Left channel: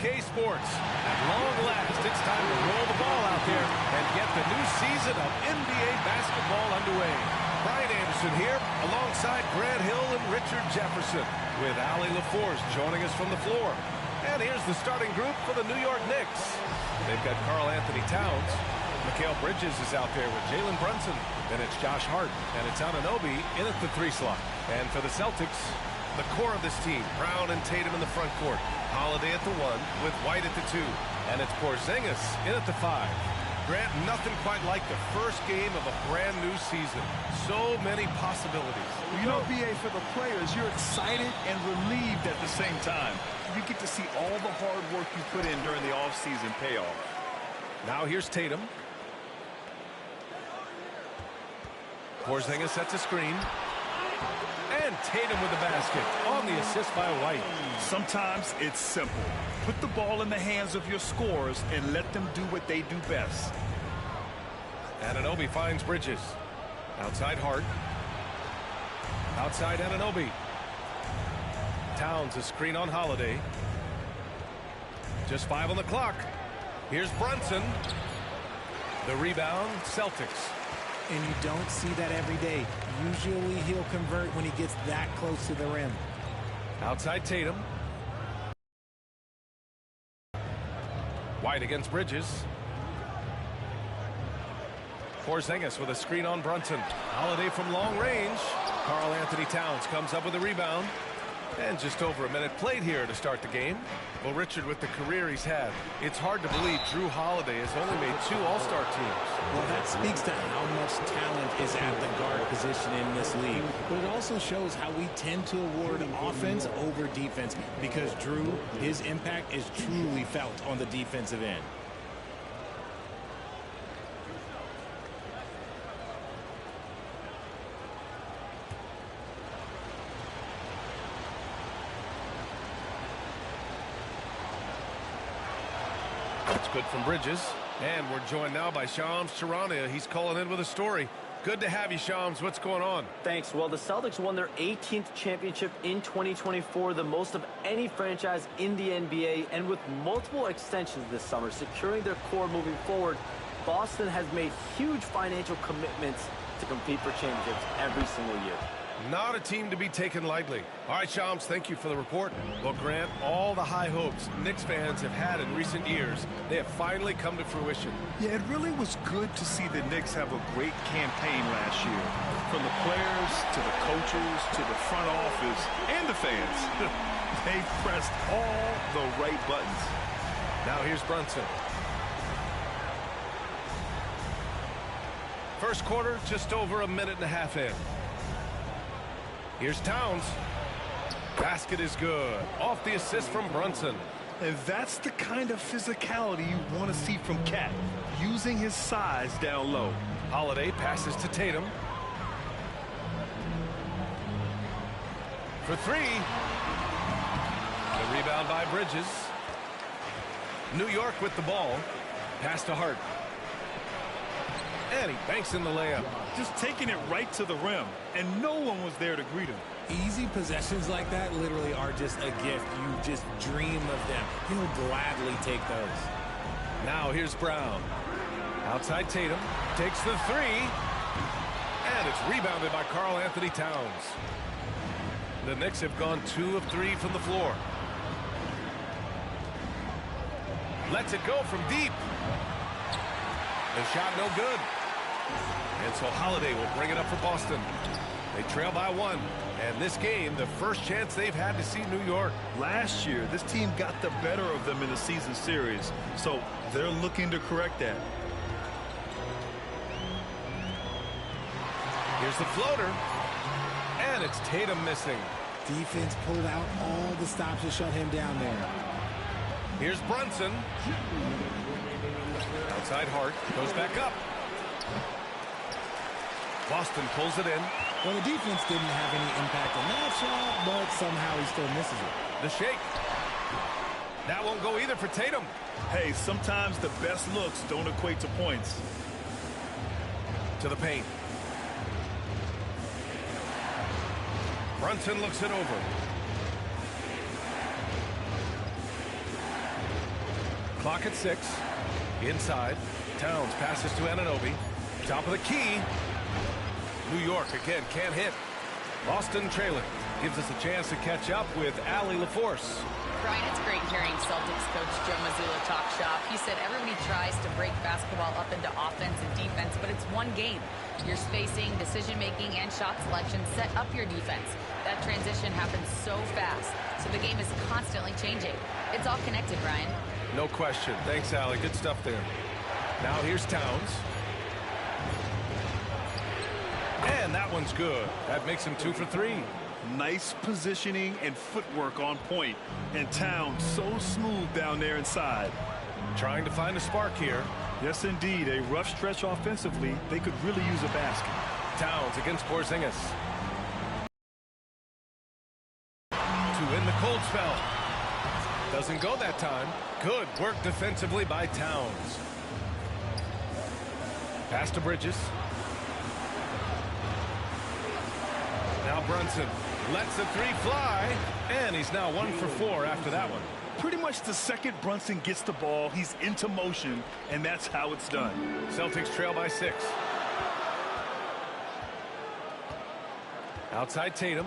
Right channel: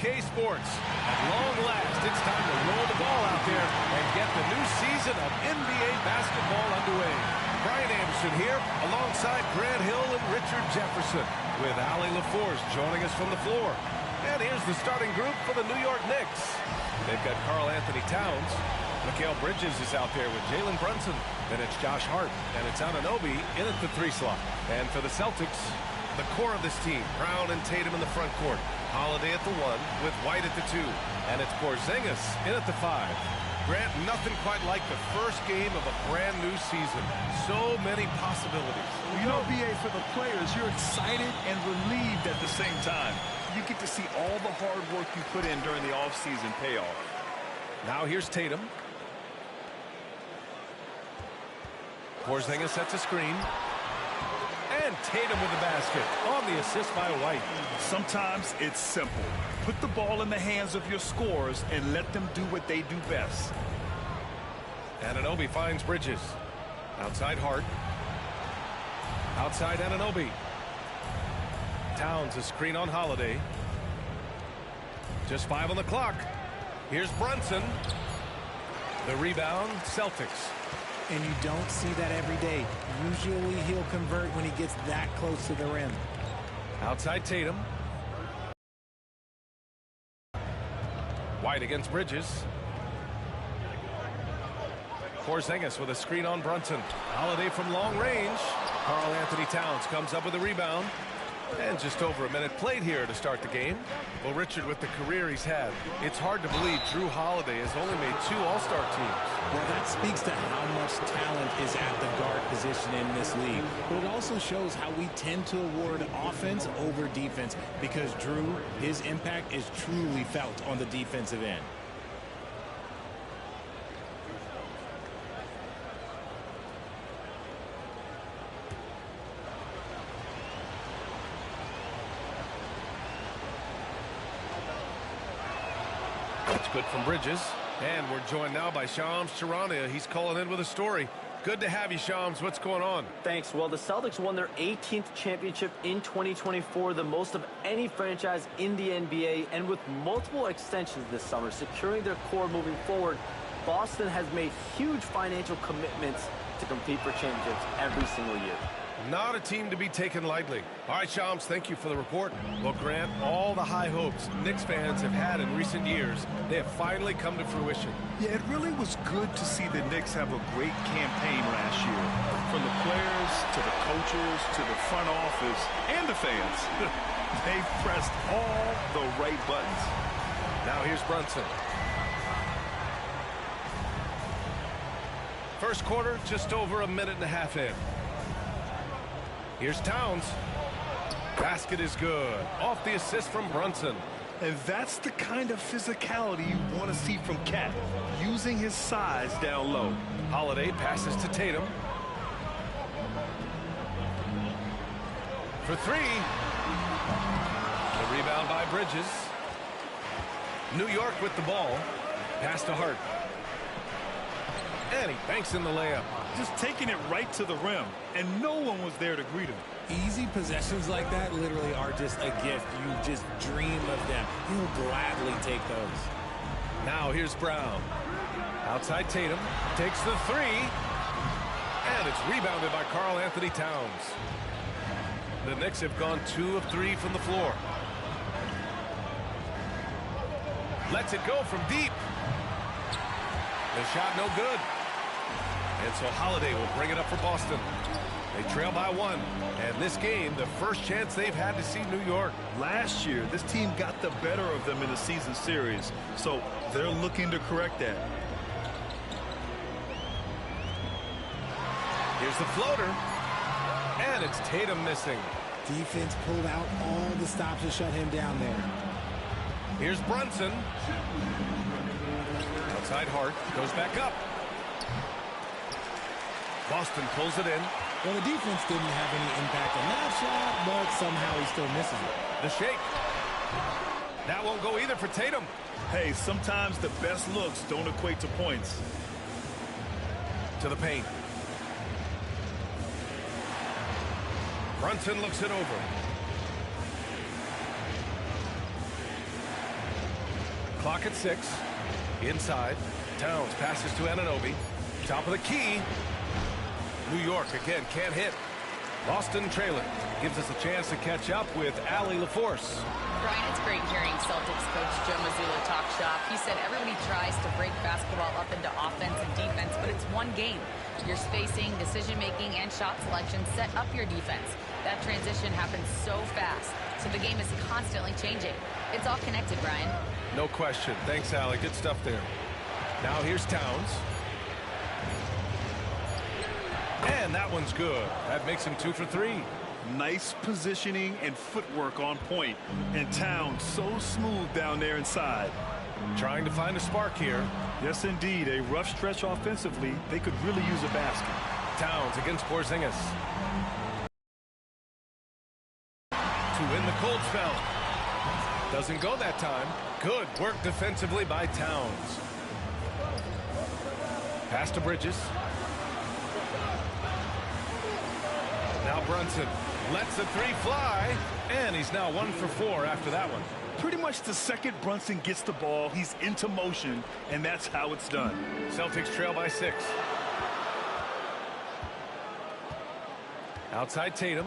NBA2K Sports. At long last, it's time to roll the ball out there and get the new season of NBA basketball underway. Brian Anderson here, alongside Grant Hill and Richard Jefferson, with Allie LaForce joining us from the floor. And here's the starting group for the New York Knicks. They've got Karl Anthony Towns. Mikal Bridges is out there with Jalen Brunson. Then it's Josh Hart, and it's Anunoby in at the 3 slot. And for the Celtics, the core of this team, Brown and Tatum in the front court. Holiday at the 1 with White at the 2. And it's Porzingis in at the 5. Grant, nothing quite like the first game of a brand new season. So many possibilities. Well, you know, B.A., for the players, you're excited and relieved at the same time. You get to see all the hard work you put in during the offseason pay off. Now here's Tatum. Porzingis sets a screen. And Tatum with the basket on the assist by White. Sometimes it's simple. Put the ball in the hands of your scorers and let them do what they do best. Anunoby finds Bridges. Outside Hart. Outside Anunoby. Towns a screen on Holiday. Just 5 on the clock. Here's Brunson. The rebound, Celtics. And you don't see that every day. Usually he'll convert when he gets that close to the rim. Outside Tatum. White against Bridges. Porzingis with a screen on Brunson. Holiday from long range. Karl Anthony Towns comes up with a rebound. And just over a minute played here to start the game. Well, Richard, with the career he's had, it's hard to believe Drew Holiday has only made 2 All-Star teams. Well, that speaks to how much talent is at the guard position in this league. But it also shows how we tend to award offense over defense, because Drew, his impact is truly felt on the defensive end. That's good from Bridges. And we're joined now by Shams Charania. He's calling in with a story. Good to have you, Shams. What's going on? Thanks. Well, the Celtics won their 18th championship in 2024, the most of any franchise in the NBA, and with multiple extensions this summer, securing their core moving forward, Boston has made huge financial commitments to compete for championships every single year. Not a team to be taken lightly. All right, Shams, thank you for the report. Well, Grant, all the high hopes Knicks fans have had in recent years, they have finally come to fruition. Yeah, it really was good to see the Knicks have a great campaign last year. From the players to the coaches to the front office and the fans. They've pressed all the right buttons. Now here's Brunson. First quarter, just over a minute and a half in. Here's Towns. Basket is good. Off the assist from Brunson. And that's the kind of physicality you want to see from Cat, using his size down low. Holiday passes to Tatum. For 3. The rebound by Bridges. New York with the ball. Pass to Hart. And he banks in the layup. Just taking it right to the rim, and no one was there to greet him. Easy possessions like that literally are just a gift. You just dream of them. He'll gladly take those. Now here's Brown. Outside Tatum. Takes the 3. And it's rebounded by Karl Anthony Towns. The Knicks have gone 2 of 3 from the floor. Lets it go from deep. The shot no good. And so Holiday will bring it up for Boston. They trail by 1. And this game, the first chance they've had to see New York. Last year, this team got the better of them in the season series. So they're looking to correct that. Here's the floater. And it's Tatum missing. Defense pulled out all the stops to shut him down there. Here's Brunson. Outside Hart. Goes back up. Boston pulls it in. Well, the defense didn't have any impact on that shot, but somehow he still misses it. The shake. That won't go either for Tatum. Hey, sometimes the best looks don't equate to points. To the paint. Brunson looks it over. Clock at 6. Inside. Towns passes to Anunoby. Top of the key. New York again can't hit. Boston trailing. Gives us a chance to catch up with Allie LaForce. Brian, it's great hearing Celtics coach Joe Mazzulla talk shop. He said everybody tries to break basketball up into offense and defense, but it's one game. Your spacing, decision-making, and shot selection set up your defense. That transition happens so fast, so the game is constantly changing. It's all connected, Brian. No question. Thanks, Allie. Good stuff there. Now here's Towns. And that one's good. That makes him 2 for 3. Nice positioning and footwork on point. And Towns so smooth down there inside. Trying to find a spark here. Yes, indeed. A rough stretch offensively. They could really use a basket. Towns against Porzingis. To win the cold spell. Doesn't go that time. Good work defensively by Towns. Pass to Bridges. Now Brunson lets the 3 fly, and he's now 1 for 4 after that one. Pretty much the second Brunson gets the ball, he's into motion, and that's how it's done. Celtics trail by 6. Outside Tatum.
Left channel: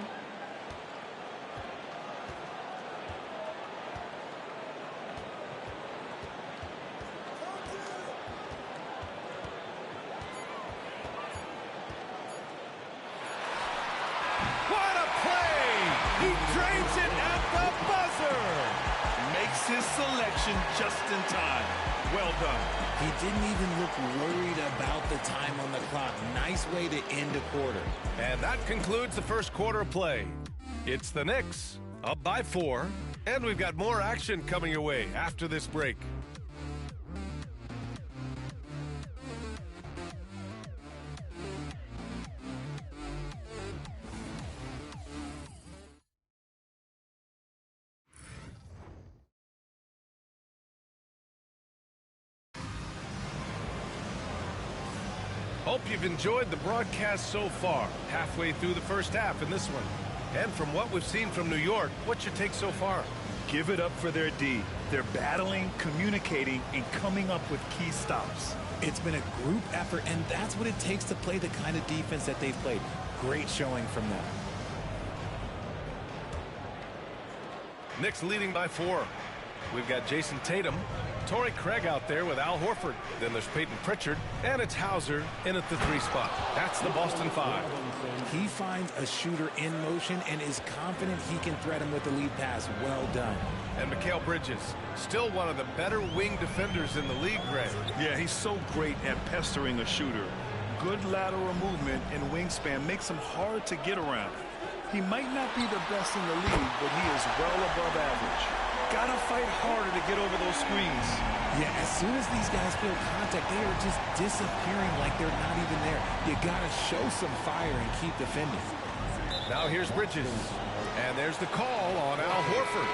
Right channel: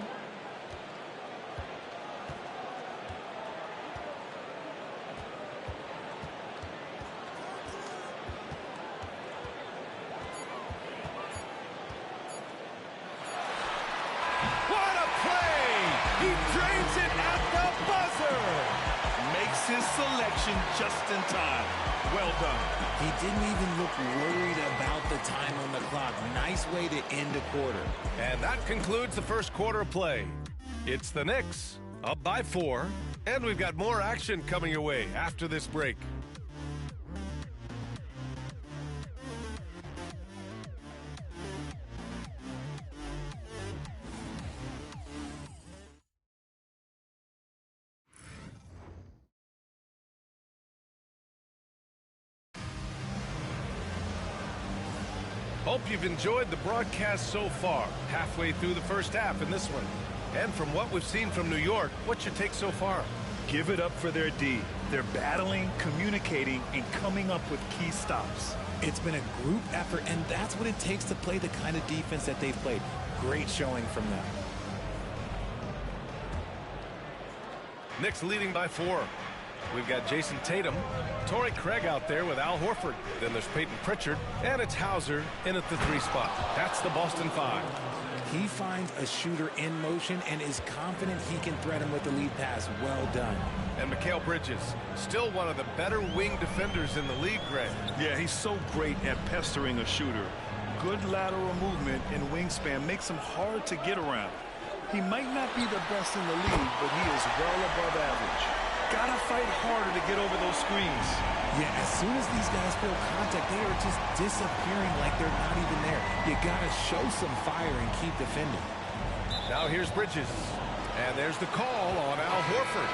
What a play! He drains it at the buzzer! Makes his selection just in time. Well done. He didn't even look worried about the time on the clock. Nice way to end a quarter. And that concludes the first quarter of play. It's the Knicks, up by 4, and we've got more action coming your way after this break. Hope you've enjoyed the broadcast so far, halfway through the first half in this one. And from what we've seen from New York, what's your take so far? Give it up for their D. They're battling, communicating, and coming up with key stops. It's been a group effort, and that's what it takes to play the kind of defense that they've played. Great showing from them. Knicks leading by 4. We've got Jason Tatum, Torrey Craig out there with Al Horford. Then there's Peyton Pritchard, and it's Hauser in at the 3 spot. That's the Boston 5. He finds a shooter in motion and is confident he can thread him with the lead pass. Well done. And Mikal Bridges, still one of the better wing defenders in the league, Greg. Yeah, he's so great at pestering a shooter. Good lateral movement and wingspan makes him hard to get around. He might not be the best in the league, but he is well above average. Gotta fight harder to get over those screens. Yeah, as soon as these guys feel contact, they are just disappearing like they're not even there. You gotta show some fire and keep defending. Now here's Bridges. And there's the call on Al Horford.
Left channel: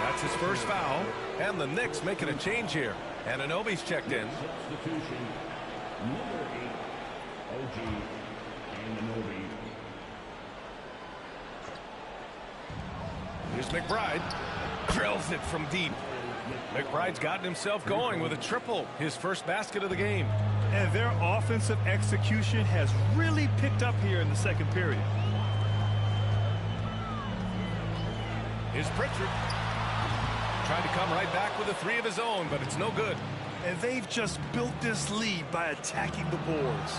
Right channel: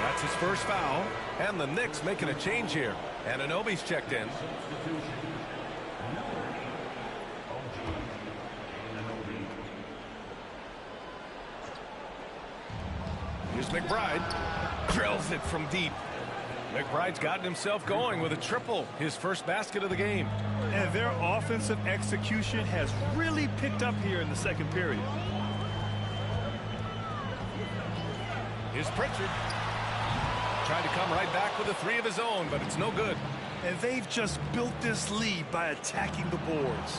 That's his first foul. And the Knicks making a change here. And Anunoby's checked in. Here's McBride. Drills it from deep. McBride's gotten himself going with a triple, his first basket of the game. And their offensive execution has really picked up here in the second period. Here's Pritchard. Tried to come right back with a 3 of his own, but it's no good. And they've just built this lead by attacking the boards.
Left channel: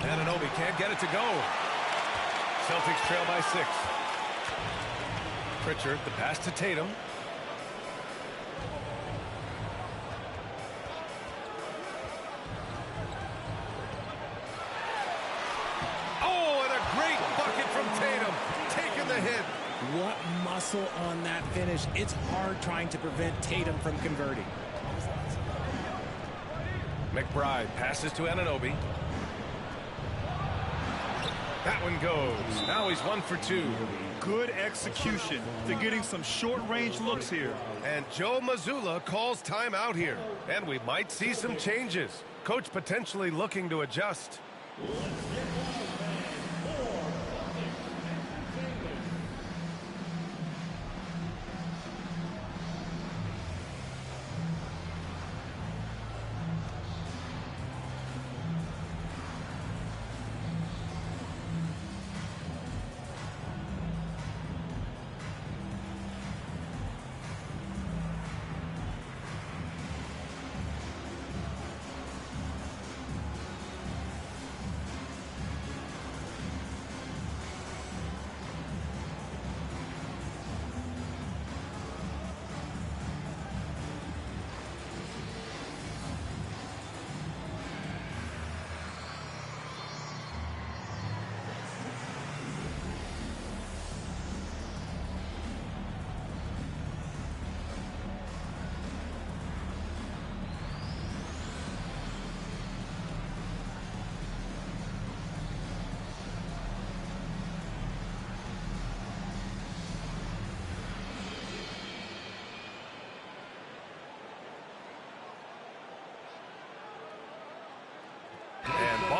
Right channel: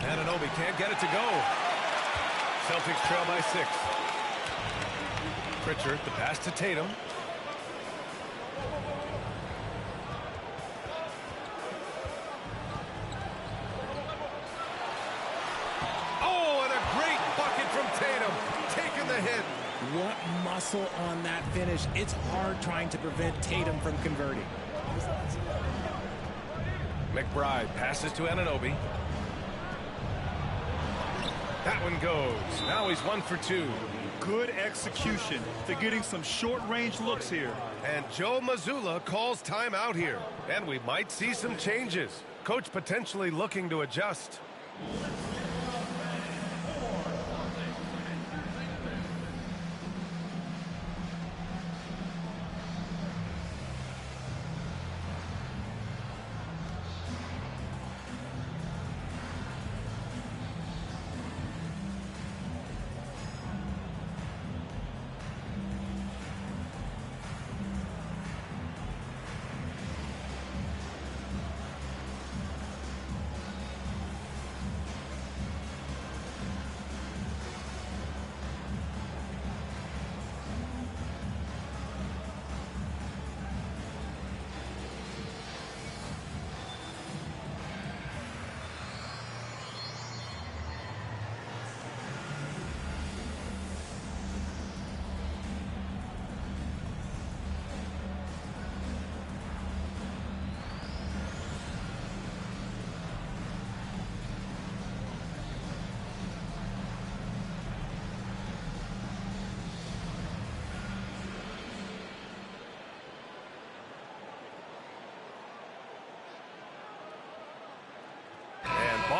Anunoby can't get it to go. Celtics trail by 6. Pritchard, the pass to Tatum. Oh, and a great bucket from Tatum. Taking the hit. What muscle on that finish. It's hard trying to prevent Tatum from converting. McBride passes to Anunoby. That one goes. Now he's 1 for 2. Good execution. They're getting some short-range looks here. And Joe Mazzulla calls timeout here. And we might see some changes. Coach potentially looking to adjust.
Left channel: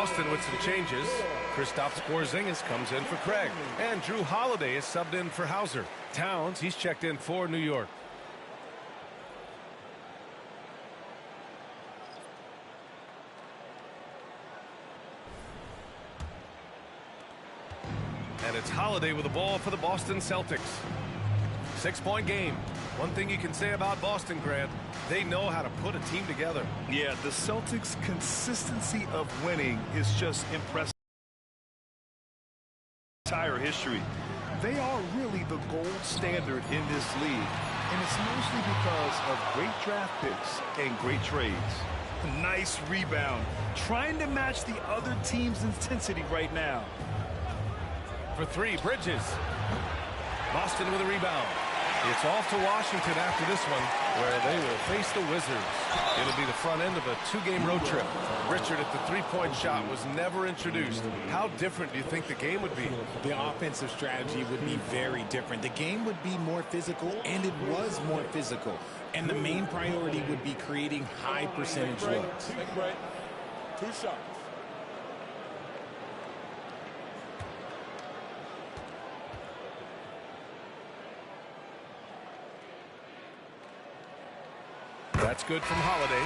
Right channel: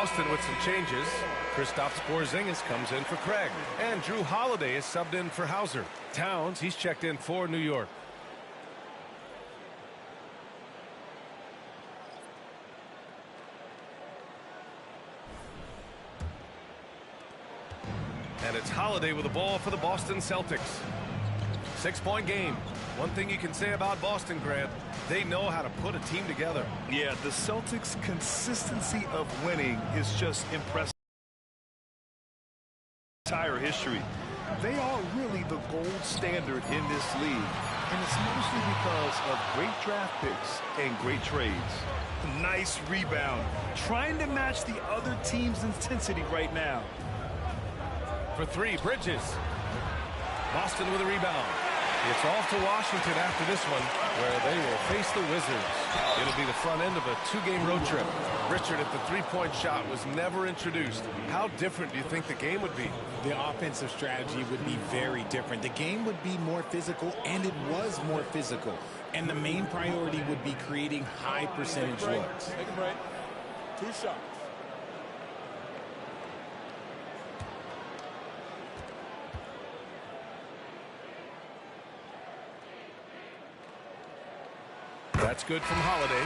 Boston with some changes. Kristaps Porzingis comes in for Craig. And Drew Holiday is subbed in for Hauser. Towns, he's checked in for New York. And it's Holiday with the ball for the Boston Celtics. 6-point game. One thing you can say about Boston, Grant, they know how to put a team together. Yeah, the Celtics' consistency of winning is just impressive. Entire history. They are really the gold standard in this league, and it's mostly because of great draft picks and great trades. Nice rebound, trying to match the other team's intensity right now. For three, Bridges. Boston with a rebound. It's off to Washington after this one, where they will face the Wizards. It'll be the front end of a 2-game road trip. Richard, if the three-point shot was never introduced, how different do you think the game would be? The offensive strategy would be very different. The game would be more physical, and it was more physical. And the main priority would be creating high percentage looks. Take a break. 2 shots. That's good from Holiday.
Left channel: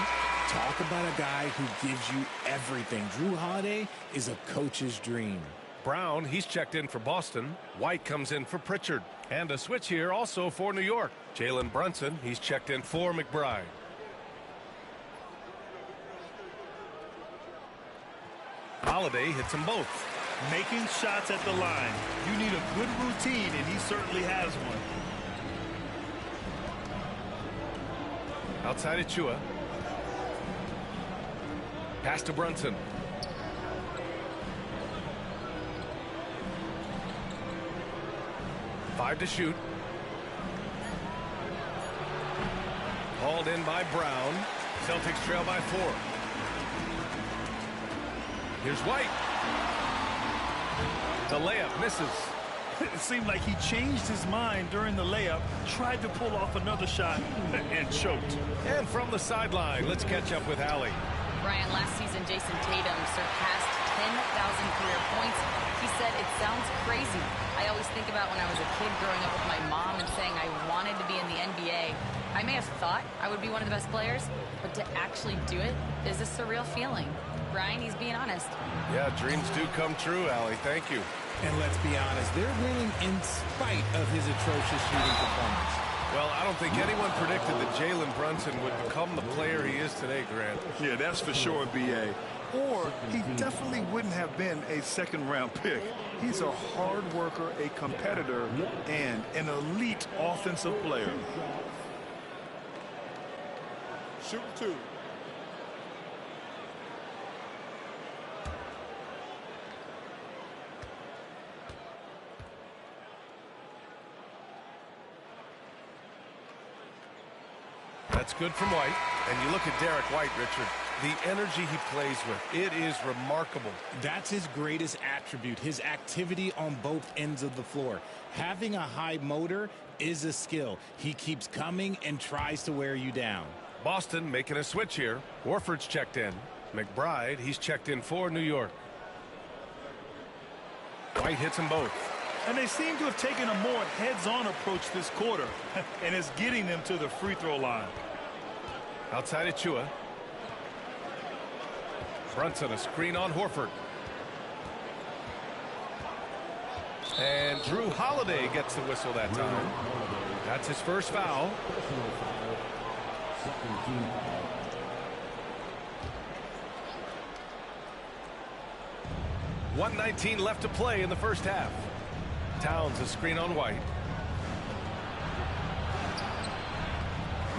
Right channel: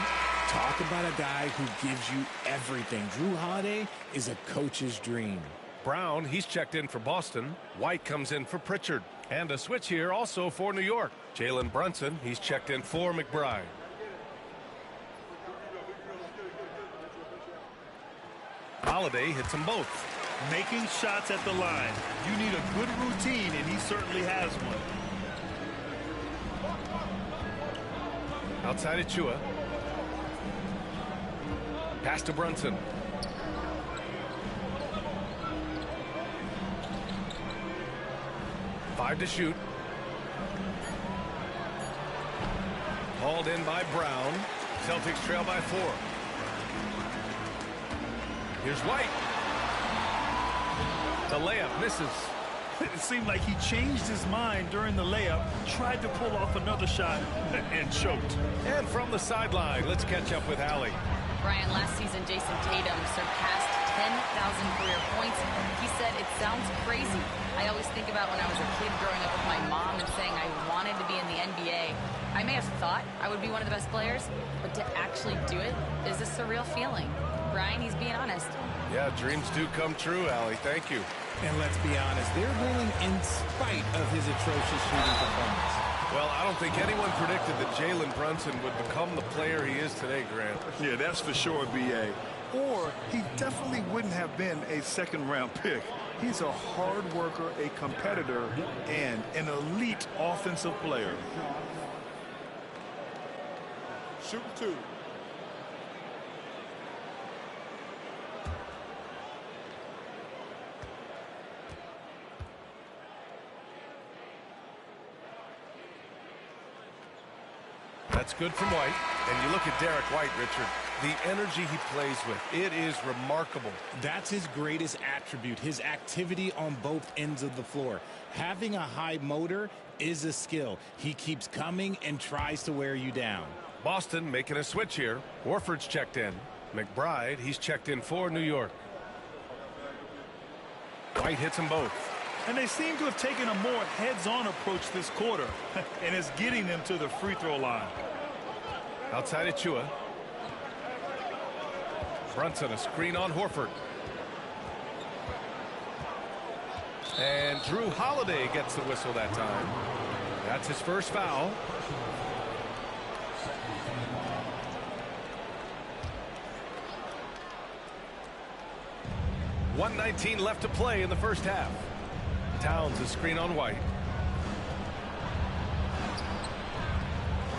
Talk about a guy who gives you everything. Drew Holiday is a coach's dream. Brown, he's checked in for Boston. White comes in for Pritchard. And a switch here also for New York. Jalen Brunson, he's checked in for McBride. Holiday hits them both. Making shots at the line. You need a good routine, and he certainly has one. Outside Achua. Pass to Brunson. Five to shoot. Hauled in by Brown. Celtics trail by 4. Here's White. The layup misses. It seemed like he changed his mind during the layup, tried to pull off another shot, and choked. And from the sideline, let's catch up with Allie. Brian, last season, Jason Tatum surpassed 10,000 career points. He said, it sounds crazy. I always think about when I was a kid growing up with my mom and saying I wanted to be in the NBA. I may have thought I would be one of the best players, but to actually do it is a surreal feeling. Brian, he's being honest. Yeah, dreams do come true, Allie. Thank you. And let's be honest, they're winning in spite of his atrocious shooting performance. Well, I don't think anyone predicted that Jalen Brunson would become the player he is today, Grant. Yeah, that's for sure, B.A. Or he definitely wouldn't have been a second-round pick. He's a hard worker, a competitor, and an elite offensive player. Shoot 2. That's good from White. And you look at Derek White, Richard, the energy he plays with, it is remarkable. That's his greatest attribute, his activity on both ends of the floor. Having a high motor is a skill. He keeps coming and tries to wear you down. Boston making a switch here. Warford's checked in. McBride, he's checked in for New York. White hits them both. And they seem to have taken a more heads-on approach this quarter, and it's getting them to the free throw line. Outside Achua. Brunson, a screen on Horford. And Drew Holiday gets the whistle that time. That's his first foul. .119 left to play in the first half. Towns, a screen on White.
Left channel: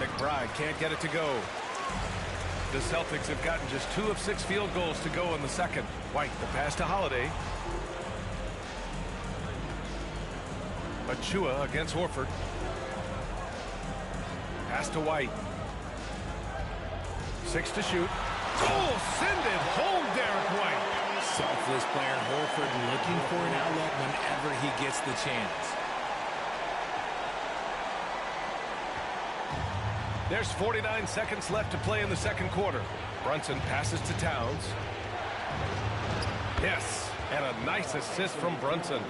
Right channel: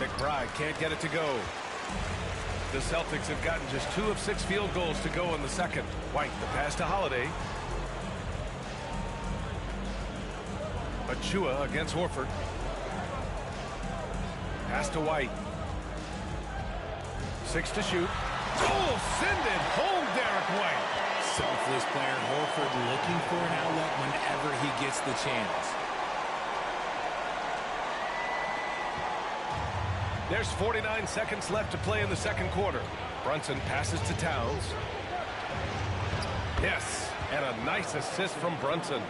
McBride can't get it to go. The Celtics have gotten just 2 of 6 field goals to go in the second. White, the pass to Holiday. Achua against Horford. Pass to White. 6 to shoot. Oh, send it home, Derek White. Selfless player Horford looking for an outlet whenever he gets the chance. There's 49 seconds left to play in the second quarter. Brunson passes to Towns. Yes, and a nice assist from Brunson.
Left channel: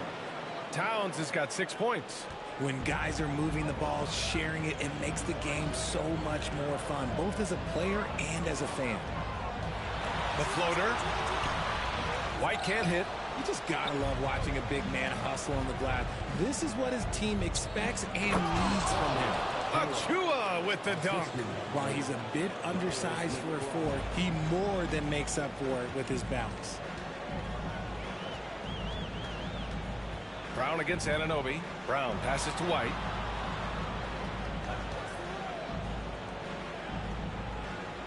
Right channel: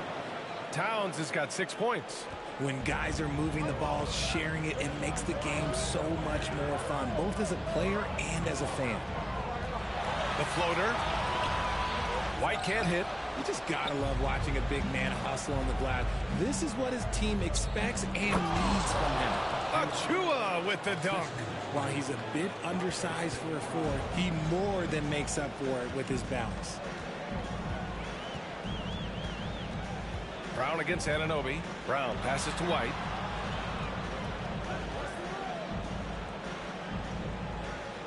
Towns has got 6 points. When guys are moving the ball, sharing it, it makes the game so much more fun, both as a player and as a fan. The floater. White can't hit. You just gotta love watching a big man hustle on the glass. This is what his team expects and needs from him. Achua with the dunk. While he's a bit undersized for a 4, he more than makes up for it with his bounce. Brown against Anunoby. Brown passes to White.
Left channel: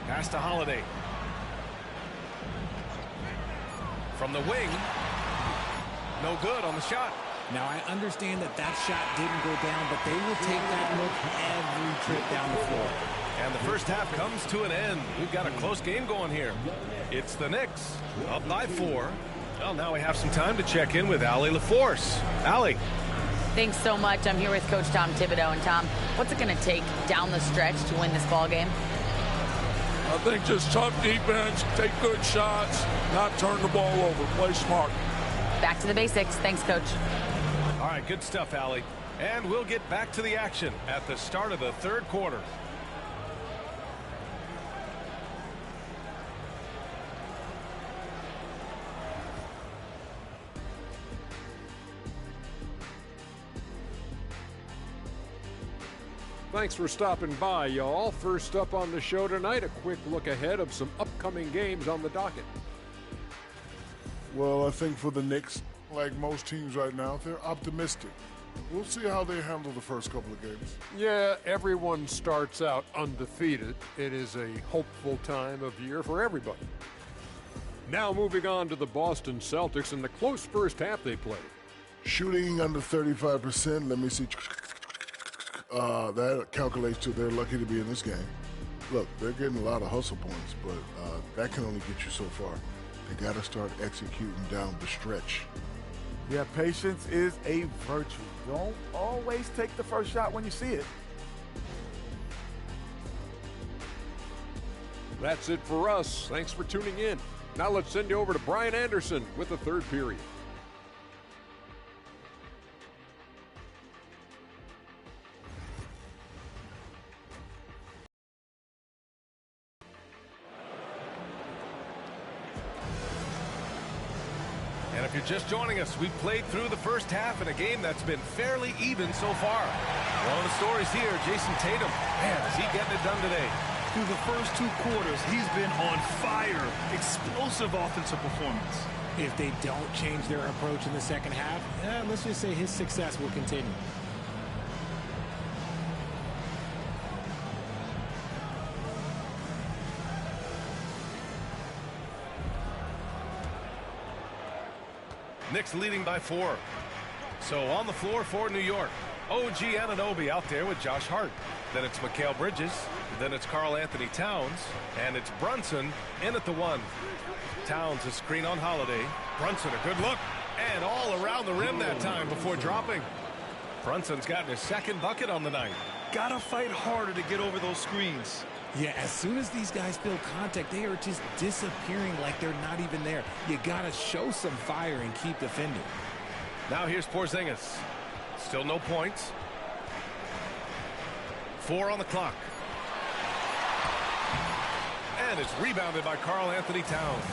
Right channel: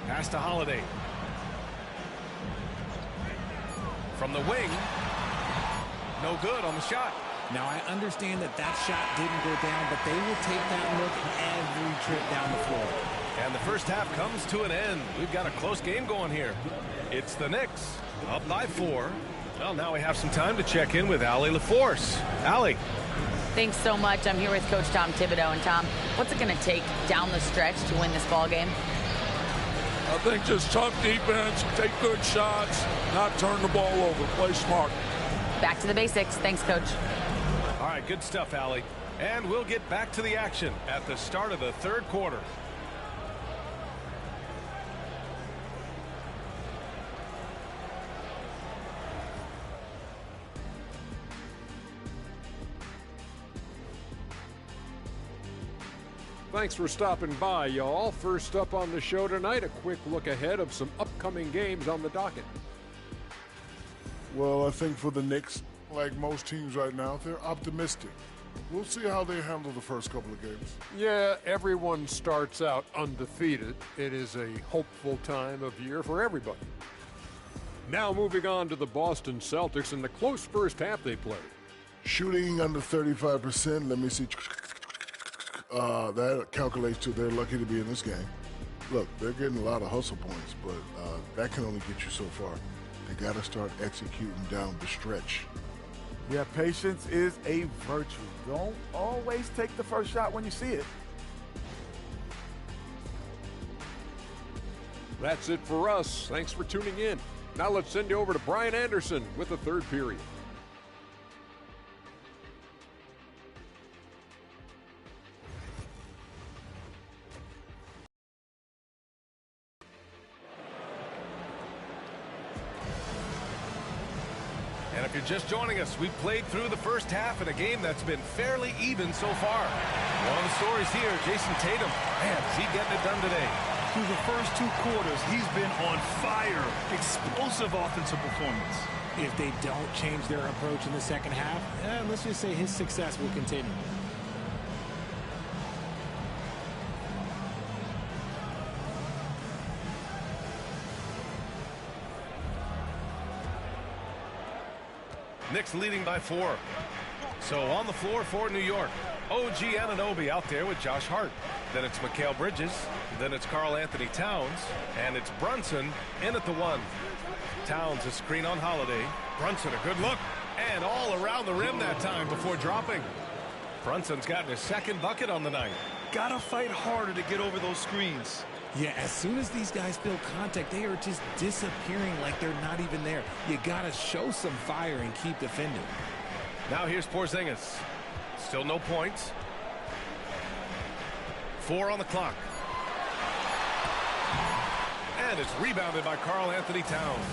Pass to Holiday. From the wing. No good on the shot. Now, I understand that shot didn't go down, but they will take that look every trip down the floor. And the first half comes to an end. We've got a close game going here. It's the Knicks up by 4. Well, now we have some time to check in with Allie LaForce. Allie. Thanks so much. I'm here with Coach Tom Thibodeau. And Tom, what's it going to take down the stretch to win this ball game? I think just tough defense, take good shots, not turn the ball over, play smart. Back to the basics. Thanks, Coach. All right, good stuff, Allie. And we'll get back to the action at the start of the third quarter. Thanks for stopping by, y'all. First up on the show tonight, a quick look ahead of some upcoming games on the docket. Well, I think for the Knicks, like most teams right now, they're optimistic. We'll see how they handle the first couple of games. Yeah, everyone starts out undefeated. It is a hopeful time of year for everybody. Now moving on to the Boston Celtics and the close first half they played. Shooting under 35%, let me see. That calculates to they're lucky to be in this game. Look, they're getting a lot of hustle points, but that can only get you so far. They got to start executing down the stretch. Yeah, patience is a virtue. Don't always take the first shot when you see it. That's it for us. Thanks for tuning in. Now let's send you over to Brian Anderson with the third period. And if you're just joining us, we've played through the first half in a game that's been fairly even so far. One of the stories here, Jason Tatum. Man, is he getting it done today? Through the first 2 quarters, he's been on fire. Explosive offensive performance. If they don't change their approach in the second half, let's just say his success will continue. Knicks leading by 4. So on the floor for New York, OG Anunoby out there with Josh Hart. Then it's Mikal Bridges. Then it's Karl Anthony Towns. And it's Brunson in at the 1. Towns a screen on Holiday. Brunson a good look. And all around the rim that time before dropping. Brunson's gotten his second bucket on the night. Gotta fight harder to get over those screens. Yeah, as soon as these guys feel contact, they are just disappearing like they're not even there. You got to show some fire and keep defending. Now here's Porzingis. Still no points. 4 on the clock. And it's rebounded by Karl Anthony Towns.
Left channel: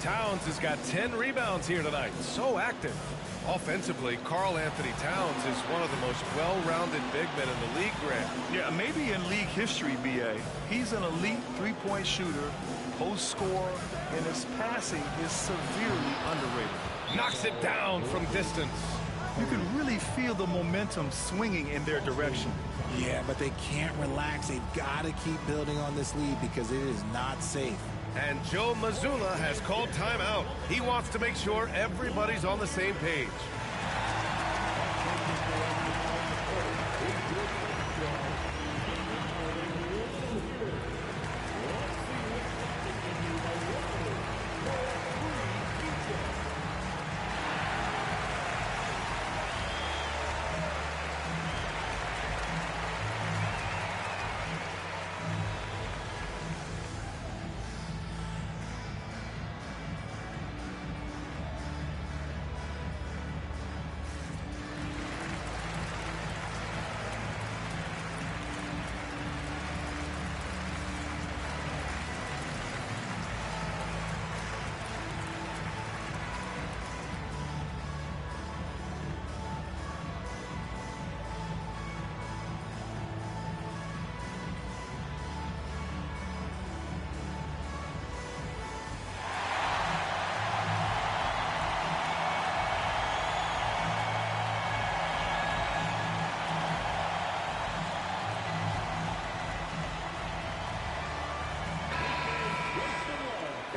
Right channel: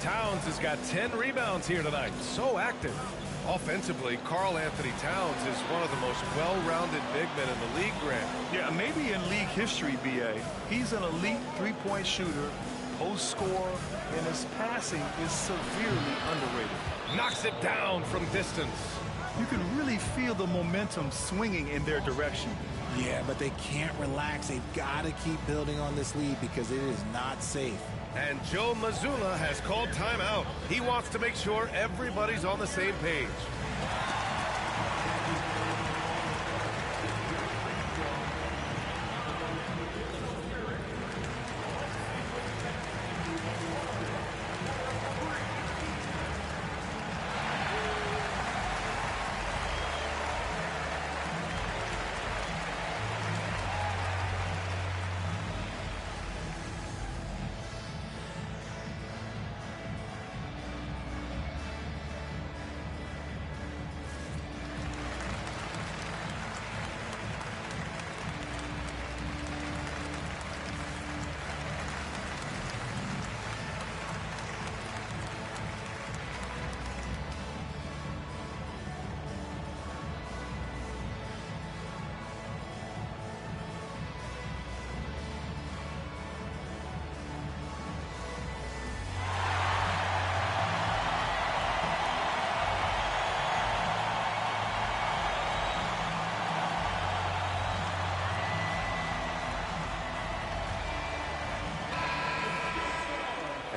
Towns has got 10 rebounds here tonight. So active. Offensively, Karl Anthony Towns is one of the most well-rounded big men in the league, Grant. Yeah, maybe in league history, B.A. He's an elite three-point shooter, post scorer, and his passing is severely underrated. Knocks it down from distance. You can really feel the momentum swinging in their direction. Yeah, but they can't relax. They've got to keep building on this lead because it is not safe. And Joe Mazzulla has called timeout. He wants to make sure everybody's on the same page.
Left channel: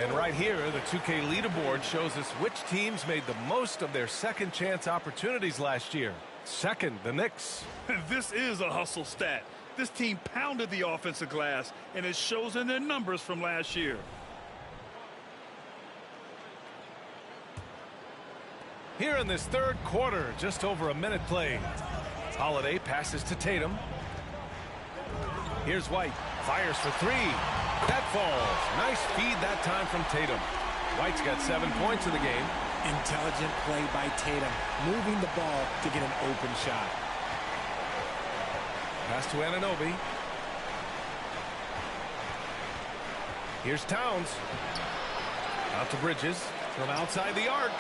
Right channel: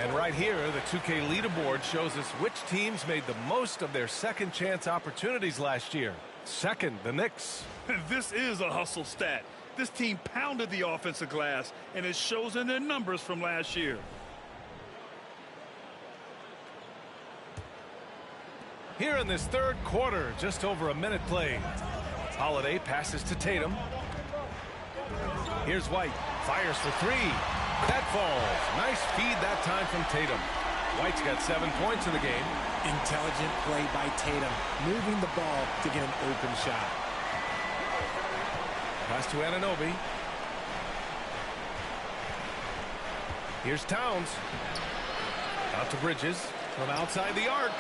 And right here, the 2K leaderboard shows us which teams made the most of their second chance opportunities last year. Second, the Knicks. This is a hustle stat. This team pounded the offensive glass, and it shows in their numbers from last year. Here in this third quarter, just over a minute played. Holiday passes to Tatum. Here's White. Fires for three. That falls. Nice feed that time from Tatum. White's got 7 points in the game. Intelligent play by Tatum, moving the ball to get an open shot. Pass to Anunoby. Here's Towns. Out to Bridges from outside the arc.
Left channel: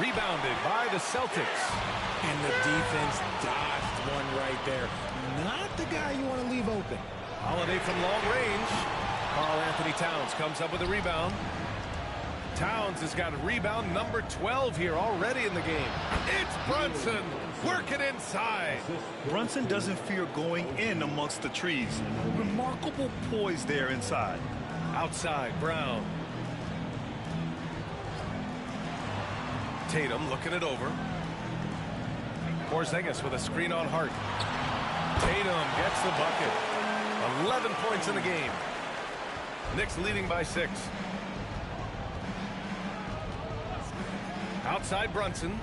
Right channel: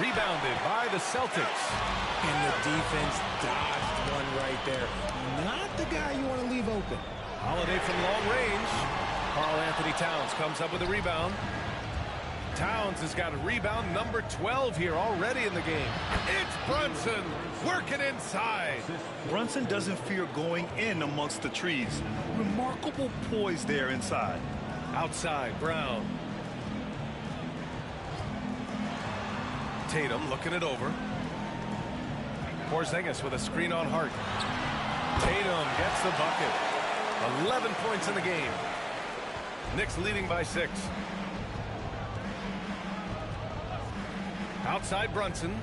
Rebounded by the Celtics. And the defense dodged one right there. Not the guy you want to leave open. Holiday from long range. Karl Anthony Towns comes up with a rebound. Towns has got a rebound number 12 here already in the game. It's Brunson working inside. Brunson doesn't fear going in amongst the trees. Remarkable poise there inside. Outside, Brown. Tatum looking it over. Porzingis with a screen on Hart. Tatum gets the bucket. 11 points in the game. Knicks leading by 6. Outside Brunson.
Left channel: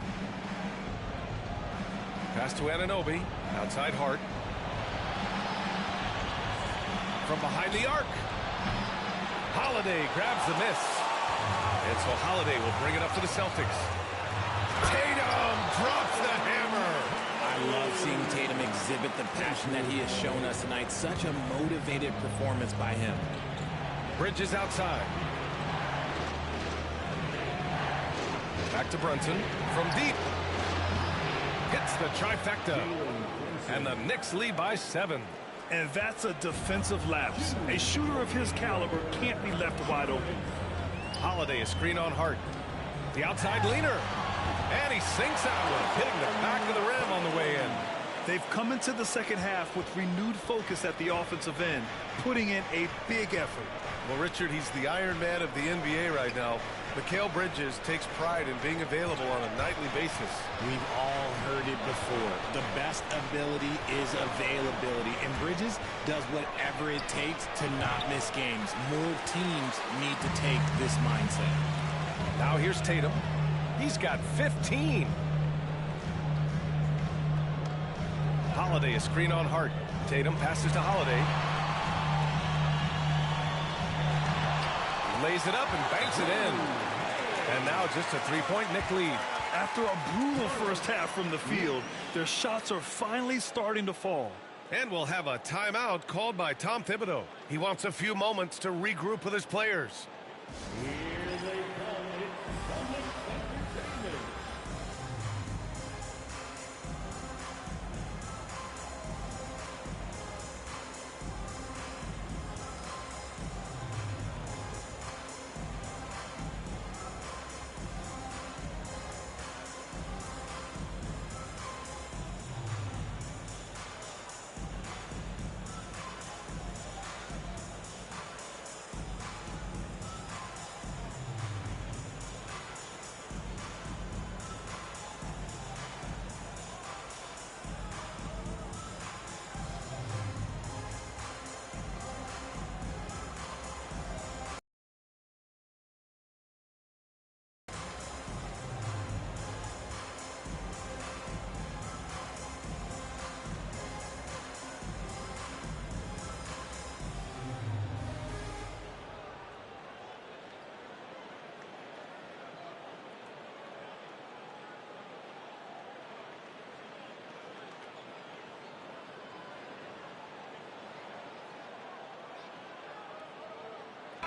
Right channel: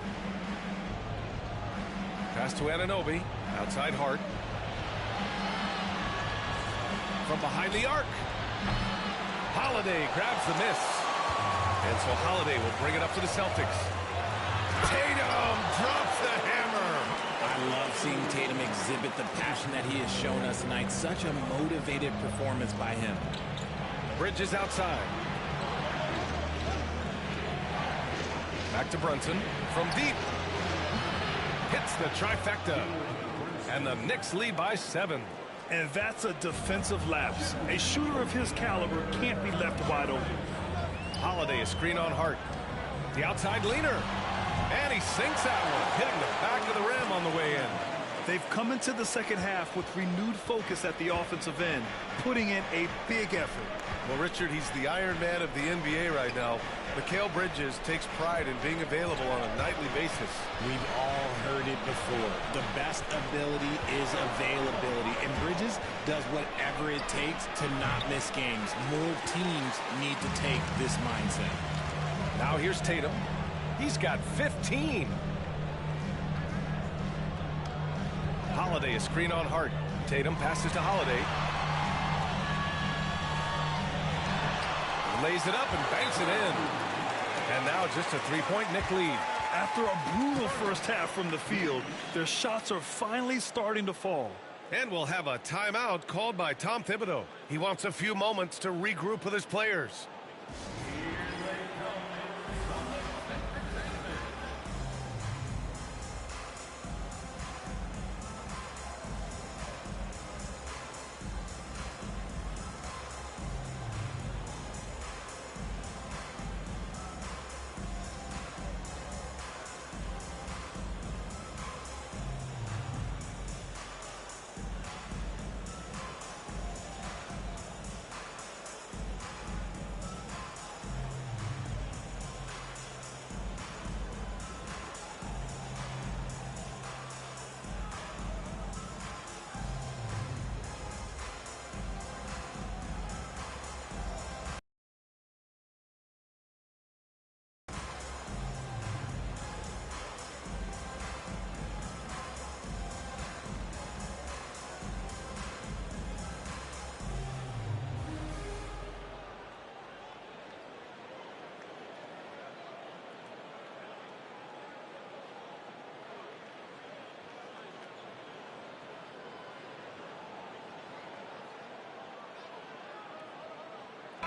Pass to Anunoby. Outside Hart. From behind the arc. Holiday grabs the miss. And so Holiday will bring it up to the Celtics. Tatum drops the hammer. I love seeing Tatum exhibit the passion that he has shown us tonight. Such a motivated performance by him. Bridges outside. Back to Brunson from deep. Hits the trifecta. And the Knicks lead by 7. And that's a defensive lapse. A shooter of his caliber can't be left wide open. Holiday a screen on Hart. The outside leaner. And he sinks that one, hitting the back of the rim on the way in. They've come into the second half with renewed focus at the offensive end, putting in a big effort. Well, Richard, he's the Iron Man of the NBA right now. Mikal Bridges takes pride in being available on a nightly basis. We've all heard it before. The best ability is availability, and Bridges does whatever it takes to not miss games. More teams need to take this mindset. Now here's Tatum. He's got 15. Holiday a screen on Hart. Tatum passes to Holiday. Lays it up and banks it in. And now just a 3-point Knick lead. After a brutal first half from the field, their shots are finally starting to fall. And we'll have a timeout called by Tom Thibodeau. He wants a few moments to regroup with his players.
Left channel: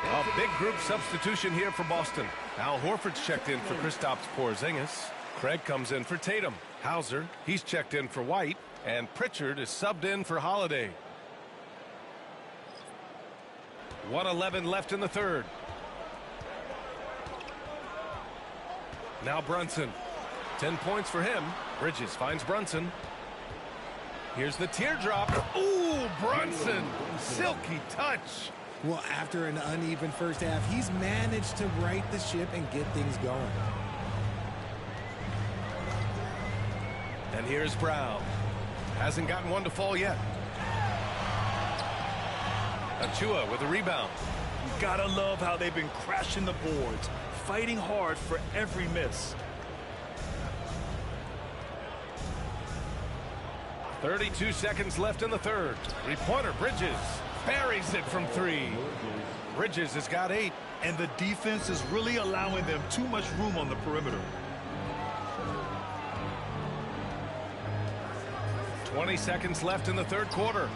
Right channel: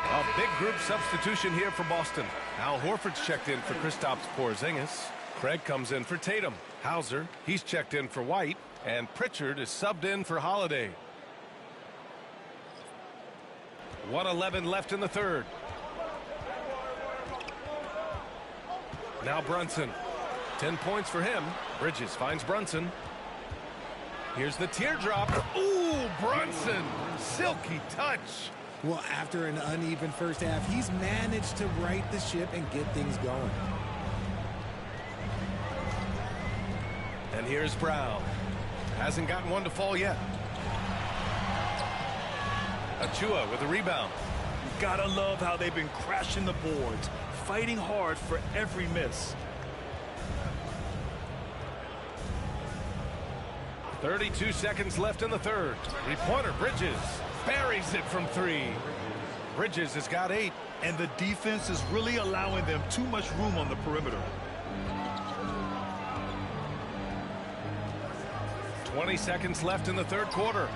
A big group substitution here for Boston. Al Horford's checked in for Kristaps Porzingis. Craig comes in for Tatum. Hauser, he's checked in for White. And Pritchard is subbed in for Holiday. 1:11 left in the third. Now Brunson. 10 points for him. Bridges finds Brunson. Here's the teardrop. Ooh, Brunson. Silky touch. Well, after an uneven first half, he's managed to right the ship and get things going. And here's Brown. Hasn't gotten one to fall yet. Achua with a rebound. You gotta love how they've been crashing the boards, fighting hard for every miss. 32 seconds left in the third. Three-pointer, Bridges buries it from three. Bridges has got 8. And the defense is really allowing them too much room on the perimeter. 20 seconds left in the third quarter.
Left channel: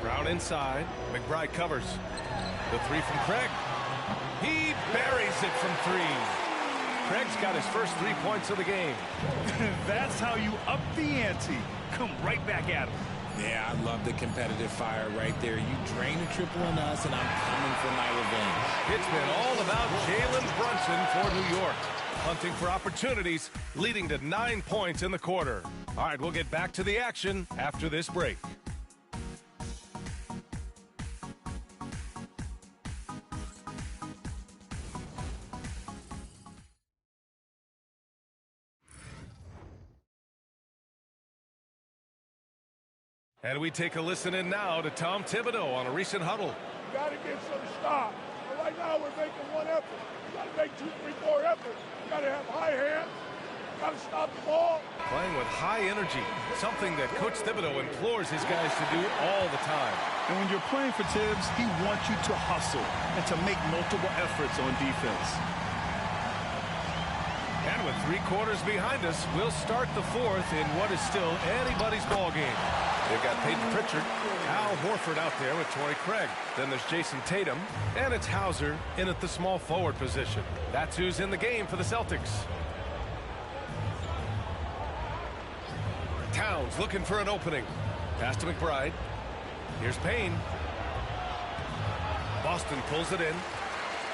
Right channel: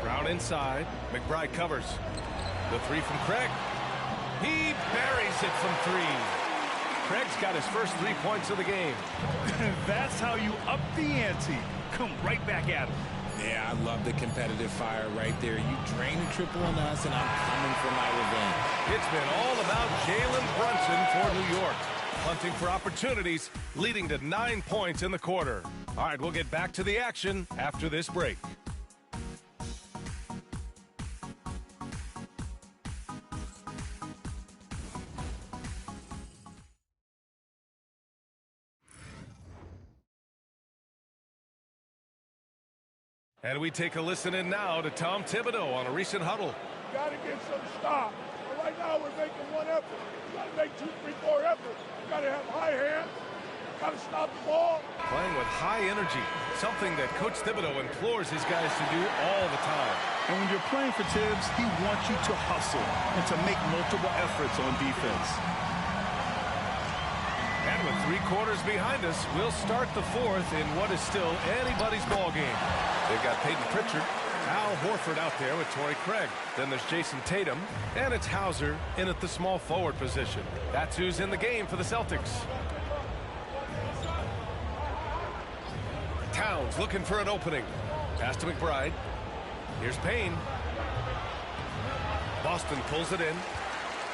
Brown inside. McBride covers. The three from Craig. He buries it from three. Craig's got his first 3 points of the game. That's how you up the ante. Come right back at him. Yeah, I love the competitive fire right there. You drain a triple on us, and I'm coming for my revenge. It's been all about Jalen Brunson for New York. Hunting for opportunities, leading to 9 points in the quarter. All right, we'll get back to the action after this break. And we take a listen in now to Tom Thibodeau on a recent huddle. You got to get some stop. But right now we're making one effort. You got to make 2, 3, 4 efforts. You got to have high hands. You got to stop the ball. Playing with high energy, something that Coach Thibodeau implores his guys to do all the time. And when you're playing for Tibbs, he wants you to hustle and to make multiple efforts on defense. And with 3 quarters behind us, we'll start the fourth in what is still anybody's ball game. They've got Peyton Pritchard, Al Horford out there with Torrey Craig. Then there's Jason Tatum, and it's Hauser in at the small forward position. That's who's in the game for the Celtics. Towns looking for an opening. Pass to McBride. Here's Payne. Boston pulls it in.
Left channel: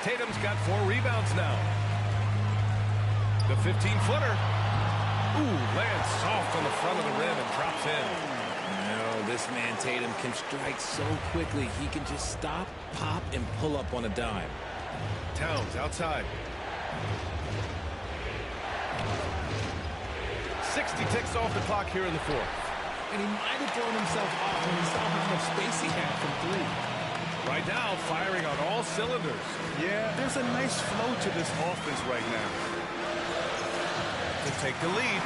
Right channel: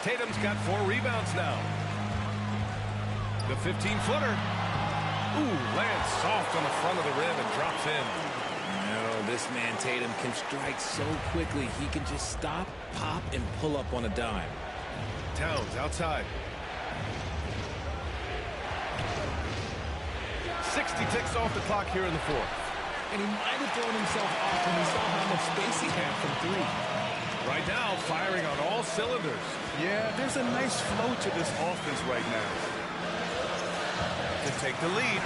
Tatum's got 4 rebounds now. The 15-footer. Ooh, lands soft on the front of the rim and drops in. No, this man Tatum can strike so quickly. He can just stop, pop, and pull up on a dime. Towns outside. 60 ticks off the clock here in the fourth. And he might have thrown himself off when he saw how much space he had from 3. Right now, firing on all cylinders. Yeah, there's a nice flow to this offense right now. To take the lead.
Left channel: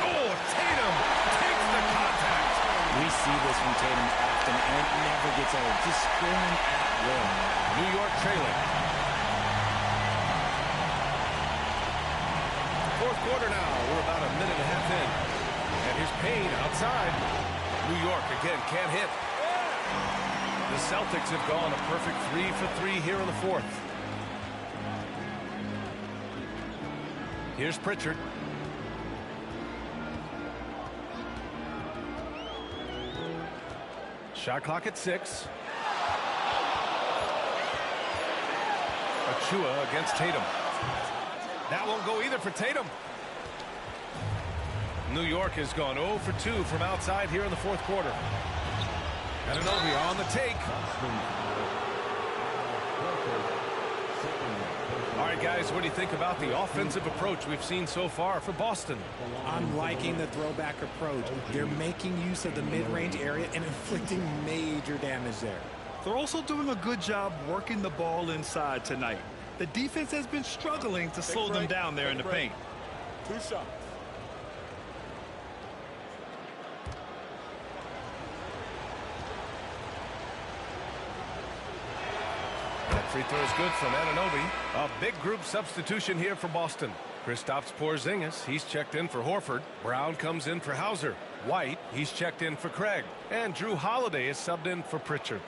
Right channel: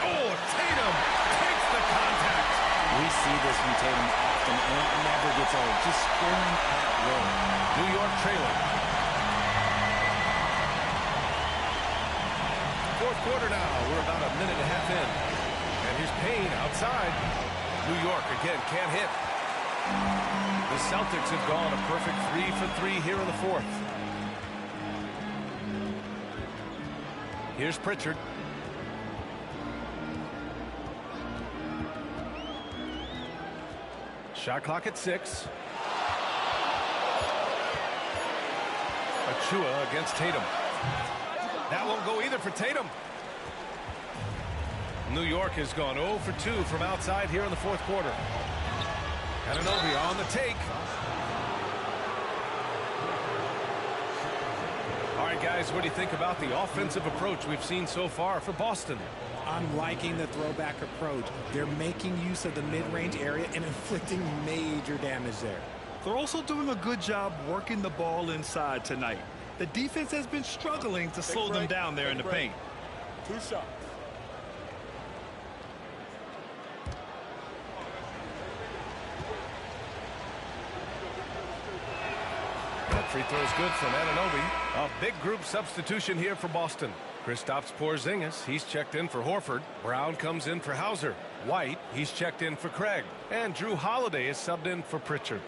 Oh, Tatum takes the contact. We see this from Tatum often, and it never gets old. Just scoring at will. New York trailing. Fourth quarter now. We're about a minute and a half in. And here's Payne outside. New York again can't hit. The Celtics have gone a perfect 3 for 3 here in the fourth. Here's Pritchard. Shot clock at 6. Achua against Tatum. That won't go either for Tatum. New York has gone 0 for 2 from outside here in the fourth quarter. Anunoby on the take. All right, guys, what do you think about the offensive approach we've seen so far for Boston? I'm liking the throwback approach. They're making use of the mid-range area and inflicting major damage there. They're also doing a good job working the ball inside tonight. The defense has been struggling to slow them down there in the paint. 2 shots. That free throw is good from Anunoby. A big group substitution here for Boston. Kristaps Porzingis, he's checked in for Horford. Brown comes in for Hauser. White, he's checked in for Craig. And Drew Holiday is subbed in for Pritchard.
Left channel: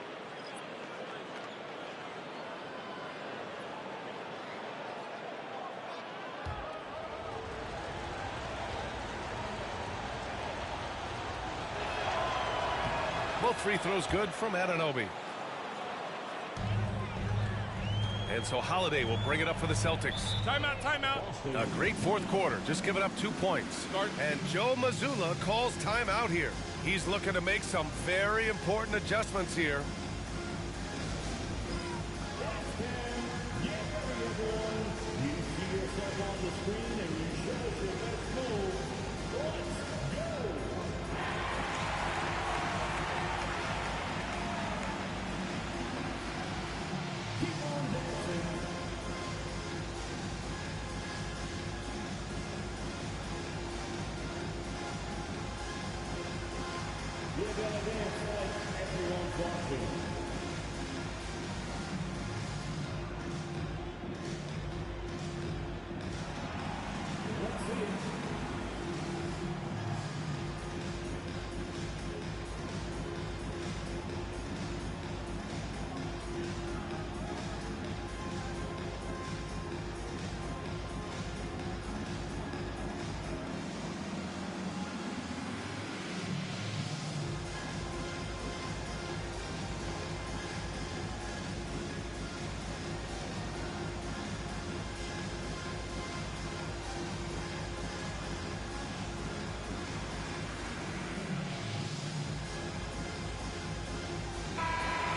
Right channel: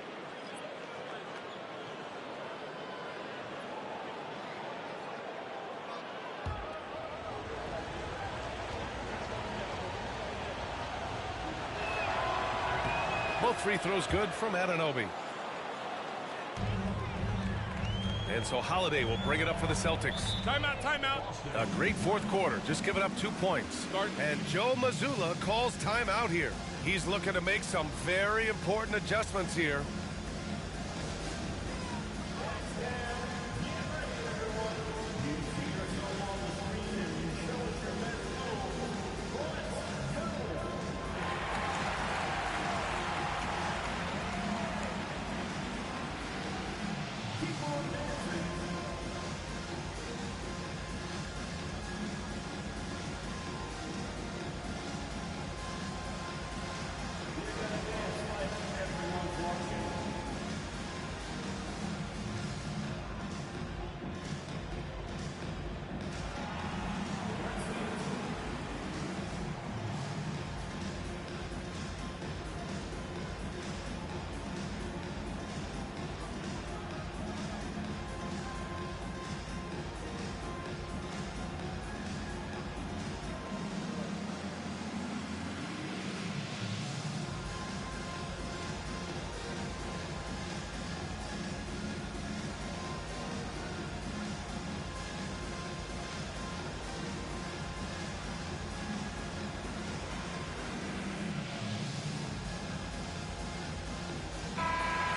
Both free throws good from Anunoby. And so Holiday will bring it up for the Celtics. Timeout, timeout. A great fourth quarter, just giving up 2 points. And Joe Mazzulla calls timeout here. He's looking to make some very important adjustments here.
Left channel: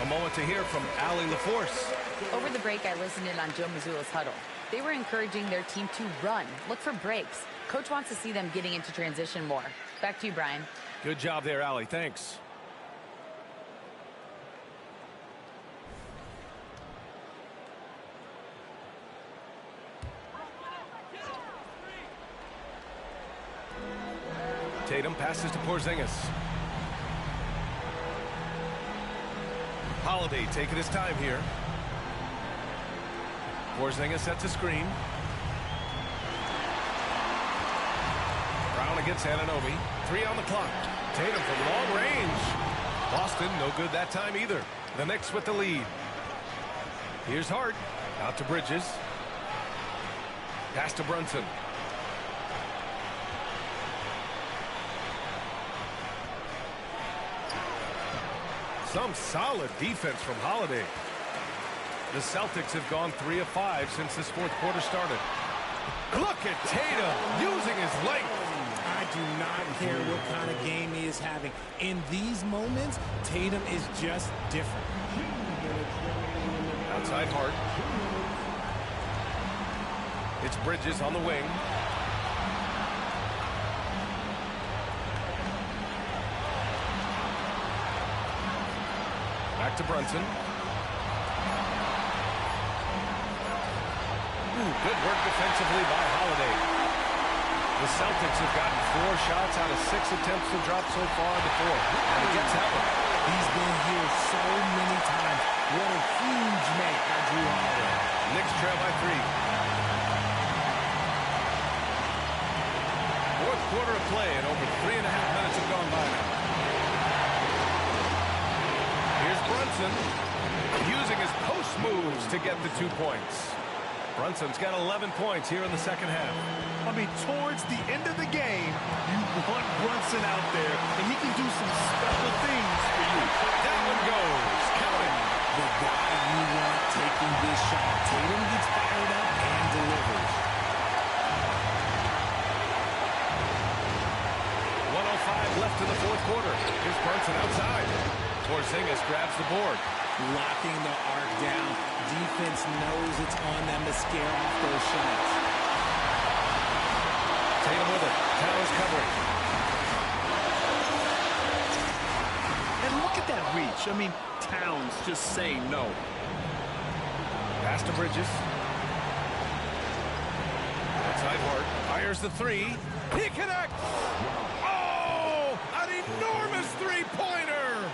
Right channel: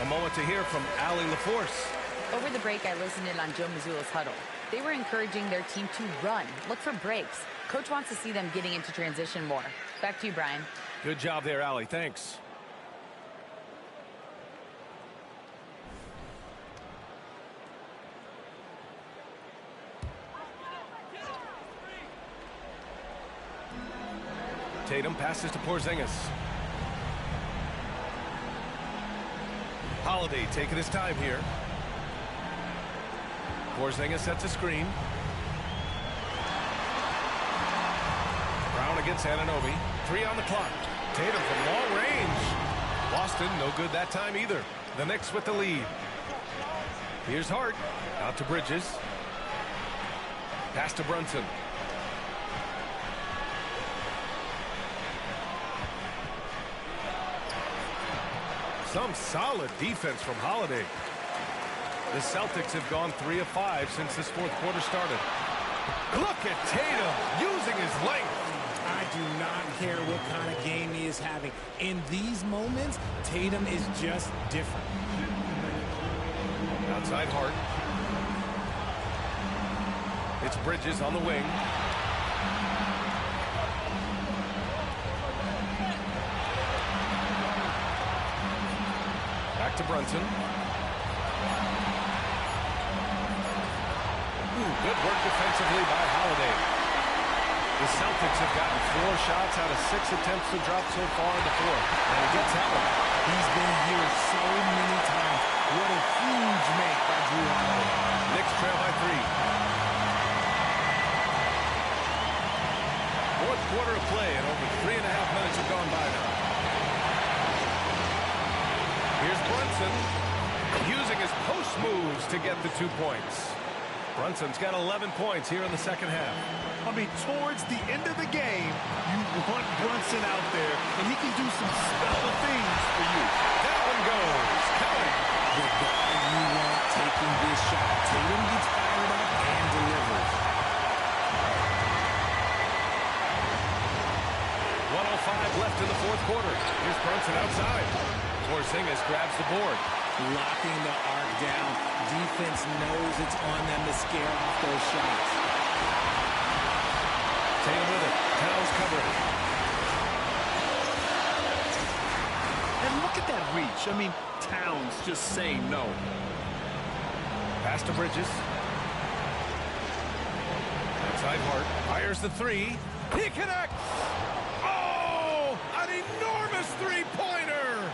A moment to hear from Allie LaForce. Over the break, I listened in on Joe Mazzulla's huddle. They were encouraging their team to run, look for breaks. Coach wants to see them getting into transition more. Back to you, Brian. Good job there, Allie. Thanks. Tatum passes to Porzingis. Holiday taking his time here. Porzingis sets a screen. Brown against Anunoby. 3 on the clock. Tatum from long range. Boston no good that time either. The Knicks with the lead. Here's Hart. Out to Bridges. Pass to Brunson. Some solid defense from Holiday. The Celtics have gone 3 of 5 since this fourth quarter started. Look at Tatum using his length. I do not care what kind of game he is having. In these moments, Tatum is just different. Outside Hart. It's Bridges on the wing. Back to Brunson. Ooh, good work defensively by Holiday. The Celtics have gotten 4 shots out of 6 attempts to drop so far in the fourth. And he gets that one. He's been here so many times. What a huge make by Drew Holiday. Knicks trail by 3. Fourth quarter of play, and over 3.5 minutes have gone by now. Here's Brunson using his post moves to get the 2 points. Brunson's got 11 points here in the second half. I mean, towards the end of the game, you want Brunson out there, and he can do some special things for you. That one goes. Counting. The guy you want taking this shot. Tatum gets fired up and delivers. 1:05 left in the fourth quarter. Here's Brunson outside. Porzingis grabs the board. Locking the arc down. Defense knows it's on them to scare off those shots. Tatum with it. Towns covering. And look at that reach. I mean, Towns just saying no. Pass to Bridges. Outside Hart. Fires the 3. He connects. Oh, an enormous three-pointer.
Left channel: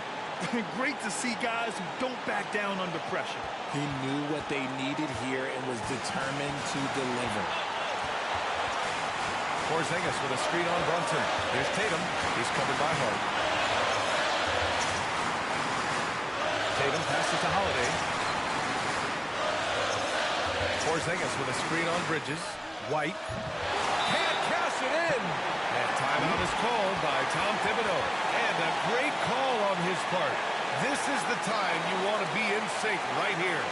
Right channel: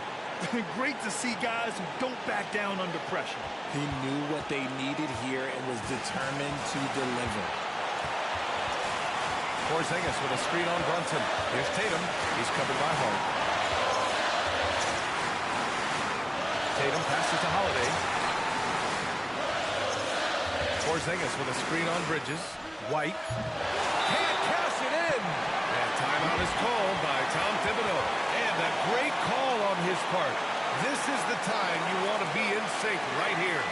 Great to see guys who don't back down under pressure. He knew what they needed here and was determined to deliver. Porzingis with a screen on Brunson. Here's Tatum. He's covered by Hart. Tatum passes to Holiday. Porzingis with a screen on Bridges. White. Can't cash it in. And timeout is called by Tom Thibodeau. And a great call on his part. This is the time you want to be in sync right here.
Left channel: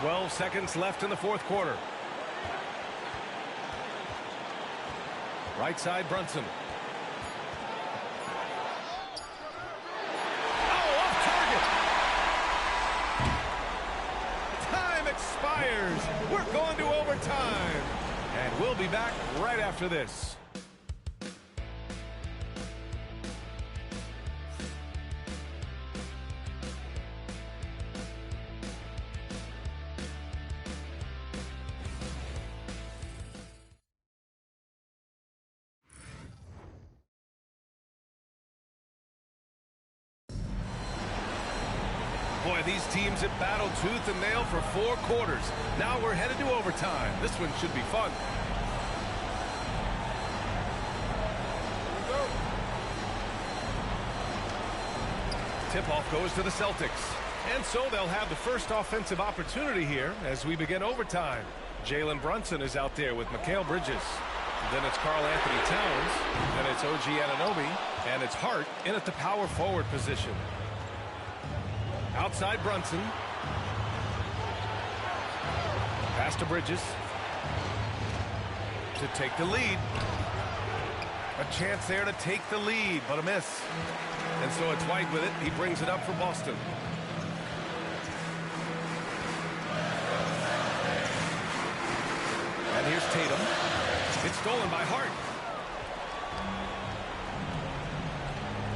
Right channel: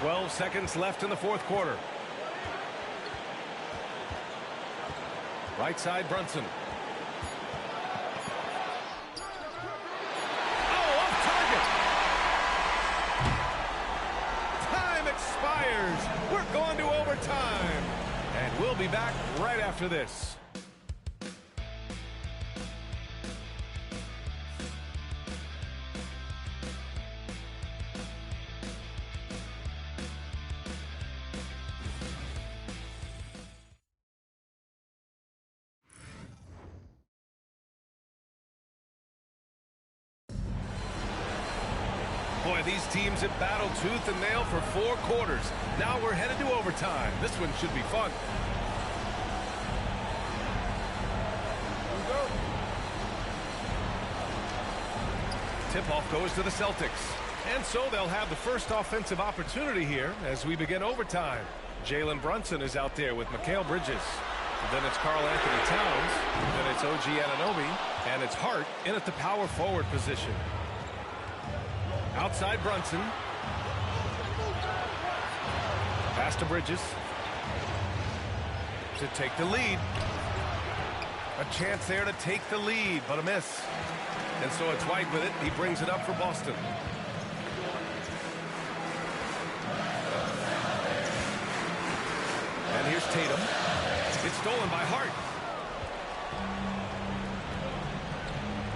12 seconds left in the fourth quarter. Right side, Brunson. Oh, off target. Time expires. We're going to overtime. And we'll be back right after this. Boy, these teams have battled tooth and nail for 4 quarters. Now we're headed to overtime. This one should be fun. Tip-off goes to the Celtics. And so they'll have the first offensive opportunity here as we begin overtime. Jalen Brunson is out there with Mikal Bridges. Then it's Karl Anthony Towns. Then it's OG Anunoby. And it's Hart in at the power forward position. Outside Brunson. Pass to Bridges. To take the lead. A chance there to take the lead, but a miss. And so it's White with it. He brings it up for Boston. And here's Tatum. It's stolen by Hart.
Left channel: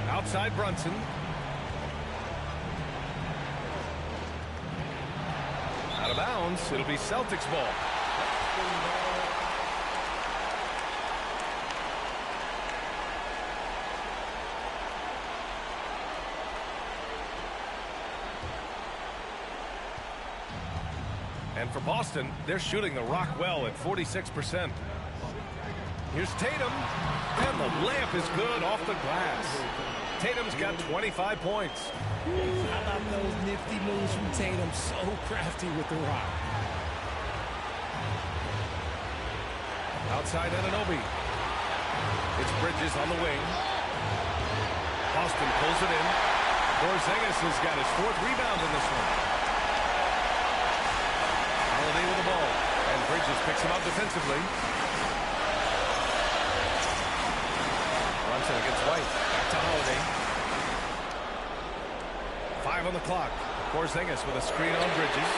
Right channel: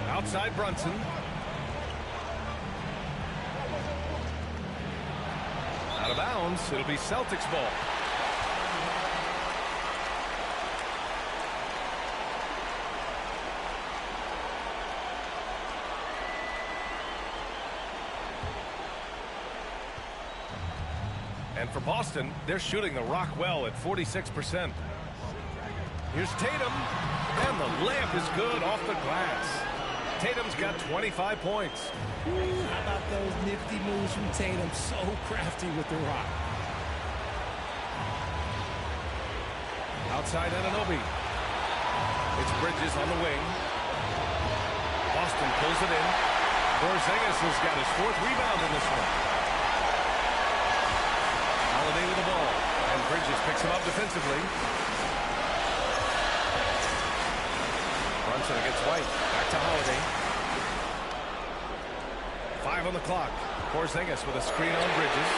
Outside Brunson. Out of bounds. It'll be Celtics ball. And for Boston, they're shooting the rock well at 46%. Here's Tatum. And the layup is good off the glass. Tatum's got 25 points. How about those nifty moves from Tatum? So crafty with the rock. Outside Anunoby. It's Bridges on the wing. Boston pulls it in. Porzingis has got his 4th rebound in this one. Holiday with the ball. And Bridges picks him up defensively. Brunson against White. Back to Holiday. 5 on the clock. Porzingis with a screen on Bridges.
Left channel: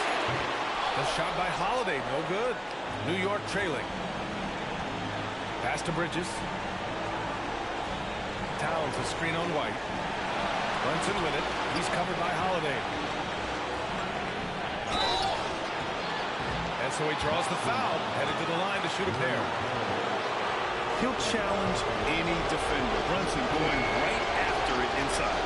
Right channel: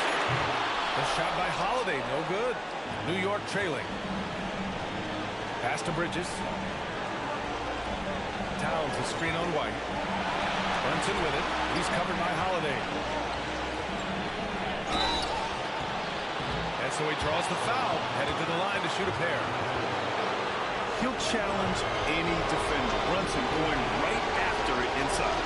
The shot by Holiday, no good. New York trailing. Pass to Bridges. Towns a screen on White. Brunson with it. He's covered by Holiday. And so he draws the foul, headed to the line to shoot a pair. He'll challenge any defender. Brunson going right after it inside.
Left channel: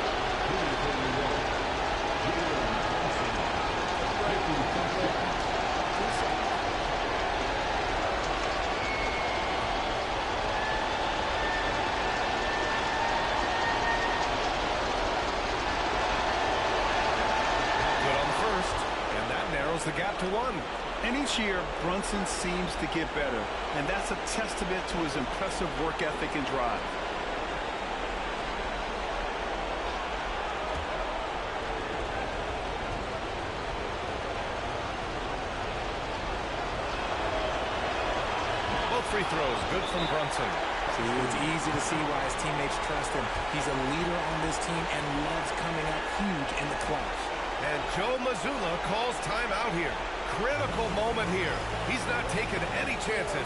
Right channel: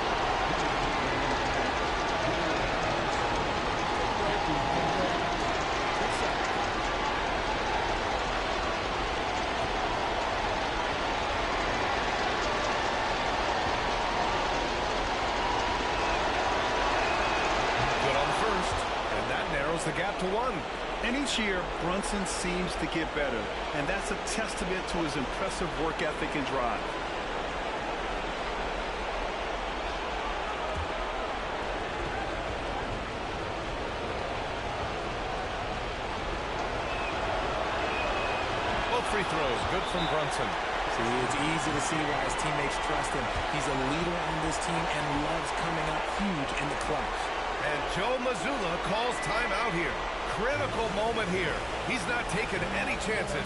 Good on the first, and that narrows the gap to 1. And each year, Brunson seems to get better, and that's a testament to his impressive work ethic and drive. Both free throws, good from Brunson. See, it's easy to see why his teammates trust him. He's a leader on this team and loves coming up huge in the clutch. And Joe Mazzulla calls timeout here. Critical moment here. He's not taking any chances.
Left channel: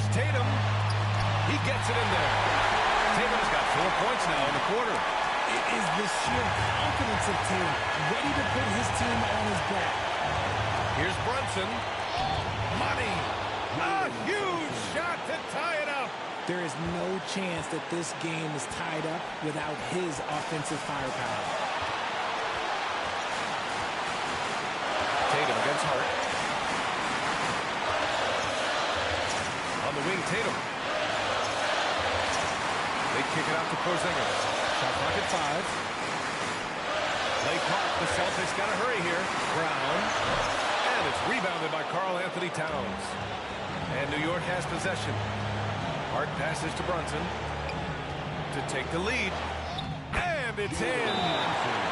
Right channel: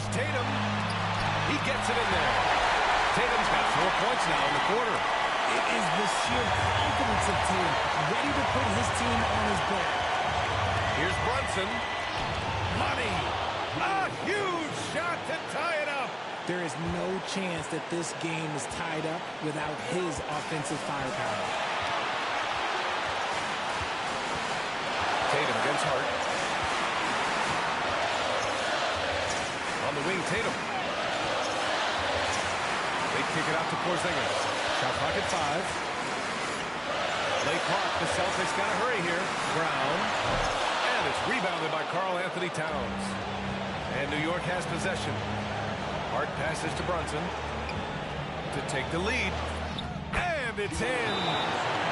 Here's Tatum. He gets it in there. Tatum's got 4 points now in the quarter. It is the sheer confidence of Tatum, ready to put his team on his back. Here's Brunson. Money. A huge shot to tie it up. There is no chance that this game is tied up without his offensive firepower. Tatum against Hart. On the wing, Tatum. They kick it out to Porzingis. Shot clock at 5. Play clock. The Celtics got to hurry here. Brown. And it's rebounded by Karl Anthony Towns. And New York has possession. Hart passes to Brunson to take the lead. And it's in.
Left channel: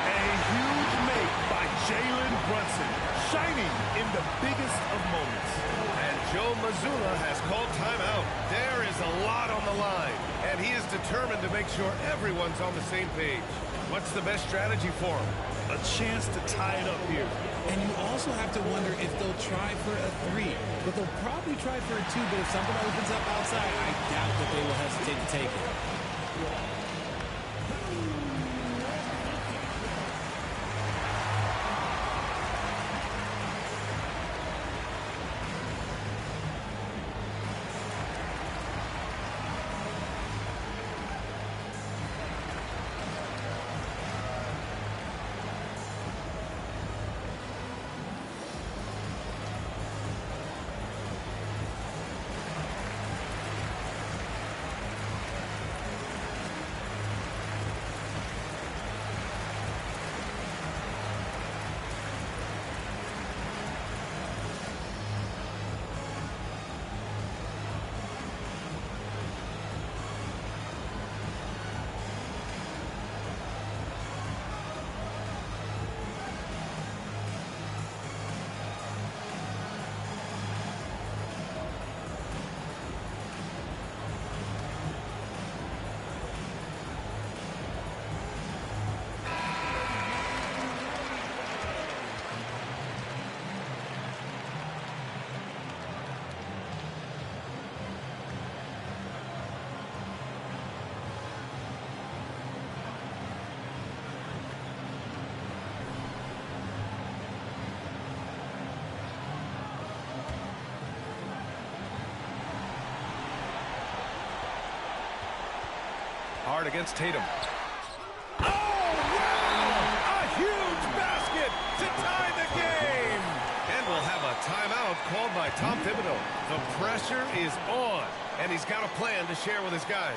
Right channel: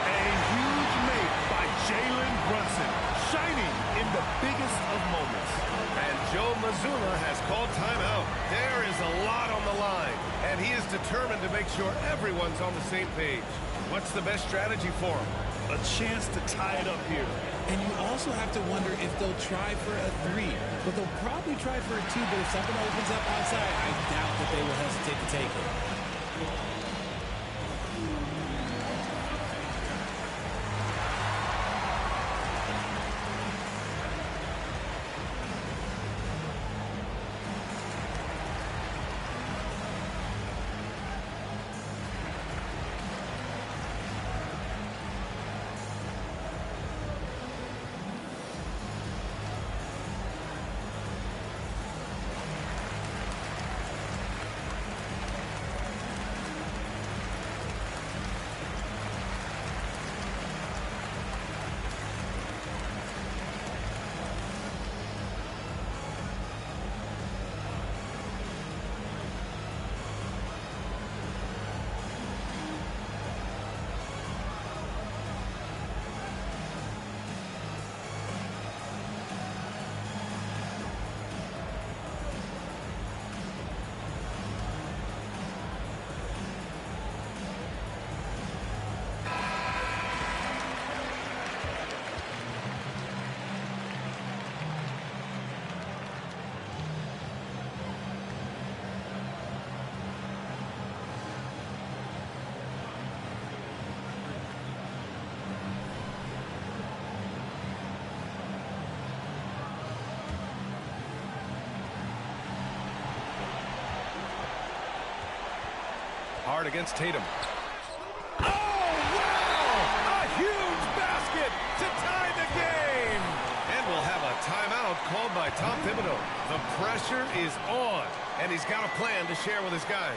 A huge make by Jalen Brunson, shining in the biggest of moments. And Joe Mazzulla has called timeout. There is a lot on the line, and he is determined to make sure everyone's on the same page. What's the best strategy for him? A chance to tie it up here. And you also have to wonder if they'll try for a 3. But they'll probably try for a 2, but if something opens up outside, I doubt that they will hesitate to take it. Hart against Tatum. Oh, wow! A huge basket to tie the game! And we'll have a timeout called by Tom Thibodeau. The pressure is on, and he's got a plan to share with his guys.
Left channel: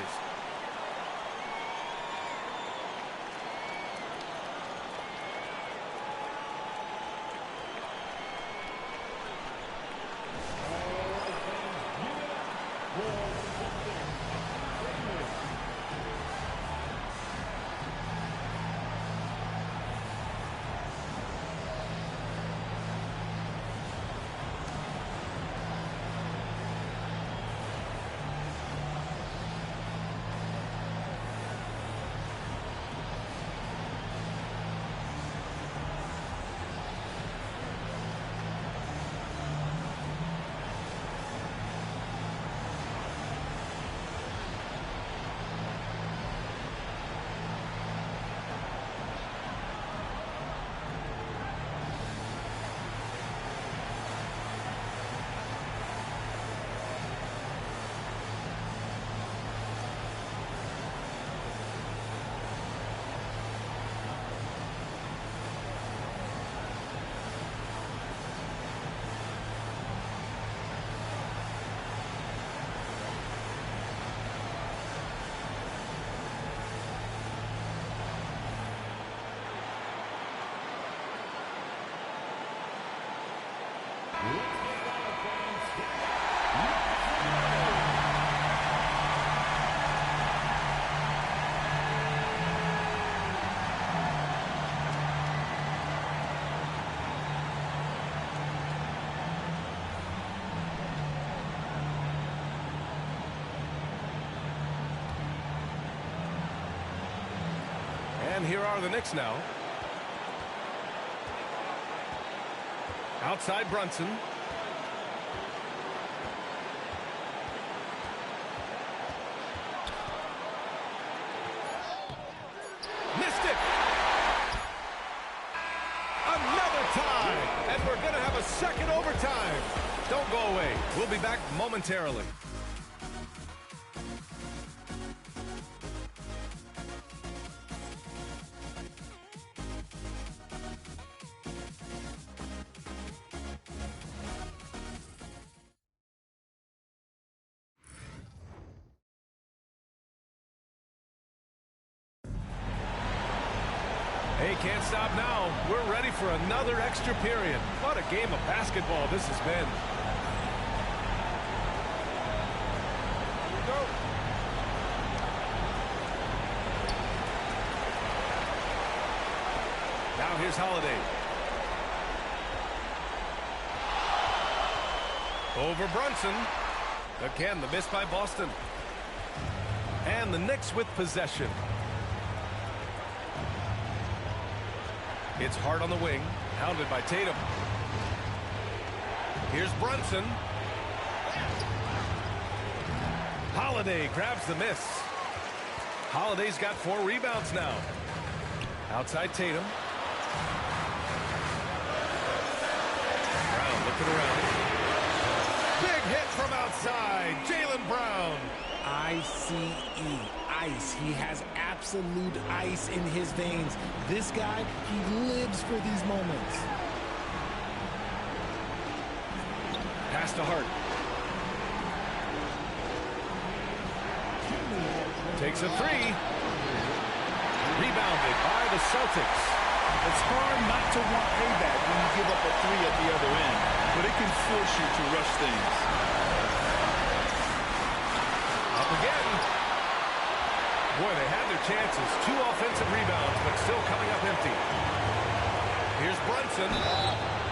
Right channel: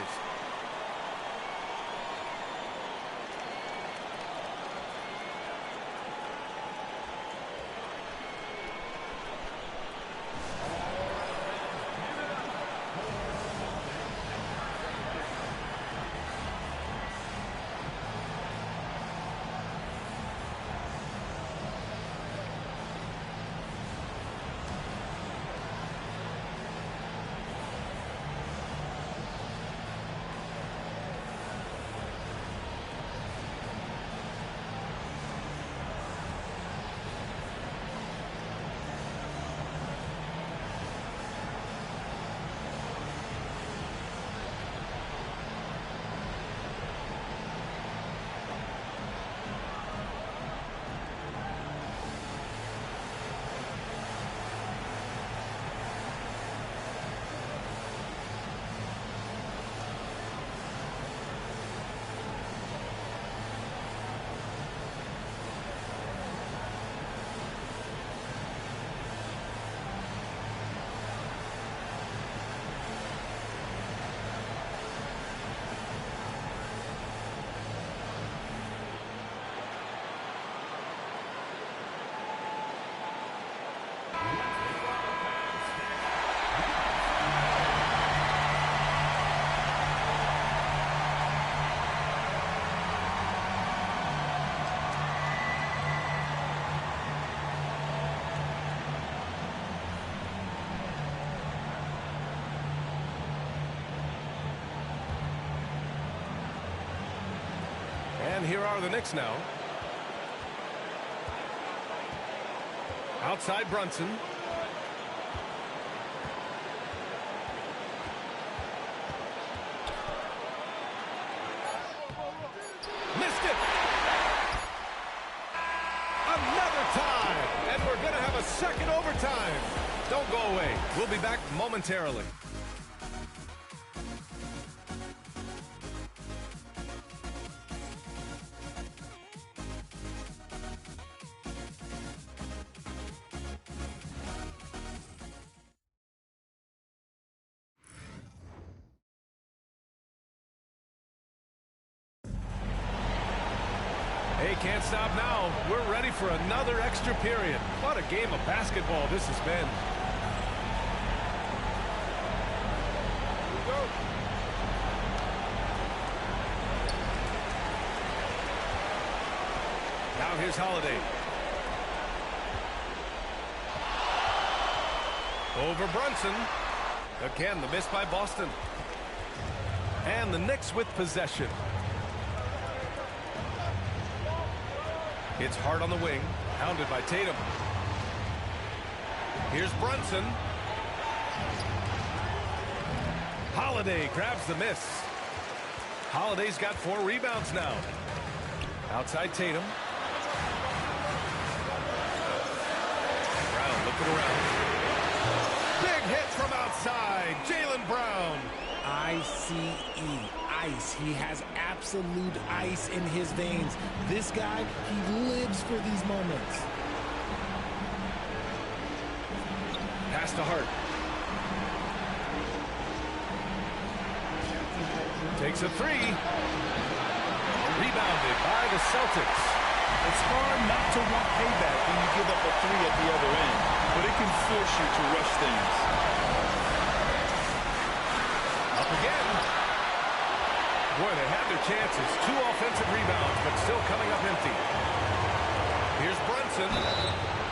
And here are the Knicks now. Outside Brunson. missed it. Another tie, and we're going to have a second overtime. Don't go away. We'll be back momentarily. Hey, can't stop now. We're ready for another extra period. What a game of basketball this has been. Here we go. Now here's Holiday. Over Brunson. Again, the miss by Boston. And the Knicks with possession. It's Hart on the wing, hounded by Tatum. Here's Brunson. Holiday grabs the miss. Holiday's got 4 rebounds now. Outside Tatum. Brown looking around. Big hit from outside. Jaylen Brown. I-C-E, ice. He has absolute ice in his veins. This guy, he lives for these moments. Pass to Hart. Takes a 3. Rebounded by the Celtics. It's hard not to want payback when you give up a 3 at the other end, but it can force you to rush things. Up again. Boy, they had their chances. 2 offensive rebounds, but still coming up empty. Here's Brunson.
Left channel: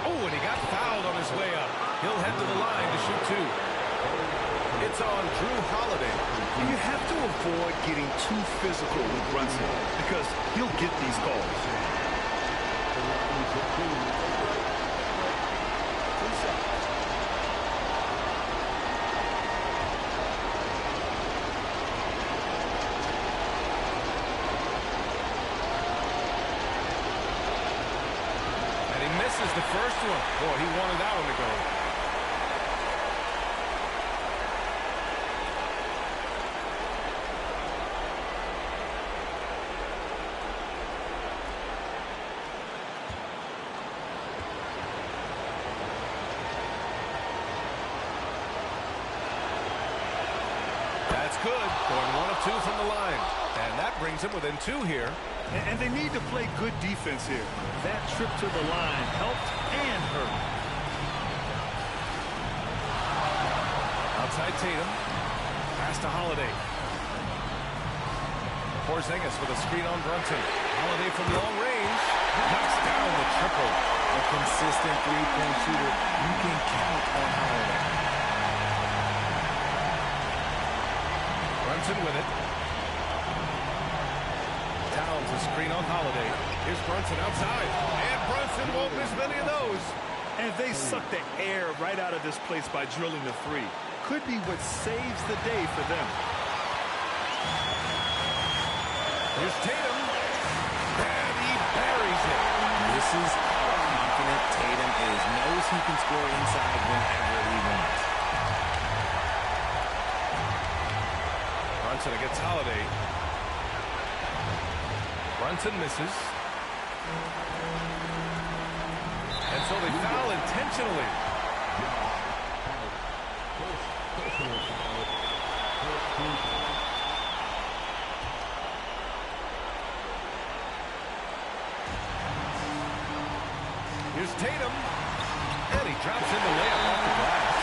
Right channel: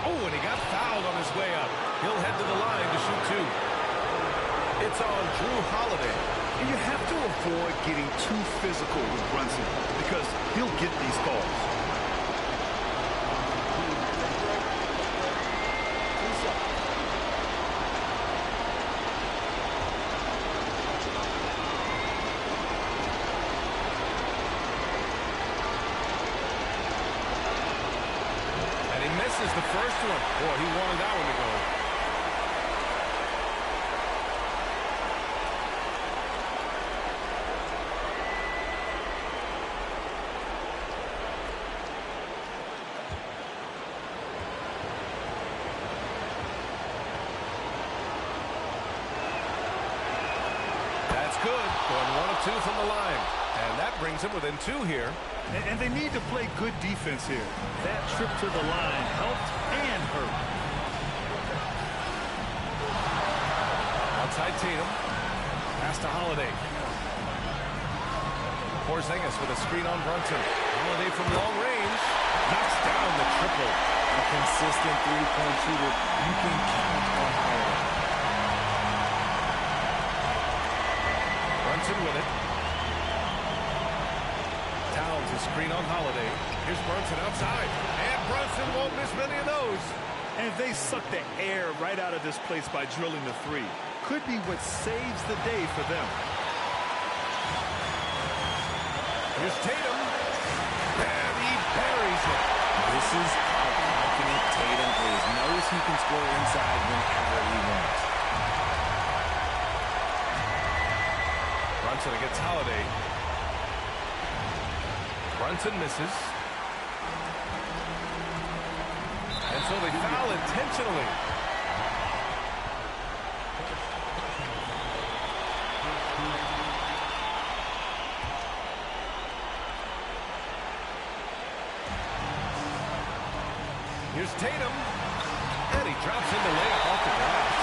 Oh, and he got fouled on his way up. He'll head to the line to shoot 2. It's on Drew Holiday. And you have to avoid getting too physical with Brunson because he'll get these calls. Misses the first one. Boy, he wanted that one to go. That's good. Going 1 of 2 from the line. And that brings him within 2 here. And they need to play good defense here. That trip to the line helped and hurt. Outside Tatum. Pass to Holiday. Porzingis with a screen on Brunson. Holiday from long range. Knocks down the triple. A consistent three-point shooter. You can count on Holiday. Brunson with it. Towns a screen on Holiday. Here's Brunson outside. And Brunson won't miss many of those. And they suck the air right out of this place by drilling the 3. Could be what saves the day for them. Here's Tatum. And he buries it. This is how confident Tatum is. Knows he can score inside whenever he wants. Brunson against Holiday. Brunson misses. And so they foul intentionally. Here's Tatum. And he drops in the layup off the glass.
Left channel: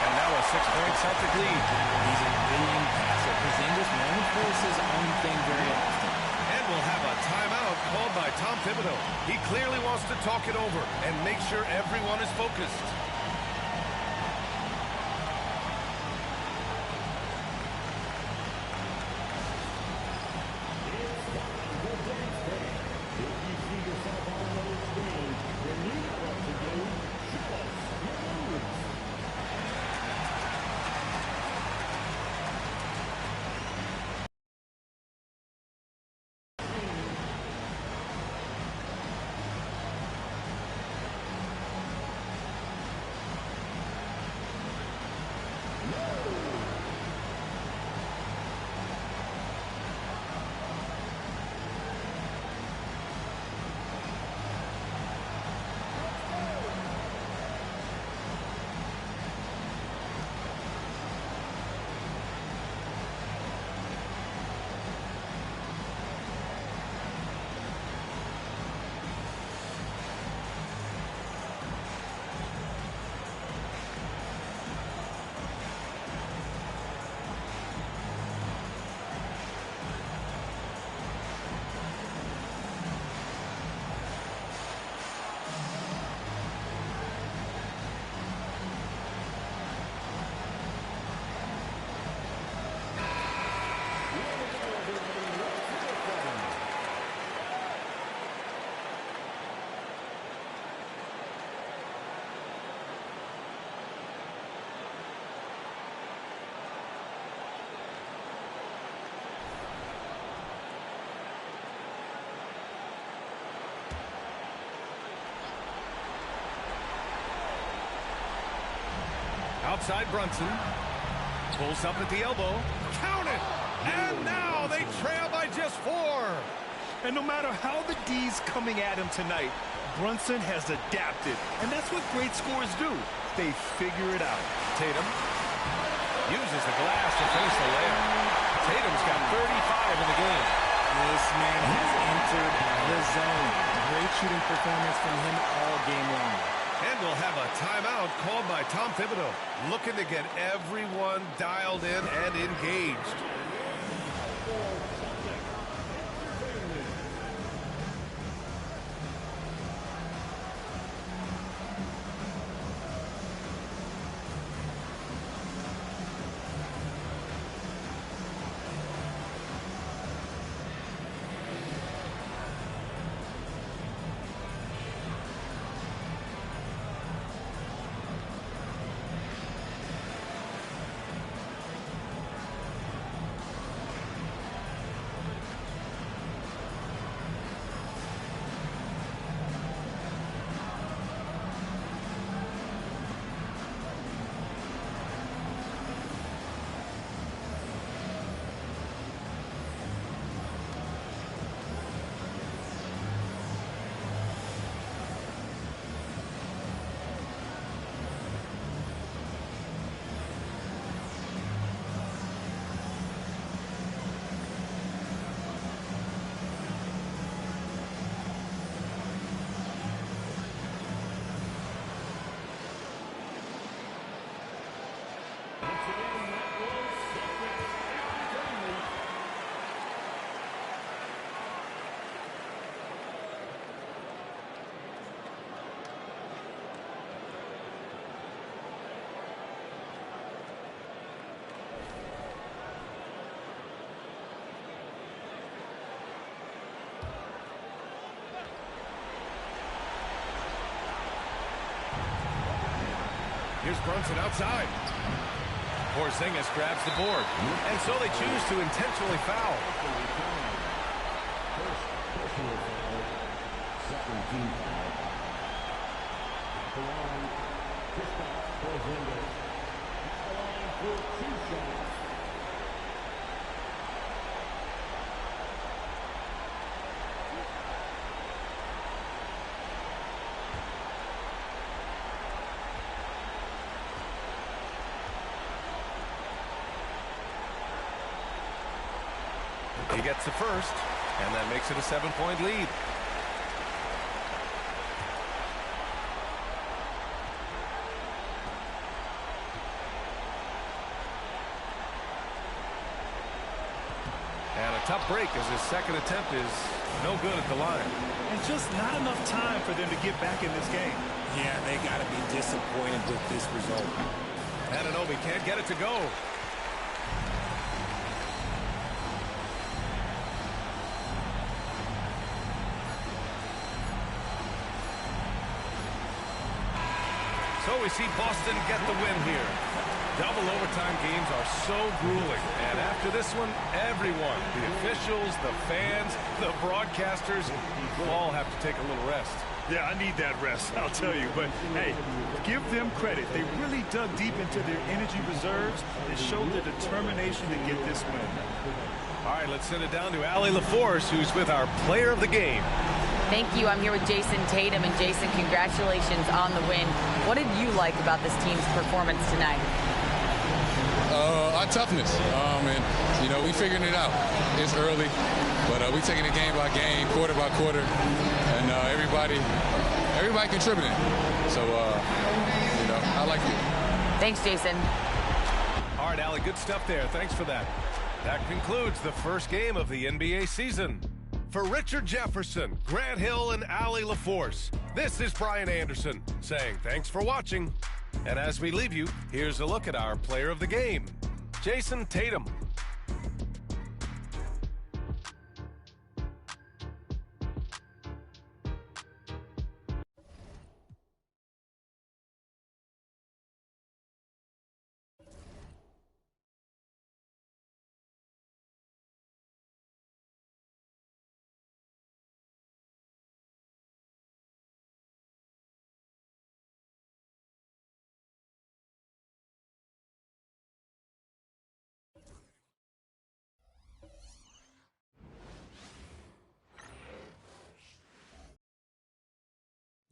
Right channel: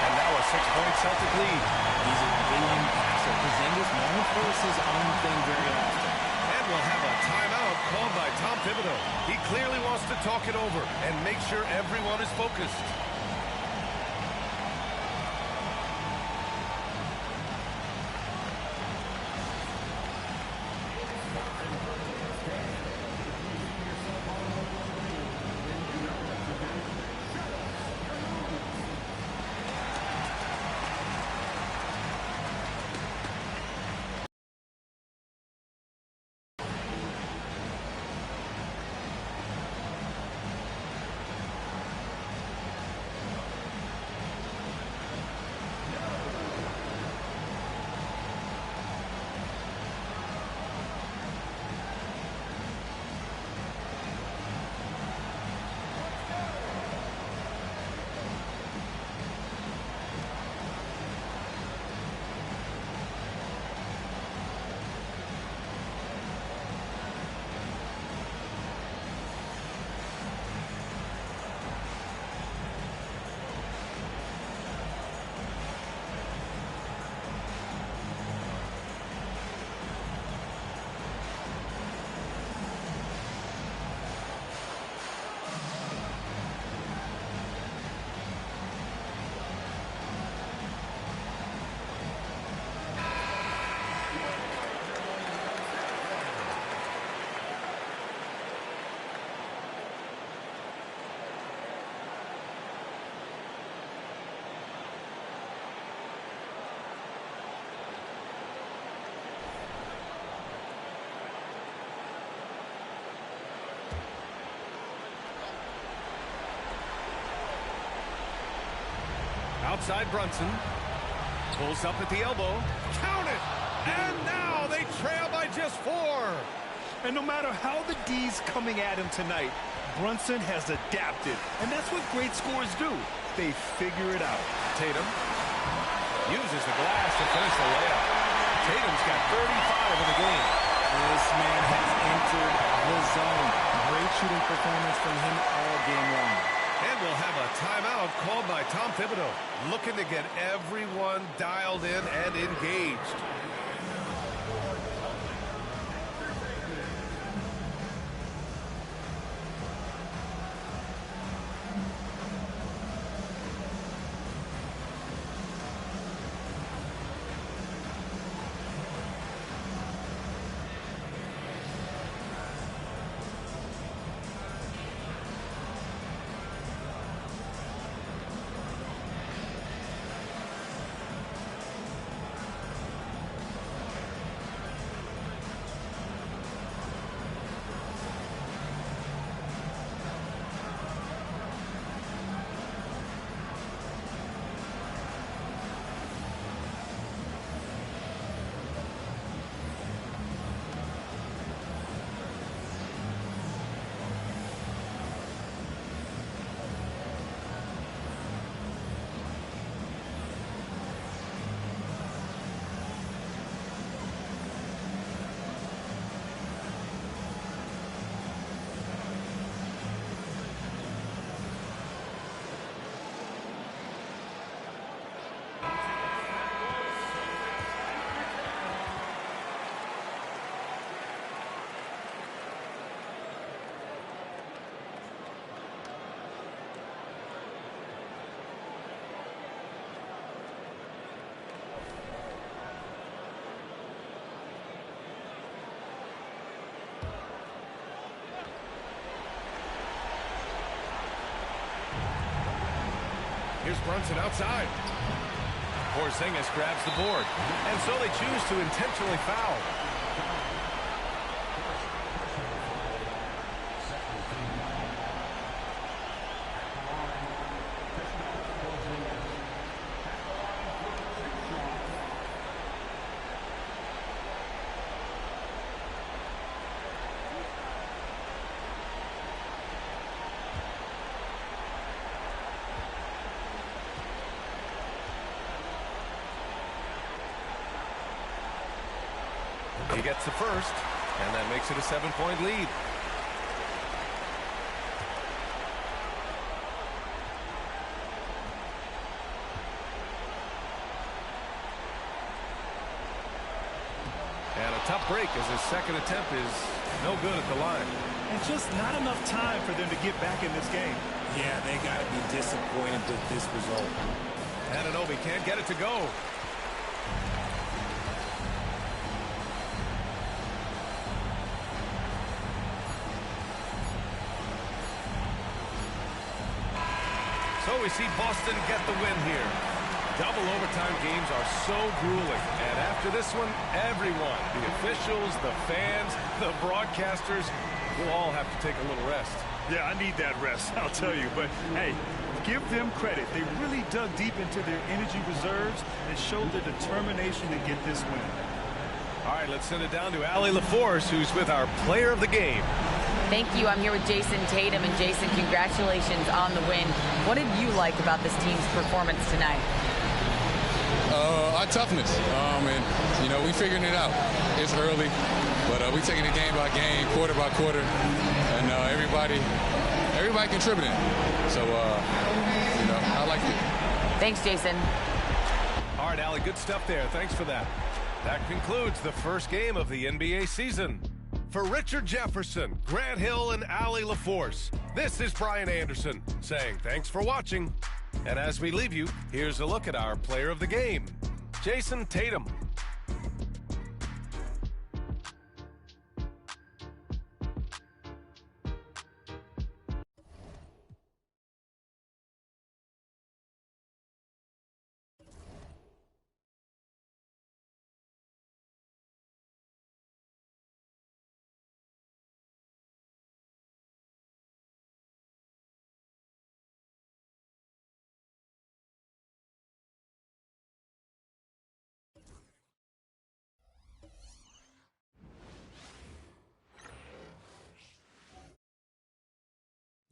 And now a 6-point Celtic lead. He's a willing passer. Porzingis won't force his own thing very often. And we'll have a timeout called by Tom Thibodeau. He clearly wants to talk it over and make sure everyone is focused. Outside Brunson. Pulls up at the elbow. Count it! And now they trail by just 4. And no matter how the D's coming at him tonight, Brunson has adapted. And that's what great scorers do. They figure it out. Tatum uses the glass to finish the layup. Tatum's got 35 in the game. This man has entered the zone. Great shooting performance from him all game long. And we'll have a timeout called by Tom Thibodeau, looking to get everyone dialed in and engaged. Here's Brunson outside. Porzingis grabs the board. And so they choose to intentionally foul. He gets the first, and that makes it a 7-point lead. And a tough break as his second attempt is no good at the line. And just not enough time for them to get back in this game. Yeah, they got to be disappointed with this result. Anunoby can't get it to go. So we see Boston get the win here. Double overtime games are so grueling. And after this one, everyone, the officials, the fans, the broadcasters, will all have to take a little rest. Yeah, I need that rest, I'll tell you. But, hey, give them credit. They really dug deep into their energy reserves and showed their determination to get this win. All right, let's send it down to Allie LaForce, who's with our player of the game. Thank you. I'm here with Jason Tatum. And Jason, congratulations on the win. What did you like about this team's performance tonight? Our toughness. And, you know, we figuring it out. It's early, but we taking it game by game, quarter by quarter, and everybody contributing. So, you know, I like it. Thanks, Jason. All right, Allie, good stuff there. Thanks for that. That concludes the first game of the NBA season. For Richard Jefferson, Grant Hill, and Allie LaForce, this is Brian Anderson saying thanks for watching. And as we leave you, here's a look at our player of the game, Jason Tatum.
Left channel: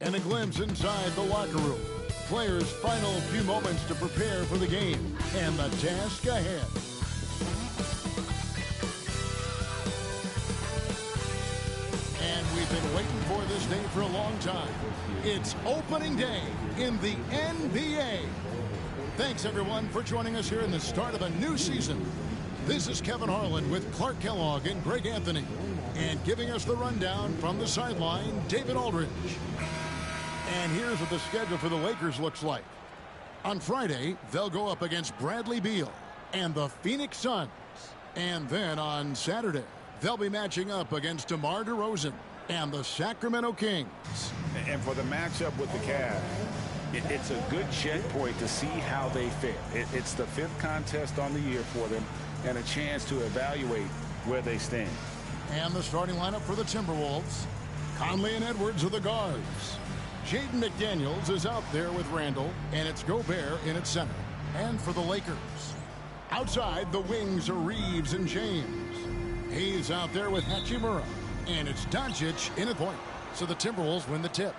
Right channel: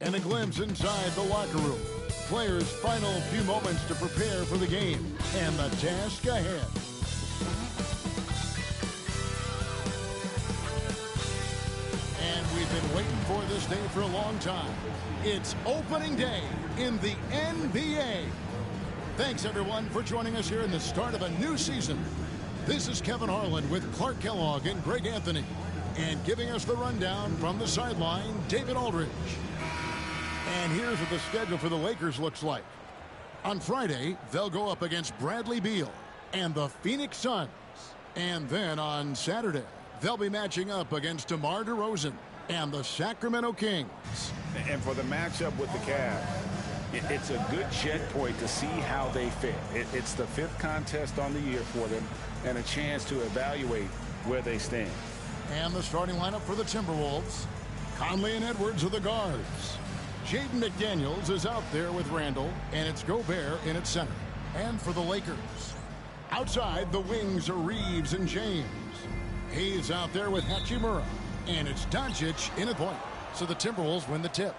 and a glimpse inside the locker room. Players' final few moments to prepare for the game and the task ahead. And we've been waiting for this day for a long time. It's opening day in the NBA. Thanks, everyone, for joining us here in the start of a new season. This is Kevin Harlan with Clark Kellogg and Greg Anthony. And giving us the rundown from the sideline, David Aldridge. And here's what the schedule for the Lakers looks like. On Friday, they'll go up against Bradley Beal and the Phoenix Suns. And then on Saturday, they'll be matching up against DeMar DeRozan and the Sacramento Kings. And for the matchup with the Cavs, it's a good checkpoint to see how they fare. It's the 5th contest on the year for them and a chance to evaluate where they stand. And the starting lineup for the Timberwolves. Conley and Edwards are the guards. Jaden McDaniels is out there with Randall, and it's Gobert in at center. And for the Lakers, outside the wings are Reeves and James. He's out there with Hachimura, and it's Doncic in at point. So the Timberwolves win the tip.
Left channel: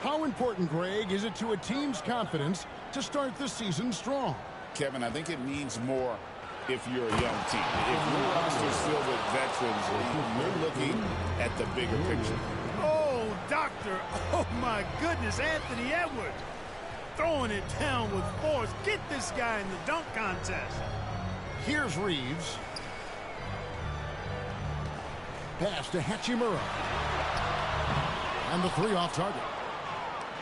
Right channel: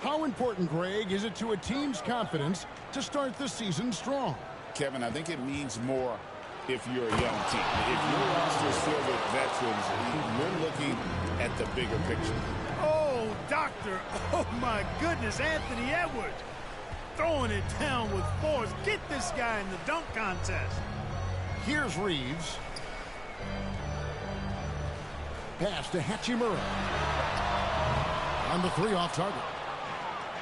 How important, Greg, is it to a team's confidence to start the season strong? Kevin, I think it means more if you're a young team. If your roster is filled with veterans, you're looking at the bigger picture. Oh, doctor. Oh, my goodness. Anthony Edwards throwing it down with force. Get this guy in the dunk contest. Here's Reeves. Pass to Hachimura. And the 3 off target.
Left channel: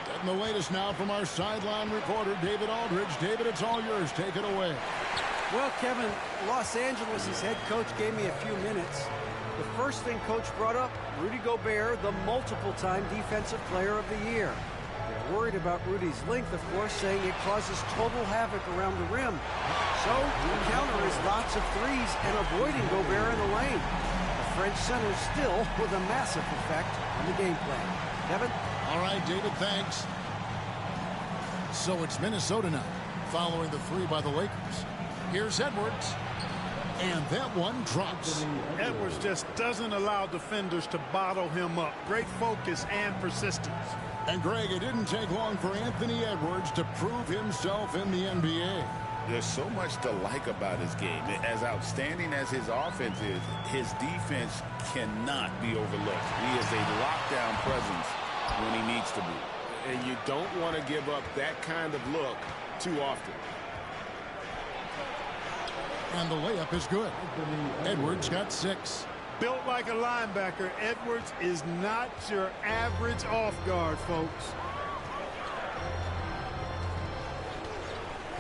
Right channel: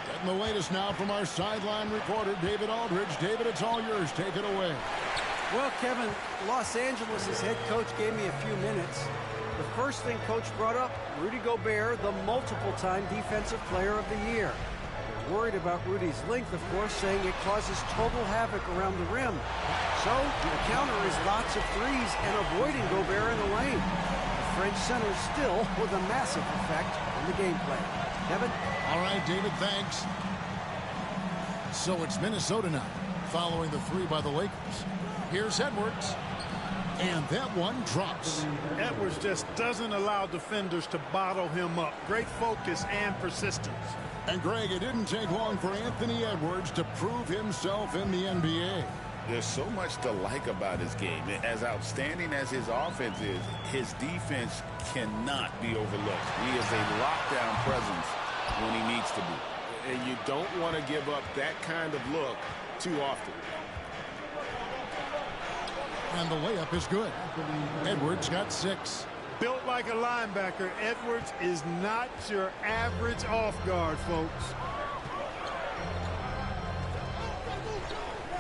Getting the latest now from our sideline reporter, David Aldridge. David, it's all yours. Take it away. Well, Kevin, Los Angeles' head coach gave me a few minutes. The first thing Coach brought up, Rudy Gobert, the multiple-time Defensive Player of the Year. They're worried about Rudy's length, of course, saying it causes total havoc around the rim. So the counter is lots of threes and avoiding Gobert in the lane. The French center still with a massive effect on the game plan. Kevin? All right, David, thanks. So it's Minnesota now, following the 3 by the Lakers. Here's Edwards. And that one drops. Edwards just doesn't allow defenders to bottle him up. Great focus and persistence. And, Greg, it didn't take long for Anthony Edwards to prove himself in the NBA. There's so much to like about his game. As outstanding as his offense is, his defense cannot be overlooked. He is a lockdown presence when he needs to be. And you don't want to give up that kind of look too often. And the layup is good. Edwards got 6. Built like a linebacker, Edwards is not your average off guard, folks.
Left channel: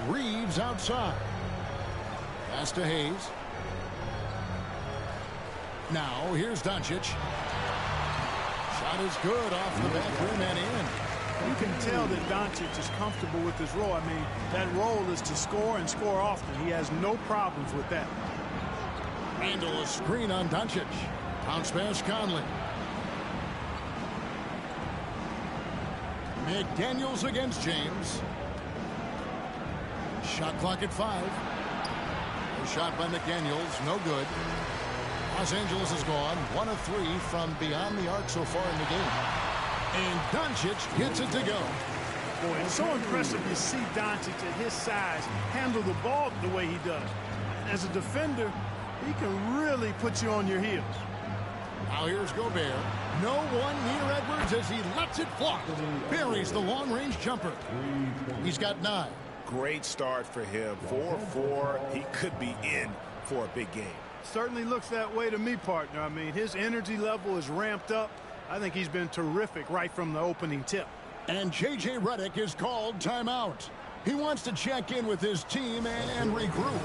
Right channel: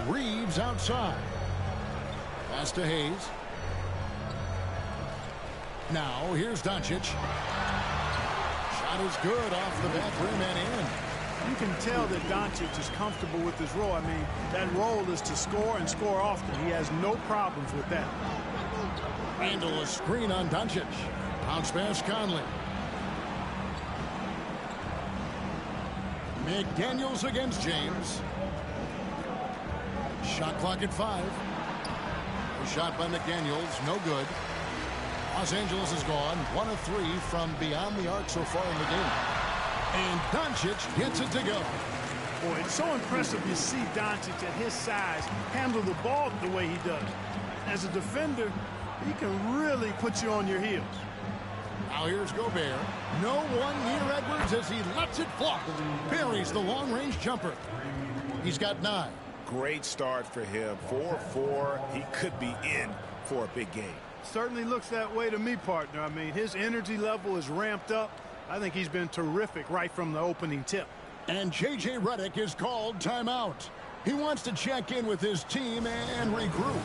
Reeves outside. Pass to Hayes. Now here's Doncic. Shot is good off the back rim and in. You can tell that Doncic is comfortable with his role. I mean, that role is to score and score often. He has no problems with that. Randall, a screen on Doncic. Bounce pass Conley. McDaniels against James. Shot clock at 5. A shot by McDaniels, no good. Los Angeles is gone. 1 of 3 from beyond the arc so far in the game. And Doncic gets it to go. Boy, it's so impressive you see Doncic at his size handle the ball the way he does. As a defender, he can really put you on your heels. Now here's Gobert. No one near Edwards as he lets it fly. Buries the long-range jumper. He's got 9. Great start for him. 4-4. He could be in for a big game. Certainly looks that way to me, partner. I mean, his energy level is ramped up. I think he's been terrific right from the opening tip. And J.J. Redick is called timeout. He wants to check in with his team and regroup.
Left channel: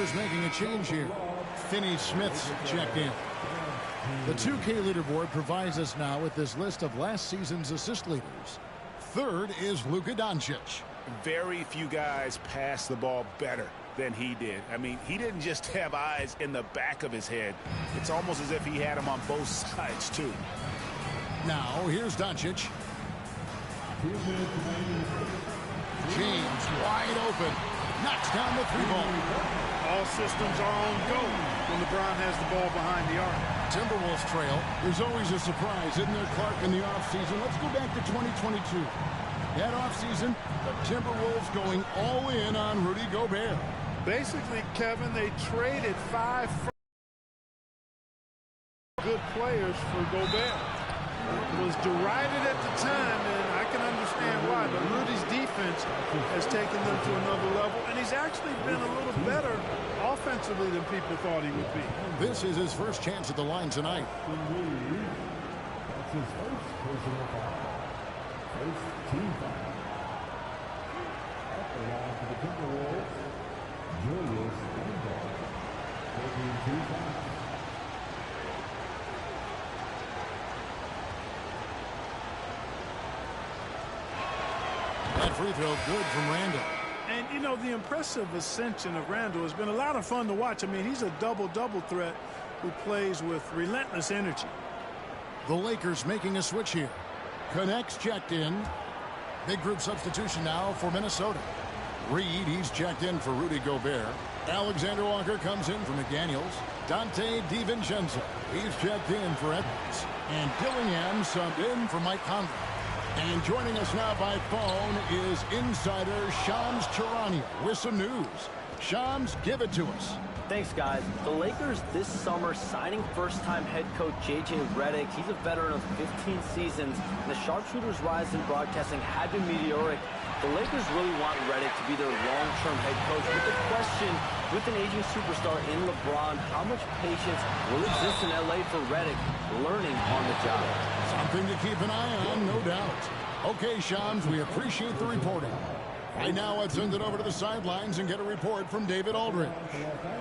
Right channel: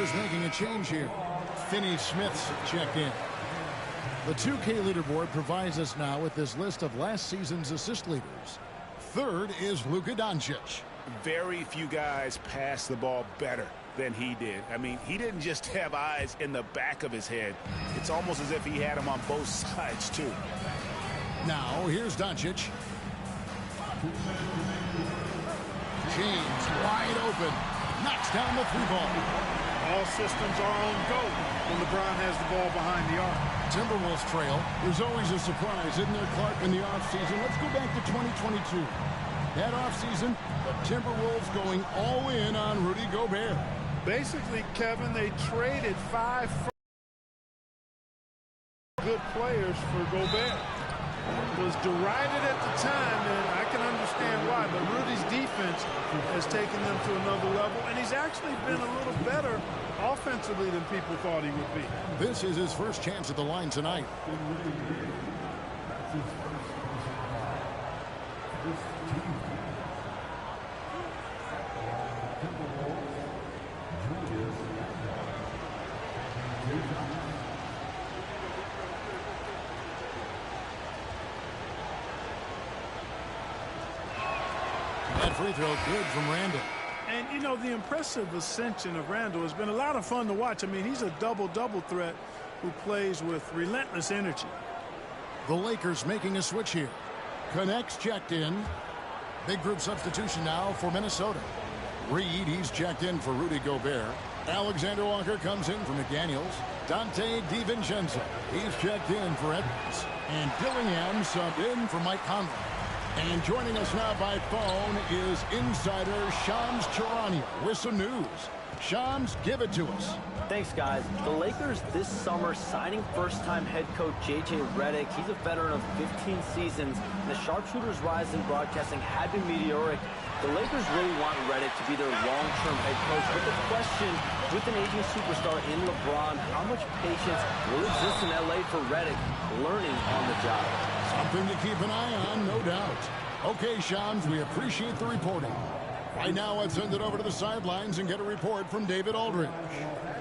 Lakers making a change here. Finney Smith's checked in. The 2K leaderboard provides us now with this list of last season's assist leaders. Third is Luka Doncic. Very few guys pass the ball better than he did. I mean, he didn't just have eyes in the back of his head. It's almost as if he had them on both sides, too. Now, here's Doncic. James wide open. Knocks down the three ball. All systems are on go when LeBron has the ball behind the arc. Timberwolves trail. There's always a surprise, isn't there, Clark, in the offseason? Let's go back to 2022. That offseason, the Timberwolves going all in on Rudy Gobert. Basically, Kevin, they traded 5 good players for Gobert. It was derided at the time, and I can understand why, but Rudy's defense has taken them to another level, and he's actually been a little better offensively than people thought he would be. This is his first chance at the line tonight. That's his first team. At the line for the Timberwolves, Julius Randle. Taking 2 fouls. That free throw good from Randle. And, you know, the impressive ascension of Randle has been a lot of fun to watch. I mean, he's a double-double threat who plays with relentless energy. The Lakers making a switch here. Connects checked in. Big group substitution now for Minnesota. Reed, he's checked in for Rudy Gobert. Alexander Walker comes in for McDaniels. Dante DiVincenzo, he's checked in for Edwards. And Dillingham subbed in for Mike Conley. And joining us now by phone is insider Shams Charania with some news. Shams, give it to us. Thanks, guys. The Lakers this summer signing first-time head coach J.J. Redick. He's a veteran of 15 seasons, and the sharpshooter's rise in broadcasting had been meteoric. The Lakers really want Redick to be their long-term head coach, but the question, with an aging superstar in LeBron, how much patience will exist in L.A. for Redick learning on the job? Something to keep an eye on, no doubt. Okay, Shams, we appreciate the reporting. Right now, let's send it over to the sidelines and get a report from David Aldridge.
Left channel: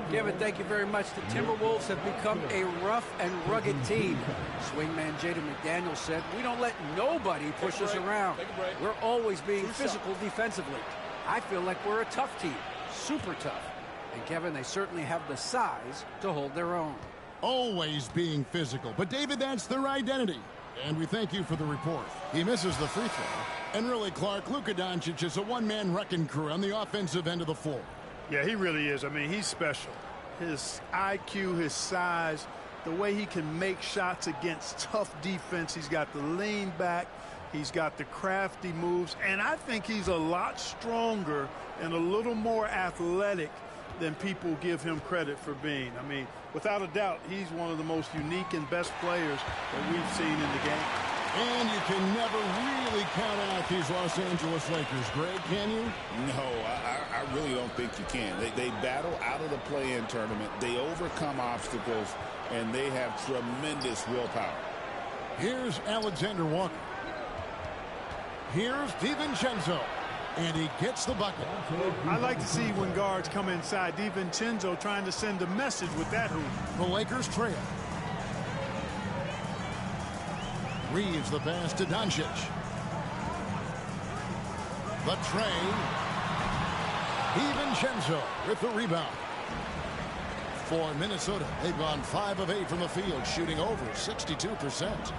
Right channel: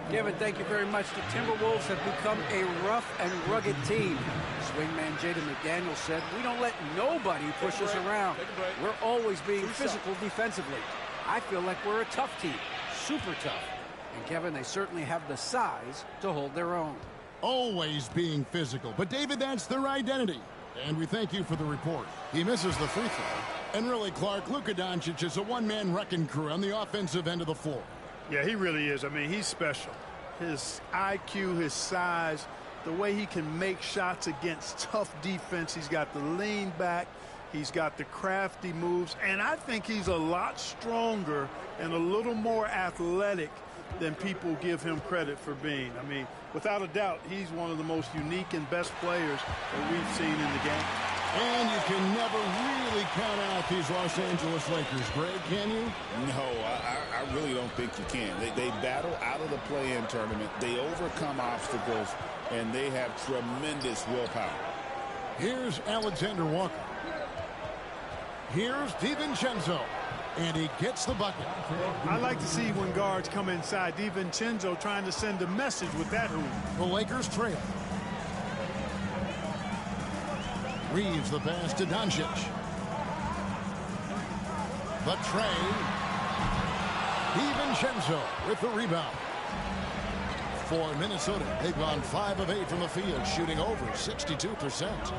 Kevin, thank you very much. The Timberwolves have become a rough and rugged team. Swingman Jaden McDaniels said, "We don't let nobody push us around. We're always being physical defensively. I feel like we're a tough team, super tough. And, Kevin, they certainly have the size to hold their own." Always being physical. But, David, that's their identity. And we thank you for the report. He misses the free throw. And really, Clark, Luka Doncic is a one-man wrecking crew on the offensive end of the floor. Yeah, he really is. I mean, he's special. His IQ, his size, the way he can make shots against tough defense. He's got the lean back. He's got the crafty moves. And I think he's a lot stronger and a little more athletic than people give him credit for being. I mean, without a doubt, he's one of the most unique and best players that we've seen in the game. And you can never really count out these Los Angeles Lakers, Greg, can you? No, I really don't think you can. They battle out of the play-in tournament. They overcome obstacles, and they have tremendous willpower. Here's Alexander Walker. Here's DiVincenzo. And he gets the bucket. Well, I like to see when guards come inside. DiVincenzo trying to send a message with that hoop. The Lakers trail. Reeves the pass to Doncic. The tray. DiVincenzo with the rebound. For Minnesota, they've gone 5 of 8 from the field, shooting over 62%.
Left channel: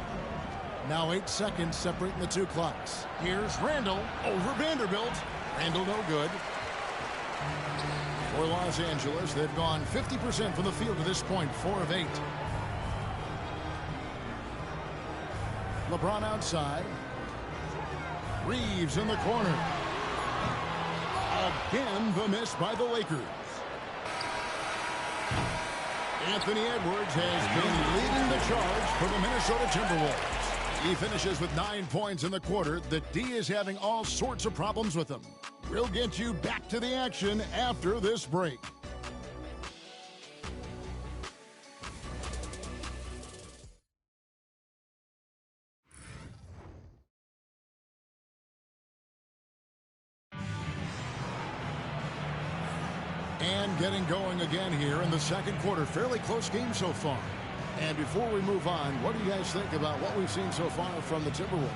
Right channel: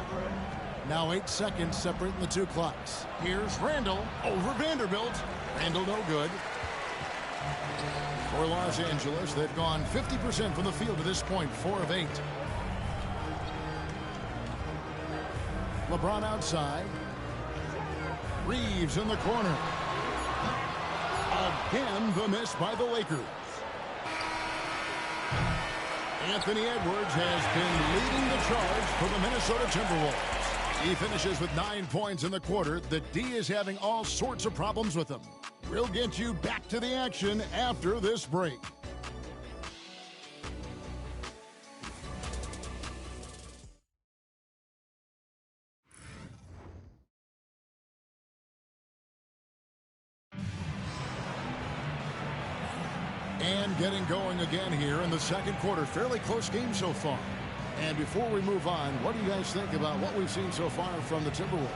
Now 8 seconds separating the two clocks. Here's Randle over Vanderbilt. Randle no good. For Los Angeles, they've gone 50% from the field to this point, 4 of 8. LeBron outside. Reeves in the corner. Again, the miss by the Lakers. Anthony Edwards has been leading the charge for the Minnesota Timberwolves. He finishes with 9 points in the quarter. The D is having all sorts of problems with him. We'll get you back to the action after this break. And getting going again here in the second quarter. Fairly close game so far. And before we move on, what do you guys think about what we've seen so far from the Timberwolves?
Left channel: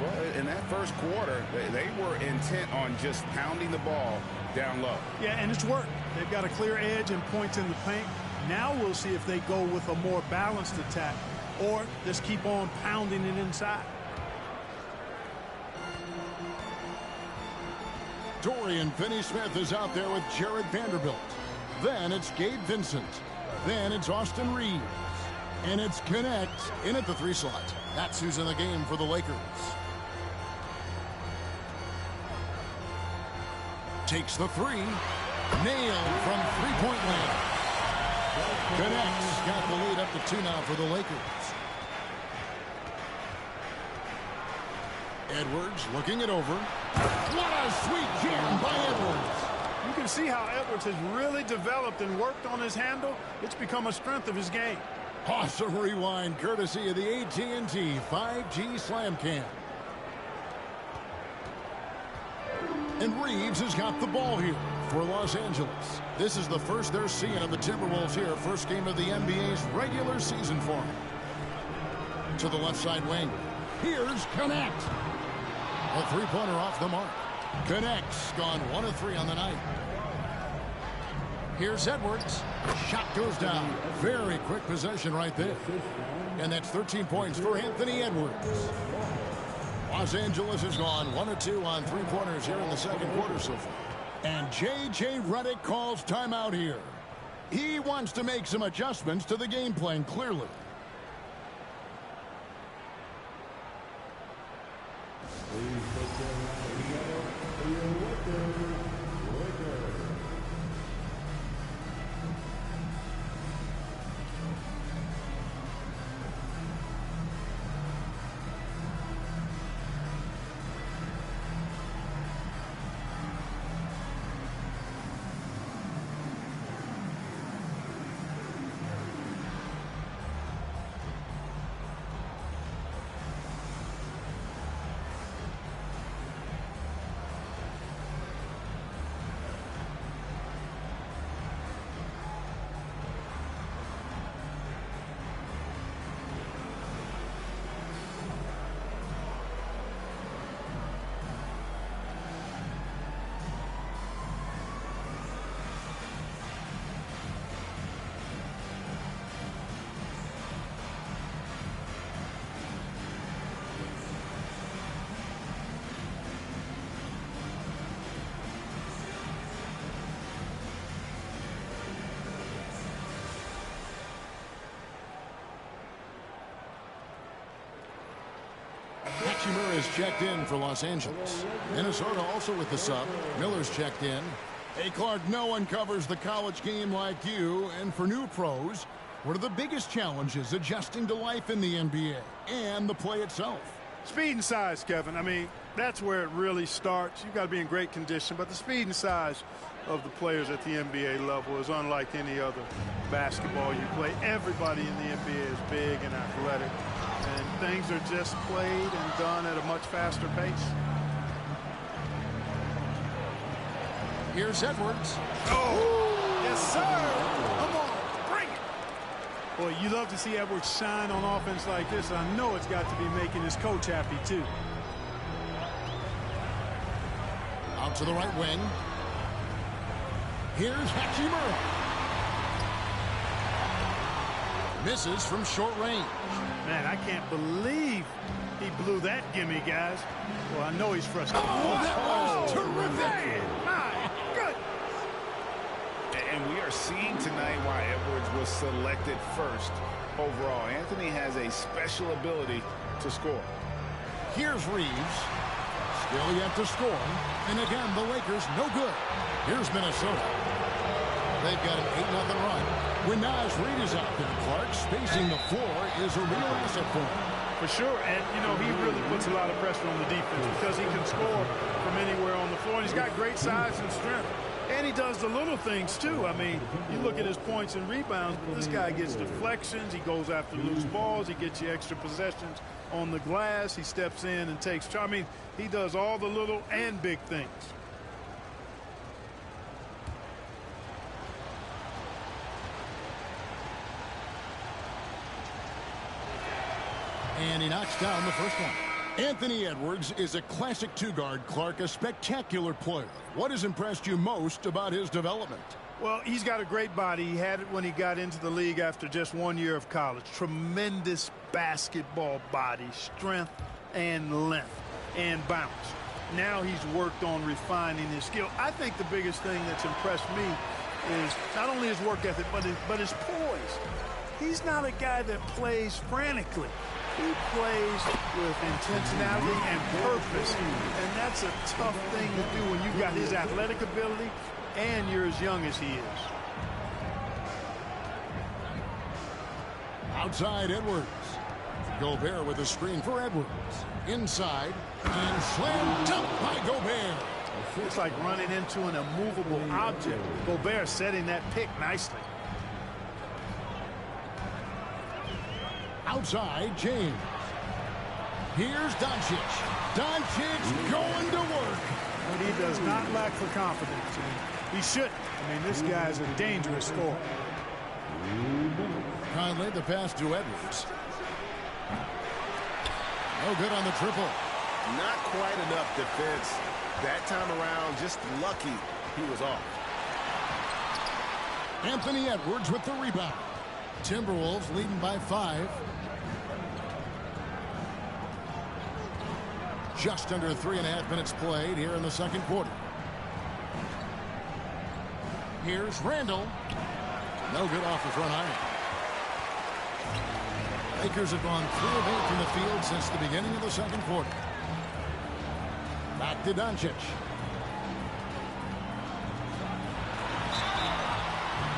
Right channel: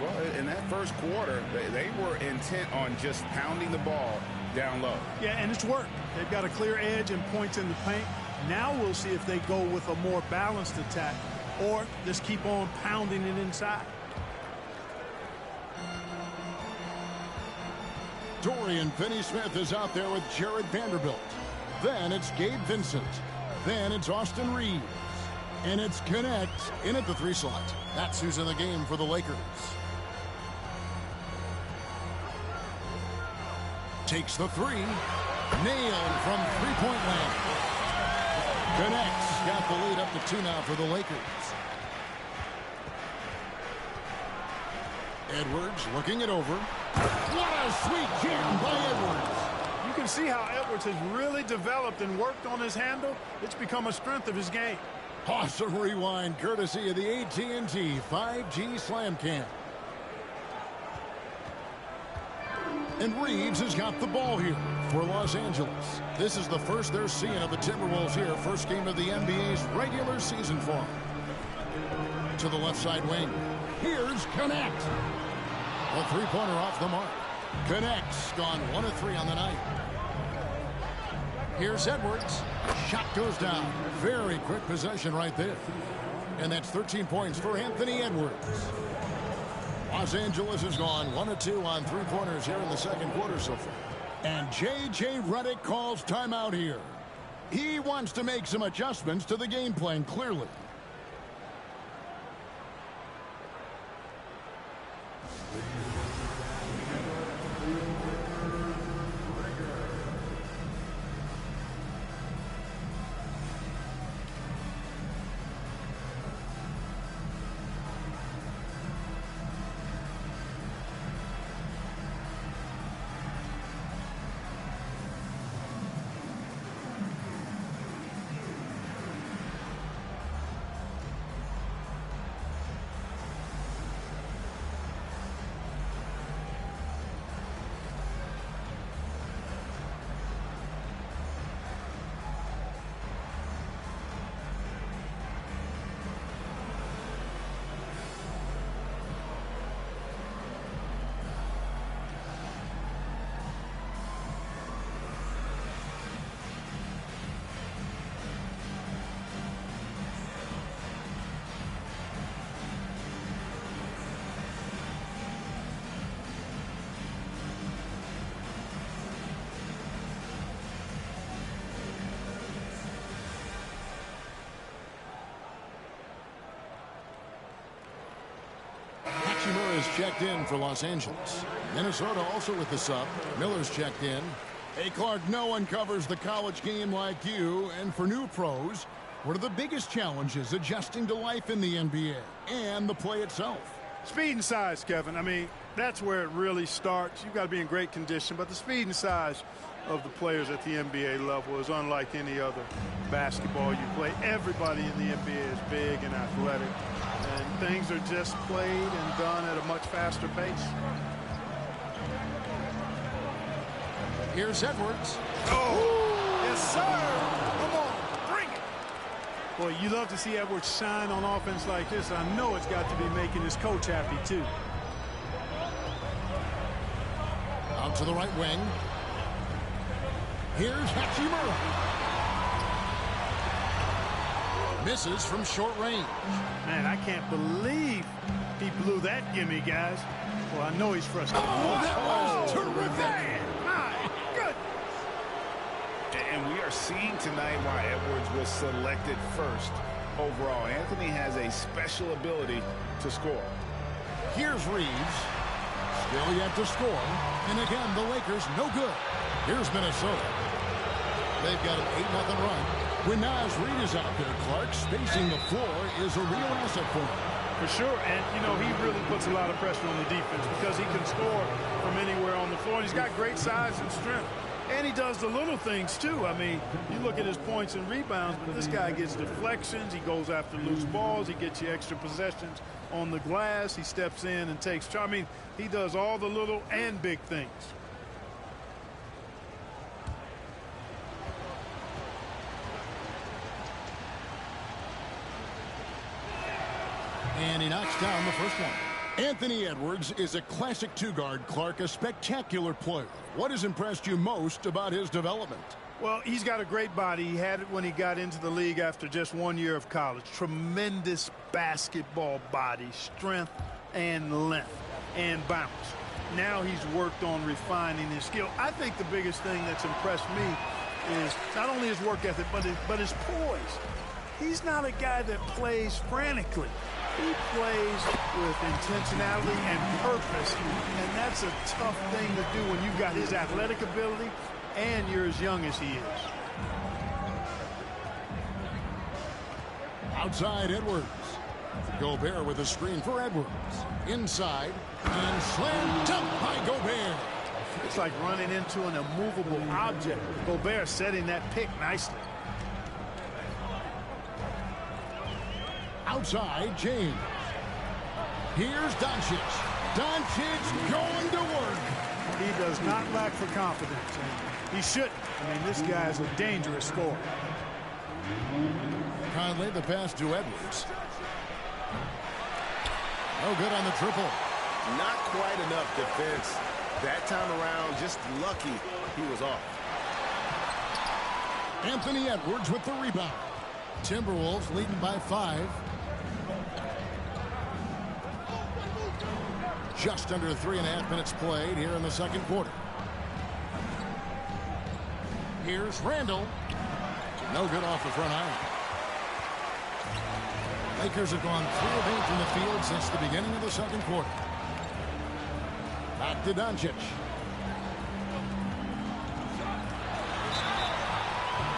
Well, in that first quarter, they were intent on just pounding the ball down low. Yeah, and it's worked. They've got a clear edge and points in the paint. Now we'll see if they go with a more balanced attack or just keep on pounding it inside. Dorian Finney-Smith is out there with Jared Vanderbilt. Then it's Gabe Vincent. Then it's Austin Reeves. And it's Connect in at the 3 slot. That's who's in the game for the Lakers. Takes the 3. Nailed from three-point land. Connects. Got the lead up to 2 now for the Lakers. Edwards looking it over. What a sweet jam by Edwards. You can see how Edwards has really developed and worked on his handle. It's become a strength of his game. Awesome rewind courtesy of the AT&T 5G Slam Cam. And Reeves has got the ball here for Los Angeles. This is the first they're seeing of the Timberwolves here. First game of the NBA's regular season for them. To the left side wing. Here's Connect. A three-pointer off the mark. Connects. Gone 1 of 3 on the night. Here's Edwards. Shot goes down. Very quick possession right there. And that's 13 points for Anthony Edwards. Los Angeles has gone 1 of 2 on three-pointers here in the second quarter so far. And J.J. Redick calls timeout here. He wants to make some adjustments to the game plan, clearly. Hachimura is checked in for Los Angeles. Minnesota also with the sub. Miller's checked in. Hey, Clark, no one covers the college game like you. And for new pros, what are the biggest challenges adjusting to life in the NBA and the play itself? Speed and size, Kevin. I mean, that's where it really starts. You've got to be in great condition, but the speed and size of the players at the NBA level is unlike any other basketball you play. Everybody in the NBA is big and athletic, and things are just played and done at a much faster pace. Here's Edwards. Oh, yes, sir. Come on, bring it. Boy, you love to see Edwards shine on offense like this. I know it's got to be making his coach happy, too. Out to the right wing. Here's Hachimura. Misses from short range. Man, I can't believe he blew that gimme, guys. Well, I know he's frustrated. Oh, that was terrific. Man, my goodness. And we are seeing tonight why Edwards was selected first overall. Anthony has a special ability to score. Here's Reeves. Still yet to score. And again, the Lakers no good. Here's Minnesota. They've got an 8-0 run. When Naz Reid is out there, Clark, spacing the floor is a real asset for him. For sure, and, you know, he really puts a lot of pressure on the defense because he can score from anywhere on the floor. And he's got great size and strength. And he does the little things, too. I mean, you look at his points and rebounds, but this guy gets deflections. He goes after loose balls. He gets you extra possessions on the glass. He steps in and takes charge. I mean, he does all the little and big things. And he knocks down the first one. Anthony Edwards is a classic two-guard, Clark, a spectacular player. What has impressed you most about his development? Well, he's got a great body. He had it when he got into the league after just 1 year of college. Tremendous basketball body, strength and length and bounce. Now he's worked on refining his skill. I think the biggest thing that's impressed me is not only his work ethic, but his poise. He's not a guy that plays frantically. He plays with intentionality and purpose, and that's a tough thing to do when you've got his athletic ability and you're as young as he is. Outside Edwards. Gobert with a screen for Edwards. Inside, and slam dunk by Gobert. It's like running into an immovable object. Gobert setting that pick nicely. Outside, James. Here's Doncic. Doncic going to work. But he does not lack for confidence, and he shouldn't. I mean, this guy is a dangerous scorer. Conley, the pass to Edwards. No good on the triple. Not quite enough defense. That time around, just lucky he was off. Anthony Edwards with the rebound. Timberwolves leading by 5. Just under 3.5 minutes played here in the second quarter. Here's Randall. No good off the front iron. Lakers have gone 3 of 8 from the field since the beginning of the second quarter. Back to Doncic.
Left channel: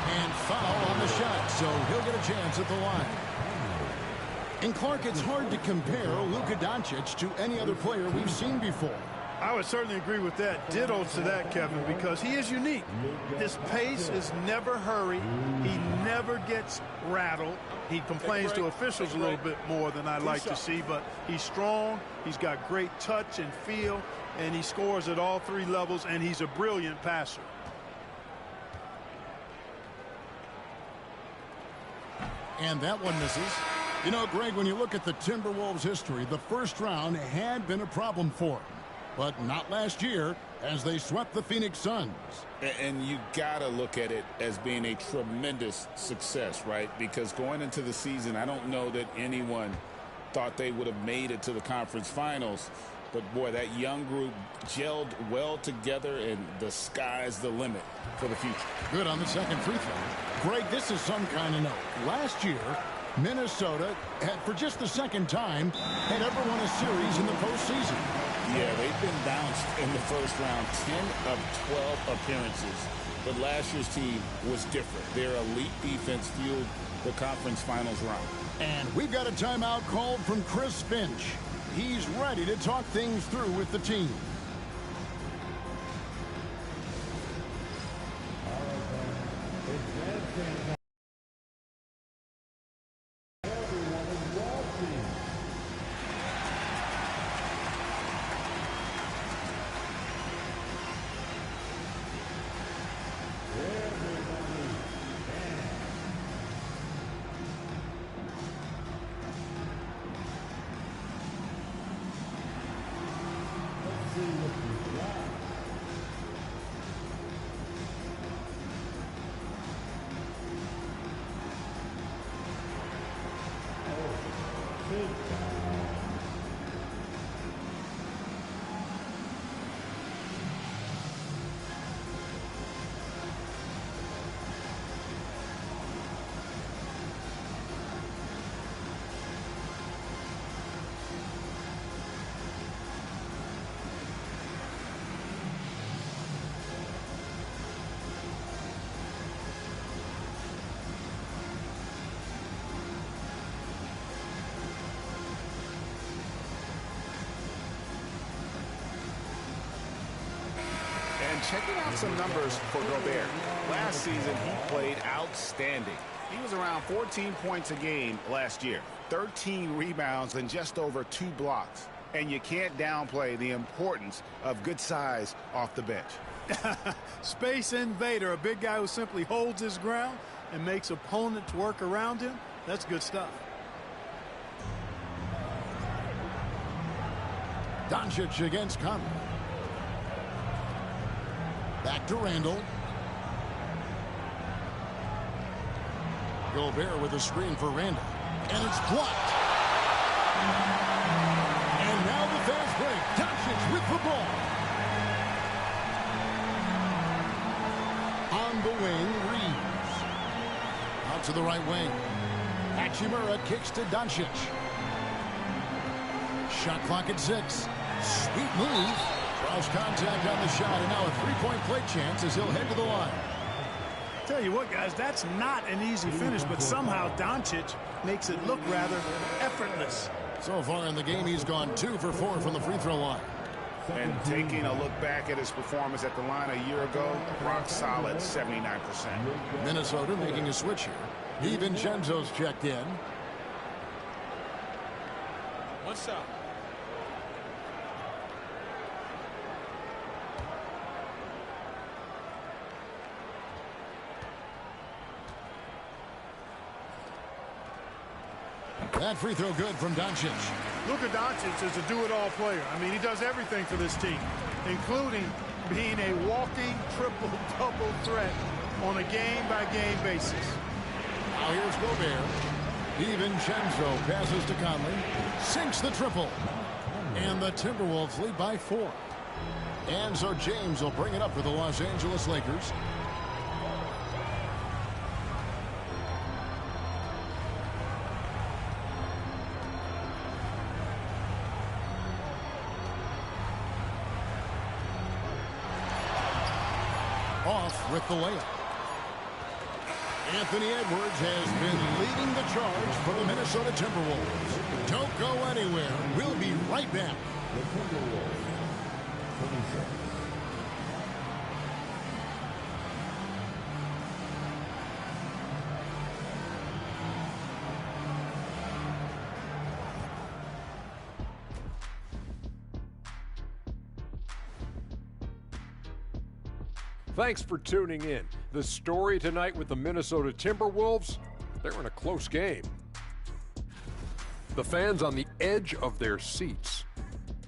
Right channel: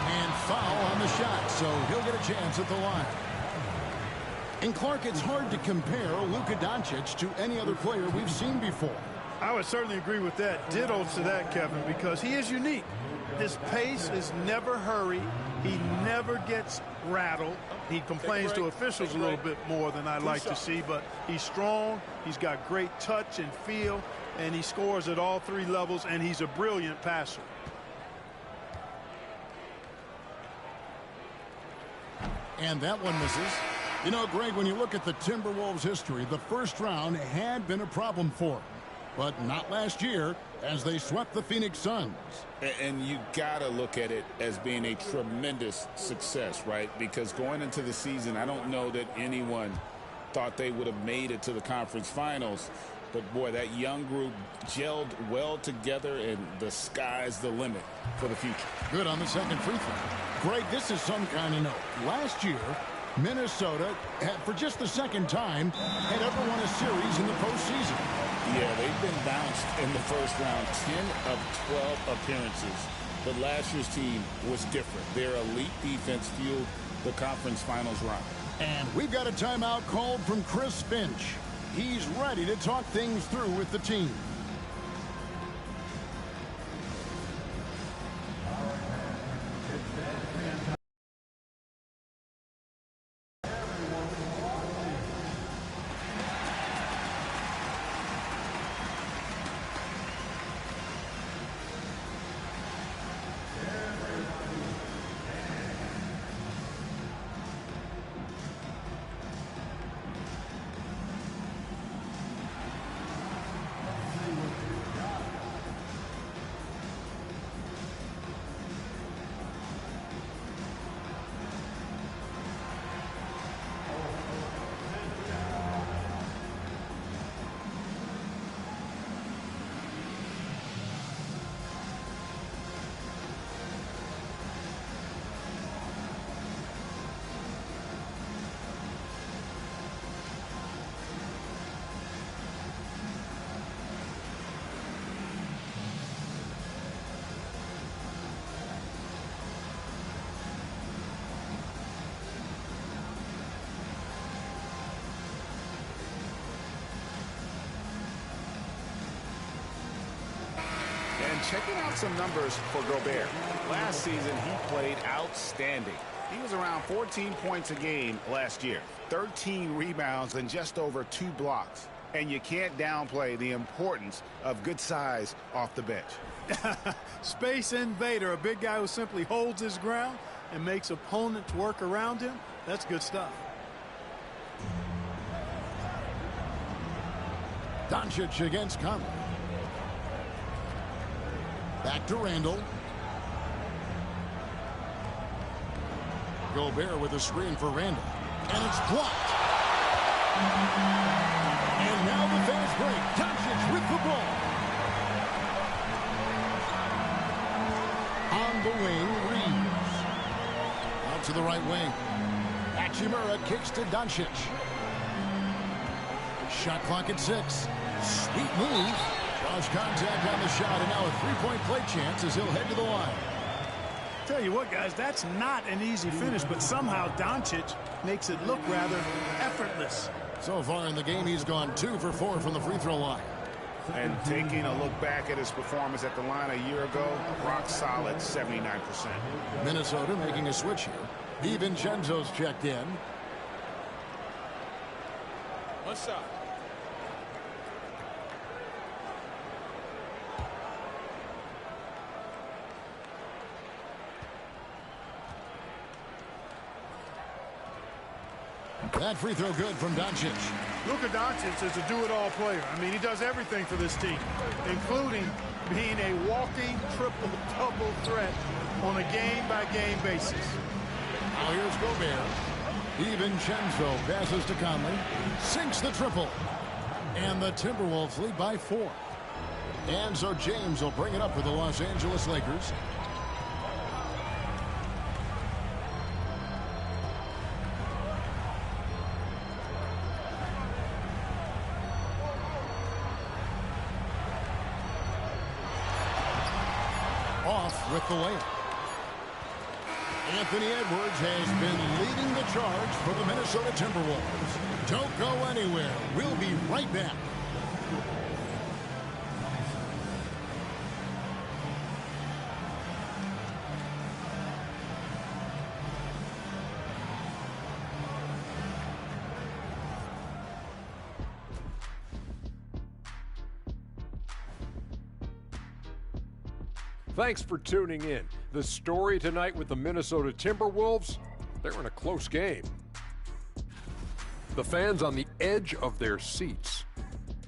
And foul on the shot, so he'll get a chance at the line. And Clark, it's hard to compare Luka Doncic to any other player we've seen before. I would certainly agree with that. Ditto to that, Kevin, because he is unique. His pace is never hurried. He never gets rattled. He complains to officials a little bit more than I'd like to see, but he's strong. He's got great touch and feel, and he scores at all 3 levels, and he's a brilliant passer. And that one misses. You know, Greg, when you look at the Timberwolves' history, the first round had been a problem for them. But not last year, as they swept the Phoenix Suns. And you got to look at it as being a tremendous success, right? Because going into the season, I don't know that anyone thought they would have made it to the conference finals. But, boy, that young group gelled well together, and the sky's the limit for the future. Good on the second free throw. Greg, this is some kind of note. Last year, Minnesota had, for just the second time, had ever won a series in the postseason. Yeah, they've been bounced in the first round, 10 of 12 appearances. But last year's team was different. Their elite defense fueled the conference finals run. And we've got a timeout called from Chris Finch. He's ready to talk things through with the team. And checking out some numbers for Gobert. Last season, he played outstanding. He was around 14 points a game last year, 13 rebounds, and just over 2 blocks. And you can't downplay the importance of good size off the bench. Space invader, a big guy who simply holds his ground and makes opponents work around him. That's good stuff. Doncic against Conley. Back to Randall. Gobert with a screen for Randall. And it's blocked. And now the fast break. Doncic with the ball. On the wing, Reeves. Out to the right wing. Hachimura kicks to Doncic. Shot clock at 6. Sweet move. Draws contact on the shot, and now a three-point play chance as he'll head to the line. Tell you what, guys, that's not an easy finish, but somehow Doncic makes it look rather effortless. So far in the game, he's gone 2 for 4 from the free throw line. And taking a look back at his performance at the line a year ago, a rock solid 79%. Minnesota making a switch here. DiVincenzo's checked in. One shot. That free throw good from Doncic. Luka Doncic is a do-it-all player. I mean, he does everything for this team, including being a walking triple-double threat on a game-by-game basis. Now here's Gobert. DiVincenzo passes to Conley. Sinks the triple. And the Timberwolves lead by 4. And so James will bring it up for the Los Angeles Lakers. Off with the layup. Anthony Edwards has been leading the charge for the Minnesota Timberwolves. Don't go anywhere. We'll be right back. Thanks for tuning in. The story tonight with the Minnesota Timberwolves, they're in a close game. The fans on the edge of their seats.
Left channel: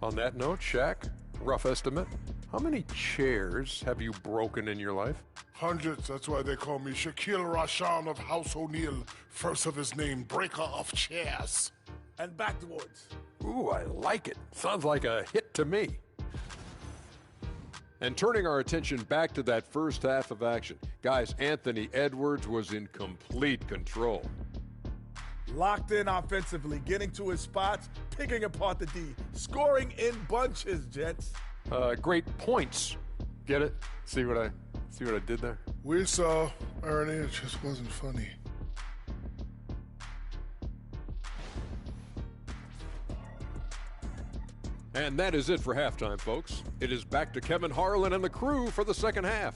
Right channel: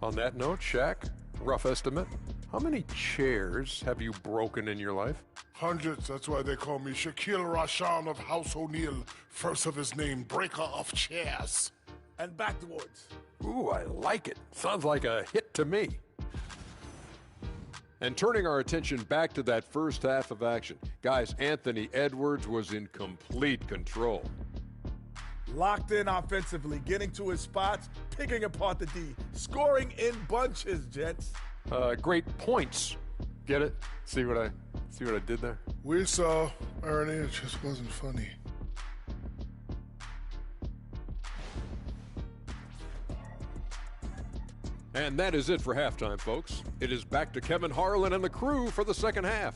On that note, Shaq, rough estimate, how many chairs have you broken in your life? Hundreds. That's why they call me Shaquille Rashan of House O'Neal. First of his name, breaker of chairs. And backwards. Ooh, I like it. Sounds like a hit to me. And turning our attention back to that first half of action, guys, Anthony Edwards was in complete control. Locked in offensively, getting to his spots, picking apart the D, scoring in bunches, gents. Great points. Get it? See what I did there? We saw, Ernie, it just wasn't funny. And that is it for halftime, folks. It is back to Kevin Harlan and the crew for the second half.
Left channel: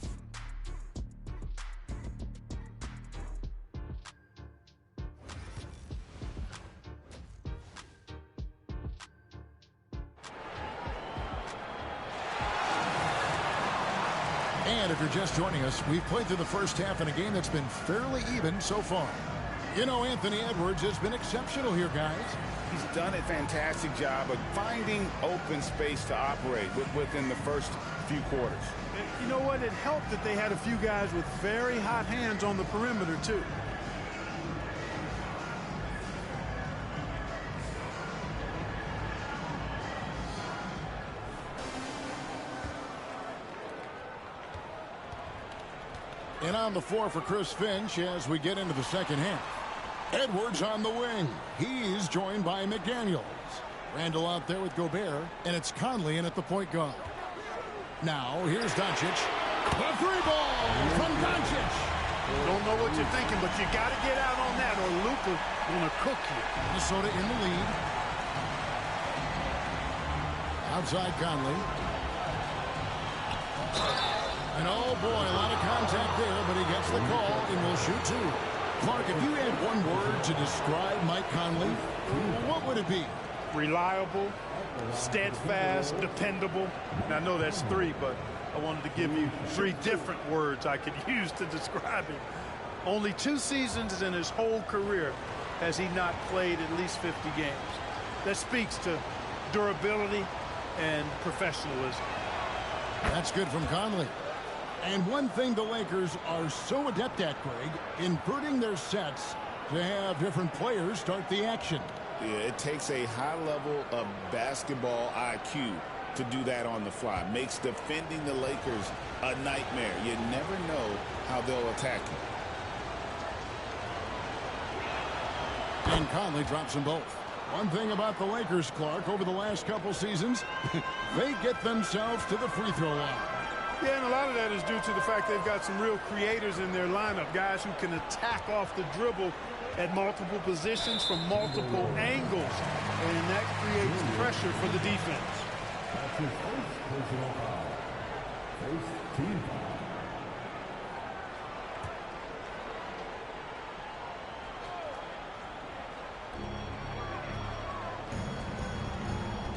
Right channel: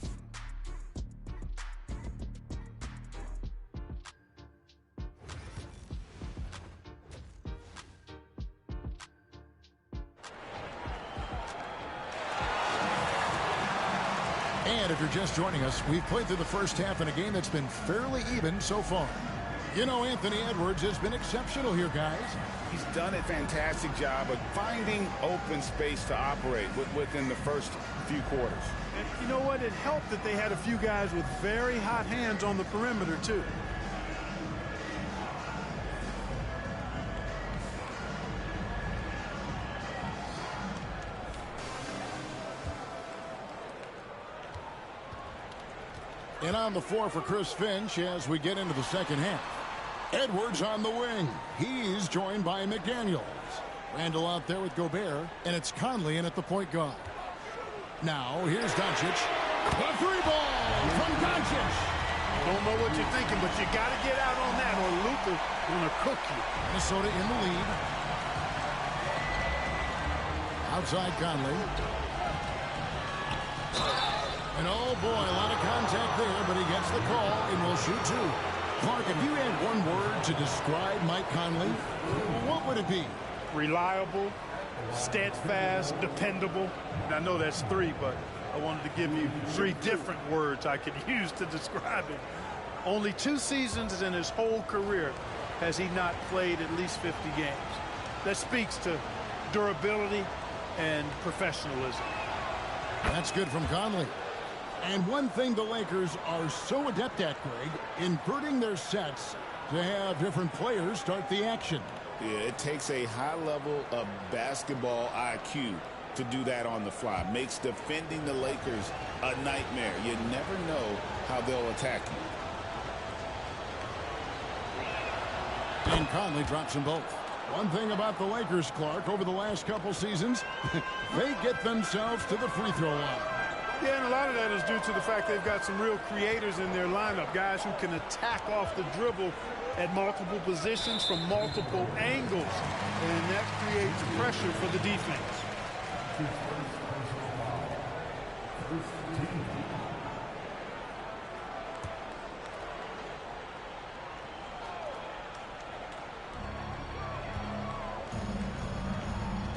And if you're just joining us, we've played through the first half in a game that's been fairly even so far. You know, Anthony Edwards has been exceptional here, guys. He's done a fantastic job of finding open space to operate within the first few quarters. And you know what? It helped that they had a few guys with very hot hands on the perimeter, too. And on the floor for Chris Finch as we get into the second half. Edwards on the wing. He's joined by McDaniels. Randall out there with Gobert, and it's Conley in at the point guard. Now, here's Doncic. The three ball from Doncic. Don't know what you're thinking, but you got to get out on that or Luka gonna cook you. Minnesota in the lead. Outside Conley. And oh boy, a lot of contact there, but he gets the call and will shoot 2. Clark, if you had one word to describe Mike Conley, what would it be? Reliable, steadfast, dependable. And I know that's 3, but I wanted to give you 3 different words I could use to describe him. Only 2 seasons in his whole career has he not played at least 50 games. That speaks to durability, and professionalism. That's good from Conley. And one thing the Lakers are so adept at, Greg, inverting their sets to have different players start the action. Yeah, it takes a high level of basketball IQ to do that on the fly. Makes defending the Lakers a nightmare. You never know how they'll attack you. And Conley drops them both. One thing about the Lakers, Clark, over the last couple seasons, they get themselves to the free throw line. Yeah, and a lot of that is due to the fact they've got some real creators in their lineup, guys who can attack off the dribble at multiple positions from multiple angles, and that creates pressure for the defense. That's his first personal foul. First team foul.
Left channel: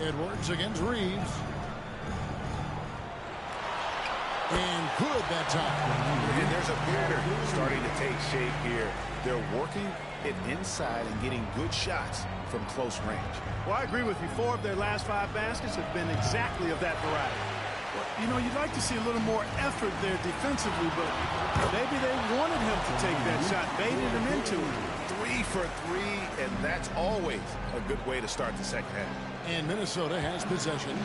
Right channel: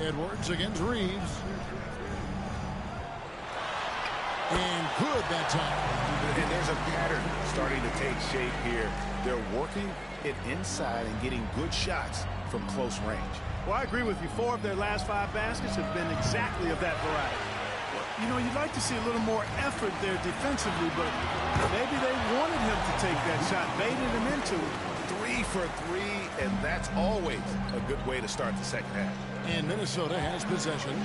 Edwards against Reeves. And good that time. And there's a pattern starting to take shape here. They're working it inside and getting good shots from close range. Well, I agree with you. 4 of their last 5 baskets have been exactly of that variety. Well, you know, you'd like to see a little more effort there defensively, but maybe they wanted him to take that shot, baited him into it. 3 for 3, and that's always a good way to start the second half. And Minnesota has possession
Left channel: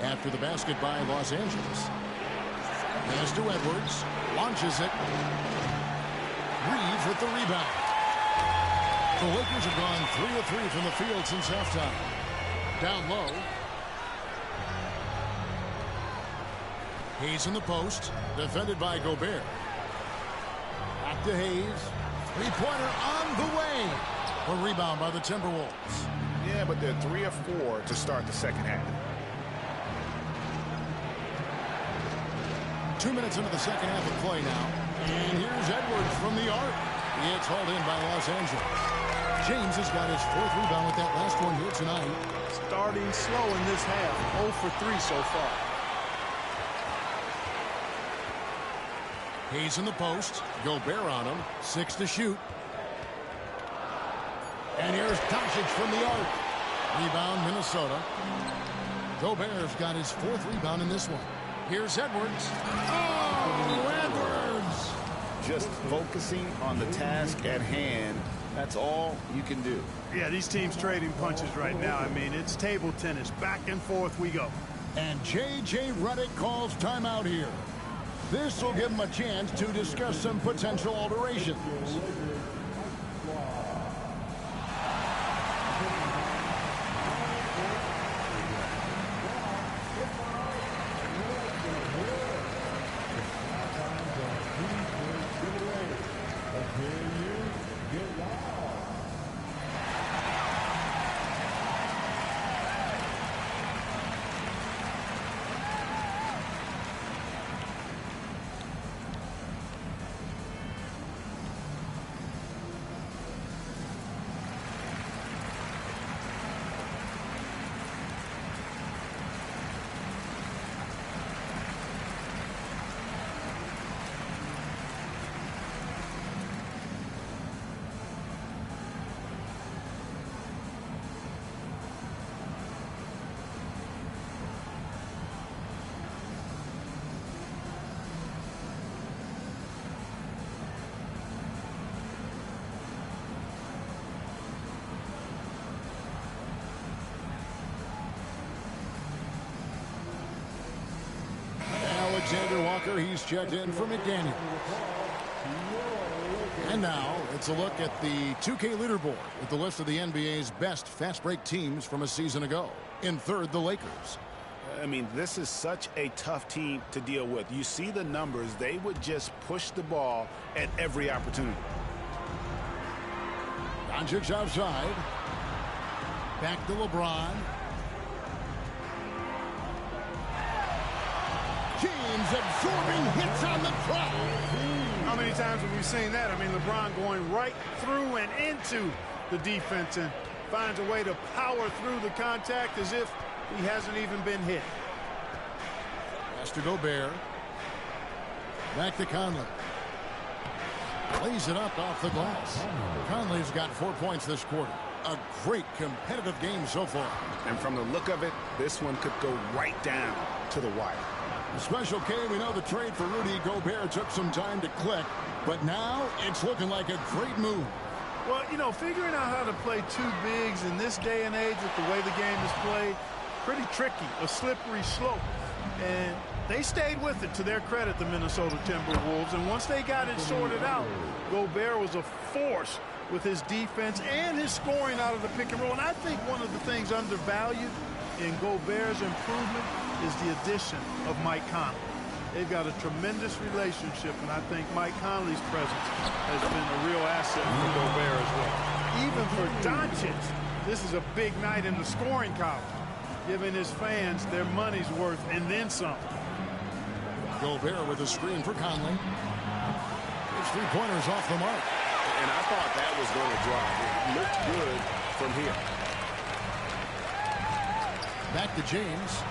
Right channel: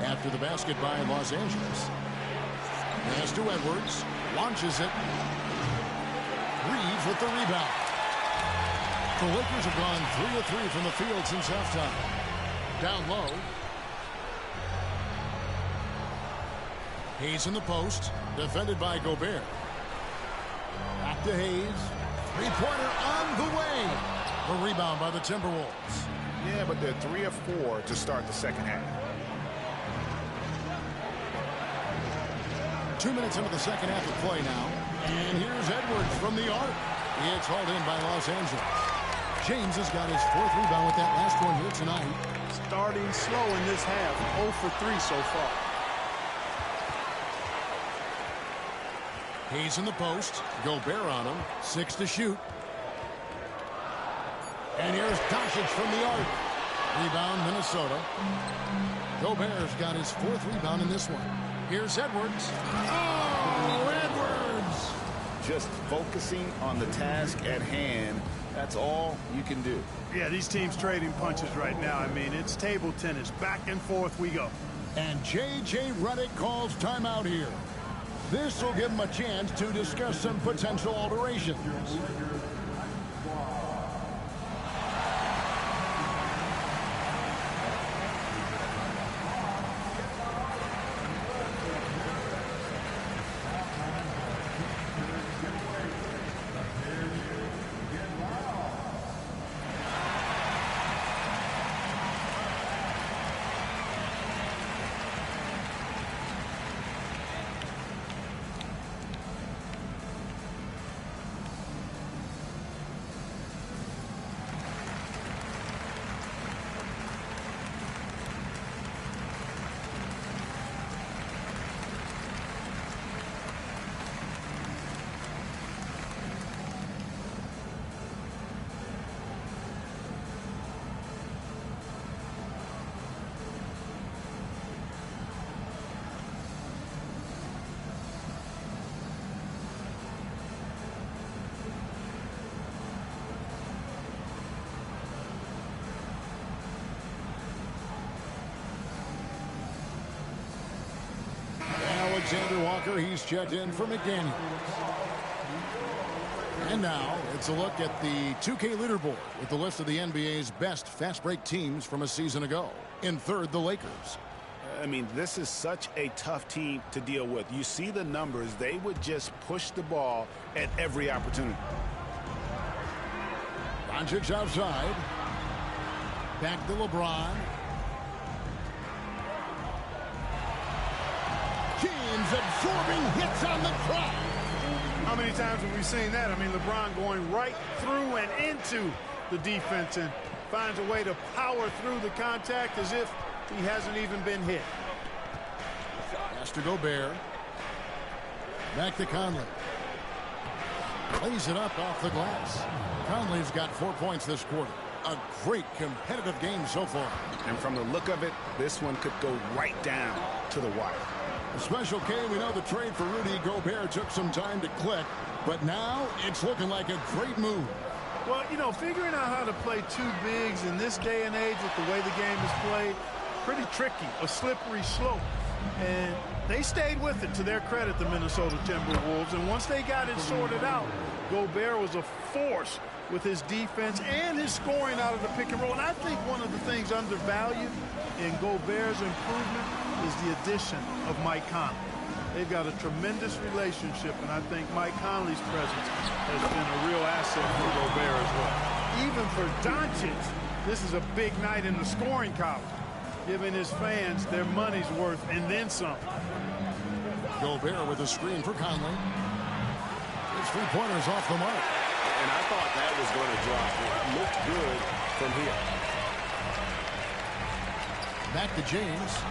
after the basket by Los Angeles. Pass to Edwards. Launches it. Reeves with the rebound. The Lakers have gone 3 of 3 from the field since halftime. Down low. Hayes in the post. Defended by Gobert. Back to Hayes. Three-pointer on the way. The rebound by the Timberwolves. Yeah, but they're 3 of 4 to start the second half. 2 minutes into the second half of play now. And here's Edwards from the arc. It's hauled in by Los Angeles. James has got his 4th rebound with that last one here tonight. Starting slow in this half. 0 for 3 so far. Hayes in the post. Gobert on him. 6 to shoot. And here's Doncic from the arc. Rebound, Minnesota. Gobert's got his 4th rebound in this one. Here's Edwards. Oh, Edwards! Just focusing on the task at hand. That's all you can do. Yeah, these teams trading punches right now. I mean, it's table tennis. Back and forth we go. And J.J. Redick calls timeout here. This will give him a chance to discuss some potential alterations. Alexander Walker, he's checked in for McDaniels. And now it's a look at the 2K leaderboard with the list of the NBA's best fast break teams from a season ago. In 3rd, the Lakers. I mean, this is such a tough team to deal with. You see the numbers. They would just push the ball at every opportunity. Doncic outside. Back to LeBron. James absorbing hits on the drive. How many times have we seen that? I mean, LeBron going right through and into the defense and finds a way to power through the contact as if he hasn't even been hit. Pass to Gobert. Back to Conley. Lays it up off the glass. Conley's got 4 points this quarter. A great competitive game so far. And from the look of it, this one could go right down to the wire. Special K, we know the trade for Rudy Gobert took some time to click, but now it's looking like a great move. Well, you know, figuring out how to play two bigs in this day and age with the way the game is played, pretty tricky, a slippery slope. And they stayed with it, to their credit, the Minnesota Timberwolves. And once they got it sorted out, Gobert was a force with his defense and his scoring out of the pick and roll. And I think one of the things undervalued in Gobert's improvement is the addition of Mike Conley. They've got a tremendous relationship, and I think Mike Conley's presence has been a real asset for Gobert as well. Even for Doncic, this is a big night in the scoring column, giving his fans their money's worth and then some. Gobert with a screen for Conley. His three-pointers off the mark. And I thought that was going to drop. It looked good from here. Back to James.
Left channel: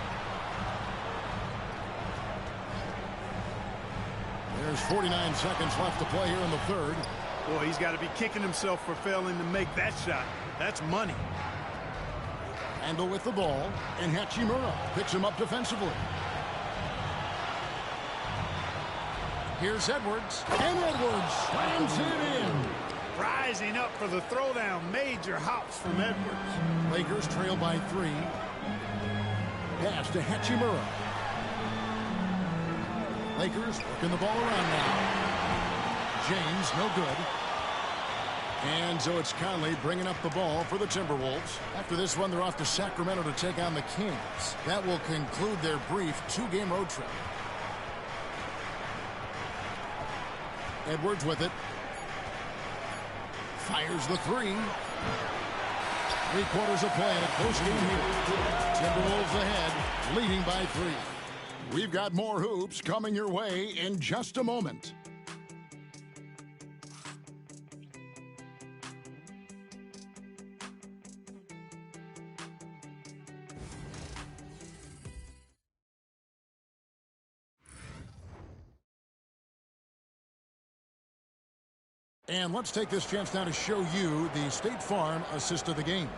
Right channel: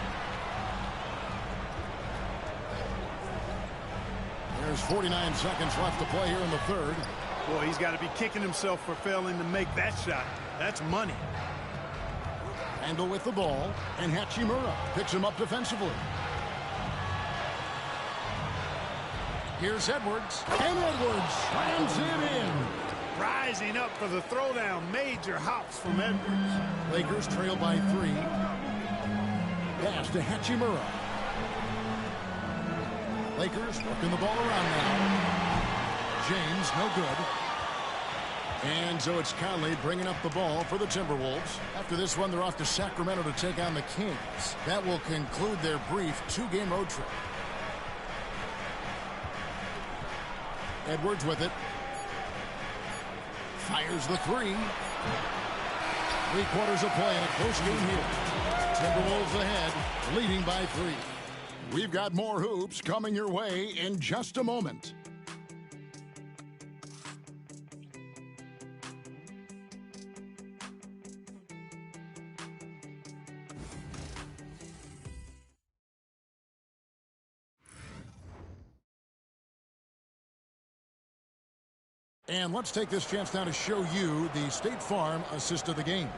There's 49 seconds left to play here in the third. Boy, he's got to be kicking himself for failing to make that shot. That's money. Randle with the ball, and Hachimura picks him up defensively. Here's Edwards, and Edwards slams it in. Rising up for the throwdown. Major hops from Edwards. Lakers trail by 3. Pass to Hachimura. Lakers working the ball around now. James, no good. And so it's Conley bringing up the ball for the Timberwolves. After this one, they're off to Sacramento to take on the Kings. That will conclude their brief 2-game road trip. Edwards with it. Fires the 3. 3 quarters of play in a close game here. Timberwolves ahead, leading by 3. We've got more hoops coming your way in just a moment. And let's take this chance now to show you the State Farm assist of the game.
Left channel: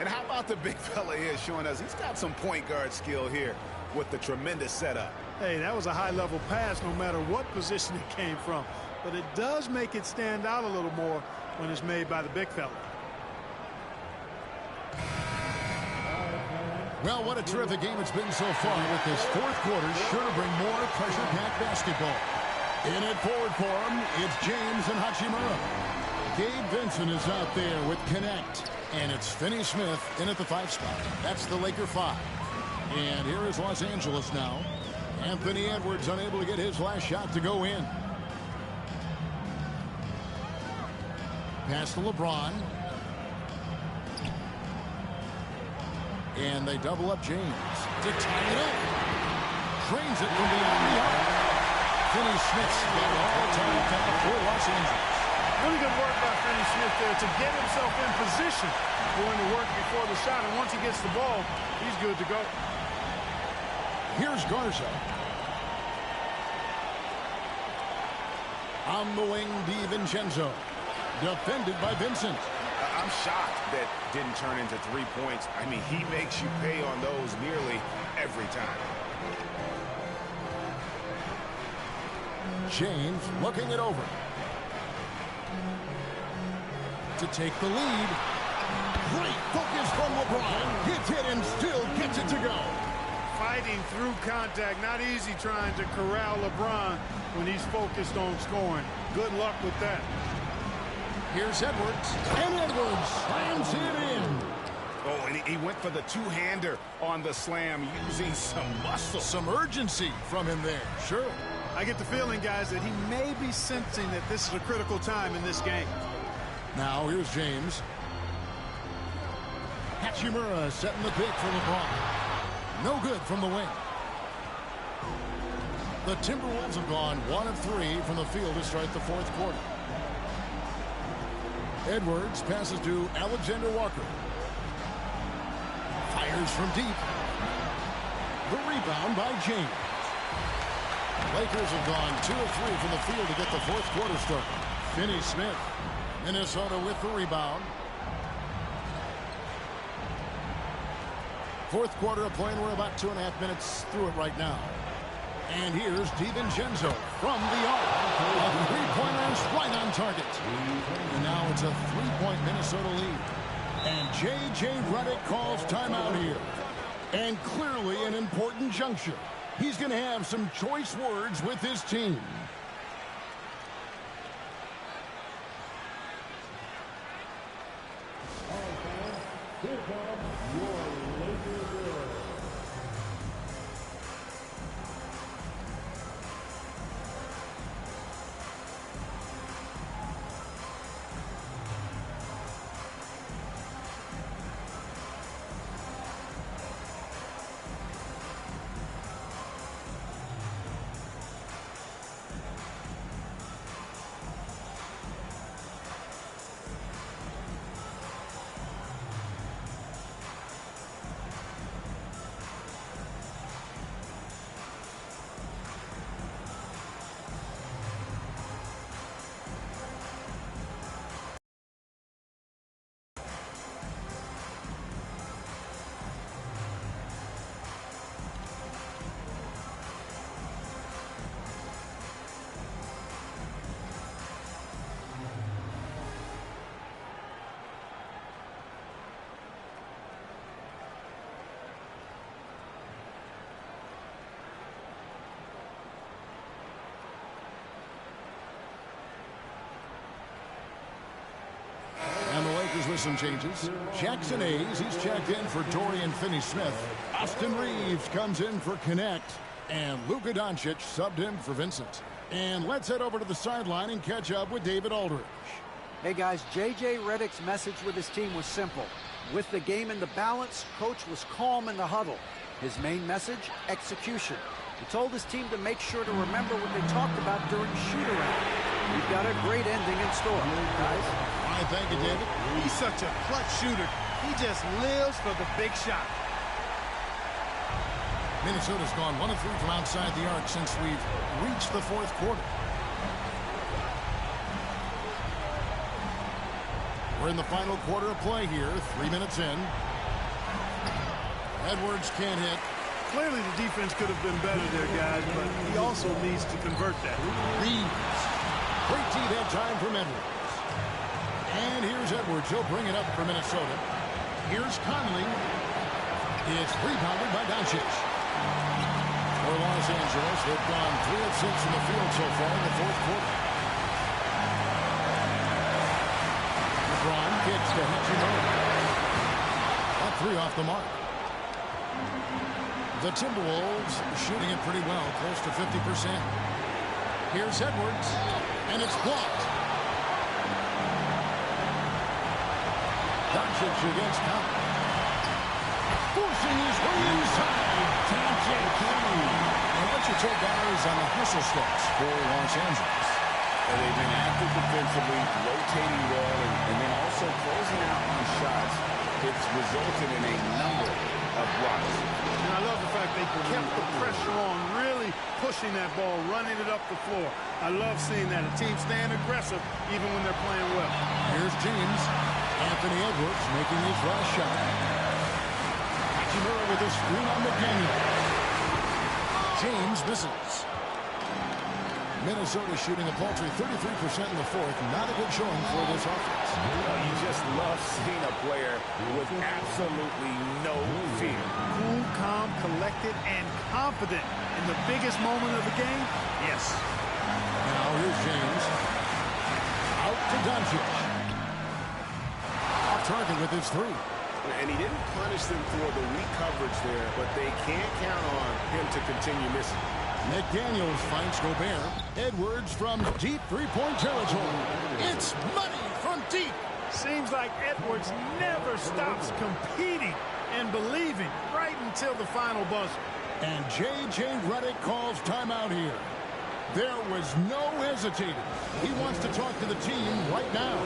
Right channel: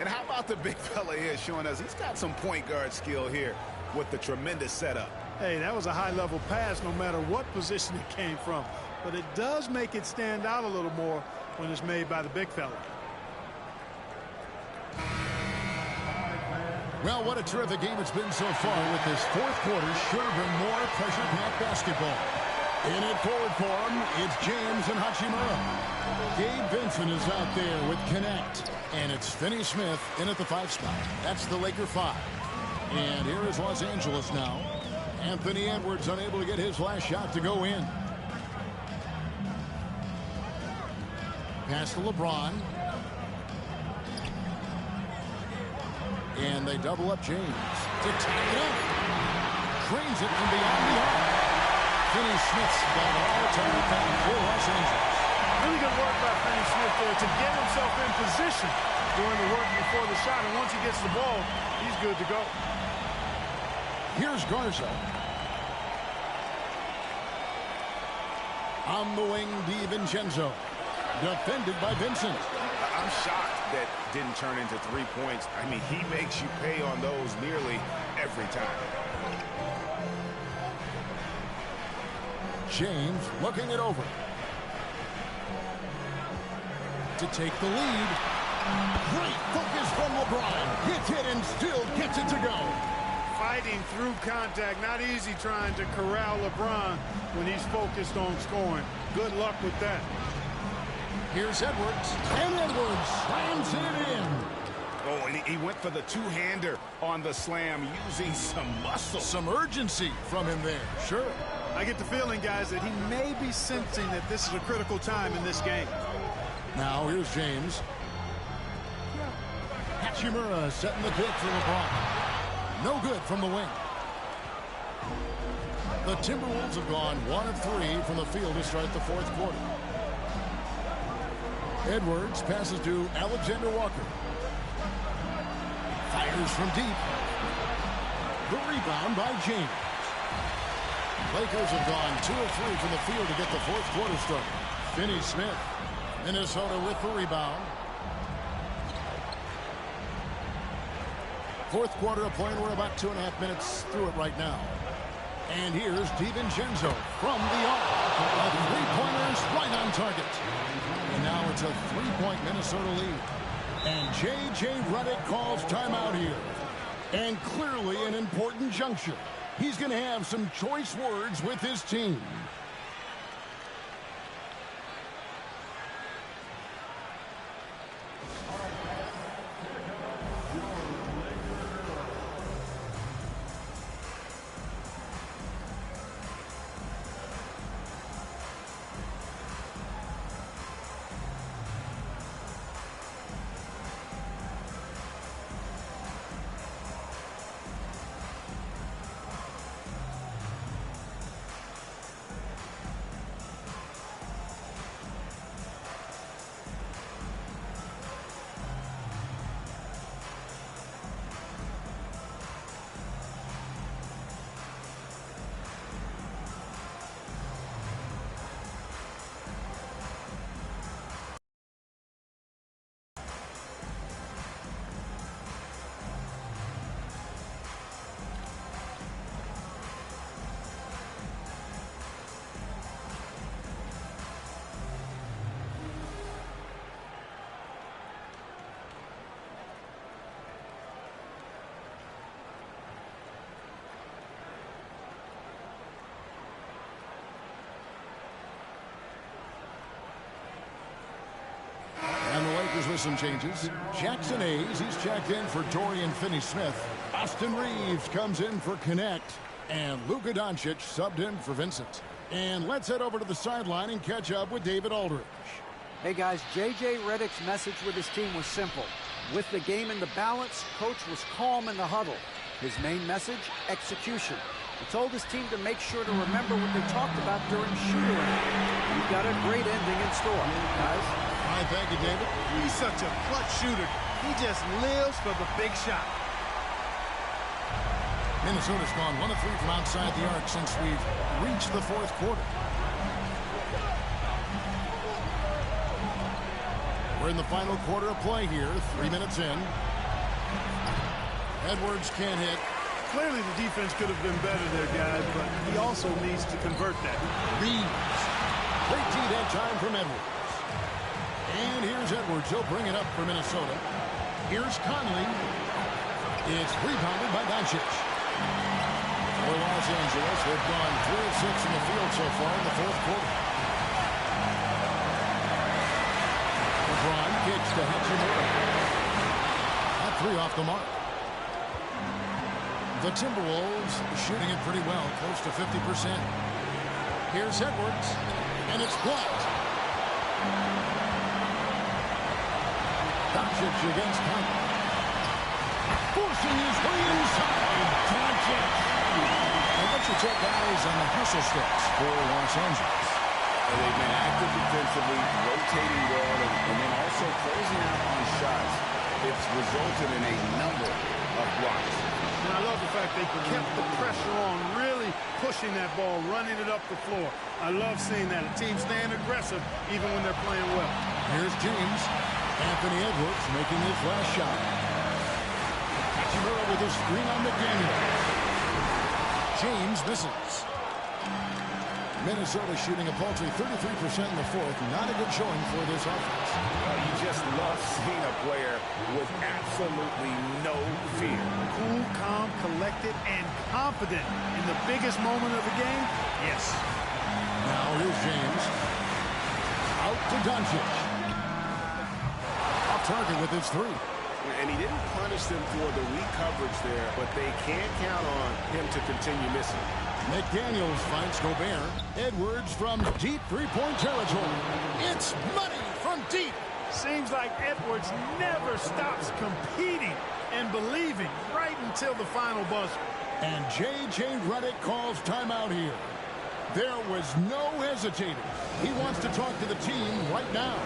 And how about the big fella here showing us he's got some point guard skill here with the tremendous setup. Hey, that was a high-level pass no matter what position it came from. But it does make it stand out a little more when it's made by the big fella. Well, what a terrific game it's been so far, with this fourth quarter sure to bring more pressure-packed basketball. In it forward for him, it's James and Hachimura. Gabe Vincent is out there with Connect. And it's Finney Smith in at the 5 spot. That's the Laker 5. And here is Los Angeles now. Anthony Edwards unable to get his last shot to go in. Pass to LeBron. And they double up James to tie it up. Cranes it from beyond the arc. Finney Smith's got it all tied up now for Los Angeles. Really good work by Finney Smith there to get himself in position doing the work before the shot. And once he gets the ball, he's good to go. Here's Garza. On the wing, DiVincenzo. Defended by Vincent. I'm shocked that didn't turn into 3 points. I mean, he makes you pay on those nearly every time. James looking it over. To take the lead. Great focus from LeBron. Hits it and still gets it to go. Fighting through contact. Not easy trying to corral LeBron when he's focused on scoring. Good luck with that. Here's Edwards. And Edwards slams it in. Oh, and he went for the two-hander on the slam using some muscle. Some urgency from him there. Sure. I get the feeling, guys, that he may be sensing that this is a critical time in this game. Now here's James. Hachimura setting the pick for LeBron. No good from the wing. The Timberwolves have gone 1 of 3 from the field to start the fourth quarter. Edwards passes to Alexander Walker. Fires from deep. The rebound by James. Lakers have gone 2 of 3 from the field to get the fourth quarter started. Finney Smith, Minnesota with the rebound. Fourth quarter of play, and we're about 2.5 minutes through it right now. And here's DiVincenzo from the arc. A three-pointer's right on target. And now it's a 3-point Minnesota lead. And J.J. Redick calls timeout here. And clearly an important juncture. He's going to have some choice words with his team. And the Lakers with some changes. Jackson Hayes, he's checked in for Dorian Finney-Smith. Austin Reeves comes in for Connect. And Luka Doncic subbed in for Vincent. And let's head over to the sideline and catch up with David Aldridge. Hey guys, J.J. Redick's message with his team was simple. With the game in the balance, coach was calm in the huddle. His main message, execution. He told his team to make sure to remember what they talked about during shoot-around. We've got a great ending in store, guys. Fine, thank you, David. He's such a clutch shooter. He just lives for the big shot. Minnesota's gone 1 of 3 from outside the arc since we've reached the fourth quarter. We're in the final quarter of play here, 3 minutes in. Edwards can't hit. Clearly the defense could have been better there, guys, but he also needs to convert that. Reeves. Great D that time from Edwards. And here's Edwards. He'll bring it up for Minnesota. Here's Conley. It's rebounded by Doncic. For Los Angeles, they've gone 3 of 6 from the field so far in the fourth quarter. LeBron kicks to Hachimura. That 3 off the mark. The Timberwolves shooting it pretty well, close to 50%. Here's Edwards, and it's blocked. Doncic against Conley. Forcing his way inside. Doncic. And what's your take, guys, on the hustle steps for Los Angeles? They've been active defensively, rotating well, and then also closing out on shots. It's resulted in a number of blocks. And I love the fact they kept the pressure on, really pushing that ball, running it up the floor. I love seeing that. A team staying aggressive even when they're playing well. Here's James. Anthony Edwards making his last shot. Hachimura with a screen on McDaniels. James misses. Minnesota shooting a paltry 33% in the fourth. Not a good showing for this offense. Well, you just love seeing a player with absolutely no fear. Cool, calm, collected, and confident in the biggest moment of the game. Yes. Now here's James. Out to Doncic. Off target with his 3. And he didn't punish them for the weak coverage there, but they can't count on him to continue missing. McDaniels finds Gobert. Edwards from deep three-point territory. It's money from deep. Seems like Edwards never stops competing and believing right until the final buzzer. And J.J. Redick calls timeout here. There was no hesitating. He wants to talk to the team right now.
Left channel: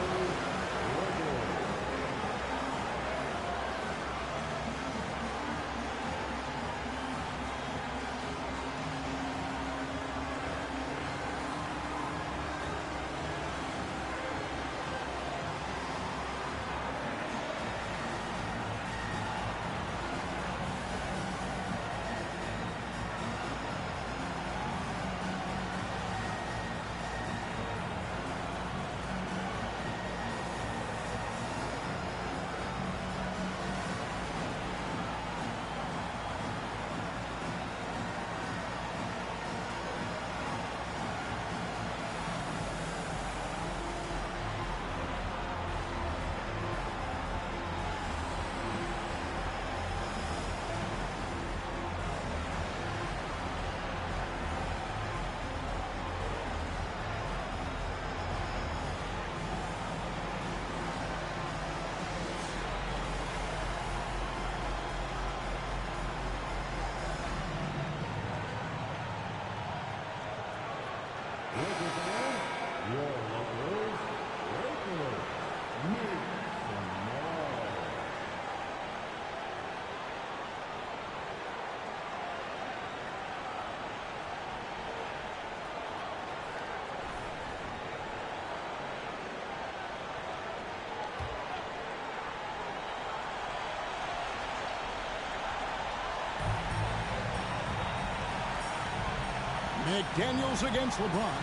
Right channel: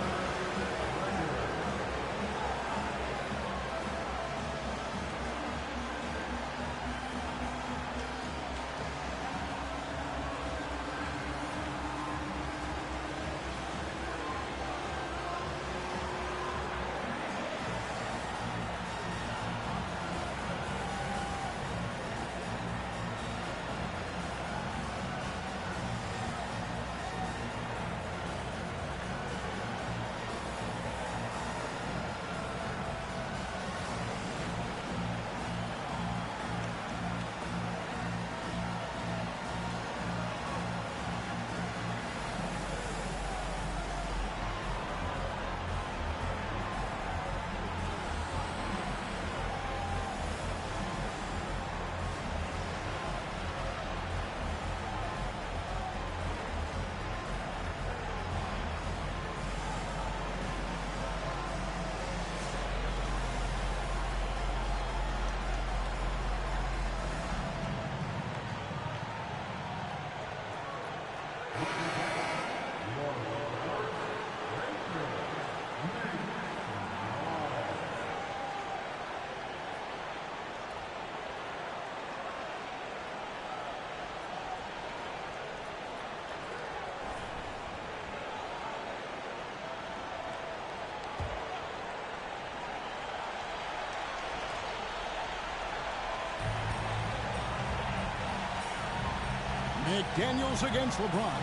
McDaniels against LeBron.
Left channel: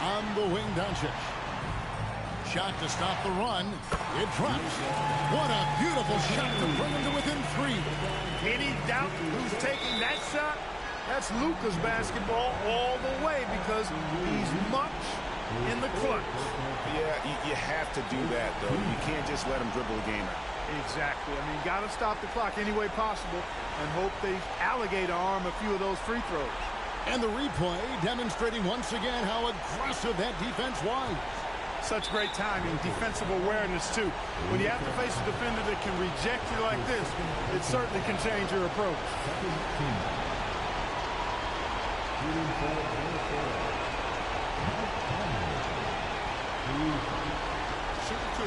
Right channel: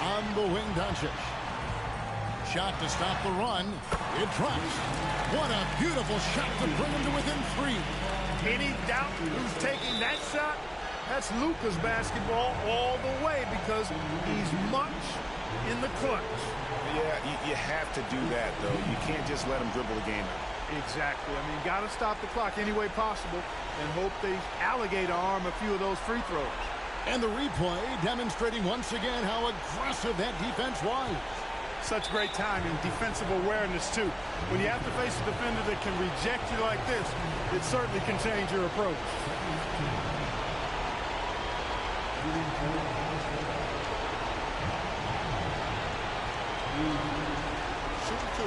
On the wing, Doncic. Shot to stop the run. It drops. What a beautiful shot to bring him to within 3. Any doubt who's taking that shot? That's Luka's basketball all the way because he's much in the clutch. Yeah, you have to do that, though. You can't just let him dribble the game out. Exactly. I mean, got to stop the clock any way possible and hope they alligator arm a few of those free throws. And the replay demonstrating once again how aggressive that defense was. Such great timing, defensive awareness, too. When you have to face a defender that can reject you like this, it certainly can change your approach. Shooter 2.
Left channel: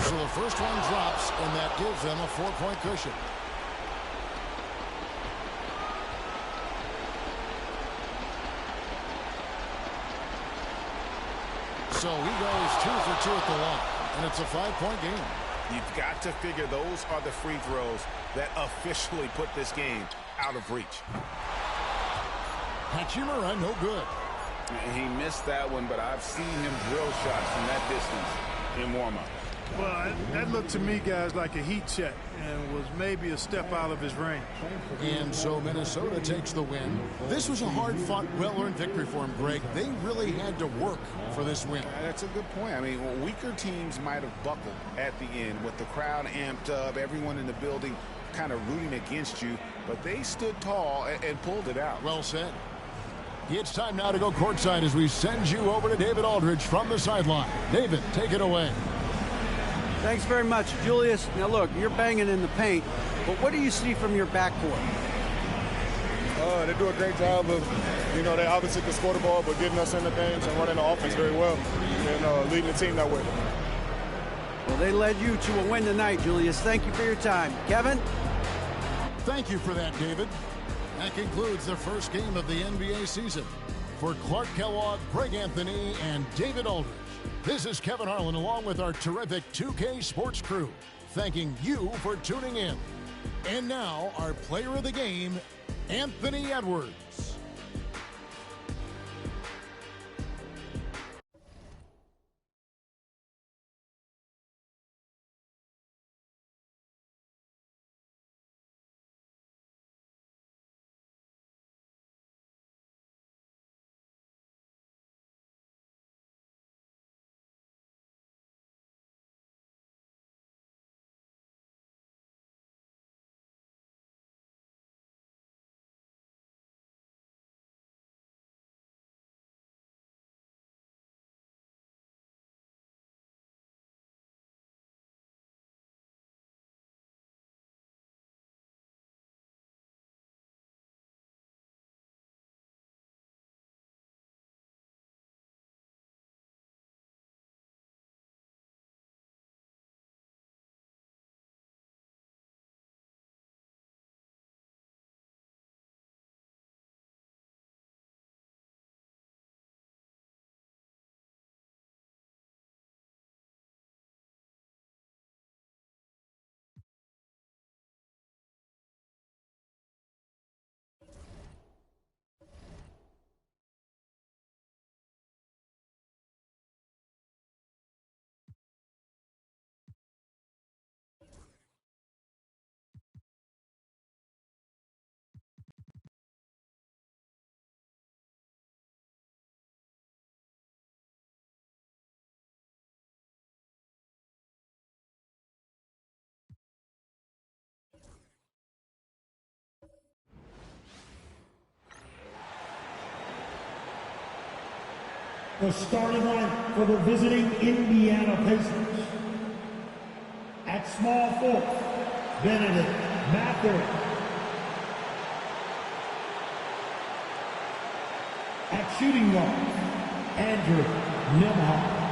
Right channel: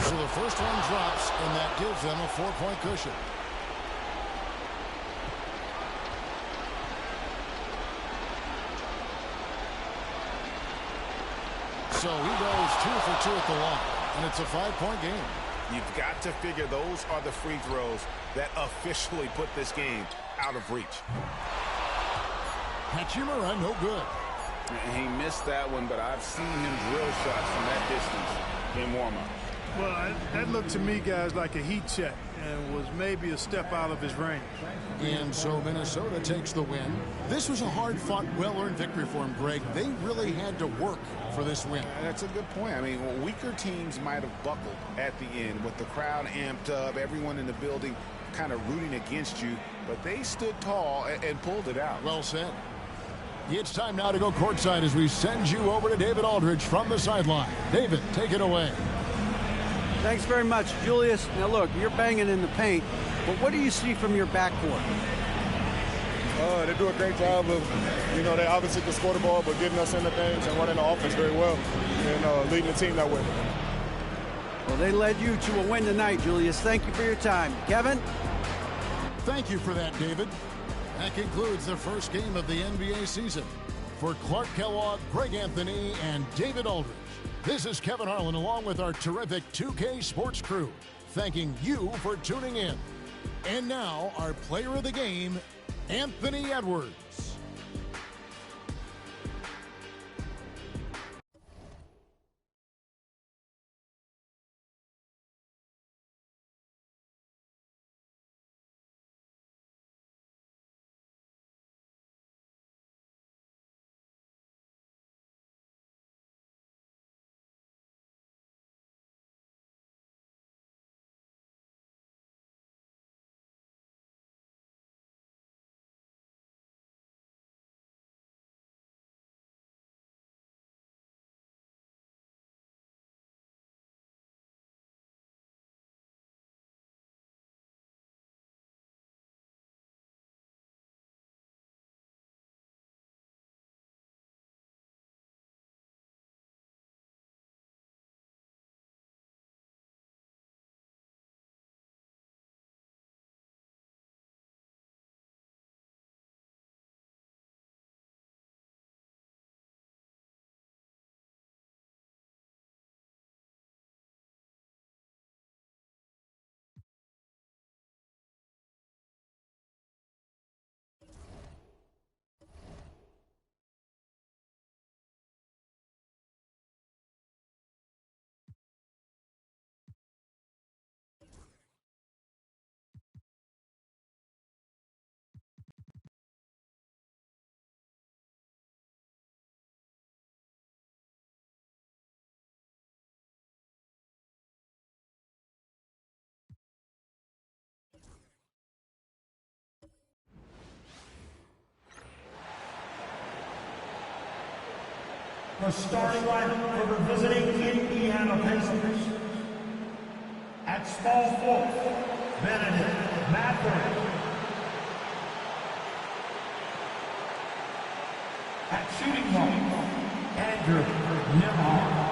So the first one drops, and that gives them a 4-point cushion. So he goes 2 for 2 at the line, and it's a 5-point game. You've got to figure those are the free throws that officially put this game out of reach. Hachimura, no good. He missed that one, but I've seen him drill shots from that distance in warm-ups. Well, that looked to me, guys, like a heat check and was maybe a step out of his range. And so Minnesota takes the win. This was a hard-fought, well-earned victory for him, Greg. They really had to work for this win. That's a good point. I mean, weaker teams might have buckled at the end with the crowd amped up, everyone in the building kind of rooting against you, but they stood tall and pulled it out. Well said. It's time now to go courtside as we send you over to David Aldridge from the sideline. David, take it away. Thanks very much, Julius. Now, look, you're banging in the paint, but what do you see from your backcourt? They do a great job of, they obviously can score the ball, but getting us into things and running the offense very well and leading the team that way. Well, they led you to a win tonight, Julius. Thank you for your time. Kevin? Thank you for that, David. That concludes the first game of the NBA season. For Clark Kellogg, Greg Anthony, and David Aldridge, this is Kevin Harlan along with our terrific 2K Sports crew, thanking you for tuning in. And now, our player of the game, Anthony Edwards. The starting line for the visiting Indiana Pacers. At small forward, Benedict Mathurin. At shooting guard, Andrew Nembhard.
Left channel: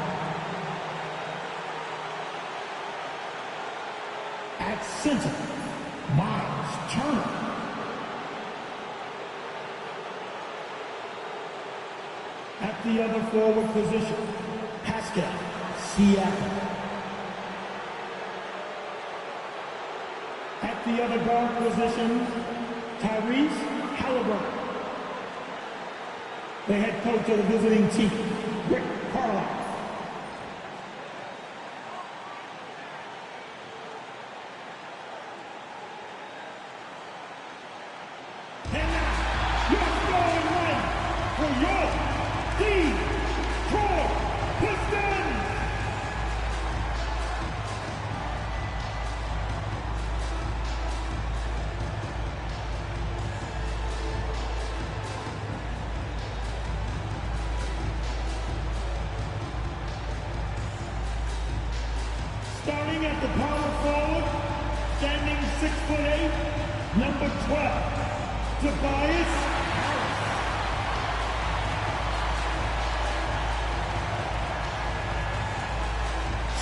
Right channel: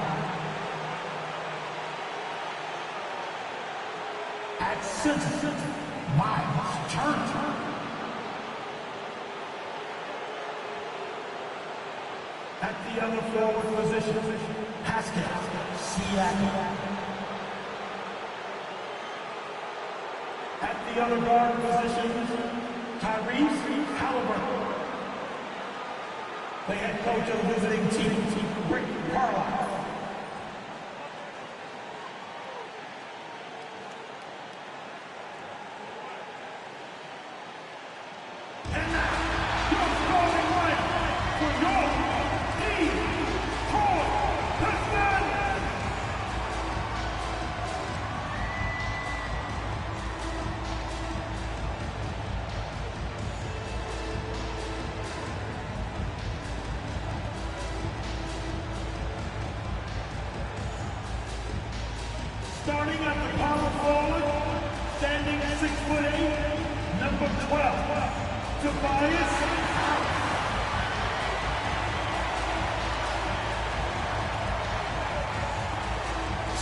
At center, Miles Turner. At the other forward position, Haskell, Seattle. At the other guard position, Tyrese Halliburton. The head coach of the visiting team, Rick Carlisle. And now, your starting lineup for your Detroit Pistons. Starting at the power forward, standing 6'8", number 12, Tobias Harris.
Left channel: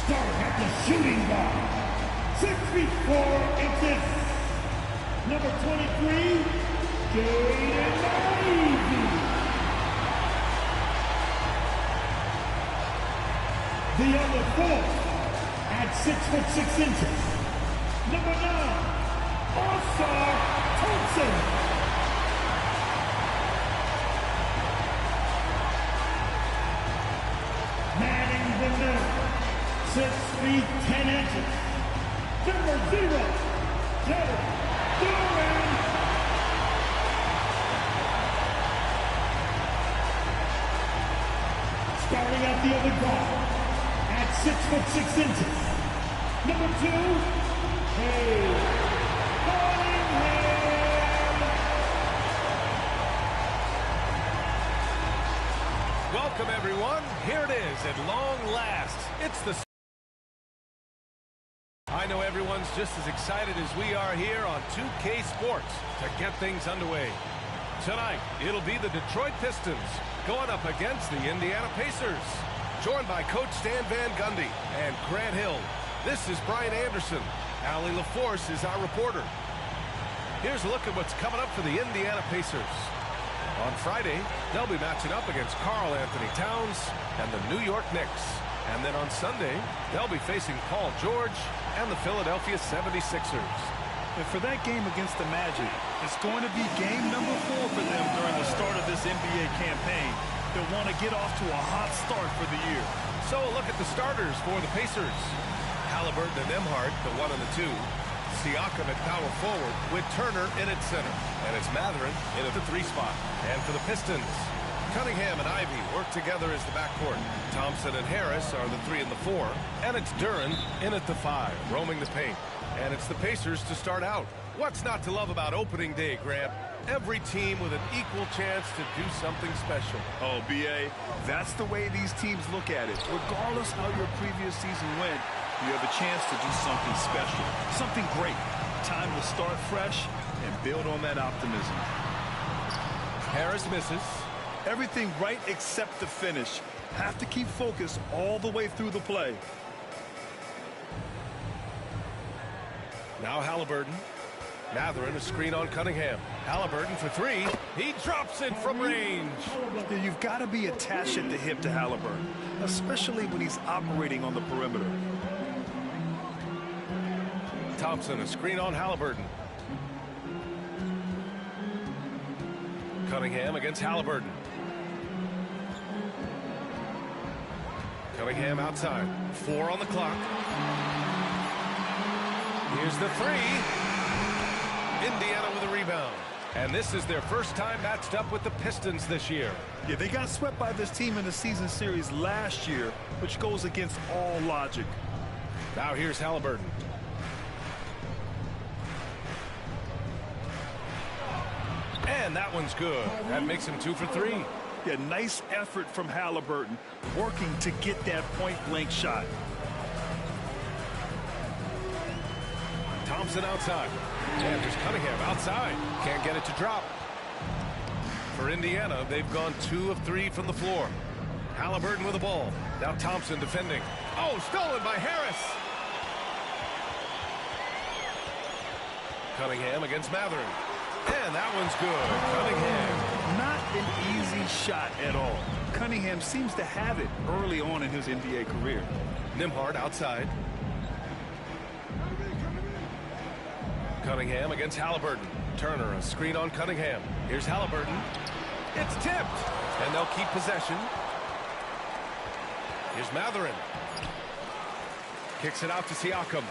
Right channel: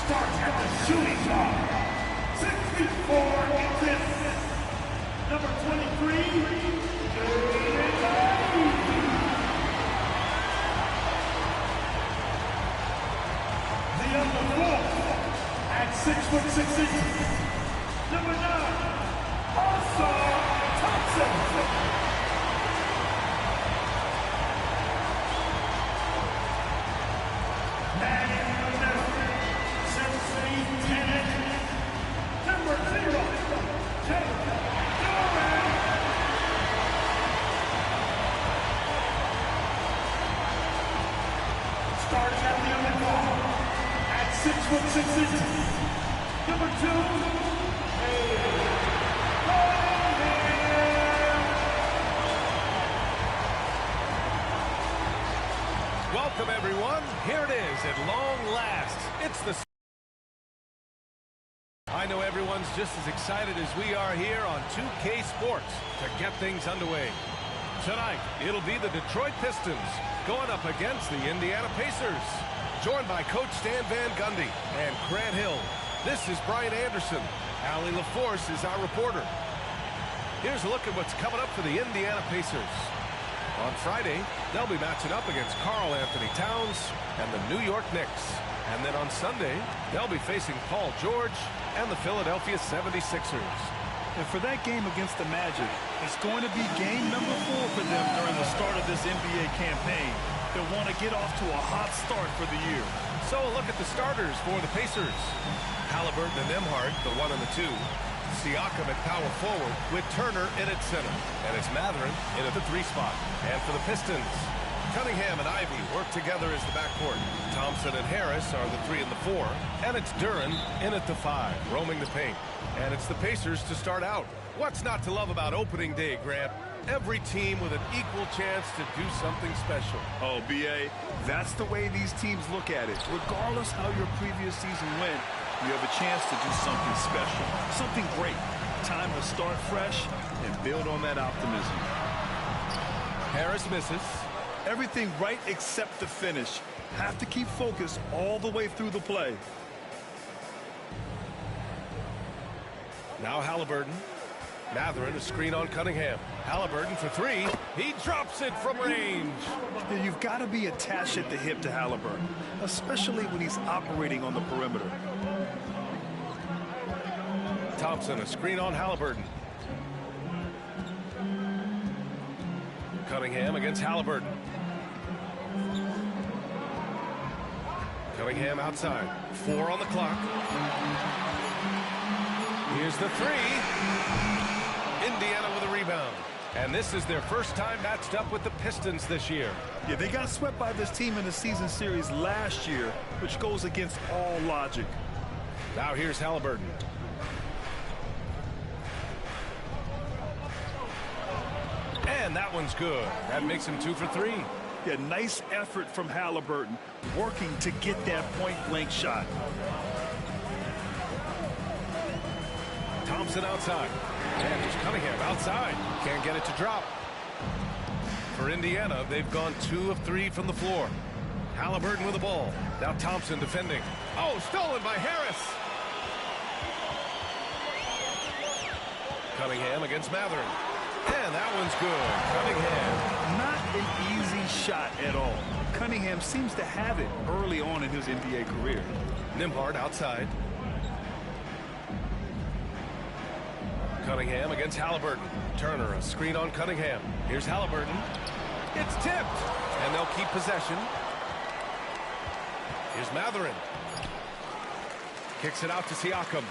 Starting at the shooting guard, 6 feet 4 inches, number 23, Jaden Ivey. The other four, at 6'6" number 9, Ausar Thompson. Manning the middle, 6 feet 10 inches, number 0, Joe Duran. Starting at the other guard, at 6'6", number 2, Welcome, everyone. Here it is at long last. It's the... I know everyone's just as excited as we are here on 2K Sports to get things underway. Tonight, it'll be the Detroit Pistons going up against the Indiana Pacers. Joined by Coach Stan Van Gundy and Grant Hill. This is Brian Anderson. Allie LaForce is our reporter. Here's a look at what's coming up for the Indiana Pacers. On Friday, they'll be matching up against Karl Anthony Towns and the New York Knicks. And then on Sunday, they'll be facing Paul George and the Philadelphia 76ers. And for that game against the Magic, it's going to be game number 4 for them during the start of this NBA campaign. They'll want to get off to a hot start for the year. So a look at the starters for the Pacers. Halliburton and Nembhard, the 1 and the 2. Siakam at power forward with Turner in at center. And it's Mathurin in at the 3 spot. And for the Pistons, Cunningham and Ivey work together as the backcourt. Thompson and Harris are the 3 and the 4. And it's Duran in at the 5, roaming the paint. And it's the Pacers to start out. What's not to love about opening day, Grant? Every team with an equal chance to do something special. Oh, B.A., that's the way these teams look at it. Regardless how your previous season went, you have a chance to do something special, something great. Time to start fresh and build on that optimism. Harris misses. Everything right except the finish. Have to keep focused all the way through the play. Now Halliburton. Mathurin, a screen on Cunningham. Halliburton for 3. He drops it from range. You've got to be attached at the hip to Halliburton, especially when he's operating on the perimeter. Thompson, a screen on Halliburton. Cunningham against Halliburton. Cunningham outside. 4 on the clock. Here's the 3. Indiana with a rebound. And this is their first time matched up with the Pistons this year. Yeah, they got swept by this team in the season series last year, which goes against all logic. Now here's Halliburton. And that one's good. That makes him 2 for 3. Yeah, nice effort from Halliburton, working to get that point-blank shot. Thompson outside. And here's Cunningham outside. Can't get it to drop. For Indiana, they've gone 2 of 3 from the floor. Halliburton with the ball. Now Thompson defending. Oh, stolen by Harris. Cunningham against Mathurin. And that one's good. Cunningham. Not an easy shot at all. Cunningham seems to have it early on in his NBA career. Nembhard outside. Cunningham against Halliburton. Turner, a screen on Cunningham. Here's Halliburton. It's tipped. And they'll keep possession. Here's Matherin. Kicks it out to Siakam.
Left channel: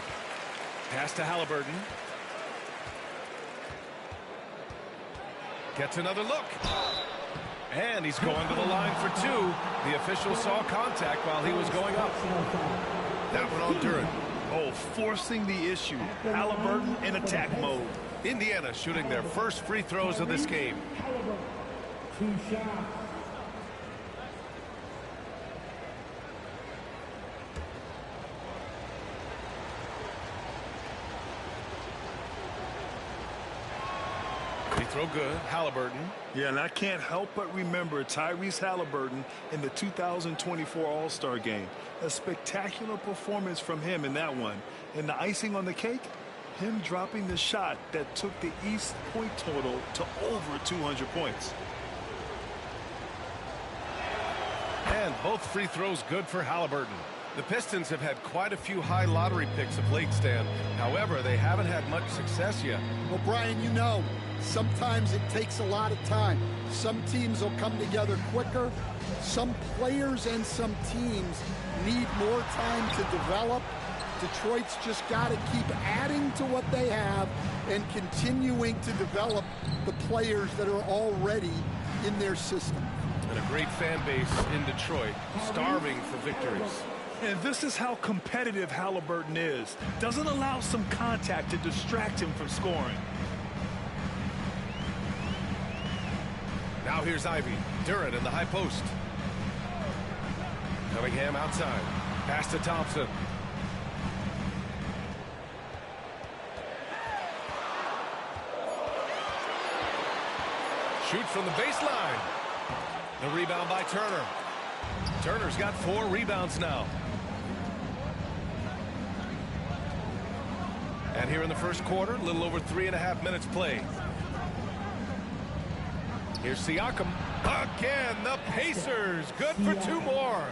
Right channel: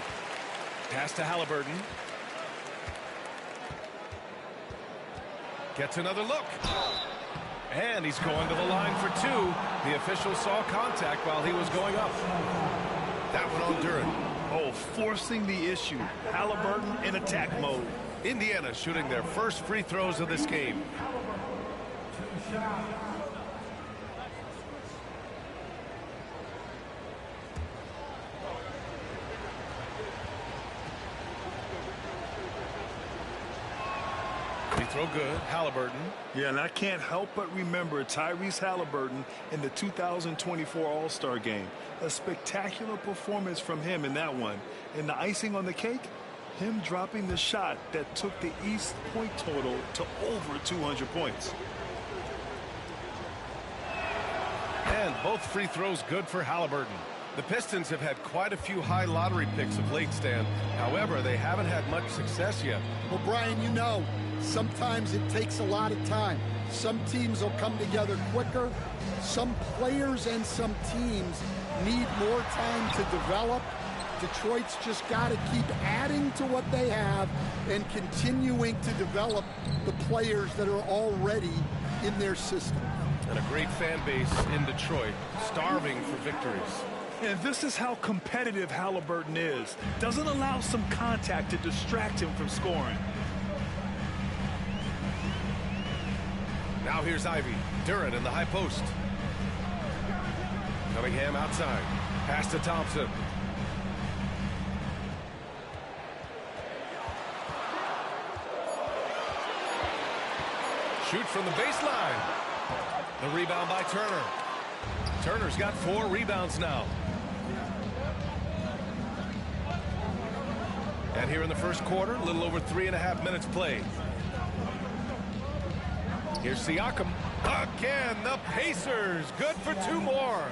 Pass to Halliburton. Gets another look. And he's going to the line for two. The official saw contact while he was going up. That one on Duren. Oh, forcing the issue. Halliburton in attack mode. Indiana shooting their first free throws of this game. 2 shots. Free throw good. Halliburton. Yeah, and I can't help but remember Tyrese Halliburton in the 2024 All-Star game. A spectacular performance from him in that one. And the icing on the cake, him dropping the shot that took the East point total to over 200 points. And both free throws good for Halliburton. The Pistons have had quite a few high lottery picks of late, Stan. However, they haven't had much success yet. Well, Brian, you know, sometimes it takes a lot of time. Some teams will come together quicker. Some players and some teams need more time to develop. Detroit's just got to keep adding to what they have and continuing to develop the players that are already in their system. And a great fan base in Detroit, starving for victories. And this is how competitive Halliburton is. Doesn't allow some contact to distract him from scoring. Now here's Ivy. Duren in the high post. Cunningham outside. Pass to Thompson. Shoots from the baseline. The rebound by Turner. Turner's got 4 rebounds now. And here in the first quarter, a little over 3.5 minutes played. Here's Siakam. Again, the Pacers. Good for 2 more.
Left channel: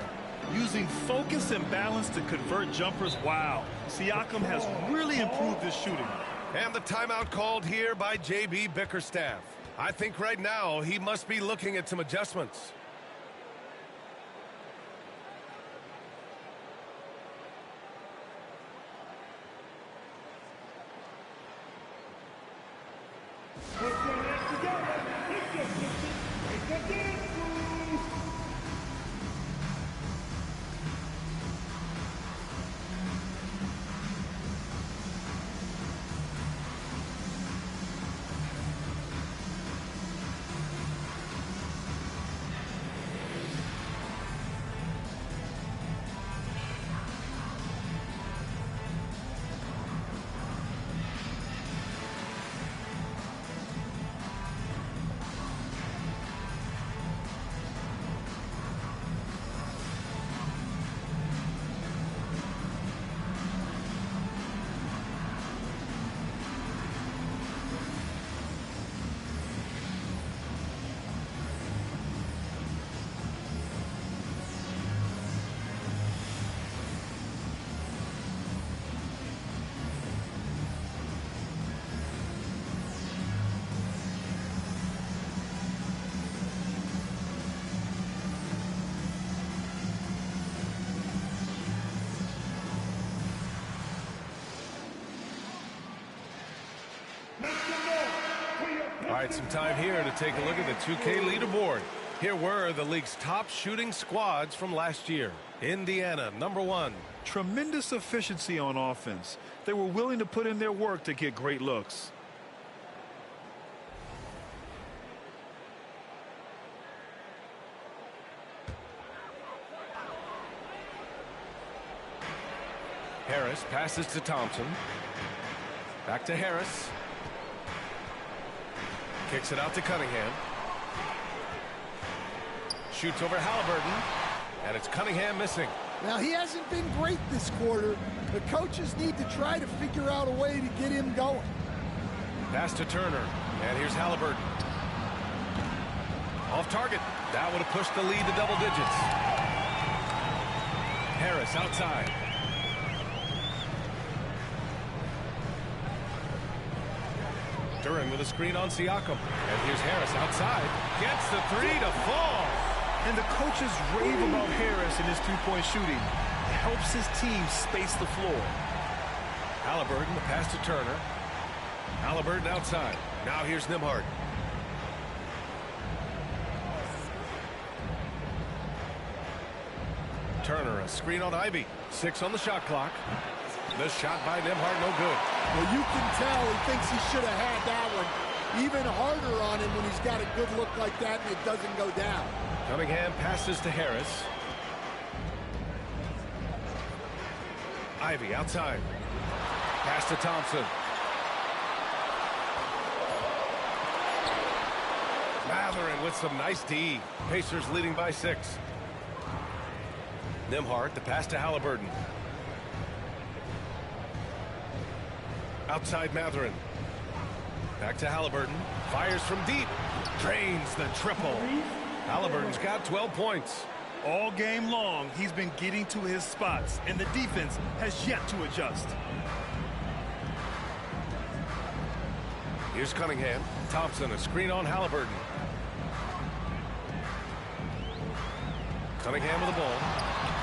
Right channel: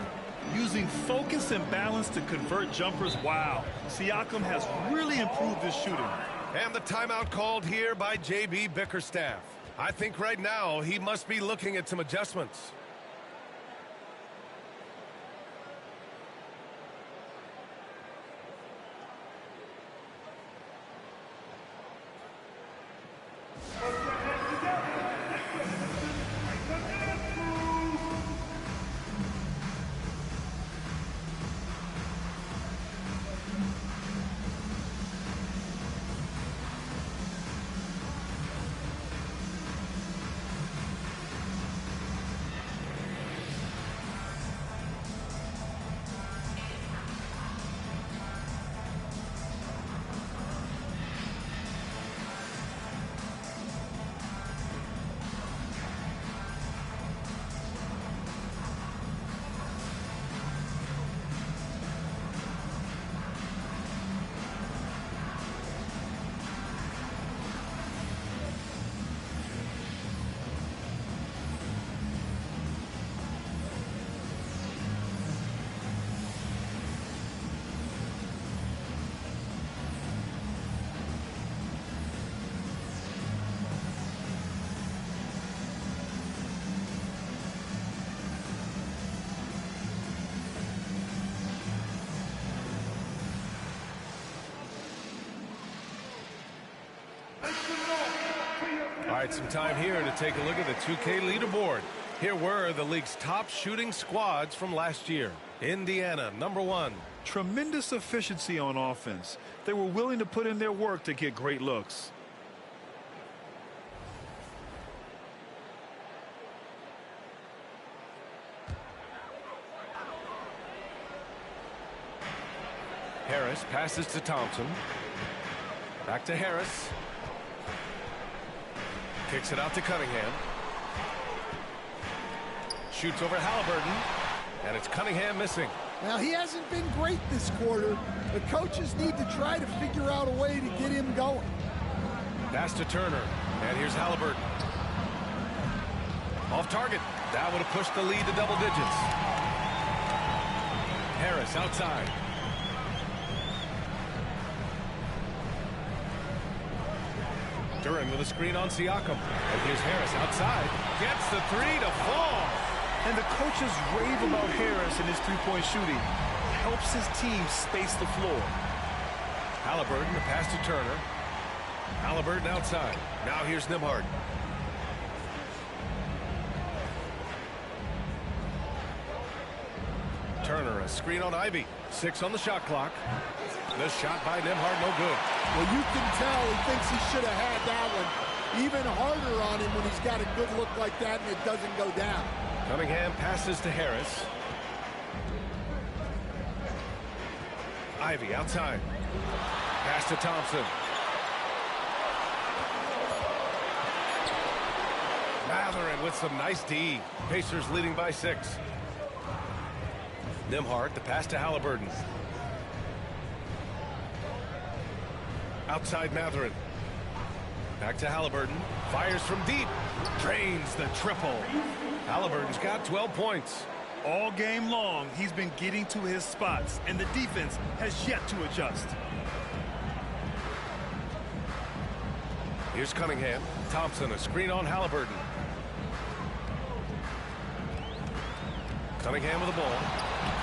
Using focus and balance to convert jumpers. Wow. Siakam has really improved his shooting. And the timeout called here by J.B. Bickerstaff. I think right now he must be looking at some adjustments. All right, some time here to take a look at the 2K leaderboard. Here were the league's top shooting squads from last year. Indiana, #1. Tremendous efficiency on offense. They were willing to put in their work to get great looks. Harris passes to Thompson. Back to Harris. Kicks it out to Cunningham. Shoots over Halliburton. And it's Cunningham missing. Now, he hasn't been great this quarter. The coaches need to try to figure out a way to get him going. Pass to Turner. And here's Halliburton. Off target. That would have pushed the lead to double digits. Harris outside. Duran with a screen on Siakam. And here's Harris outside. Gets the three to fall. And the coaches rave about Harris and his three-point shooting. It helps his team space the floor. Halliburton, the pass to Turner. Halliburton outside. Now here's Nembhard. Turner, a screen on Ivy. 6 on the shot clock. The shot by Nembhard, no good. Well, you can tell he thinks he should have had that one. Even harder on him when he's got a good look like that and it doesn't go down. Cunningham passes to Harris. Ivy outside. Pass to Thompson. Matherin with some nice D. Pacers leading by 6. Nembhard, the pass to Halliburton. Outside Matherin. Back to Halliburton. Fires from deep. Drains the triple. Halliburton's got 12 points. All game long, he's been getting to his spots, and the defense has yet to adjust. Here's Cunningham. Thompson, a screen on Halliburton. Cunningham with the ball.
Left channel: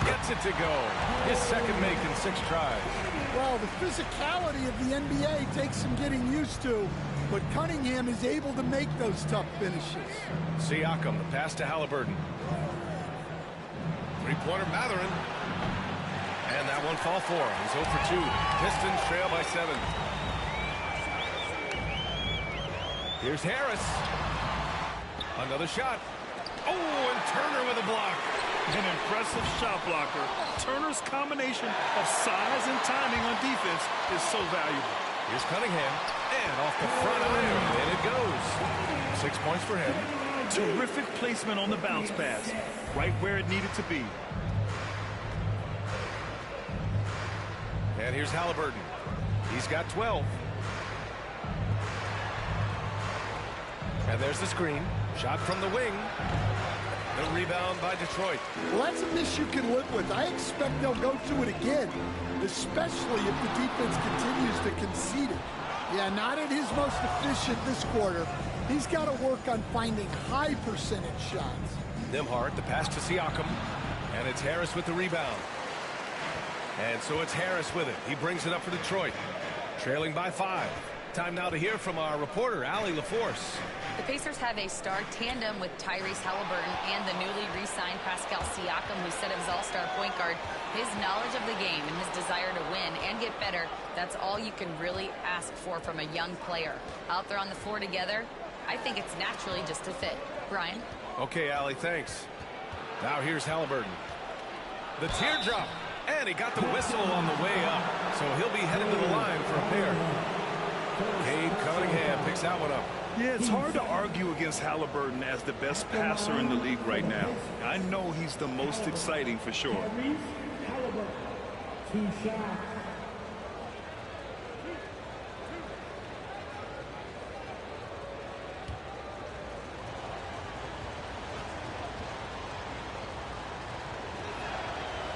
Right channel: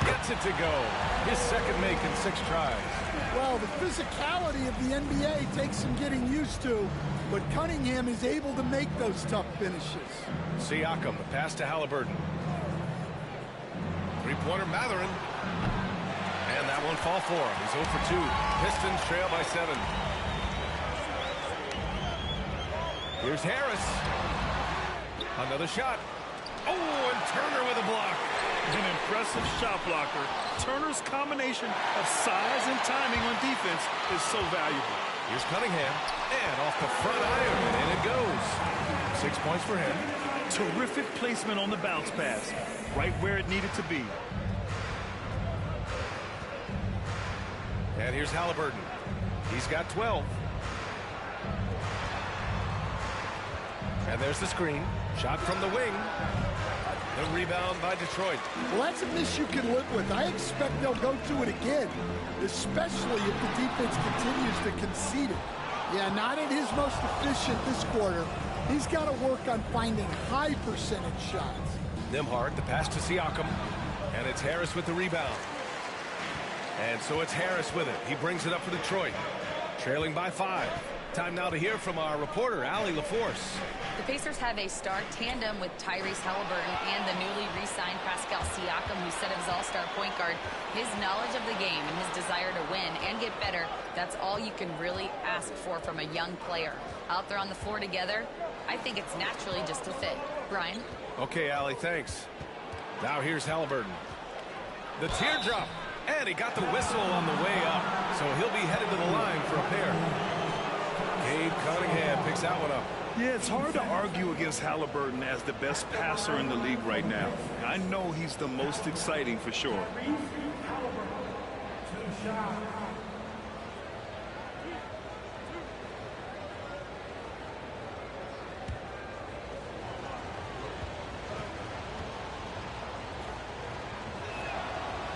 Gets it to go. His second make in 6 tries. Well, the physicality of the NBA takes some getting used to, but Cunningham is able to make those tough finishes. Siakam, the pass to Halliburton. Three-pointer Matherin. And that one fall for him. He's 0 for 2. Pistons trail by 7. Here's Harris. Another shot. Oh, and Turner with a block. An impressive shot blocker. Turner's combination of size and timing on defense is so valuable. Here's Cunningham. And off the front iron, and it goes. 6 points for him. Terrific placement on the bounce pass. Right where it needed to be. And here's Halliburton. He's got 12. And there's the screen. Shot from the wing. The rebound by Detroit. Well, that's a miss you can live with. I expect they'll go to it again, especially if the defense continues to concede it. Yeah, not at his most efficient this quarter. He's got to work on finding high percentage shots. Nembhard, the pass to Siakam. And it's Harris with the rebound. And so it's Harris with it. He brings it up for Detroit. Trailing by 5. Time now to hear from our reporter, Allie LaForce. The Pacers have a star tandem with Tyrese Halliburton and the newly re-signed Pascal Siakam, who set his all-star point guard. His knowledge of the game and his desire to win and get better, that's all you can really ask for from a young player. Out there on the floor together, I think it's naturally just a fit. Brian? Okay, Allie, thanks. Now here's Halliburton. The teardrop. And he got the whistle on the way up. So he'll be headed to the line for a pair. Cade Cunningham picks that one up. Yeah, it's hard to argue against Halliburton as the best passer in the league right now. I know he's the most exciting for sure.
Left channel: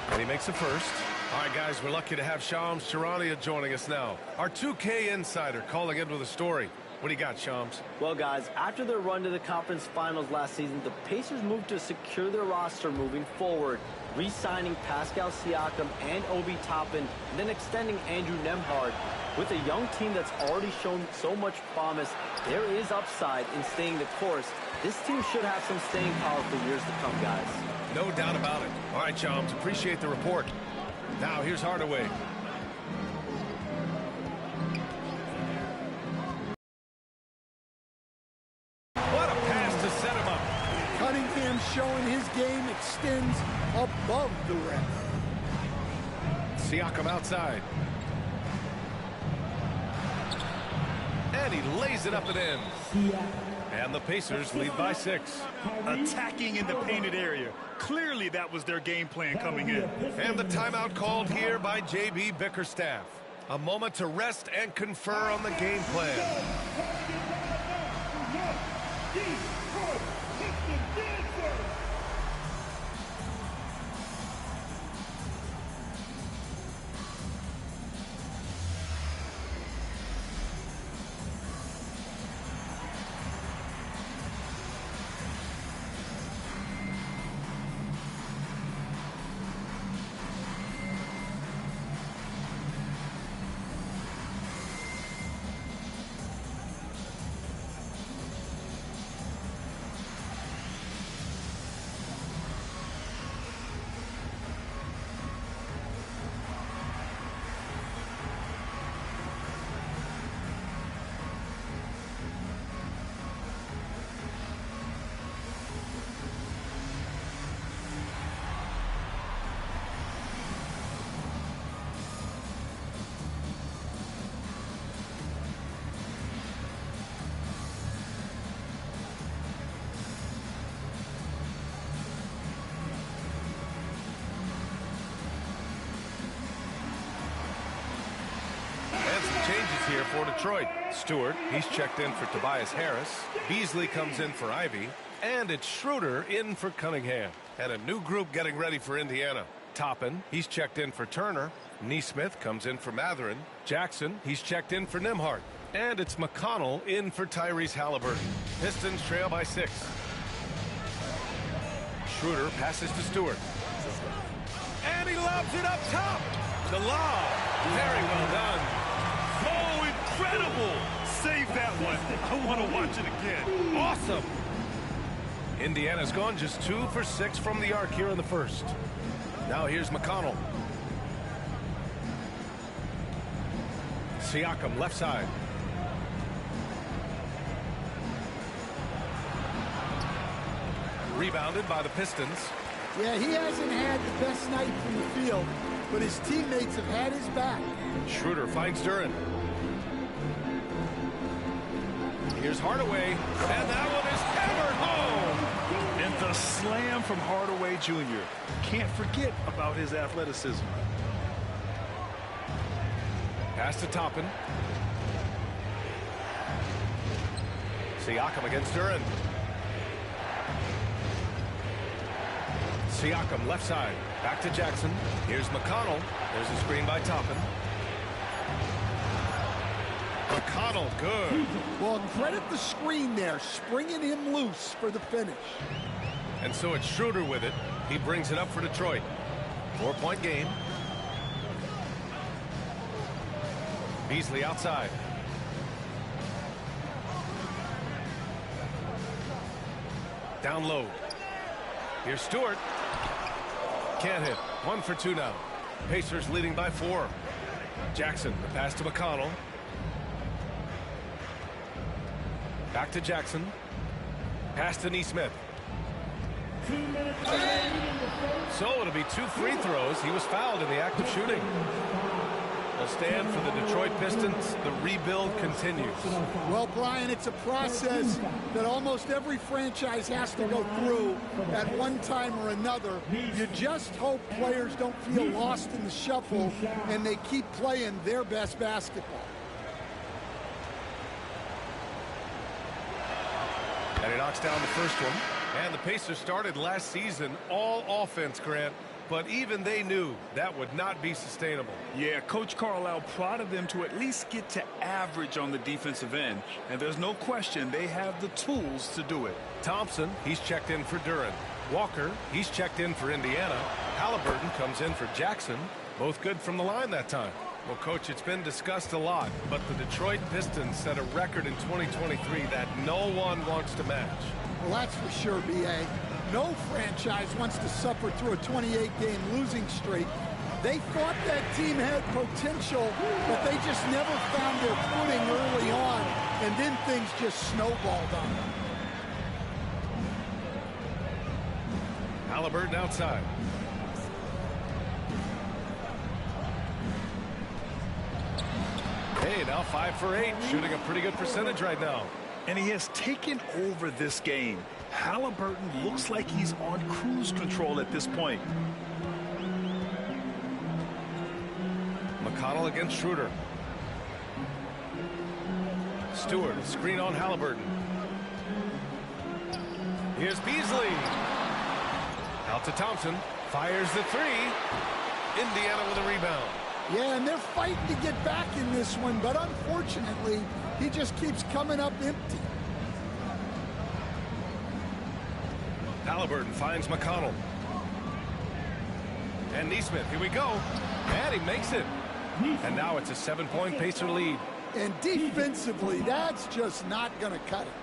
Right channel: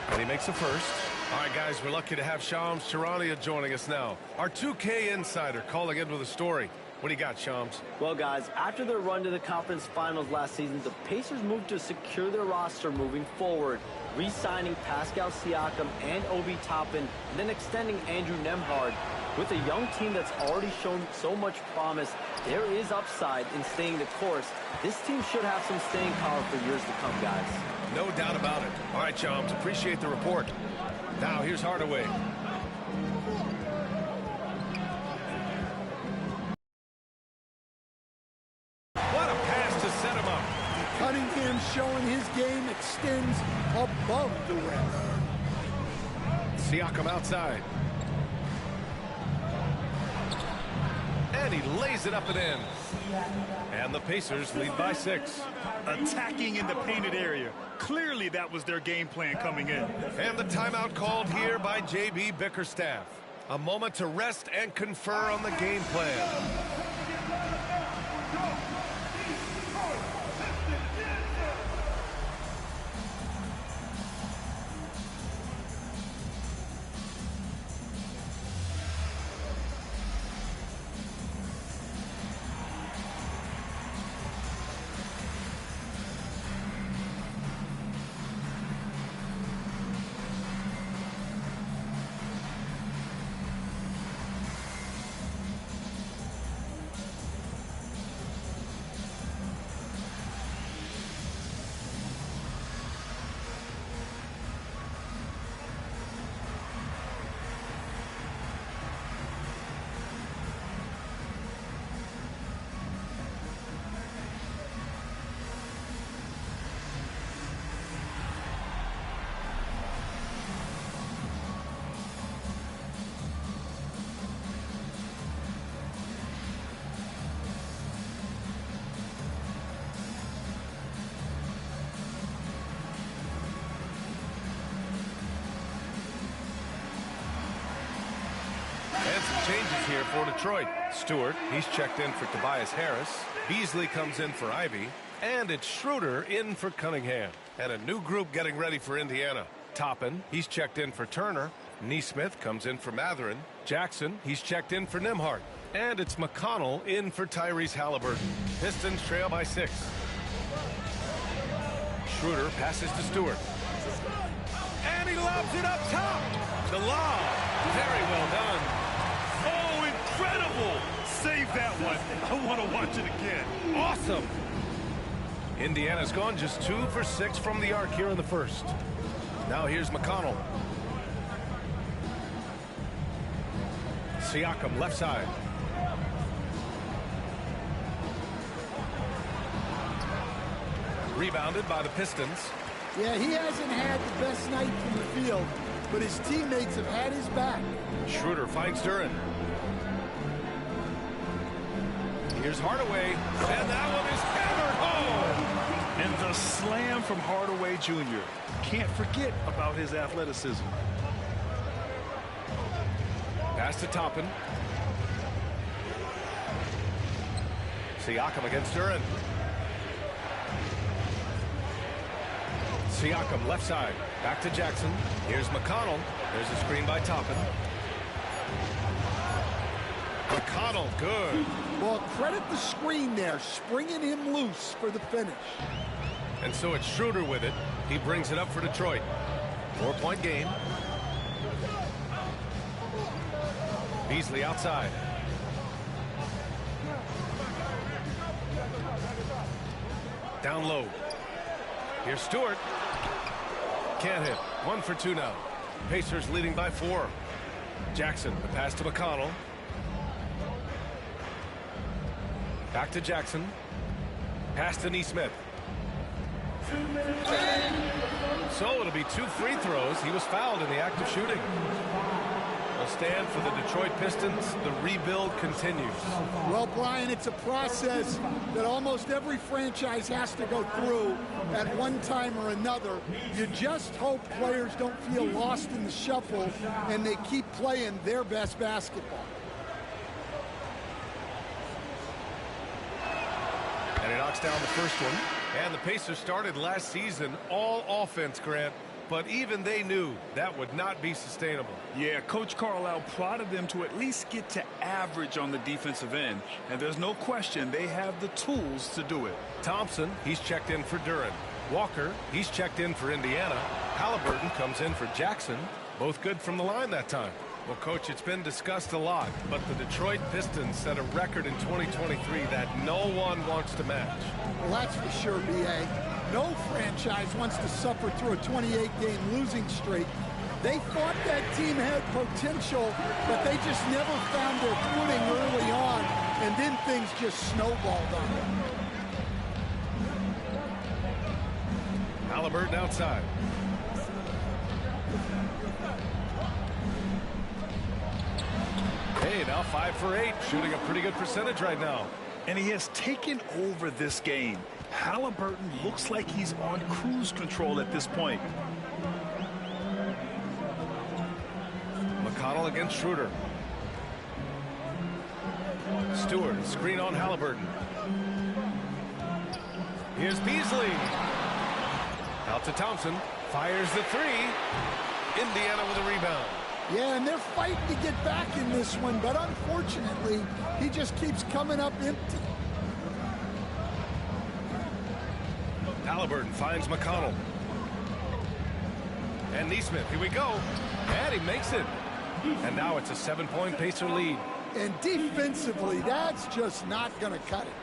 And he makes the first. All right, guys, we're lucky to have Shams Charania joining us now. Our 2K insider calling in with a story. What do you got, Shams? Well, guys, after their run to the conference finals last season, the Pacers moved to secure their roster moving forward, re-signing Pascal Siakam and Obi Toppin, and then extending Andrew Nembhard. With a young team that's already shown so much promise, there is upside in staying the course. This team should have some staying power for years to come, guys. No doubt about it. All right, Shams, appreciate the report. Now, here's Hardaway. What a pass to set him up. Cunningham showing his game extends above the rest. Siakam outside. And he lays it up and in. And the Pacers lead by 6. Attacking in the painted area. Clearly that was their game plan coming in. And the timeout called here by J.B. Bickerstaff. A moment to rest and confer on the game plan. changes here for Detroit. Stewart, he's checked in for Tobias Harris. Beasley comes in for Ivy. And it's Schroeder in for Cunningham. And a new group getting ready for Indiana. Toppin, he's checked in for Turner. Neesmith comes in for Matherin. Jackson, he's checked in for Nembhard. And it's McConnell in for Tyrese Halliburton. Pistons trail by 6. Schroeder passes to Stewart. And he lobs it up top. The lob. Very well done. Oh, incredible. Save that one. I want to watch it again. Awesome. Indiana's gone just 2 for 6 from the arc here in the first. Now here's McConnell. Siakam left side. Rebounded by the Pistons. Yeah, he hasn't had the best night from the field, but his teammates have had his back. Schroeder finds Duren. Here's Hardaway, and that one is hammered home. And the slam from Hardaway Jr. Can't forget about his athleticism. Pass to Toppin. Siakam against Duren. Siakam left side. Back to Jackson. Here's McConnell. There's a screen by Toppin. McConnell, good. Well, credit the screen there, springing him loose for the finish. And so it's Schroeder with it. He brings it up for Detroit. 4-point game. Beasley outside. Down low. Here's Stewart. Can't hit. 1 for 2 now. Pacers leading by 4. Jackson, the pass to McConnell. Back to Jackson. Pass to Neesmith. So it'll be 2 free throws. He was fouled in the act of shooting. Will stand for the Detroit Pistons. The rebuild continues. Well, Brian, it's a process that almost every franchise has to go through at one time or another. You just hope players don't feel lost in the shuffle and they keep playing their best basketball. And he knocks down the first one. And the Pacers started last season all offense, Grant. But even they knew that would not be sustainable. Yeah, Coach Carlisle prodded them to at least get to average on the defensive end. And there's no question they have the tools to do it. Thompson, he's checked in for Duren. Walker, he's checked in for Indiana. Halliburton comes in for Jackson. Both good from the line that time. Well, Coach, it's been discussed a lot, but the Detroit Pistons set a record in 2023 that no one wants to match. Well, that's for sure, B.A. No franchise wants to suffer through a 28-game losing streak. They thought that team had potential, but they just never found their footing early on, and then things just snowballed on them. Halliburton outside. Hey, now 5 for 8, shooting a pretty good percentage right now. And he has taken over this game. Halliburton looks like he's on cruise control at this point. McConnell against Schroeder. Stewart, a screen on Halliburton. Here's Beasley. Out to Thompson. Fires the 3. Indiana with a rebound. Yeah, and they're fighting to get back in this one, but unfortunately, he just keeps coming up empty. Halliburton finds McConnell. And Neesmith, here we go. And he makes it. And now it's a 7-point Pacer lead. And defensively, that's just not going to cut it.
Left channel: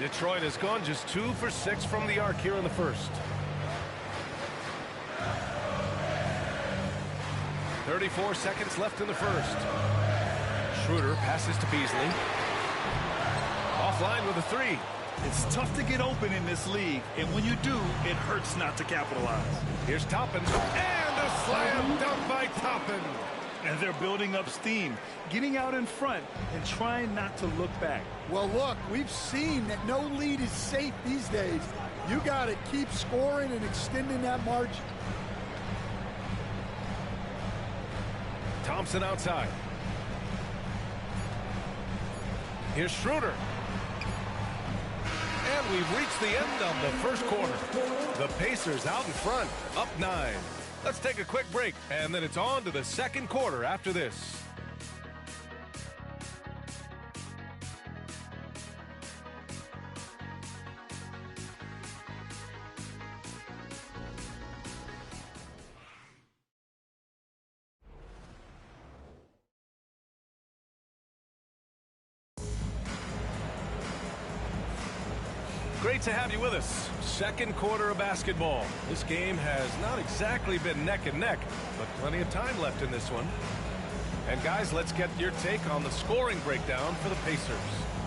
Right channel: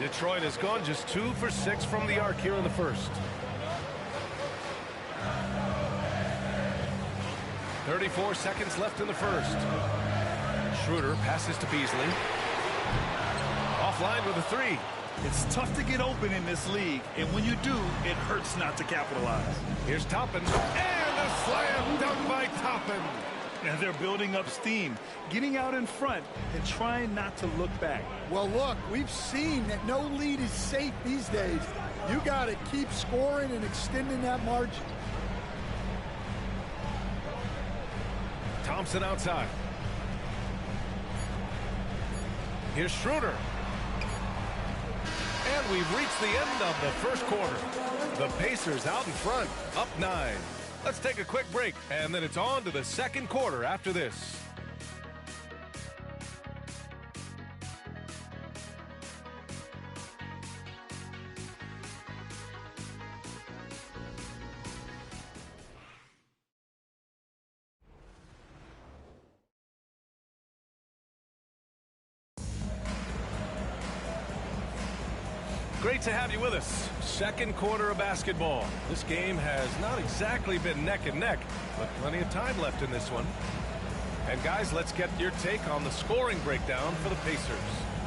Detroit has gone just 2 for 6 from the arc here in the first. 34 seconds left in the first. Schroeder passes to Beasley. Offline with a 3. It's tough to get open in this league, and when you do, it hurts not to capitalize. Here's Toppin, and a slam dunk by Toppin. And they're building up steam, getting out in front and trying not to look back. Well, look, we've seen that no lead is safe these days. You got to keep scoring and extending that margin. Thompson outside. Here's Schroeder. And we've reached the end of the first quarter. The Pacers out in front, up 9. Let's take a quick break, and then it's on to the second quarter after this. Great to have you with us. Second quarter of basketball. This game has not exactly been neck and neck, but plenty of time left in this one. And guys, let's get your take on the scoring breakdown for the Pacers.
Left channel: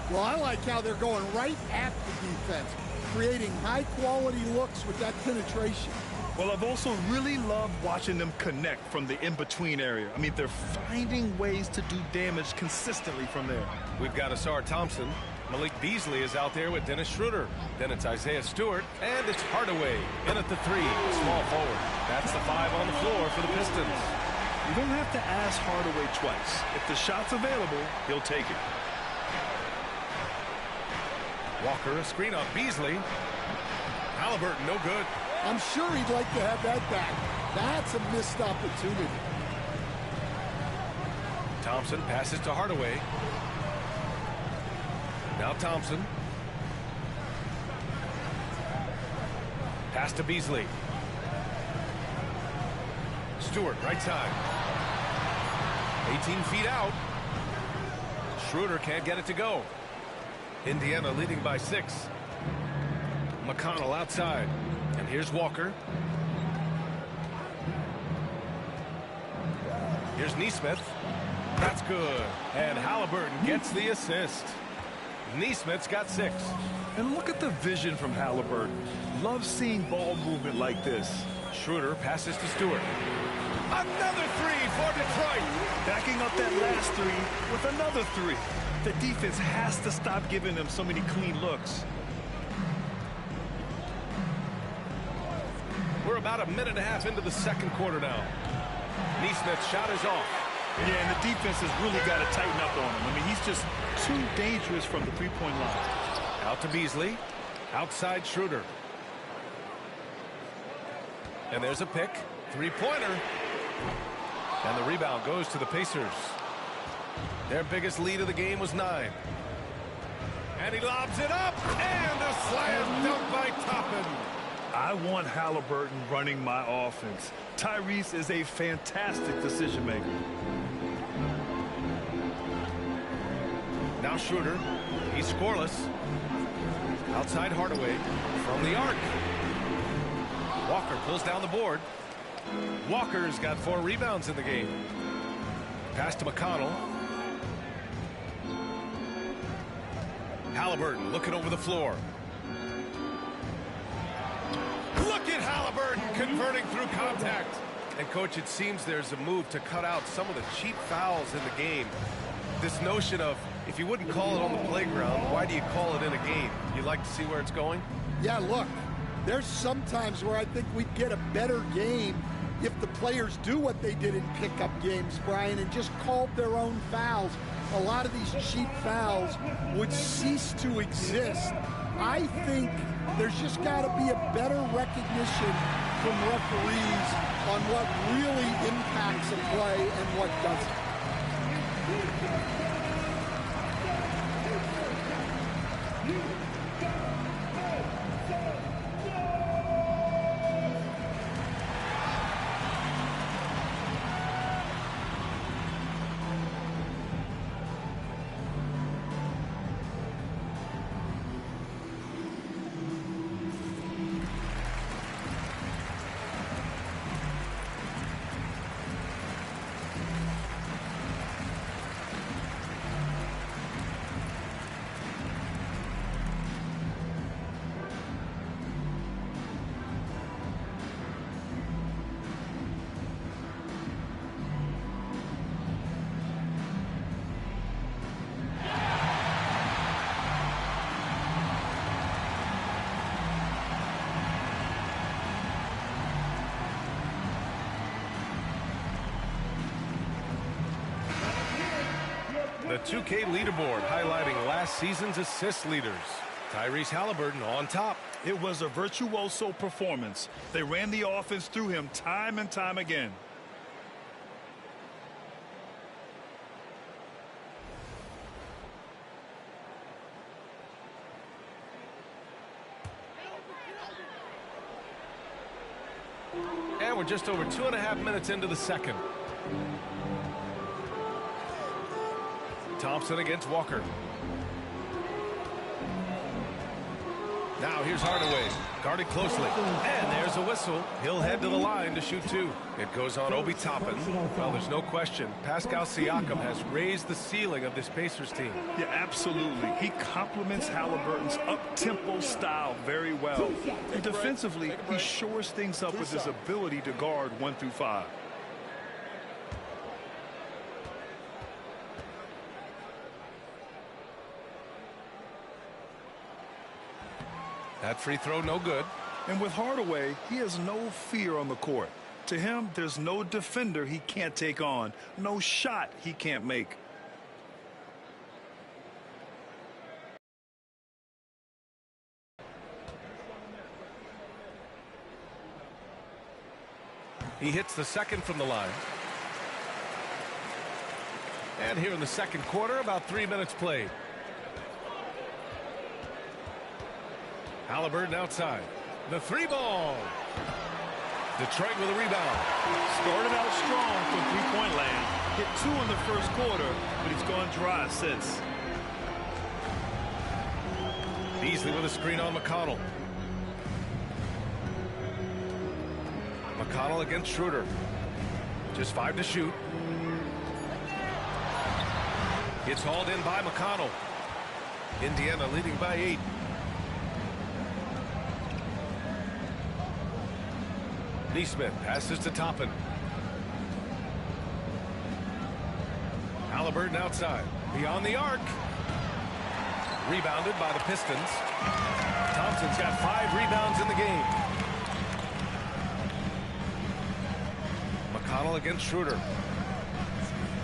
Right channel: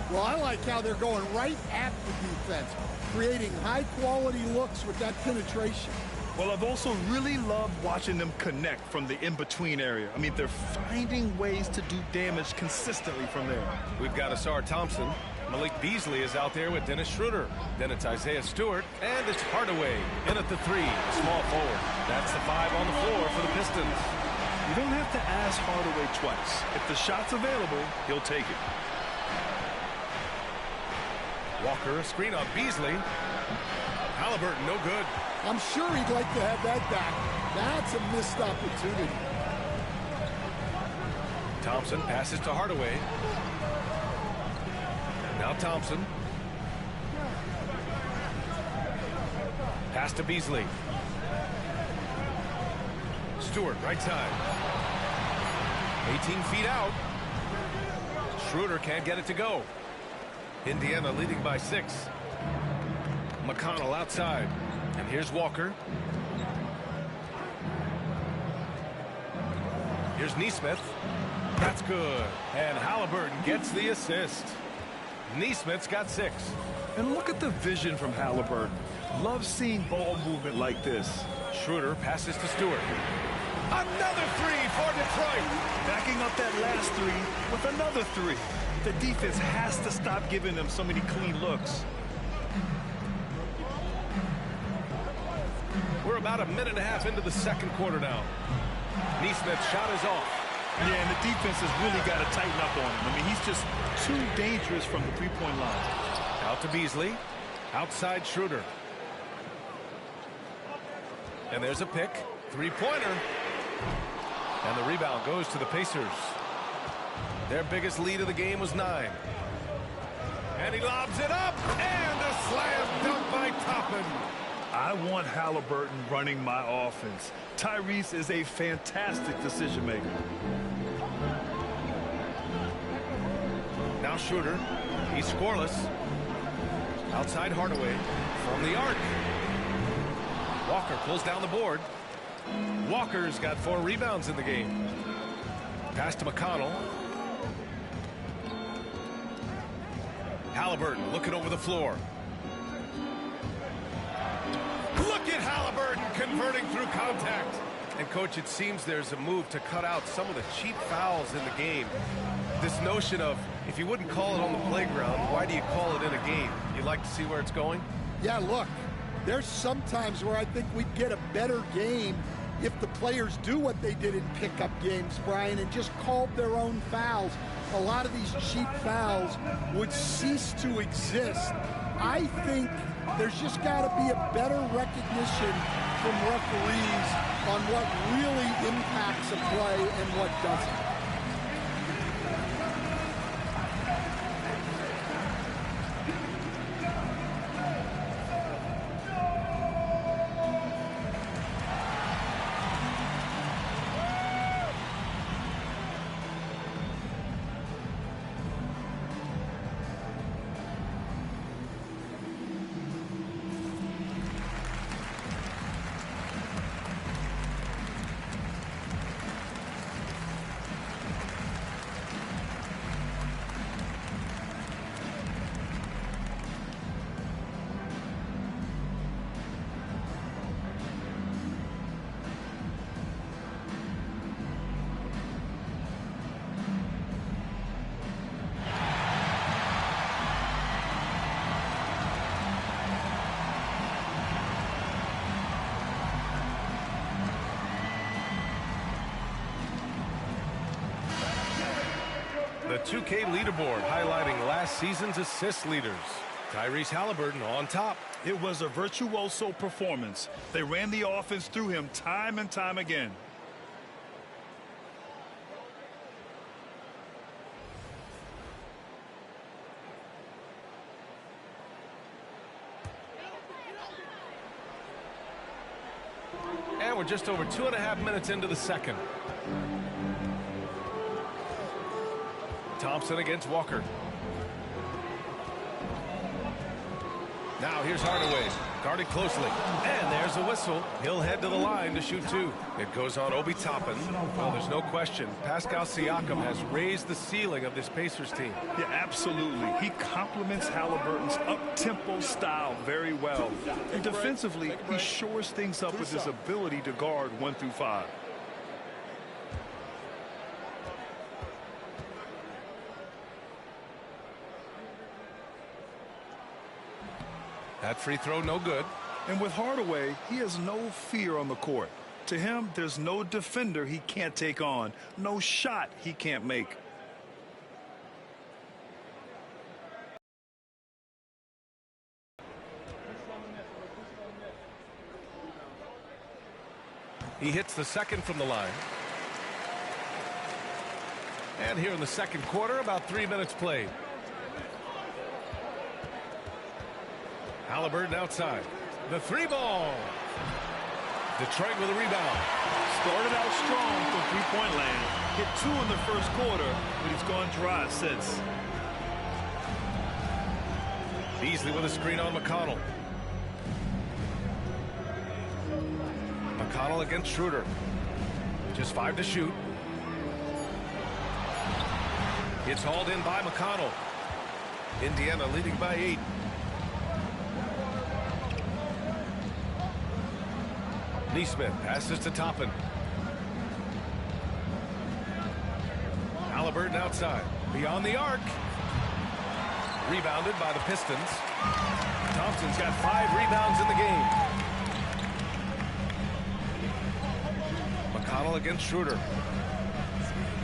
Well, I like how they're going right at the defense, creating high-quality looks with that penetration. Well, I've also really loved watching them connect from the in-between area. I mean, they're finding ways to do damage consistently from there. We've got Asar Thompson. Malik Beasley is out there with Dennis Schroeder. Then it's Isaiah Stewart, and it's Hardaway in at the 3, the small forward. That's the 5 on the floor for the Pistons. You don't have to ask Hardaway twice. If the shot's available, he'll take it. Walker, a screen on Beasley. Halliburton, no good. I'm sure he'd like to have that back. That's a missed opportunity. Thompson passes to Hardaway. Now Thompson. Pass to Beasley. Stewart, right side. 18 feet out. Schroeder can't get it to go. Indiana leading by 6. McConnell outside. And here's Walker. Here's Nesmith. That's good. And Halliburton gets the assist. Nesmith's got 6. And look at the vision from Halliburton. Love seeing ball movement like this. Schroeder passes to Stewart. Another 3 for Detroit. Backing up that last 3 with another 3. The defense has to stop giving them so many clean looks. We're about a minute and a half into the second quarter now. Nesmith's shot is off. Yeah, and the defense has really got to tighten up on him. I mean, he's just too dangerous from the three-point line. Out to Beasley. Outside Schroeder. And there's a pick. Three-pointer. And the rebound goes to the Pacers. Their biggest lead of the game was 9. And he lobs it up. And a slam dunk by Toppin. I want Halliburton running my offense. Tyrese is a fantastic decision maker. Now Schroeder. He's scoreless. Outside Hardaway from the arc. Walker pulls down the board. Walker's got 4 rebounds in the game. Pass to McConnell. Halliburton looking over the floor. Look at Halliburton converting through contact. And, Coach, it seems there's a move to cut out some of the cheap fouls in the game. This notion of, if you wouldn't call it on the playground, why do you call it in a game? You like to see where it's going? Yeah, look, there's some times where I think we'd get a better game if the players do what they did in pickup games, Brian, and just called their own fouls. A lot of these cheap fouls would cease to exist. I think there's just got to be a better recognition from referees on what really impacts a play and what doesn't. The 2K leaderboard highlighting last season's assist leaders. Tyrese Halliburton on top. It was a virtuoso performance. They ran the offense through him time and time again. And we're just over 2.5 minutes into the second. Thompson against Walker. Now here's Hardaway, guarded closely. And there's a whistle. He'll head to the line to shoot two. It goes on Obi Toppin. Well, there's no question. Pascal Siakam has raised the ceiling of this Pacers team. Yeah, absolutely. He complements Halliburton's up-tempo style very well. And defensively, he shores things up with his ability to guard 1 through 5. That free throw, no good. And with Hardaway, he has no fear on the court. To him, there's no defender he can't take on, no shot he can't make. He hits the second from the line. And here in the second quarter, about 3 minutes played. Halliburton outside. The three ball. Detroit with a rebound. Started out strong from three-point land. Hit 2 in the first quarter, but he's gone dry since. Beasley with a screen on McConnell. McConnell against Schroeder. Just 5 to shoot. It's hauled in by McConnell. Indiana leading by 8. Neesmith passes to Toppin. Halliburton outside. Beyond the arc. Rebounded by the Pistons. Thompson's got 5 rebounds in the game. McConnell against Schroeder.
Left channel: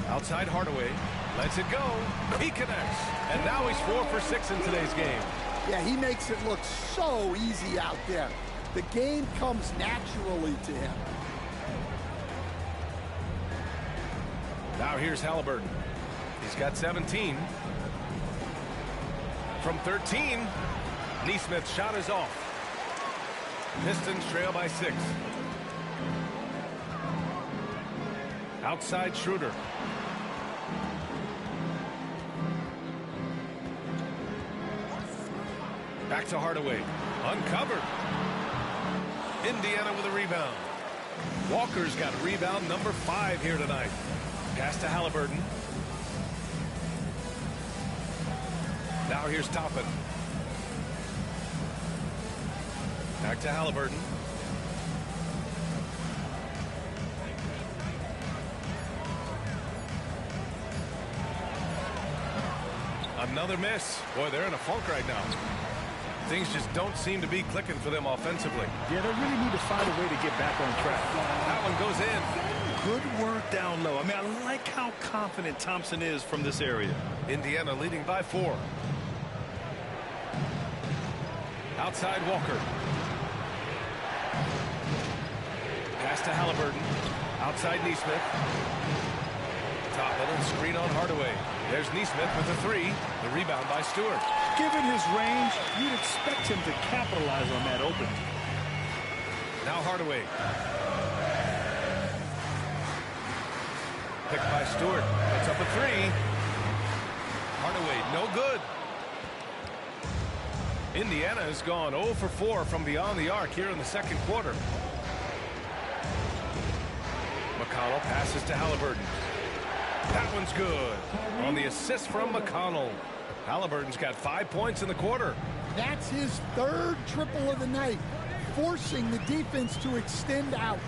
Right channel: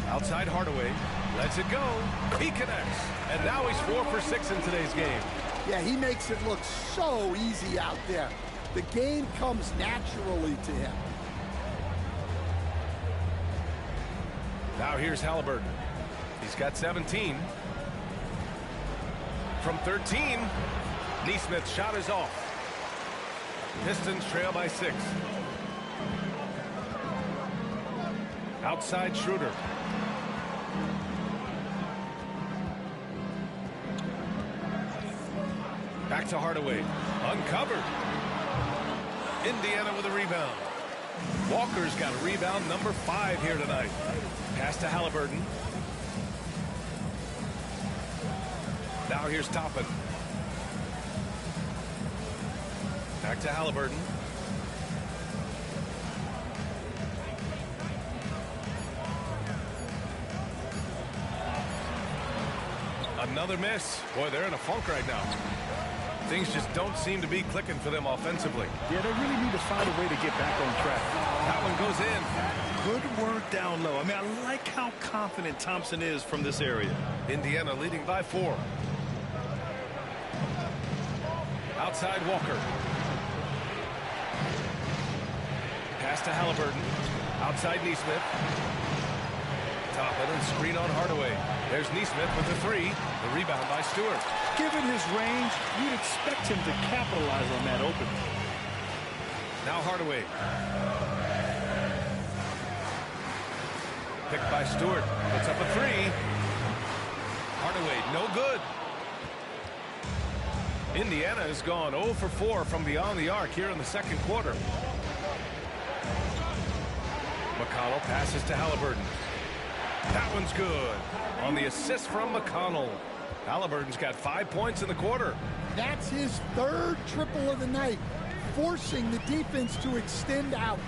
Outside Hardaway. Lets it go. He connects. And now he's 4 for 6 in today's game. Yeah, he makes it look so easy out there. The game comes naturally to him. Now here's Halliburton. He's got 17. From 13, Neesmith's shot is off. Pistons trail by 6. Outside Schroeder. Back to Hardaway. Uncovered. Indiana with a rebound. Walker's got a rebound number 5 here tonight. Pass to Halliburton. Now here's Toppin. Back to Halliburton. Another miss. Boy, they're in a funk right now. Things just don't seem to be clicking for them offensively. Yeah, they really need to find a way to get back on track. That one goes in. Good work down low. I mean, I like how confident Thompson is from this area. Indiana leading by 4. Outside Walker. Pass to Halliburton. Outside Neesmith. Toppin and screen on Hardaway. There's Neesmith with the 3. The rebound by Stewart. Given his range, you'd expect him to capitalize on that open. Now Hardaway. Picked by Stewart. Puts up a 3. Hardaway, no good. Indiana has gone 0 for 4 from beyond the arc here in the second quarter. McConnell passes to Halliburton. That one's good. On the assist from McConnell. Halliburton's got 5 points in the quarter. That's his 3rd triple of the night, forcing the defense to extend out.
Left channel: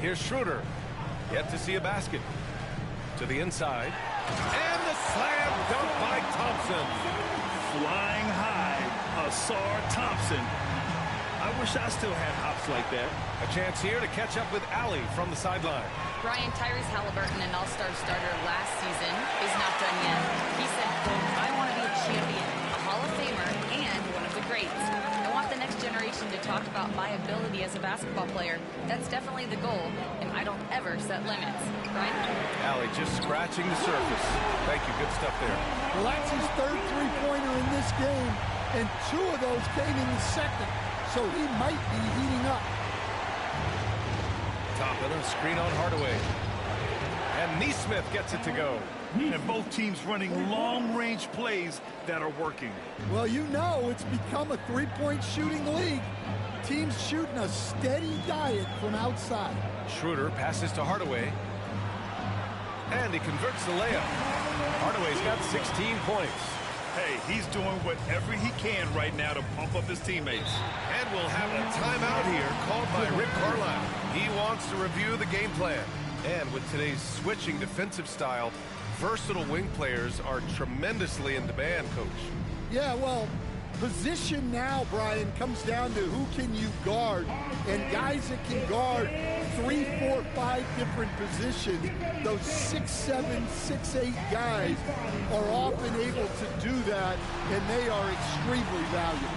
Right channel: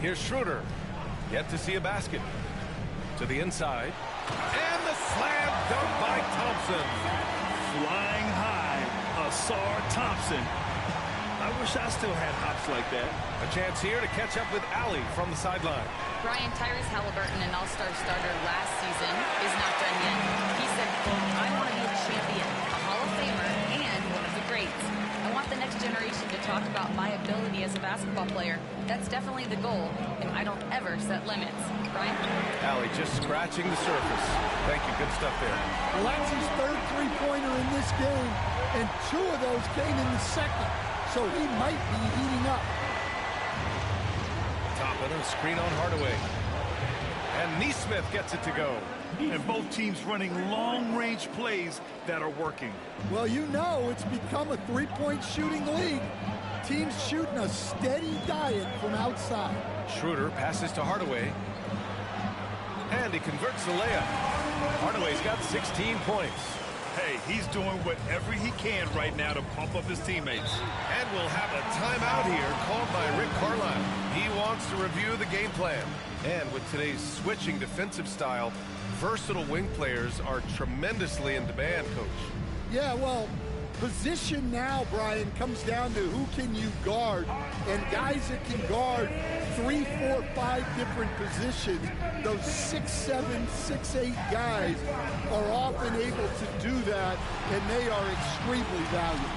Here's Schroeder. Yet to see a basket. To the inside. And the slam dunk by Thompson. Flying high, Asar Thompson. I wish I still had hops like that. A chance here to catch up with Allie from the sideline. Brian, Tyrese Halliburton, an all-star starter last season, is not done yet. He said, quote, I want to be a champion, a Hall of Famer, and one of the greats. I want the next generation to talk about my ability as a basketball player. That's definitely the goal, and I don't ever set limits. Brian? Allie just scratching the surface. Thank you. Good stuff there. Well, that's his third three-pointer in this game, and 2 of those came in the second, so he might be heating up. Top of the screen on Hardaway. And Neesmith gets it to go. And both teams running long-range plays that are working. Well, you know it's become a three-point shooting league. Teams shooting a steady diet from outside. Schroeder passes to Hardaway. And he converts the layup. Hardaway's got 16 points. Hey, he's doing whatever he can right now to pump up his teammates. And we'll have a timeout here called by Rick Carlisle. He wants to review the game plan. And with today's switching defensive style, versatile wing players are tremendously in demand, Coach. Yeah, well, position now, Brian, comes down to who can you guard. And guys that can guard 3, 4, 5 different positions, those 6'7", 6'8" guys are often able to do that, and they are extremely valuable.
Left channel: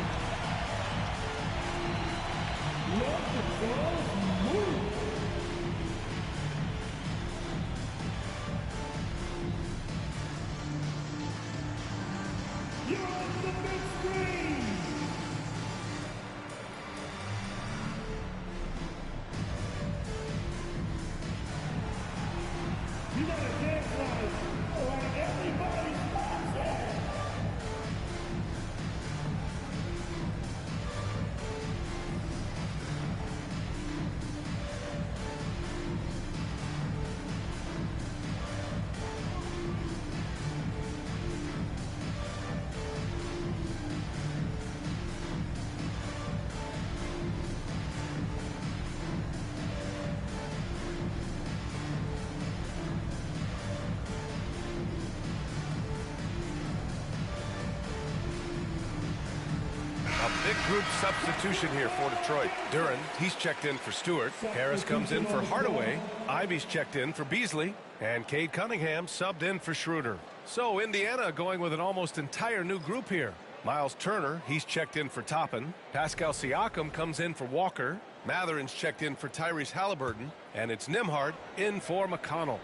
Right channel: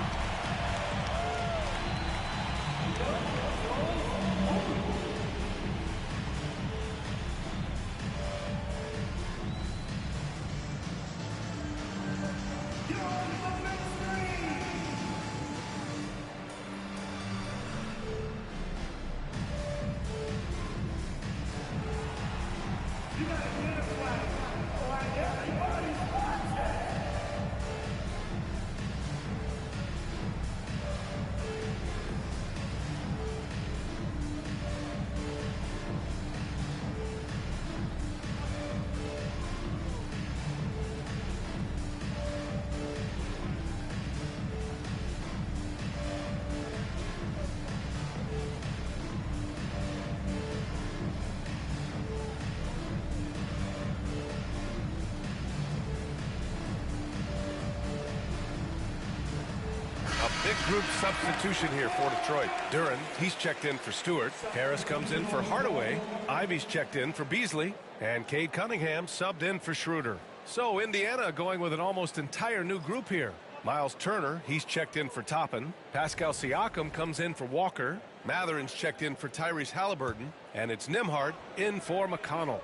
Big group substitution here for Detroit. Duren, he's checked in for Stewart. Harris comes in for Hardaway. Ivy's checked in for Beasley. And Cade Cunningham subbed in for Schroeder. So Indiana going with an almost entire new group here. Miles Turner, he's checked in for Toppin. Pascal Siakam comes in for Walker. Matherin's checked in for Tyrese Halliburton. And it's Nembhard in for McConnell.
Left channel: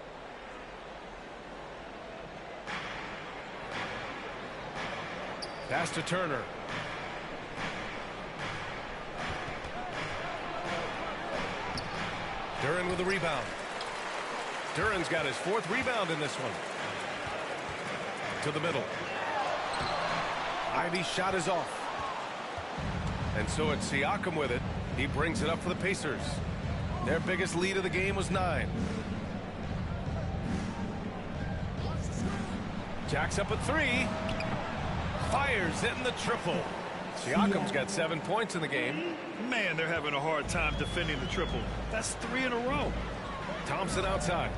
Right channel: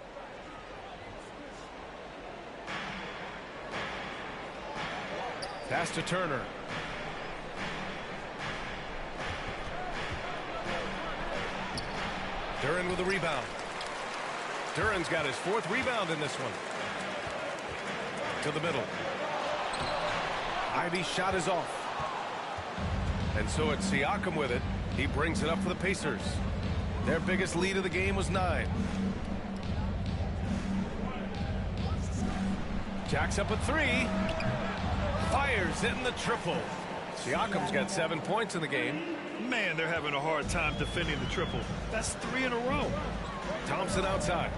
Pass to Turner. Duren with a rebound. Duren's got his 4th rebound in this one. To the middle. Ivy's shot is off. And so it's Siakam with it. He brings it up for the Pacers. Their biggest lead of the game was 9. Jacks up at 3. Fires in the triple. Siakam's got 7 points in the game. Man, they're having a hard time defending the triple. That's 3 in a row. Thompson outside.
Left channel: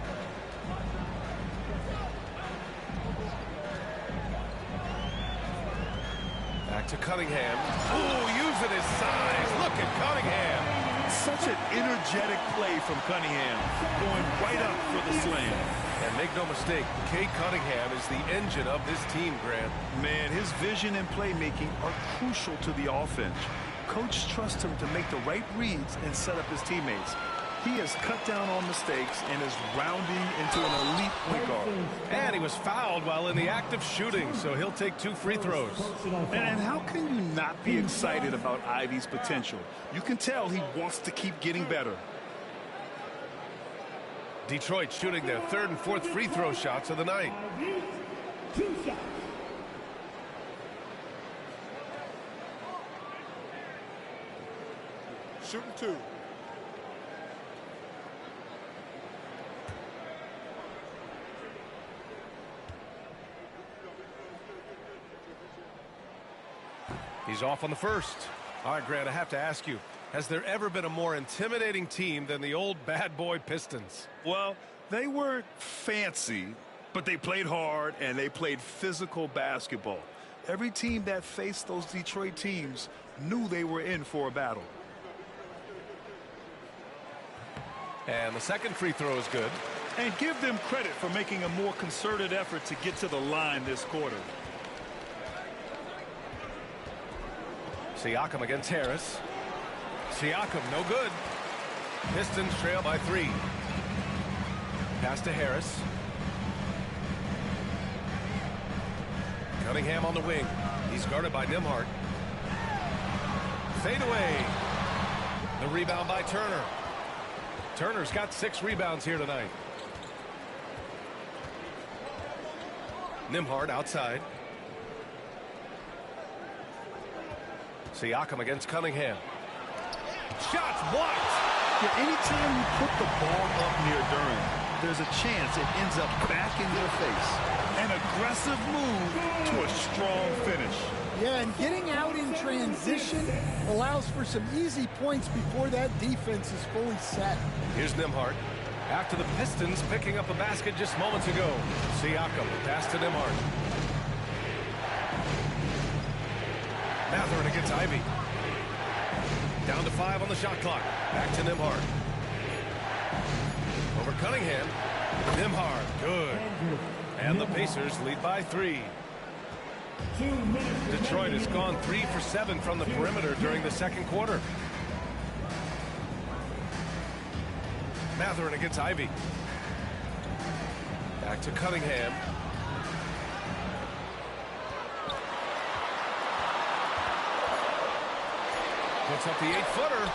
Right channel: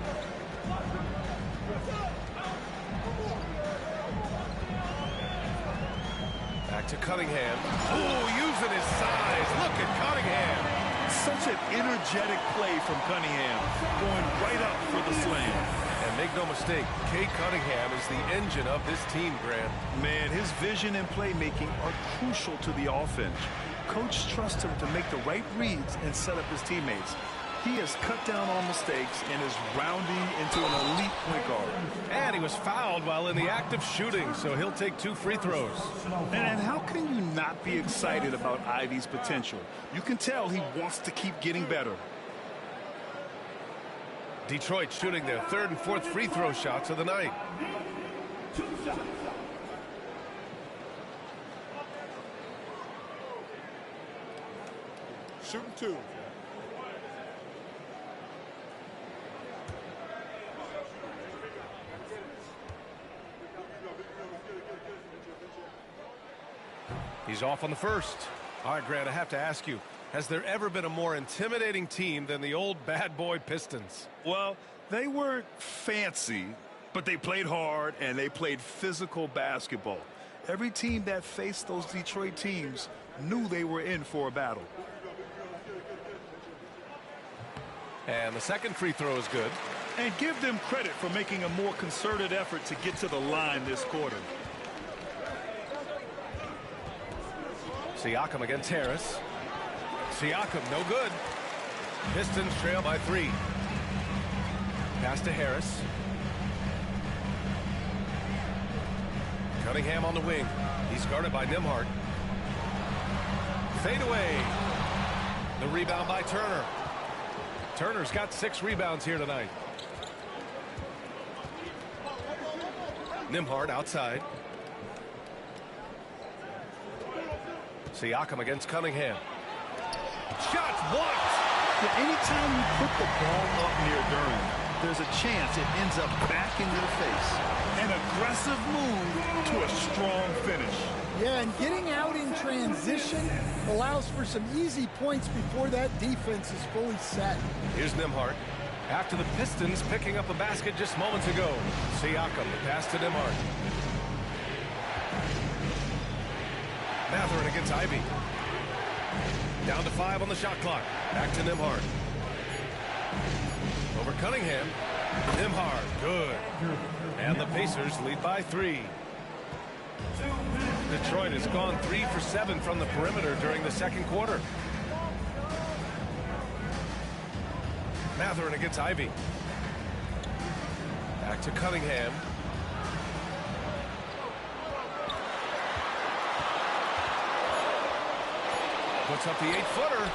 Back to Cunningham. Oh, using his size. Look at Cunningham. Such an energetic play from Cunningham. Going right up for the slam. And make no mistake, Cade Cunningham is the engine of this team, Grant. Man, his vision and playmaking are crucial to the offense. Coach trusts him to make the right reads and set up his teammates. He has cut down on mistakes and is rounding into an elite point guard. And he was fouled while in the act of shooting, so he'll take 2 free throws. And how can you not be excited about Ivy's potential? You can tell he wants to keep getting better. Detroit shooting their 3rd and 4th free throw shots of the night. 2 shots. Shooting 2. He's off on the 1st. All right, Grant, I have to ask you, has there ever been a more intimidating team than the old bad boy Pistons? Well, they weren't fancy, But they played hard, and they played physical basketball. Every team that faced those Detroit teams knew they were in for a battle. And the second free throw is good. And give them credit for making a more concerted effort to get to the line this quarter. Siakam against Harris. Siakam, no good. Pistons trail by 3. Pass to Harris. Cunningham on the wing. He's guarded by Nembhard. Fade away. The rebound by Turner. Turner's got 6 rebounds here tonight. Nembhard outside. Siakam against Cunningham. Shots blocked. Yeah, anytime you put the ball up near Duran, there's a chance it ends up back in their face. An aggressive move to a strong finish. Yeah, and getting out in transition allows for some easy points before that defense is fully set. Here's Nembhard. After the Pistons picking up a basket just moments ago. Siakam, the pass to Nembhard. Mathurin against Ivy. Down to 5 on the shot clock. Back to Nembhard. Over Cunningham. Nembhard, good. And the Pacers lead by 3. Detroit has gone 3 for 7 from the perimeter during the second quarter. Mathurin against Ivy. Back to Cunningham. Puts up the 8-footer.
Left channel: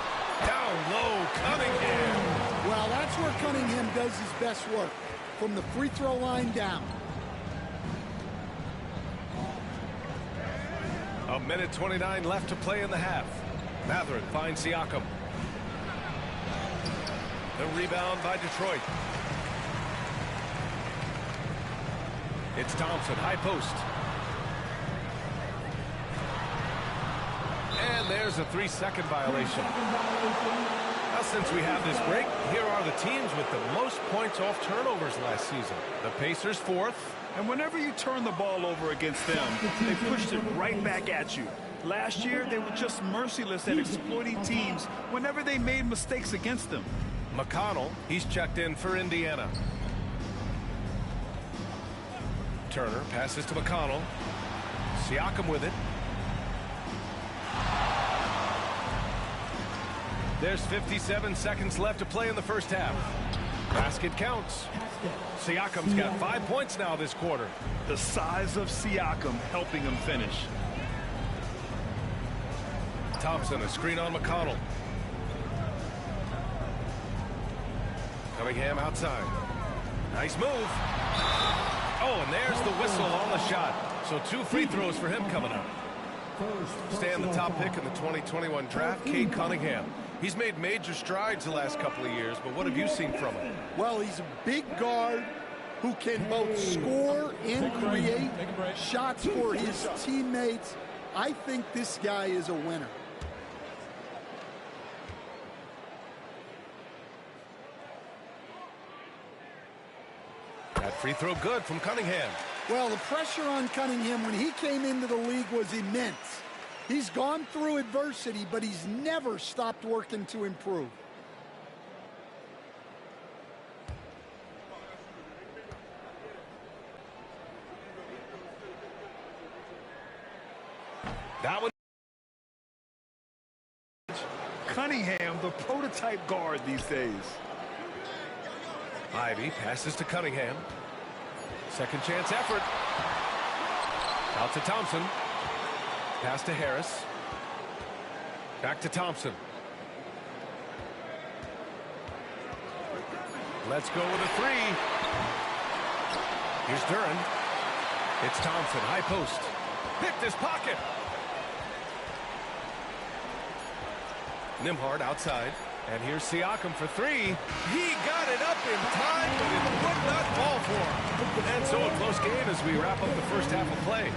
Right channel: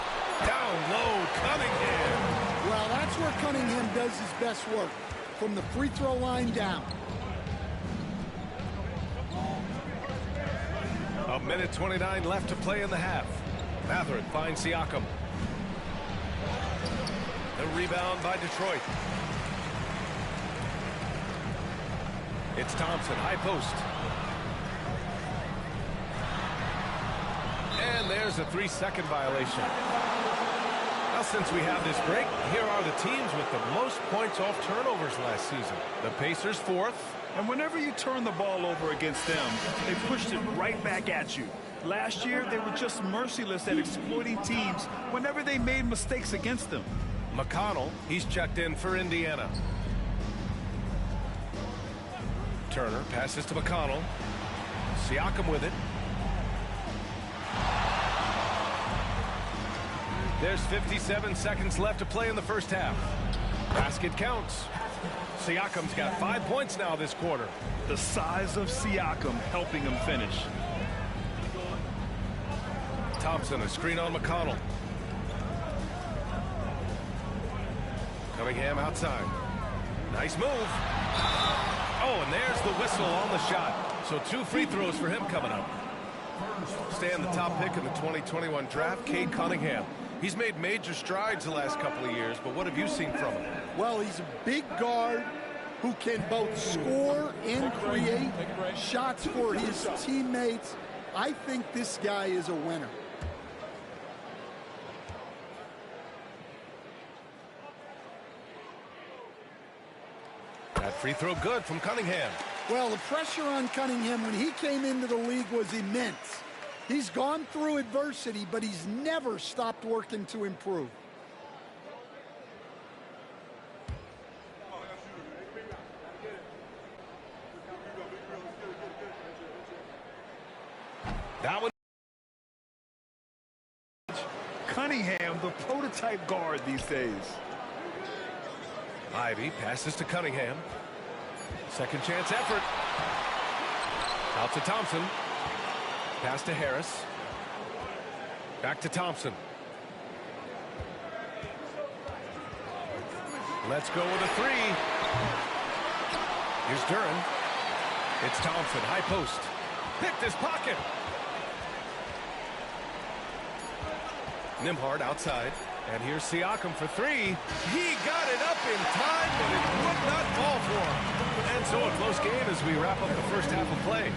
Down low, Cunningham. Well, that's where Cunningham does his best work, from the free throw line down. A minute 29 left to play in the half. Mathurin finds Siakam. The rebound by Detroit. It's Thompson, high post. And there's a 3-second violation. Now, since we have this break, here are the teams with the most points off turnovers last season. The Pacers 4th. And whenever you turn the ball over against them, they pushed it right back at you. Last year, they were just merciless at exploiting teams whenever they made mistakes against them. McConnell, he's checked in for Indiana. Turner passes to McConnell. Siakam with it. There's 57 seconds left to play in the first half. Basket counts. Siakam's got 5 points now this quarter. The size of Siakam helping him finish. Thompson, a screen on McConnell. Cunningham outside. Nice move. Oh, and there's the whistle on the shot. So 2 free throws for him coming up. Staying the top pick in the 2021 draft, Cade Cunningham. He's made major strides the last couple of years, but what have you seen from him? Well, he's a big guard who can both score and create shots for his teammates. I think this guy is a winner. That free throw good from Cunningham. Well, the pressure on Cunningham when he came into the league was immense. He's gone through adversity, but he's never stopped working to improve. That one. Cunningham, the prototype guard these days. Ivy passes to Cunningham. Second chance effort. Out to Thompson. Pass to Harris. Back to Thompson. Let's go with a 3. Here's Duran. It's Thompson, high post. Picked his pocket. Nembhard outside. And here's Siakam for 3. He got it up in time, but it would not fall for him. And so a close game as we wrap up the first half of play.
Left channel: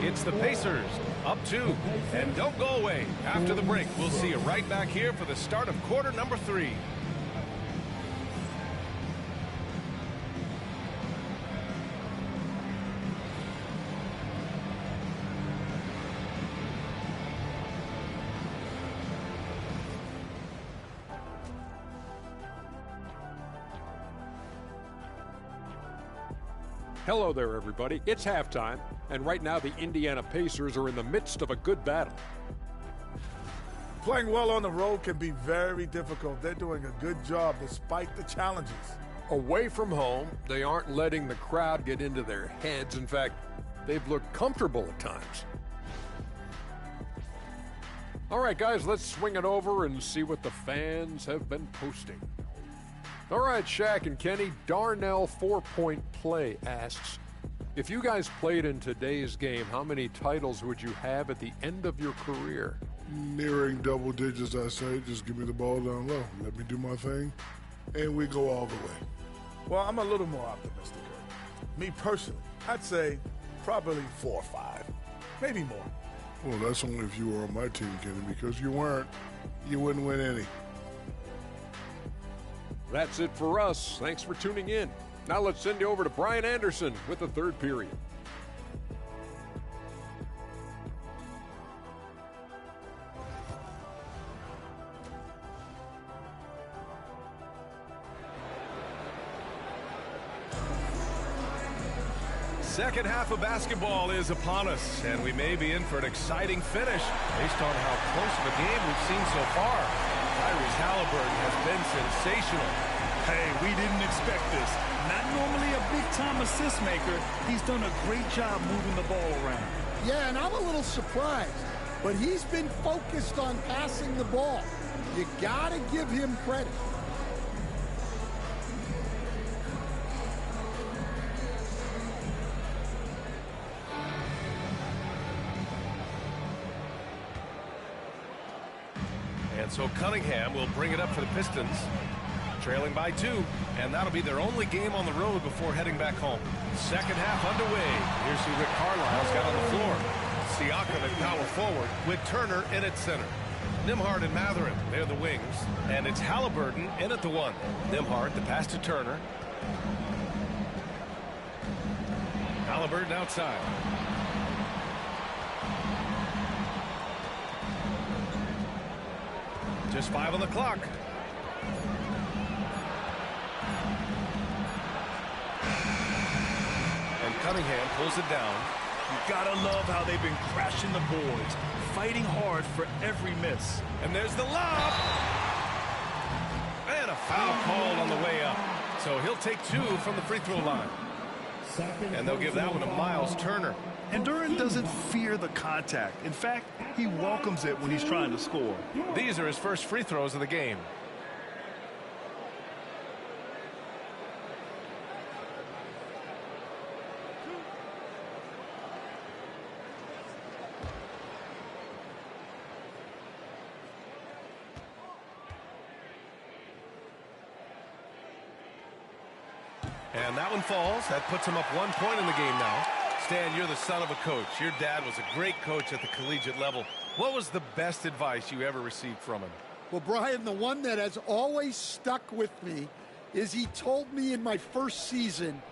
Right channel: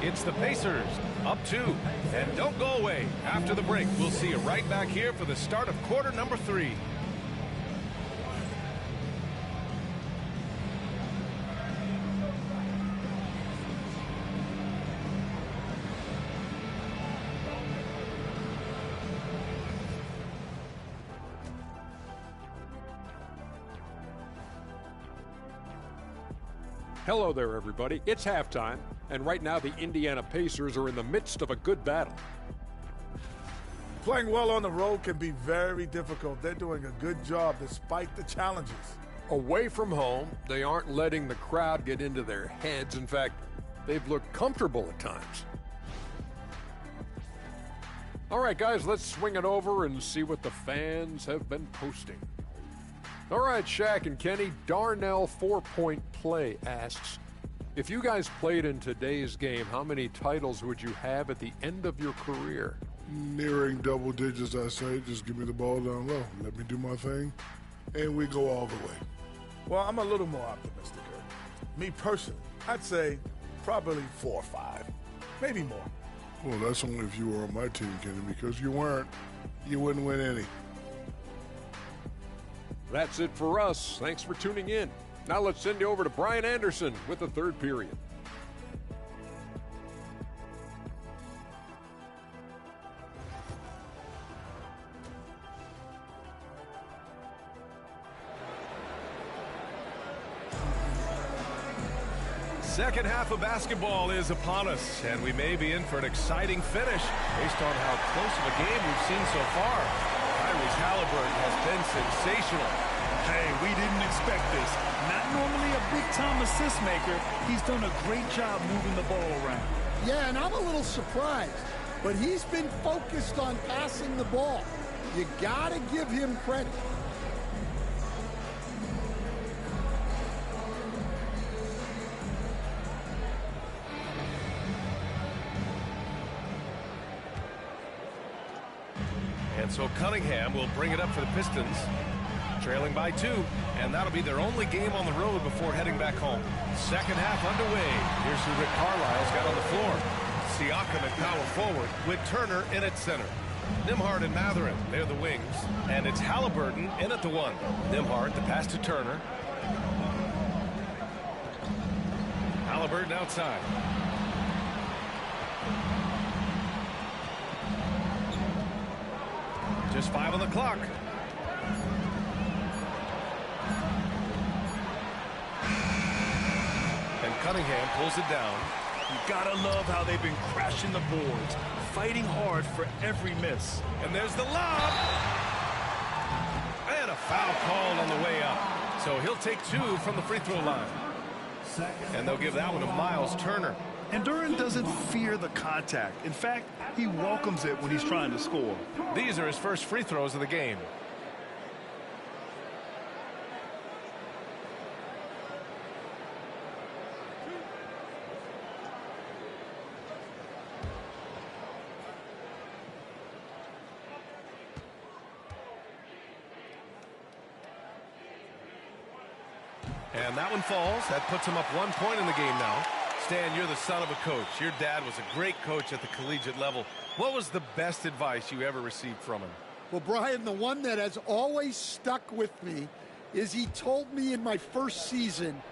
It's the Pacers, up 2. And don't go away. After the break, we'll see you right back here for the start of quarter number 3. Hello there, everybody. It's halftime, and right now the Indiana Pacers are in the midst of a good battle. Playing well on the road can be very difficult. They're doing a good job despite the challenges. Away from home, they aren't letting the crowd get into their heads. In fact, they've looked comfortable at times. All right, guys, let's swing it over and see what the fans have been posting. All right, Shaq and Kenny, Darnell 4-Point Play asks, if you guys played in today's game, how many titles would you have at the end of your career? Nearing double digits, I say. Just give me the ball down low. Let me do my thing, and we go all the way. Well, I'm a little more optimistic. Me personally, I'd say probably 4 or 5, maybe more. Well, that's only if you were on my team, Kenny, because you weren't. You wouldn't win any. That's it for us. Thanks for tuning in. Now let's send you over to Brian Anderson with the third period. Second half of basketball is upon us, and we may be in for an exciting finish based on how close of a game we've seen so far. Tyrese Halliburton has been sensational. Hey, we didn't expect this. Not normally a big-time assist maker. He's done a great job moving the ball around. Yeah, and I'm a little surprised, but he's been focused on passing the ball. You got to give him credit. And so Cunningham will bring it up for the Pistons, trailing by 2, and that'll be their only game on the road before heading back home. Second half underway. Here's who Rick Carlisle's got on the floor. Siakam at power forward with Turner in at center. Nembhard and Mathurin, they're the wings, and it's Halliburton in at the 1. Nembhard, the pass to Turner. Halliburton outside. Just 5 on the clock. And Cunningham pulls it down. You gotta love how they've been crashing the boards, fighting hard for every miss. And there's the lob. And a foul called on the way up. So he'll take 2 from the free throw line. And they'll give that one to Miles Turner. And Duren doesn't fear the contact. In fact, he welcomes it when he's trying to score. These are his first free throws of the game. And that one falls. That puts him up 1 point in the game now. Stan, you're the son of a coach. Your dad was a great coach at the collegiate level. What was the best advice you ever received from him? Well, Brian, the one that has always stuck with me is he told me in my first season,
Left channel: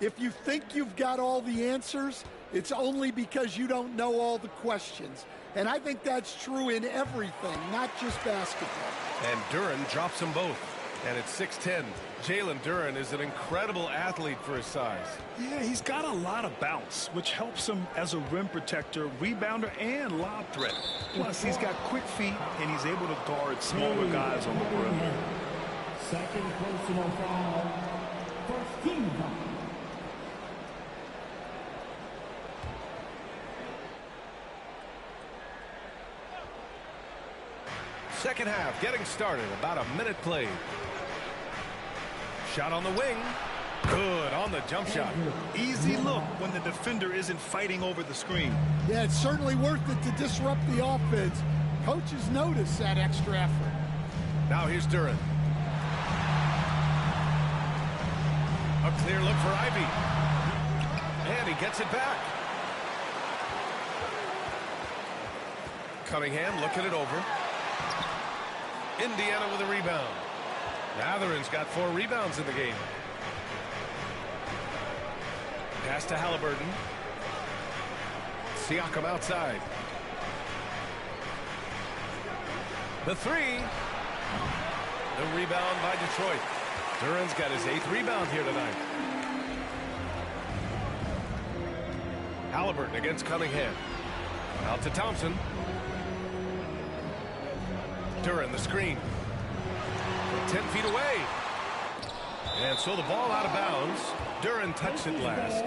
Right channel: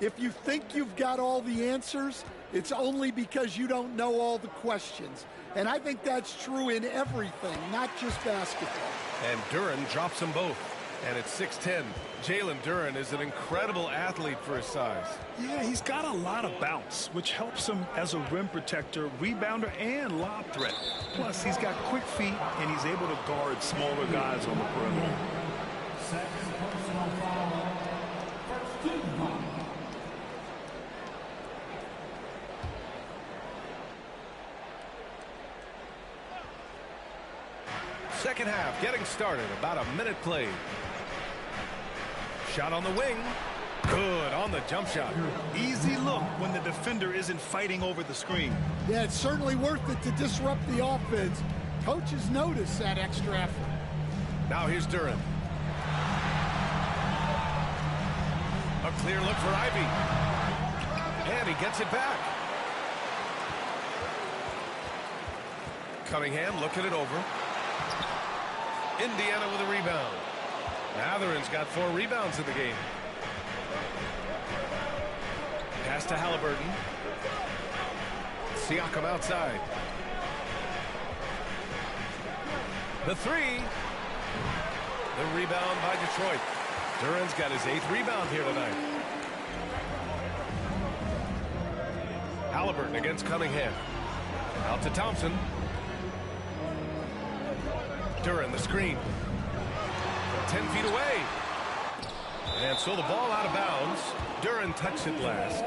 if you think you've got all the answers, it's only because you don't know all the questions. And I think that's true in everything, not just basketball. And Duren drops them both. And it's 6'10". Jalen Duren is an incredible athlete for his size. Yeah, he's got a lot of bounce, which helps him as a rim protector, rebounder, and lob threat. Plus, he's got quick feet, and he's able to guard smaller guys on the perimeter. Second personal foul. First team foul. Second half getting started. About a minute played. Shot on the wing. Good on the jump shot. Easy look when the defender isn't fighting over the screen. Yeah, it's certainly worth it to disrupt the offense. Coaches notice that extra effort. Now here's Duren. A clear look for Ivy. And he gets it back. Cunningham looking it over. Indiana with a rebound. Mathurin's got 4 rebounds in the game. Pass to Halliburton. Siakam outside. The 3. The rebound by Detroit. Duren's got his 8th rebound here tonight. Halliburton against Cunningham. Out to Thompson. Duren the screen. From 10 feet away. And so the ball out of bounds. Duren touched it last.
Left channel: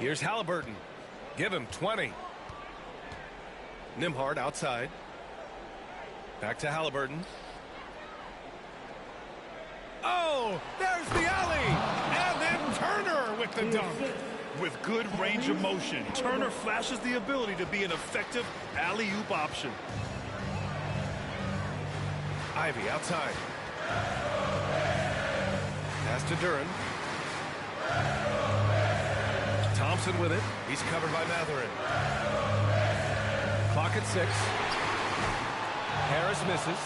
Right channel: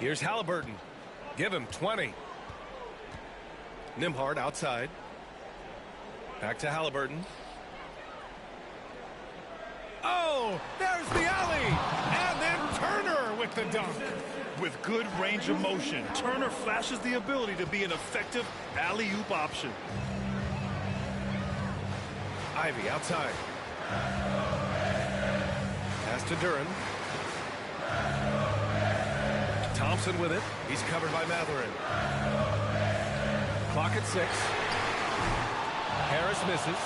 Here's Halliburton. Give him 20. Nembhard outside. Back to Halliburton. Oh, there's the alley. And then Turner with the dunk. With good range of motion, Turner flashes the ability to be an effective alley-oop option. Ivy outside. Pass to Duren. Thompson with it. He's covered by Mathurin. Clock at 6. Harris misses.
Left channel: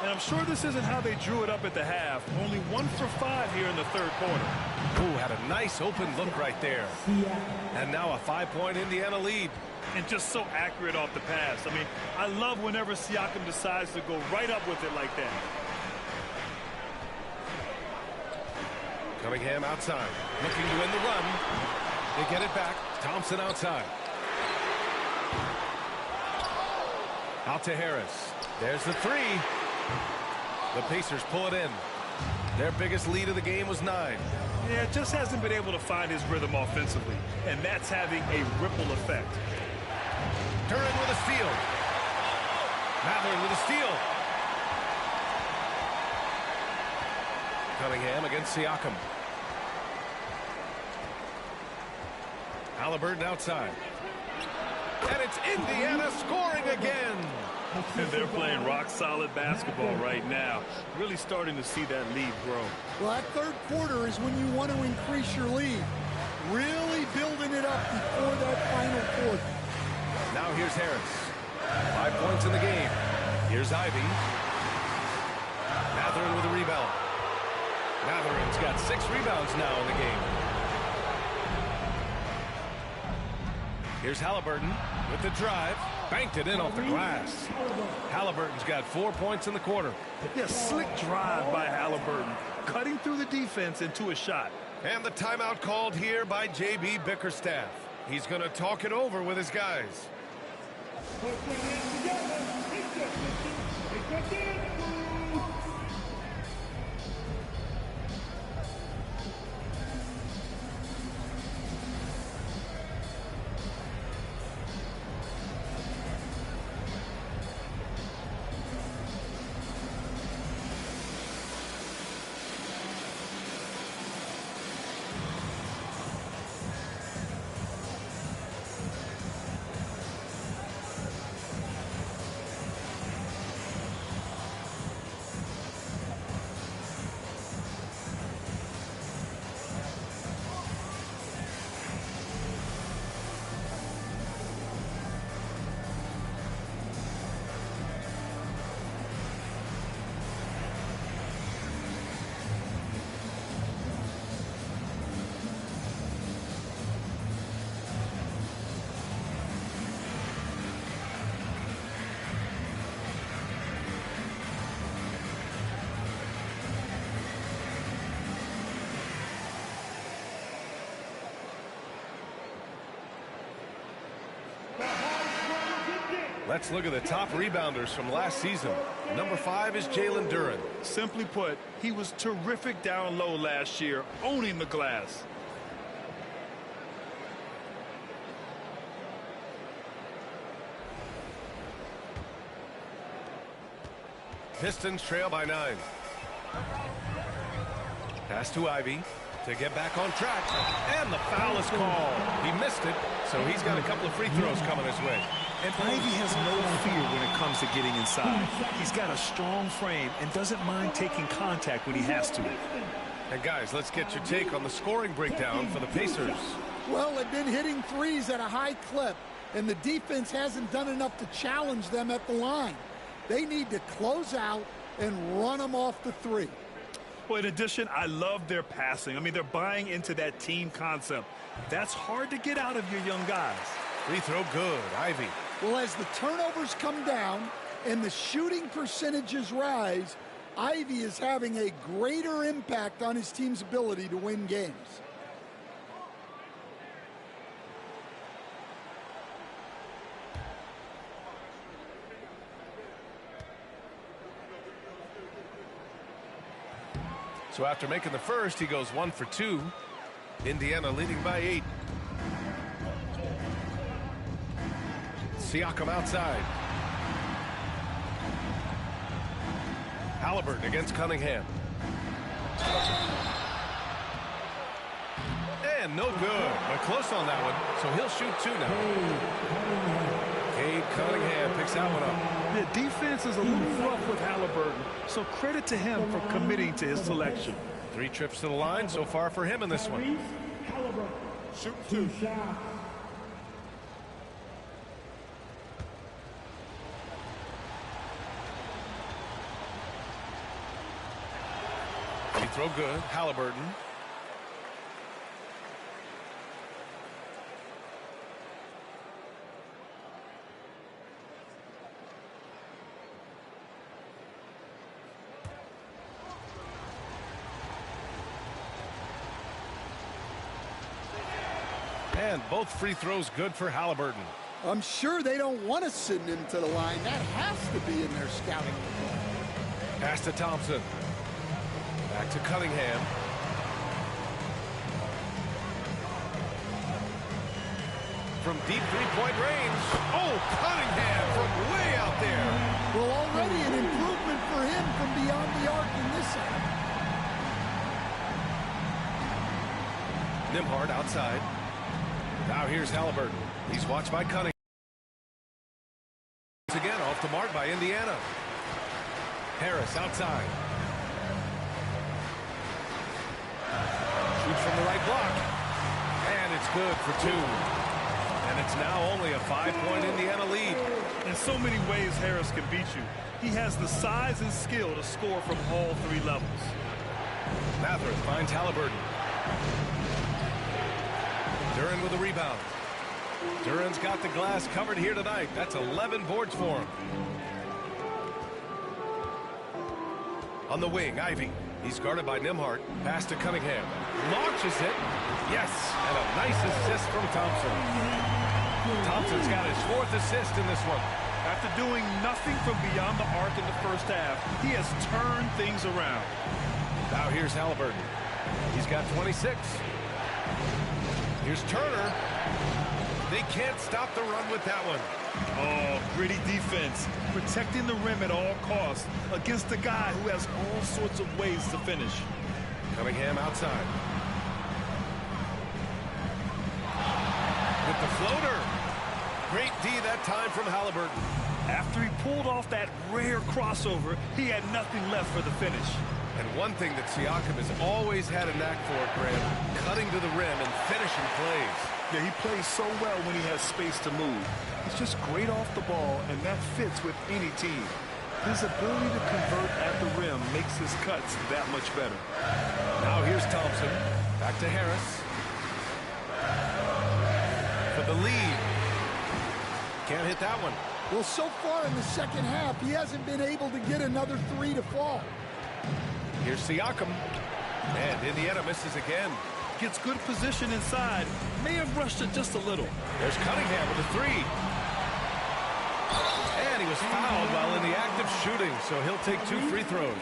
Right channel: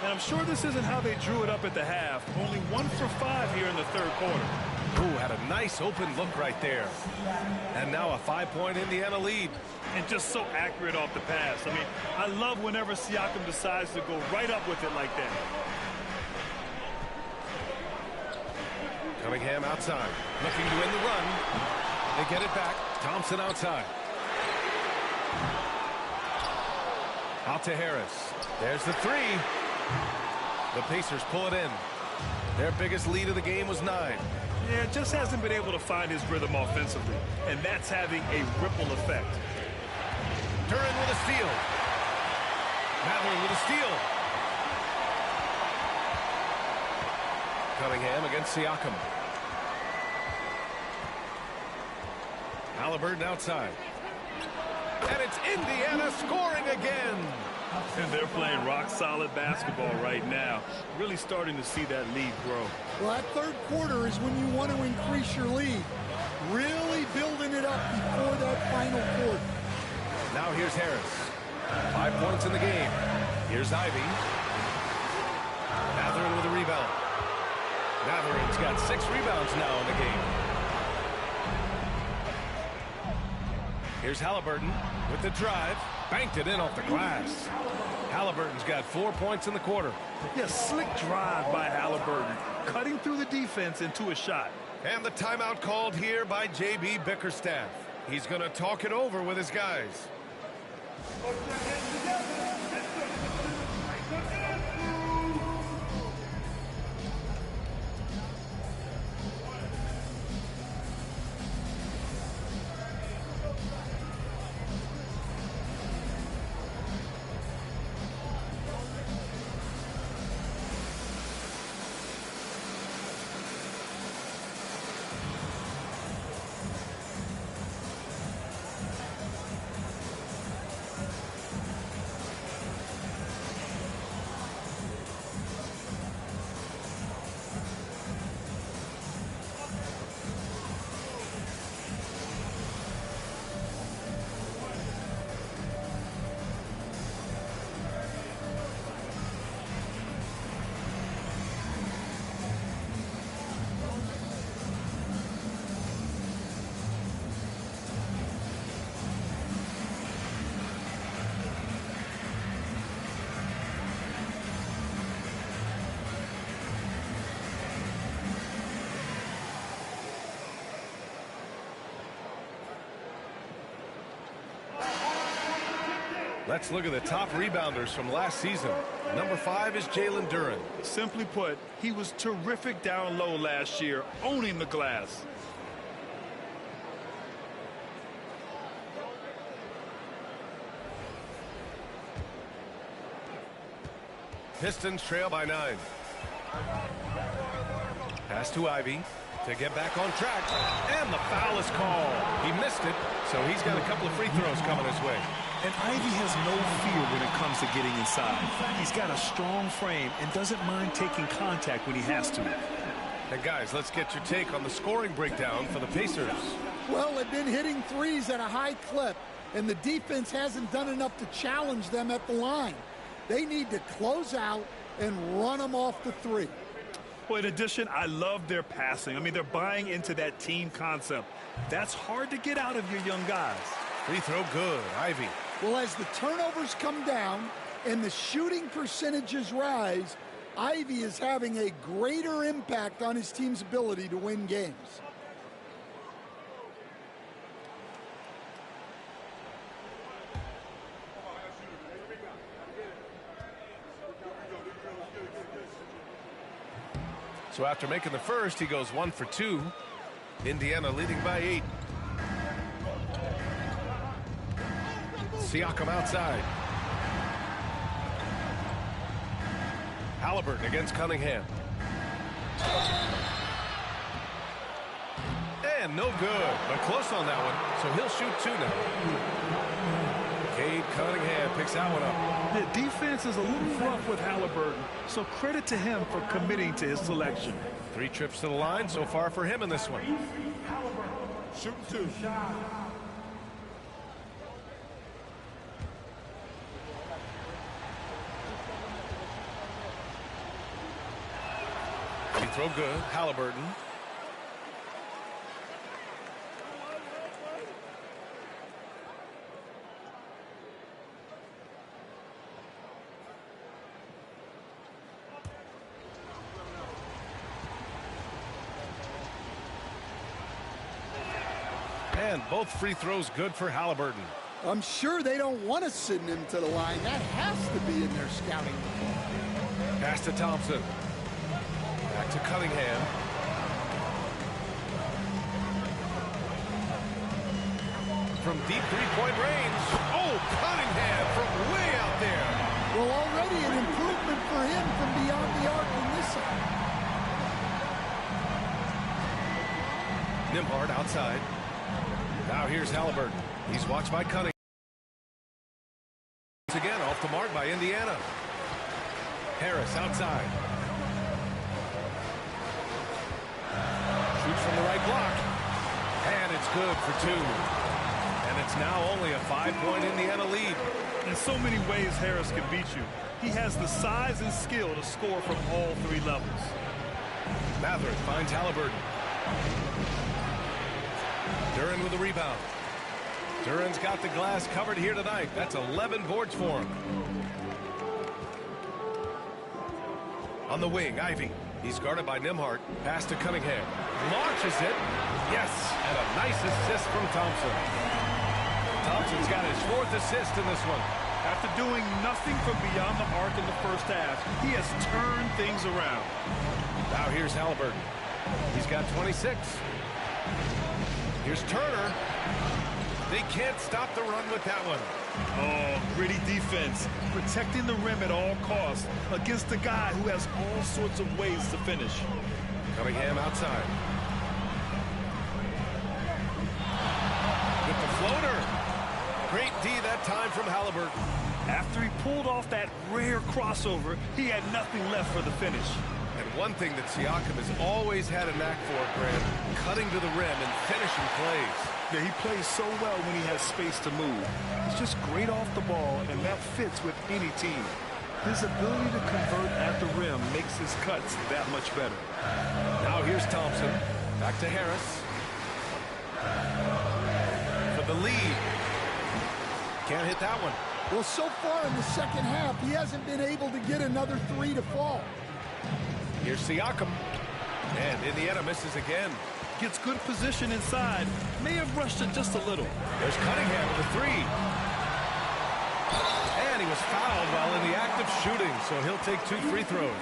And I'm sure this isn't how they drew it up at the half. Only 1 for 5 here in the third quarter. Ooh, had a nice open look right there. And now a 5-point Indiana lead. And just so accurate off the pass. I mean, I love whenever Siakam decides to go right up with it like that. Cunningham outside. Looking to win the run. They get it back. Thompson outside. Out to Harris. There's the 3. The Pacers pull it in. Their biggest lead of the game was 9. Yeah, just hasn't been able to find his rhythm offensively. And that's having a ripple effect. Duren with a steal. Mathurin with a steal. Cunningham against Siakam. Halliburton outside. And it's Indiana scoring again. And they're playing rock-solid basketball right now. Really starting to see that lead grow. Well, that third quarter is when you want to increase your lead. Really building it up before that final quarter. Now here's Harris. 5 points in the game. Here's Ivy. Mathurin with a rebound. Mathurin's got 6 rebounds now in the game. Here's Halliburton with the drive. Banked it in off the glass. Halliburton's got 4 points in the quarter. Yeah, slick drive by Halliburton. Cutting through the defense into a shot. And the timeout called here by J.B. Bickerstaff. He's going to talk it over with his guys. Let's look at the top rebounders from last season. Number 5 is Jalen Duren. Simply put, he was terrific down low last year, owning the glass. Pistons trail by 9. Pass to Ivy to get back on track. And the foul is called. He missed it, so he's got a couple of free throws coming his way. And Ivy has no fear when it comes to getting inside. He's got a strong frame and doesn't mind taking contact when he has to. And guys, let's get your take on the scoring breakdown for the Pacers. Well, they've been hitting threes at a high clip, and the defense hasn't done enough to challenge them at the line. They need to close out and run them off the 3. Well, in addition, I love their passing. I mean, they're buying into that team concept. That's hard to get out of your young guys. Free throw good. Ivy. Well, as the turnovers come down, and the shooting percentages rise, Ivy is having a greater impact on his team's ability to win games. So after making the first, he goes 1 for 2. Indiana leading by 8. Siakam outside. Halliburton against Cunningham. And no good, but close on that one, so he'll shoot 2 now. Cade Cunningham picks that one up. The defense is a little rough with Halliburton, so credit to him for committing to his selection. 3 trips to the line so far for him in this one. Shooting 2. Free throw good. Halliburton. And both free throws good for Halliburton. I'm sure they don't want to send him to the line. That has to be in their scouting report. Pass to Thompson. Back to Cunningham. From deep three-point range. Oh, Cunningham from way out there. Well, already an improvement for him from beyond the arc in this end. Nembhard outside. Now here's Halliburton. He's watched by Cunningham. Once again, off the mark by Indiana. Harris outside. Shoots from the right block. And it's good for 2. And it's now only a 5-point Indiana lead. In so many ways, Harris can beat you. He has the size and skill to score from all 3 levels. Mathurin finds Halliburton. Duren with a rebound. Duren's got the glass covered here tonight. That's 11 boards for him. On the wing, Ivy. He's guarded by Nembhard. Pass to Cunningham. Launches it. Yes, and a nice assist from Thompson. Thompson's got his 4th assist in this one. After doing nothing from beyond the arc in the first half, he has turned things around. Now here's Halliburton. He's got 26. Here's Turner. They can't stop the run with that one. Oh, gritty defense. Protecting the rim at all costs against a guy who has all sorts of ways to finish. Cunningham outside. With the floater. Great D that time from Halliburton. After he pulled off that rare crossover, he had nothing left for the finish. And one thing that Siakam has always had a knack for, Grant, cutting to the rim and finishing plays. Yeah, he plays so well when he has space to move. He's just great off the ball, and that fits with any team. His ability to convert at the rim makes his cuts that much better. Now here's Thompson. Back to Harris. For the lead. Can't hit that one. Well, so far in the second half, he hasn't been able to get another 3 to fall. Here's Siakam. And Indiana misses again. Gets good position inside. May have rushed it just a little. There's Cunningham with a 3. And he was fouled while in the act of shooting, so he'll take 2 free throws.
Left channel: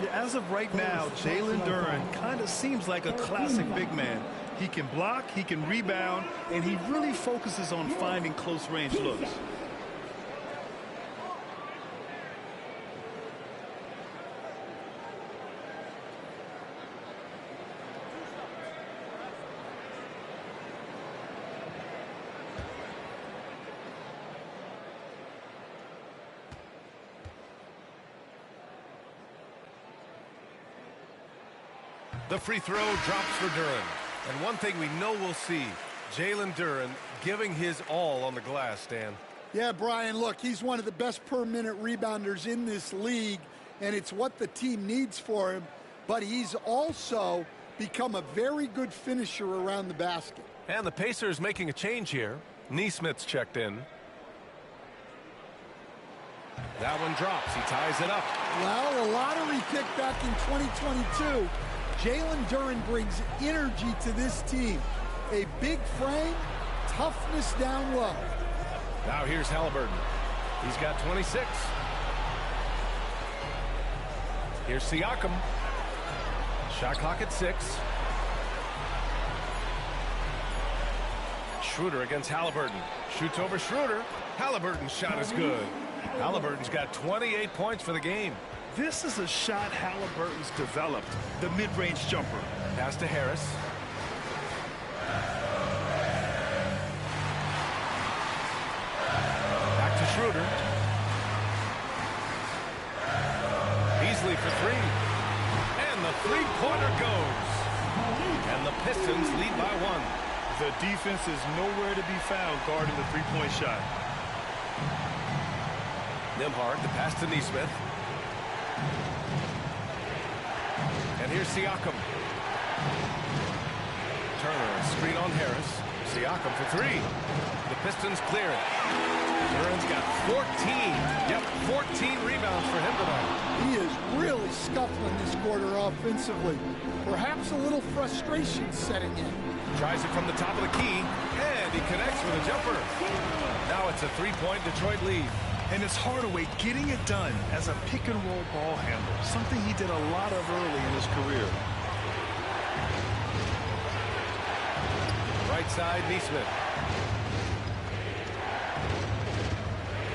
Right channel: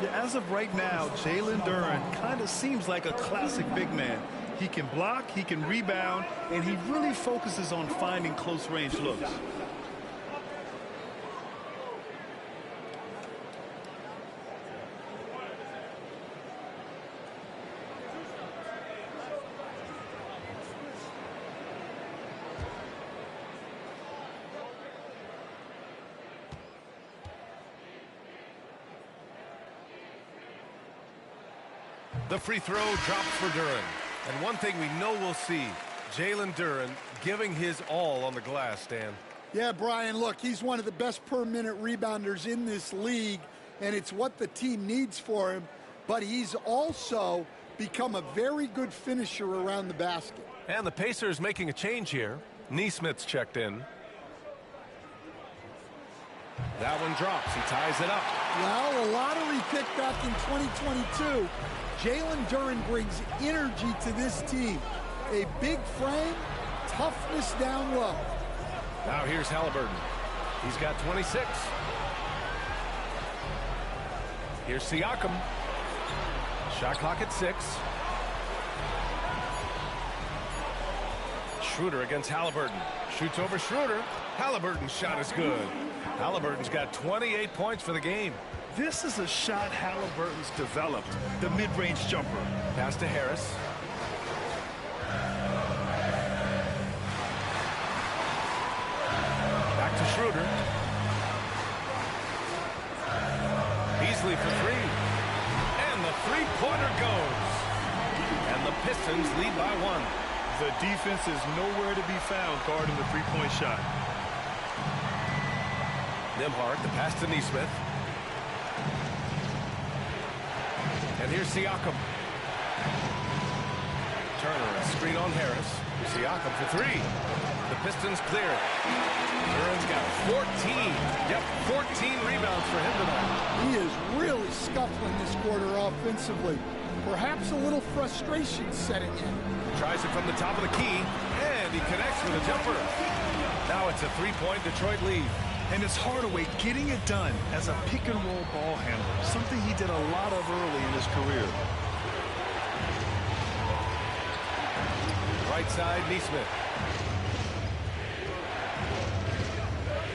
Yeah, as of right now, Jalen Duren kind of seems like a classic big man. He can block, he can rebound, and he really focuses on finding close-range looks. The free throw drops for Duren. And one thing we know we'll see, Jalen Duren giving his all on the glass, Stan. Yeah, Brian, look, he's one of the best per-minute rebounders in this league, and it's what the team needs for him. But he's also become a very good finisher around the basket. And the Pacers making a change here. Neesmith's checked in. That one drops. He ties it up. Well, a lottery pick back in 2022. Jalen Duren brings energy to this team. A big frame, toughness down low. Now here's Halliburton. He's got 26. Here's Siakam. Shot clock at 6. Schroeder against Halliburton. Shoots over Schroeder. Halliburton's shot is good. Halliburton's got 28 points for the game. This is a shot Halliburton's developed, the mid-range jumper. Pass to Harris. Back to Schroeder. Beasley for 3. And the three-pointer goes. And the Pistons lead by 1. The defense is nowhere to be found guarding the three-point shot. Nembhard, the pass to Nesmith. And here's Siakam. Turner, a screen on Harris. Siakam for 3. The Pistons clear it. Duren's got 14. Yep, 14 rebounds for him tonight. He is really scuffling this quarter offensively. Perhaps a little frustration setting in. Tries it from the top of the key, and he connects with a jumper. Now it's a 3-point Detroit lead. And it's Hardaway getting it done as a pick-and-roll ball handler, something he did a lot of early in his career. Right side, Nesmith.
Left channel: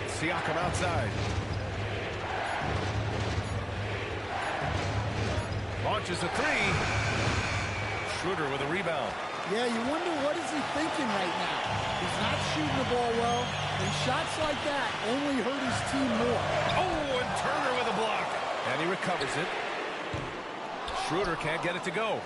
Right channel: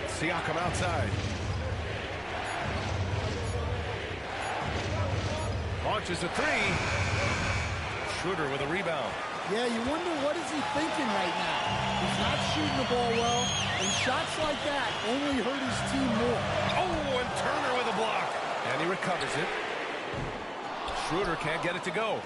Siakam outside. Launches a 3. Schroeder with a rebound. Yeah, you wonder what is he thinking right now. He's not shooting the ball well, and shots like that only hurt his team more. Oh, and Turner with a block. And he recovers it. Schroeder can't get it to go.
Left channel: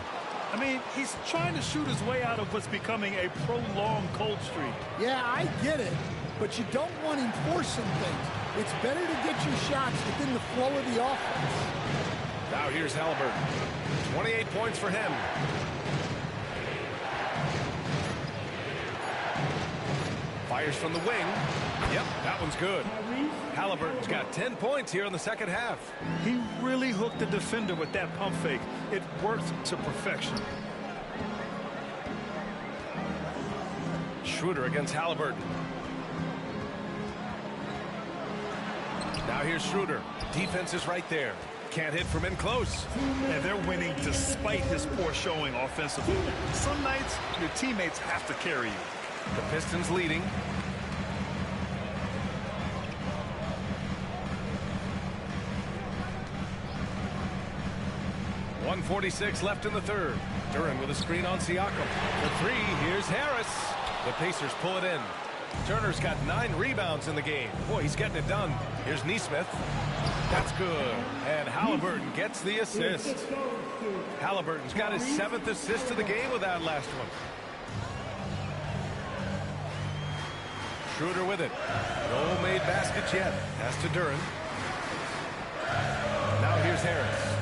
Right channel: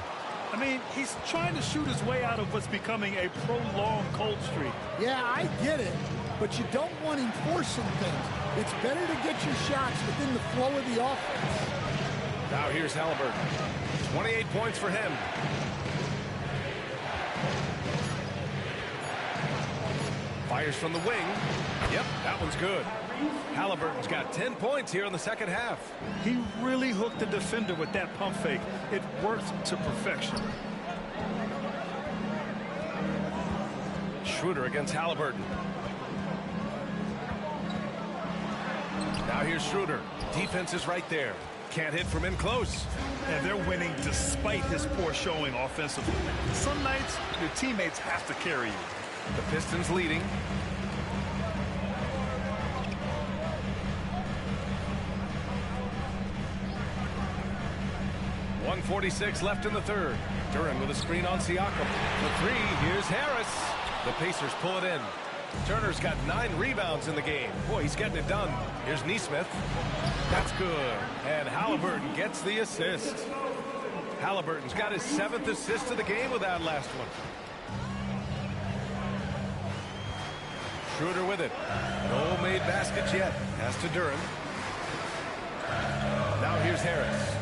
I mean, he's trying to shoot his way out of what's becoming a prolonged cold streak. Yeah, I get it, but you don't want him forcing things. It's better to get your shots within the flow of the offense. Now here's Halliburton. 28 points for him. Fires from the wing. Yep, that one's good. Halliburton's got 10 points here in the second half. He really hooked the defender with that pump fake. It worked to perfection. Schroeder against Halliburton. Now here's Schroeder. Defense is right there. Can't hit from in close. And they're winning despite his poor showing offensively. Some nights, your teammates have to carry you. The Pistons leading. .146 left in the third. Duren with a screen on Siakam. The 3, here's Harris. The Pacers pull it in. Turner's got 9 rebounds in the game. Boy, he's getting it done. Here's Nesmith. That's good. And Halliburton gets the assist. Halliburton's got his 7th assist of the game with that last one. Schroeder with it. No made baskets yet. Pass to Duren. Now here's Harris.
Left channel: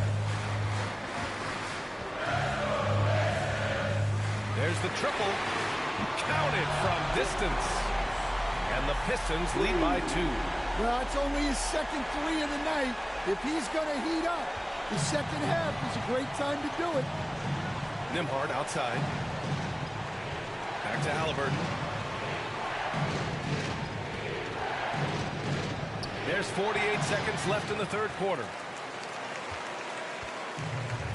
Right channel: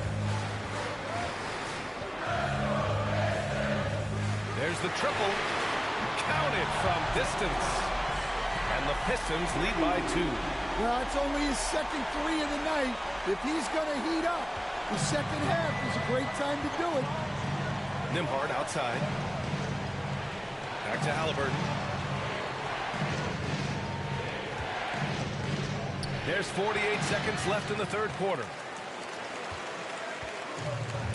There's the triple. Counted from distance. And the Pistons lead by 2. Well, it's only his second 3 of the night. If he's going to heat up, the second half is a great time to do it. Nembhard outside. Back to Halliburton. There's 48 seconds left in the third quarter.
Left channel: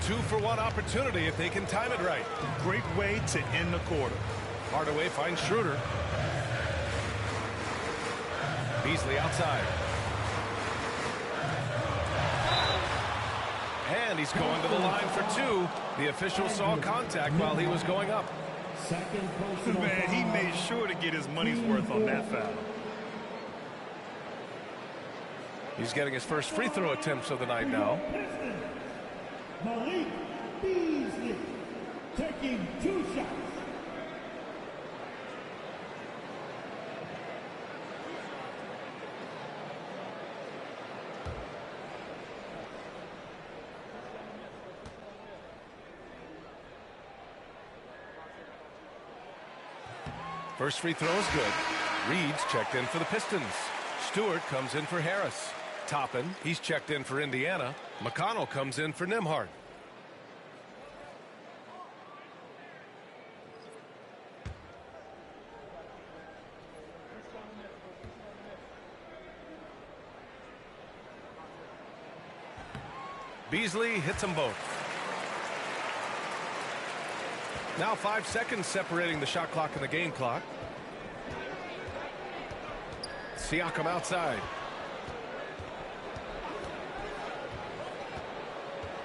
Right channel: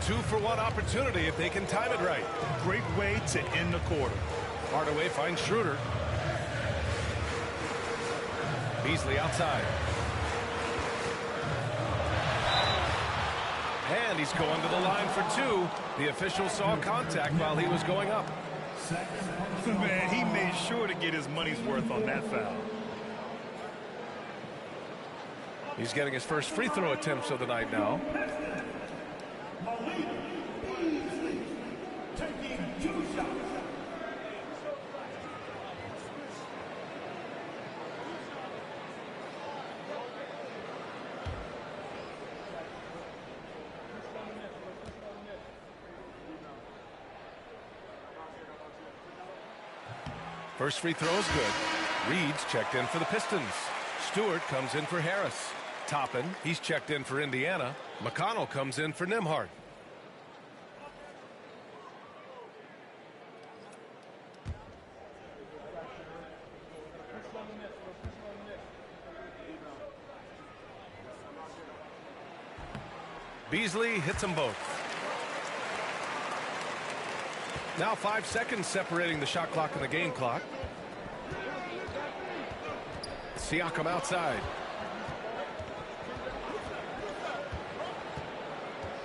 2-for-1 opportunity if they can time it right. Great way to end the quarter. Hardaway finds Schroeder. Beasley outside. And he's going to the line for 2. The official saw contact while he was going up. Man, he made sure to get his money's worth on that foul. He's getting his first free throw attempts of the night now. Malik Beasley taking 2 shots. First free throw is good. Reed's checked in for the Pistons. Stewart comes in for Harris. Toppin, he's checked in for Indiana. McConnell comes in for Nimhard. Beasley hits them both. Now 5 seconds separating the shot clock and the game clock. Siakam outside.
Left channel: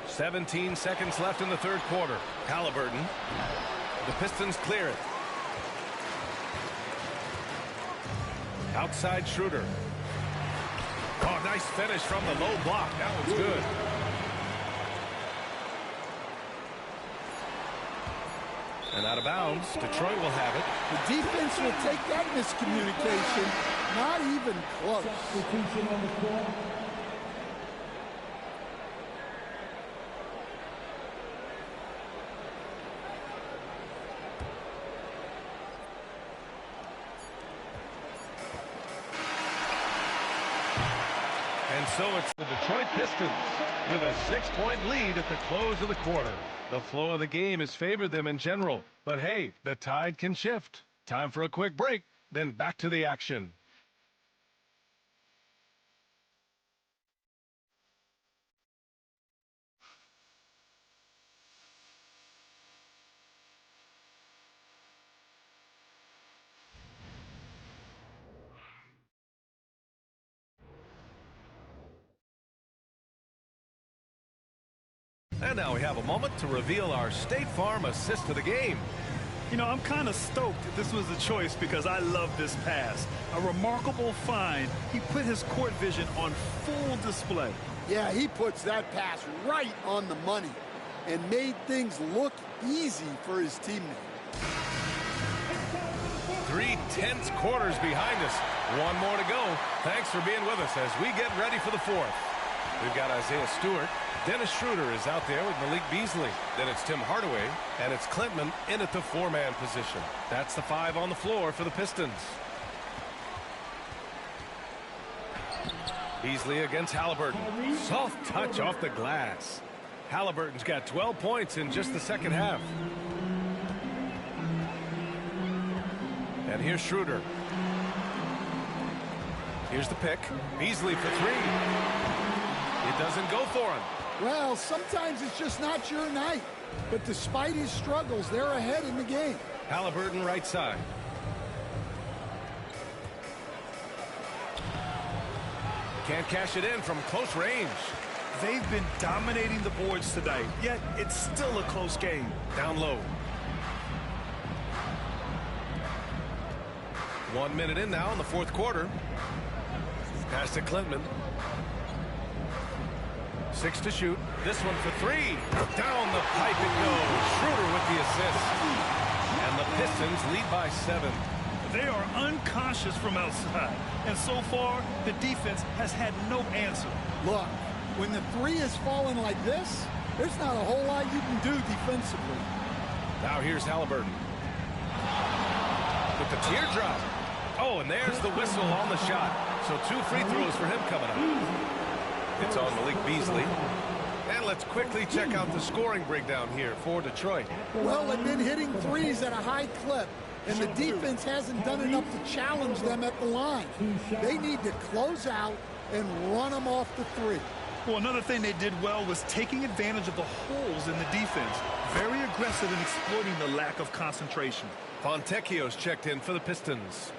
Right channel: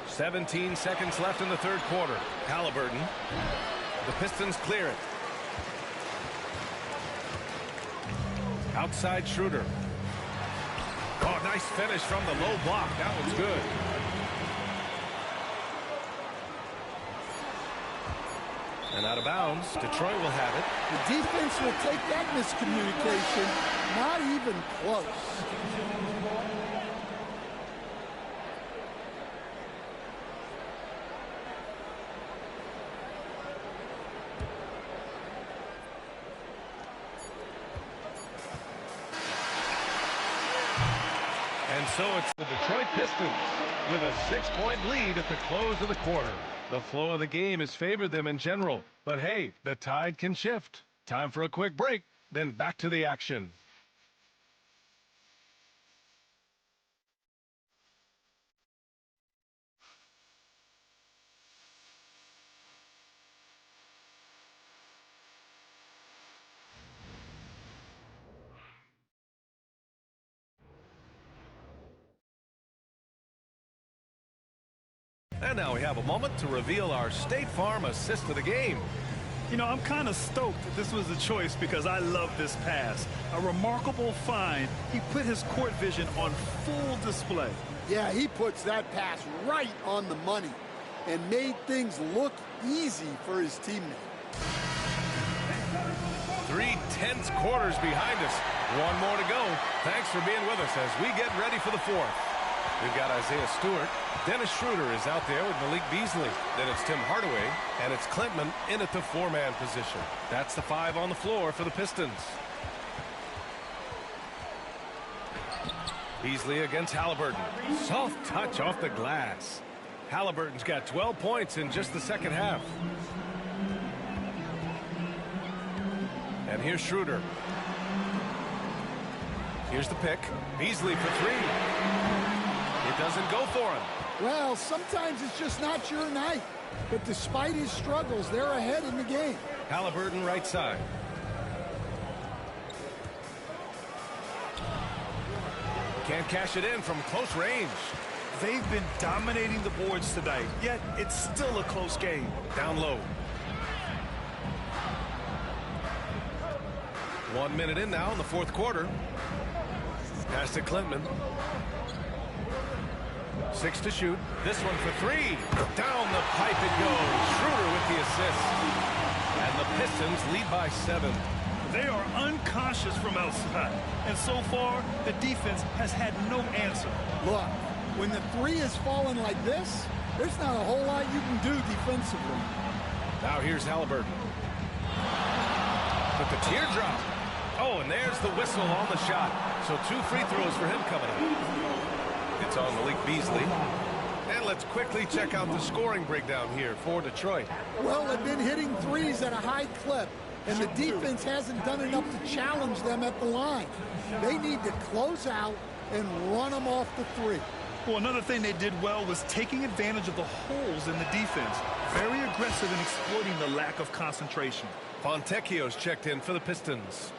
17 seconds left in the third quarter. Halliburton. The Pistons clear it. Outside Schroeder. Oh, nice finish from the low block. That one's good. And out of bounds. Detroit will have it. The defense will take that miscommunication. Not even close. And so it's the Detroit Pistons with a 6-point lead at the close of the quarter. The flow of the game has favored them in general, but hey, the tide can shift. Time for a quick break, then back to the action. And now we have a moment to reveal our State Farm assist of the game. You know, I'm kind of stoked that this was a choice because I love this pass. A remarkable find. He put his court vision on full display. Yeah, he puts that pass right on the money and made things look easy for his teammate. 3 tense quarters behind us. One more to go. Thanks for being with us as we get ready for the fourth. We've got Isaiah Stewart. Dennis Schroeder is out there with Malik Beasley. Then it's Tim Hardaway, and it's Klintman in at the 4-man position. That's the 5 on the floor for the Pistons. Beasley against Halliburton. Soft touch off the glass. Halliburton's got 12 points in just the second half. And here's Schroeder. Here's the pick. Beasley for 3. It doesn't go for him. Well, sometimes it's just not your night. But despite his struggles, they're ahead in the game. Halliburton right side. Can't cash it in from close range. They've been dominating the boards tonight, yet it's still a close game. Down low. 1 minute in now in the fourth quarter. Pass to Klintman. 6 to shoot. This one for 3. Down the pipe it goes. Schroeder with the assist. And the Pistons lead by 7. They are unconscious from outside. And so far, the defense has had no answer. Look, when the 3 is falling like this, there's not a whole lot you can do defensively. Now here's Halliburton. With the teardrop. Oh, and there's the whistle on the shot. So 2 free throws for him coming up. It's on Malik Beasley. And let's quickly check out the scoring breakdown here for Detroit. Well, they've been hitting 3s at a high clip, and the defense hasn't done enough to challenge them at the line. They need to close out and run them off the 3. Well, another thing they did well was taking advantage of the holes in the defense. Very aggressive in exploiting the lack of concentration. Fontecchio's checked in for the Pistons.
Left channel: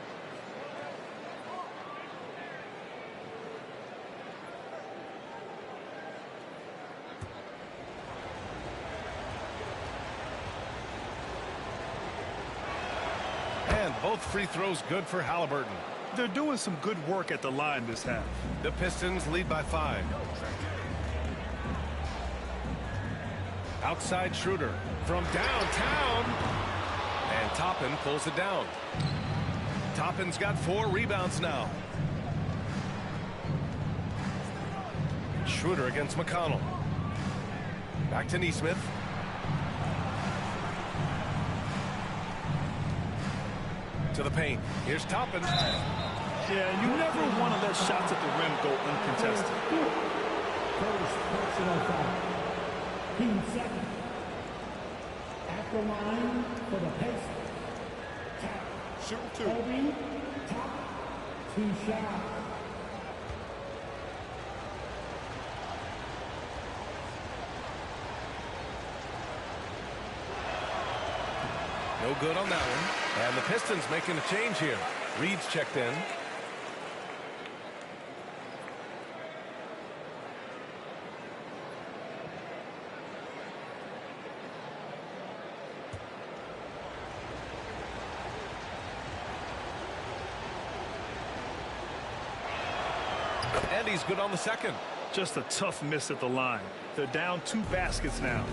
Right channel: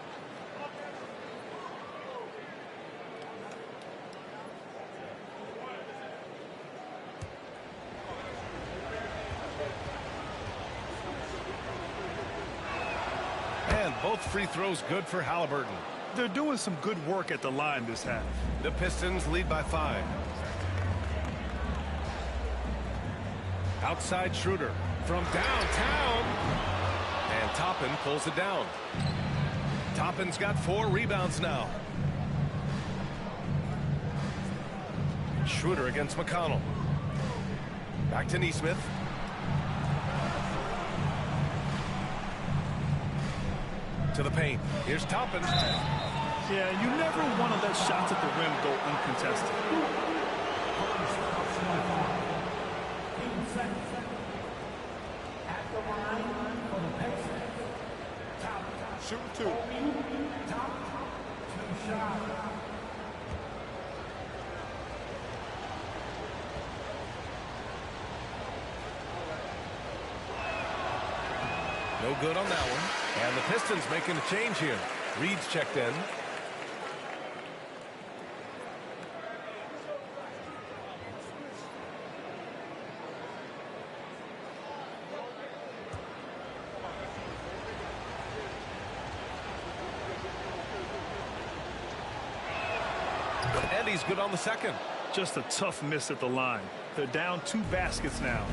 And both free throws good for Halliburton. They're doing some good work at the line this half. The Pistons lead by 5. Outside Schroeder from downtown. And Toppin pulls it down. Toppin's got 4 rebounds now. Schroeder against McConnell. Back to Nesmith. To the paint. Here's Toppin. Yeah, and you never want to let shots at the rim go uncontested. First personal foul. Team second. At the line for the Pacers. Top. Shooting two. Kobe, top. 2 shots. No good on that one. And the Pistons making a change here. Reed's checked in. And he's good on the second. Just a tough miss at the line. They're down 2 baskets now.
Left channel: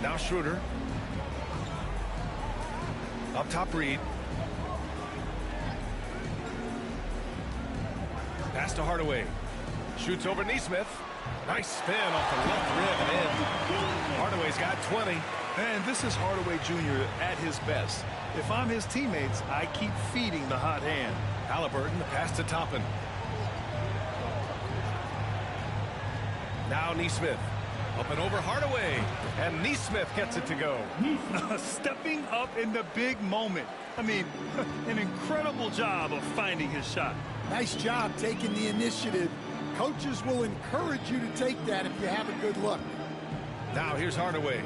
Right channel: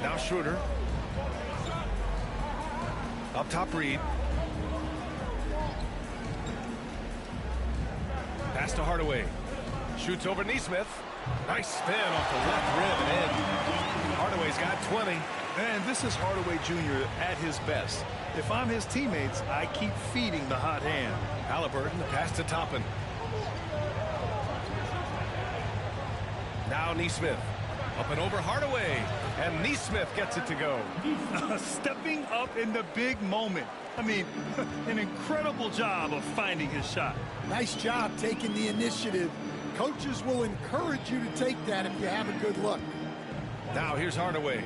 Now Schroeder. Up top, Reed. Pass to Hardaway. Shoots over Neesmith. Nice spin off the left rim and in. Hardaway's got 20. And this is Hardaway Jr. at his best. If I'm his teammates, I keep feeding the hot hand. Halliburton, the pass to Toppin. Now Neesmith. Up and over Hardaway. And Neesmith gets it to go. Stepping up in the big moment. I mean, an incredible job of finding his shot. Nice job taking the initiative. Coaches will encourage you to take that if you have a good look. Now here's Hardaway.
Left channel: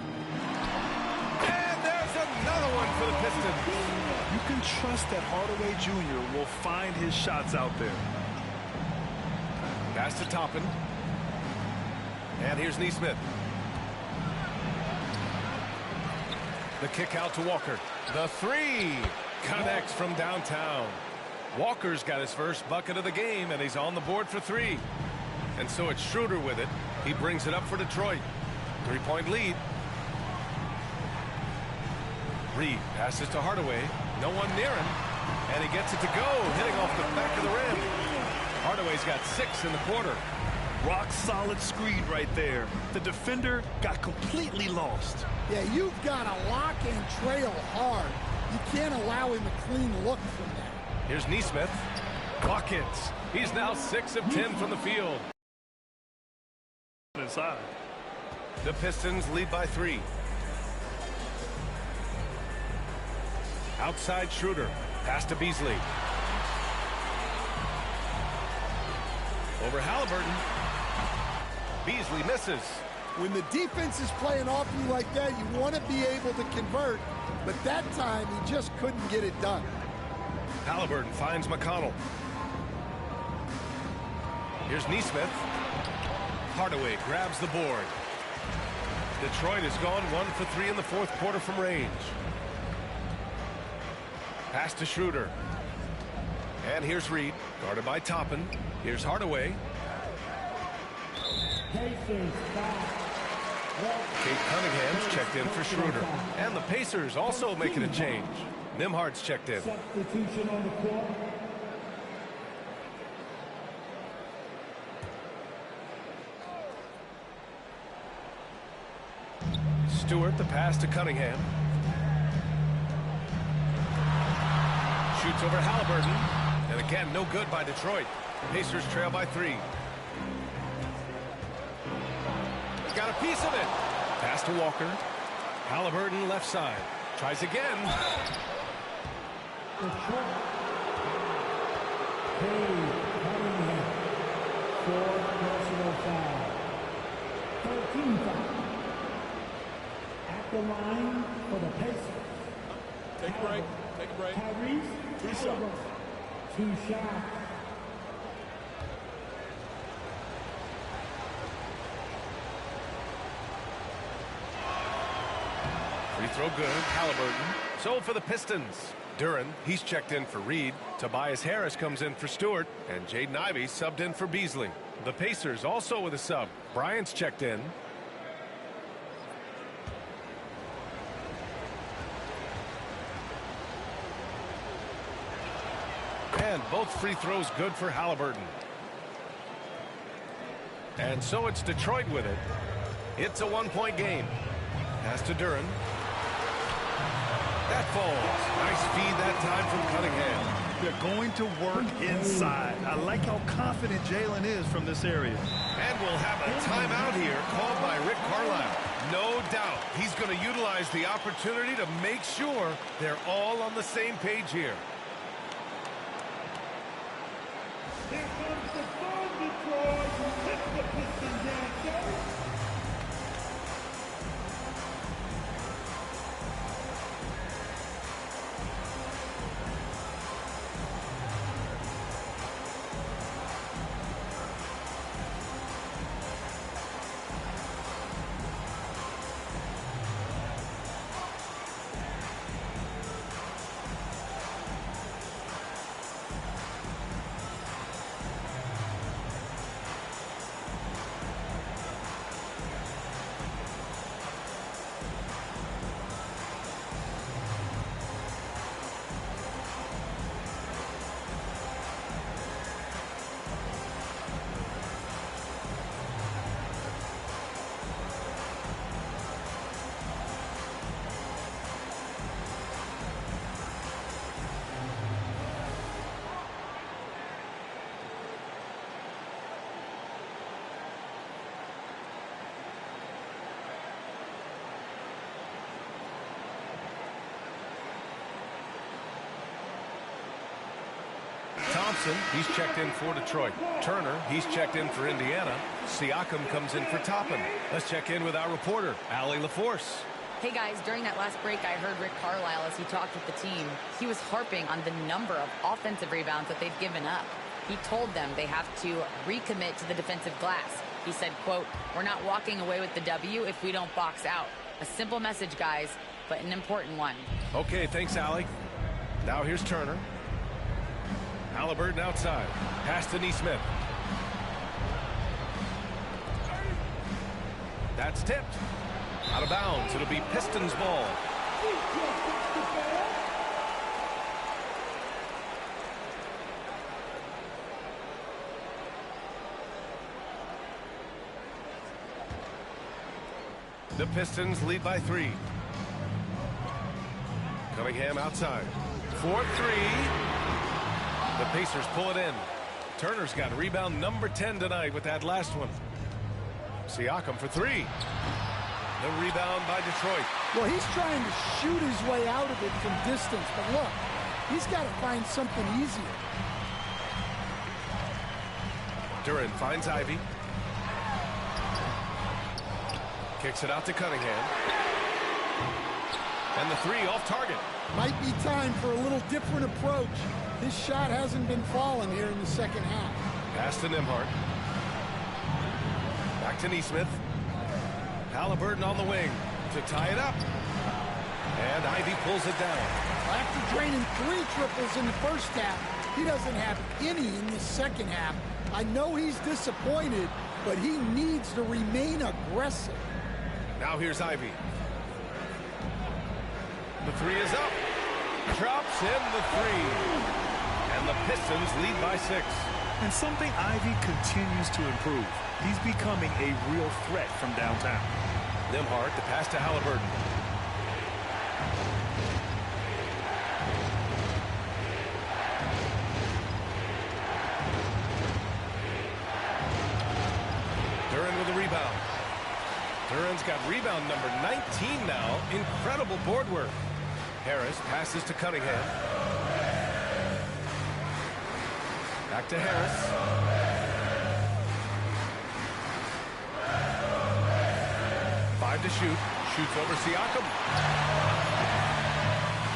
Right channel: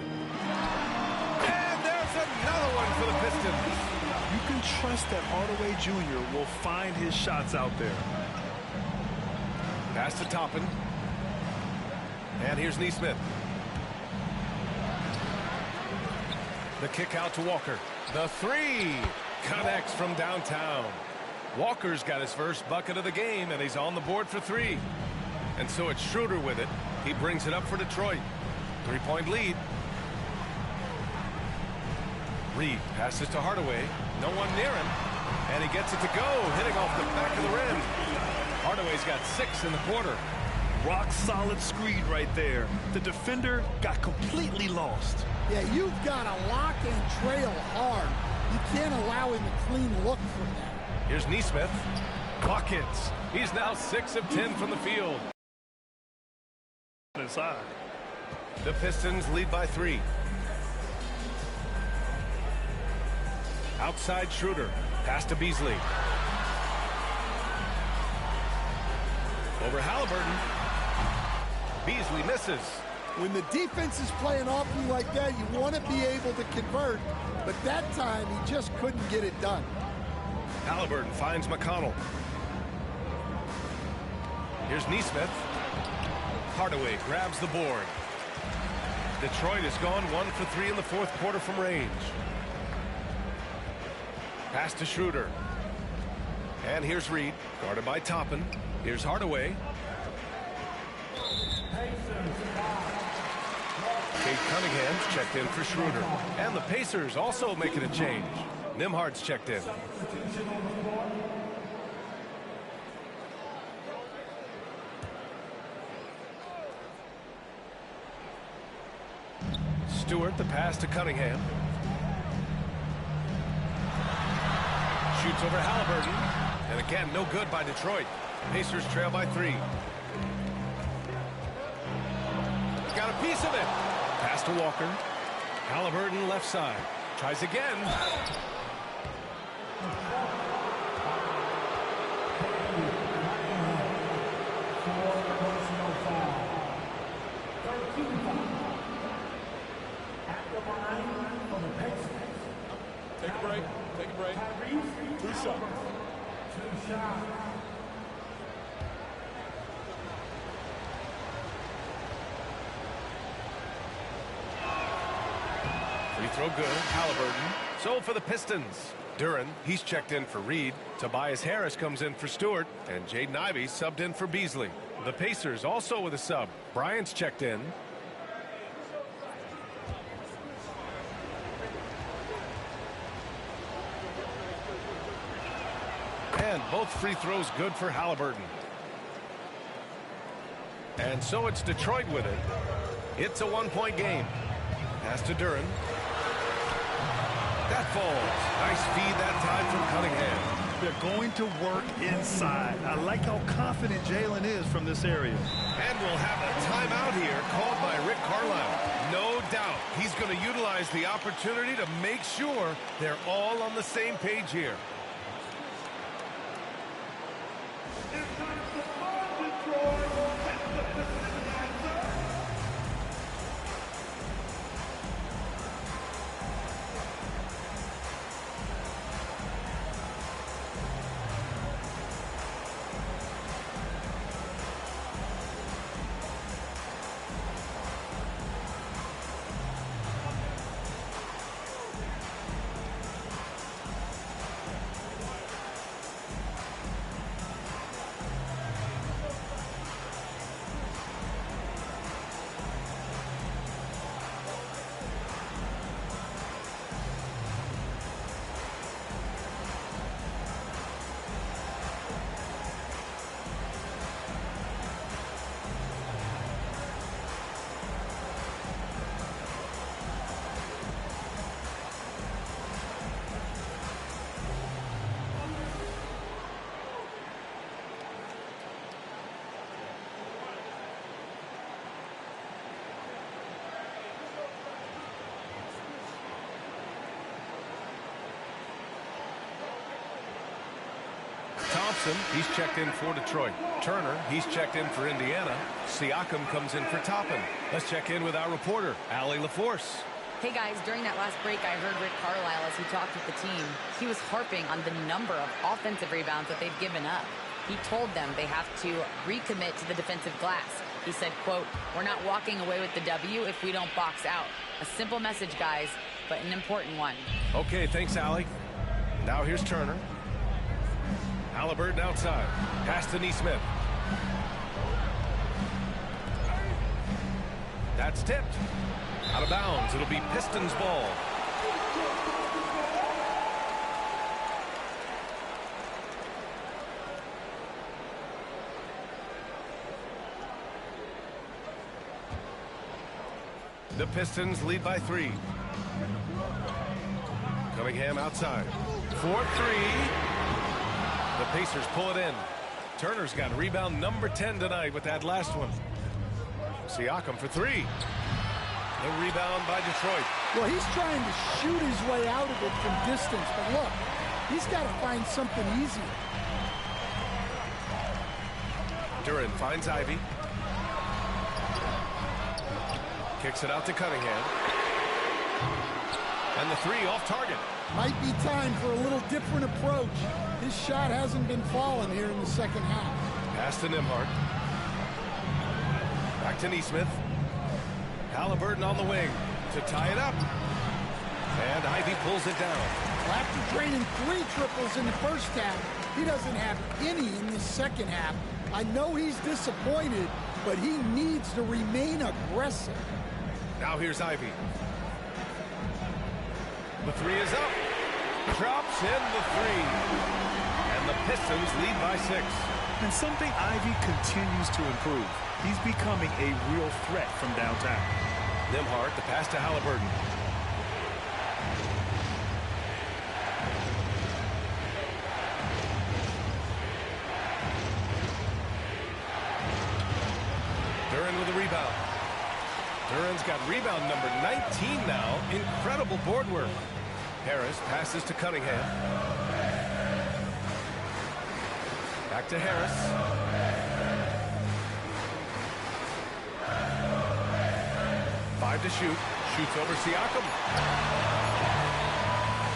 And there's another one for the Pistons. You can trust that Hardaway Jr. will find his shots out there. Pass to Toppin. And here's Neesmith. The kick out to Walker. The three connects from downtown. Walker's got his first bucket of the game, and he's on the board for 3. And so it's Schroeder with it. He brings it up for Detroit. 3-point lead. Reed passes to Hardaway. No one near him. And he gets it to go, hitting off the back of the rim. Hardaway's got 6 in the quarter. Rock solid screen right there. The defender got completely lost. Yeah, you've got to lock and trail hard. You can't allow him a clean look from that. Here's Neesmith. Buckets. He's now 6 of 10 from the field. Inside. The Pistons lead by 3. Outside Schroeder. Pass to Beasley. Over Halliburton. Beasley misses. When the defense is playing off you like that, you want to be able to convert. But that time, he just couldn't get it done. Halliburton finds McConnell. Here's Neesmith. Hardaway grabs the board. Detroit has gone 1 for 3 in the fourth quarter from range. Pass to Schroeder. And here's Reed, guarded by Toppin. Here's Hardaway. Kate Cunningham's checked in for Schroeder. And the Pacers also making a change. Nimhard's checked in. Substitution on the court. Stewart, the pass to Cunningham. Shoots over Halliburton. And again, no good by Detroit. Pacers trail by 3. Got a piece of it. Pass to Walker. Halliburton left side. Tries again. Personal foul. 13 foul. At the line for the Pacers. Take a break. Take a break. Tyrese. 2 shots. 2 shots. Free throw good. Halliburton. So for the Pistons. Duren, he's checked in for Reed. Tobias Harris comes in for Stewart. And Jaden Ivey subbed in for Beasley. The Pacers also with a sub. Bryant's checked in. And both free throws good for Halliburton. And so it's Detroit with it. It's a 1-point game. Pass to Duren. That falls. Nice feed that time from Cunningham. They're going to work inside. I like how confident Jalen is from this area. And we'll have a timeout here called by Rick Carlisle. No doubt he's going to utilize the opportunity to make sure they're all on the same page here. Here comes the ball, Detroit. Hit the Pistons answer. Thompson, he's checked in for Detroit. Turner, he's checked in for Indiana. Siakam comes in for Toppin. Let's check in with our reporter, Allie LaForce. Hey guys, during that last break, I heard Rick Carlisle as he talked with the team. He was harping on the number of offensive rebounds that they've given up. He told them they have to recommit to the defensive glass. He said, quote, "We're not walking away with the W if we don't box out." A simple message, guys, but an important one. Okay, thanks, Allie. Now here's Turner. Halliburton outside. Pass to Nesmith. That's tipped. Out of bounds. It'll be Pistons ball. The Pistons lead by 3. Cunningham outside. 4-3. The Pacers pull it in. Turner's got rebound number 10 tonight with that last one. Siakam for 3. The rebound by Detroit. Well, he's trying to shoot his way out of it from distance, but look, he's got to find something easier. Duran finds Ivy. Kicks it out to Cunningham. And the 3 off target. Might be time for a little different approach. His shot hasn't been falling here in the second half. Pass to Nembhard. Back to Nesmith. Halliburton on the wing to tie it up. And Ivy pulls it down. Well, after draining 3 triples in the first half, he doesn't have any in the second half. I know he's disappointed, but he needs to remain aggressive. Now here's Ivy. The 3 is up. Drops in the 3. And the Pistons lead by 6. And something Ivy continues to improve. He's becoming a real threat from downtown. Nembhard, the pass to Halliburton. Duran with the rebound. Duran's got rebound number 19 now. Incredible board work. Harris passes to Cunningham. Back to Harris. Five to shoot. Shoots over Siakam.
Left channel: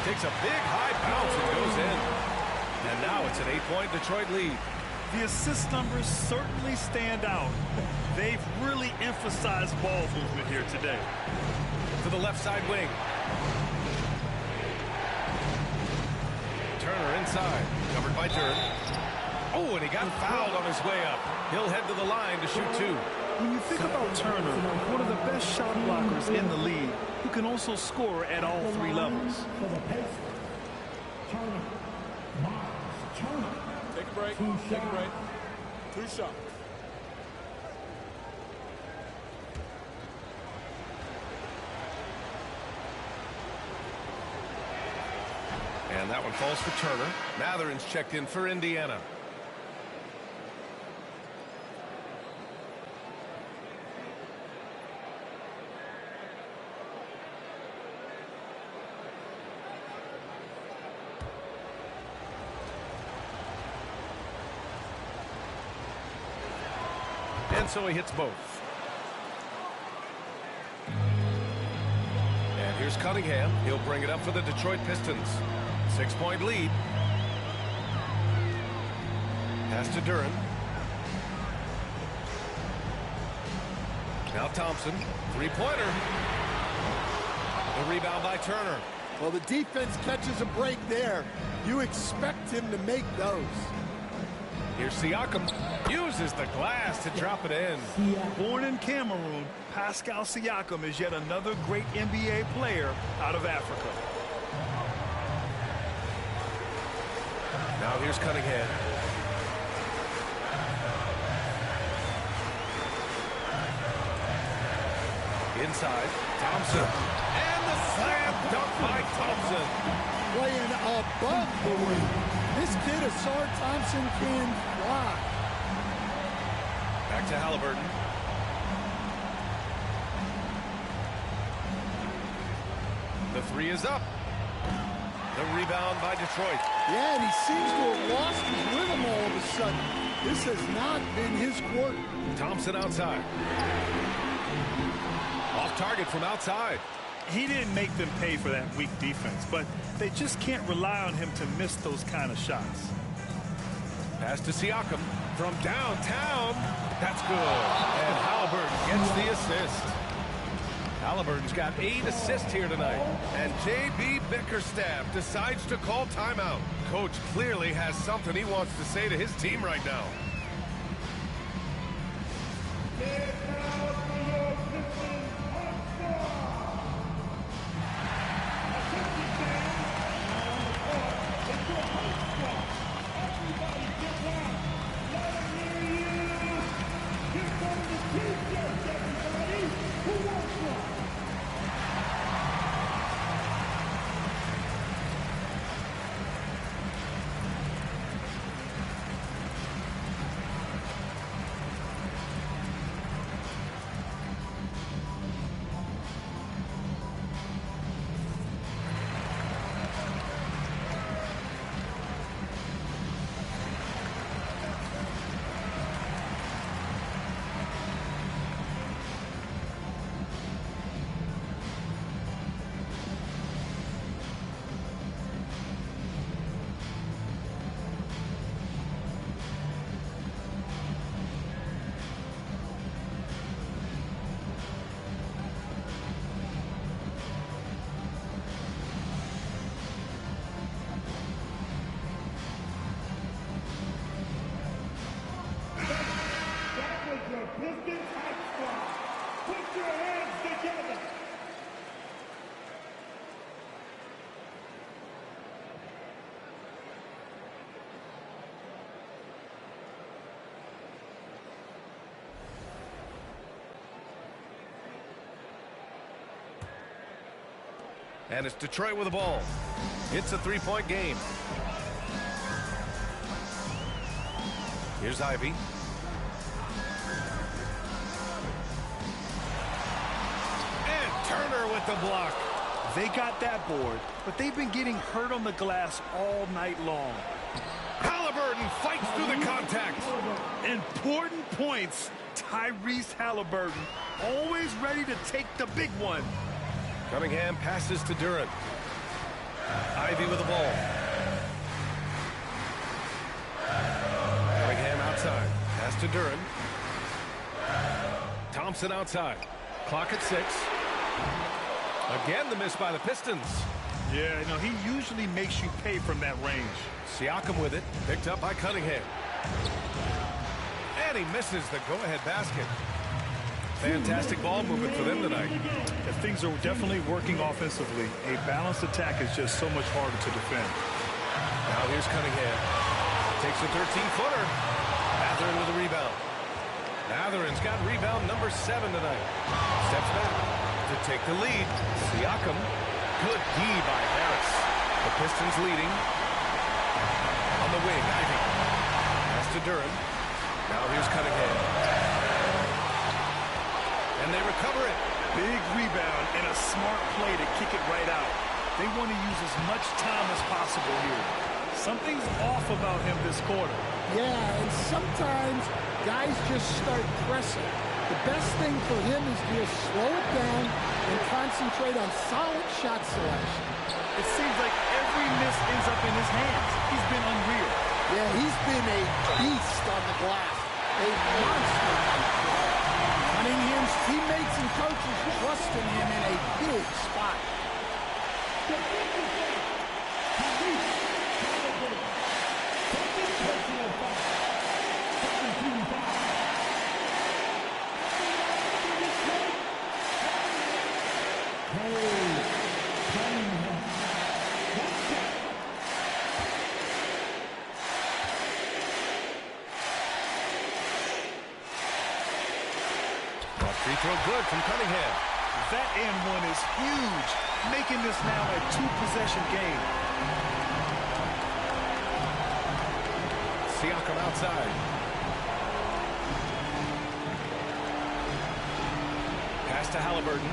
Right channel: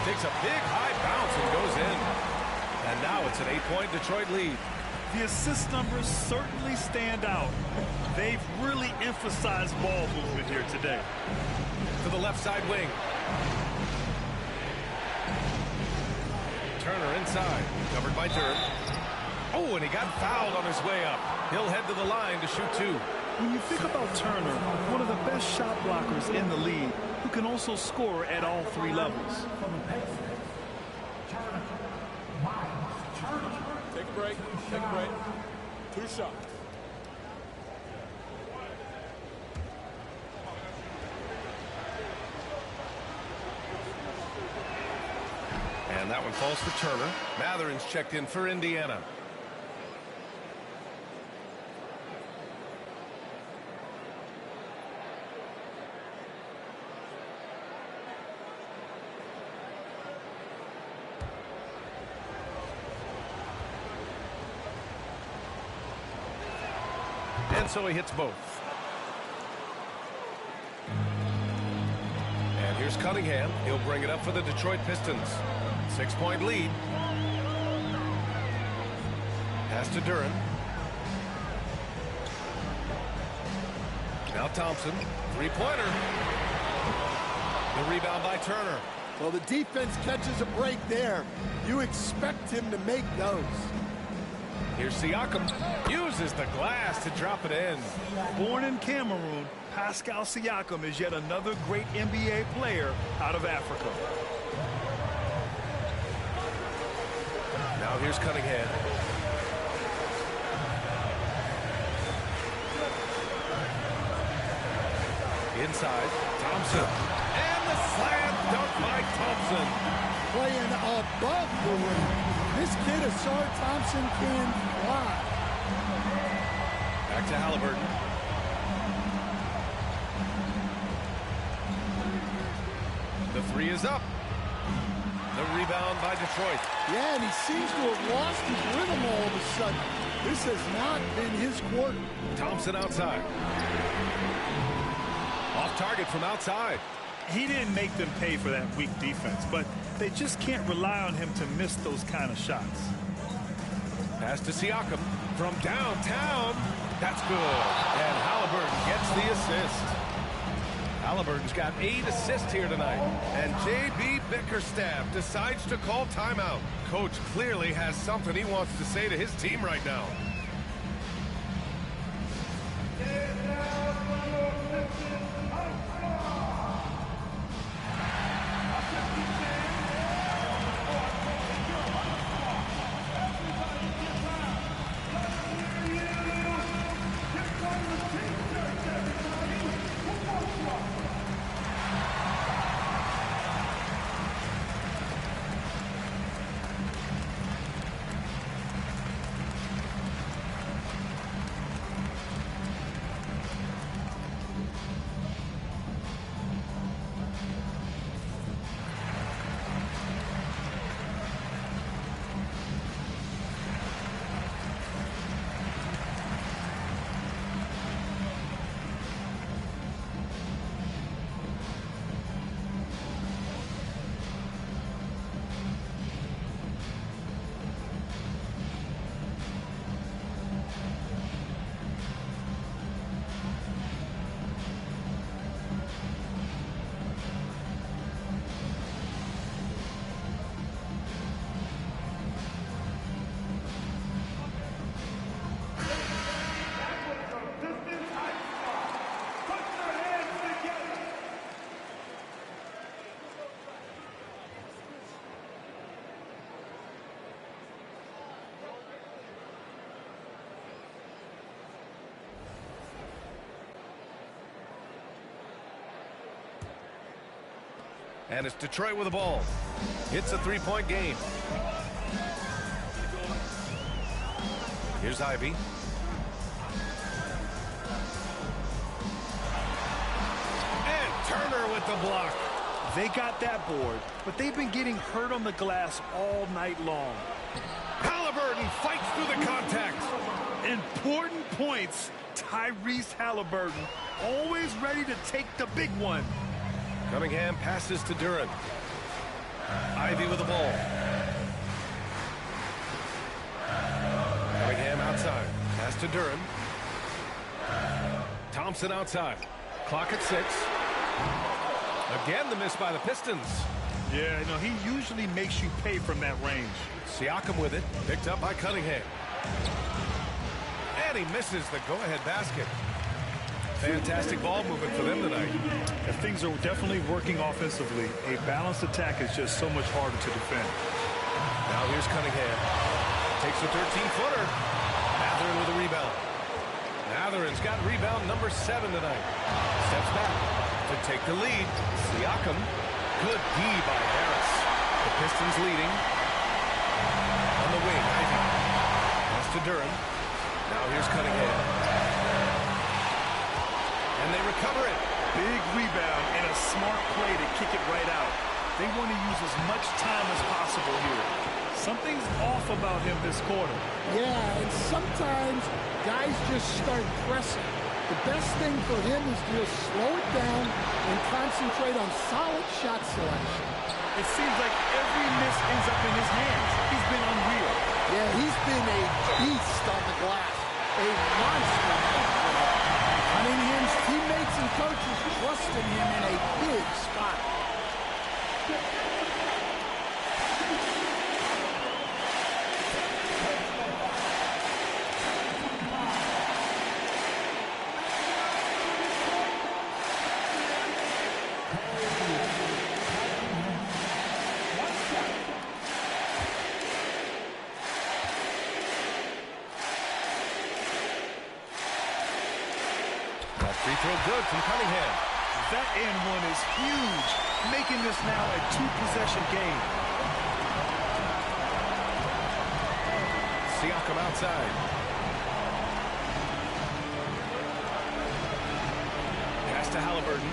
Takes a big high bounce and goes in. And now it's an 8-point Detroit lead. The assist numbers certainly stand out. They've really emphasized ball movement here today. To the left side wing. Turner inside. Covered by Duran. Oh, and he got fouled on his way up. He'll head to the line to shoot 2. When you think about Turner, one of the best shot blockers in the league, who can also score at all 3 levels. Take a break. Take a break. 2 shots. And that one falls for Turner. Matherin's checked in for Indiana. And so he hits both. And here's Cunningham. He'll bring it up for the Detroit Pistons. 6-point lead. Pass to Duren. Now Thompson. Three-pointer. The rebound by Turner. Well, the defense catches a break there. You expect him to make those. Here's Siakam. Uses the glass to drop it in. Born in Cameroon, Pascal Siakam is yet another great NBA player out of Africa. Now here's Cunningham. Inside, Thompson. And the slam dunk by Thompson. Playing above the rim. This kid, Asar Thompson, can fly. Back to Halliburton. The three is up. The rebound by Detroit. Yeah, and he seems to have lost his rhythm all of a sudden. This has not been his quarter. Thompson outside. Off target from outside. He didn't make them pay for that weak defense, but they just can't rely on him to miss those kind of shots. Pass to Siakam from downtown. That's good. And Halliburton gets the assist. Halliburton's got 8 assists here tonight. And J.B. Bickerstaff decides to call timeout. Coach clearly has something he wants to say to his team right now. And it's Detroit with the ball. It's a three-point game. Here's Ivy. And Turner with the block. They got that board, but they've been getting hurt on the glass all night long. Halliburton fights through the contact. Important points. Tyrese Halliburton, always ready to take the big one. Cunningham passes to Duren. Ivy with the ball. Cunningham outside. Pass to Duren. Thompson outside. Clock at 6. Again, the miss by the Pistons. Yeah, you know, he usually makes you pay from that range. Siakam with it. Picked up by Cunningham. And he misses the go-ahead basket. Fantastic ball movement for them tonight. If things are definitely working offensively, a balanced attack is just so much harder to defend. Now here's Cunningham. Takes a 13-footer. Matherin with a rebound. Matherin's got rebound number 7 tonight. Steps back to take the lead. Siakam. Good D by Harris. The Pistons leading. On the wing, Ivy. Pass to Duran. Now here's Cunningham. And they recover it. Big rebound and a smart play to kick it right out. They want to use as much time as possible here. Something's off about him this quarter. Yeah, and sometimes guys just start pressing. The best thing for him is to just slow it down and concentrate on solid shot selection. It seems like every miss ends up in his hands. He's been unreal. Yeah, he's been a beast on the glass. A monster night for him. Cunningham's teammates and coaches trust in him in a big spot. Free throw good from Cunningham. That and one is huge, making this now a two-possession game. Siakam outside. Pass to Halliburton.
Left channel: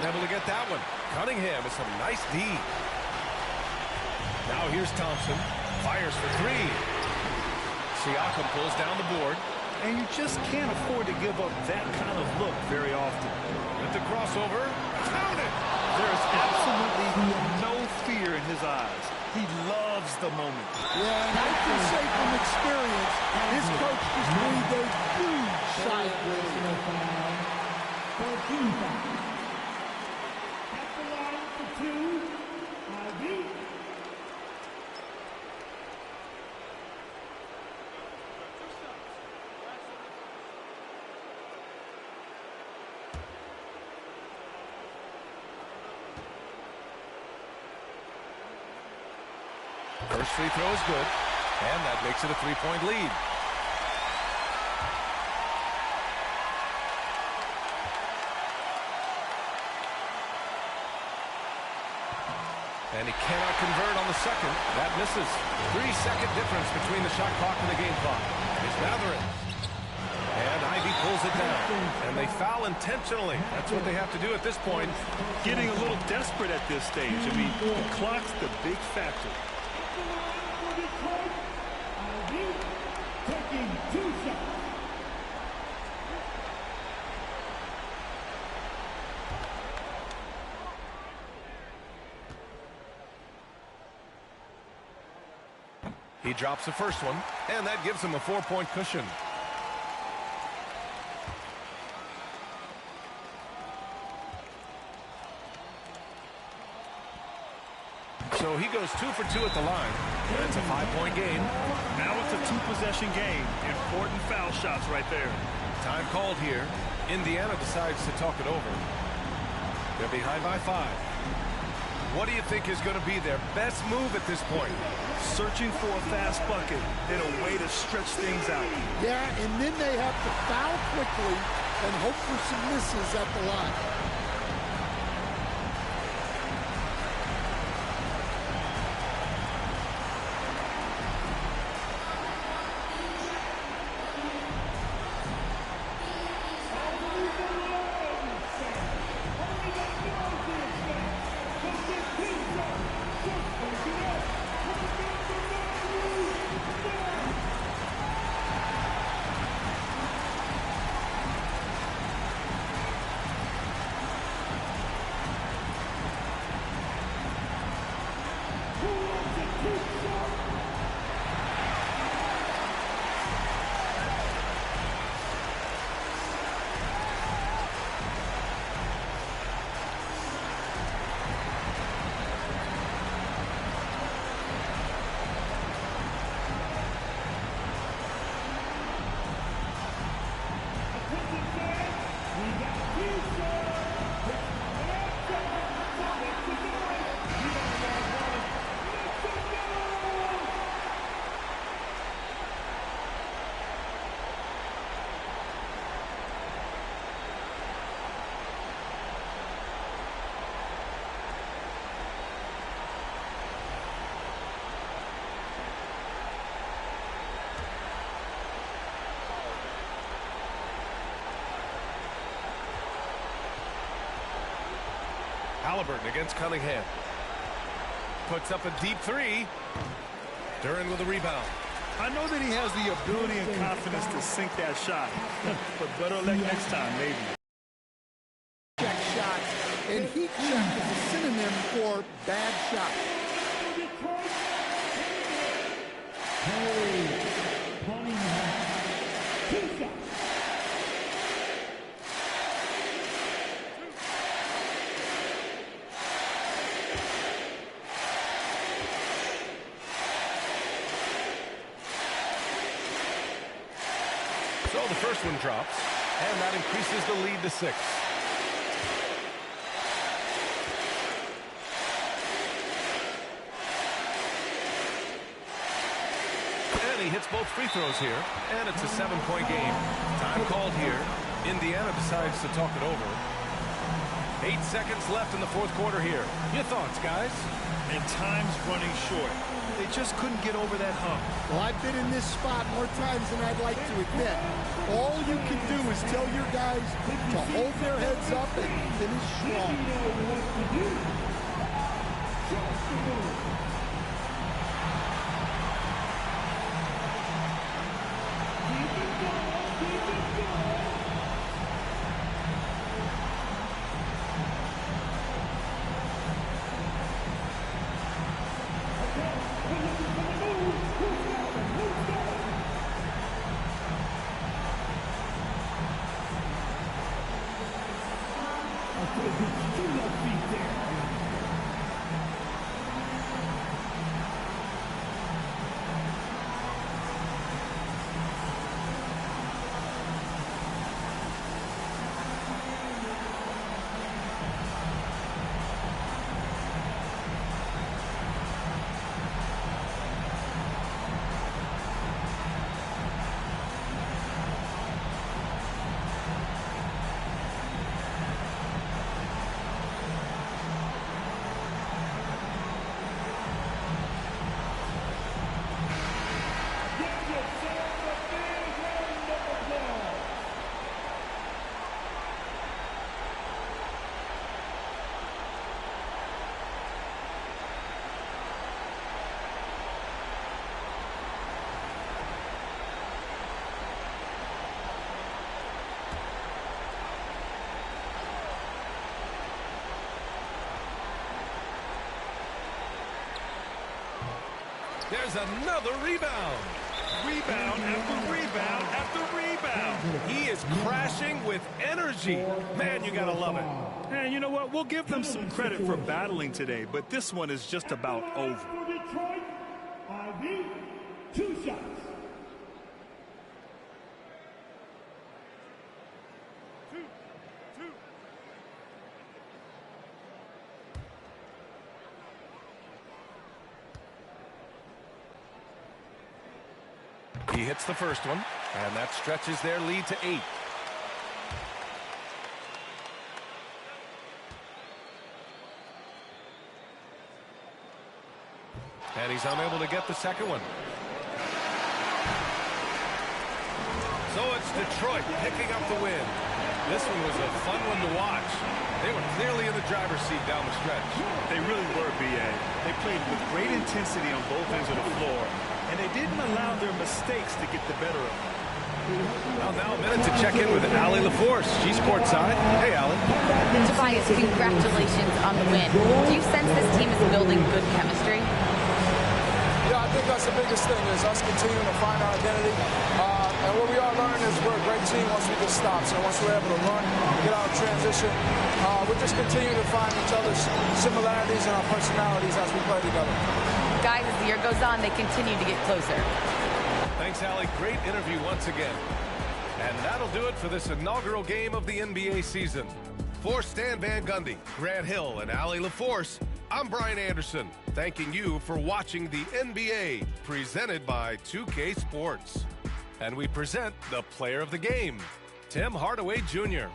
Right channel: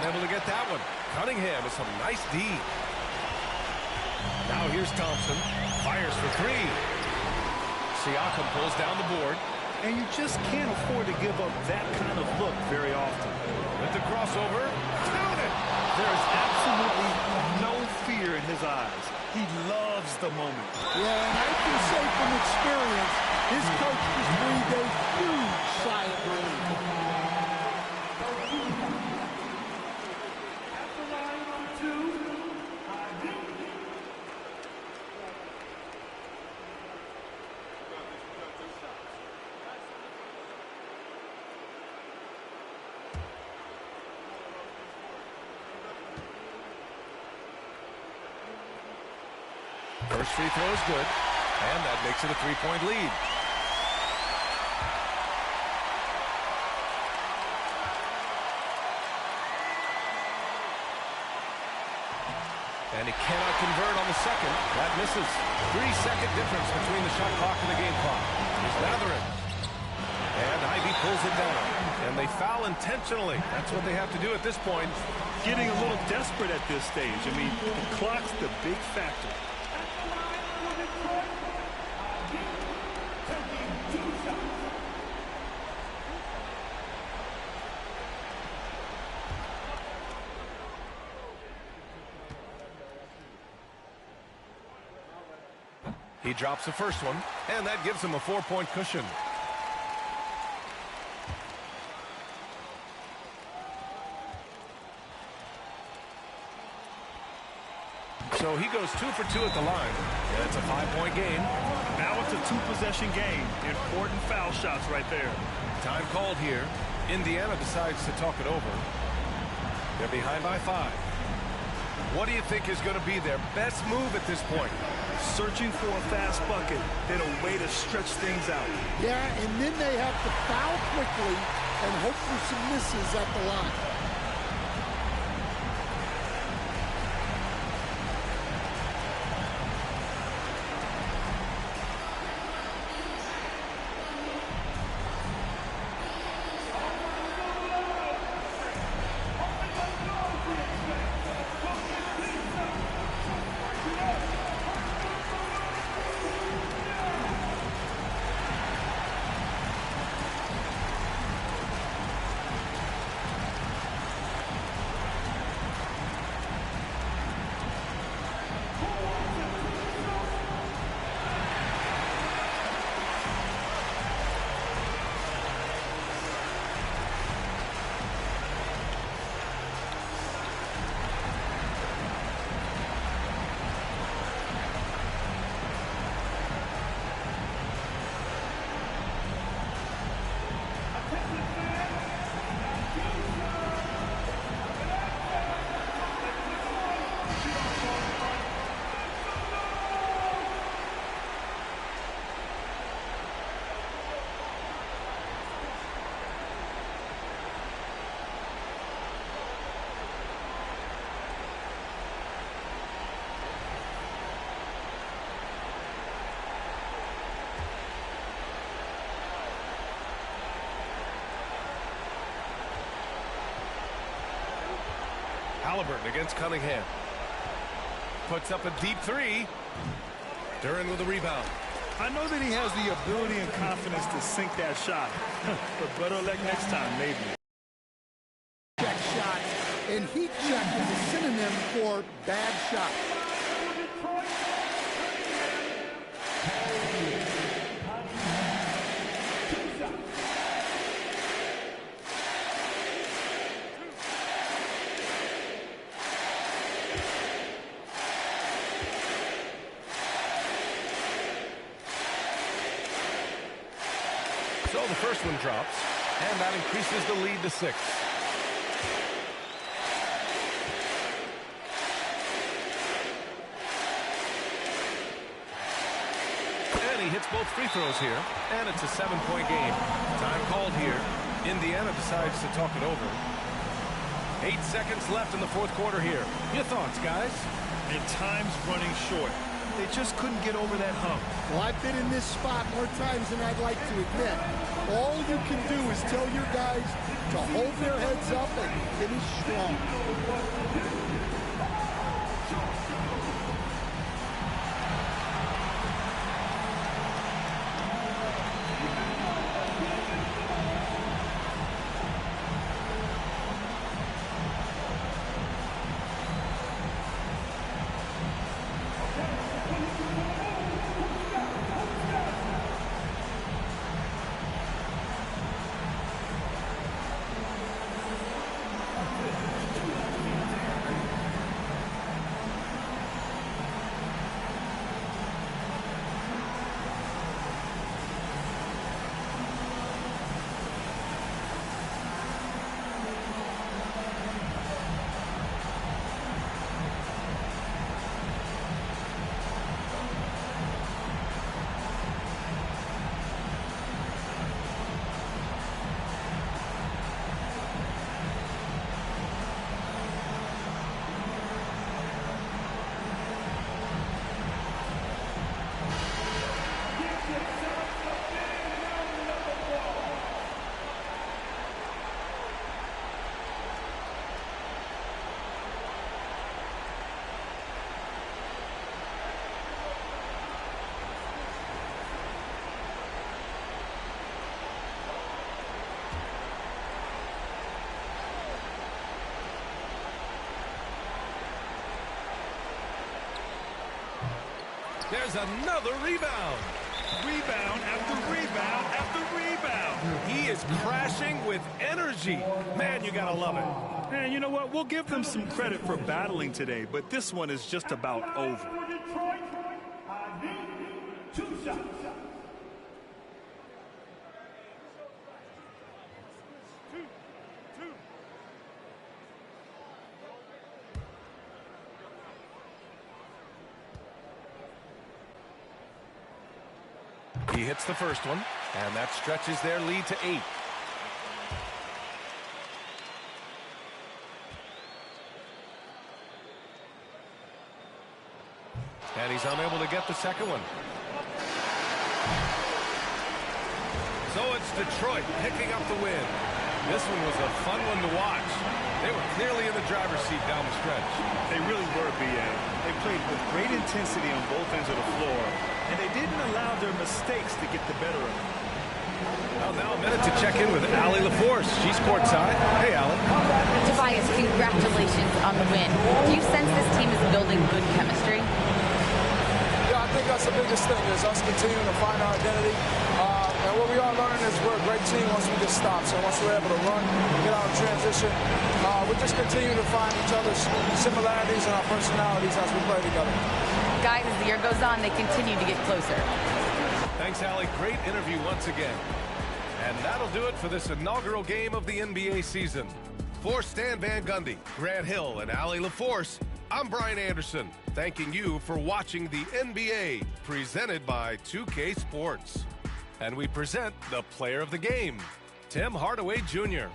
Unable to get that one. Cunningham with some nice D. Now here's Thompson. Fires for three. Siakam pulls down the board. And you just can't afford to give up that kind of look very often. With the crossover, count it! There is absolutely no fear in his eyes. He loves the moment. Yeah, and I can say from experience, his coach just breathed a huge sigh of relief. At the line for two, Ivy. First free throw is good, and that makes it a three-point lead. And he cannot convert on the second. That misses. 3-second difference between the shot clock and the game clock. Here's Matherin. And Ivy pulls it down. And they foul intentionally. That's what they have to do at this point. Getting a little desperate at this stage. I mean, the clock's the big factor. Taking 2 shots. He drops the first one, and that gives him a 4-point cushion. So he goes 2 for 2 at the line, and it's a 5-point game. Now it's a two-possession game. Important foul shots right there. Time called here. Indiana decides to talk it over. They're behind by 5. What do you think is going to be their best move at this point? Searching for a fast bucket and a way to stretch things out. Yeah, and then they have to foul quickly and hope for some misses at the line. Halliburton against Cunningham. Puts up a deep three. Duran with a rebound. I know that he has the ability and confidence to sink that shot, but better luck next time, maybe. Check shots, and heat check is a synonym for bad shot. So the first one drops, and that increases the lead to 6. And he hits both free throws here, and it's a 7-point game. Time called here. Indiana decides to talk it over. 8 seconds left in the fourth quarter here. Your thoughts, guys? And time's running short. They just couldn't get over that hump. Well, I've been in this spot more times than I'd like to admit. All you can do is tell your guys to hold their heads up and finish strong. There's another rebound. Rebound after rebound after rebound. He is crashing with energy. Man, you gotta love it. And you know what? We'll give them some credit for battling today, but this one is just about over. For Detroit, I need 2 shots. He hits the first one, and that stretches their lead to 8. And he's unable to get the second one. So it's Detroit picking up the win. This one was a fun one to watch. They were clearly in the driver's seat down the stretch. They really were, B.A. They played with great intensity on both ends of the floor, and they didn't allow their mistakes to get the better of them. Well, now a minute to check in with Allie LaForce. She's courtside. Hey, Allie. Tobias, congratulations on the win. Do you sense this team is building good chemistry? Yeah, I think that's the biggest thing is us continuing to find our identity. And what we are learning is we're a great team once we get stops. And once we're able to run, get out of transition, we just continue to find each other's similarities and our personalities as we play together. Guys, as the year goes on, they continue to get closer. Thanks, Allie. Great interview once again. And that'll do it for this inaugural game of the NBA season. For Stan Van Gundy, Grant Hill, and Allie LaForce, I'm Brian Anderson, thanking you for watching the NBA, presented by 2K Sports. And we present the player of the game, Tim Hardaway Jr.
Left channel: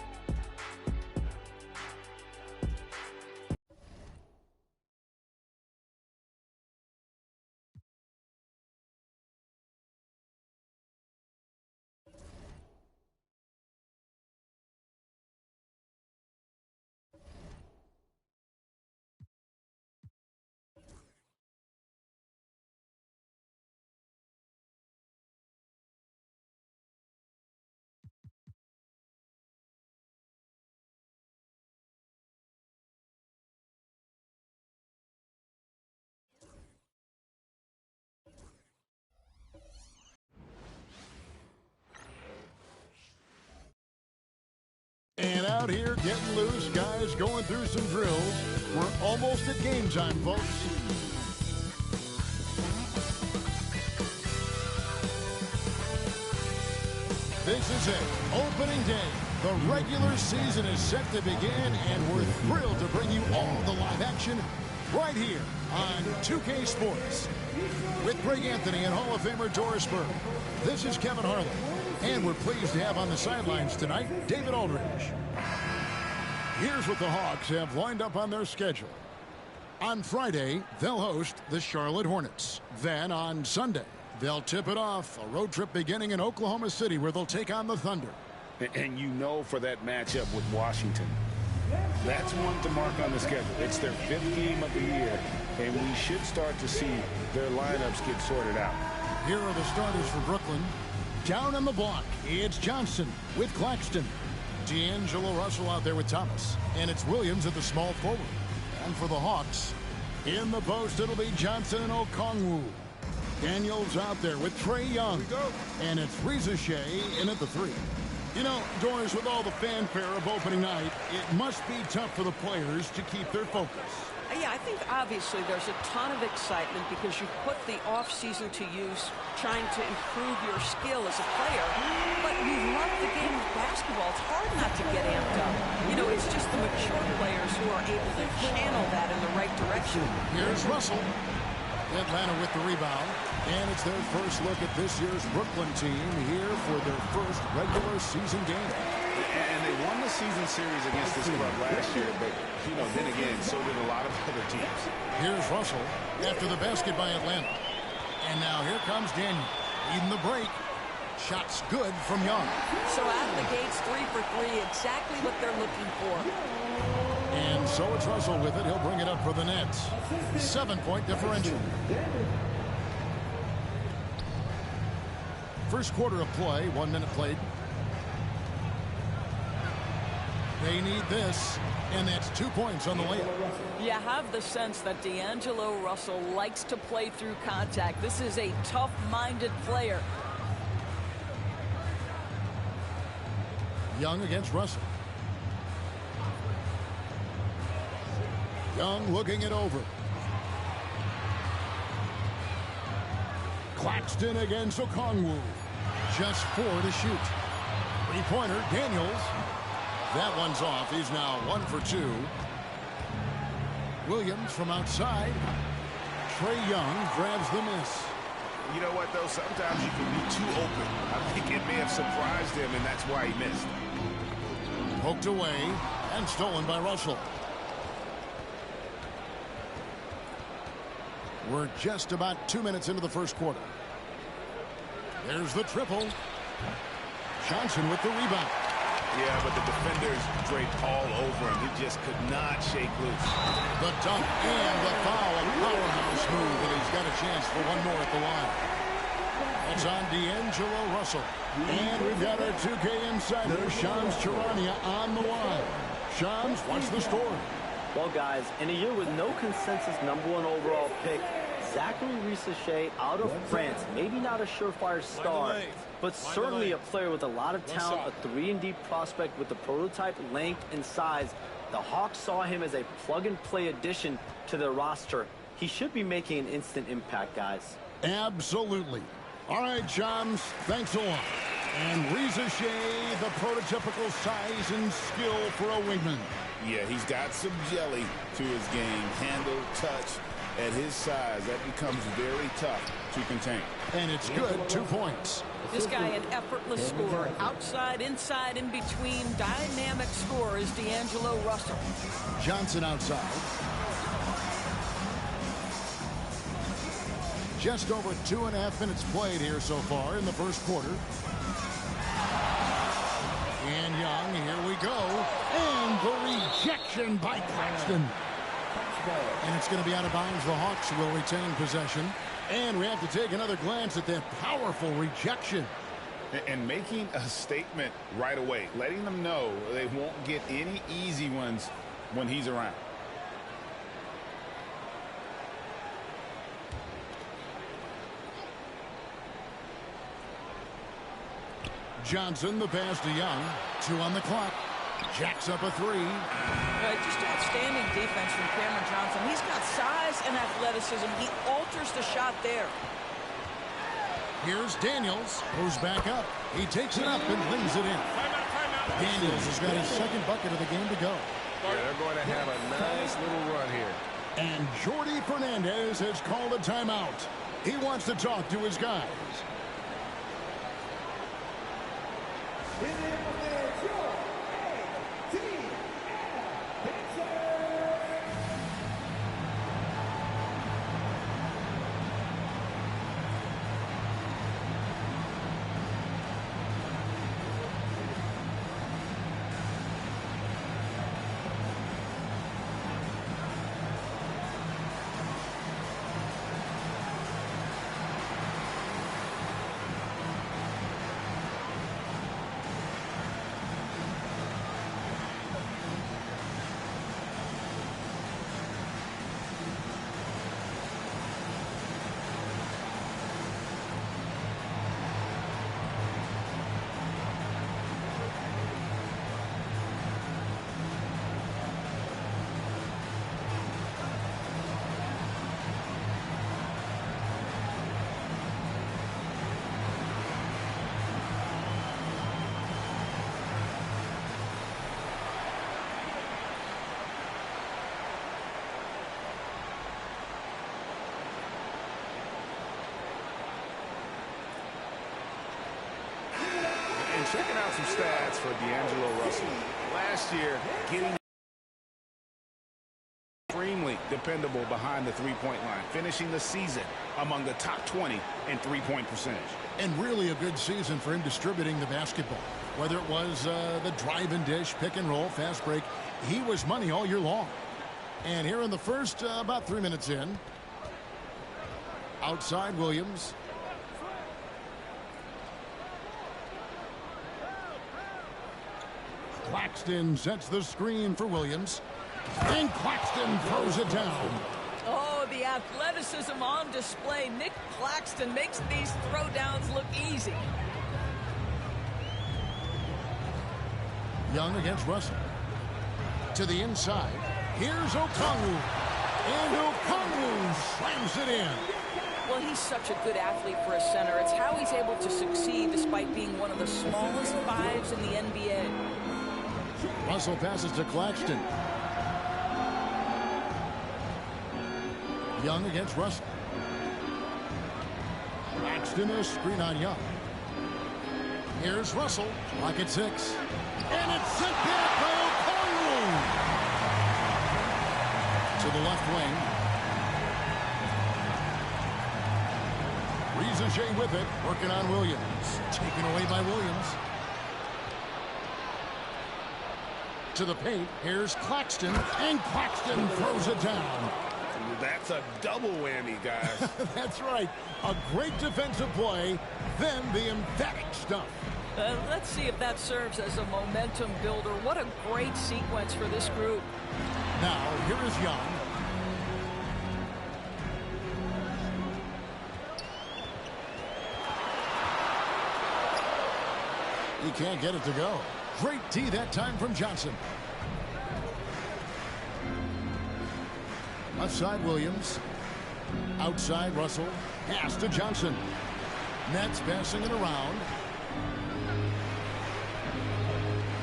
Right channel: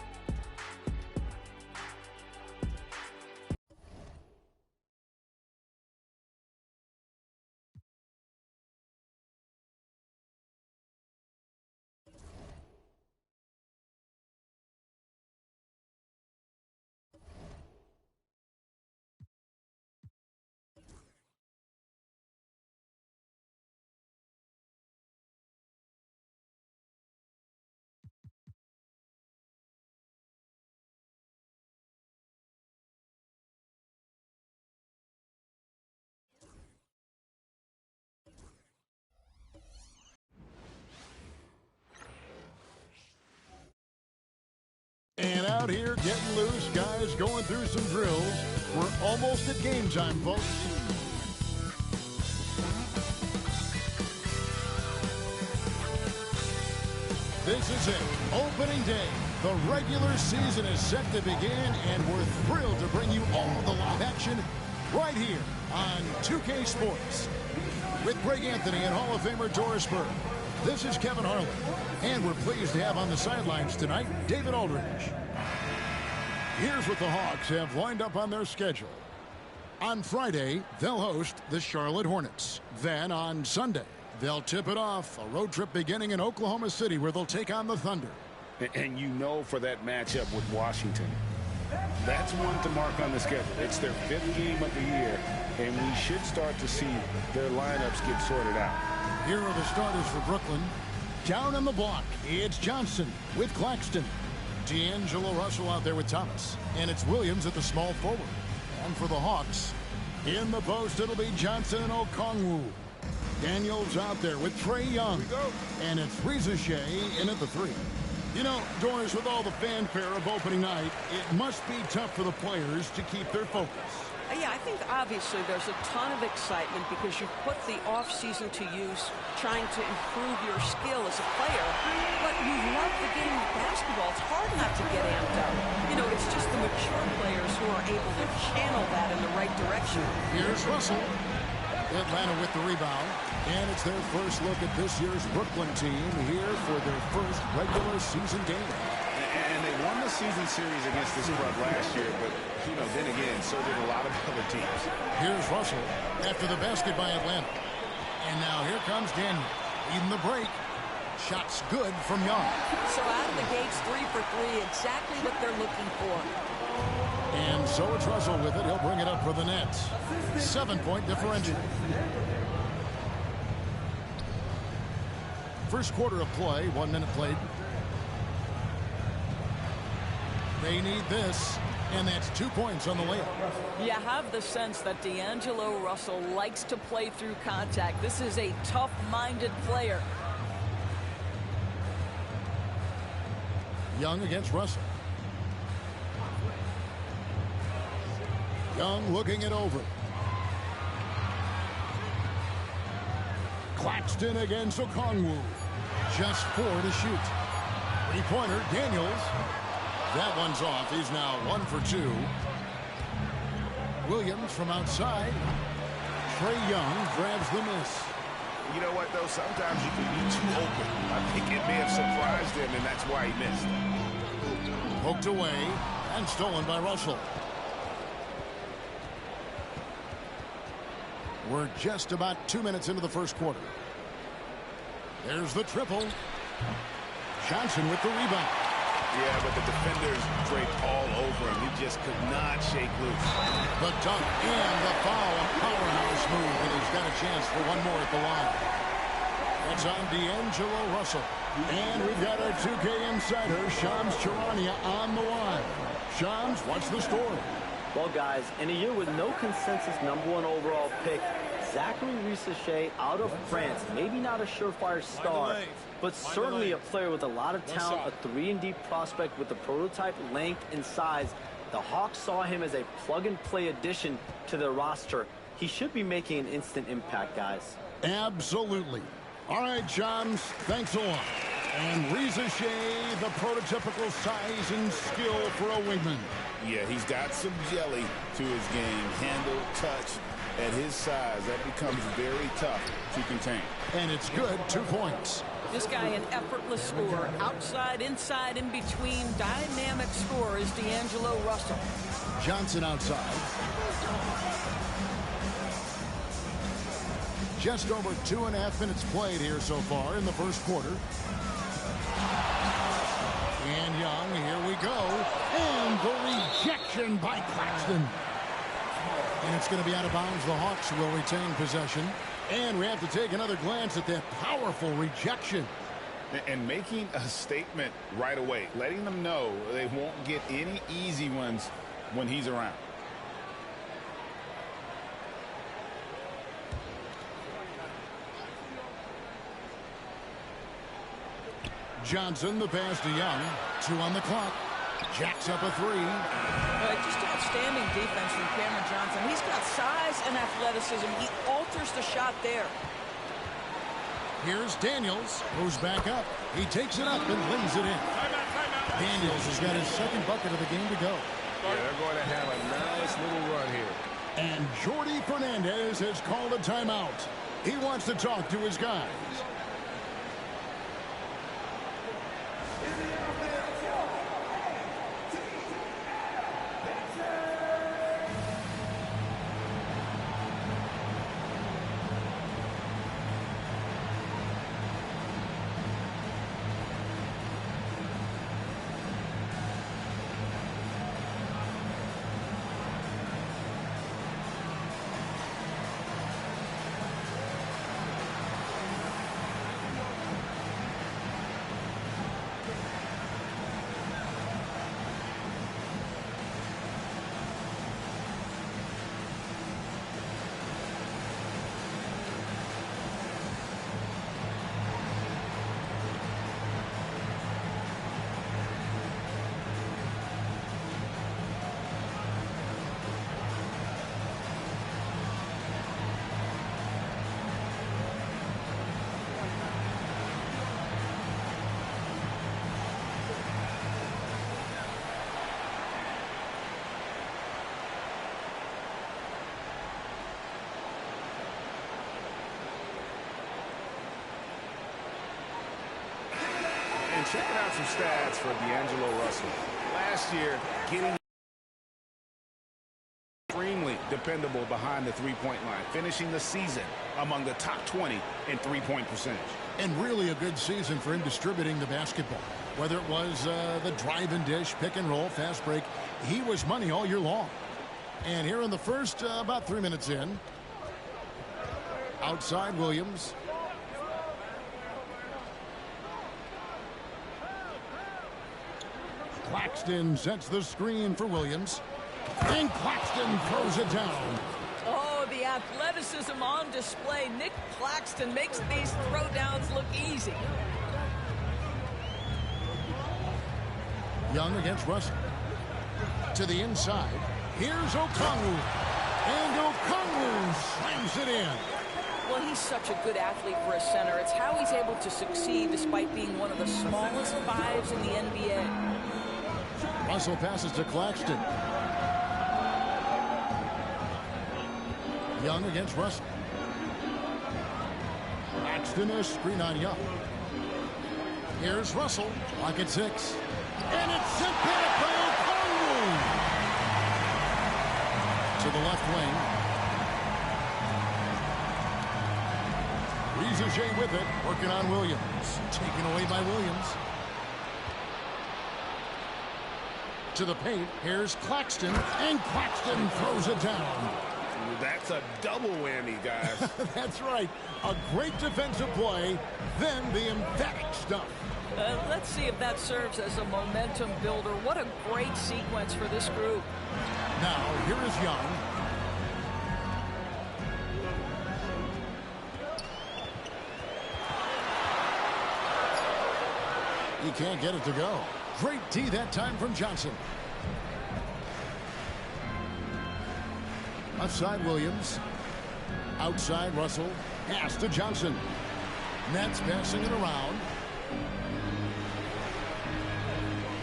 getting loose, guys going through some drills. We're almost at game time, folks. This is it, opening day. The regular season is set to begin, and we're thrilled to bring you all the live action right here on 2K Sports. With Greg Anthony and Hall of Famer Doris Burke, this is Kevin Harlan, and we're pleased to have on the sidelines tonight David Aldridge. Here's what the Hawks have lined up on their schedule. On Friday, they'll host the Charlotte Hornets. Then on Sunday, they'll tip it off, a road trip beginning in Oklahoma City where they'll take on the Thunder. And you know, for that matchup with Washington, that's one to mark on the schedule. It's their 5th game of the year, and we should start to see their lineups get sorted out. Here are the starters for Brooklyn. Down on the block, it's Johnson with Claxton. D'Angelo Russell out there with Thomas. And it's Williams at the small forward. And for the Hawks, in the post, it'll be Johnson and Okongwu. Daniels out there with Trae Young. And it's Reza Shea in at the 3. You know, Doris, with all the fanfare of opening night, it must be tough for the players to keep their focus. Yeah, I think obviously there's a ton of excitement because you've put the off-season to use trying to improve your skill as a player, but you love the game of basketball. It's hard not to get amped up. You know, it's just the mature players who are able to channel that in the right direction. Here's Russell. Atlanta with the rebound. And it's their first look at this year's Brooklyn team here for their first regular season game. And they won the season series against this club last year, but, you know, then again, so did a lot of other teams. Here's Russell after the basket by Atlanta. And now here comes Daniels, leading the break. Shots good from Young. So out of the gates, 3 for 3, exactly what they're looking for. And so it's Russell with it. He'll bring it up for the Nets. 7-point differential. First quarter of play, 1 minute played. They need this, and that's 2 points on the layup. You have the sense that D'Angelo Russell likes to play through contact. This is a tough-minded player. Young against Russell. Young looking it over. Claxton against Okongwu. Just 4 to shoot. 3-pointer, Daniels. That one's off. He's now 1 for 2. Williams from outside. Trae Young grabs the miss. You know what, though? Sometimes you can be too open. I think it may have surprised him, and that's why he missed. Poked away and stolen by Russell. We're just about 2 minutes into the first quarter. There's the triple. Johnson with the rebound. Yeah, but the defenders draped all over him. He just could not shake loose. The dunk and the foul. A powerhouse move, and he's got a chance for one more at the line. That's on D'Angelo Russell. And we've got our 2K insider, Shams Charania, on the line. Shams, what's the story? Well, guys, in a year with no consensus #1 overall pick, Zachary Risa-Shea out of France, maybe not a surefire star, but certainly a player with a lot of talent, a 3-and-D prospect with the prototype length and size. The Hawks saw him as a plug-and-play addition to their roster. He should be making an instant impact, guys. Absolutely. All right, Shams, thanks a lot. And Risa-Shea, the prototypical size and skill for a wingman. Yeah, he's got some jelly to his game. Handle, touch. At his size, that becomes very tough to contain. And it's good, 2 points. This guy, an effortless scorer. Outside, inside, in between. Dynamic scorer is D'Angelo Russell. Johnson outside. Just over 2.5 minutes played here so far in the first quarter. And Young, here we go. And the rejection by Claxton. And it's going to be out of bounds. The Hawks will retain possession. And we have to take another glance at that powerful rejection. And making a statement right away, letting them know they won't get any easy ones when he's around. Johnson, the pass to Young. 2 on the clock. Jacks up a three. Just outstanding defense from Cameron Johnson. He's got size and athleticism. He alters the shot there. Here's Daniels, goes back up. He takes it up and lays it in. Timeout. Daniels has got his second bucket of the game to go. Yeah, they're going to have a nice little run here. And Jordi Fernandez has called a timeout. He wants to talk to his guys. And checking out some stats for D'Angelo Russell. Last year, getting extremely dependable behind the three-point line, finishing the season among the top 20 in three-point percentage. And really a good season for him distributing the basketball. Whether it was the drive and dish, pick and roll, fast break, he was money all year long. And here in the first, about 3 minutes in, outside Williams. Claxton sets the screen for Williams. And Claxton throws it down. Oh, the athleticism on display. Nick Claxton makes these throwdowns look easy. Young against Russell. To the inside. Here's Okongwu. And Okongwu slams it in. Well, he's such a good athlete for a center. It's how he's able to succeed despite being one of the smallest fives in the NBA. Russell passes to Claxton. Young against Russell. Claxton a screen on Young. Here's Russell. Clock at 6. And it's sent back by Okongwu. To the left wing. Rizaje with it. Working on Williams. Taken away by Williams. To the paint. Here's Claxton. And Claxton throws it down. That's a double whammy, guys. That's right. A great defensive play, then the emphatic stuff. Let's see if that serves as a momentum builder. What a great sequence for this group. Now, here is Young. He can't get it to go. Great D that time from Johnson. Left side Williams. Outside Russell. Pass to Johnson. Nets passing it around.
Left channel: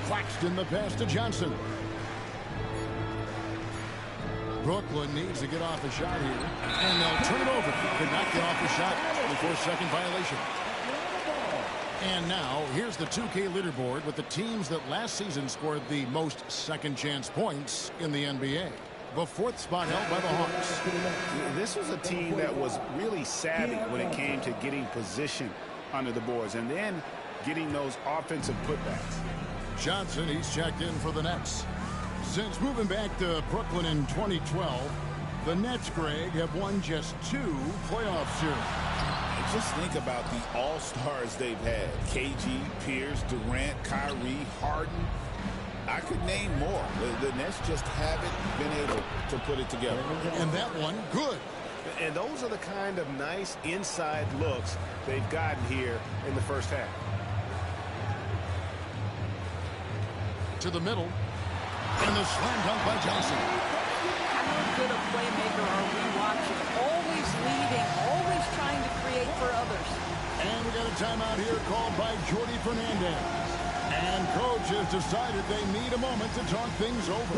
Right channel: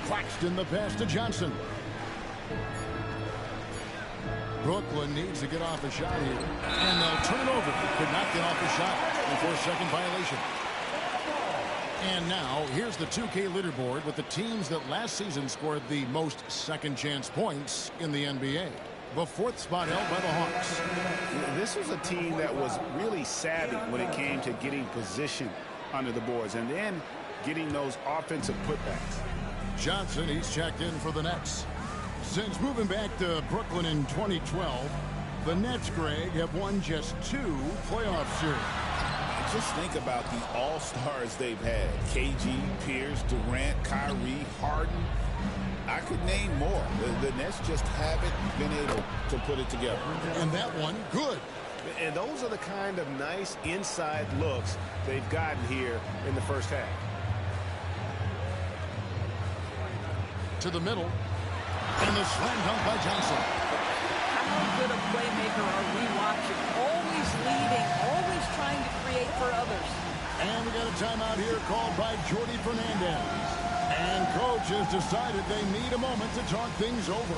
Claxton the pass to Johnson. Brooklyn needs to get off a shot here. And they'll turn it over. Could not get off a shot. 24-second violation. And now, here's the 2K leaderboard with the teams that last season scored the most second-chance points in the NBA. The fourth spot held by the Hawks. This was a team that was really savvy when it came to getting position under the boards and then getting those offensive putbacks. Johnson, he's checked in for the Nets. Since moving back to Brooklyn in 2012, the Nets, Greg, have won just 2 playoff series. Just think about the all-stars they've had. KG, Pierce, Durant, Kyrie, Harden. I could name more. The Nets just haven't been able to put it together. And that one, good. And those are the kind of nice inside looks they've gotten here in the first half. to the middle. And the slam dunk by Johnson. How good a playmaker are we watching? Always leading, always trying to create for others. And we got a timeout here called by Jordy Fernandez. And coach has decided they need a moment to talk things over.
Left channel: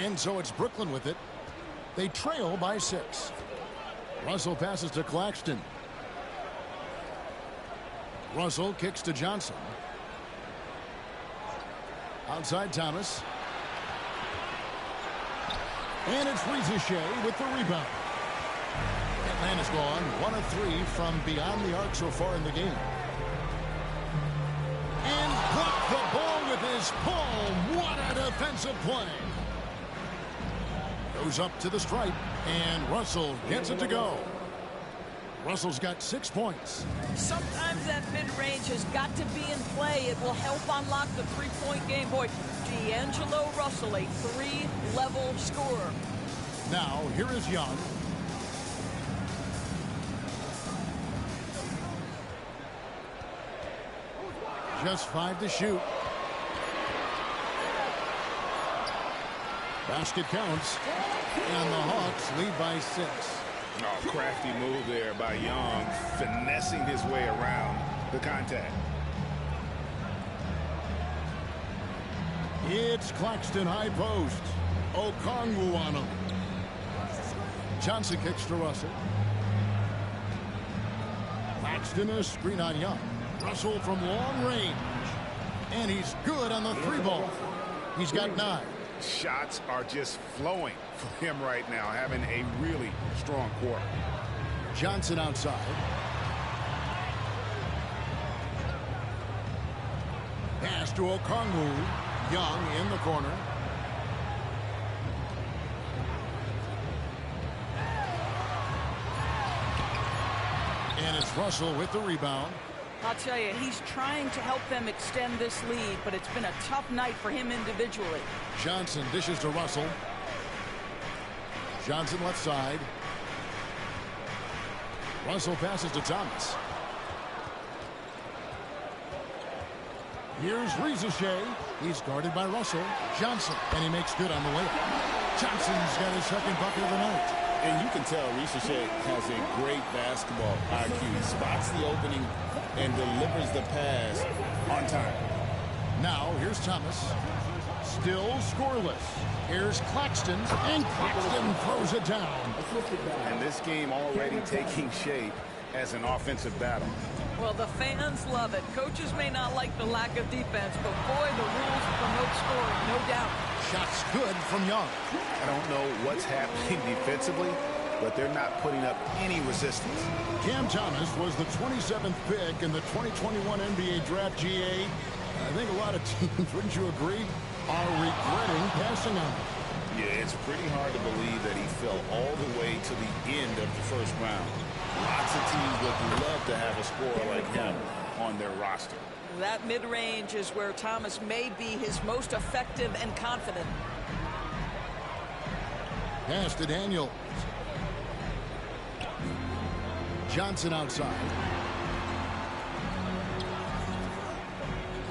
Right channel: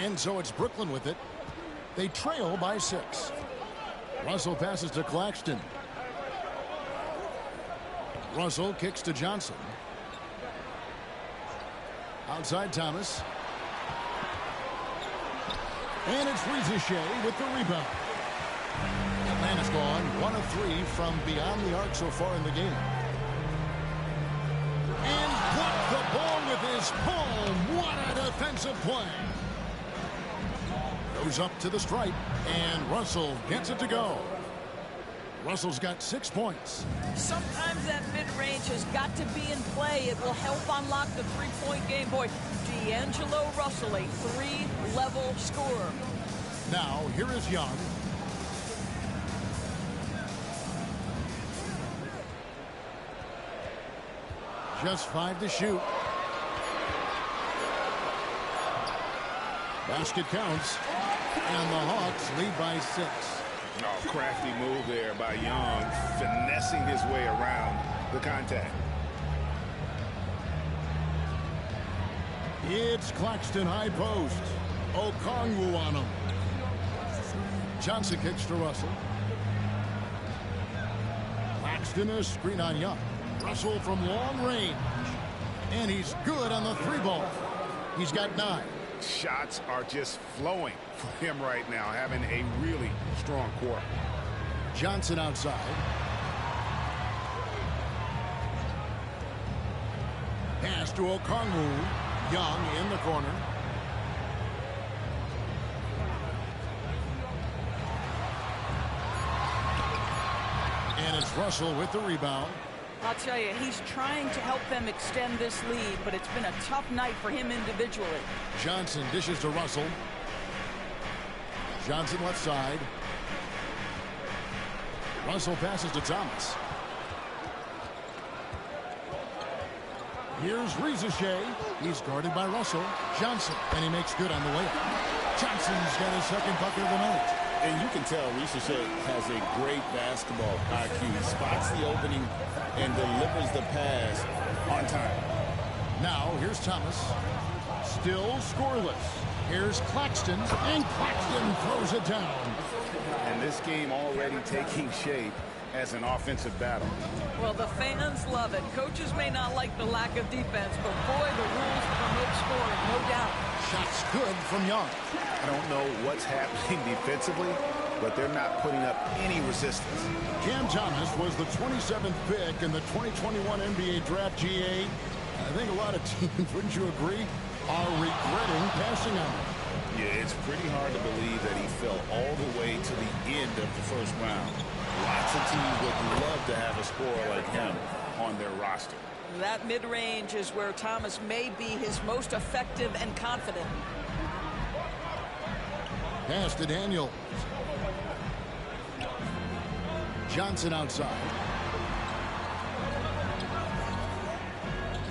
And so it's Brooklyn with it. They trail by 6. Russell passes to Claxton. Russell kicks to Johnson. Outside Thomas. And it's Rizichet with the rebound. Atlanta's gone 1 of 3 from beyond the arc so far in the game. And blocked the ball with his palm. What a defensive play. Goes up to the stripe, and Russell gets it to go. Russell's got 6 points. Sometimes that mid-range has got to be in play. It will help unlock the three-point game. Boy, D'Angelo Russell, a 3-level scorer. Now, here is Young. Just 5 to shoot. Basket counts. And the Hawks lead by 6. Oh, crafty move there by Young, finessing his way around the contact. It's Claxton high post. Okongwu on him. Johnson kicks to Russell. Claxton a screen on Young. Russell from long range. And he's good on the 3-ball. He's got 9. Shots are just flowing for him right now, having a really strong quarter. Johnson outside. Pass to Okongwu. Young in the corner. And it's Russell with the rebound. I'll tell you, he's trying to help them extend this lead, but it's been a tough night for him individually. Johnson dishes to Russell. Johnson left side. Russell passes to Thomas. Here's Rizichet. He's guarded by Russell. Johnson, and he makes good on the layup. Johnson's got his second bucket of the night. And you can tell Rizichet has a great basketball IQ. He spots the opening and delivers the pass on time. Now, here's Thomas. Still scoreless. Here's Claxton, and Claxton throws it down. And this game already taking shape as an offensive battle. Well, the fans love it. Coaches may not like the lack of defense, but boy, the rules promote scoring, no doubt. Shots good from Young. I don't know what's happening defensively, but they're not putting up any resistance. Cam Thomas was the 27th pick in the 2021 NBA Draft. GA. I think a lot of teams, wouldn't you agree, are regretting passing on him. Yeah, it's pretty hard to believe that he fell all the way to the end of the first round. Lots of teams would love to have a scorer like him. on their roster. That mid-range is where Thomas may be his most effective and confident. Pass to Daniels. Johnson outside.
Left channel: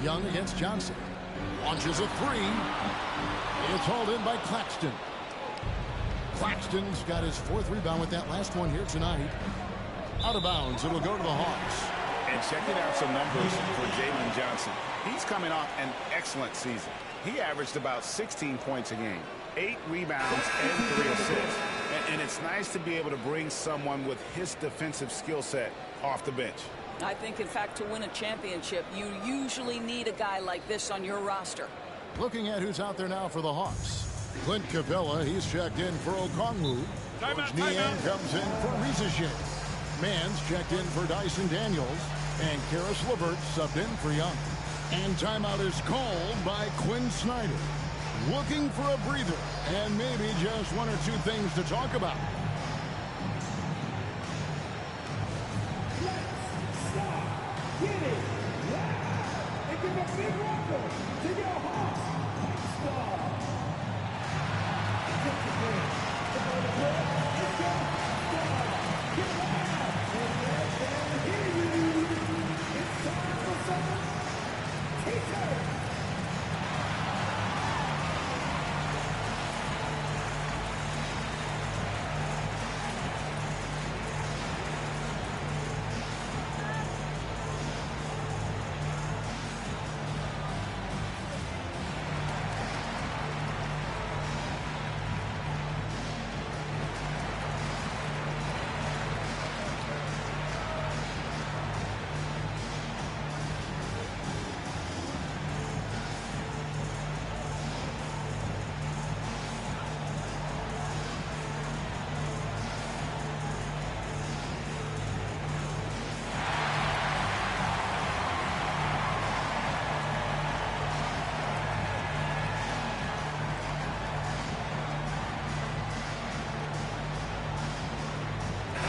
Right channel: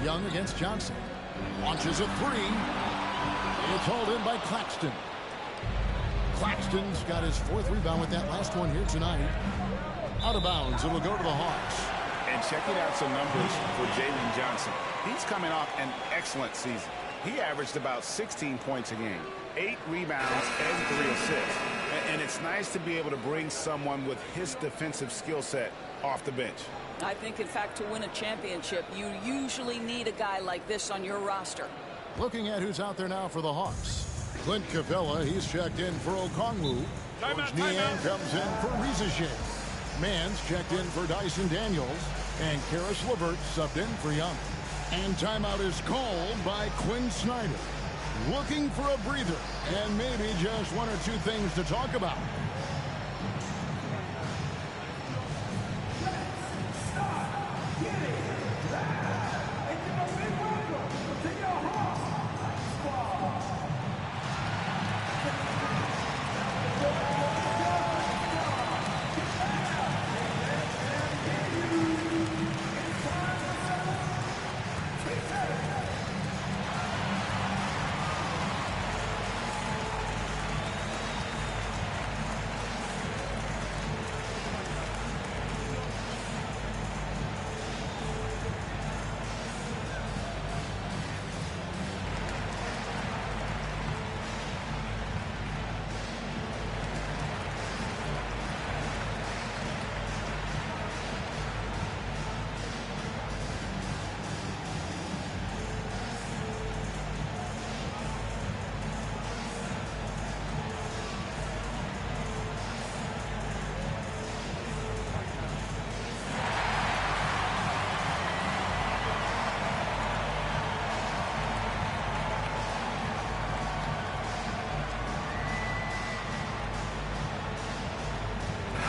Young against Johnson. Launches a three. It's hauled in by Claxton. Claxton's got his 4th rebound with that last one here tonight. Out of bounds. It'll go to the Hawks. And checking out some numbers for Jalen Johnson. He's coming off an excellent season. He averaged about 16 points a game, 8 rebounds, and 3 assists. And it's nice to be able to bring someone with his defensive skill set off the bench. I think, in fact, to win a championship, you usually need a guy like this on your roster. Looking at who's out there now for the Hawks. Clint Capella, he's checked in for Okongwu. George Niang comes in for Rizache. Mans checked in for Dyson Daniels. And Karis LeVert subbed in for Young. And timeout is called by Quinn Snyder. Looking for a breather and maybe just 1 or 2 things to talk about.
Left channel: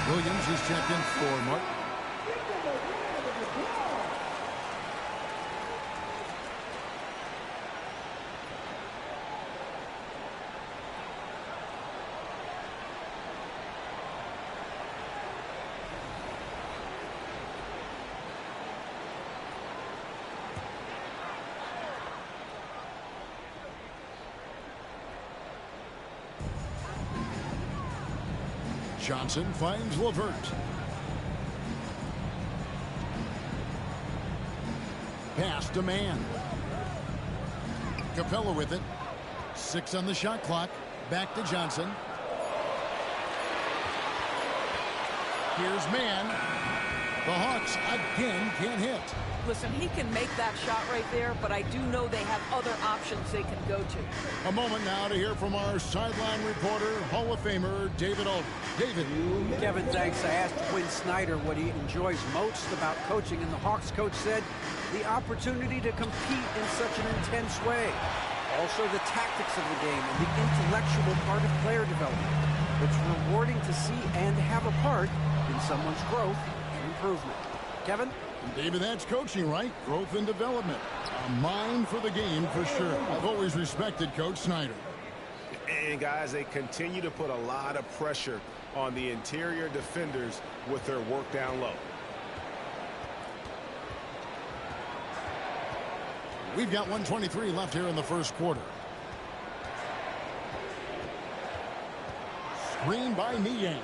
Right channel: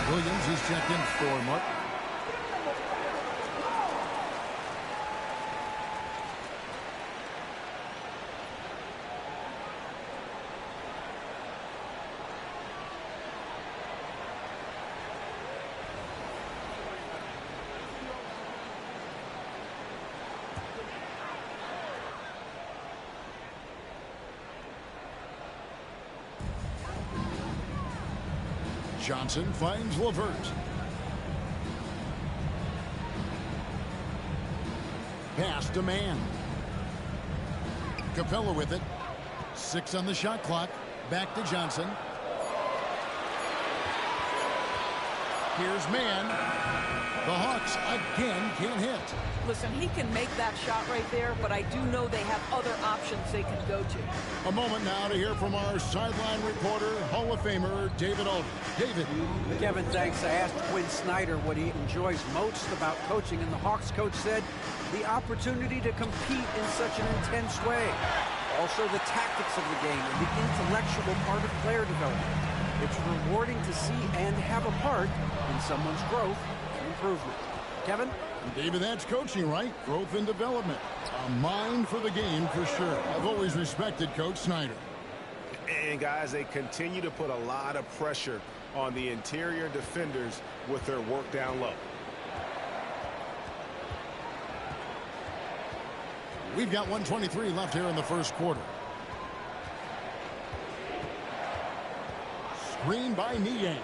Williams, he's checked in for Martin. Johnson finds LeVert. Pass to Mann. Capella with it. 6 on the shot clock. Back to Johnson. Here's Mann. The Hawks again can't hit. Listen, he can make that shot right there, but I do know they have other options they can go to. A moment now to hear from our sideline reporter, Hall of Famer David Aldridge. David. Kevin, thanks. I asked Quinn Snyder what he enjoys most about coaching, and the Hawks coach said the opportunity to compete in such an intense way. Also, the tactics of the game and the intellectual part of player development. It's rewarding to see and have a part in someone's growth and improvement. Kevin? David, that's coaching, right? Growth and development. A mind for the game for sure. I've always respected Coach Snyder. And, guys, they continue to put a lot of pressure on the interior defenders with their work down low. We've got 1:23 left here in the first quarter. Screen by Niang.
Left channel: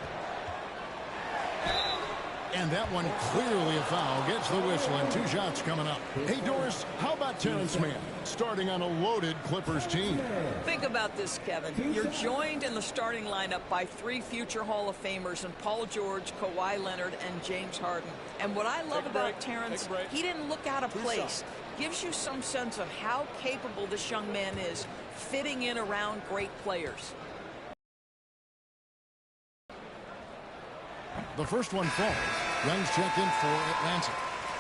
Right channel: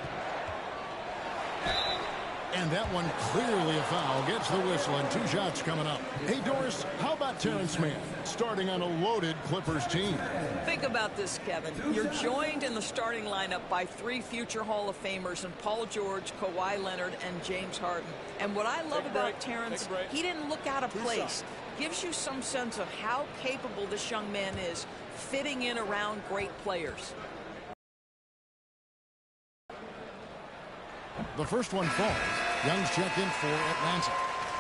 And that one clearly a foul. Gets the whistle and 2 shots coming up. Hey, Doris, how about Terrence Mann starting on a loaded Clippers team? Think about this, Kevin. You're joined in the starting lineup by 3 future Hall of Famers in Paul George, Kawhi Leonard, and James Harden. And what I love about Terrence, he didn't look out of place. Gives you some sense of how capable this young man is fitting in around great players. The first one falls. Young's checked in for Atlanta.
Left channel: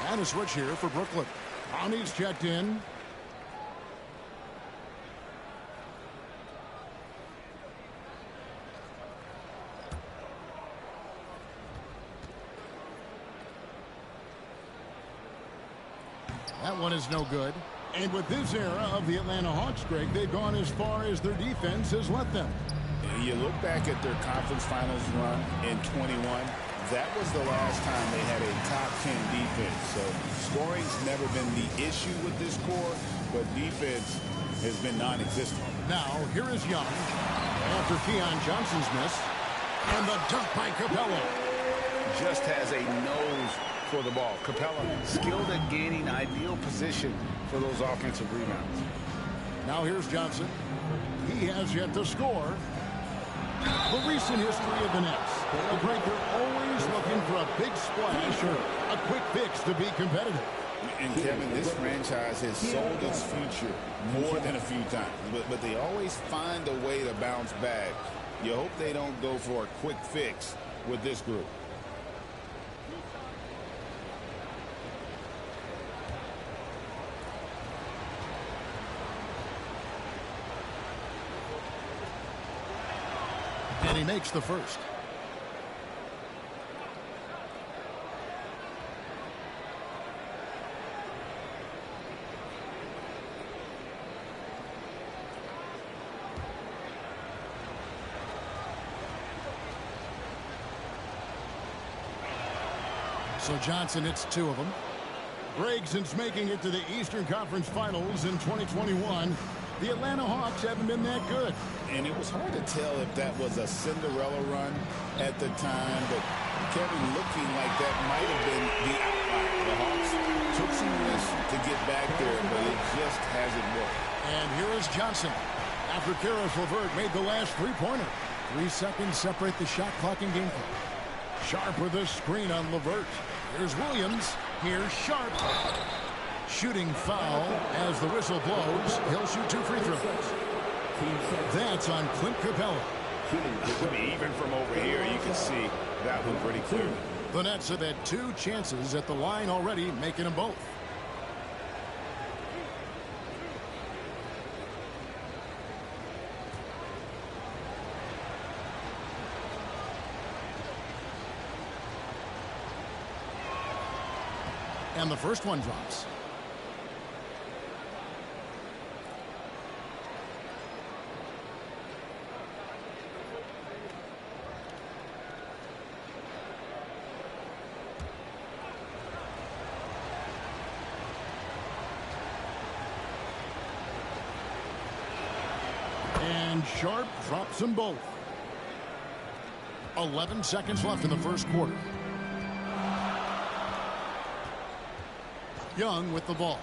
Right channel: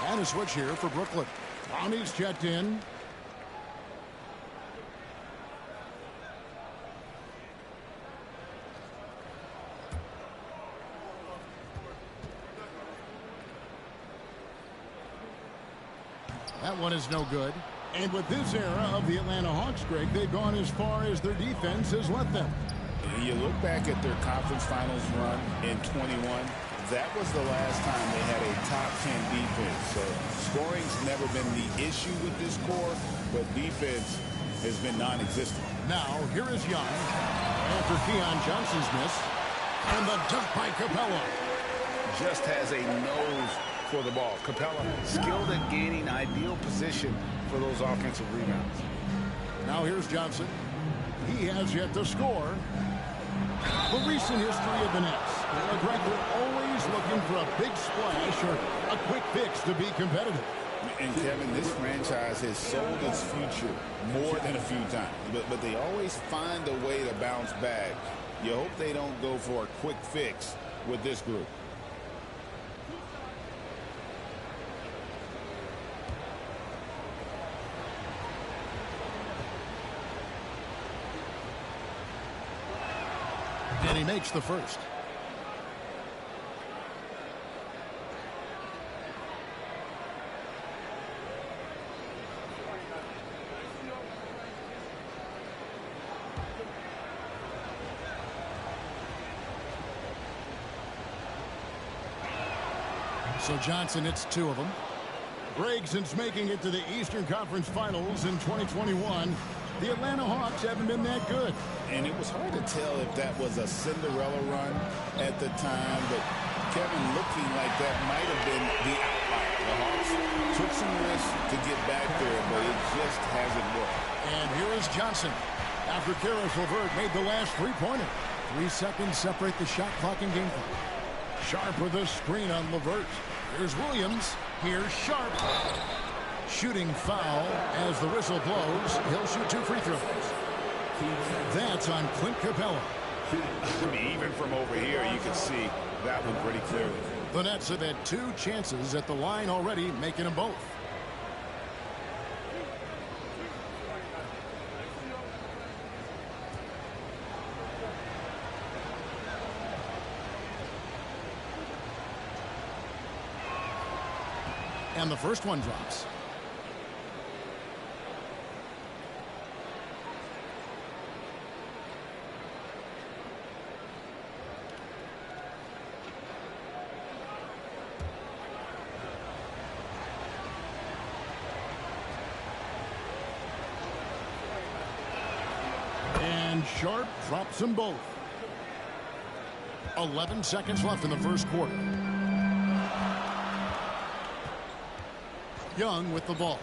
And a switch here for Brooklyn. Brownie's checked in. That one is no good. And with this era of the Atlanta Hawks, Greg, they've gone as far as their defense has let them. You look back at their conference finals run in 21, that was the last time they had a top 10 defense. So scoring's never been the issue with this core, but defense has been non-existent. Now, here is Young after Keon Johnson's miss. And the dunk by Capella. Just has a nose for the ball. Capella skilled at gaining ideal position for those offensive rebounds. Now here's Johnson. He has yet to score. The recent history of the Nets. Greg, they're always looking for a big splash or a quick fix to be competitive. And Kevin, this franchise has sold its future more than a few times, but they always find a way to bounce back. You hope they don't go for a quick fix with this group. And he makes the first. So Johnson hits two of them. Greg, since making it to the Eastern Conference Finals in 2021, the Atlanta Hawks haven't been that good. And it was hard to tell if that was a Cinderella run at the time, but Kevin, looking like that might have been the outlier. The Hawks took some risks to get back there, but it just hasn't worked. And here is Johnson. After Karis LeVert made the last three-pointer. 3 seconds separate the shot clock and game clock. Sharp with a screen on LeVert. Here's Williams. Here's Sharp. Shooting foul as the whistle blows. He'll shoot 2 free throws. That's on Clint Capella. I mean, even from over here, you can see that one pretty clearly. The Nets have had 2 chances at the line already, making them both. And the first one drops. And Sharp drops them both. 11 seconds left in the first quarter. Young with the ball.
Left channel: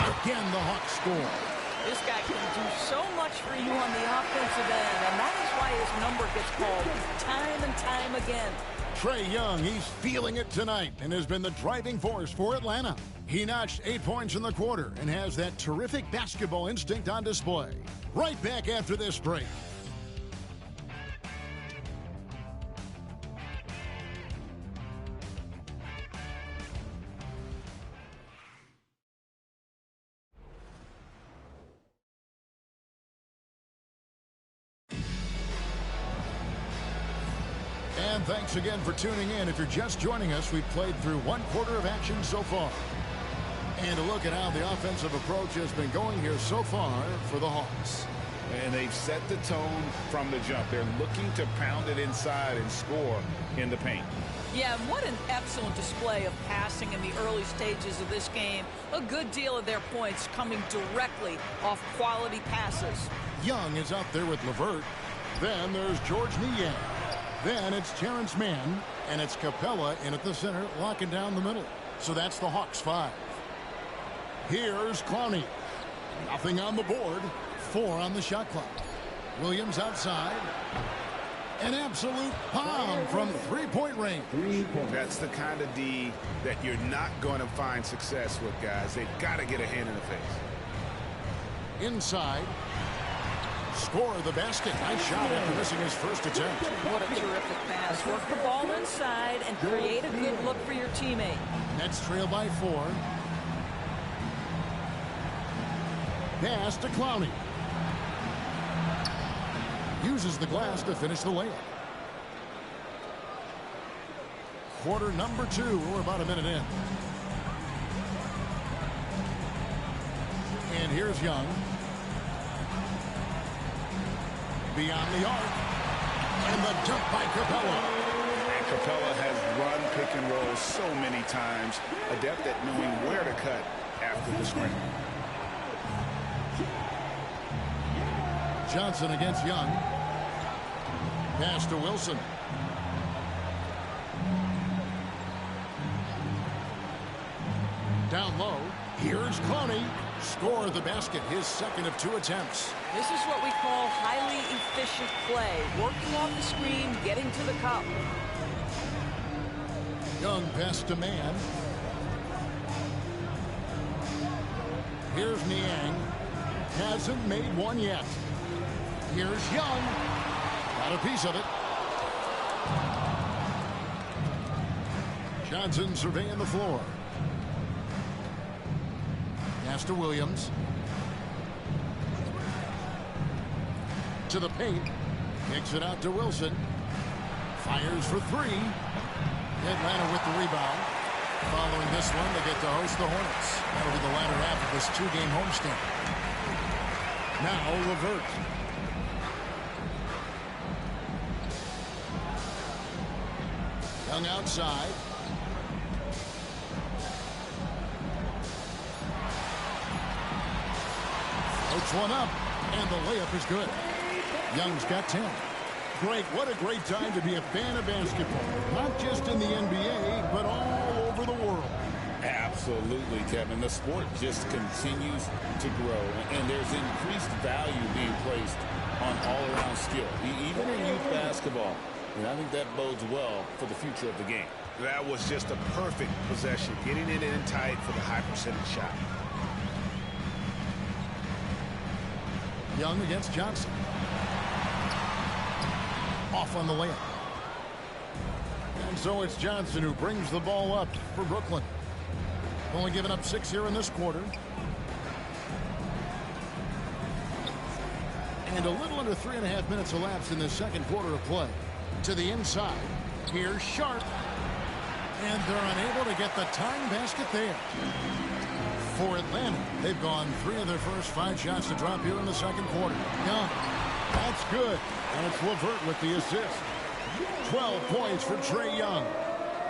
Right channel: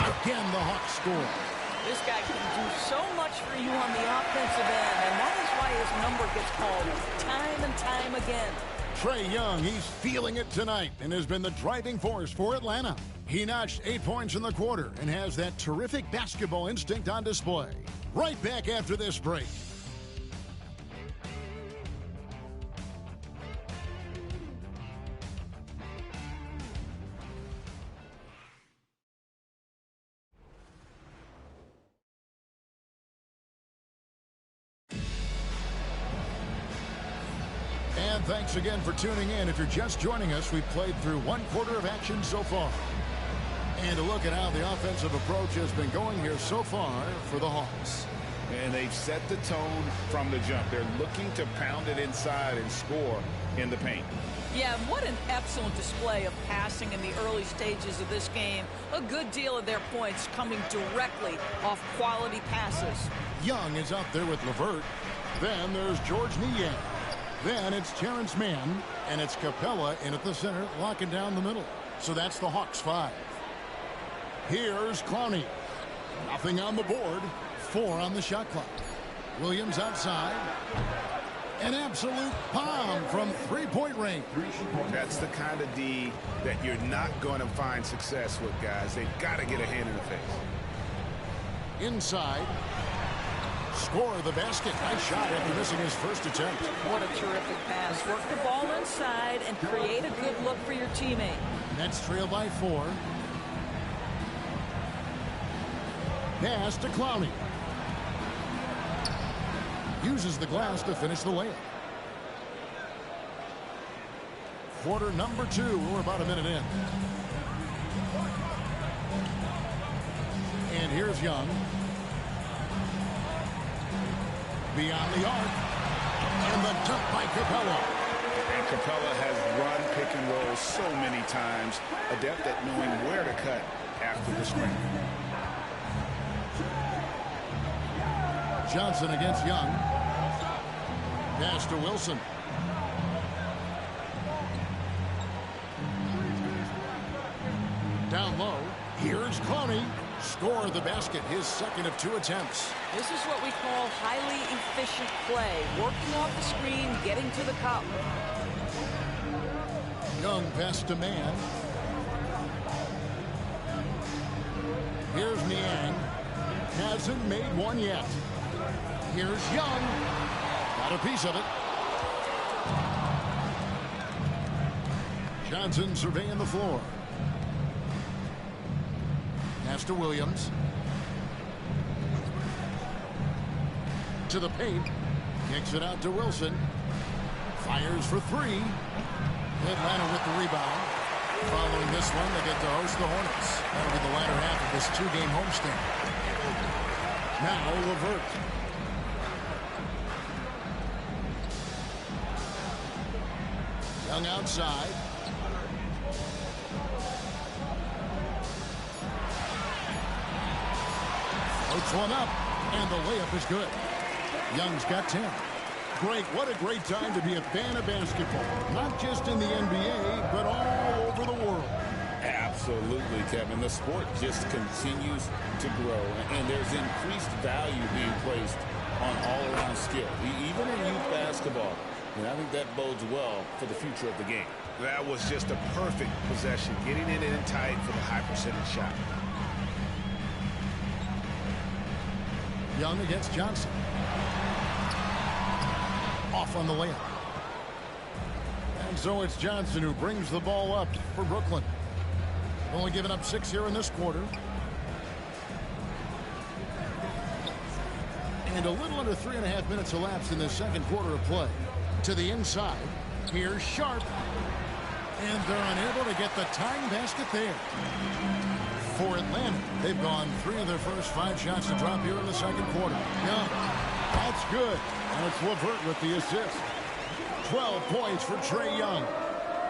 Again, the Hawks score. This guy can do so much for you on the offensive end, and that is why his number gets called time and time again. Trae Young, he's feeling it tonight and has been the driving force for Atlanta. He notched 8 points in the quarter and has that terrific basketball instinct on display. Right back after this break. And thanks again for tuning in. If you're just joining us, we've played through 1 quarter of action so far. And a look at how the offensive approach has been going here so far for the Hawks. And they've set the tone from the jump. They're looking to pound it inside and score in the paint. Yeah, what an excellent display of passing in the early stages of this game. A good deal of their points coming directly off quality passes. Young is out there with LeVert. Then there's George Niang. Then it's Terrence Mann, and it's Capella in at the center, locking down the middle. So that's the Hawks 5. Here's Clowney. Nothing on the board. 4 on the shot clock. Williams outside. An absolute bomb from three-point range. That's the kind of D that you're not going to find success with, guys. They've got to get a hand in the face. Inside. Score the basket. Nice shot after missing his first attempt. What a terrific pass. Work the ball inside and create a good look for your teammate. Nets trail by 4. Pass to Clowney. Uses the glass to finish the layup. quarter number 2. We're about a minute in. And here's Young. Beyond the arc. And the dunk by Capella. And Capella has run pick and roll so many times, adept at knowing where to cut after the screen. Johnson against Young. Pass to Wilson. Down low. Here's Clowney. Score the basket, his second of 2 attempts. This is what we call highly efficient play. Working off the screen, getting to the cup. Young pass to Mann. Here's Niang. Hasn't made one yet. Here's Young. Got a piece of it. Johnson surveying the floor. Pass to Williams. To the paint. Kicks it out to Wilson. Fires for 3. Atlanta with the rebound. Following this one, they get to host the Hornets. That'll be the latter half of this 2-game homestand. Now LeVert. Young outside. Floats one up, and the layup is good. Young's got 10. Greg, what a great time to be a fan of basketball. Not just in the NBA, but all over the world. Absolutely, Kevin. The sport just continues to grow, and there's increased value being placed on all-around skill, even in youth basketball. And I think that bodes well for the future of the game. That was just a perfect possession, getting it in tight for the high percentage shot. Young against Johnson. Off on the layup. And so it's Johnson who brings the ball up for Brooklyn. Only giving up 6 here in this quarter. And a little under 3.5 minutes elapsed in the second quarter of play. To the inside. Here's Sharp. And they're unable to get the tying basket there. For Atlanta, they've gone 3 of their first 5 shots to drop here in the second quarter. Young. That's good. And it's LeVert with the assist. 12 points for Trae Young.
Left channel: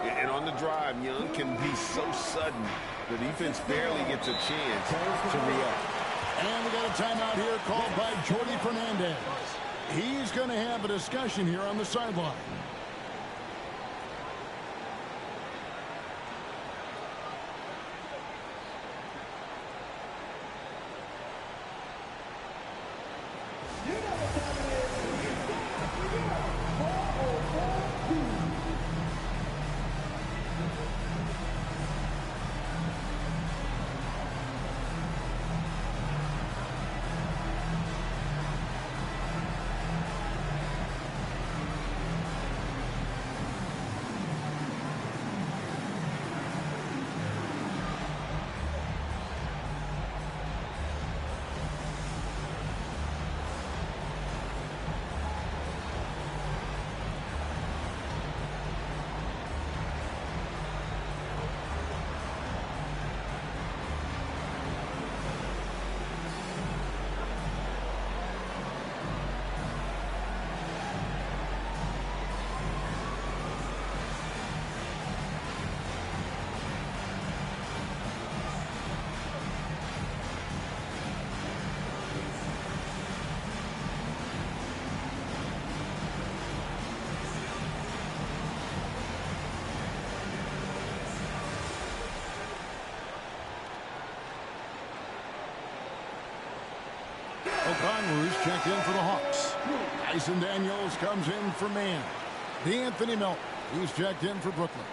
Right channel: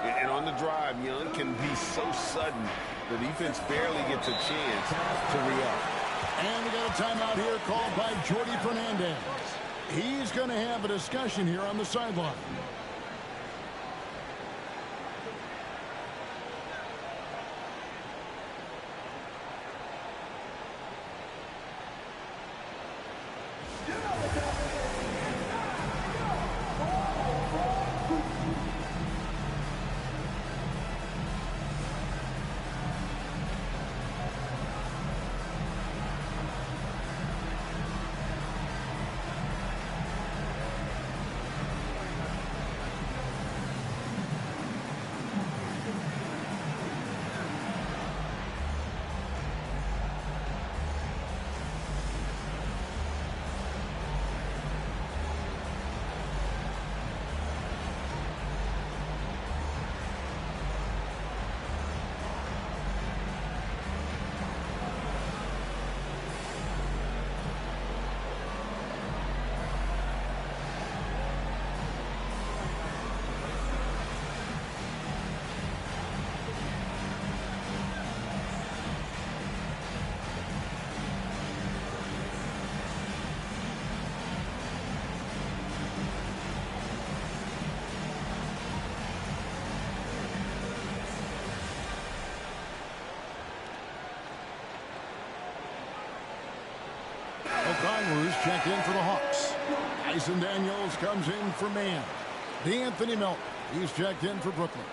And on the drive, Young can be so sudden. The defense barely gets a chance to react. And we got a timeout here called by Jordi Fernandez. He's going to have a discussion here on the sideline. O'Connor's checked in for the Hawks. Tyson Daniels comes in for Mann. DeAnthony Melton, he's checked in for Brooklyn.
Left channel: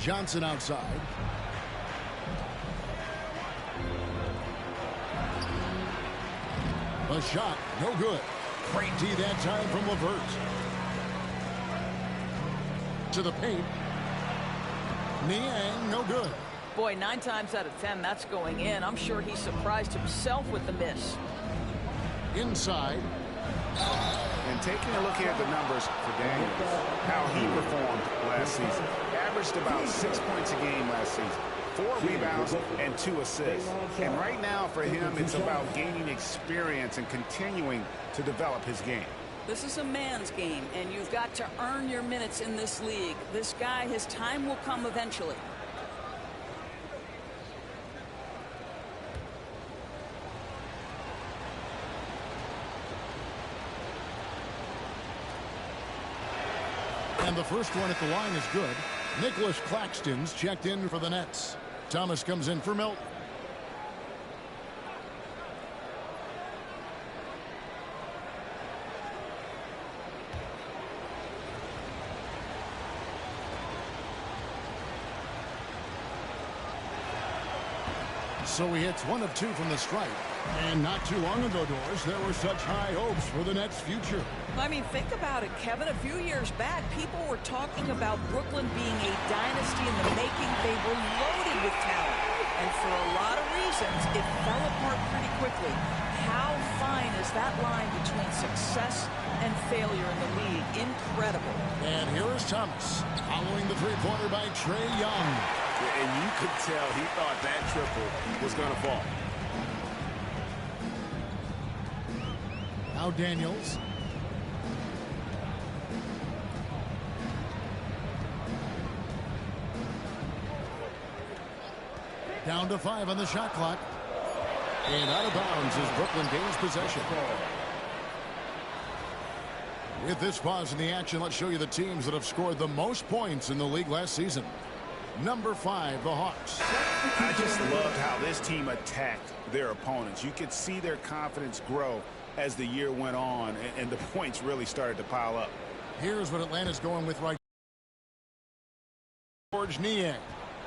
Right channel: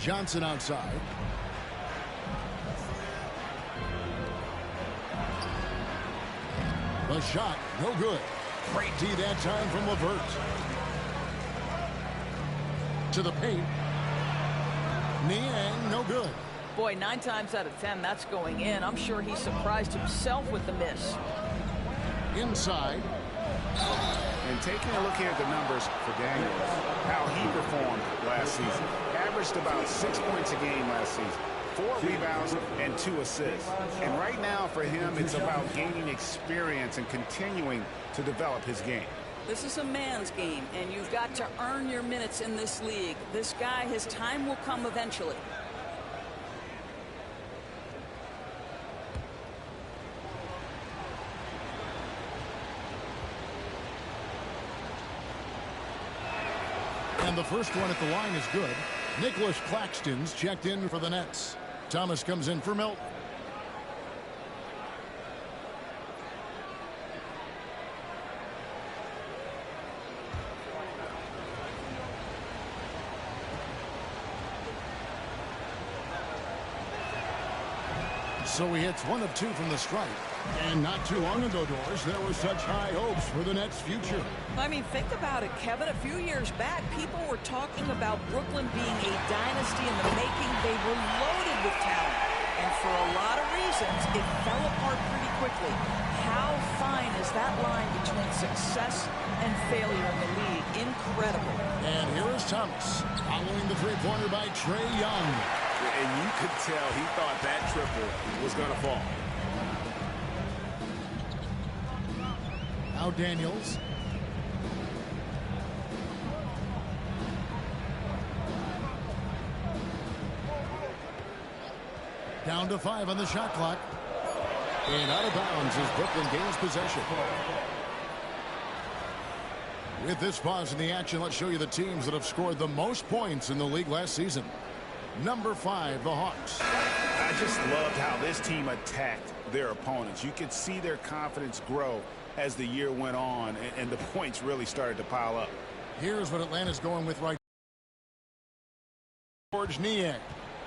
Johnson outside. The shot, no good. Great D that time from Levert. To the paint. Niang, no good. Boy, 9 times out of 10, that's going in. I'm sure he surprised himself with the miss. Inside. And taking a look here at the numbers for Daniels, how he performed last season. Averaged about 6 points a game last season. 4 rebounds and 2 assists. And right now for him, it's about gaining experience and continuing to develop his game. This is a man's game, and you've got to earn your minutes in this league. This guy, his time will come eventually. And the first one at the line is good. Nicholas Claxton's checked in for the Nets. Thomas comes in for Milton. So he hits 1 of 2 from the stripe. And not too long ago, Doris, there were such high hopes for the Nets' future. I mean, think about it, Kevin. A few years back, people were talking about Brooklyn being a dynasty in the making. They were loaded with talent. And for a lot of reasons, it fell apart pretty quickly. How fine is that line between success and failure in the league? Incredible. And here is Thomas, following the three-pointer by Trae Young. And you could tell he thought that triple was going to fall. Now Daniels. Down to 5 on the shot clock. And out of bounds as Brooklyn gains possession. With this pause in the action, let's show you the teams that have scored the most points in the league last season. Number 5, the Hawks. I just loved how this team attacked their opponents. You could see their confidence grow as the year went on, and the points really started to pile up. Here's what Atlanta's going with right. George Niang.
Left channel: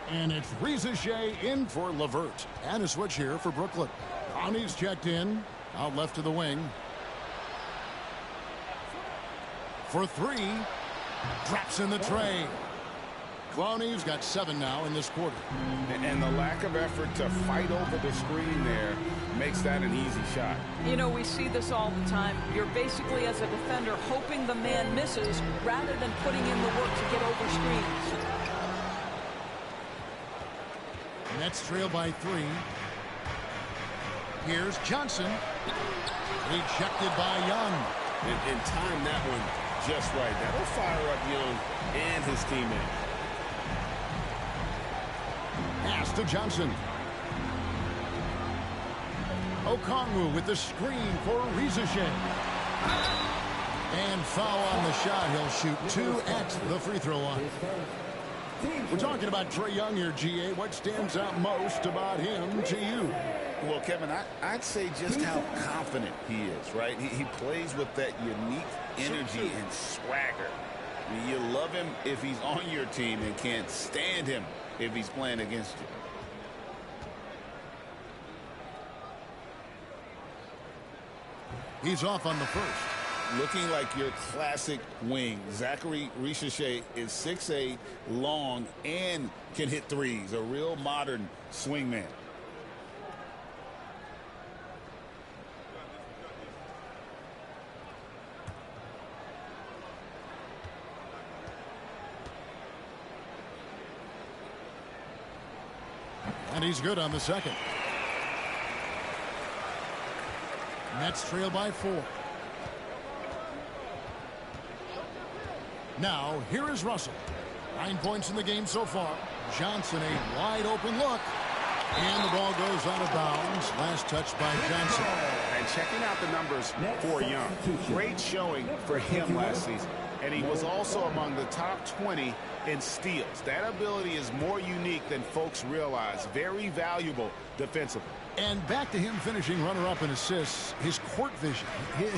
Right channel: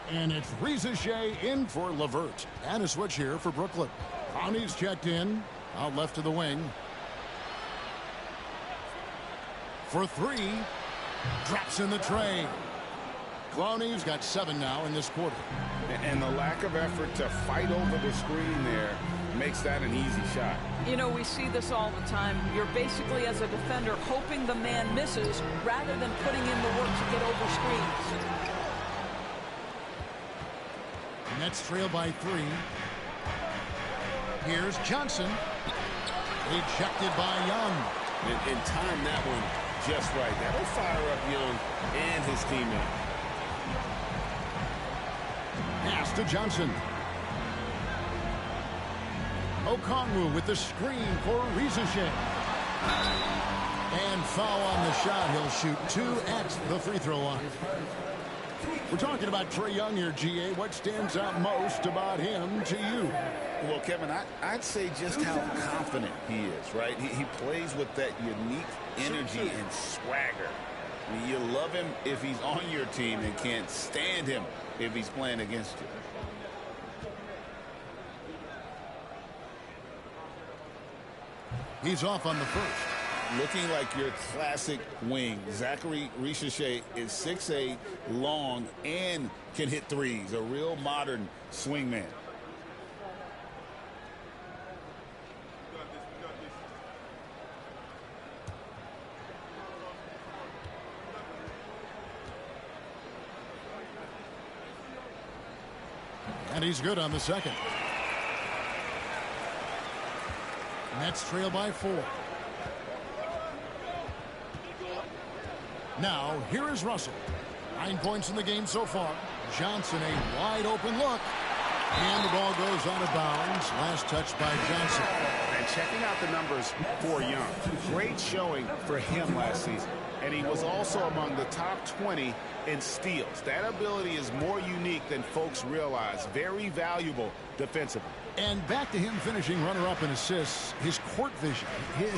And it's Rizachet in for Levert. And a switch here for Brooklyn. Connie's checked in. Out left to the wing. For 3. Drops in the tray. Clowney's got 7 now in this quarter. And the lack of effort to fight over the screen there makes that an easy shot. You know, we see this all the time. You're basically, as a defender, hoping the man misses rather than putting in the work to get over screens. Nets trail by 3. Here's Johnson. Rejected by Young. And time that one just right. That'll fire up Young and his teammate. Pass to Johnson. Okongwu with the screen for Rizachet. And foul on the shot. He'll shoot 2 at the free throw line. We're talking about Trae Young here, GA. What stands out most about him to you? Well, Kevin, I'd say just how confident he is, right? He plays with that unique energy and swagger. I mean, you love him if he's on your team and can't stand him if he's playing against you. He's off on the first. Looking like your classic wing. Zachary Rizachet is 6'8", long, and can hit threes. A real modern swingman. And he's good on the second. Nets trail by 4. Now, here is Russell. 9 points in the game so far. Johnson, a wide open look. And the ball goes out of bounds. Last touch by Johnson. And checking out the numbers for Young. Great showing for him last season. And he was also among the top 20 in steals. That ability is more unique than folks realize. Very valuable defensively. And back to him finishing runner-up in assists. His court vision,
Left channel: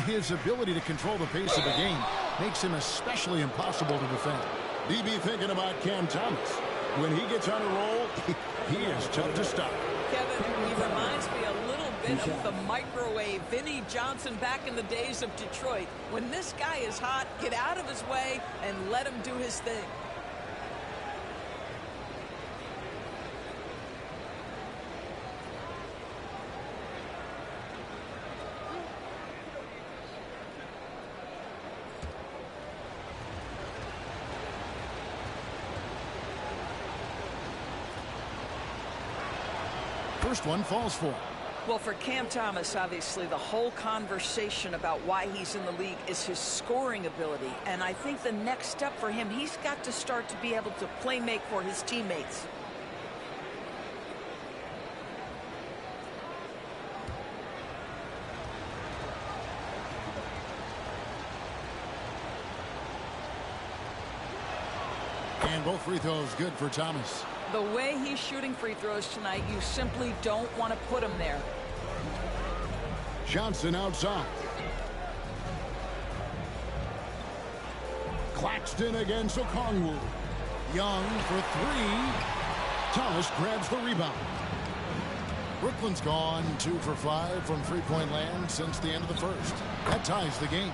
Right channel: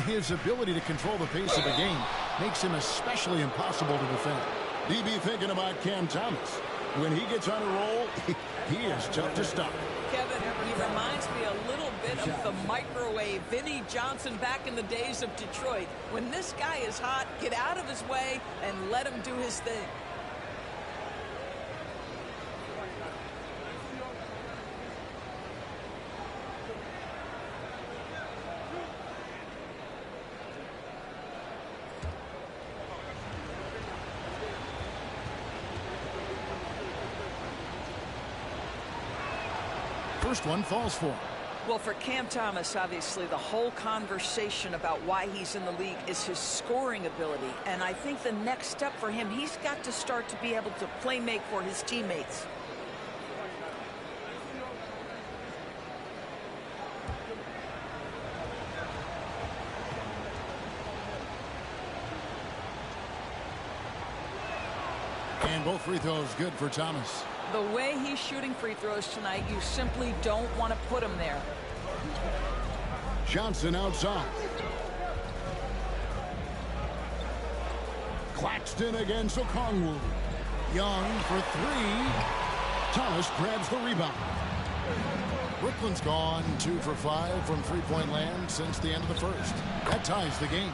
his ability to control the pace of the game makes him especially impossible to defend. DB thinking about Cam Thomas. When he gets on a roll, he is tough to stop. Kevin, he reminds me a little bit of the microwave Vinnie Johnson back in the days of Detroit. When this guy is hot, get out of his way and let him do his thing. First one falls for him. Well, for Cam Thomas, obviously, the whole conversation about why he's in the league is his scoring ability. And I think the next step for him, he's got to start to be able to play make for his teammates. And both free throws good for Thomas. The way he's shooting free throws tonight, you simply don't want to put him there. Johnson outside. Claxton against Okongwu. Young for three. Thomas grabs the rebound. Brooklyn's gone 2 for 5 from three-point land since the end of the first. That ties the game.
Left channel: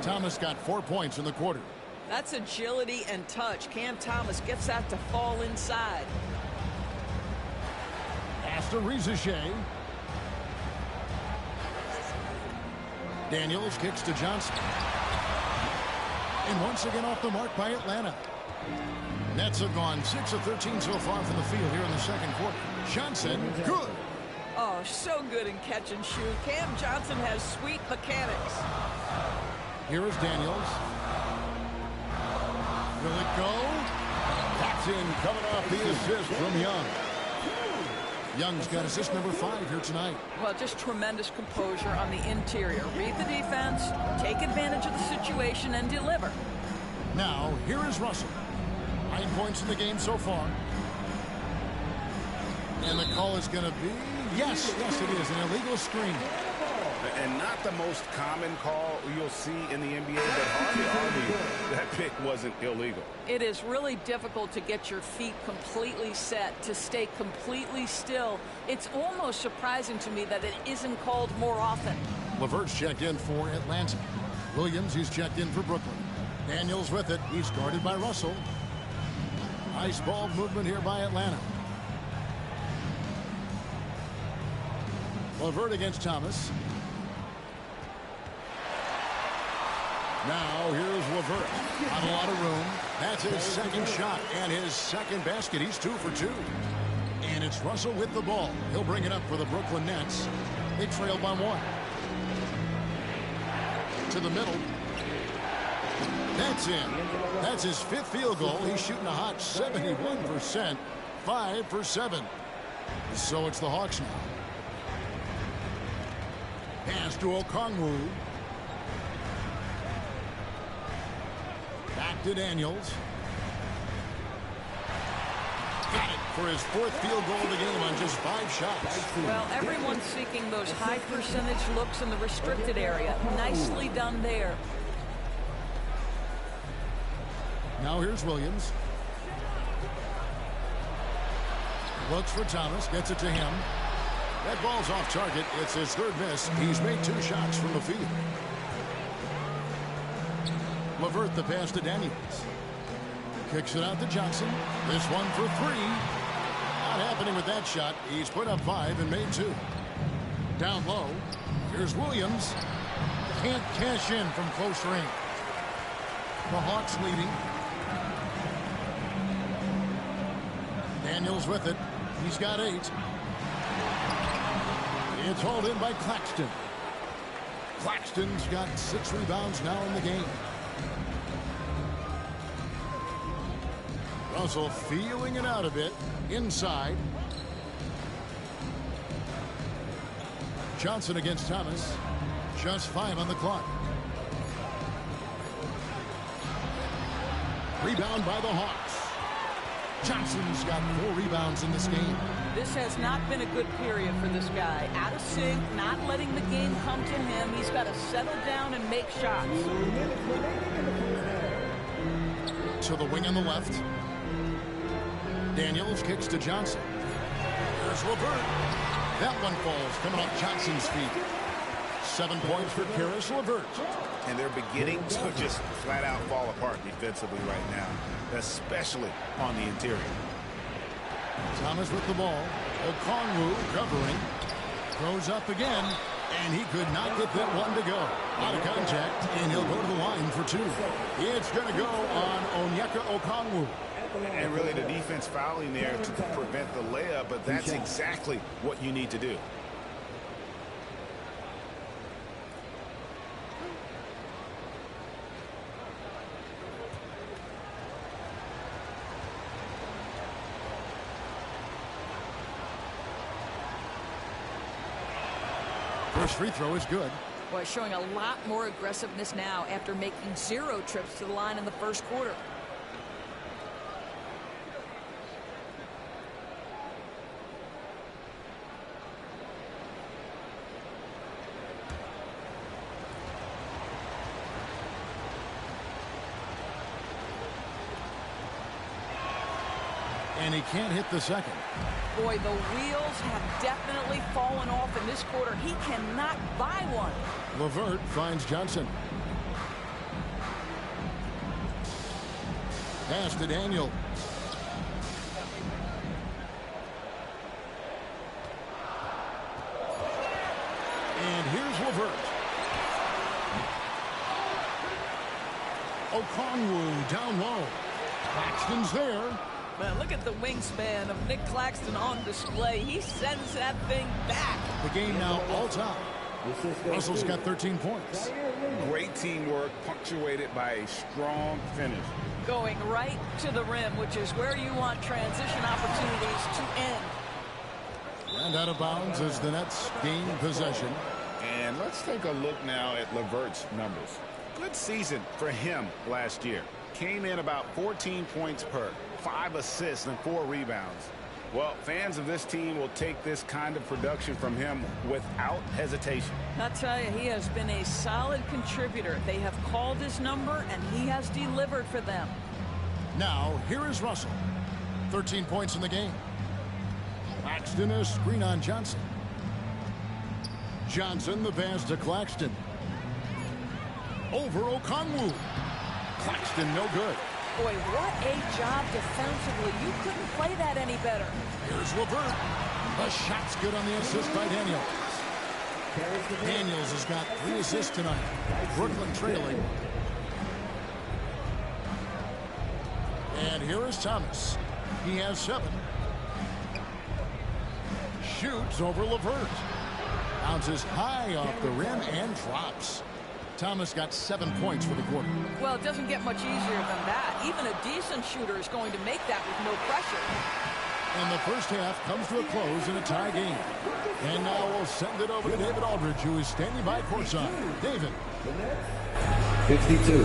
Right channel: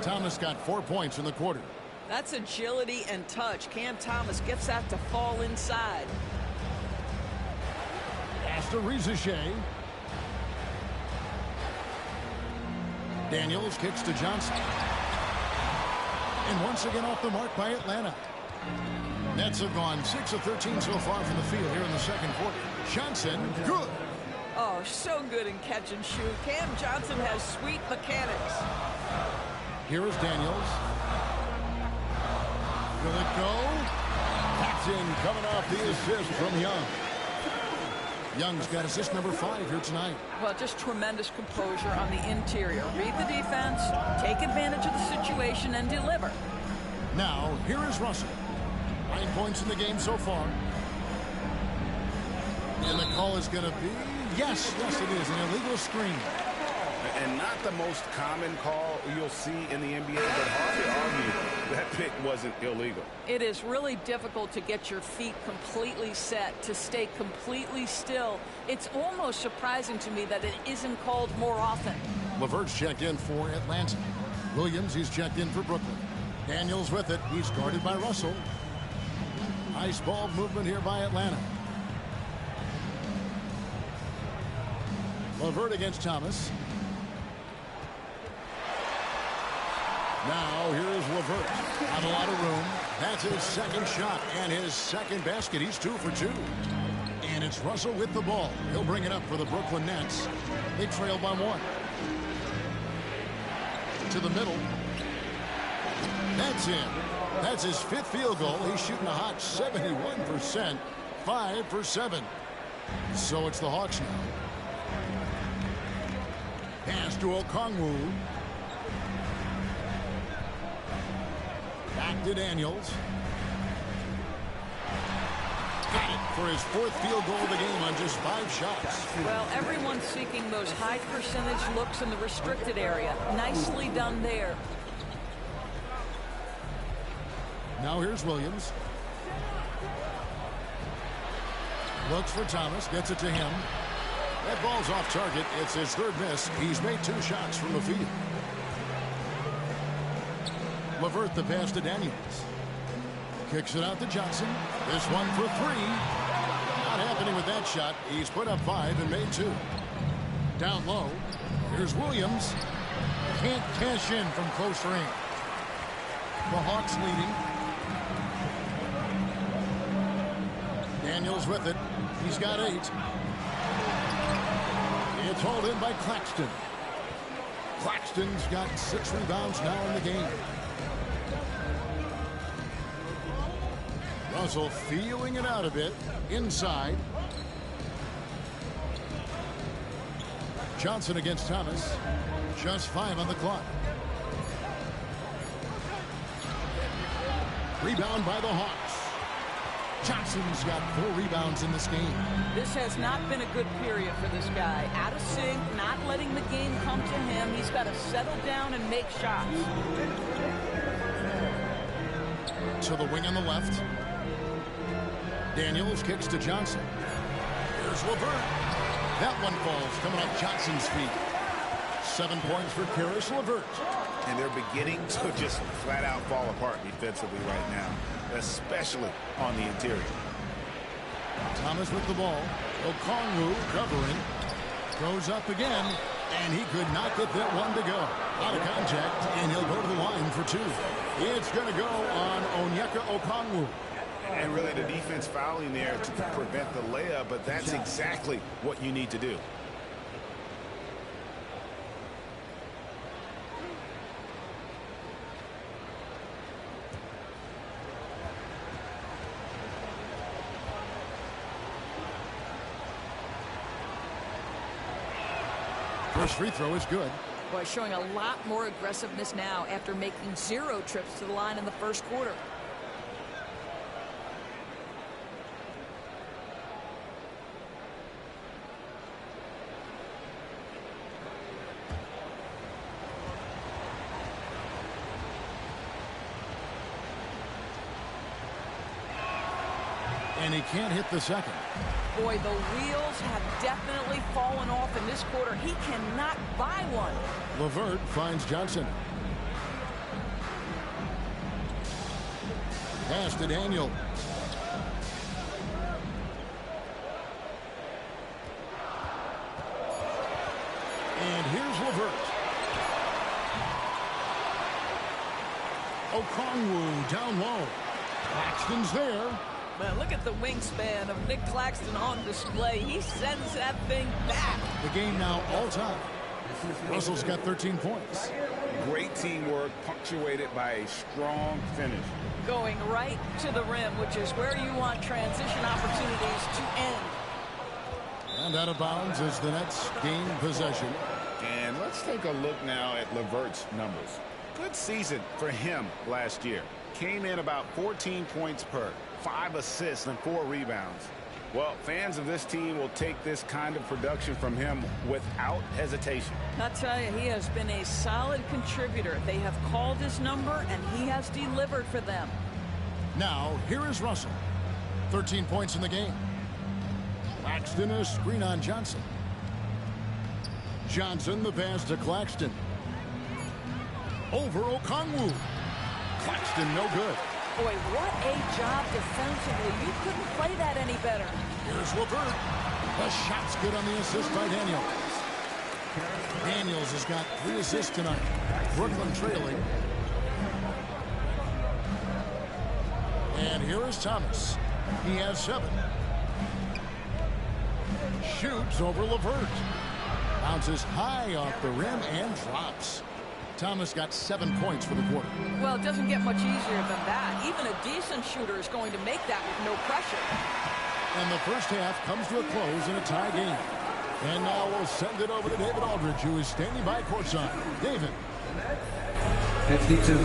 Thomas got 4 points in the quarter. That's agility and touch. Cam Thomas gets that to fall inside. Pass to Rizachet. Daniels kicks to Johnson. And once again off the mark by Atlanta. Nets have gone 6 of 13 so far from the field here in the second quarter. Johnson, good. Oh, so good in catch and shoot. Cam Johnson has sweet mechanics. Here is Daniels. Will it go? That's in, coming off the assist from Young. Young's got assist number 5 here tonight. Well, just tremendous composure on the interior. Read the defense, take advantage of the situation, and deliver. Now, here is Russell. 9 points in the game so far. And the call is going to be, yes, it is, an illegal screen. And not the most common call you'll see in the NBA, but hard to argue that pick wasn't illegal. It is really difficult to get your feet completely set, to stay completely still. It's almost surprising to me that it isn't called more often. LeVert's checked in for Atlanta. Williams, he's checked in for Brooklyn. Daniels with it. He's guarded by Russell. Nice ball movement here by Atlanta. LeVert against Thomas. Now, here's LeVert. Not a lot of room. That's his second shot and his second basket. He's 2 for 2. And it's Russell with the ball. He'll bring it up for the Brooklyn Nets. They trail by 1. To the middle. That's in. That's his 5th field goal. He's shooting a hot 71%. 5 for 7. So it's the Hawks now. Pass to Okongwu. Back to Daniels. Got it for his 4th field goal of the game on just 5 shots. Well, everyone's seeking those high percentage looks in the restricted area. Nicely done there. Now here's Williams. Looks for Thomas. Gets it to him. That ball's off target. It's his 3rd miss. He's made 2 shots from the field. LeVert the pass to Daniels. Kicks it out to Johnson. This one for 3. Not happening with that shot. He's put up 5 and made 2. Down low. Here's Williams. Can't cash in from close range. The Hawks leading. Daniels with it. He's got 8. It's hauled in by Claxton. Claxton's got 6 rebounds now in the game. Russell feeling it out a bit. Inside. Johnson against Thomas. Just 5 on the clock. Rebound by the Hawks. Johnson's got 4 rebounds in this game. This has not been a good period for this guy. Out of sync, not letting the game come to him. He's got to settle down and make shots. To the wing on the left. Daniels kicks to Johnson. Here's LeVert. That one falls, coming off Johnson's feet. 7 points for Karis LeVert. And they're beginning to just flat out fall apart defensively right now, especially on the interior. Thomas with the ball. Okongwu covering. Goes up again, and he could not get that one to go. Out of contact, and he'll go to the line for 2. It's going to go on Onyeka Okongwu. And really the defense fouling there to prevent the layup, but that's exactly what you need to do. First free throw is good. Boy, showing a lot more aggressiveness now after making 0 trips to the line in the first quarter. And he can't hit the second. Boy, the wheels have definitely fallen off in this quarter. He cannot buy one. LeVert finds Johnson. Pass to Daniel. And here's LeVert. Okongwu down low. Claxton's there. Man, look at the wingspan of Nick Claxton on display. He sends that thing back. The game now all time. Russell's got 13 points. Great teamwork punctuated by a strong finish. Going right to the rim, which is where you want transition opportunities to end. And out of bounds as the Nets gain possession. And let's take a look now at LeVert's numbers. Good season for him last year. Came in about 14 points per, 5 assists and 4 rebounds. Well, fans of this team will take this kind of production from him without hesitation. I'll tell you, he has been a solid contributor. They have called his number, and he has delivered for them. Now, here is Russell. 13 points in the game. Claxton, a screen on Johnson. Johnson, the pass to Claxton. Over Okongwu. Claxton, no good. Boy, what a job defensively. You couldn't play that any better. Here's LeVert. The shot's good on the assist by Daniels. Daniels has got 3 assists tonight. Brooklyn trailing. And here is Thomas. He has 7. Shoots over LeVert. Bounces high off the rim and drops. Thomas got 7 points for the quarter. Well, it doesn't get much easier than that. Even a decent shooter is going to make that with no pressure. And the first half comes to a close in a tie game. And now we'll send it over to David Aldridge, who is standing by courtside. David. 52.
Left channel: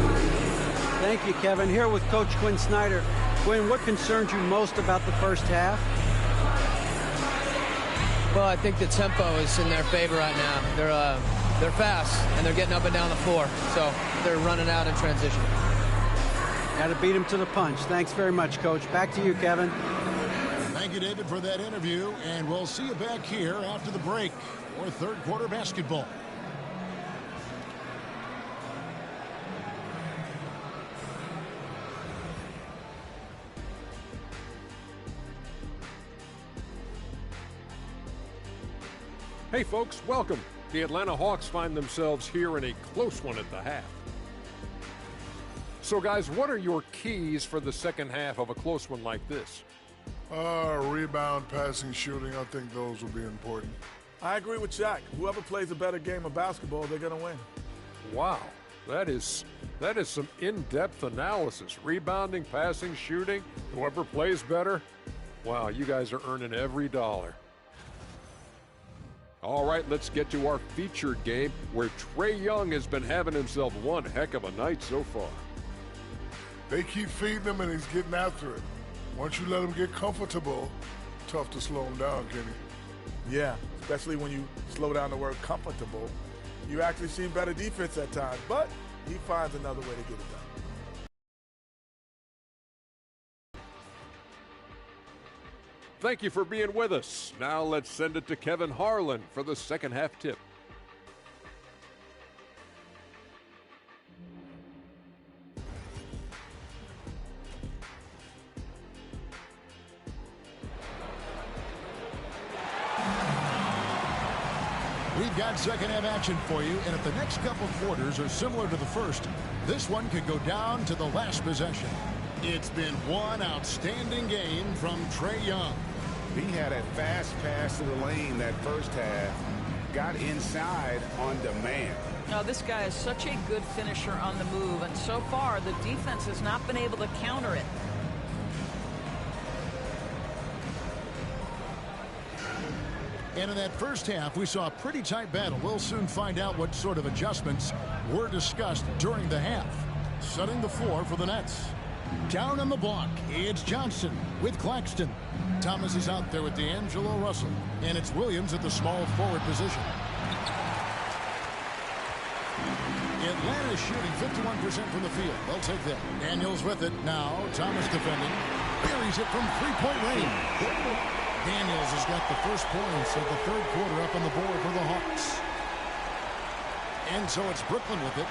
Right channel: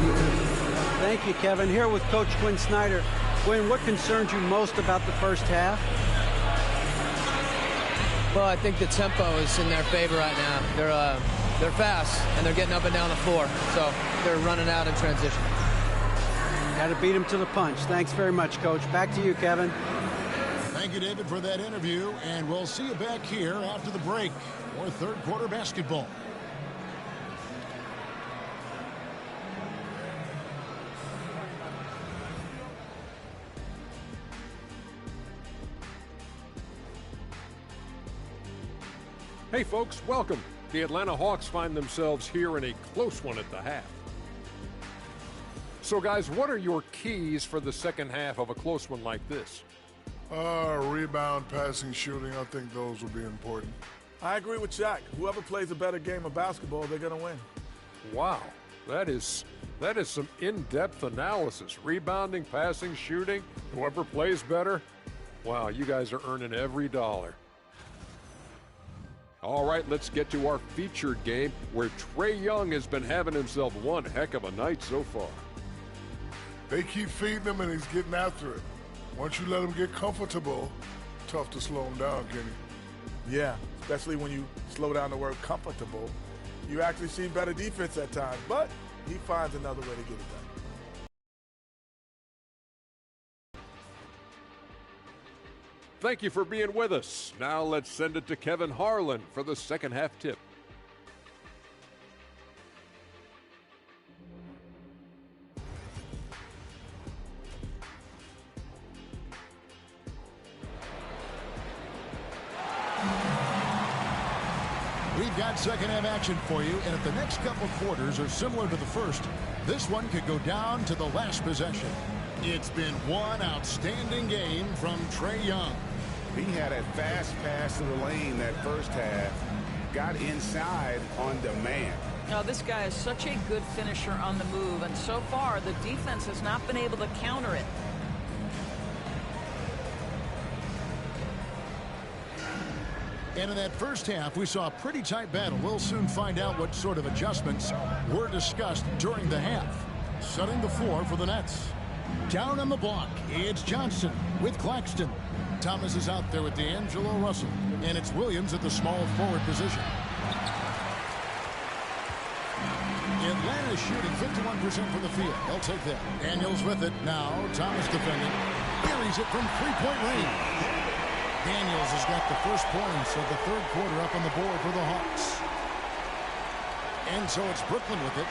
Thank you, Kevin. Here with Coach Quinn Snyder. Quinn, what concerns you most about the first half? Well, I think the tempo is in their favor right now. They're fast, and they're getting up and down the floor, so they're running out in transition. Got to beat them to the punch. Thanks very much, Coach. Back to you, Kevin. Thank you, David, for that interview, and we'll see you back here after the break for third quarter basketball. Hey, folks, welcome. The Atlanta Hawks find themselves here in a close one at the half. So, guys, what are your keys for the second half of a close one like this? Rebound, passing, shooting. I think those will be important. I agree with Jack. Whoever plays a better game of basketball, they're going to win. Wow, that is some in-depth analysis. Rebounding, passing, shooting, whoever plays better. Wow, you guys are earning every dollar. All right, let's get to our featured game where Trae Young has been having himself one heck of a night so far. They keep feeding him, and he's getting after it. Once you let him get comfortable, tough to slow him down, Kenny. Yeah, especially when you slow down the word comfortable. You actually see better defense at times, but he finds another way to get it done. Thank you for being with us. Now let's send it to Kevin Harlan for the second half tip. We've got second half action for you, and if the next couple quarters are similar to the first, this one could go down to the last possession. It's been one outstanding game from Trae Young. He had a fast pass to the lane that first half, got inside on demand. Now, this guy is such a good finisher on the move, and so far the defense has not been able to counter it. And in that first half, we saw a pretty tight battle. We'll soon find out what sort of adjustments were discussed during the half. Setting the floor for the Nets. Down on the block, it's Johnson with Claxton. Thomas is out there with D'Angelo Russell. And it's Williams at the small forward position. Atlanta shooting 51% from the field. They'll take that. Daniels with it. Now Thomas defending. Buries it from three-point range. Daniels has got the first points of the third quarter up on the board for the Hawks. And so it's Brooklyn with it.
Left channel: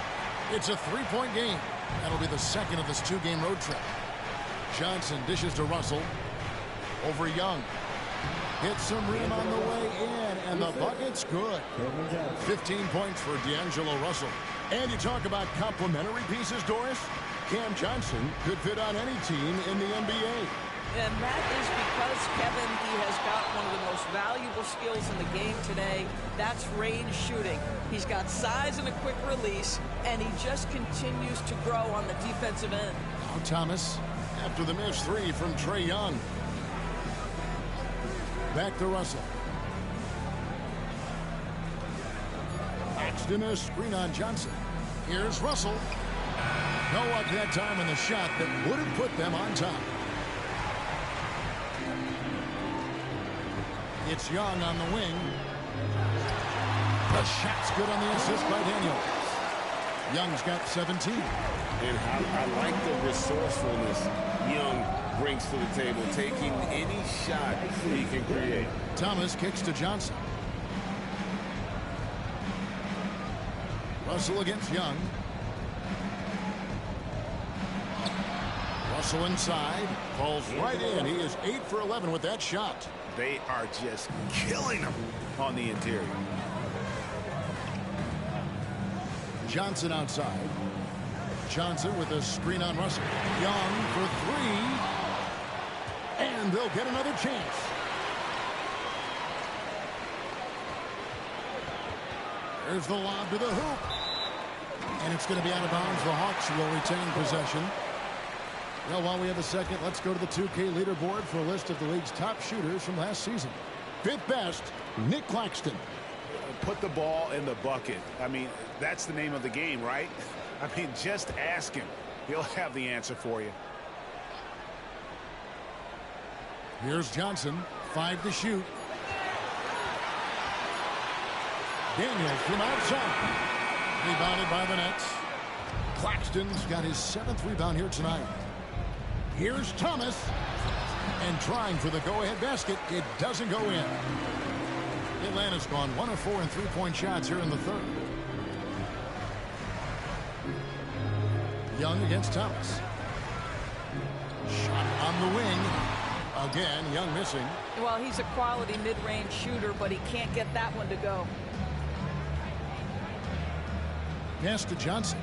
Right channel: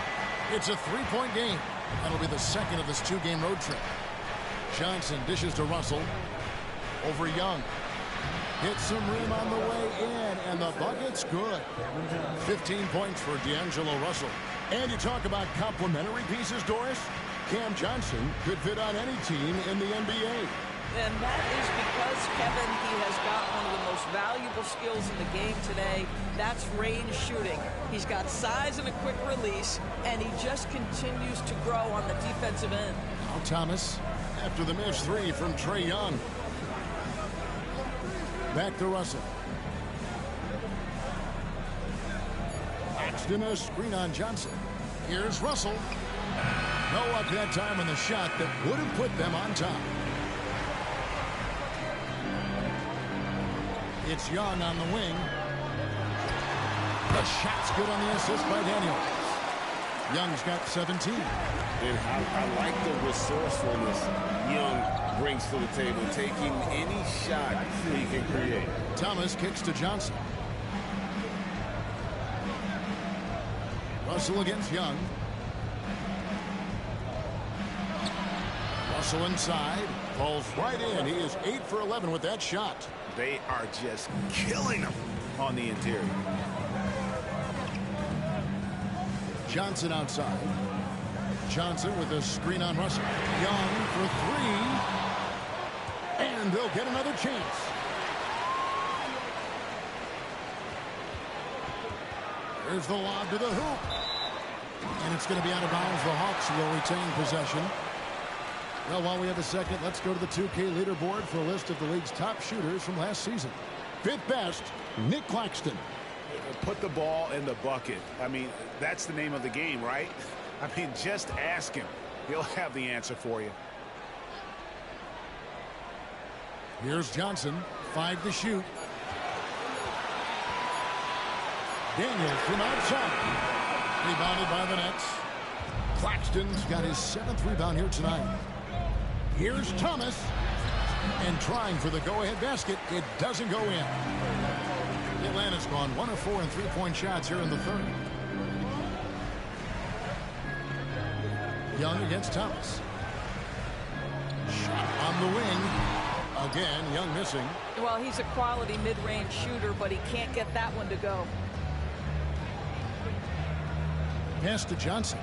It's a three-point game. That'll be the second of this two-game road trip. Johnson dishes to Russell. Over Young. Hits some rim on the way in, and the bucket's good. 15 points for D'Angelo Russell. And you talk about complementary pieces, Doris. Cam Johnson could fit on any team in the NBA. And that is because, Kevin, he has got one of the most valuable skills in the game today. That's range shooting. He's got size and a quick release, and he just continues to grow on the defensive end. Now Thomas, after the missed three from Trae Young. Back to Russell. Claxton a screen on Johnson. Here's Russell. No luck that time on the shot that would have put them on top. It's Young on the wing. The shot's good on the assist by Daniels. Young's got 17. And I like the resourcefulness Young brings to the table, taking any shot he can create. Thomas kicks to Johnson. Russell against Young. Russell inside. Falls right in. He is 8 for 11 with that shot. They are just killing him on the interior. Johnson outside. Johnson with a screen on Russell. Young for three. And they'll get another chance. There's the lob to the hoop. And it's going to be out of bounds. The Hawks will retain possession. Well, while we have a second, let's go to the 2K leaderboard for a list of the league's top shooters from last season. Fifth best, Nick Claxton. Put the ball in the bucket. I mean, that's the name of the game, right? I mean, just ask him. He'll have the answer for you. Here's Johnson. 5 to shoot. Daniels from outside. Rebounded by the Nets. Claxton's got his 7th rebound here tonight. Here's Thomas. And trying for the go-ahead basket. It doesn't go in. Atlanta's gone 1 of 4 in three-point shots here in the third. Young against Thomas. Shot on the wing. Again, Young missing. Well, he's a quality mid-range shooter, but he can't get that one to go. Pass to Johnson.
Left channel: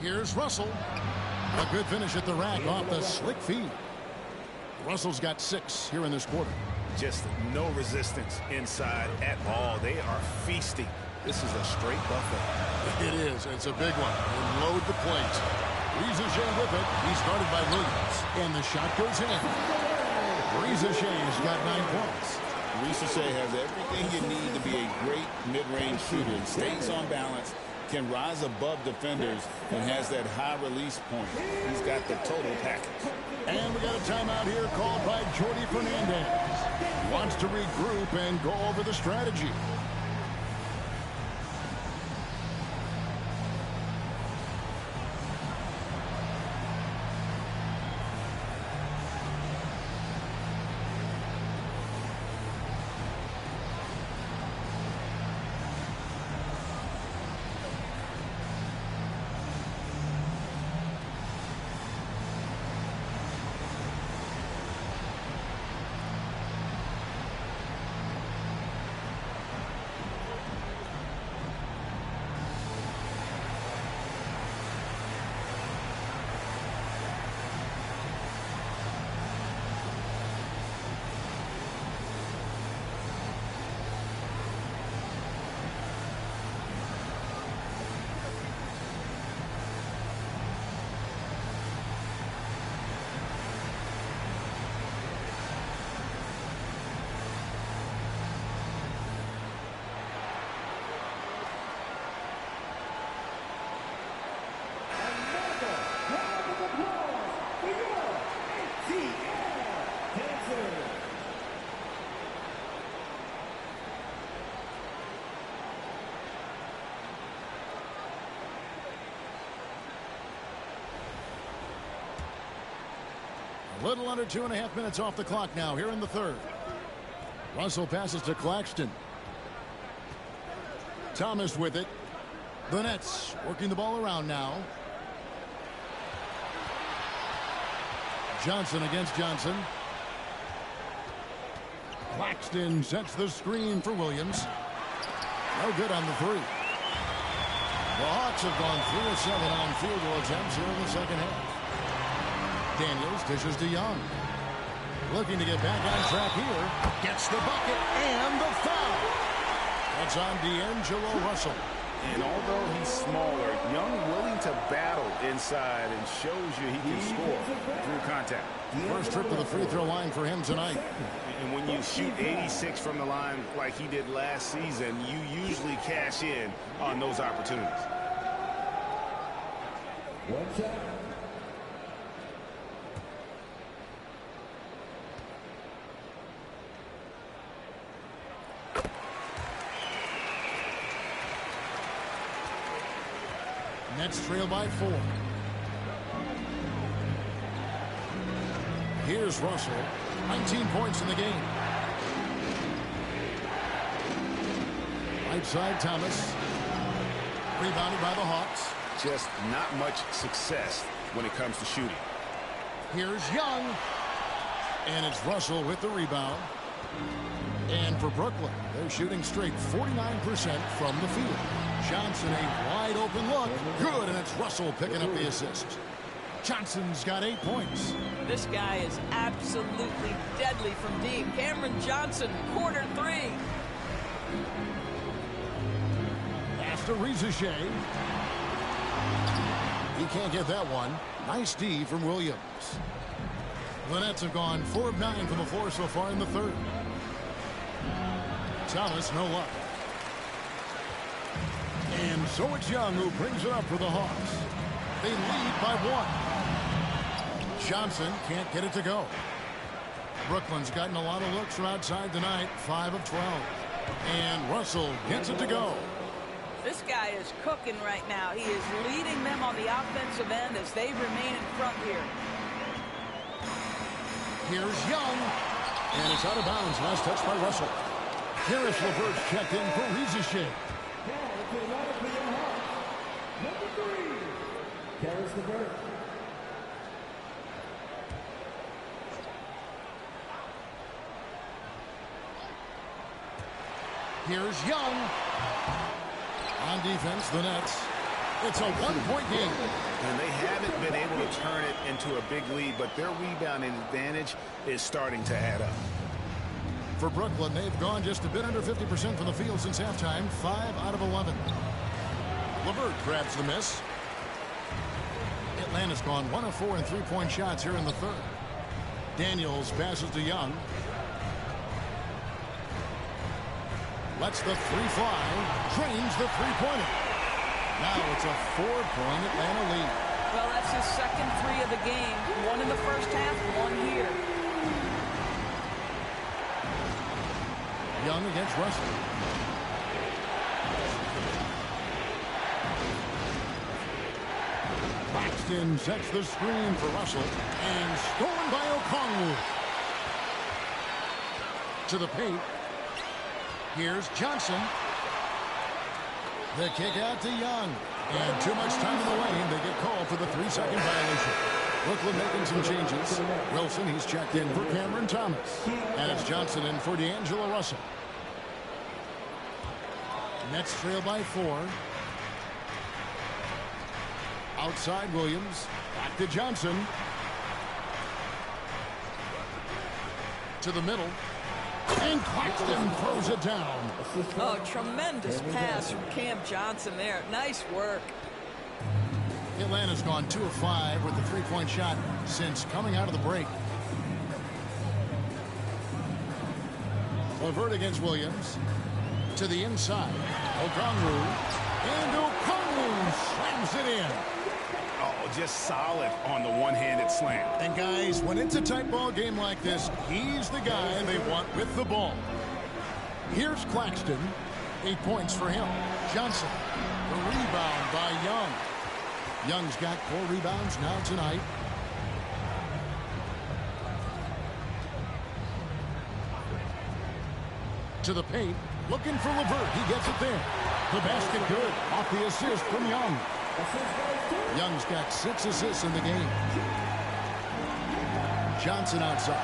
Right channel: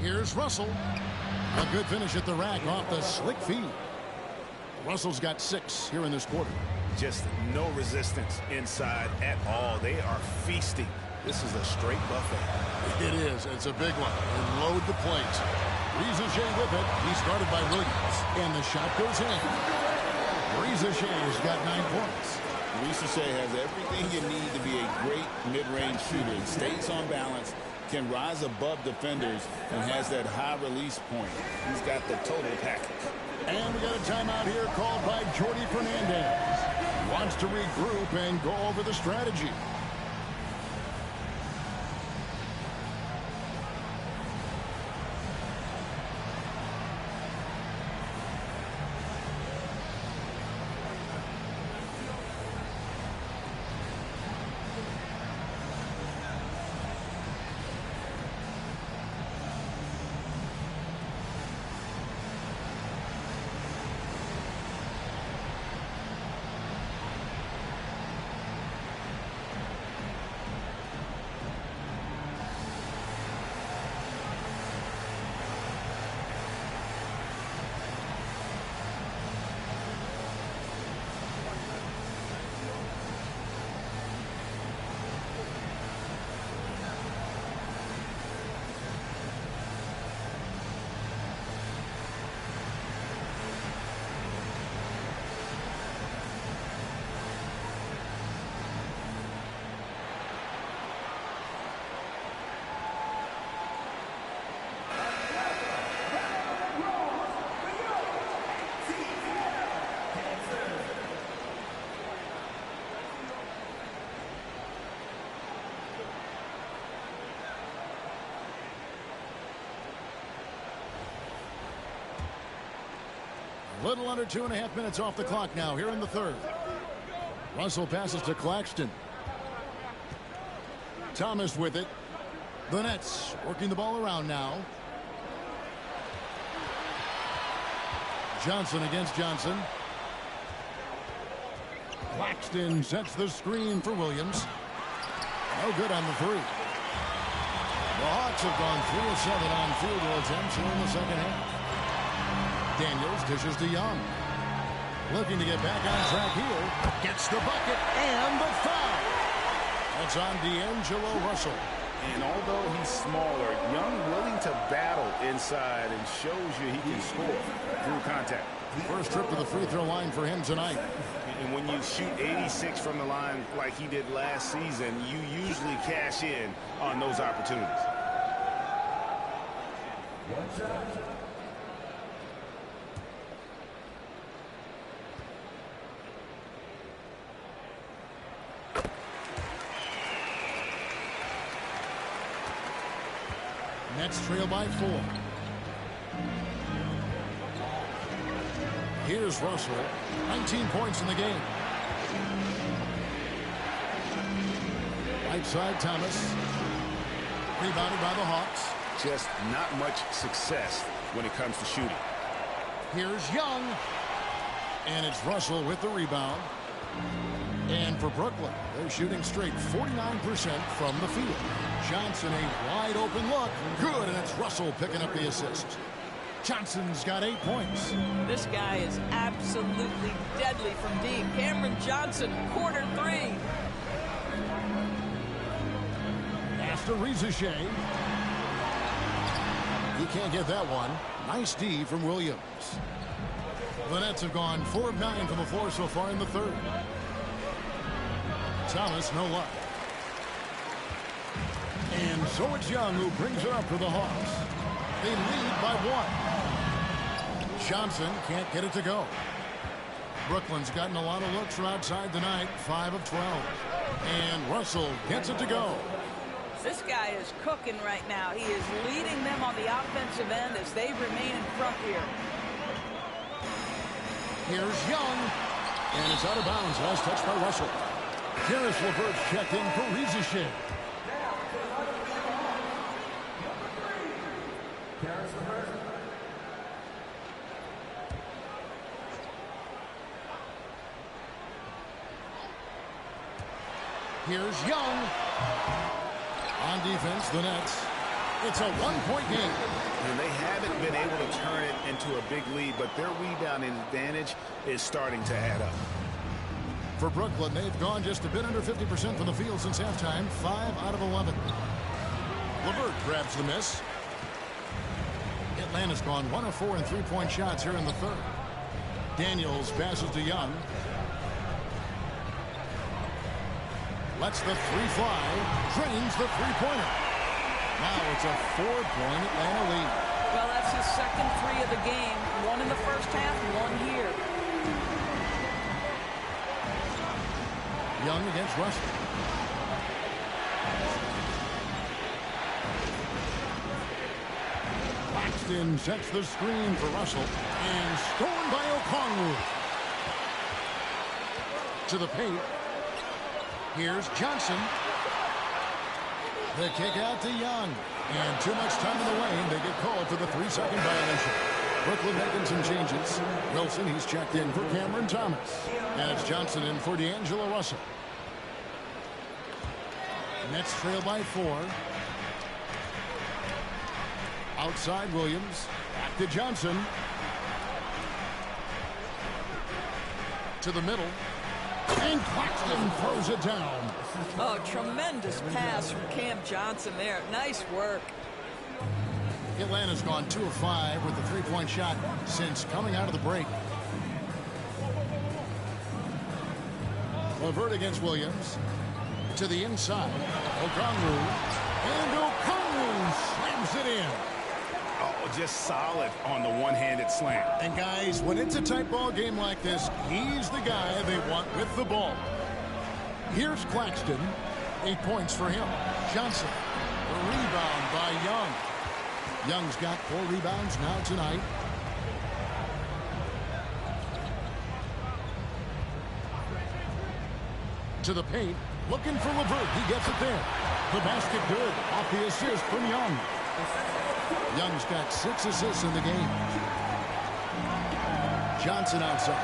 Here's Russell. A good finish at the rack off the slick feed. Russell's got 6 here in this quarter. Just no resistance inside at all. They are feasting. This is a straight buffet. It is. It's a big one. And load the plate. Rizashea with it. He's guarded by Williams. And the shot goes in. Rizashea has got 9 points. Rizashea has everything you need to be a great mid-range shooter. He stays on balance, can rise above defenders, and has that high release point. He's got the total package. And we got a timeout here called by Jordi Fernandez. Wants to regroup and go over the strategy. Little under 2.5 minutes off the clock now here in the third. Russell passes to Claxton. Thomas with it. The Nets working the ball around now. Johnson against Johnson. Claxton sets the screen for Williams. No good on the three. The Hawks have gone 3 of 7 on field goal attempts here in the second half. Daniels dishes to Young. Looking to get back on track here. Gets the bucket and the foul. That's on D'Angelo Russell. And although he's smaller, Young willing to battle inside and shows you he can score through contact. First trip to the free throw line for him tonight. And when you shoot 86 from the line like he did last season, you usually cash in on those opportunities. Nets trail by 4. Here's Russell. 19 points in the game. Right side, Thomas. Rebounded by the Hawks. Just not much success when it comes to shooting. Here's Young. And it's Russell with the rebound. And for Brooklyn, they're shooting straight 49% from the field. Johnson, a wide open look. Good, and it's Russell picking up the assist. Johnson's got 8 points. This guy is absolutely deadly from deep. Cameron Johnson, quarter 3. Pass to Rizachet. He can't get that one. Nice D from Williams. The Nets have gone 4 of 9 from the floor so far in the third. Thomas, no luck. And so it's Young who brings it up for the Hawks. They lead by 1. Johnson can't get it to go. Brooklyn's gotten a lot of looks from outside tonight, 5 of 12. And Russell gets it to go. This guy is cooking right now. He is leading them on the offensive end as they remain in front here. Here's Young. And it's out of bounds. Last touch by Russell. Karis LeVert's checked in for Rizachet. Here's Young. On defense, the Nets. It's a 1-point game. And they haven't been able to turn it into a big lead, but their rebounding advantage is starting to add up. For Brooklyn, they've gone just a bit under 50% from the field since halftime, 5 out of 11. LeVert grabs the miss. Atlanta's gone 1 of 4 in three-point shots here in the third. Daniels passes to Young. Lets the three fly. Drains the three-pointer. Now it's a 4-point Atlanta lead. Well, that's his second 3 of the game. 1 in the first half, 1 here. Young against Russell. Claxton sets the screen for Russell. And stolen by Okongwu. To the paint. Here's Johnson. The kick out to Young. And too much time in the lane. They get called for the 3-second violation. Brooklyn making some changes. Wilson, he's checked in for Cameron Thomas. And it's Johnson in for D'Angelo Russell. Nets trail by 4. Outside Williams. Back to Johnson. To the middle. And Claxton throws it down. Oh, tremendous pass from Cam Johnson there. Nice work. Atlanta's gone 2 of 5 with the three-point shot since coming out of the break. LeVert against Williams. To the inside. Okongwu. And Okongwu slams it in. Oh, just solid on the one-handed slam. And guys, when it's a tight ball game like this, he's the guy they want with the ball. Here's Claxton. 8 points for him. Johnson. The rebound by Young. Young's got 4 rebounds now tonight. To the paint, looking for LeVert. He gets it there. The basket good. Off the assist from Young. Young's got 6 assists in the game. Johnson outside.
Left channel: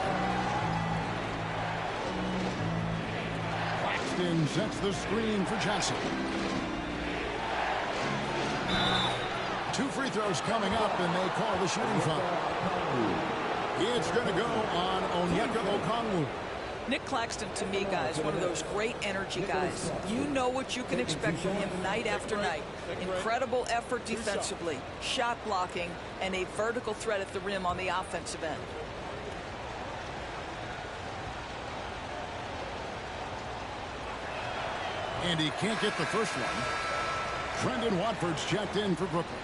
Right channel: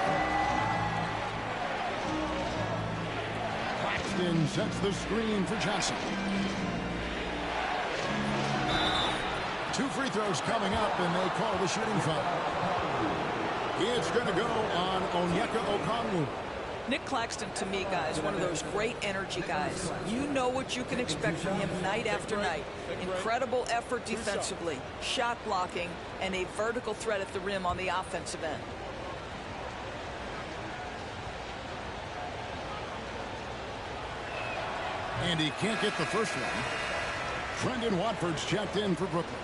Claxton sets the screen for Johnson. 2 free throws coming up, and they call the shooting foul. It's going to go on Onyeka Okongwu. Nick Claxton, to me, guys, one of those great energy guys. You know what you can expect from him night after night. Incredible effort defensively, shot blocking, and a vertical threat at the rim on the offensive end. And he can't get the first one. Trendon Watford's checked in for Brooklyn.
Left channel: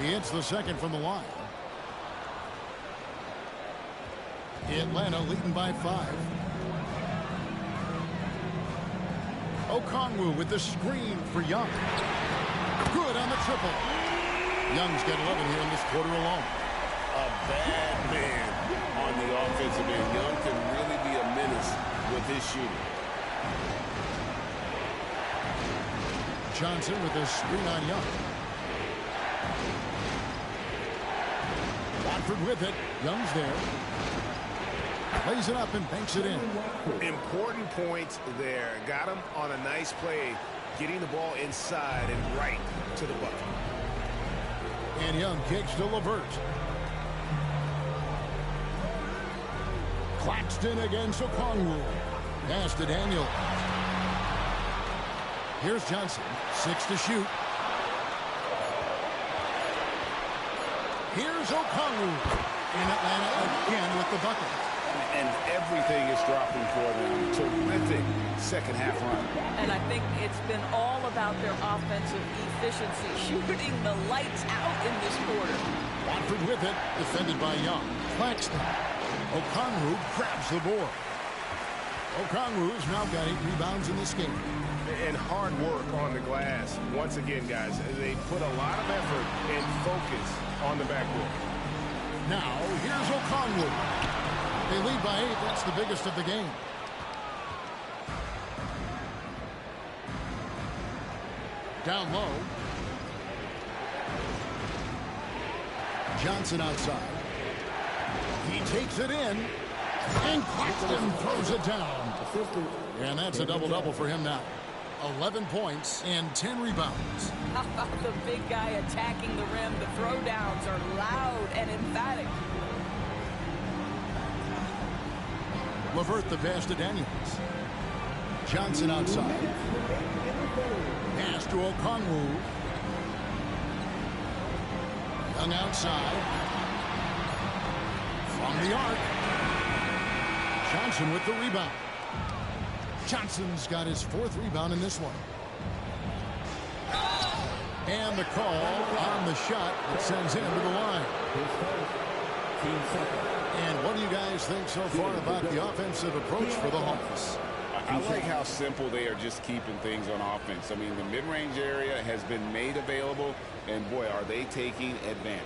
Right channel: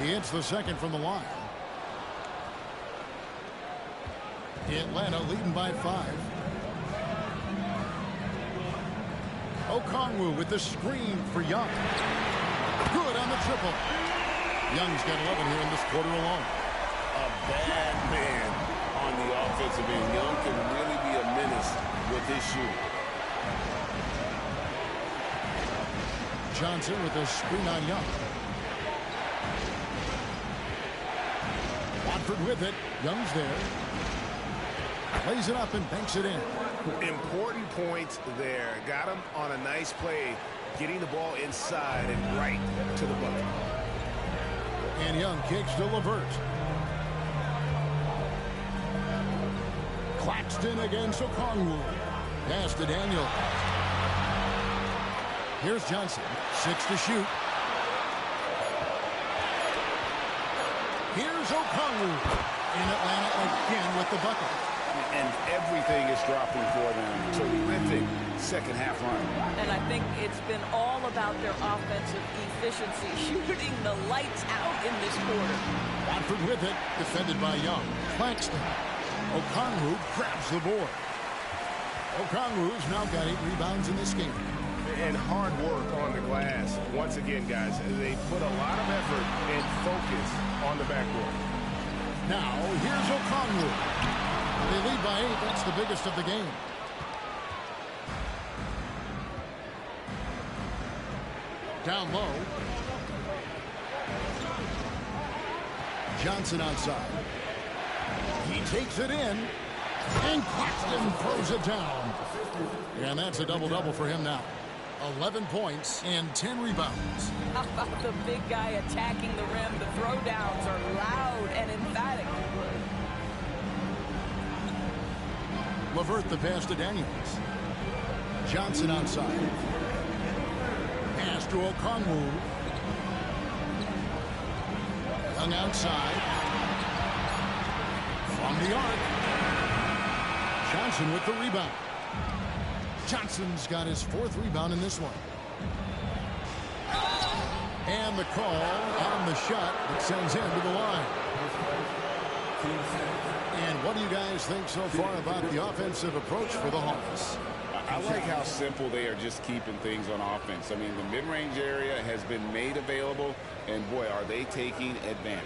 He hits the second from the line. Atlanta leading by 5. Okongwu with the screen for Young. Good on the triple. Young's got 11 here in this quarter alone. A bad man on the offensive end. Young can really be a menace with his shooting. Johnson with a screen on Young. Watford with it. Young's there. Lays it up and banks it in. Important points there. Got him on a nice play, getting the ball inside and right to the bucket. And Young kicks to LeVert. Claxton against Okongwu. Pass to Daniel. Here's Johnson. 6 to shoot. Here's Okongwu. And Atlanta again with the bucket. And everything is dropping for them. Terrific second half run. And I think it's been all about their offensive efficiency, shooting the lights out in this quarter. Watford with it, defended by Young. Claxton. Okongwu grabs the board. Okongwu's now got 8 rebounds in this game. And hard work on the glass. Once again, guys, they put a lot of effort and focus on the backboard. Now, here's Okongwu. They lead by 8. That's the biggest of the game. Down low. Johnson outside. He takes it in. And Claxton throws it down. And that's a double-double for him now. 11 points and 10 rebounds. How about the big guy attacking the rim? The throwdowns are loud and emphatic. LeVert the pass to Daniels. Johnson outside. Pass to Okongwu. Young outside. From the arc. Johnson with the rebound. Johnson's got his 4th rebound in this one. And the call on the shot that sends him to the line. And what do you guys think so far about the offensive approach for the Hawks? I like how simple they are just keeping things on offense. I mean, the mid-range area has been made available, and boy, are they taking advantage.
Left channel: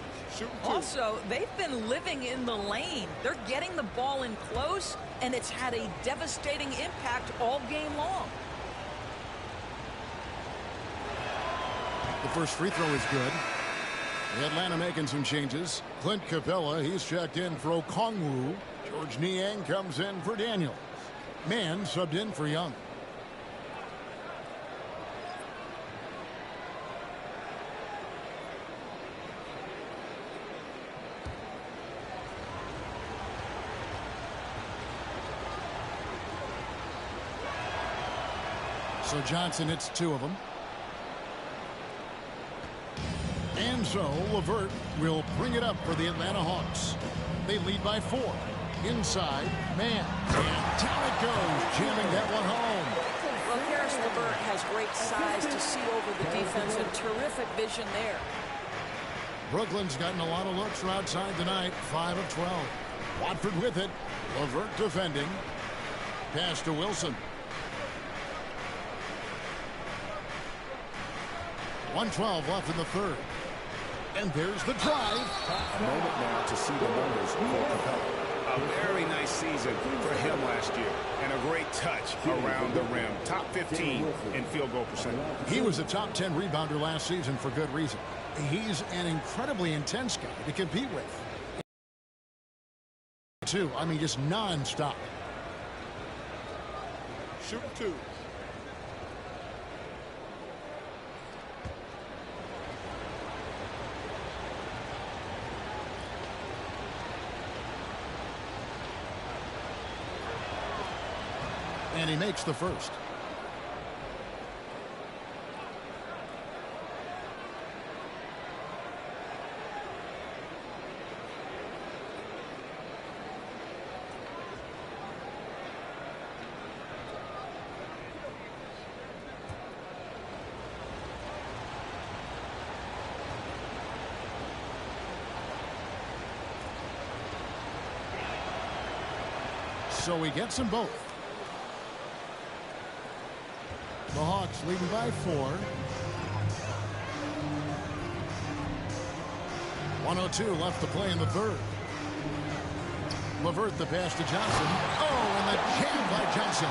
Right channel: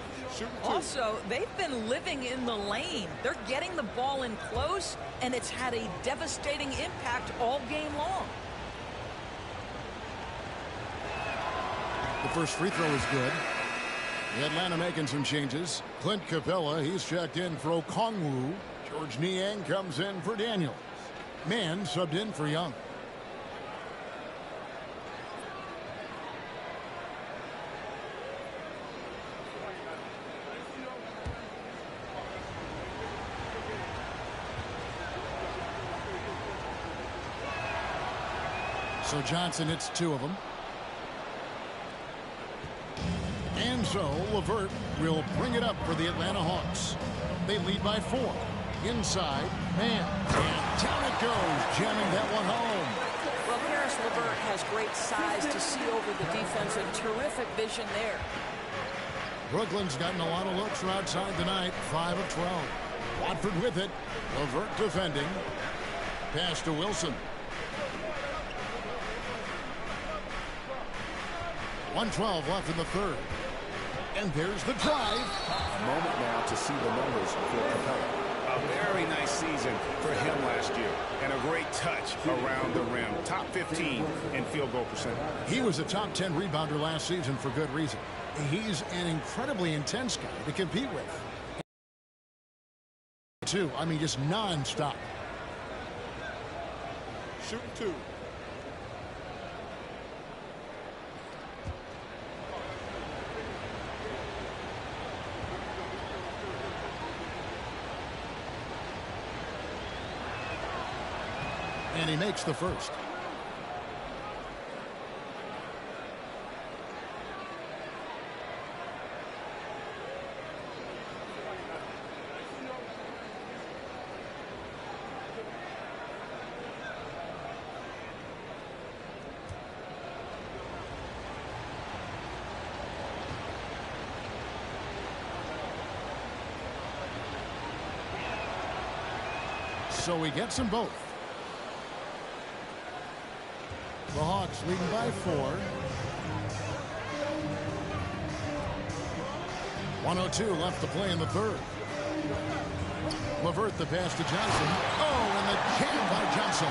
Also, they've been living in the lane. They're getting the ball in close, and it's had a devastating impact all game long. The first free throw is good. Atlanta making some changes. Clint Capella, he's checked in for Okongwu. George Niang comes in for Daniels. Mann subbed in for Young. So Johnson hits 2 of them. And so LeVert will bring it up for the Atlanta Hawks. They lead by 4. Inside, Mann. And down it goes, jamming that one home. Well, Karis LeVert has great size to see over the defense and terrific vision there. Brooklyn's gotten a lot of looks from outside tonight, 5 of 12. Watford with it. LeVert defending. Pass to Wilson. 1:12 left in the third. And there's the drive. A moment now to see the numbers for Capella. A very nice season for him last year. And a great touch around the rim. Top 15 in field goal percentage. He was a top 10 rebounder last season for good reason. He's an incredibly intense guy to compete with. I mean, just non-stop. Shooting 2. And he makes the first. So he gets them both. The Hawks leading by 4. 1:02 left to play in the third. LeVert the pass to Johnson. Oh, and the jam by Johnson.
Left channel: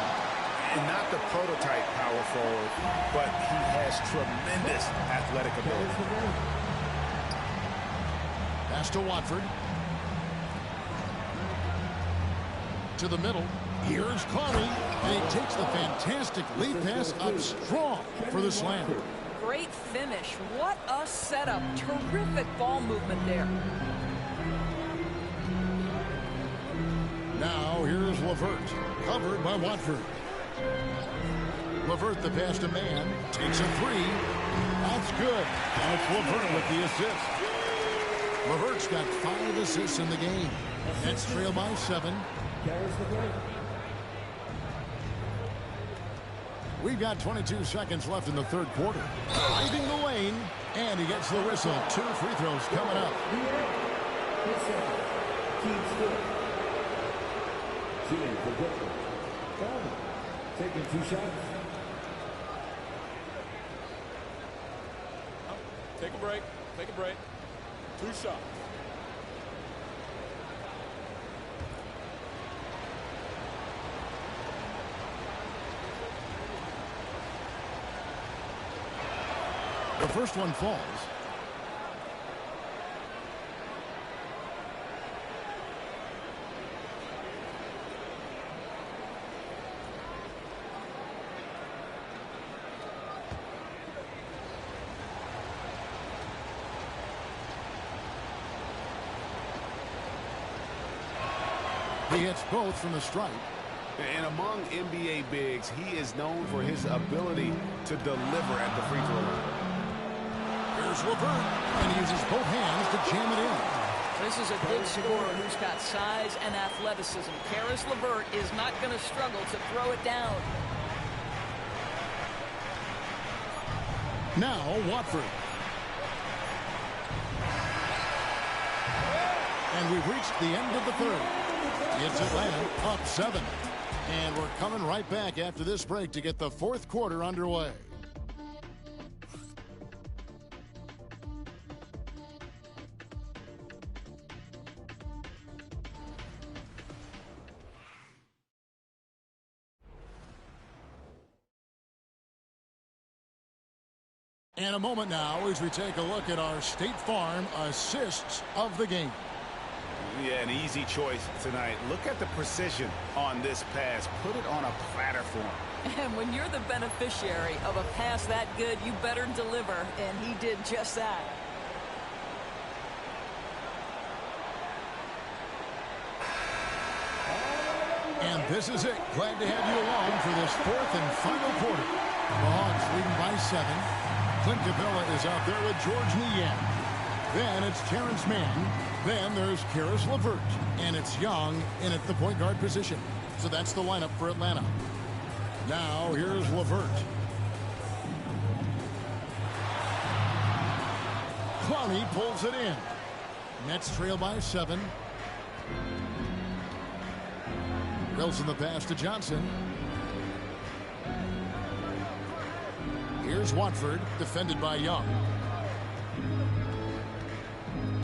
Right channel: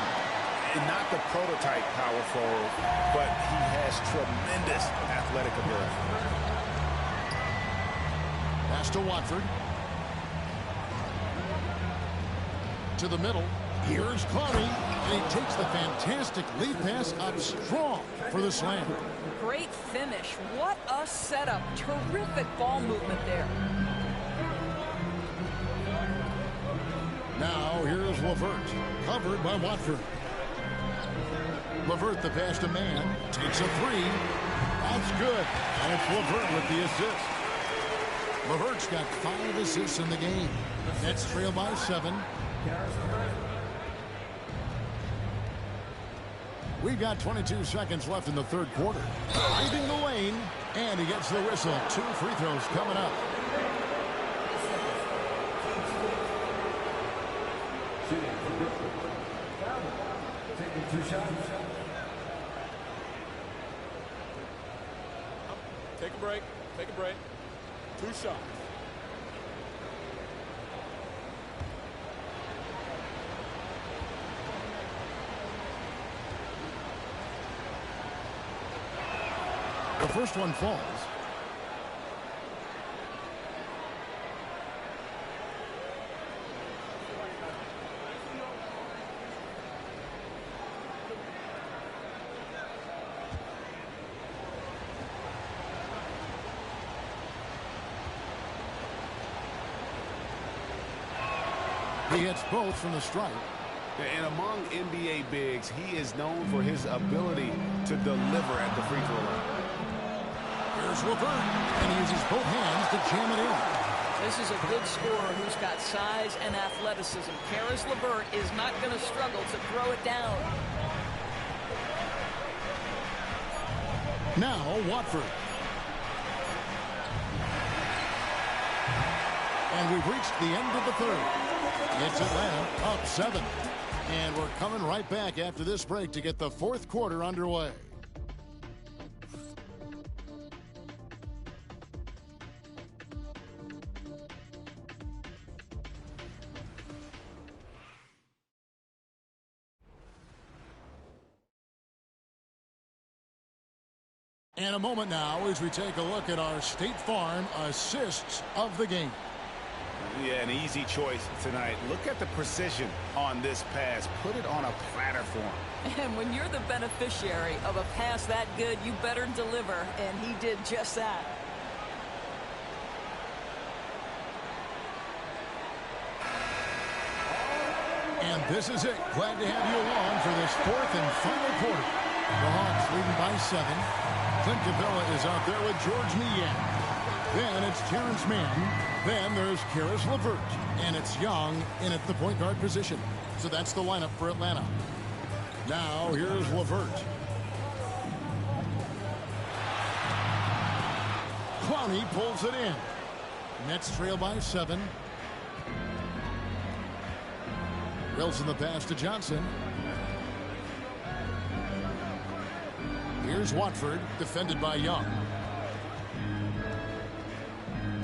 And not the prototype power forward, but he has tremendous athletic ability. Pass to Watford. To the middle. Here's Clowney, and he takes the fantastic lead pass up strong for the slam. Great finish. What a setup. Terrific ball movement there. Now here's LeVert, covered by Watford. LeVert the pass to Mann, takes a 3. That's good, and it's LeVert with the assist. LeVert's got 5 assists in the game. Nets trail by 7. We've got 22 seconds left in the third quarter. Driving the lane, and he gets the whistle. 2 free throws coming up. Shooting for Brooklyn. Foul. Taking 2 shots. Take a break. Take a break. 2 shots. The first one falls. He hits both from the stripe. And among NBA bigs, he is known for his ability to deliver at the free throw line. Here's LeVert, and he uses both hands to jam it in. This is a good scorer who's got size and athleticism. Caris LeVert is not going to struggle to throw it down. Now Watford. And we've reached the end of the third. It's Atlanta up 7. And we're coming right back after this break to get the fourth quarter underway. And a moment now as we take a look at our State Farm assists of the game. Yeah, an easy choice tonight. Look at the precision on this pass. Put it on a platter for him. And when you're the beneficiary of a pass that good, you better deliver. And he did just that. And this is it. Glad to have you along for this fourth and final quarter. The Hawks leading by 7. Clint Capella is out there with George Niang. Then it's Terrence Mann. Then there's Caris LeVert. And it's Young in at the point guard position. So that's the lineup for Atlanta. Now here's LeVert. Clowney pulls it in. Nets trail by 7. Wilson the pass to Johnson. Here's Watford, defended by Young.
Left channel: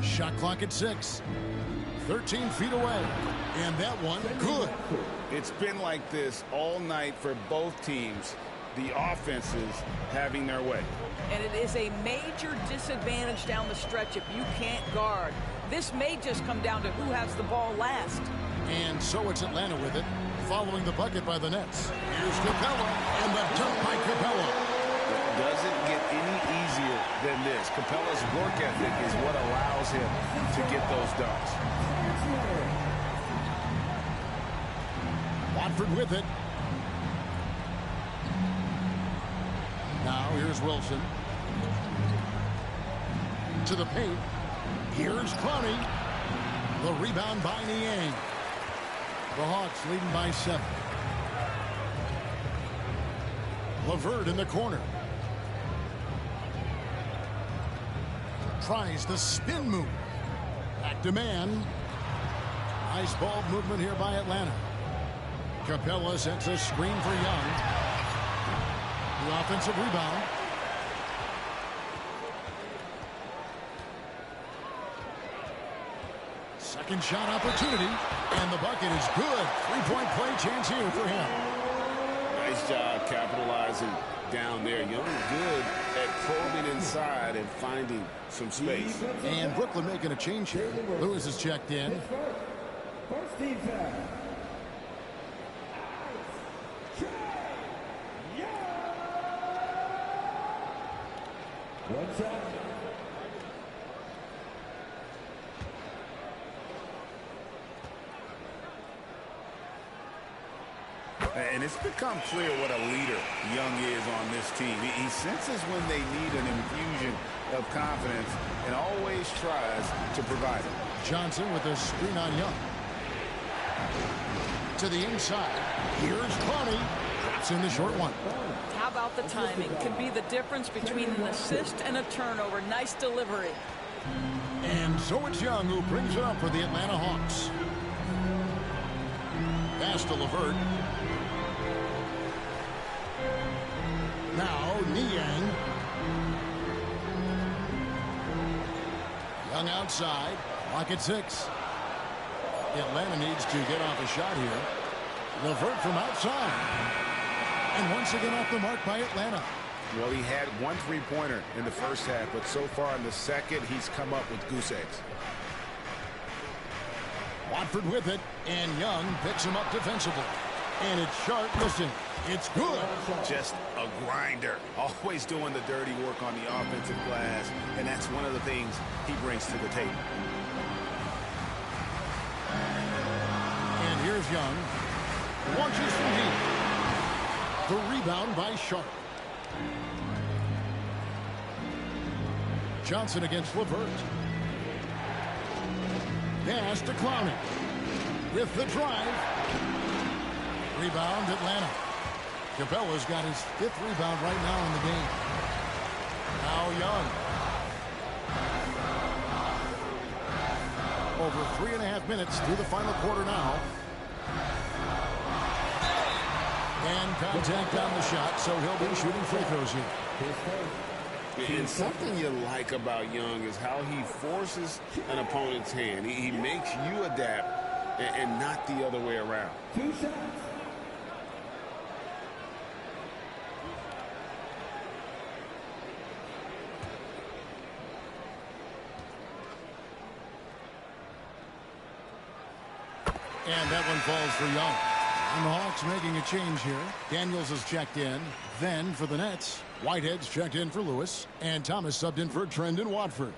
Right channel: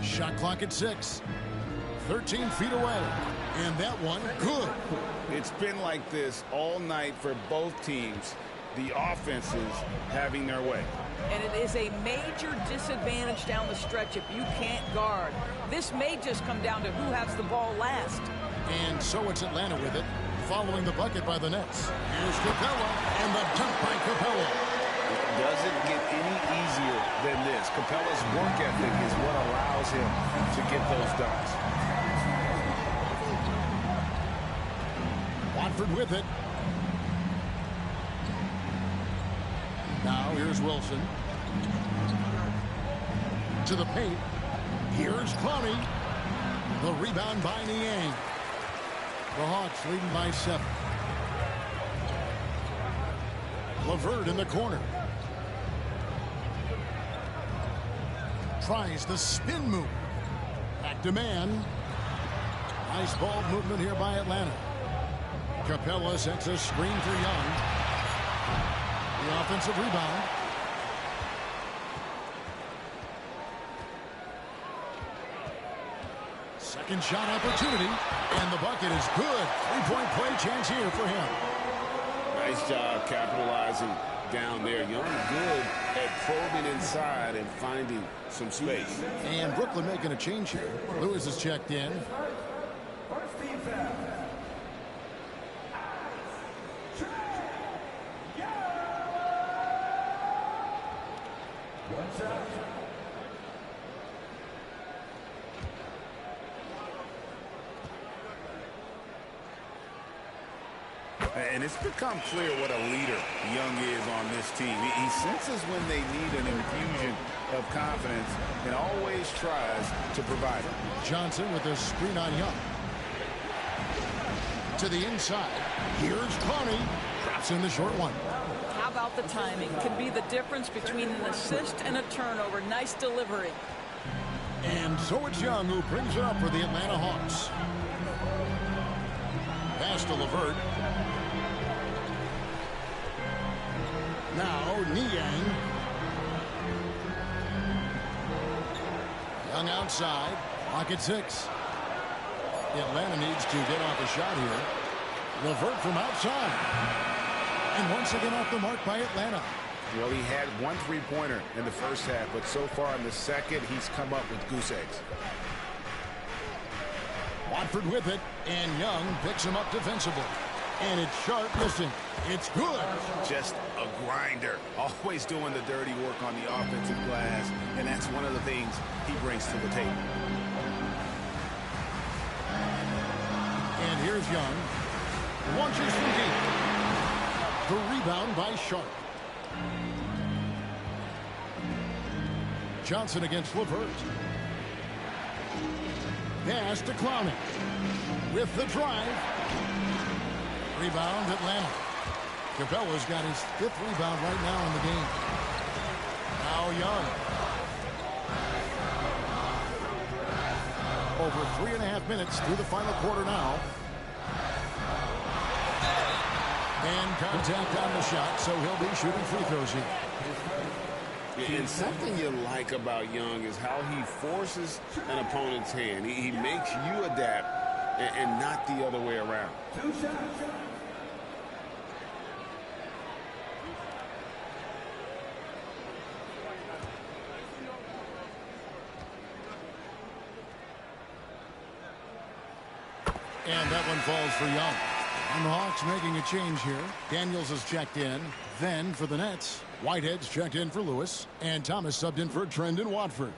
Shot clock at 6. 13 feet away. And that one, good. It's been like this all night for both teams. The offenses having their way. And it is a major disadvantage down the stretch if you can't guard. This may just come down to who has the ball last. And so it's Atlanta with it, following the bucket by the Nets. Here's Capella, and the dunk by Capella. It doesn't get any easier than this. Capella's work ethic is what allows him to get those dunks. Watford with it. Now here's Wilson. To the paint. Here's Clowney. The rebound by Niang. The Hawks leading by 7. LeVert in the corner. Tries the spin move. Back to man. Nice ball movement here by Atlanta. Capella sets a screen for Young. The offensive rebound. Second shot opportunity. And the bucket is good. 3-point play chance here for him. Nice job capitalizing down there. Young good at probing inside and finding some space. And Brooklyn making a change here. Lewis is checked in. First team foul. And it's become clear what a leader Young is on this team. He senses when they need an infusion of confidence and always tries to provide it. Johnson with a screen on Young. To the inside. Here's Clowney. Drops in the short one. How about the timing? Can be the difference between an assist and a turnover. Nice delivery. And so it's Young who brings it up for the Atlanta Hawks. Pass to LeVert. Now Niang. Young outside. Clock at 6. Atlanta needs to get off a shot here. LeVert from outside. And once again off the mark by Atlanta. Well, he had one three-pointer in the first half, but so far in the second, he's come up with goose eggs. Watford with it, and Young picks him up defensively. And it's Sharp missing. It's good. Just a grinder. Always doing the dirty work on the offensive glass, and that's one of the things he brings to the table. And here's Young. Launches from deep. The rebound by Sharp. Johnson against LeVert. Pass to Clowney. With the drive. Rebound Atlanta. Capella's got his 5th rebound right now in the game. Now Young. Over 3.5 minutes through the final quarter now. And contact on the shot, so he'll be shooting free throws here. And something you like about Young is how he forces an opponent's hand. He makes you adapt and not the other way around. 2 shots. And that one falls for Young. And the Hawks making a change here. Daniels is checked in. Then for the Nets, Whitehead's checked in for Lewis. And Thomas subbed in for Trendon Watford.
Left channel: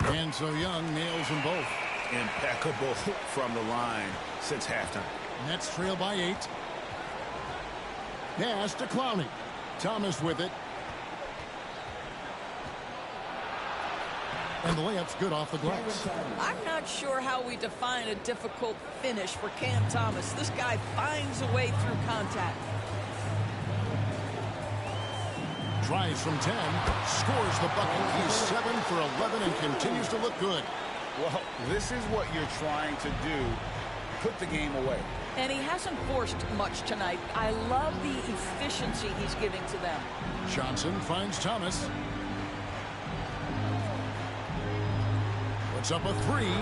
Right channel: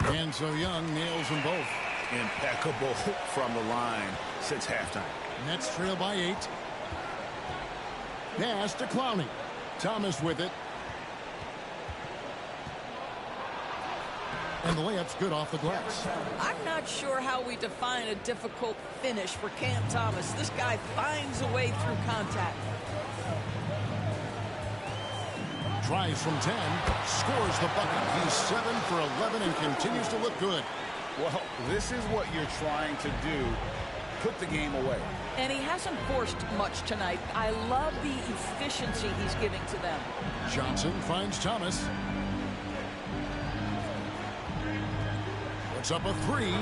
And so Young nails them both. Impeccable from the line since halftime. Nets trail by 8. Pass to Clowney. Thomas with it. And the layup's good off the glass. I'm not sure how we define a difficult finish for Cam Thomas. This guy finds a way through contact. Tries from 10, scores the bucket. He's 7 for 11 and continues to look good. Well, this is what you're trying to do. Put the game away. And he hasn't forced much tonight. I love the efficiency he's giving to them. Johnson finds Thomas. Puts up a 3.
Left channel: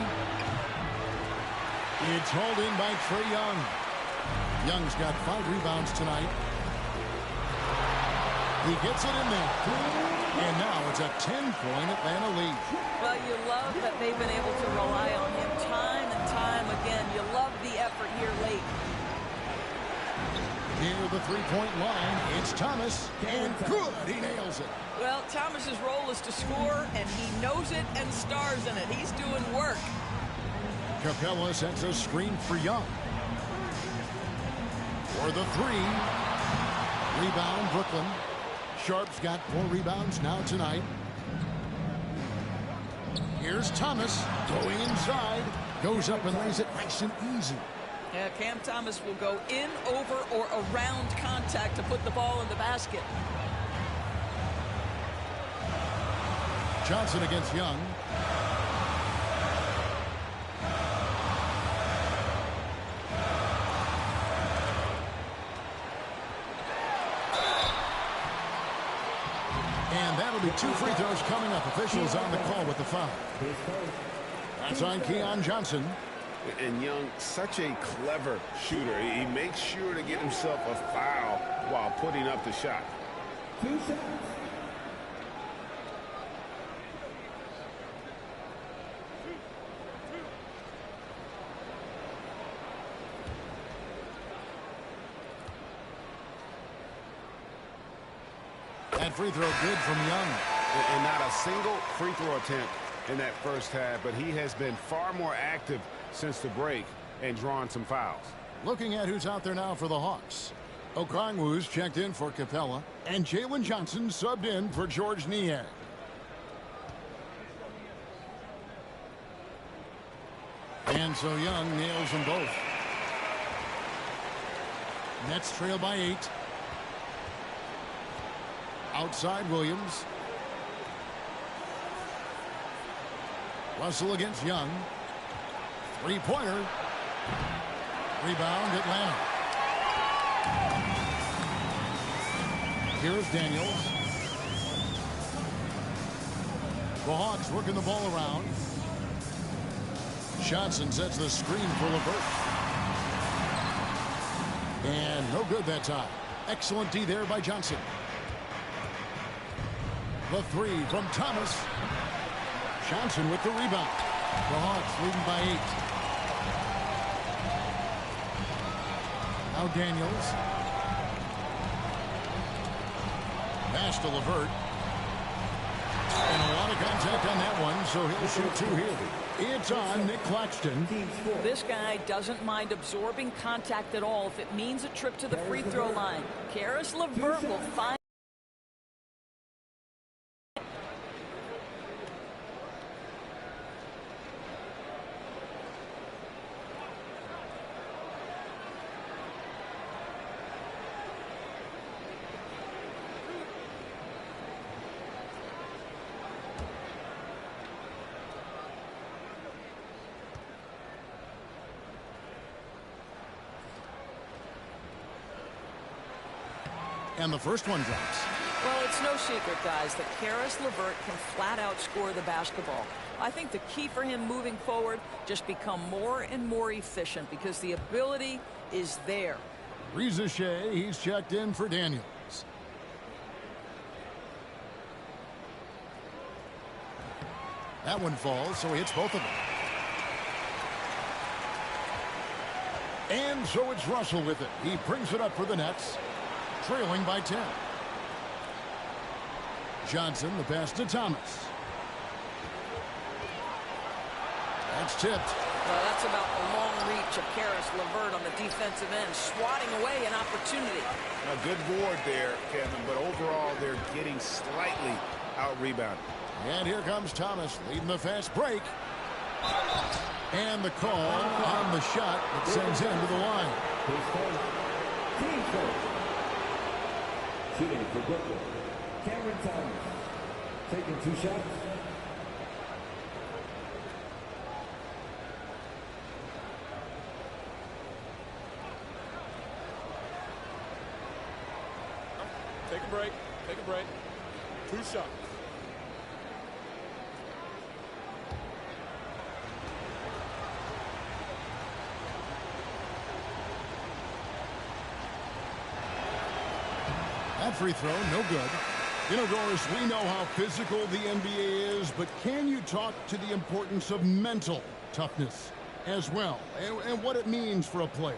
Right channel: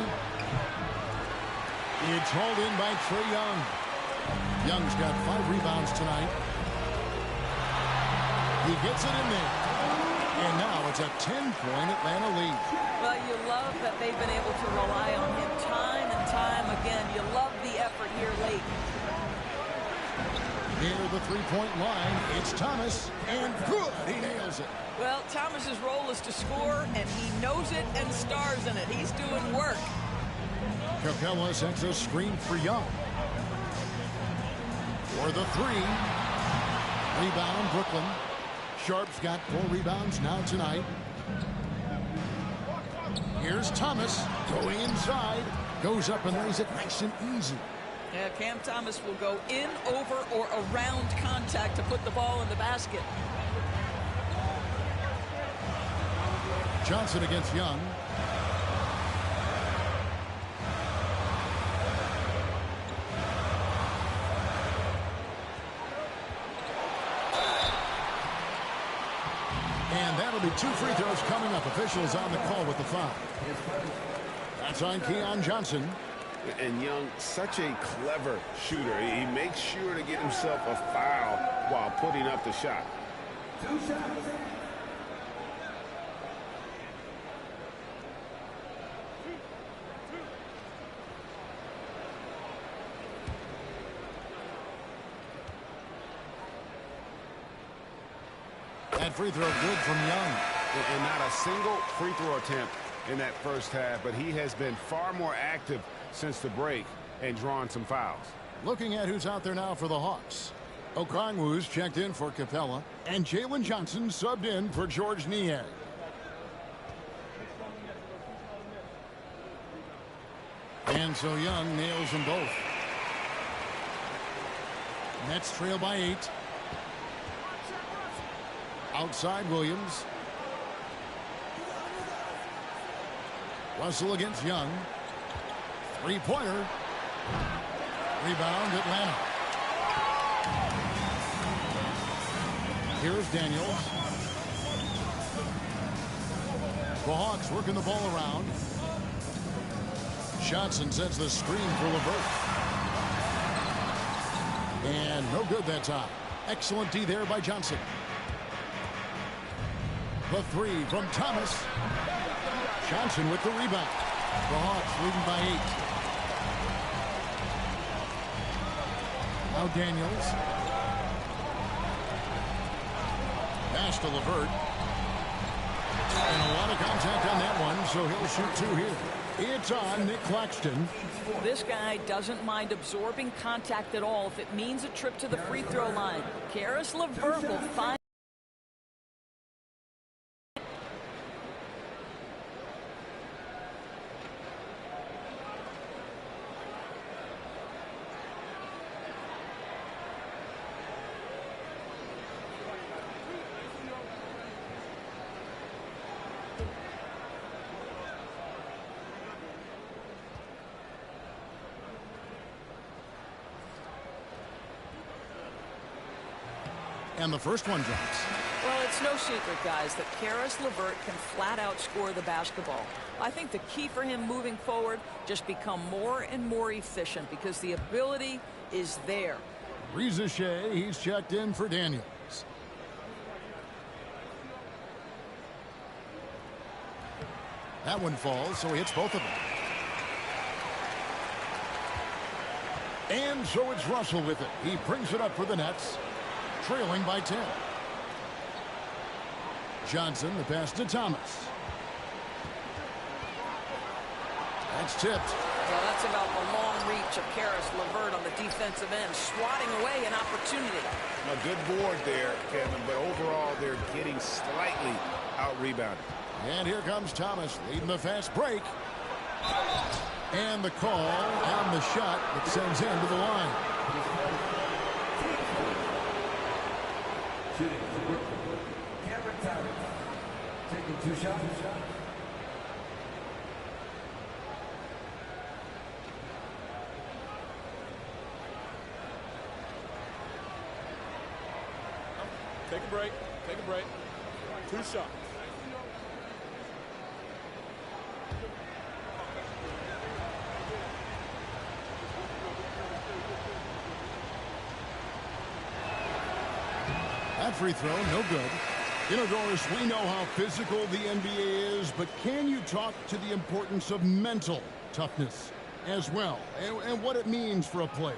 It's hauled in by Trae Young. Young's got 5 rebounds tonight. He gets it in there. And now it's a 10-point Atlanta lead. Well, you love that they've been able to rely on him time and time again. You love the effort here late. Near the three-point line, it's Thomas, and good, he nails it. Well, Thomas's role is to score, and he knows it and stars in it. He's doing work. Capella sets a screen for Young. For the 3. Rebound, Brooklyn. Sharp's got 4 rebounds now tonight. Here's Thomas going inside. Goes up and lays it nice and easy. Yeah, Cam Thomas will go in, over, or around contact to put the ball in the basket. Johnson against Young. And that'll be 2 free throws coming up. Officials on the call with the foul. That's on Keon Johnson. And Young, such a clever shooter. He makes sure to get himself a foul while putting up the shot. 2 shots. That free throw good from Young. And not a single free throw attempt in that first half, but he has been far more active since the break and drawn some fouls. Looking at who's out there now for the Hawks. Okongwu's checked in for Capella, and Jalen Johnson subbed in for George Niang. And so Young nails them both. Nets trail by 8. Outside Williams. Russell against Young. 3-pointer. Rebound Atlanta. Here's Daniels. The Hawks working the ball around. Johnson sets the screen for LeVert. And no good that time. Excellent D there by Johnson. The 3 from Thomas. Johnson with the rebound. The Hawks leading by 8. Now Daniels. Pass to LeVert. And a lot of contact on that one, so he'll shoot 2 here. It's on Nick Claxton. This guy doesn't mind absorbing contact at all if it means a trip to the free throw line. Karis LeVert will find. And the first one drops. Well, it's no secret, guys, that Karis LeVert can flat out score the basketball. I think the key for him moving forward, just become more and more efficient because the ability is there. Reza Shea, he's checked in for Daniels. That one falls, so he hits both of them. And so it's Russell with it. He brings it up for the Nets, trailing by 10. Johnson, the pass to Thomas. That's tipped. Well, that's about the long reach of Karis LeVert on the defensive end, swatting away an opportunity. A good board there, Kevin, but overall they're getting slightly out-rebounded. And here comes Thomas leading the fast break. And the call on the shot that sends him to the line. Shooting for Brooklyn, Cameron Taking 2 shots. Take a break. Take a break. 2 shots. That free throw, no good. You know, Doris, we know how physical the NBA is, but can you talk to the importance of mental toughness as well, and what it means for a player?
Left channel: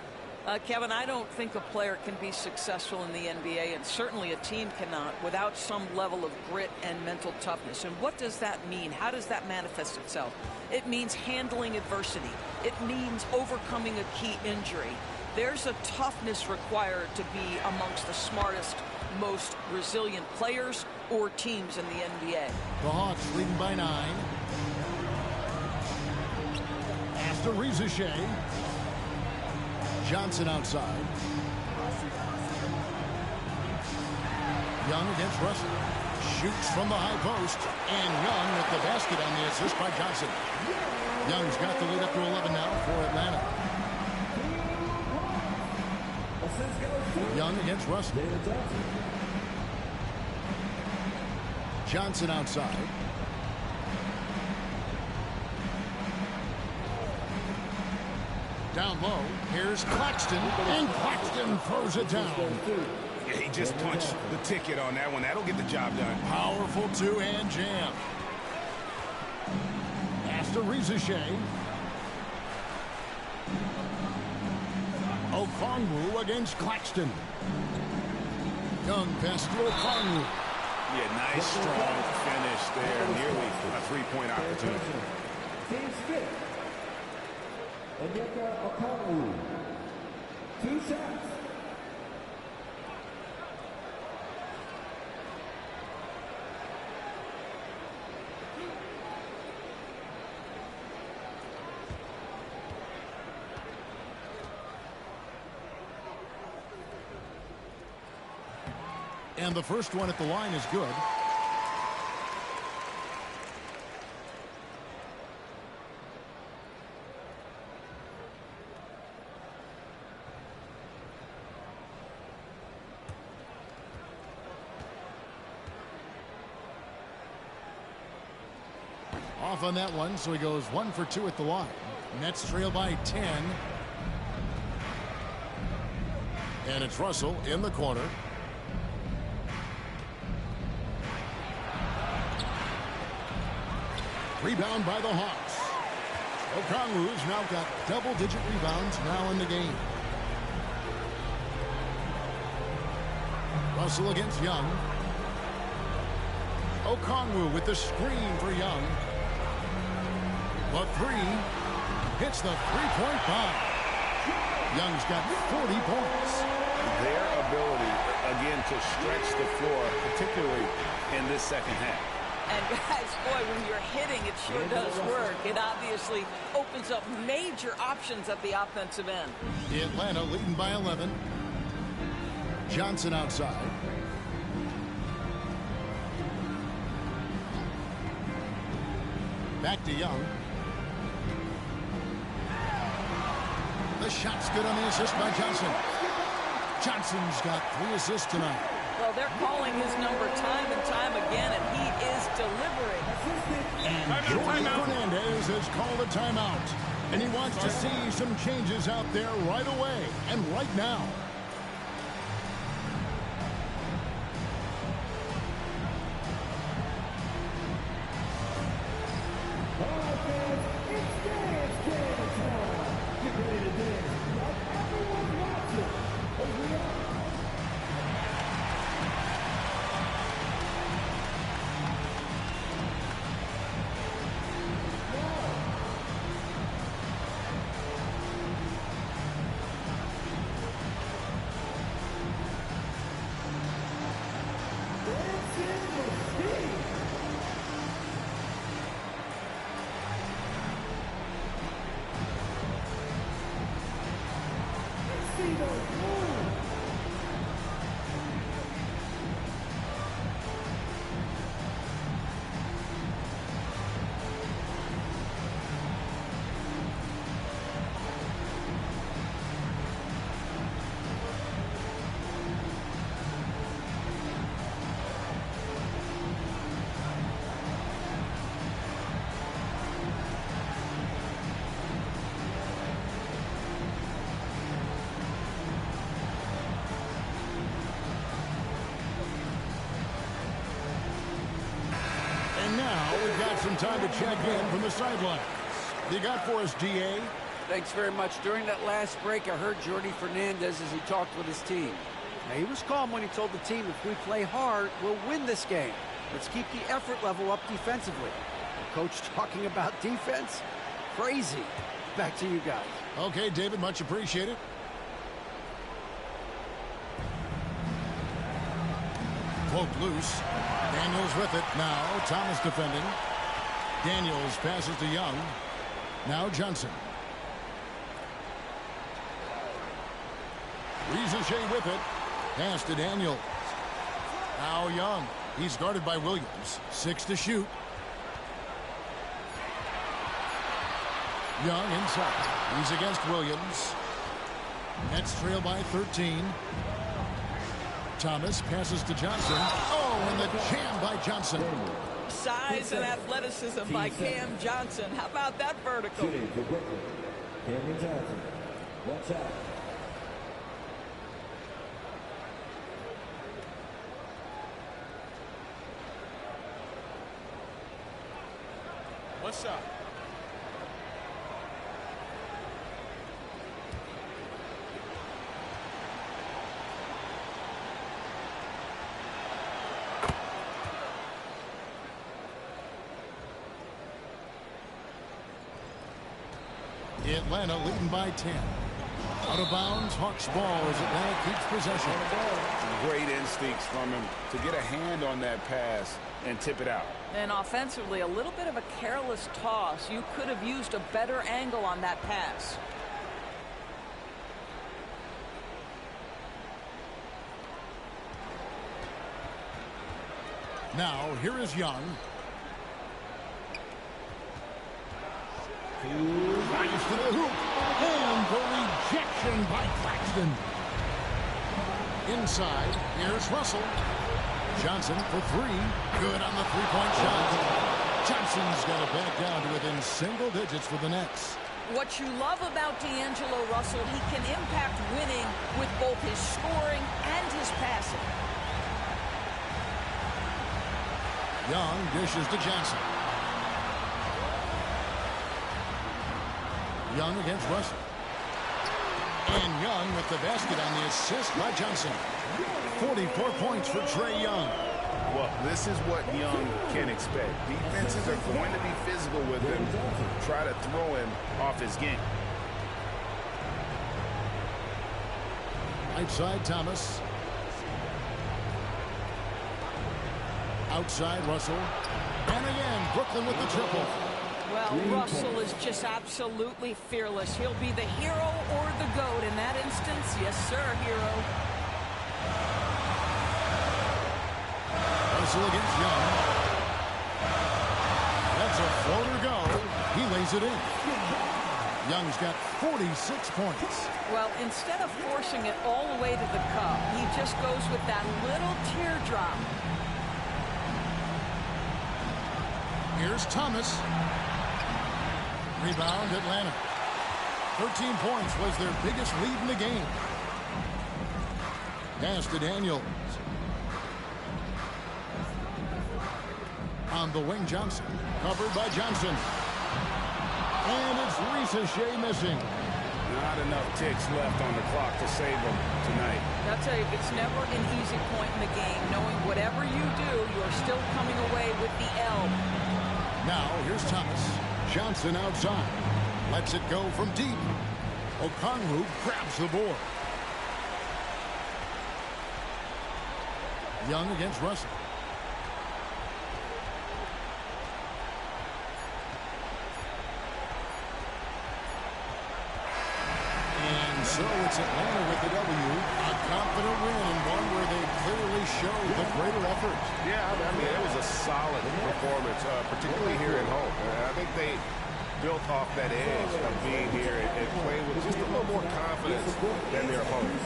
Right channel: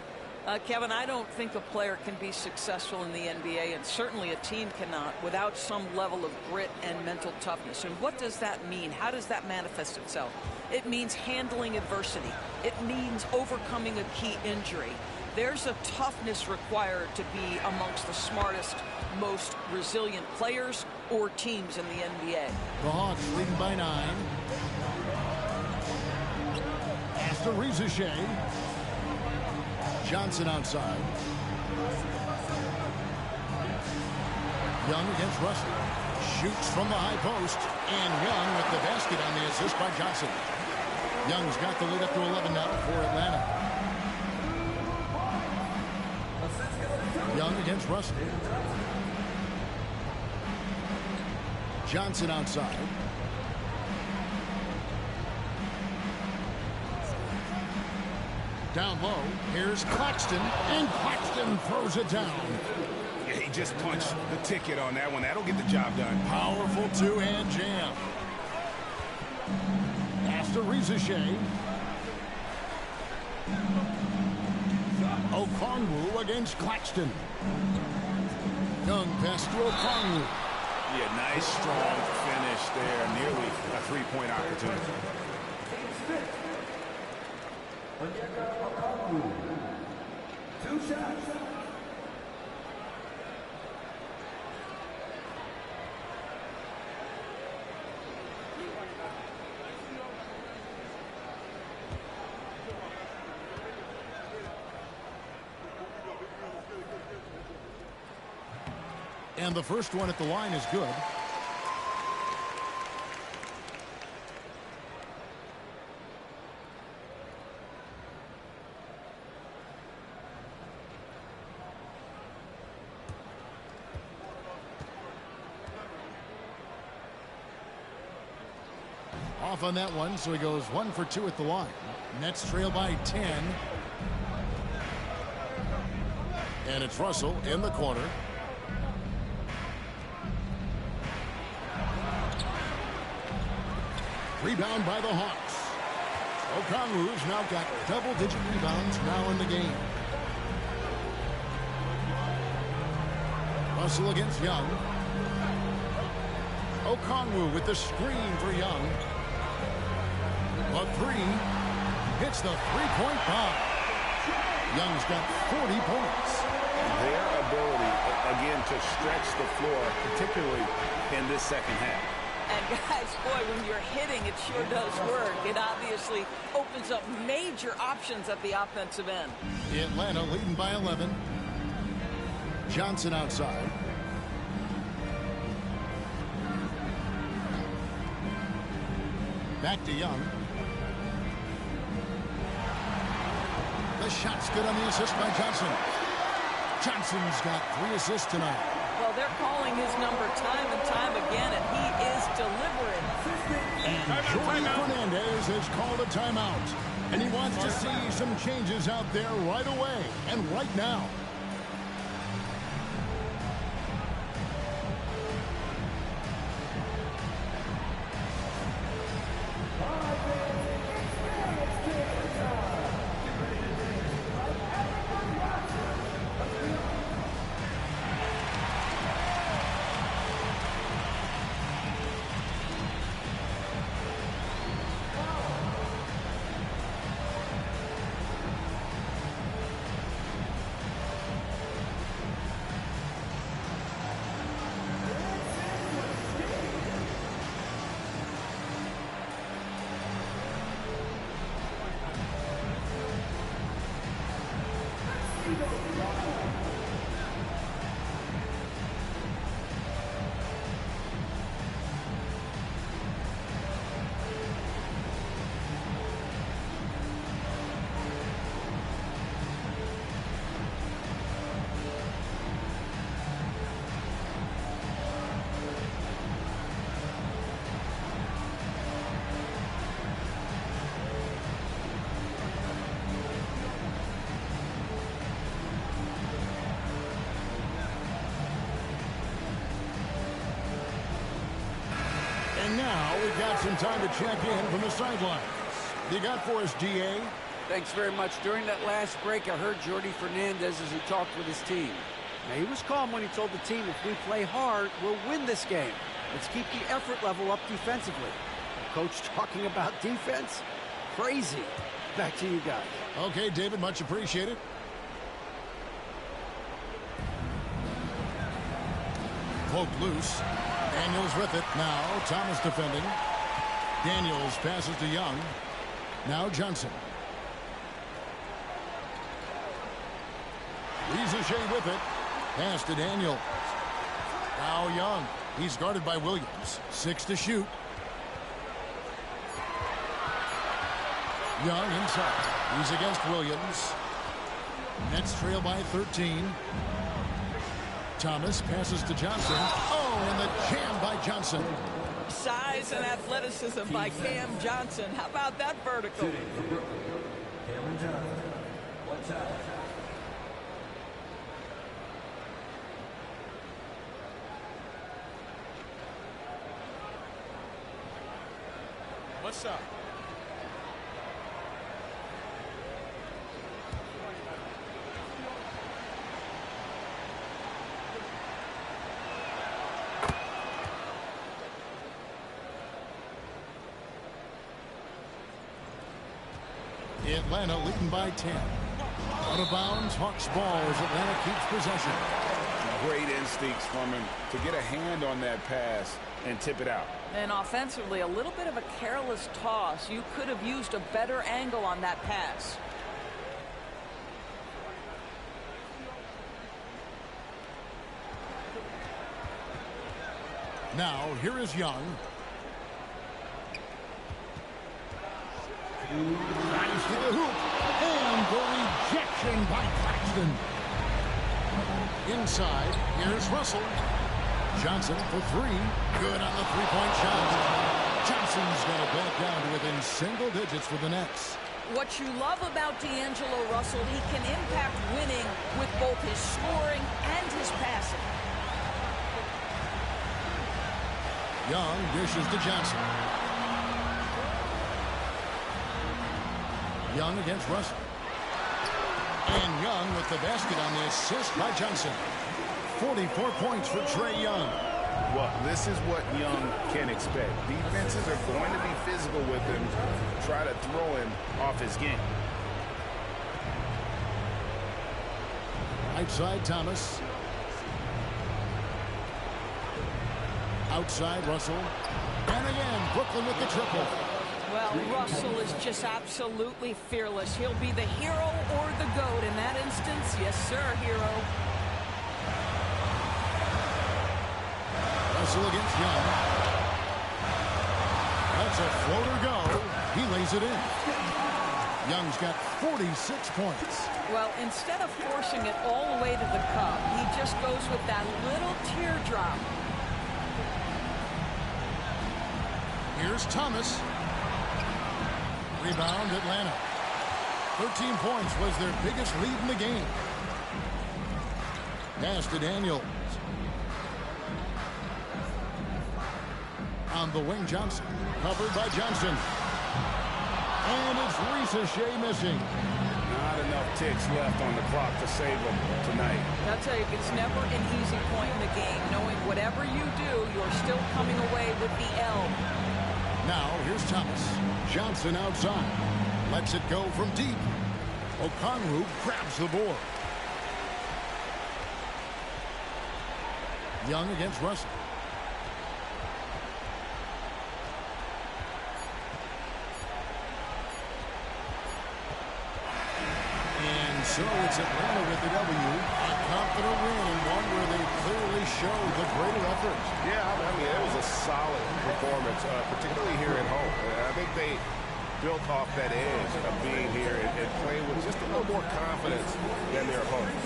Kevin, I don't think a player can be successful in the NBA, and certainly a team cannot, without some level of grit and mental toughness. And what does that mean? How does that manifest itself? It means handling adversity. It means overcoming a key injury. There's a toughness required to be amongst the smartest, most resilient players or teams in the NBA. The Hawks leading by 9. After Rizachet. Johnson outside. Young against Russell. Shoots from the high post. And Young with the basket on the assist by Johnson. Young's got the lead up to 11 now for Atlanta. Young against Russell. Johnson outside. Down low, here's Claxton, and Claxton throws it down. Yeah, he just punched the ticket on that one. That'll get the job done. Powerful two-hand jam. After Rizachet. Okongwu against Claxton. Young pass to Okongwu. Yeah, nice, strong finish there. Nearly a three-point opportunity. Okongwu. 2 shots. And the first one at the line is good. Off on that one, so he goes 1 for 2 at the line. Nets trail by 10. And it's Russell in the corner. Rebound by the Hawks. Okongwu's now got double-digit rebounds now in the game. Russell against Young. Okongwu with the screen for Young. The three hits the three-point bomb. Young's got 40 points. Their ability, again, to stretch the floor, particularly in this second half. And guys, boy, when you're hitting, it sure does work. It obviously opens up major options at the offensive end. Atlanta leading by 11. Johnson outside. Back to Young. The shot's good on the assist by Johnson. Johnson's got 3 assists tonight. Well, they're calling his number time and time again, and he is delivering. And Jordan Fernandez has called a timeout. And he wants to see some changes out there right away and right now. get some time to check in from the sidelines. You got for us, DA? Thanks very much. During that last break, I heard Jordi Fernandez as he talked with his team. Now, he was calm when he told the team, if we play hard, we'll win this game. Let's keep the effort level up defensively. The coach talking about defense? Crazy. Back to you guys. Okay, David, much appreciated. Poked loose. Daniels with it. Now Thomas defending. Daniels passes to Young. Now Johnson. Rizouche with it. Pass to Daniels. Now Young. He's guarded by Williams. 6 to shoot. Young inside. He's against Williams. Nets trail by 13. Thomas passes to Johnson. Oh, and the jam by Johnson. Size and athleticism by Cam Johnson. How about that vertical? Watch out. One shot. Atlanta leading by 10. Out of bounds, Hawks ball as Atlanta keeps possession. Great instincts from him to get a hand on that pass and tip it out. And offensively, a little bit of a careless toss. You could have used a better angle on that pass. Now, here is Young. Rise to the hoop. And the rejection by Claxton. Inside, here's Russell. Johnson for 3. Good on the three-point shot. Johnson's got it back down to within single digits for the Nets. What you love about D'Angelo Russell, he can impact winning with both his scoring and his passing. Young dishes to Johnson. Young against Russell. And Young with the basket on the assist by Johnson. 44 points for Trae Young. Well, this is what Young can expect. Defenses are going to be physical with him, try to throw him off his game. Outside Thomas. Outside Russell. And again, Brooklyn with the triple. Well, Russell is just absolutely fearless. He'll be the hero or the GOAT in that instance. Yes, sir, hero. Russell against Young. That's a floater go. He lays it in. Young's got 46 points. Well, instead of forcing it all the way to the cup, he just goes with that little teardrop. Here's Thomas. Rebound, Atlanta. 13 points was their biggest lead in the game. Pass to Daniels. On the wing, Johnson. Covered by Johnson. And it's Rizouche missing. Not enough ticks left on the clock to save them tonight. I'll tell you, it's never an easy point in the game, knowing whatever you do, you're still coming away with the L. Now, here's Thomas. Johnson outside. Lets it go from deep. Okongwu grabs the board. Young against Russell. And so it's Atlanta with the W. A confident win and one where they clearly showed the greater effort. Yeah, I mean, it was a solid performance, particularly here at home. I think they built off that edge of being here and playing with just a little more confidence than their opponents.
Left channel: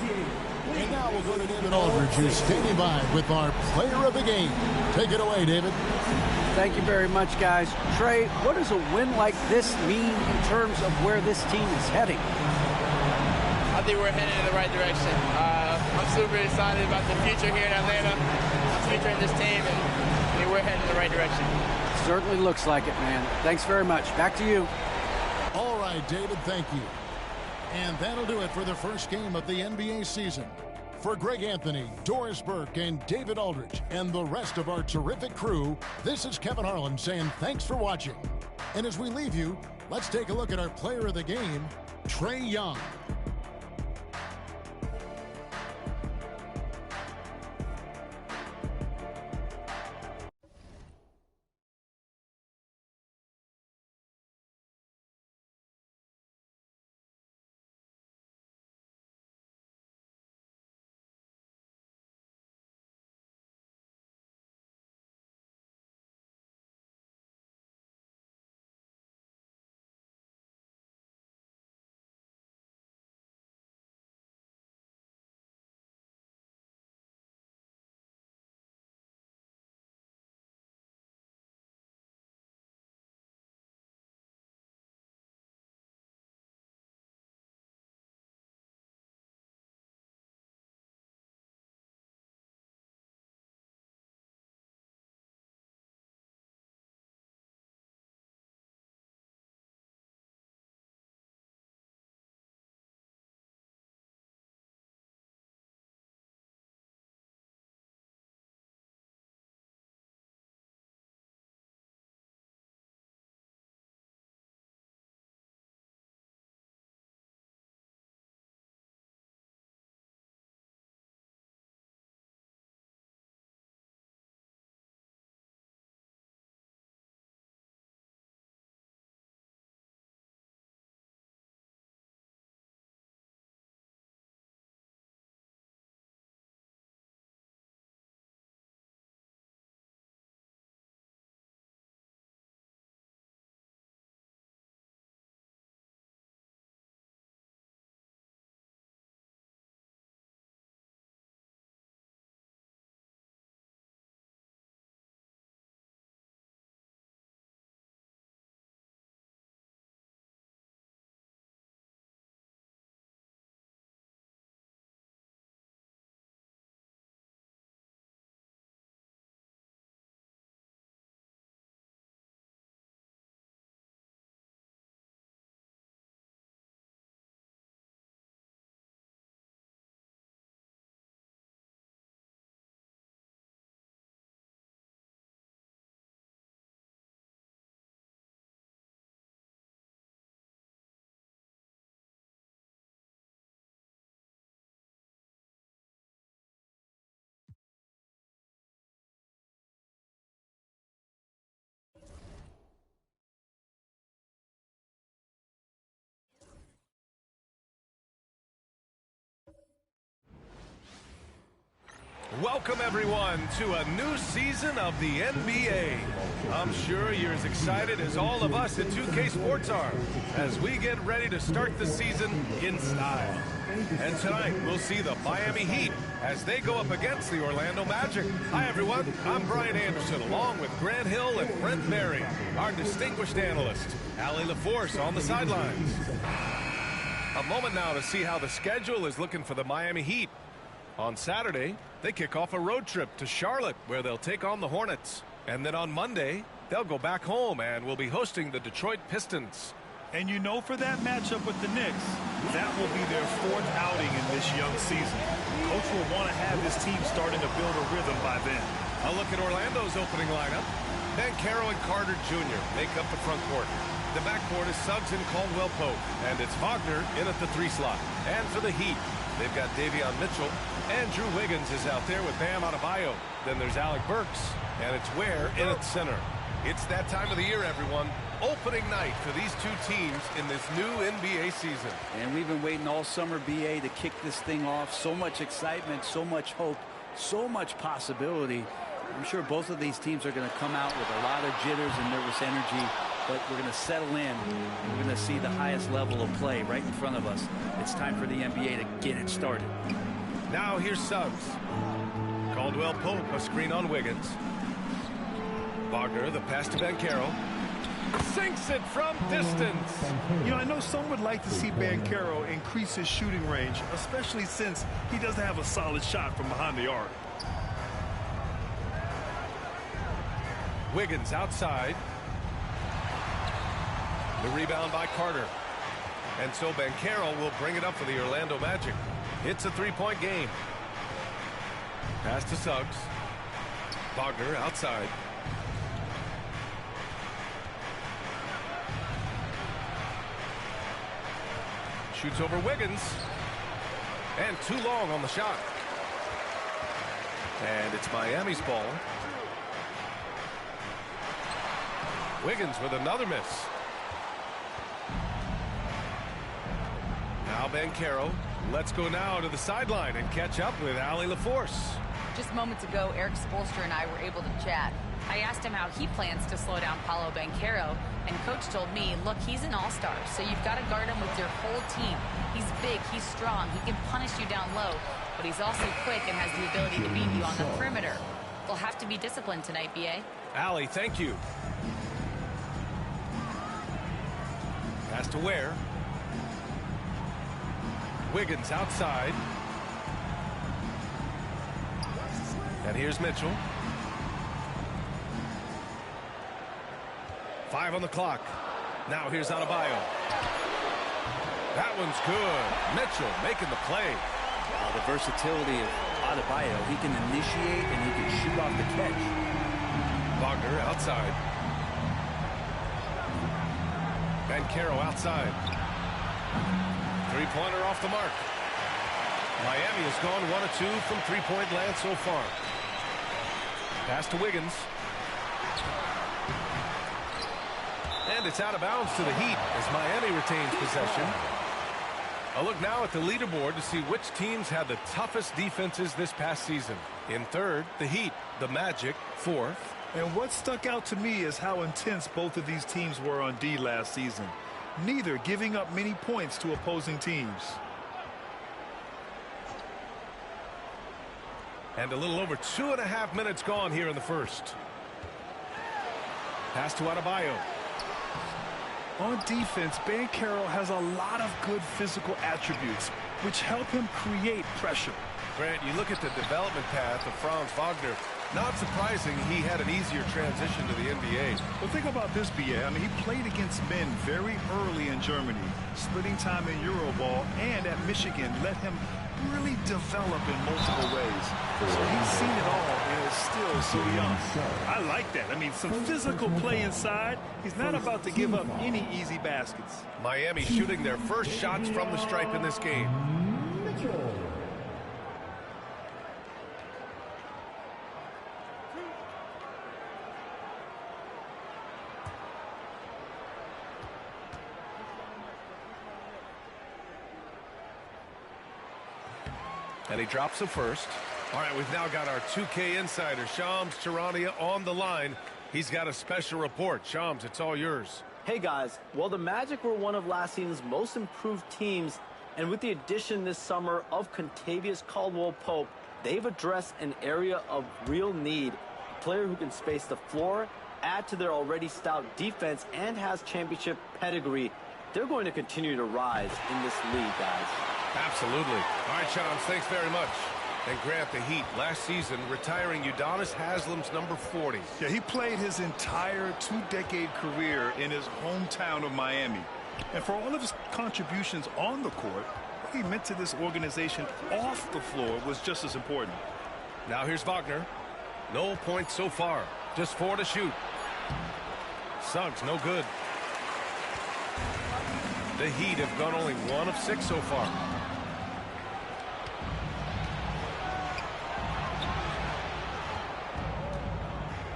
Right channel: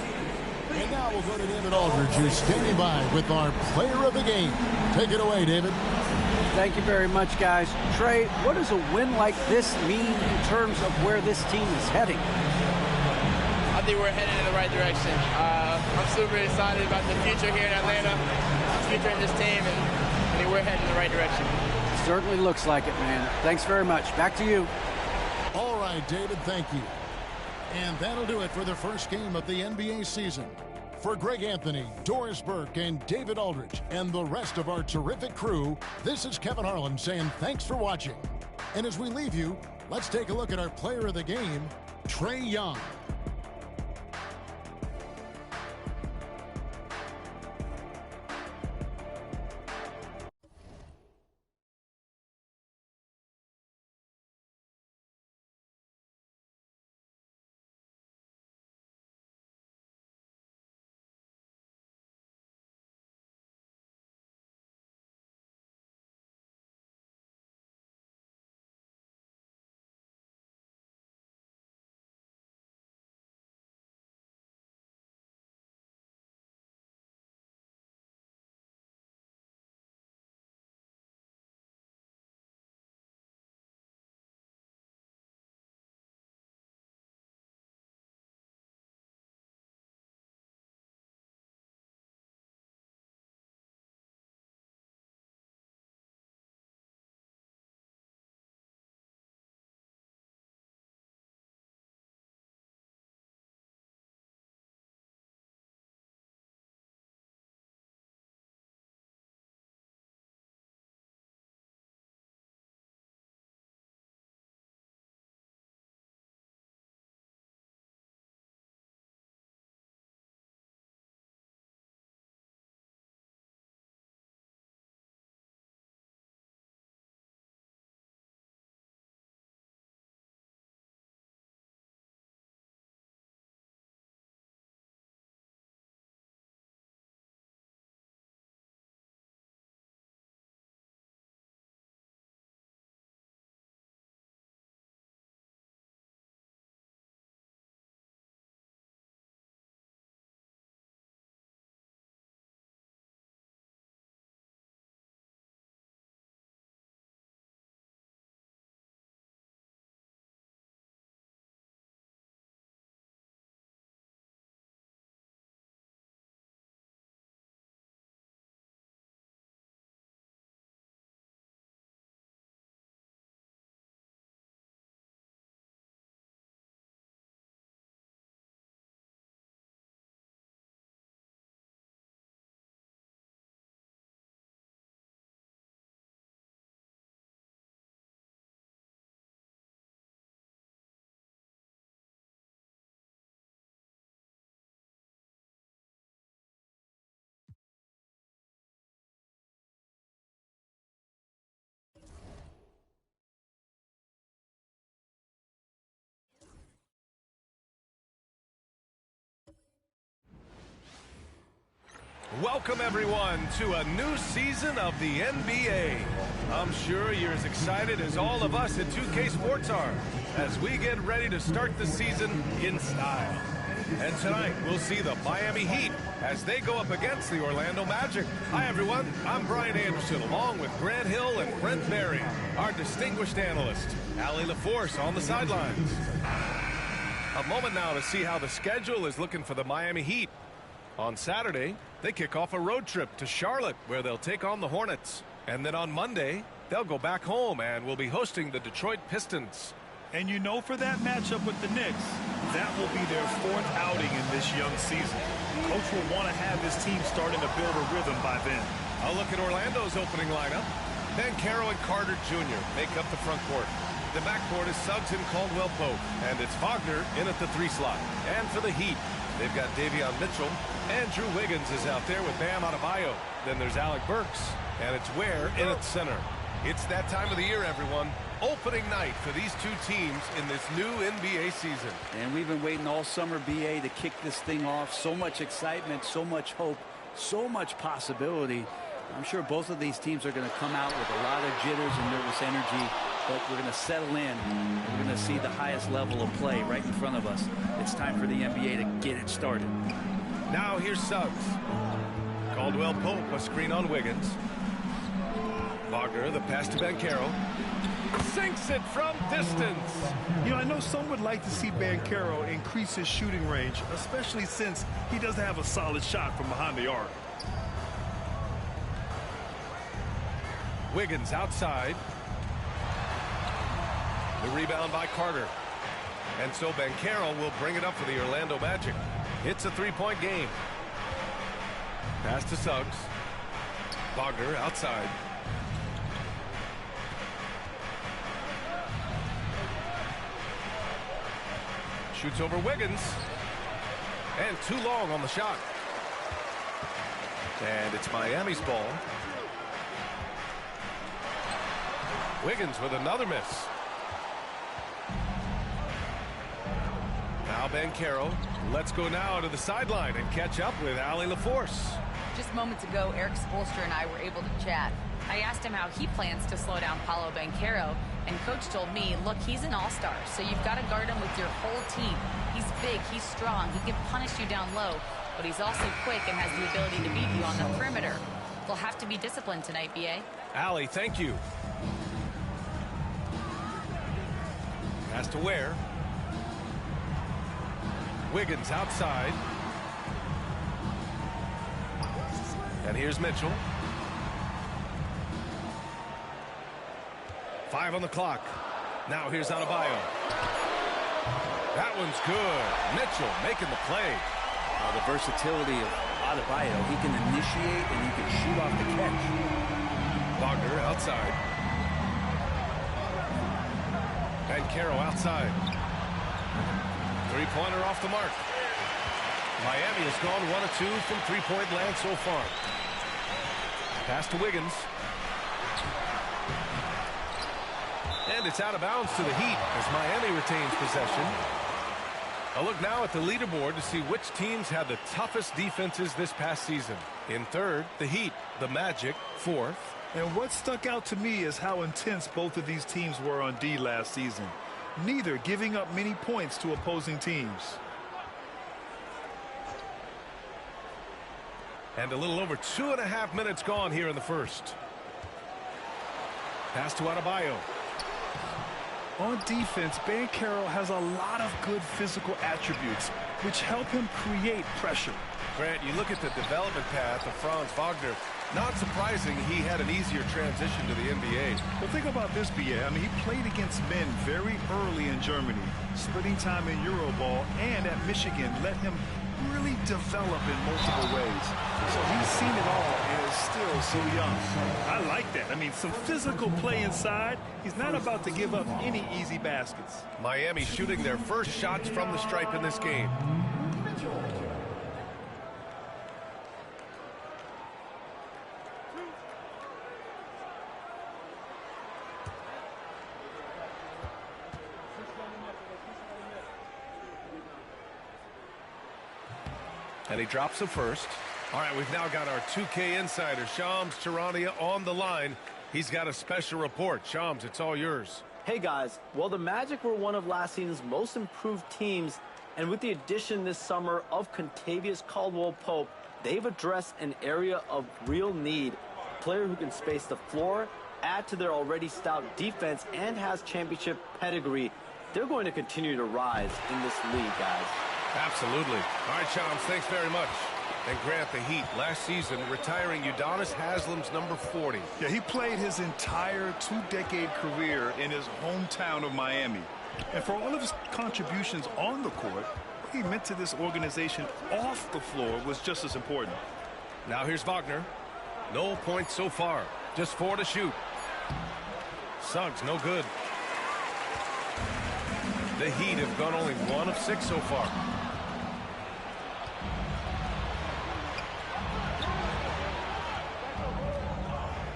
And now we'll go to David Aldridge, who's standing by with our player of the game. Take it away, David. Thank you very much, guys. Trae, what does a win like this mean in terms of where this team is heading? I think we're heading in the right direction. I'm super excited about the future here in Atlanta, the future in this team, and I mean, we're heading in the right direction. Certainly looks like it, man. Thanks very much. Back to you. All right, David, thank you. And that'll do it for the first game of the NBA season. For Greg Anthony, Doris Burke, and David Aldridge, and the rest of our terrific crew, this is Kevin Harlan saying thanks for watching. And as we leave you, let's take a look at our player of the game, Trae Young. Welcome, everyone, to a new season of the NBA. I'm sure you're as excited as all of us at 2K Sports are as we get ready to start the season in style. And tonight, we'll see the Miami Heat as they go up against the Orlando Magic. Hi, everyone. I'm Brian Anderson, along with Grant Hill and Brent Berry, our distinguished analyst, Allie LaForce on the sidelines. A moment now to see how the schedule is looking for the Miami Heat. On Saturday, they kick off a road trip to Charlotte, where they'll take on the Hornets. And then on Monday, they'll go back home and will be hosting the Detroit Pistons. And you know, for that matchup with the Knicks, that will be their fourth outing in this young season. Coach will want to have his team starting to build a rhythm by then. A look at Orlando's opening lineup. Banchero and Carter Jr. make up the front court. The backcourt is Suggs and Caldwell Pope, and it's Wagner in at the 3 slot. And for the Heat, they've got Davion Mitchell. Andrew Wiggins is out there with Bam Adebayo. Then there's Alec Burks, and it's Ware in at center. It's that time of the year, everyone. Opening night for these two teams in this new NBA season. And we've been waiting all summer, BA, to kick this thing off. So much excitement, so much hope, so much possibility. I'm sure both of these teams are going to come out with a lot of jitters and nervous energy, but we're going to settle in, and we're going to see the highest level of play right in front of us. It's time for the NBA to get it started. Now here's Suggs. Caldwell Pope, a screen on Wiggins. Wagner, the pass to Banchero. Sinks it from distance. You know, I know some would like to see Banchero increase his shooting range, especially since he doesn't have a solid shot from behind the arc. Wiggins outside. The rebound by Carter. And so Banchero will bring it up for the Orlando Magic. It's a three-point game. Pass to Suggs. Wagner outside. Shoots over Wiggins. And too long on the shot. And it's Miami's ball. Wiggins with another miss. Now Banchero. Let's go now to the sideline and catch up with Allie LaForce. Just moments ago, Eric Spoelstra and I were able to chat. I asked him how he plans to slow down Paolo Banchero, and Coach told me, look, he's an all-star, so you've got to guard him with your whole team. He's big, he's strong, he can punish you down low, but he's also quick and has the ability to beat you on the perimeter. They'll have to be disciplined tonight, B.A. Allie, thank you. Pass to Ware. Wiggins outside. And here's Mitchell. 5 on the clock. Now here's Adebayo. That one's good. Mitchell making the play. The versatility of Adebayo. He can initiate and he can shoot off the catch. Wagner outside. Banchero outside. Three-pointer off the mark. Miami has gone 1 of 2 from three-point land so far. Pass to Wiggins. And it's out of bounds to the Heat as Miami retains possession. A look now at the leaderboard to see which teams had the toughest defenses this past season. In third, the Heat. The Magic, fourth. And what stuck out to me is how intense both of these teams were on D last season. Neither giving up many points to opposing teams. And a little over 2.5 minutes gone here in the first. Pass to Adebayo. On defense, Banchero has a lot of good physical attributes, which help him create pressure. Grant, you look at the development path of Franz Wagner. Not surprising he had an easier transition to the NBA. But think about this, B.A. I mean, he played against men very early in Germany, splitting time in Euroball, and at Michigan let him really develop in multiple ways. So he's seen it all and is still so young. I like that. I mean, some physical play inside. He's not about to give up any easy baskets. Miami shooting their first shots from the stripe in this game. And he drops the first. All right, we've now got our 2K insider, Shams Charania, on the line. He's got a special report. Shams, it's all yours. Hey, guys. Well, the Magic were one of last season's most improved teams, and with the addition this summer of Contavious Caldwell-Pope, they've addressed an area of real need. A player who can space the floor, add to their already stout defense, and has championship pedigree. They're going to continue to rise in this league, guys. Absolutely. All right, Shams, thanks very much. And Grant, the Heat, last season, retiring Udonis Haslam's number 40. Yeah, he played his entire two-decade career in his hometown of Miami. And for all of his contributions on the court, what he meant to this organization off the floor was just as important. Now here's Wagner. No points so far. Just 4 to shoot. Suggs, no good. The Heat have gone only 1 of 6 so far.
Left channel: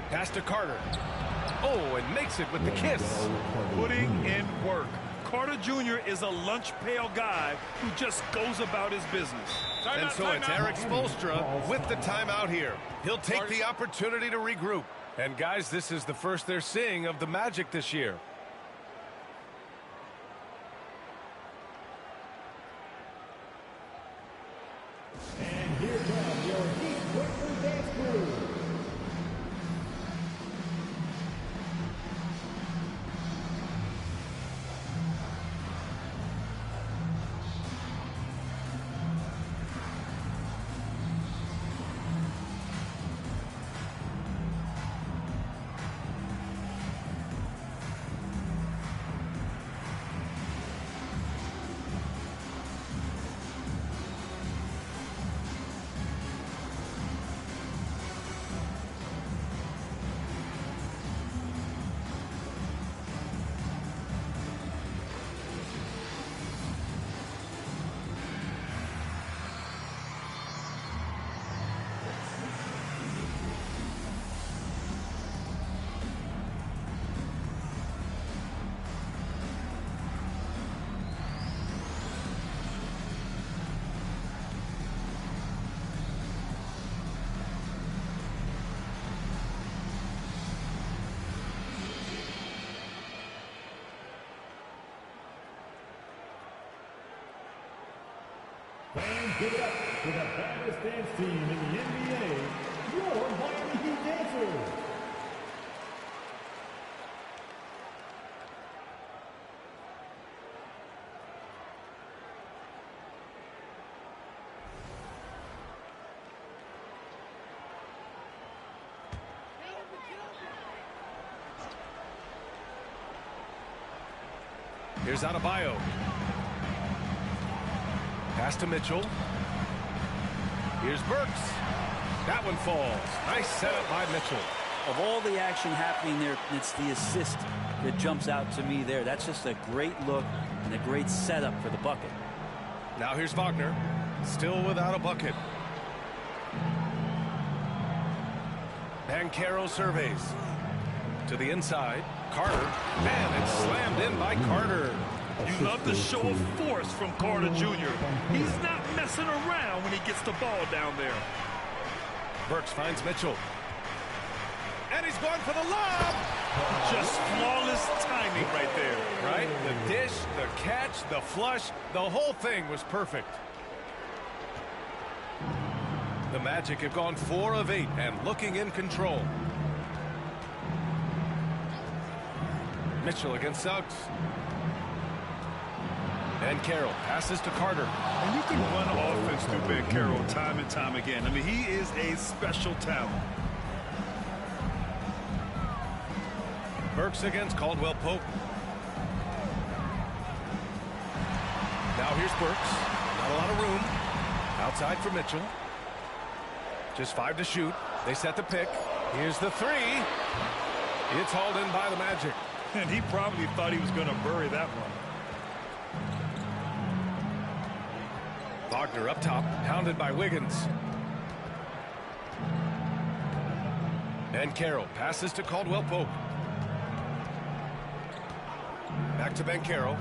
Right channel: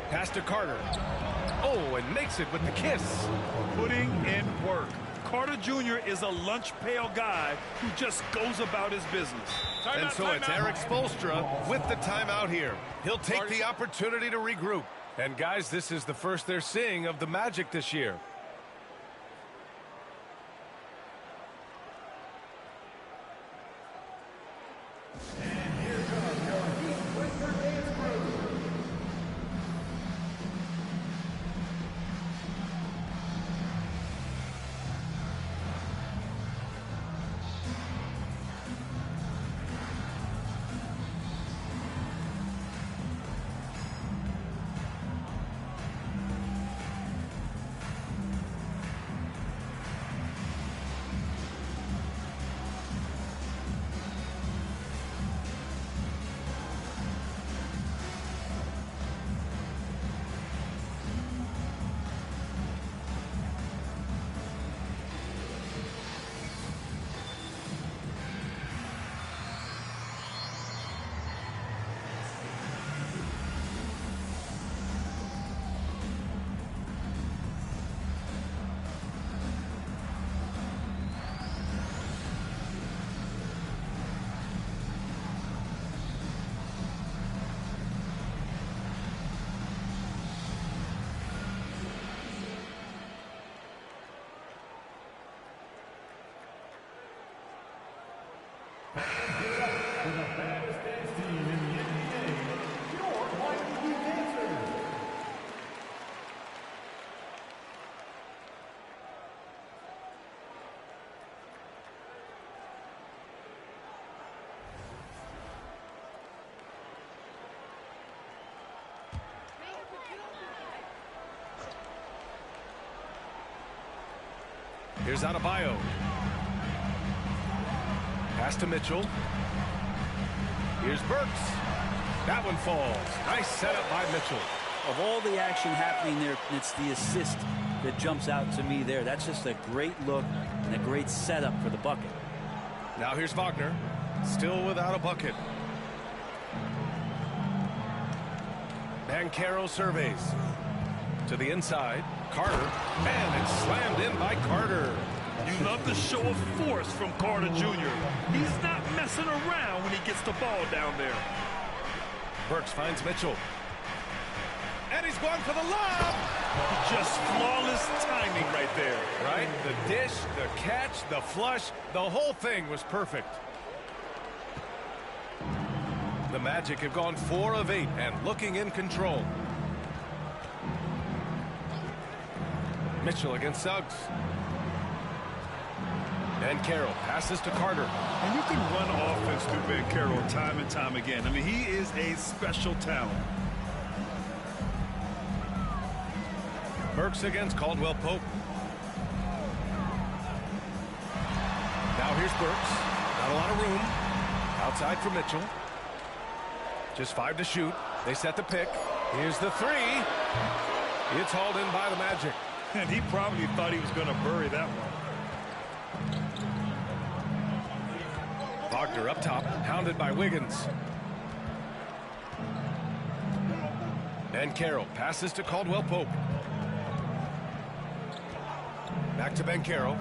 Pass to Carter. Oh, and makes it with the kiss. Putting in work. Carter Jr. is a lunch pail guy who just goes about his business. And so it's Eric Spoelstra with the timeout here. He'll take the opportunity to regroup. And guys, this is the first they're seeing of the Magic this year. And here come your Heat Breaker Dance Crew. Fans give it up for the baddest dance team in the NBA, your Miami Heat Dancers. Here's Adebayo. Pass to Mitchell. Here's Burks. That one falls. Nice setup by Mitchell. Of all the action happening there, it's the assist that jumps out to me there. That's just a great look and a great setup for the bucket. Now here's Wagner. Still without a bucket. Banchero surveys. To the inside. Carter. Man, it's slammed in by Carter. You love the show of force from Carter Jr. He's not messing around when he gets the ball down there. Burks finds Mitchell. And he's going for the lob. Just flawless timing right there. Right? The dish, the catch, the flush, the whole thing was perfect. The Magic have gone 4 of 8 and looking in control. Mitchell against Suggs. Banchero passes to Carter. And you can run offense through Banchero time and time again. I mean, he is a special talent. Burks against Caldwell Pope. Now here's Burks. Not a lot of room. Outside for Mitchell. Just 5 to shoot. They set the pick. Here's the 3. It's hauled in by the Magic. And he probably thought he was going to bury that one. Wagner up top, hounded by Wiggins. Banchero passes to Caldwell Pope. Back to Banchero.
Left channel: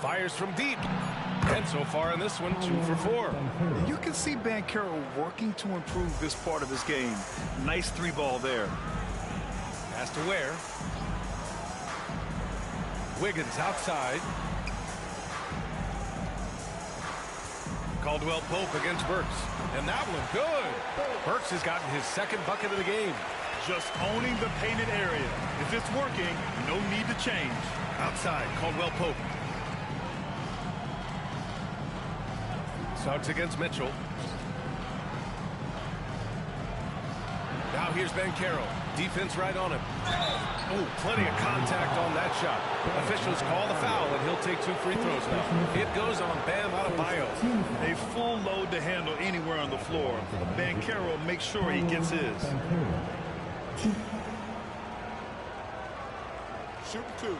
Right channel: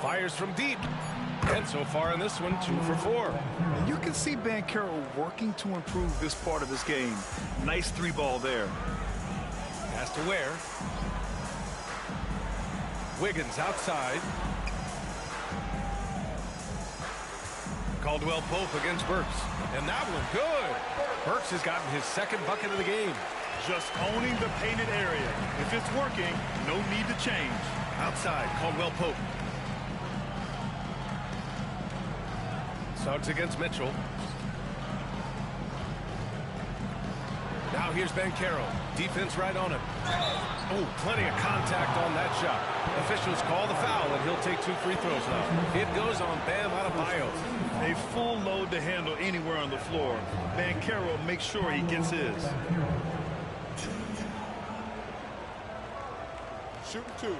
Fires from deep. And so far in this one, 2 for 4. And you can see Banchero working to improve this part of his game. Nice 3-ball there. Pass to Ware. Wiggins outside. Caldwell Pope against Burks. And that one good. Burks has gotten his 2nd bucket of the game. Just owning the painted area. If it's working, no need to change. Outside, Caldwell Pope. Suggs against Mitchell. Now here's Banchero. Defense right on him. Oh, plenty of contact on that shot. Officials call the foul, and he'll take 2 free throws now. It goes on Bam Adebayo. A full load to handle anywhere on the floor. Banchero makes sure he gets his. Shooting 2.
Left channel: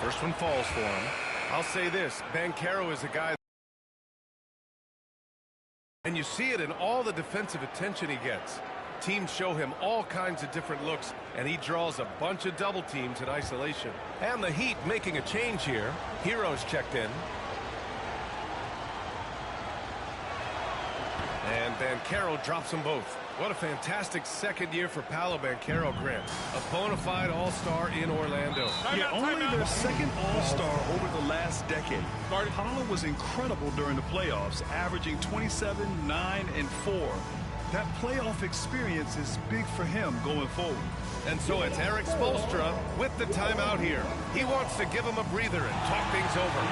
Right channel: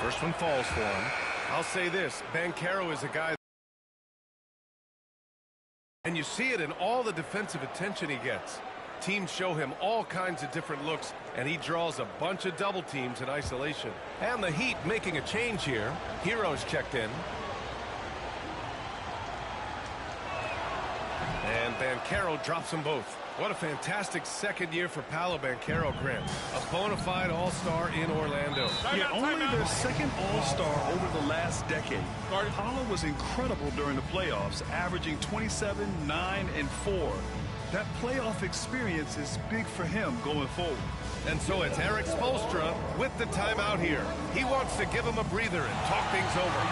First one falls for him. I'll say this, Banchero is a guy, and you see it in all the defensive attention he gets. Teams show him all kinds of different looks, and he draws a bunch of double teams in isolation. And the Heat making a change here. Hero's checked in. And Banchero drops them both. What a fantastic 2nd year for Paolo Banchero, Grant. A bona fide all-star in Orlando. Yeah, only their 2nd all-star over the last decade. Paolo was incredible during the playoffs, averaging 27, 9, and 4. That playoff experience is big for him going forward. And so it's Eric Spoelstra with the timeout here. He wants to give him a breather and talk things over.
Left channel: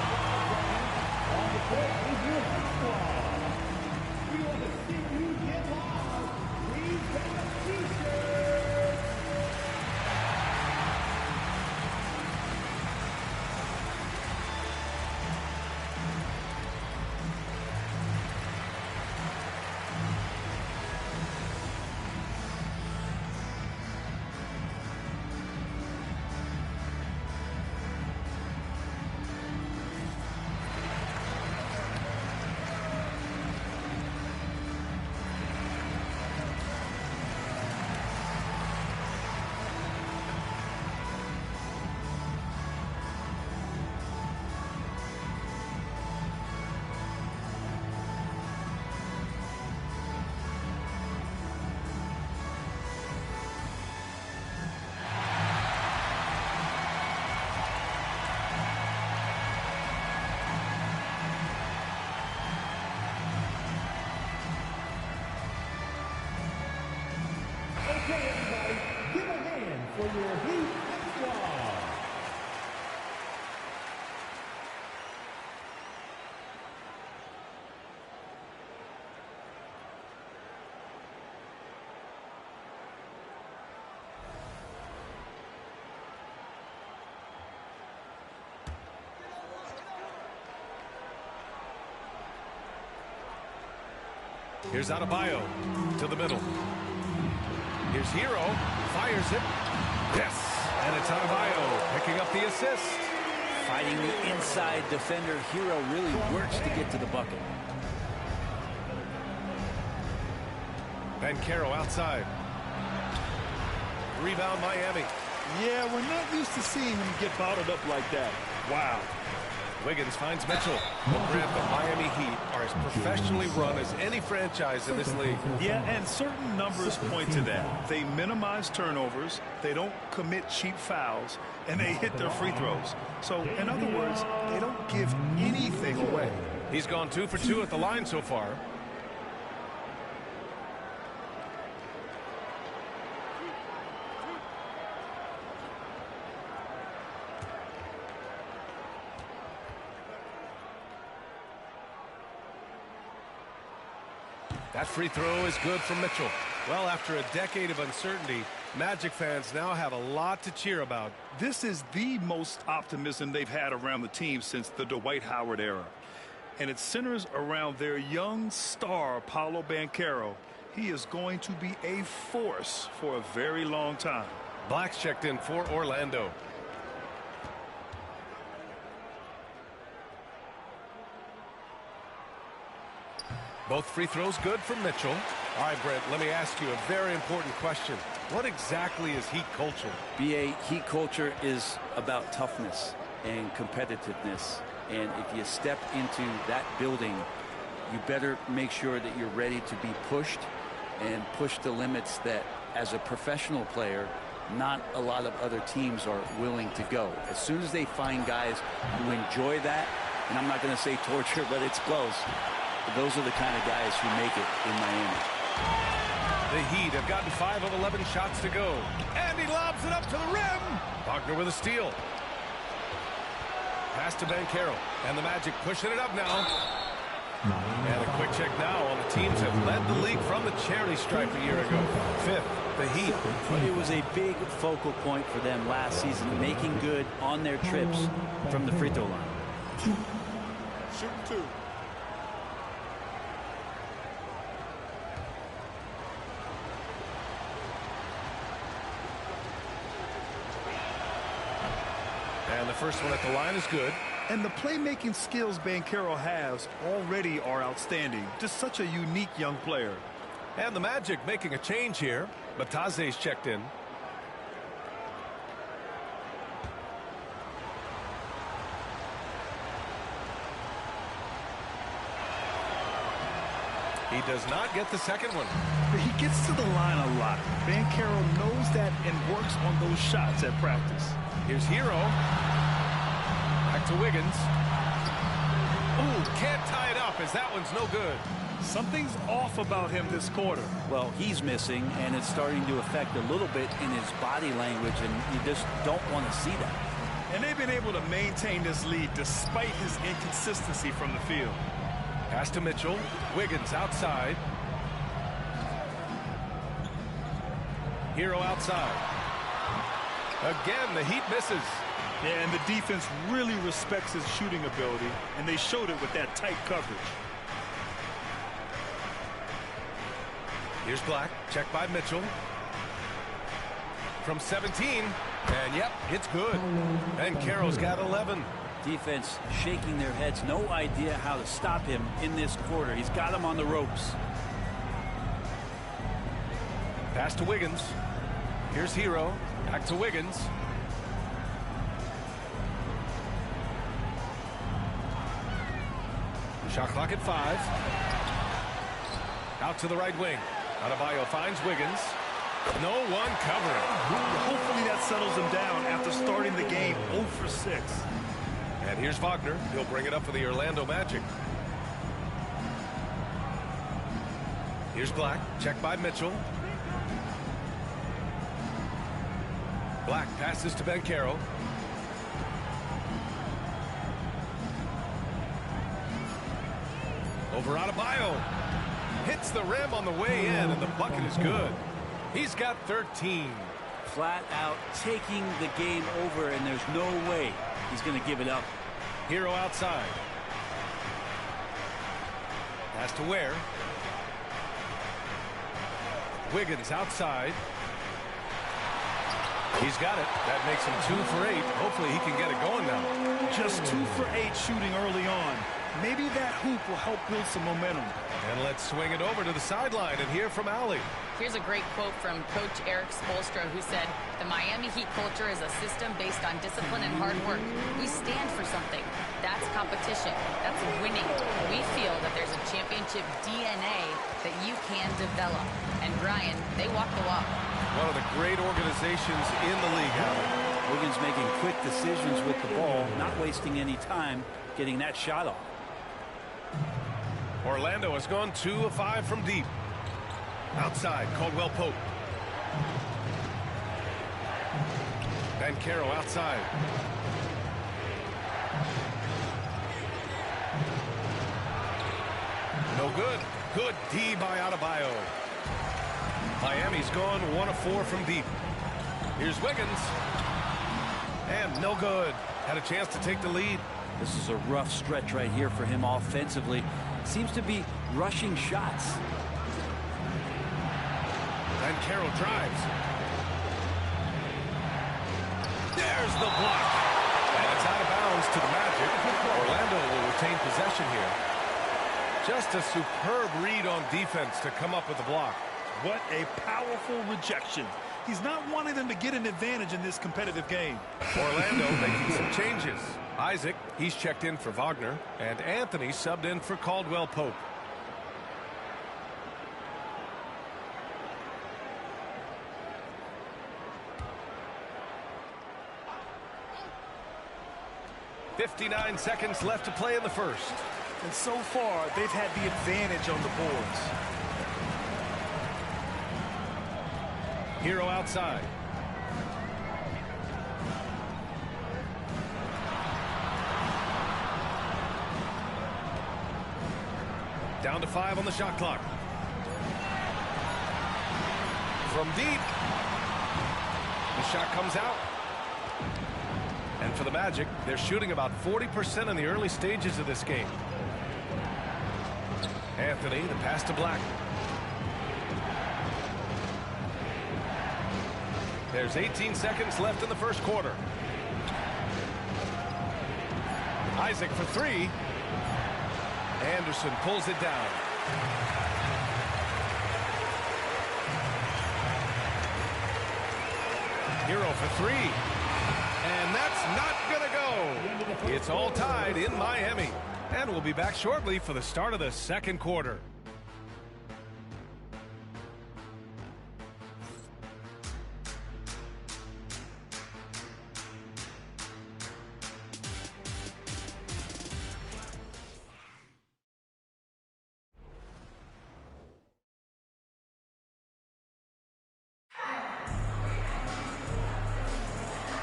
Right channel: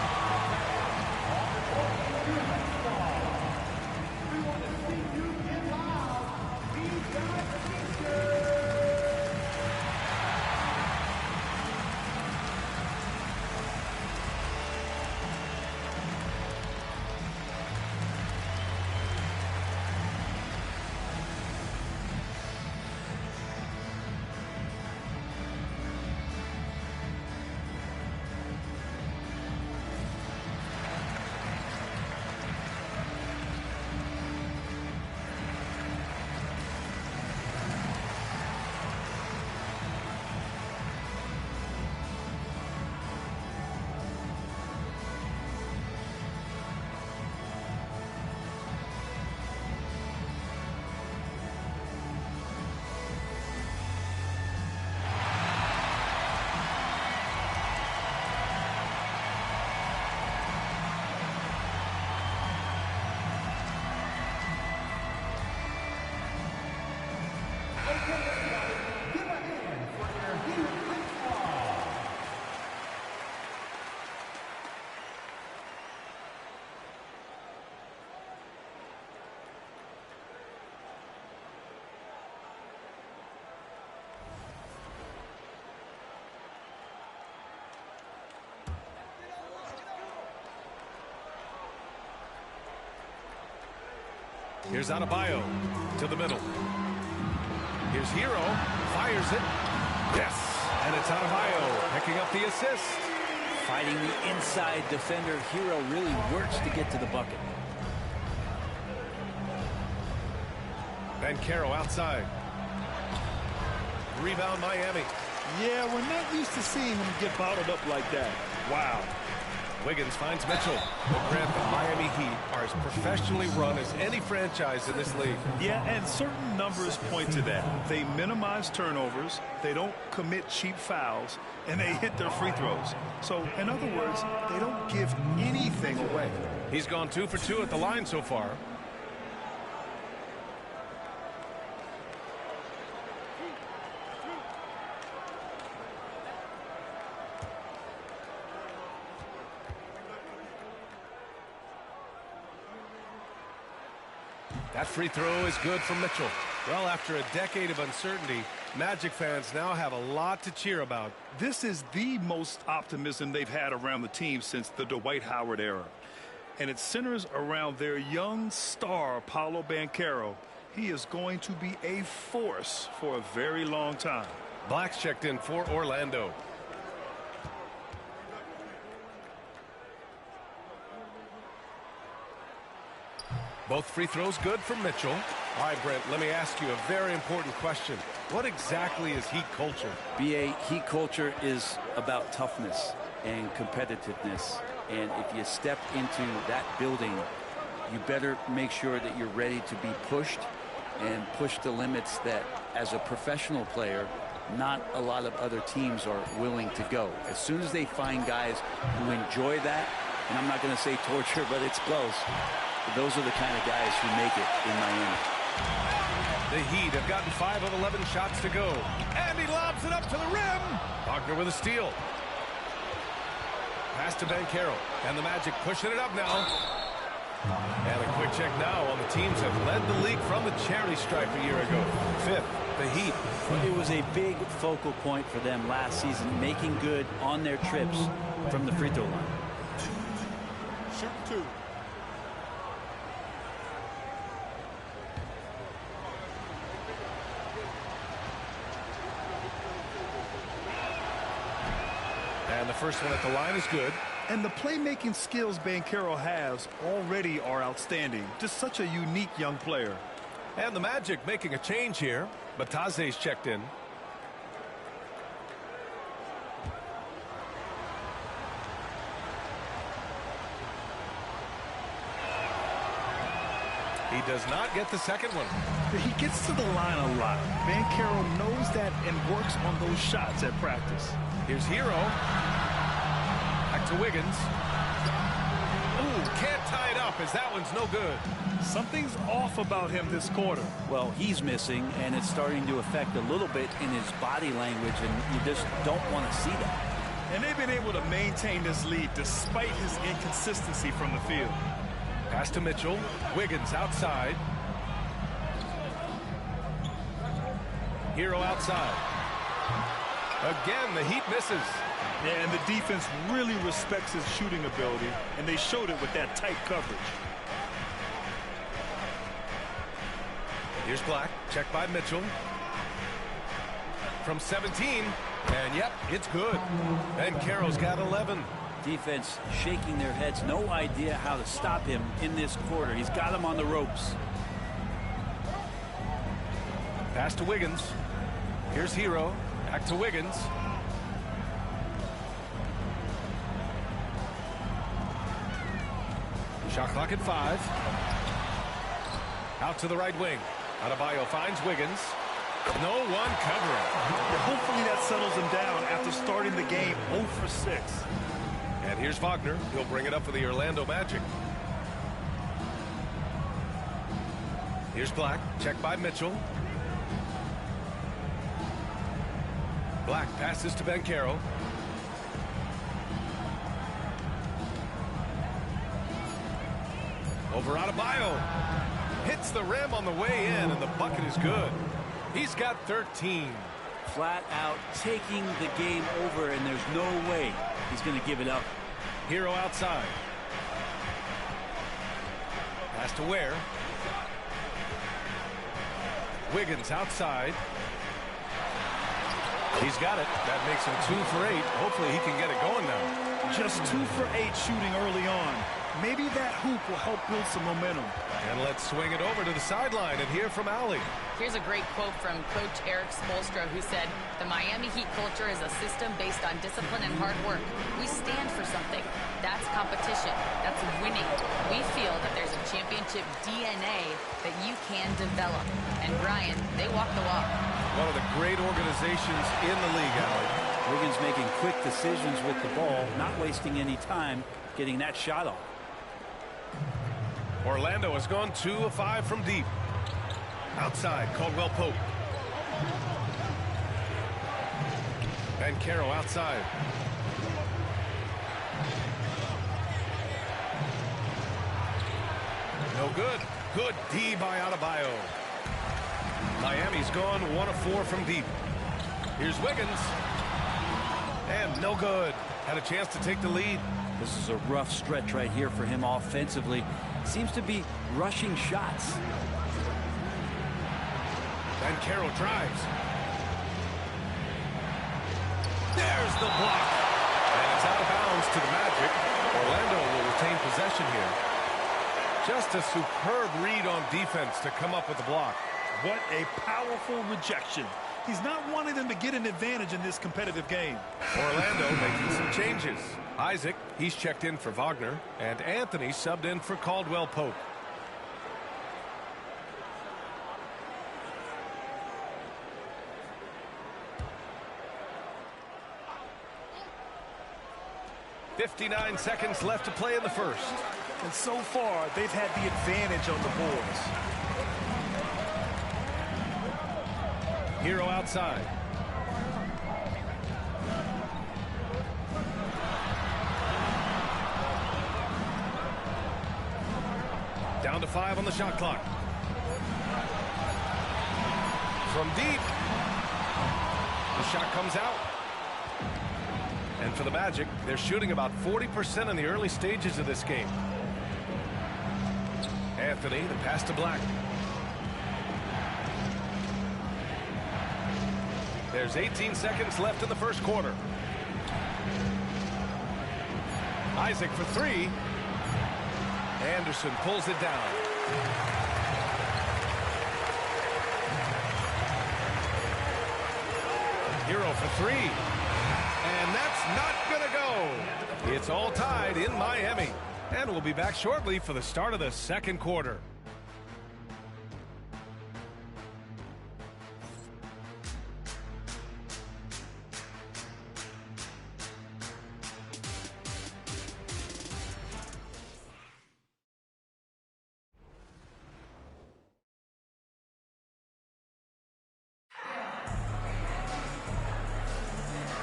Here's Adebayo to the middle. Here's Hero, fires it. Yes, and it's Adebayo picking up the assist. Fighting the inside defender. Hero really works to get to the bucket. Banchero outside. Rebound Miami. Yeah, we're not used to seeing him get bottled up like that. Wow. Wiggins finds Mitchell. Well, Grant, the Miami Heat are as professionally run as any franchise in this league. Yeah, and certain numbers point to that. They minimize turnovers, they don't commit cheap fouls, and they hit their free throws. So, in other words, they don't give anything away. He's gone 2 for 2 at the line so far. That free throw is good from Mitchell. Well, after a decade of uncertainty, Magic fans now have a lot to cheer about. This is the most optimism they've had around the team since the Dwight Howard era. And it centers around their young star, Paolo Banchero. He is going to be a force for a very long time. Black's checked in for Orlando. Both free throws good from Mitchell. All right, Brent, let me ask you a very important question. What exactly is Heat culture? BA, Heat culture is about toughness and competitiveness. And if you step into that building, you better make sure that you're ready to be pushed and push the limits that, as a professional player, not a lot of other teams are willing to go. As soon as they find guys who enjoy that, and I'm not going to say torture, but it's close. Those are the kind of guys who make it in Miami. The Heat have gotten 5 of 11 shots to go. And he lobs it up to the rim. Wagner with a steal. Pass to Banchero. And the Magic pushing it up now. And a quick check now on the teams that led the league from the charity stripe a year ago. 5th, the Heat. But it was a big focal point for them last season, making good on their trips from the free throw line. Shoot 2. And the first one at the line is good. And the playmaking skills Banchero has already are outstanding. Just such a unique young player. And the Magic making a change here. Bataze's checked in. He does not get the second one. He gets to the line a lot. Banchero knows that and works on those shots at practice. Here's Hero. Back to Wiggins. Ooh, can't tie it up as that one's no good. Something's off about him this quarter. Well, he's missing, and it's starting to affect a little bit in his body language, and you just don't want to see that. And they've been able to maintain this lead despite his inconsistency from the field. Pass to Mitchell. Wiggins outside. Hero outside. Again, the Heat misses. Yeah, and the defense really respects his shooting ability, and they showed it with that tight coverage. Here's Black. Checked by Mitchell. From 17. And, yep, it's good. And Banchero's got 11. Defense shaking their heads. No idea how to stop him in this quarter. He's got him on the ropes. Pass to Wiggins. Here's Hero. Back to Wiggins. Shot clock at 5. Out to the right wing. Adebayo finds Wiggins. No one covering. Yeah, hopefully that settles him down after starting the game 0 for 6. And here's Wagner. He'll bring it up for the Orlando Magic. Here's Black. Checked by Mitchell. Black passes to Banchero. Over Adebayo. Hits the rim on the way in, and the bucket is good. He's got 13. Flat out taking the game over, and there's no way he's going to give it up. Hero outside. Pass to Ware. Wiggins outside. He's got it. That makes him 2 for 8. Hopefully he can get it going now. Just 2 for 8 shooting early on. Maybe that hoop will help build some momentum. And let's swing it over to the sideline and hear from Allie. Here's a great quote from Coach Eric Spoelstra, who said, "The Miami Heat culture is a system based on discipline and hard work. We stand for something. That's competition. That's winning. We feel that there's a championship DNA that you can develop." And Brian, they walk the walk. One of the great organizations in the league, Allie. Wiggins making quick decisions with the ball, not wasting any time getting that shot off. Orlando has gone 2 of 5 from deep. Outside, Caldwell Pope. Banchero outside. No good. Good D by Adebayo. Miami's gone 1 of 4 from deep. Here's Wiggins. And no good. Had a chance to take the lead. This is a rough stretch right here for him offensively. Seems to be rushing shots. Banchero drives. There's the block. And it's out of bounds to the Magic. Orlando will retain possession here. Just a superb read on defense to come up with the block. What a powerful rejection. He's not wanting them to get an advantage in this competitive game. Orlando making some changes. Isaac, he's checked in for Wagner, and Anthony subbed in for Caldwell Pope. .59 seconds left to play in the first. And so far, they've had the advantage on the boards. Hero outside. Down to 5 on the shot clock. From deep. The shot comes out. And for the Magic, they're shooting about 40% in the early stages of this game. Anthony, the pass to Black. There's 18 seconds left in the first quarter. Isaac for 3. Anderson pulls it down. Hero for 3. And that's not going to go. It's all tied in Miami. And we'll be back shortly for the start of the second quarter.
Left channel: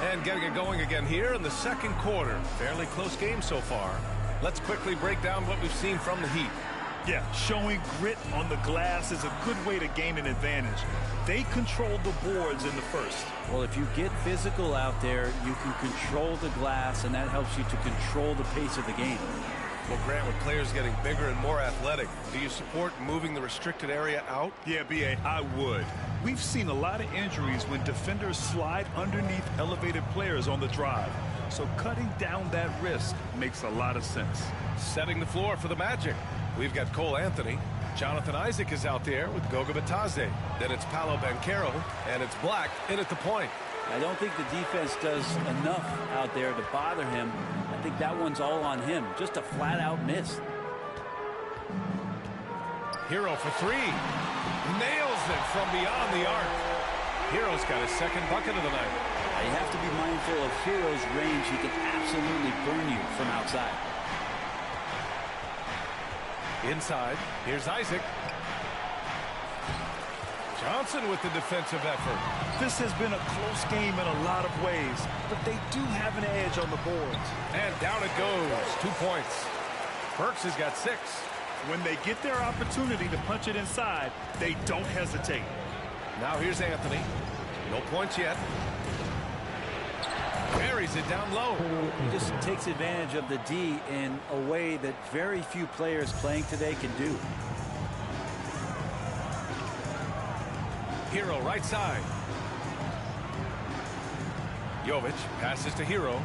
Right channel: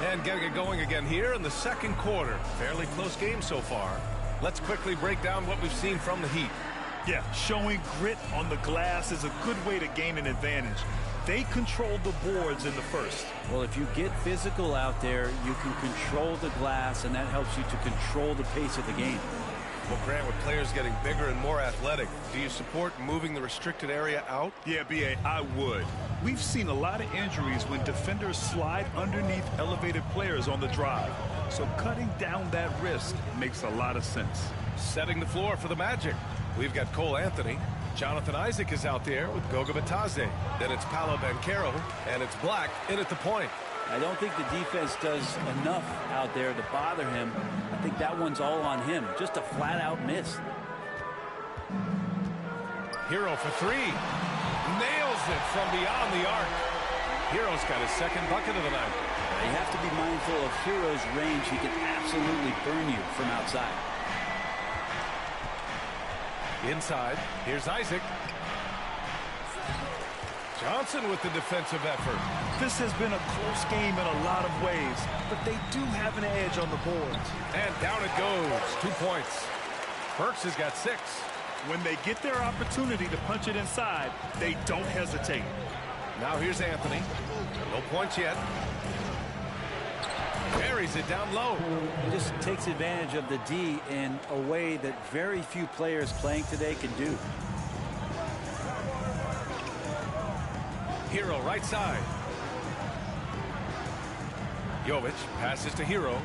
And getting it going again here in the second quarter. Fairly close game so far. Let's quickly break down what we've seen from the Heat. Yeah, showing grit on the glass is a good way to gain an advantage. They controlled the boards in the first. Well, if you get physical out there, you can control the glass, and that helps you to control the pace of the game. Well, Grant, with players getting bigger and more athletic, do you support moving the restricted area out? Yeah, B.A., I would. We've seen a lot of injuries when defenders slide underneath elevated players on the drive. So cutting down that risk makes a lot of sense. Setting the floor for the Magic. We've got Cole Anthony. Jonathan Isaac is out there with Goga Bitadze. Then it's Paolo Banchero, and it's Black in at the point. I don't think the defense does enough out there to bother him. I think that one's all on him. Just a flat-out miss. Hero for 3. Nails it from beyond the arc. Hero's got his second bucket of the night. You have to be mindful of Hero's range. He can absolutely burn you from outside. Inside, here's Isaac. Johnson with the defensive effort. This has been a close game in a lot of ways, but they do have an edge on the boards. And down it goes. 2 points. Burks has got 6. When they get their opportunity to punch it inside, they don't hesitate. Now here's Anthony. No points yet. Carries it down low. He just takes advantage of the D in a way that very few players playing today can do. Hero right side. Jovic passes to Hero.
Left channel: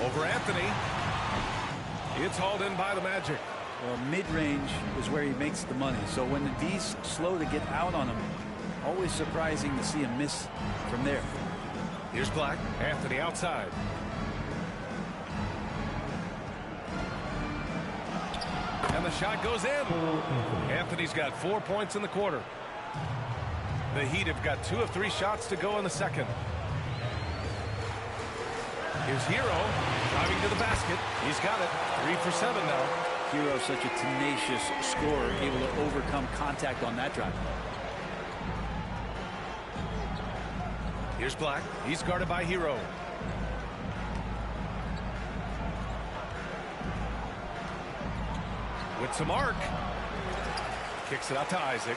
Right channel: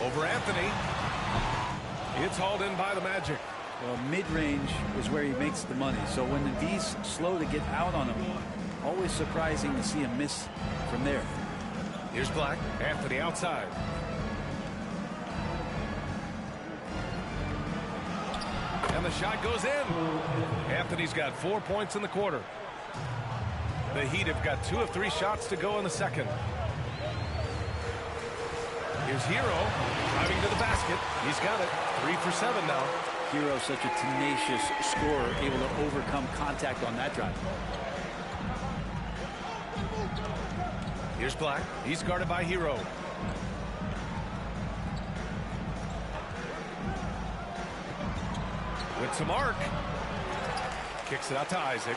Over Anthony. It's hauled in by the Magic. Well, mid-range is where he makes the money. So when the V's slow to get out on him, always surprising to see him miss from there. Here's Black. Anthony outside. And the shot goes in. Anthony's got 4 points in the quarter. The Heat have got 2 of 3 shots to go in the second. Here's Hero driving to the basket. He's got it. 3 for 7 now. Hero, such a tenacious scorer, able to overcome contact on that drive. Here's Black. He's guarded by Hero. With some arc. Kicks it out to Isaac.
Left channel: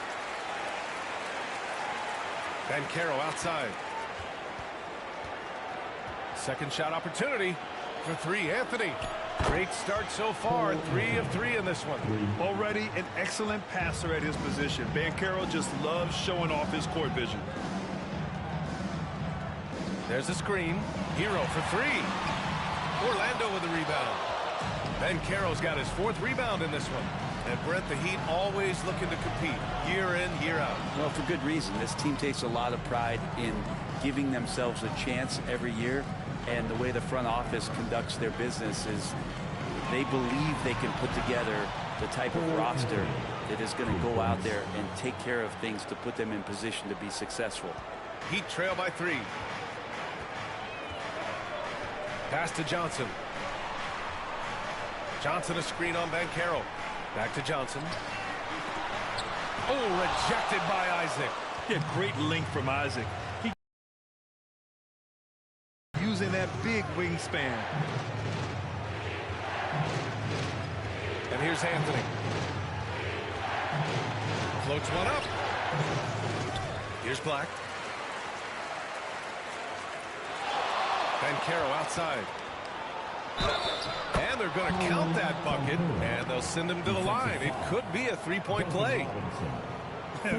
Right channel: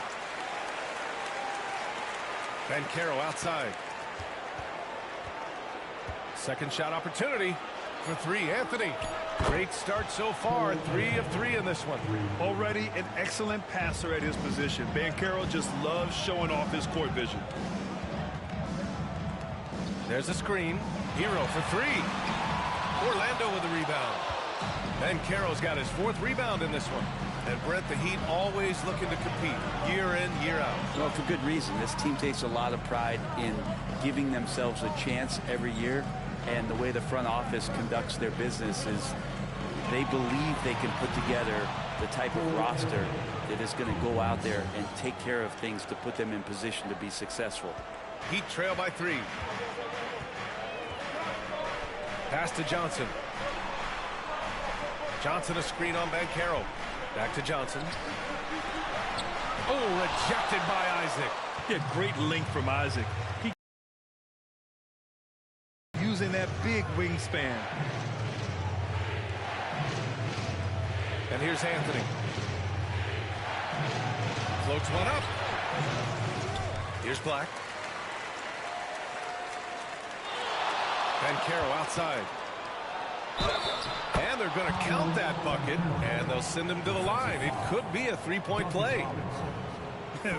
Banchero outside. Second shot opportunity for 3. Anthony. Great start so far. 3 of 3 in this one. Already an excellent passer at his position. Banchero just loves showing off his court vision. There's a screen. Hero for 3. Orlando with the rebound. Banchero's got his 4th rebound in this one. And Brent, the Heat always looking to compete year in, year out. Well, for good reason. This team takes a lot of pride in giving themselves a chance every year. And the way the front office conducts their business is they believe they can put together the type of roster that is going to go out there and take care of things to put them in position to be successful. Heat trail by 3. Pass to Johnson. Johnson a screen on Banchero. Back to Johnson. Oh, rejected by Isaac. Yeah, great length from Isaac. He using that big wingspan. And here's Anthony. Floats one up. Here's Black. Banchero outside. And they're going to count that bucket, and they'll send him to the line. It could be a 3-point play.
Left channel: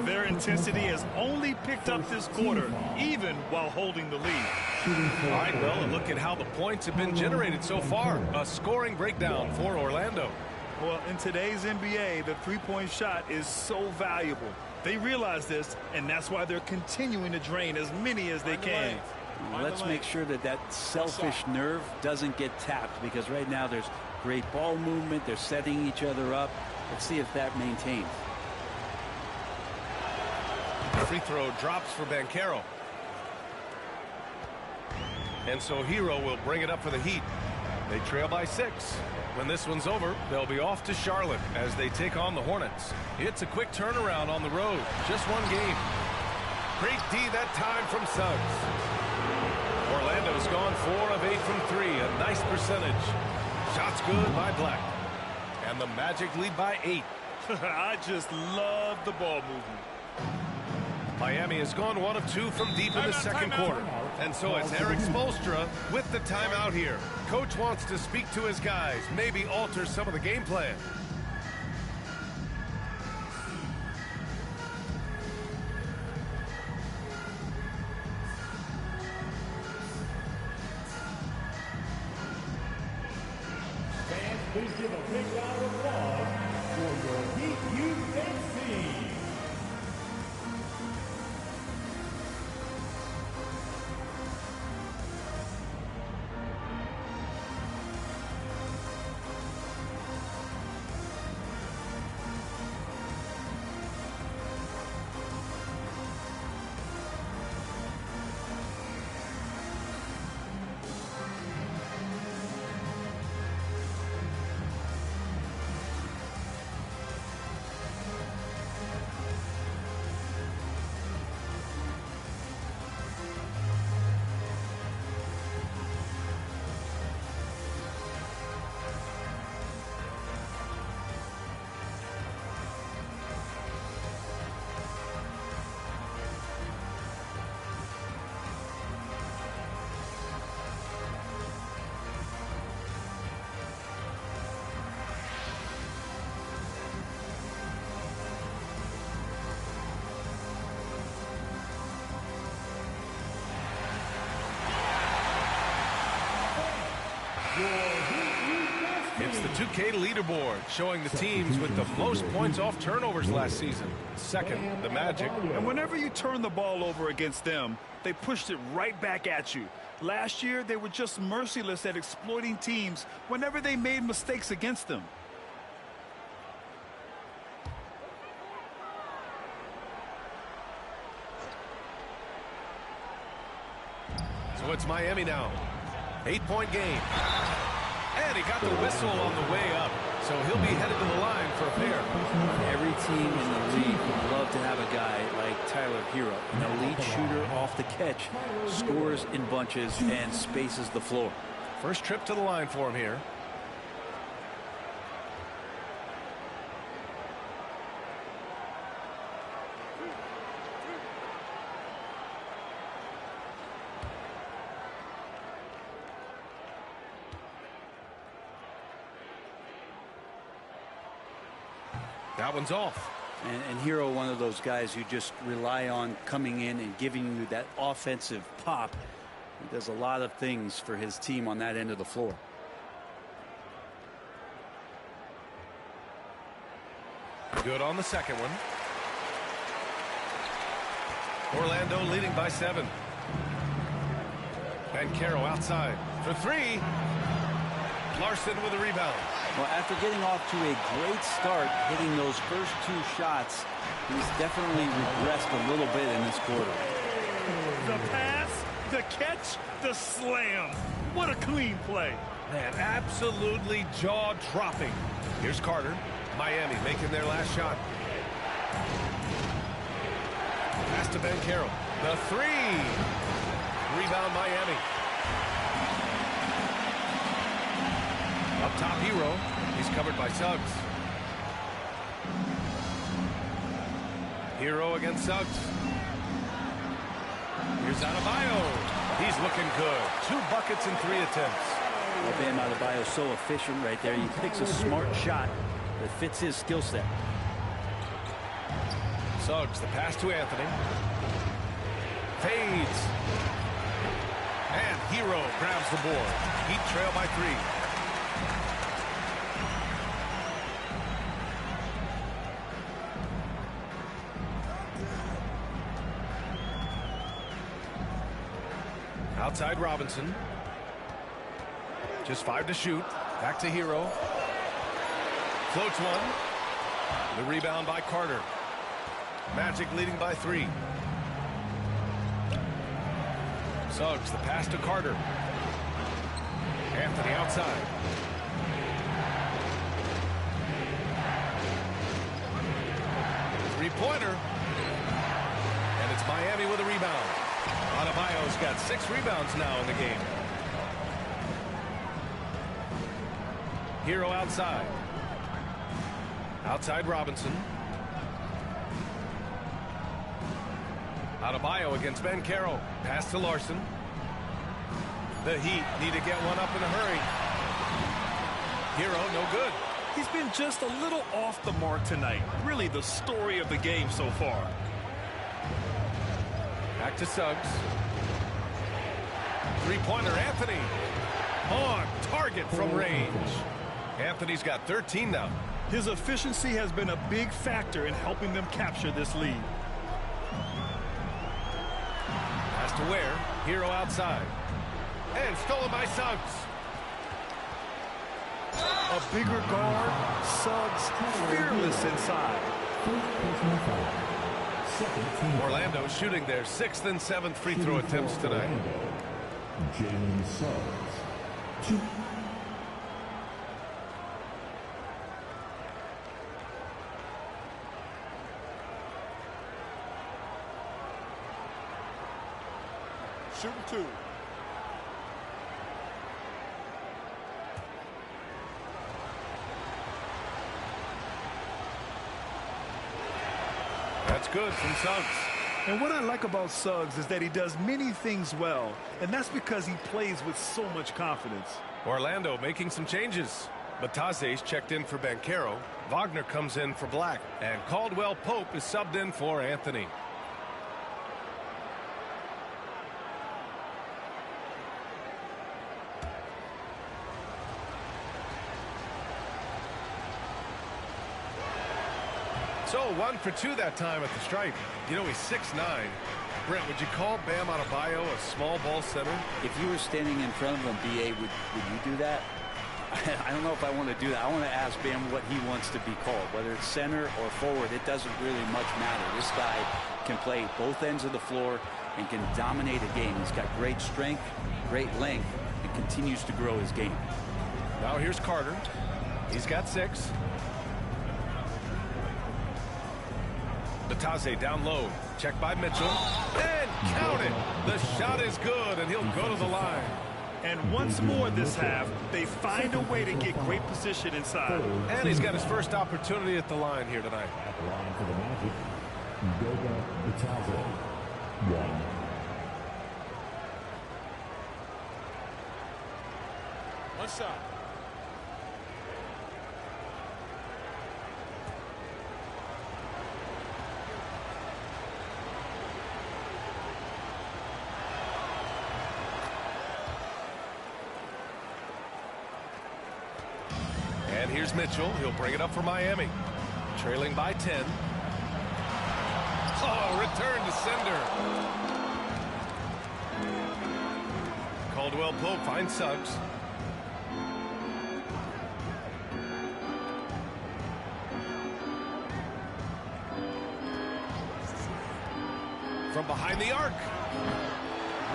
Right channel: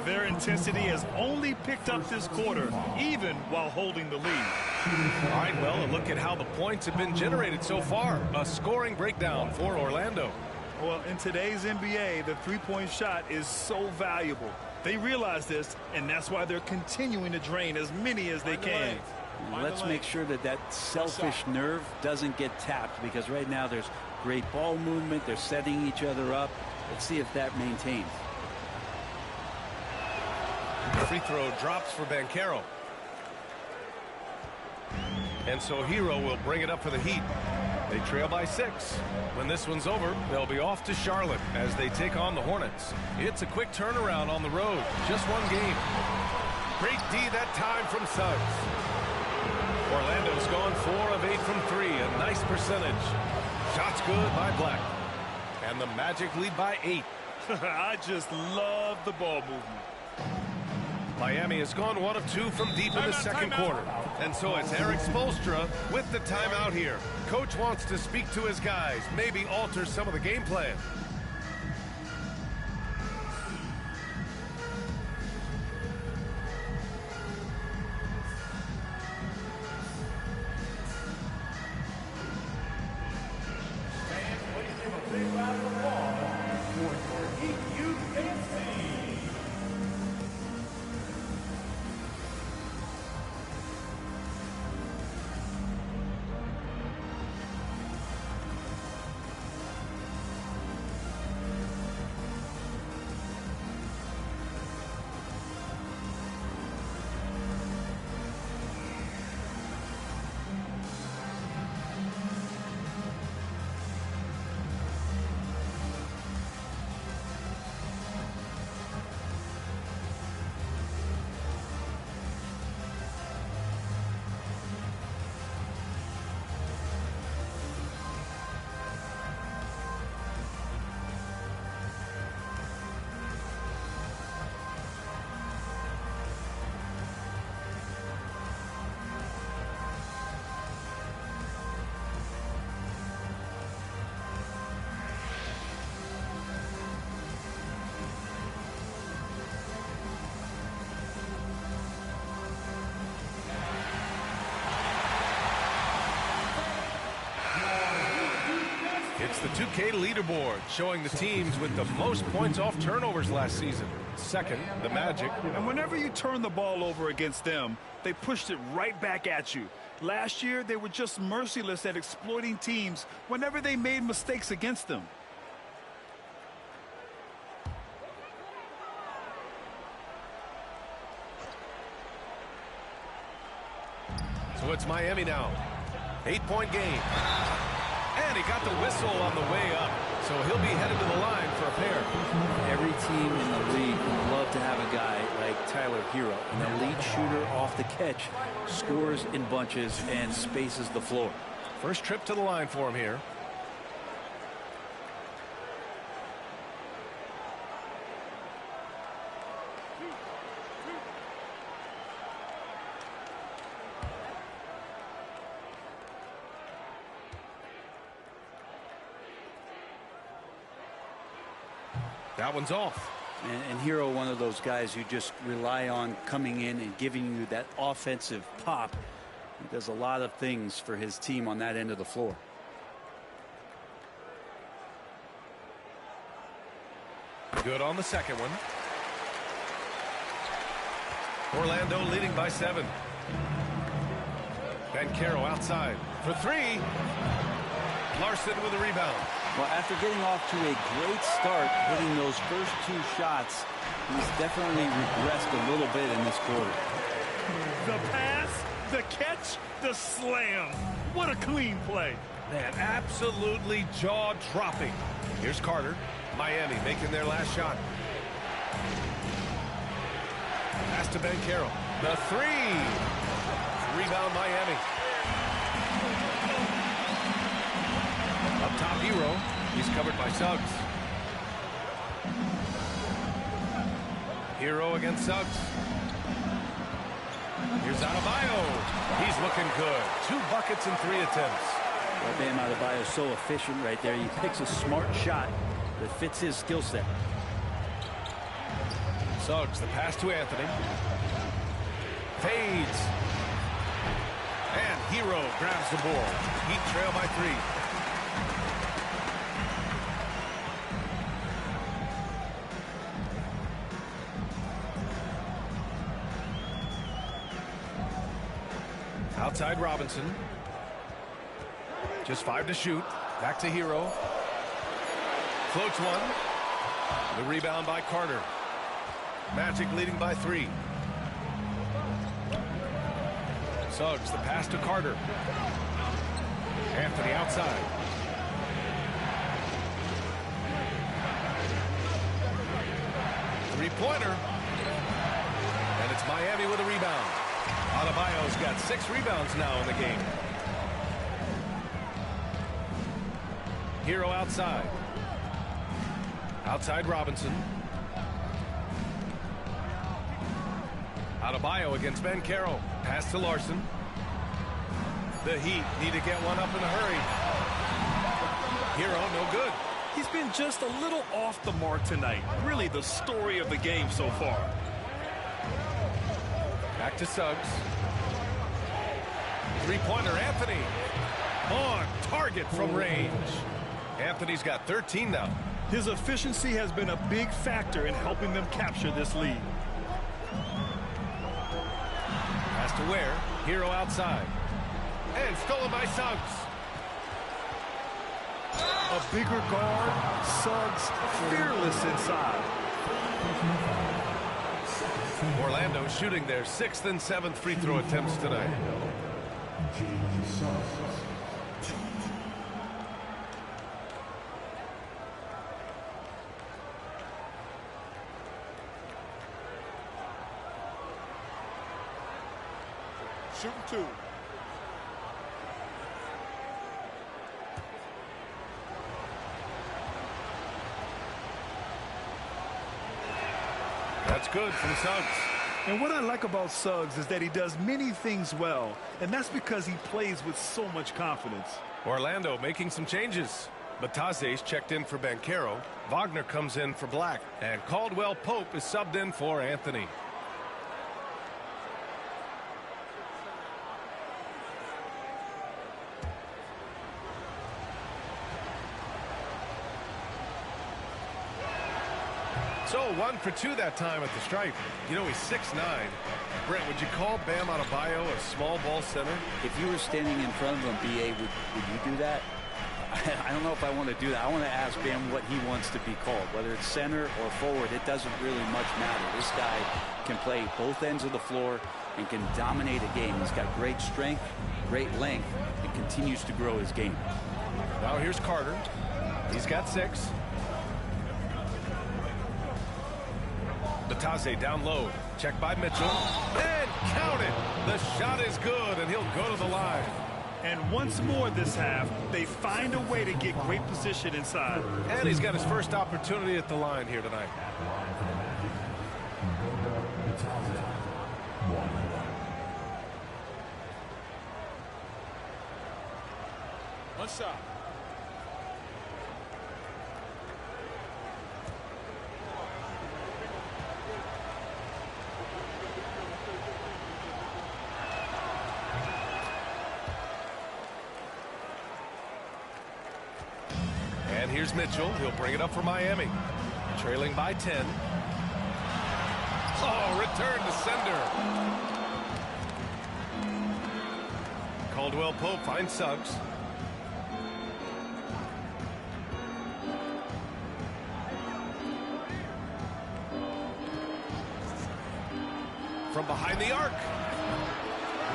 Their intensity has only picked up this quarter, even while holding the lead. All right, well, look at how the points have been generated so far. A scoring breakdown for Orlando. Well, in today's NBA, the three-point shot is so valuable. They realize this, and that's why they're continuing to drain as many as they can. Let's make sure that that selfish nerve doesn't get tapped, because right now there's great ball movement. They're setting each other up. Let's see if that maintains. Free throw drops for Banchero. And so Hero will bring it up for the Heat. They trail by 6. When this one's over, they'll be off to Charlotte as they take on the Hornets. It's a quick turnaround on the road. Just one game. Great D that time from Suggs. Orlando's gone 4 of 8 from 3. A nice percentage. Shots good by Black. And the Magic lead by 8. I just love the ball movement. Miami has gone 1 of 2 from deep in the second quarter. And so it's Eric Spoelstra with the timeout here. Coach wants to speak to his guys, maybe alter some of the game plan. Please give a big round of applause for your Heat USA. the 2K leaderboard, showing the teams with the most points off turnovers last season. Second, the Magic. And whenever you turn the ball over against them, they pushed it right back at you. Last year, they were just merciless at exploiting teams whenever they made mistakes against them. So it's Miami now. 8-point game. And he got the whistle on the way up. So he'll be headed to the line for a pair. Every team in the league would love to have a guy like Tyler Hero, an elite shooter off the catch, scores in bunches and spaces the floor. First trip to the line for him here. That one's off. And Hero, one of those guys you just rely on coming in and giving you that offensive pop. He does a lot of things for his team on that end of the floor. Good on the second one. Orlando leading by 7. Banchero outside for 3. Larson with a rebound. Well, after getting off to a great start, hitting those first 2 shots, he's definitely regressed a little bit in this quarter. The pass, the catch, the slam. What a clean play. Man, absolutely jaw-dropping. Here's Carter. Miami making their last shot. Pass to Banchero. The 3. Rebound Miami. Up top, Hero. He's covered by Suggs. Hero against Suggs. Here's Adebayo. He's looking good. 2 buckets in 3 attempts. Well, Bam Adebayo is so efficient right there. He picks a smart shot that fits his skill set. Suggs, the pass to Anthony. Fades. And Hero grabs the board. Heat trail by 3. Outside Robinson. Just 5 to shoot. Back to Hero. Floats one. The rebound by Carter. Magic leading by 3. Suggs, the pass to Carter. Anthony outside. Three-pointer. And it's Miami with a rebound. Adebayo's got 6 rebounds now in the game. Hero outside. Outside Robinson. Adebayo against Banchero. Pass to Larson. The Heat need to get one up in a hurry. Hero, no good. He's been just a little off the mark tonight. Really the story of the game so far. Back to Suggs. Three-pointer, Anthony. On target from range. Anthony's got 13 now. His efficiency has been a big factor in helping them capture this lead. Pass to Ware. Hero outside. And stolen by Suggs. A bigger guard. Suggs fearless inside. Orlando shooting their 6th and 7th free throw attempts tonight. Jalen Suggs, 2. Shooting 2. That's good from Suggs. And what I like about Suggs is that he does many things well, and that's because he plays with so much confidence. Orlando making some changes. Batase's checked in for Banchero. Wagner comes in for Black. And Caldwell Pope is subbed in for Anthony. So 1 for 2 that time at the stripe. You know, he's 6'9". Brent, would you call Bam Adebayo a small ball center? If you were standing in front of him, B.A., would you do that? I don't know if I want to do that. I want to ask Bam what he wants to be called. Whether it's center or forward, it doesn't really much matter. This guy can play both ends of the floor and can dominate a game. He's got great strength, great length, and continues to grow his game. Now here's Carter. He's got 6. Batase down low. Check by Mitchell. And count it. The shot is good, and he'll go to the line. And once more this half, they find a way to get great position inside. And he's got his first opportunity at the line here tonight. At the line for the Magic, Batase. 1. One shot. And here's Mitchell. He'll bring it up for Miami. Trailing by 10. Oh, return to sender. Caldwell Pope finds Suggs. From behind the arc.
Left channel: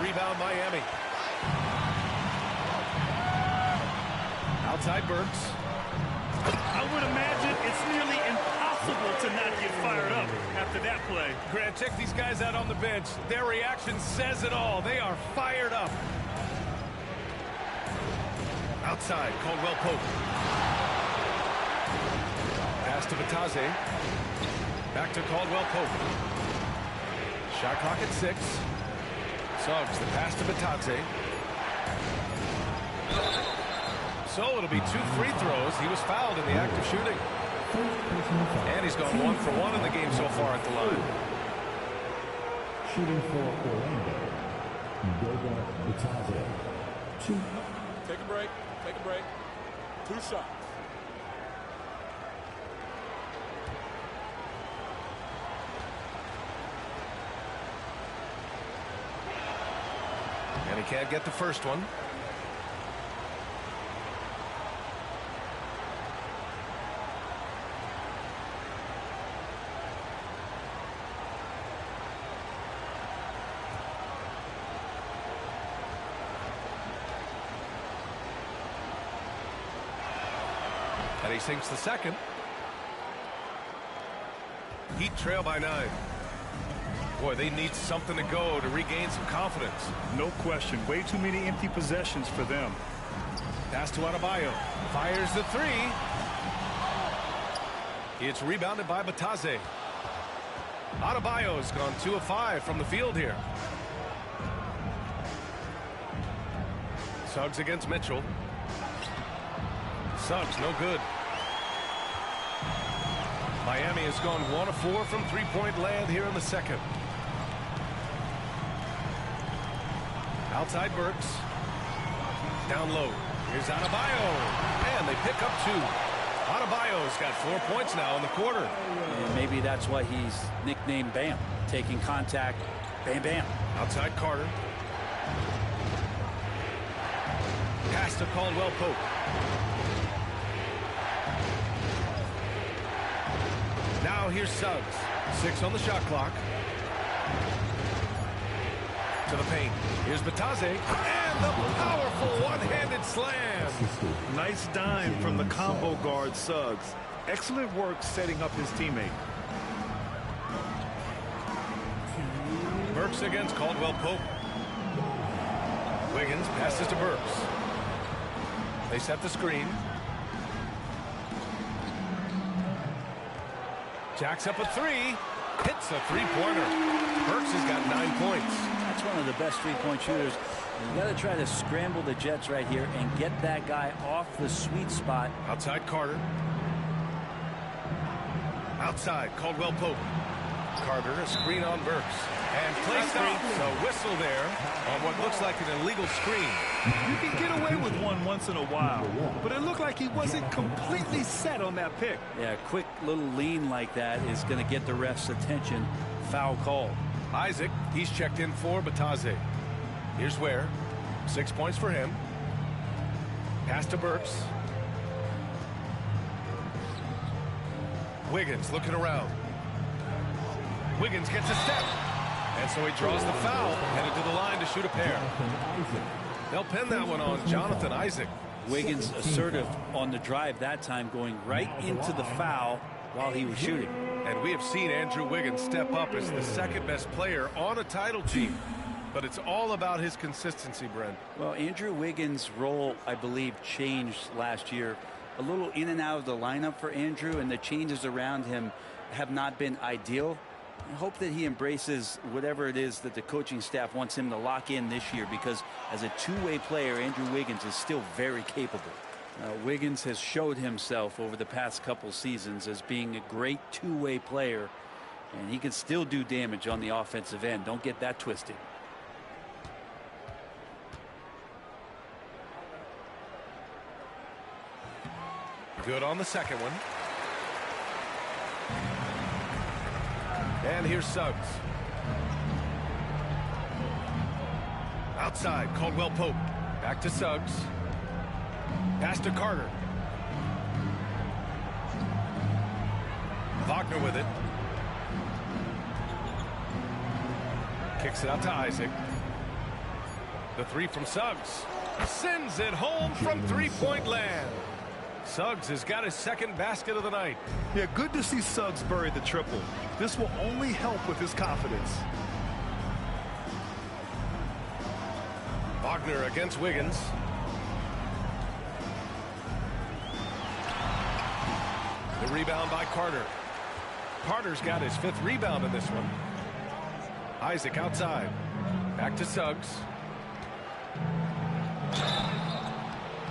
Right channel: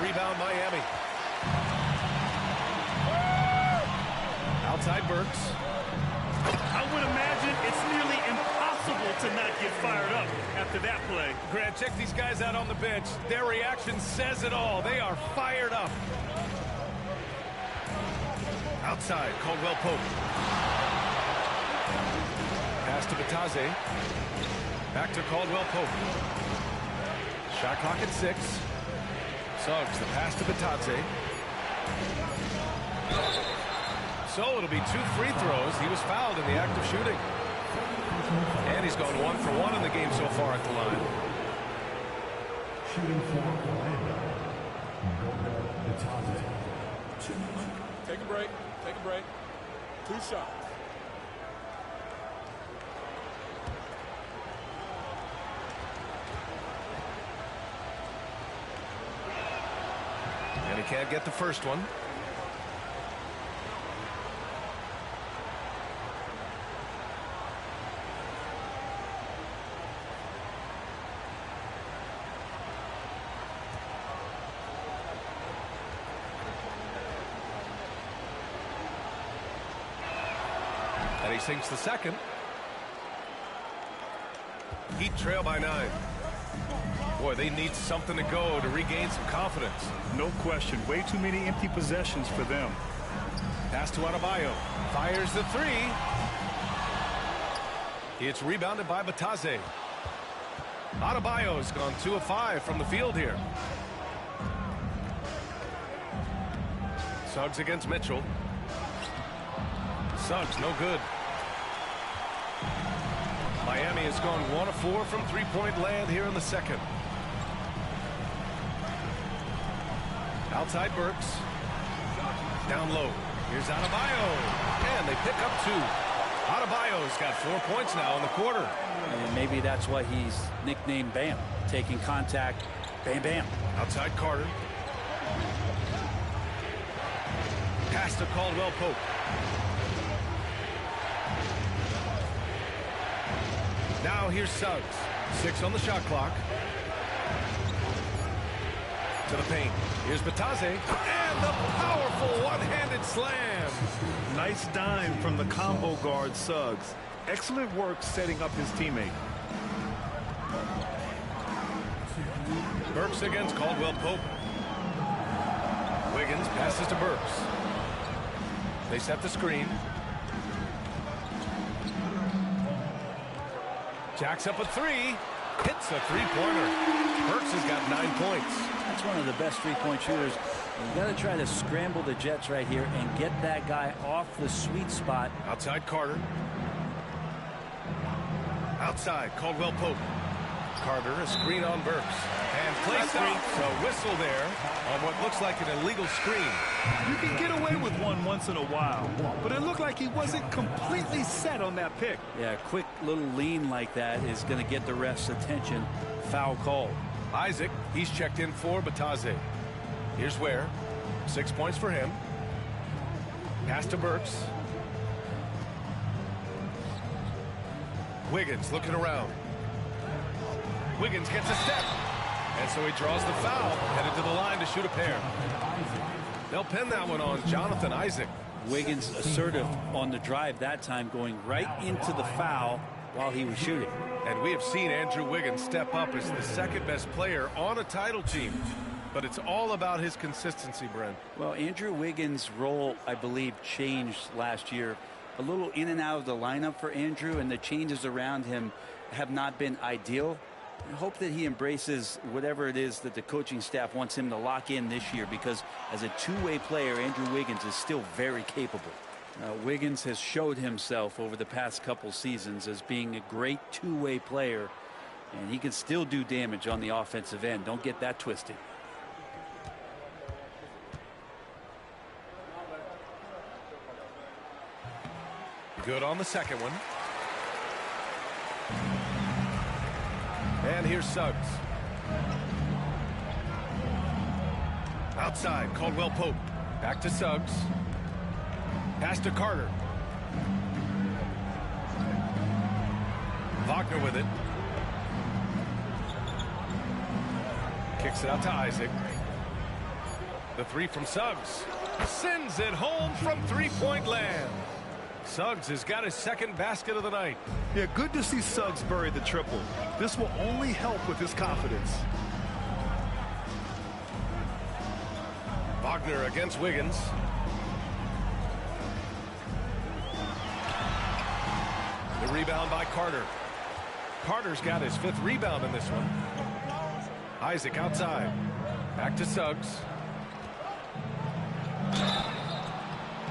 Rebound Miami. Outside Burks. I would imagine it's nearly impossible to not get fired up after that play. Grant, check these guys out on the bench. Their reaction says it all. They are fired up. Outside, Caldwell Pope. Pass to Batase. Back to Caldwell Pope. Shot clock at 6. Suggs, the pass to Batase. So it'll be 2 free throws. He was fouled in the act of shooting. And he's gone 1 for 1 in the game so far at the line. Shooting for Orlando, Batase. 2. Take a break. Take a break. 2 shots. And he can't get the first one. And he sinks the second. Heat trail by 9. Boy, they need something to go to regain some confidence. No question. Way too many empty possessions for them. Pass to Adebayo. Fires the 3. It's rebounded by Batase. Adebayo's gone 2 of 5 from the field here. Suggs against Mitchell. Suggs, no good. Miami has gone 1 of 4 from three-point land here in the second. Outside Burks. Down low. Here's Adebayo. And they pick up 2. Adebayo's got 4 points now in the quarter. And maybe that's why he's nicknamed Bam. Taking contact. Bam, bam. Outside Carter. Pass to Caldwell Pope. Now here's Suggs. 6 on the shot clock. To the paint. Here's Batase. And the powerful one-handed slam. Nice dime from the combo guard Suggs. Excellent work setting up his teammate. Burks against Caldwell Pope. Wiggins passes to Burks. They set the screen. Jacks up a 3. Hits a 3-pointer. Burks has got 9 points. That's one of the best three-point shooters. You got to try to scramble the Jets right here and get that guy off the sweet spot. Outside Carter. Outside Caldwell Pope. Carter, a screen on Burks. And Clay stops. A whistle there on what looks like an illegal screen. You can get away with one once in a while, but it looked like he wasn't completely set on that pick. Yeah, a quick little lean like that is going to get the ref's attention. Foul called. Isaac, he's checked in for Bataze. Here's Ware. 6 points for him. Pass to Burks. Wiggins looking around. Wiggins gets a step. And so he draws the foul, headed to the line to shoot a pair. They'll pin that one on Jonathan Isaac. Wiggins assertive on the drive that time, going right into the foul while he was shooting. And we have seen Andrew Wiggins step up as the second best player on a title team. But it's all about his consistency, Brent. Well, Andrew Wiggins' role, I believe, changed last year. A little in and out of the lineup for Andrew, and the changes around him have not been ideal. I hope that he embraces whatever it is that the coaching staff wants him to lock in this year, because as a two-way player, Andrew Wiggins is still very capable. Wiggins has showed himself over the past couple seasons as being a great two-way player, and he can still do damage on the offensive end. Don't get that twisted. Good on the second one. And here's Suggs. Outside, Caldwell Pope. Back to Suggs. Pass to Carter. Wagner with it. Kicks it out to Isaac. The three from Suggs. Sends it home from three-point land. Suggs has got his second basket of the night. Yeah, good to see Suggs bury the triple. This will only help with his confidence. Wagner against Wiggins. The rebound by Carter. Carter's got his fifth rebound in this one. Isaac outside. Back to Suggs.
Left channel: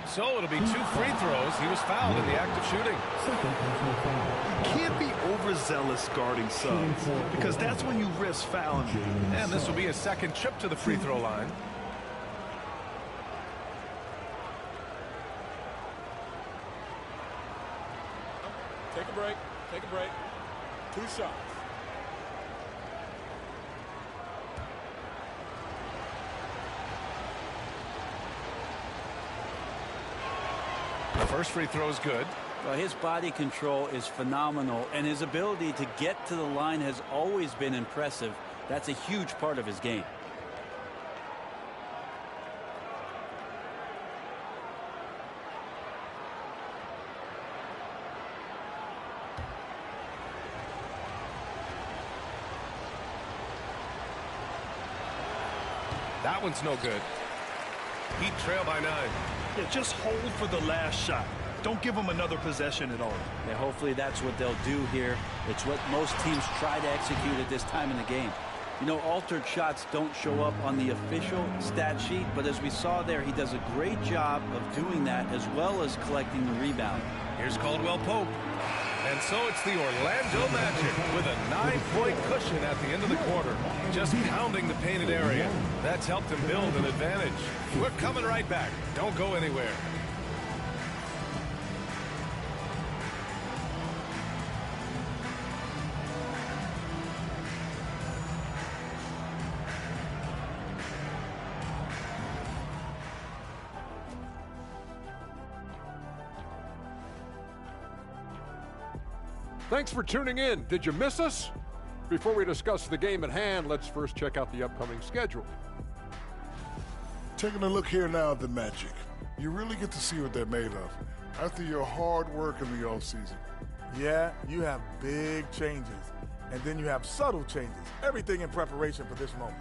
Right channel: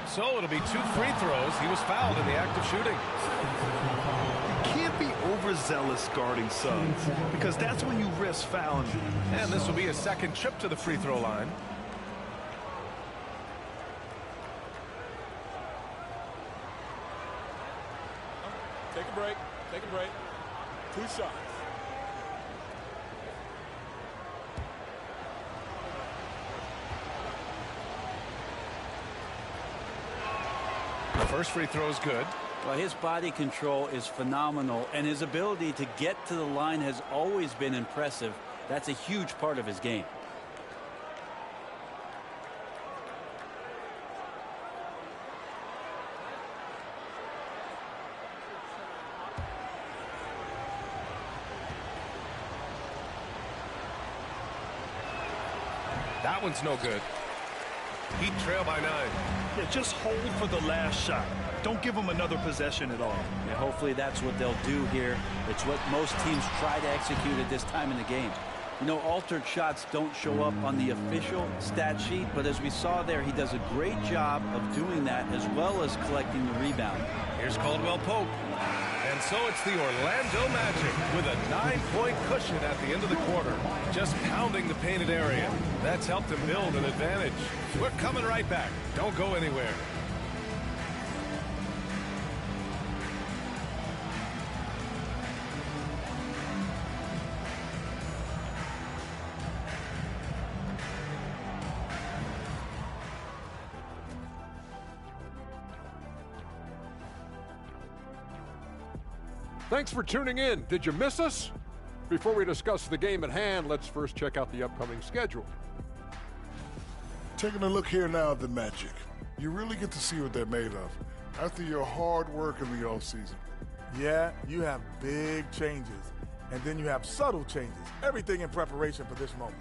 So it'll be 2 free throws. He was fouled in the act of shooting. You can't be overzealous guarding Suggs, because that's when you risk fouling him. And this will be a second trip to the free throw line. Take a break. Take a break. 2 shots. The first free throw is good. Well, his body control is phenomenal, and his ability to get to the line has always been impressive. That's a huge part of his game. That one's no good. Heat trail by 9. Yeah, just hold for the last shot. Don't give them another possession at all. Yeah, hopefully that's what they'll do here. It's what most teams try to execute at this time in the game. You know, altered shots don't show up on the official stat sheet, but as we saw there, he does a great job of doing that as well as collecting the rebound. Here's Caldwell Pope. And so it's the Orlando Magic with a 9-point cushion at the end of the quarter. Just pounding the painted area. That's helped them build an advantage. We're coming right back. Don't go anywhere. Thanks for tuning in. Did you miss us? Before we discuss the game at hand, let's first check out the upcoming schedule. Taking a look here now at the Magic. You really get to see what they're made of after your hard work in the offseason. Yeah, you have big changes, and then you have subtle changes. Everything in preparation for this moment.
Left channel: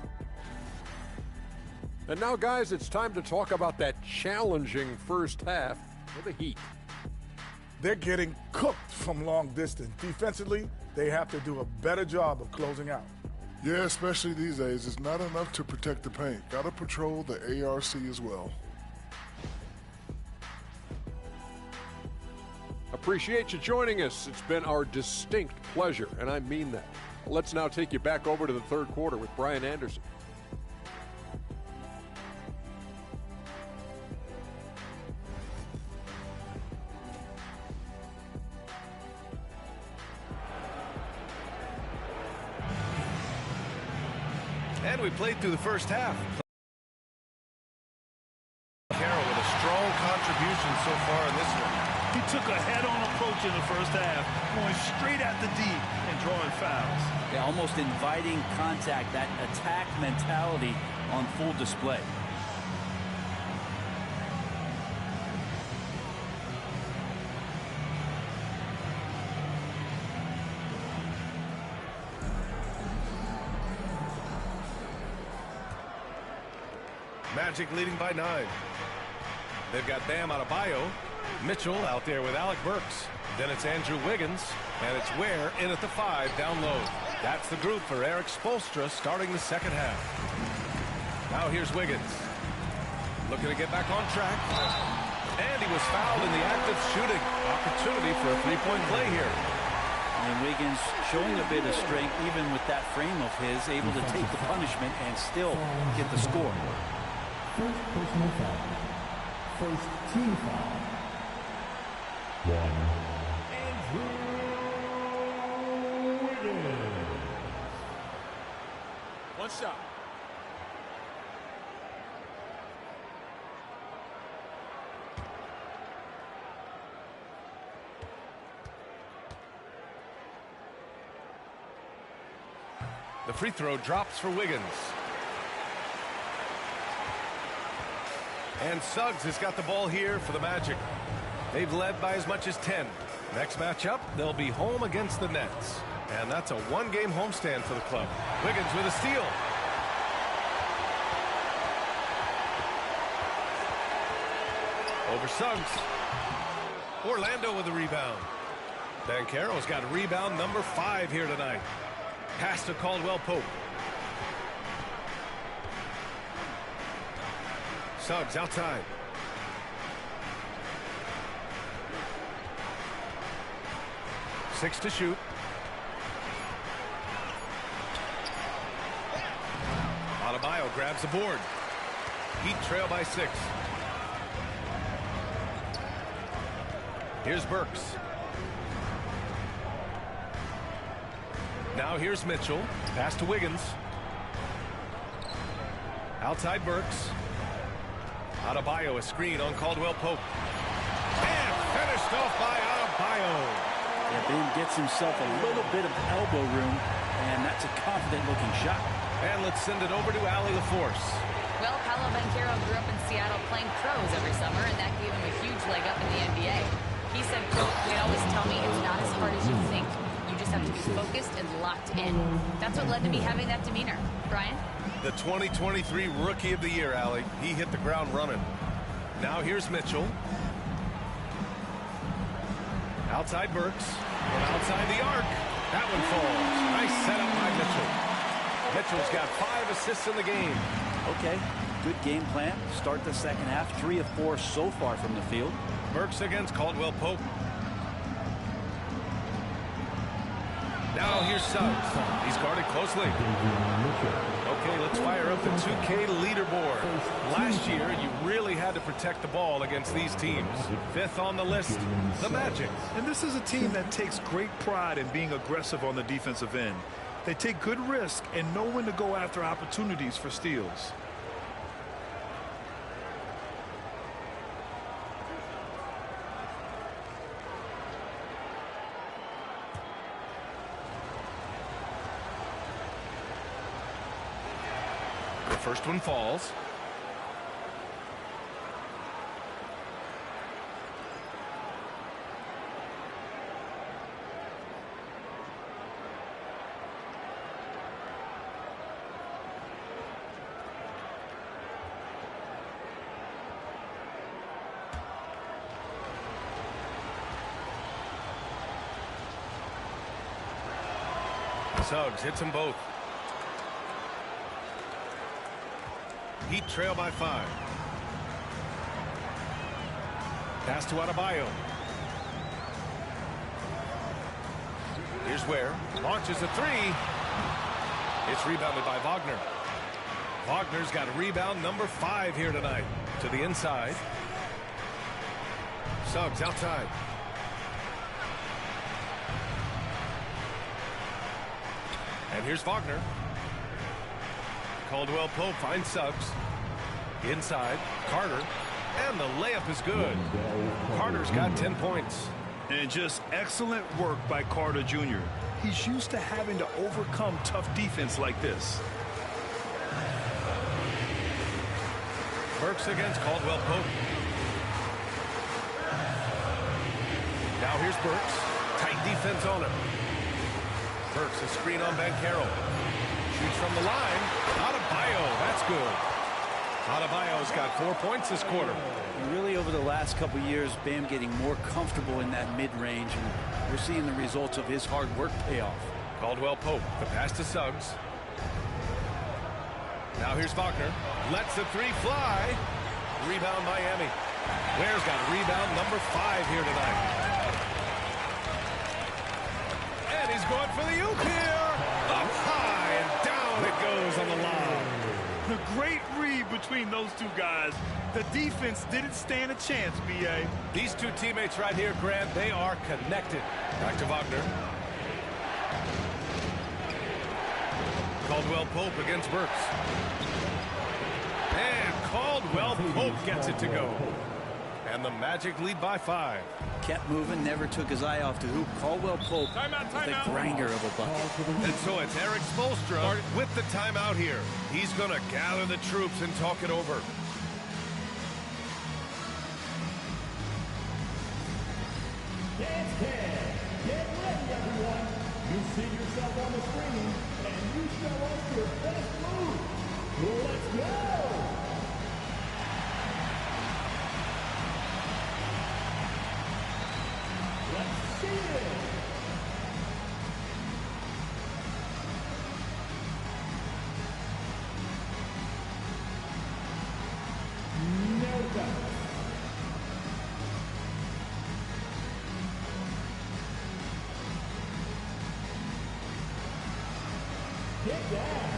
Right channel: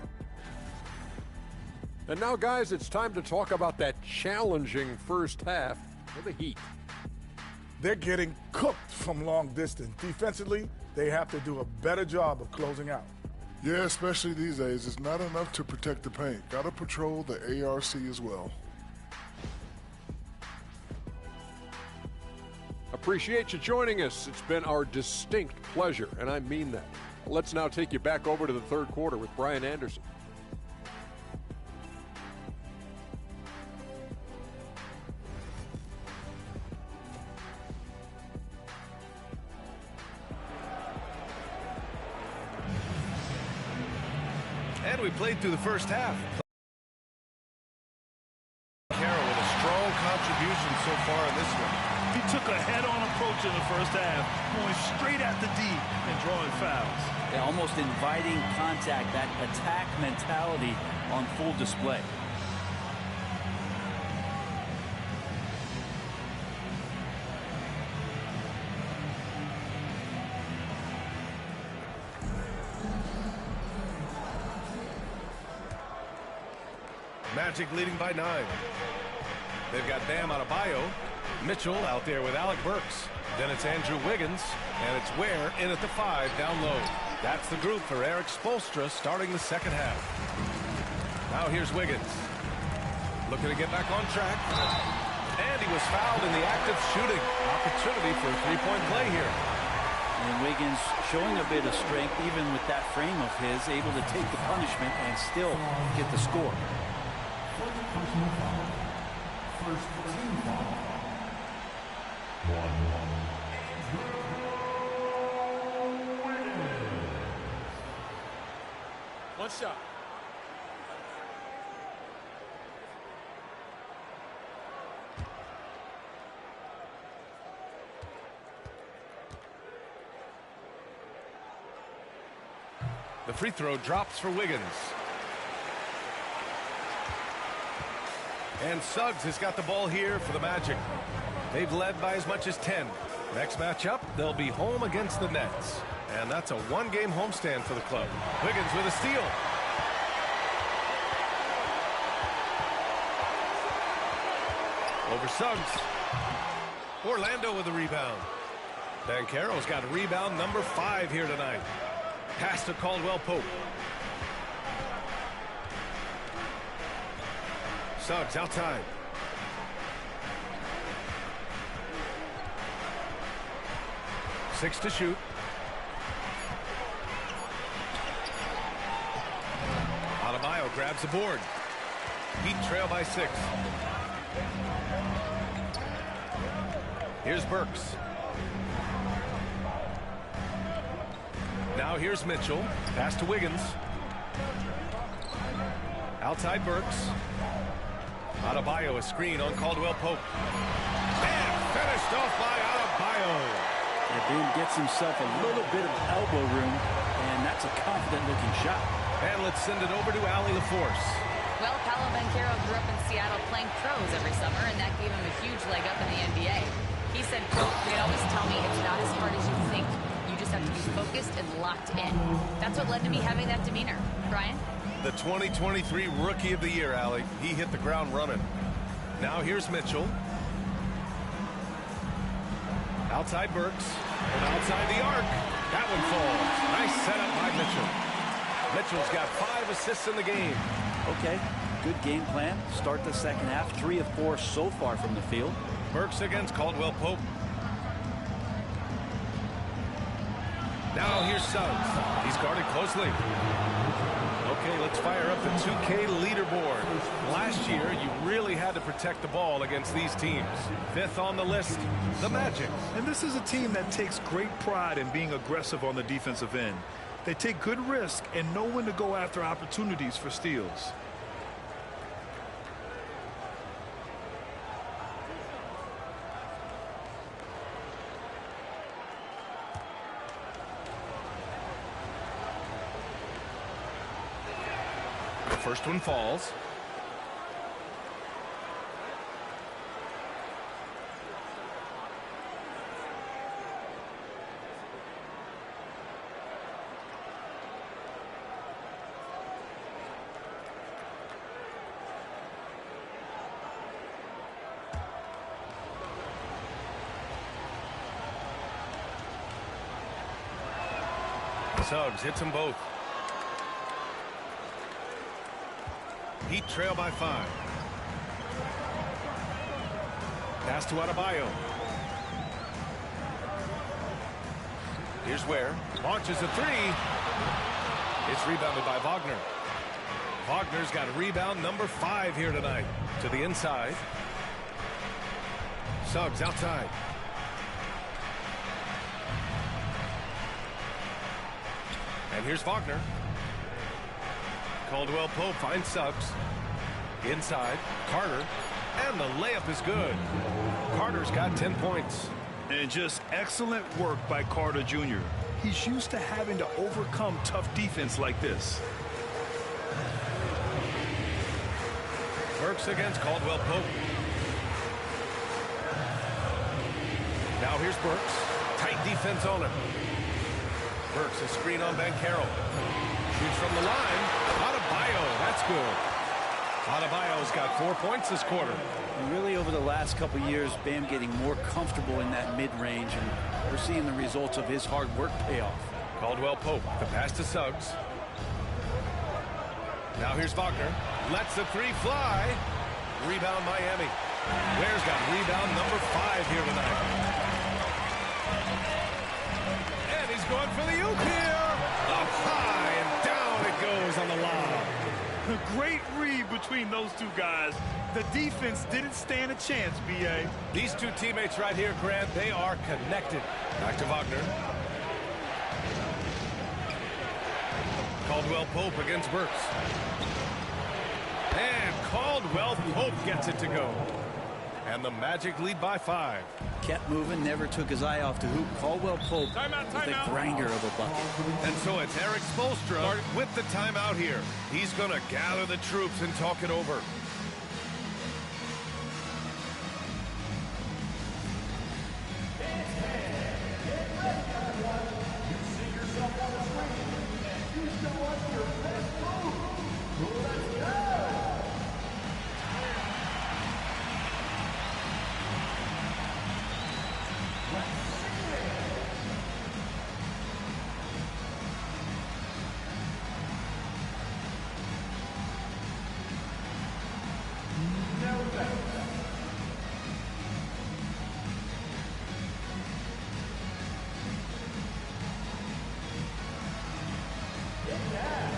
And now, guys, it's time to talk about that challenging first half for the Heat. They're getting cooked from long distance. Defensively, they have to do a better job of closing out. Yeah, especially these days. It's not enough to protect the paint. Got to patrol the ARC as well. Appreciate you joining us. It's been our distinct pleasure, and I mean that. Let's now take you back over to the third quarter with Brian Anderson. And we played through the first half. Carroll with a strong contribution so far in this one. He took a head-on approach in the first half, going straight at the D and drawing fouls. Yeah, almost inviting contact, that attack mentality on full display. Magic leading by 9. They've got Bam Adebayo. Mitchell out there with Alec Burks. Then it's Andrew Wiggins. And it's Ware in at the 5 down low. That's the group for Eric Spoelstra starting the second half. Now here's Wiggins. Looking to get back on track. And he was fouled in the act of shooting. Opportunity for a three-point play here. And Wiggins showing a bit of strength even with that frame of his, able to take the punishment and still get the score. First personal foul. First team foul. Andrew Wiggins. One shot. The free throw drops for Wiggins. And Suggs has got the ball here for the Magic. They've led by as much as 10. Next matchup, they'll be home against the Nets. And that's a one-game homestand for the club. Wiggins with a steal. Over Suggs. Orlando with a rebound. Banchero's got rebound number 5 here tonight. Pass to Caldwell Pope. Suggs outside. Six to shoot. Adebayo grabs the board. Heat trail by 6. Here's Burks. Now here's Mitchell. Pass to Wiggins. Outside Burks. Adebayo, a screen on Caldwell Pope. And finished off by Adebayo. Yeah, Ben gets himself a little bit of elbow room, and that's a confident-looking shot. And let's send it over to Allie LaForce. Well, Paolo Banchero grew up in Seattle playing pros every summer, and that gave him a huge leg up in the NBA. He said, quote, "They always tell me it's not as hard as you think. You just have to be focused and locked in." That's what led to me having that demeanor. Brian? The 2023 Rookie of the Year, Allie. He hit the ground running. Now here's Mitchell. Outside Burks. From outside the arc. That one falls. Nice setup by Mitchell. Mitchell's got 5 assists in the game. Okay, good game plan. Start the second half. 3 of 4 so far from the field. Burks against Caldwell Pope. Now here's Suggs. He's guarded closely. Okay, let's fire up the 2K leaderboard. Last year, you really had to protect the ball against these teams. 5th on the list, the Magic. And this is a team that takes great pride in being aggressive on the defensive end. They take good risk and know when to go after opportunities for steals. First one falls. Suggs hits them both. Heat trail by 5. Pass to Adebayo. Here's Ware. Launches a three. It's rebounded by Wagner. Wagner's got rebound number 5 here tonight. To the inside. Suggs outside. And here's Wagner. Caldwell Pope finds Suggs. Inside. Carter. And the layup is good. Carter's got 10 points. And just excellent work by Carter Jr. He's used to having to overcome tough defense like this. Burks against Caldwell Pope. Now here's Burks. Tight defense on him. Burks a screen on Banchero. Shoots from the line. Adebayo. That's good. Adebayo's got 4 points this quarter. And really over the last couple years, Bam getting more comfortable in that mid-range, and we're seeing the results of his hard work pay off. Caldwell Pope, the pass to Suggs. Now here's Wagner. Lets the three fly. Rebound Miami. Ware's got rebound number 5 here tonight. And he's going for the oop here. Up high and down it goes on the lob. A great read between those two guys. The defense didn't stand a chance, B.A. These two teammates right here, Grant, they are connected. Back to Wagner. Caldwell Pope against Burks. And Caldwell Pope gets it to go. And the Magic lead by 5. Kept moving, never took his eye off the hoop. Caldwell Pope with a grinder of a bucket. And so it's Eric Spoelstra with the timeout here. He's going to gather the troops and talk it over. Get ready, everyone. You see yourself on the screen, and you show us your best move. Let's go! Let's see it! No doubt. Get that!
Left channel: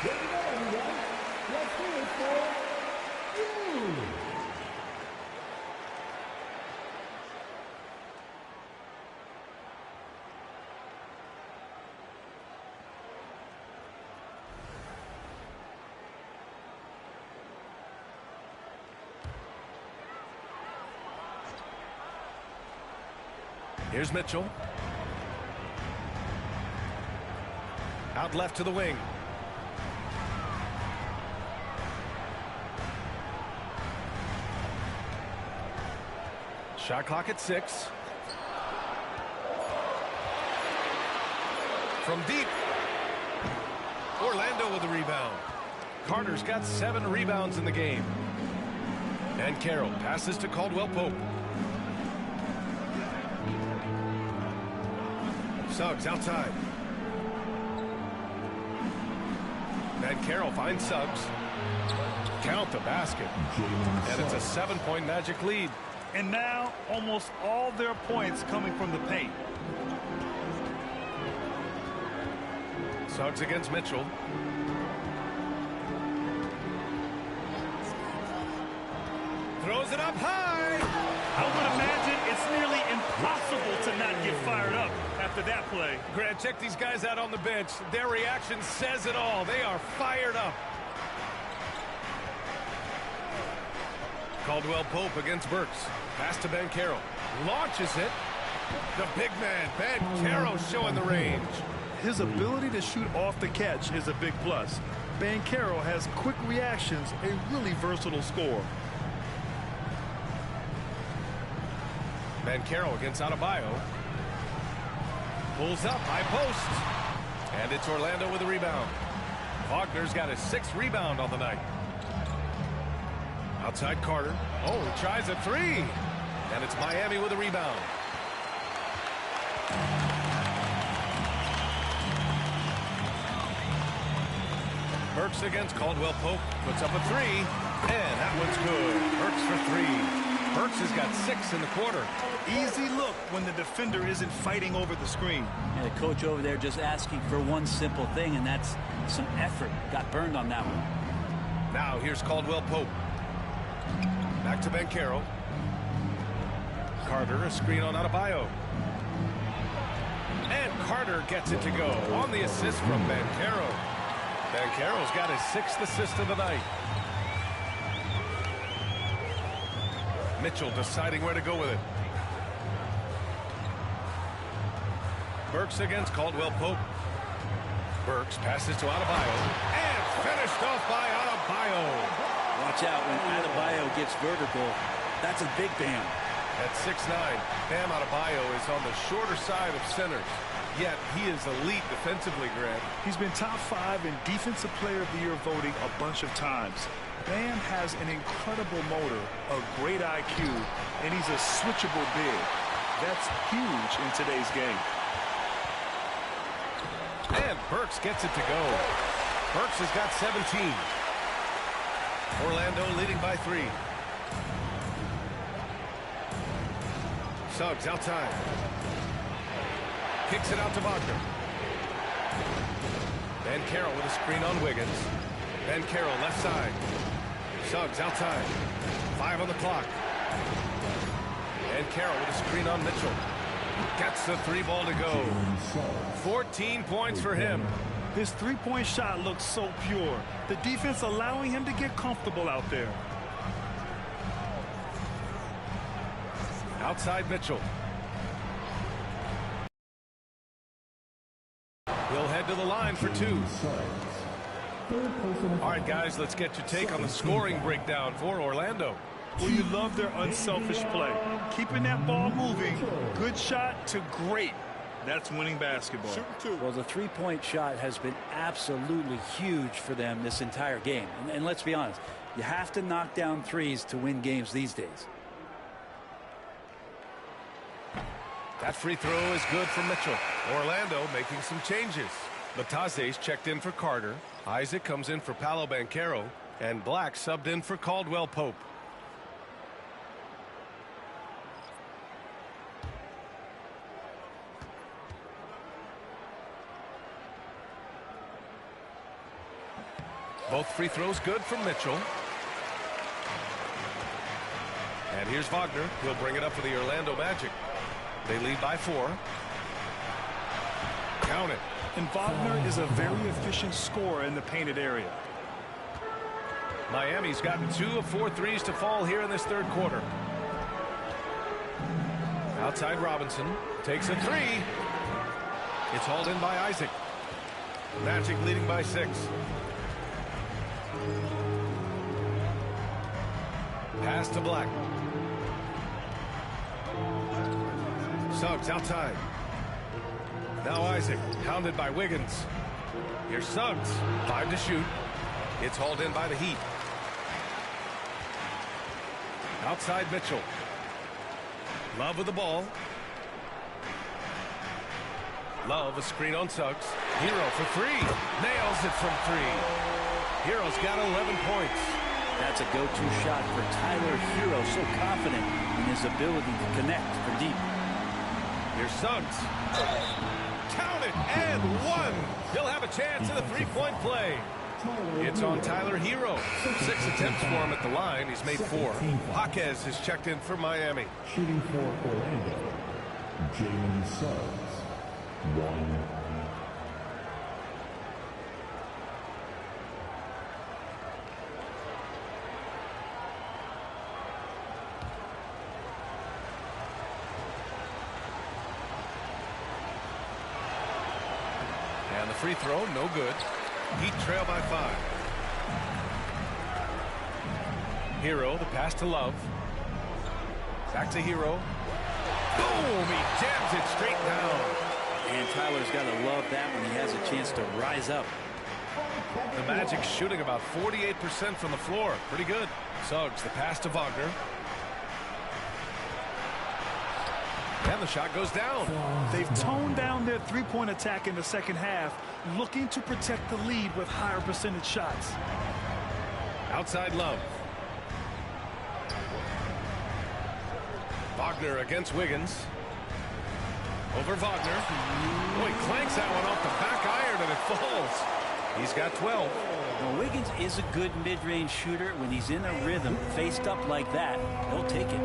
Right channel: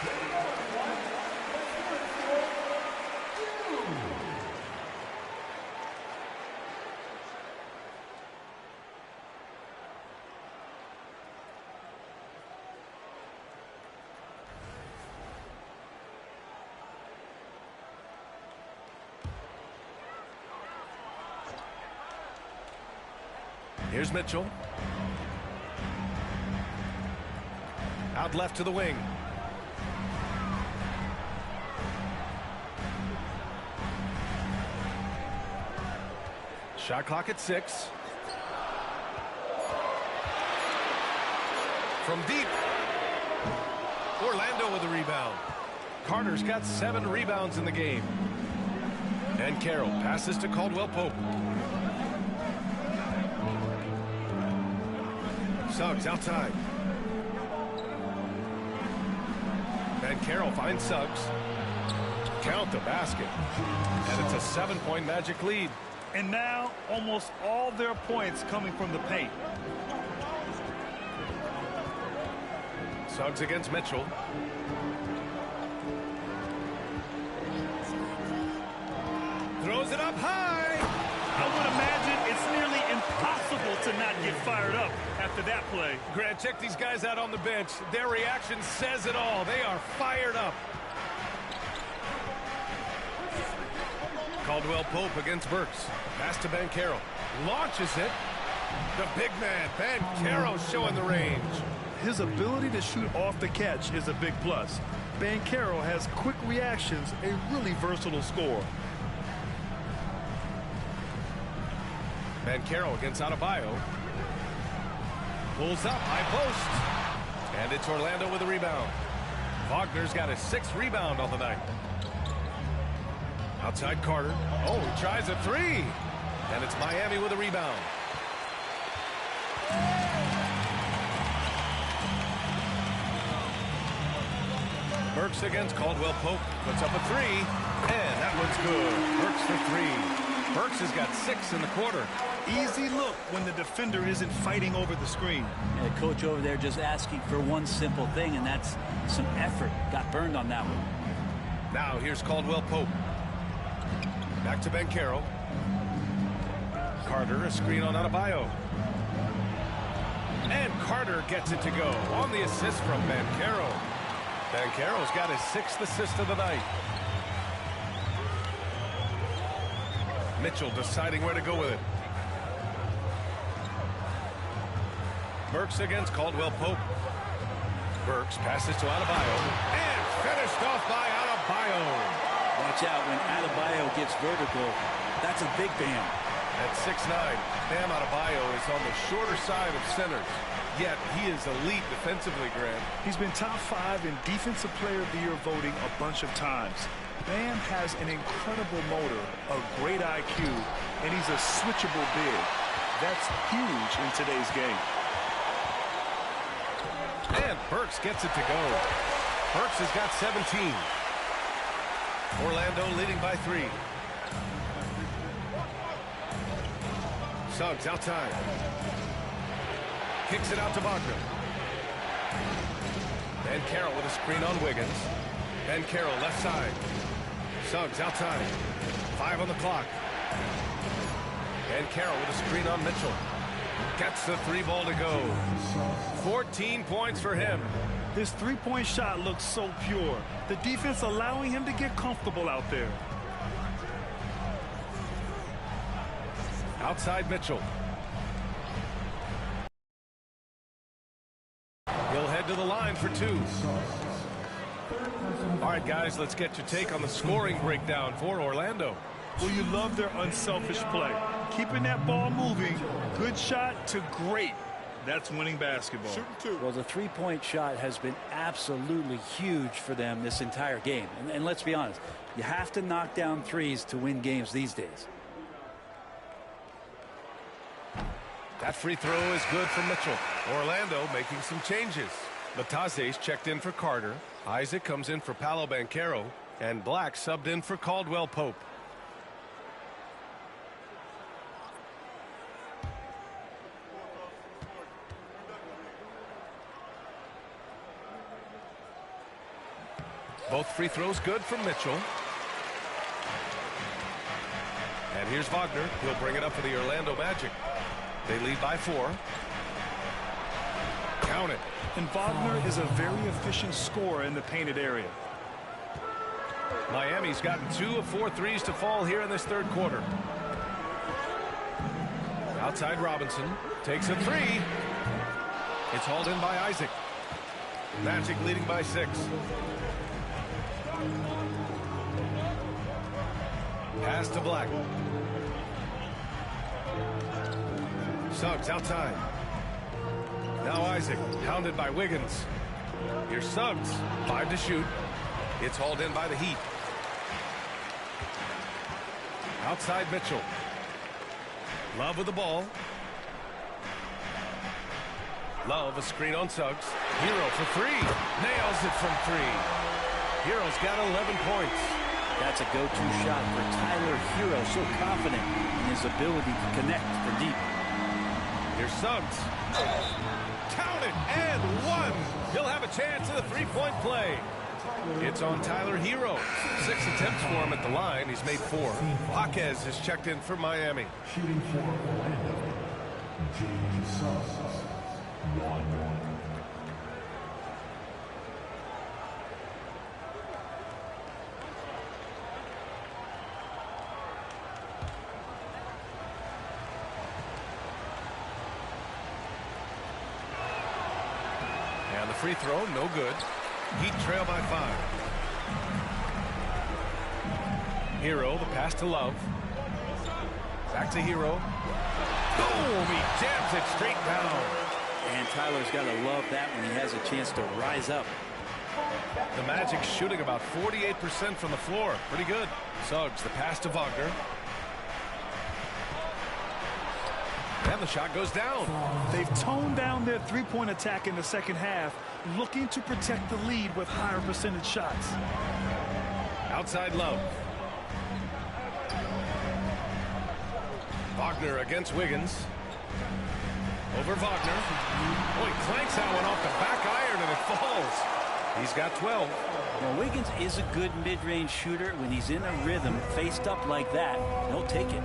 Here we go, everyone. Let's hear it for you. Here's Mitchell. Out left to the wing. Shot clock at 6. From deep. Orlando with the rebound. Carter's got 7 rebounds in the game. And Carroll passes to Caldwell Pope. Suggs outside. And Carroll finds Suggs. Count the basket. And it's a 7-point Magic lead. And now almost all their points coming from the paint. Suggs against Mitchell. Throws it up high. I would imagine it's nearly impossible to not get fired up after that play. Grant, check these guys out on the bench. Their reaction says it all. They are fired up. Caldwell Pope against Burks. Pass to Banchero. Launches it. The big man, Banchero, showing the range. His ability to shoot off the catch is a big plus. Banchero has quick reactions, a really versatile scorer. Banchero against Adebayo. Pulls up, high post. And it's Orlando with a rebound. Wagner's got his 6th rebound on the night. Outside Carter. Oh, he tries a 3. And it's Miami with a rebound. Burks against Caldwell Pope. Puts up a 3. And that one's good. Burks for 3. Burks has got 6 in the quarter. Easy look when the defender isn't fighting over the screen. And the coach over there just asking for one simple thing, and that's some effort. Got burned on that one. Now here's Caldwell Pope. Back to Banchero. Carter, a screen on Adebayo. And Carter gets it to go on the assist from Banchero. Banchero's got his 6th assist of the night. Mitchell deciding where to go with it. Burks against Caldwell Pope. Burks passes to Adebayo. And finished off by Adebayo. Watch out when Adebayo gets vertical. That's a big bam. At 6'9", Bam Adebayo is on the shorter side of centers. Yet he is elite defensively, Grant. He's been top 5 in Defensive Player of the Year voting a bunch of times. Bam has an incredible motor, a great IQ, and he's a switchable big. That's huge in today's game. And Burks gets it to go. Burks has got 17. Orlando leading by 3. Suggs outside. Kicks it out to Wagner. Banchero with a screen on Wiggins. Banchero left side. Suggs outside. 5 on the clock. Banchero with a screen on Mitchell. Gets the 3 ball to go. 14 points for him. His three-point shot looks so pure. The defense allowing him to get comfortable out there. Outside Mitchell. He'll head to the line for 2. All right, guys, let's get your take on the scoring breakdown for Orlando. Well, you love their unselfish play. Keeping that ball moving, good shot to great. That's winning basketball. Well, the three-point shot has been absolutely huge for them this entire game. And let's be honest, you have to knock down threes to win games these days. That free throw is good from Mitchell. Orlando making some changes. Lataze's checked in for Carter. Isaac comes in for Paolo Banchero. And Black subbed in for Caldwell Pope. Both free throws good from Mitchell. And here's Wagner. He'll bring it up for the Orlando Magic. They lead by 4. Count it. And Wagner is a very efficient scorer in the painted area. Miami's gotten 2 of 4 threes to fall here in this 3rd quarter. Outside Robinson. Takes a 3. It's hauled in by Isaac. Magic leading by 6. Pass to Black. Suggs outside. Now Isaac, hounded by Wiggins. Here's Suggs, 5 to shoot. It's hauled in by the Heat. Outside Mitchell. Love with the ball. Love a screen on Suggs. Hero for 3. Nails it from 3. Hero's got 11 points. That's a go-to shot for Tyler Hero, so confident in his ability to connect from deep. Here's Suggs. Count it, and 1. He'll have a chance in the 3-point play. It's on Tyler Hero. 6 attempts for him at the line. He's made 4. Jaquez is checked in for Miami. Shooting for Orlando, Jalen Suggs, 1. And the free throw, no good. Heat trail by 5. Hero, the pass to Love. Back to Hero. Boom! He jams it straight down. And Tyler's got to love that when he has a chance to rise up. The Magic shooting about 48% from the floor. Pretty good. Suggs, the pass to Wagner. And the shot goes down. They've toned down their three-point attack in the second half, looking to protect the lead with higher percentage shots. Outside Love. Wagner against Wiggins. Over Wagner. Oh, he clanks that one off the back iron and it falls. He's got 12. Well, Wiggins is a good mid-range shooter. When he's in a rhythm, faced up like that, he'll take it.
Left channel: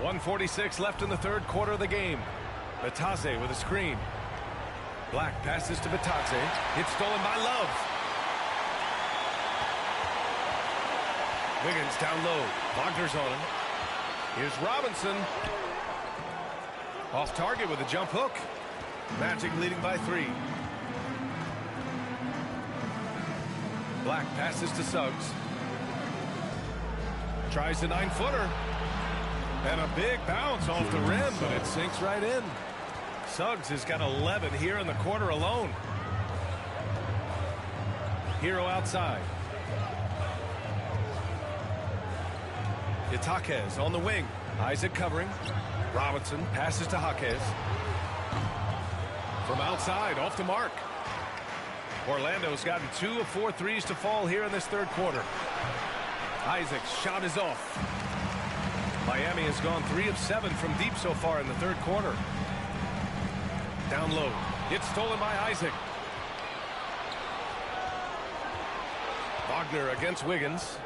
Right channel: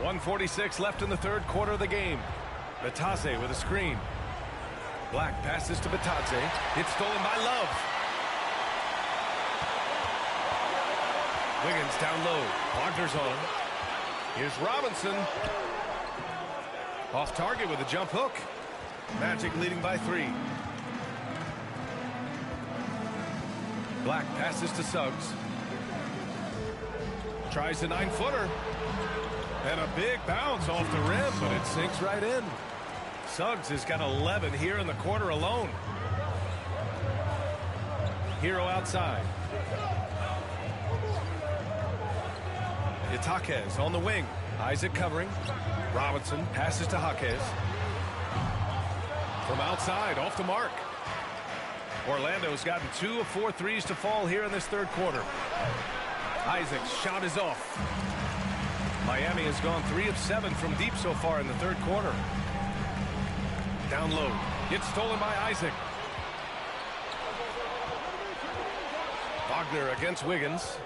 1:46 left in the third quarter of the game. Batadze with a screen. Black passes to Batadze. It's stolen by Love. Wiggins down low. Wagner's on him. Here's Robinson. Off target with a jump hook. Magic leading by 3. Black passes to Suggs. Tries a 9-footer. And a big bounce off the rim, but it sinks right in. Suggs has got 11 here in the quarter alone. Hero outside. It's Jaquez on the wing. Isaac covering. Robinson passes to Jaquez. From outside, off the mark. Orlando's gotten 2 of 4 threes to fall here in this third quarter. Isaac's shot is off. Miami has gone 3 of 7 from deep so far in the third quarter. Down low. It's stolen by Isaac. Wagner against Wiggins.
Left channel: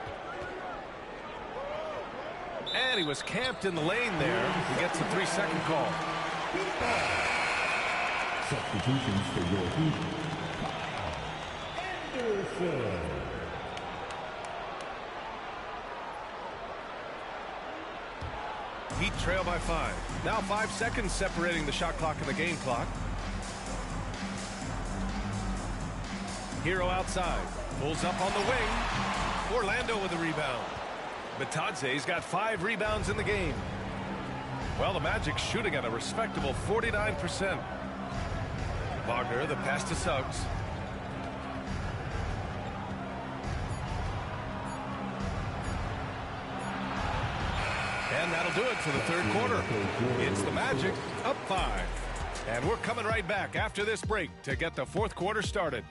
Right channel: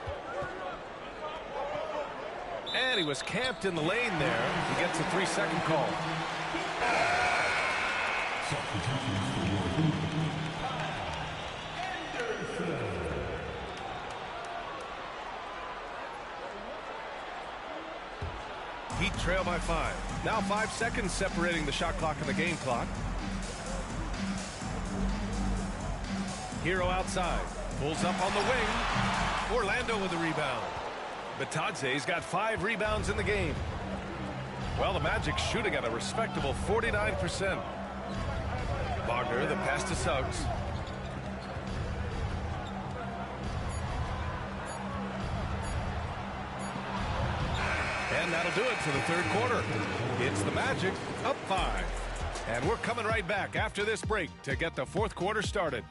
And he was camped in the lane there. He gets a 3-second call. Substitutions for your team. Anderson. Heat trail by 5. Now 5 seconds separating the shot clock and the game clock. Hero outside. Pulls up on the wing. Orlando with the rebound. Batadze's got 5 rebounds in the game. Well, the Magic shooting at a respectable 49%. Wagner, the pass to Suggs. And that'll do it for the third quarter. It's the Magic up 5. And we're coming right back after this break to get the fourth quarter started.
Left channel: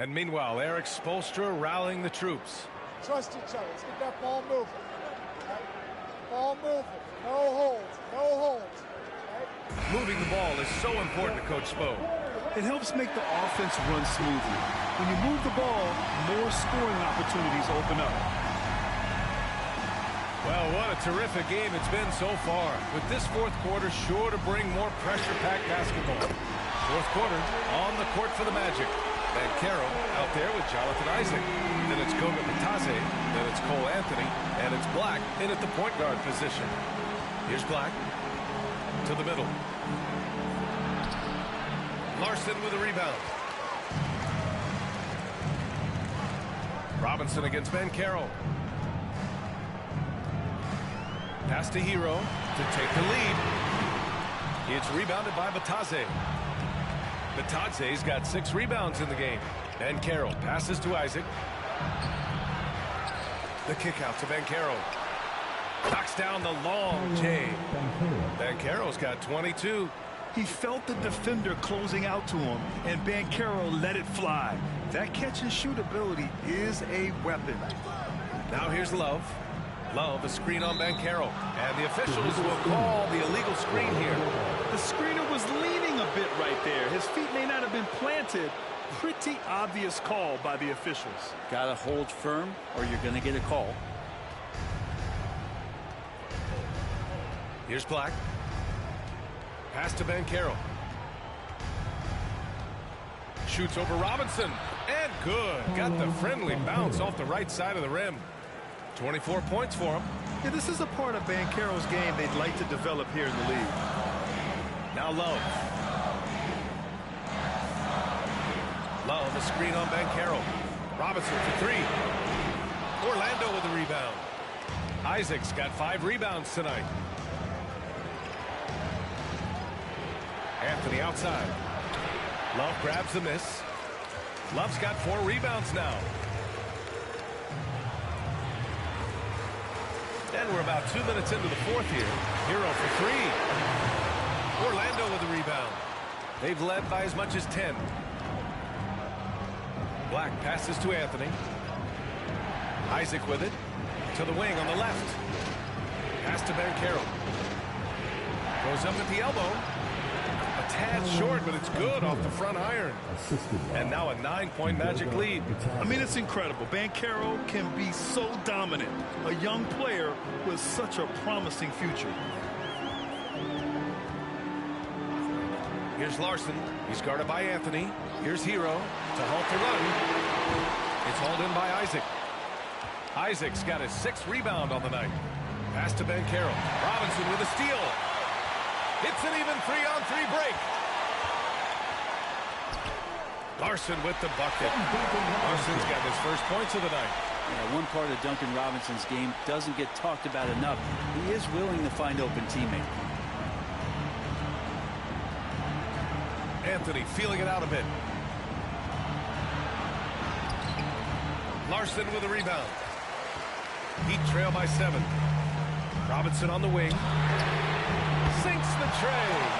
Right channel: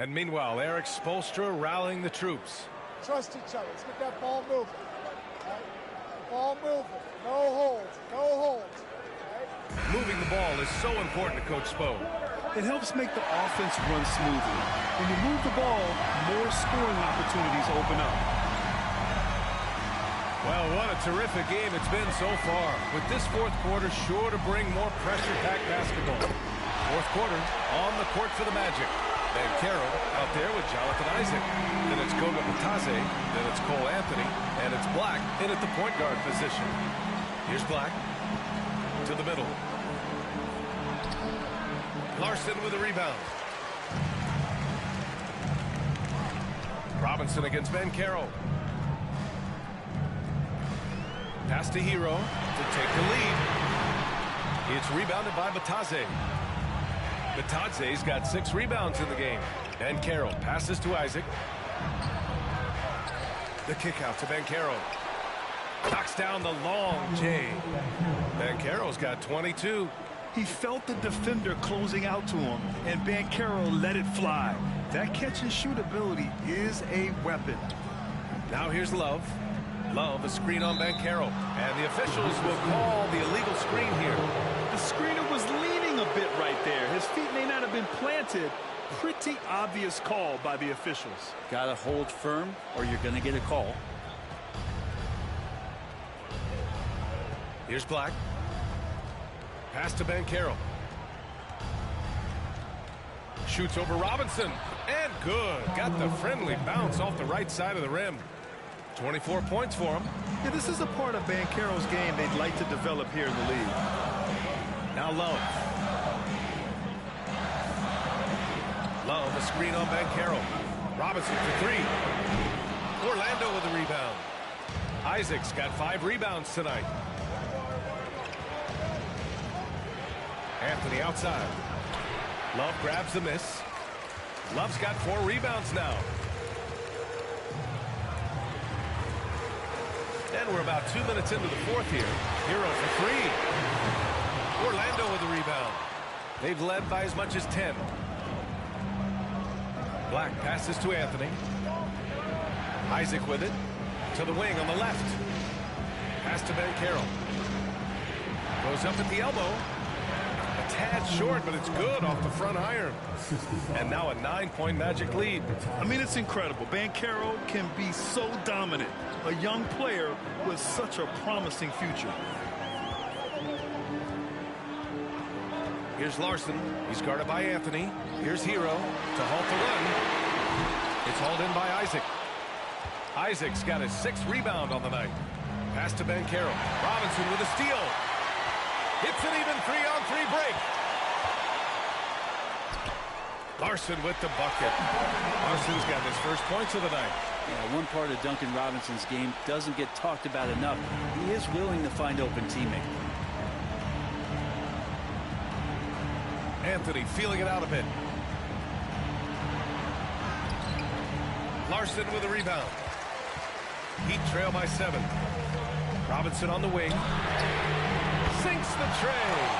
And meanwhile, Eric Spoelstra rallying the troops. Trust each other. Let's get that ball moving. Right? Ball moving. No holds. No holds. Right? Moving the ball is so important to Coach Spo. It helps make the offense run smoothly. When you move the ball, more scoring opportunities open up. Well, what a terrific game it's been so far. With this fourth quarter sure to bring more pressure-packed basketball. Fourth quarter on the court for the Magic. Banchero out there with Jonathan Isaac. Then it's Goga Batadze. Then it's Cole Anthony. And it's Black in at the point guard position. Here's Black to the middle. Larson with a rebound. Robinson against Banchero. Pass to Hero to take the lead. It's rebounded by Batadze. Batadze's got 6 rebounds in the game. Banchero passes to Isaac. The kick out to Banchero. Knocks down the long J. Banchero's got 22. He felt the defender closing out to him, and Banchero let it fly. That catch-and-shoot ability is a weapon. Now here's Love. Love, a screen on Banchero. And the officials will call the illegal screen here. The screener was leaning a bit right there. His feet may not have been planted. Pretty obvious call by the officials. Gotta hold firm or you're gonna get a call. Here's Black. Pass to Banchero. Shoots over Robinson. And good. Got the friendly bounce off the right side of the rim. 24 points for him. Yeah, this is a part of Banchero's game they'd like to develop here in the league. Now Love. Love, a screen on Banchero. Robinson for three. Orlando with the rebound. Isaac's got 5 rebounds tonight. Anthony outside. Love grabs the miss. Love's got 4 rebounds now. And we're about 2 minutes into the fourth here. Hero for 3. Orlando with the rebound. They've led by as much as 10. Black passes to Anthony. Isaac with it. To the wing on the left. Pass to Banchero. Goes up at the elbow. A tad short, but it's good off the front iron. And now a 9-point Magic lead. I mean, it's incredible. Banchero can be so dominant. A young player with such a promising future. Here's Larson. He's guarded by Anthony. Here's Hero to halt the run. It's hauled in by Isaac. Isaac's got his 6th rebound on the night. Pass to Banchero. Robinson with a steal. Hits an even 3-on-3 break. Larson with the bucket. Larson's got his first points of the night. Yeah, one part of Duncan Robinson's game doesn't get talked about enough. He is willing to find open teammates. Anthony feeling it out a bit. Larson with a rebound. Heat trail by 7. Robinson on the wing. Sinks the tray.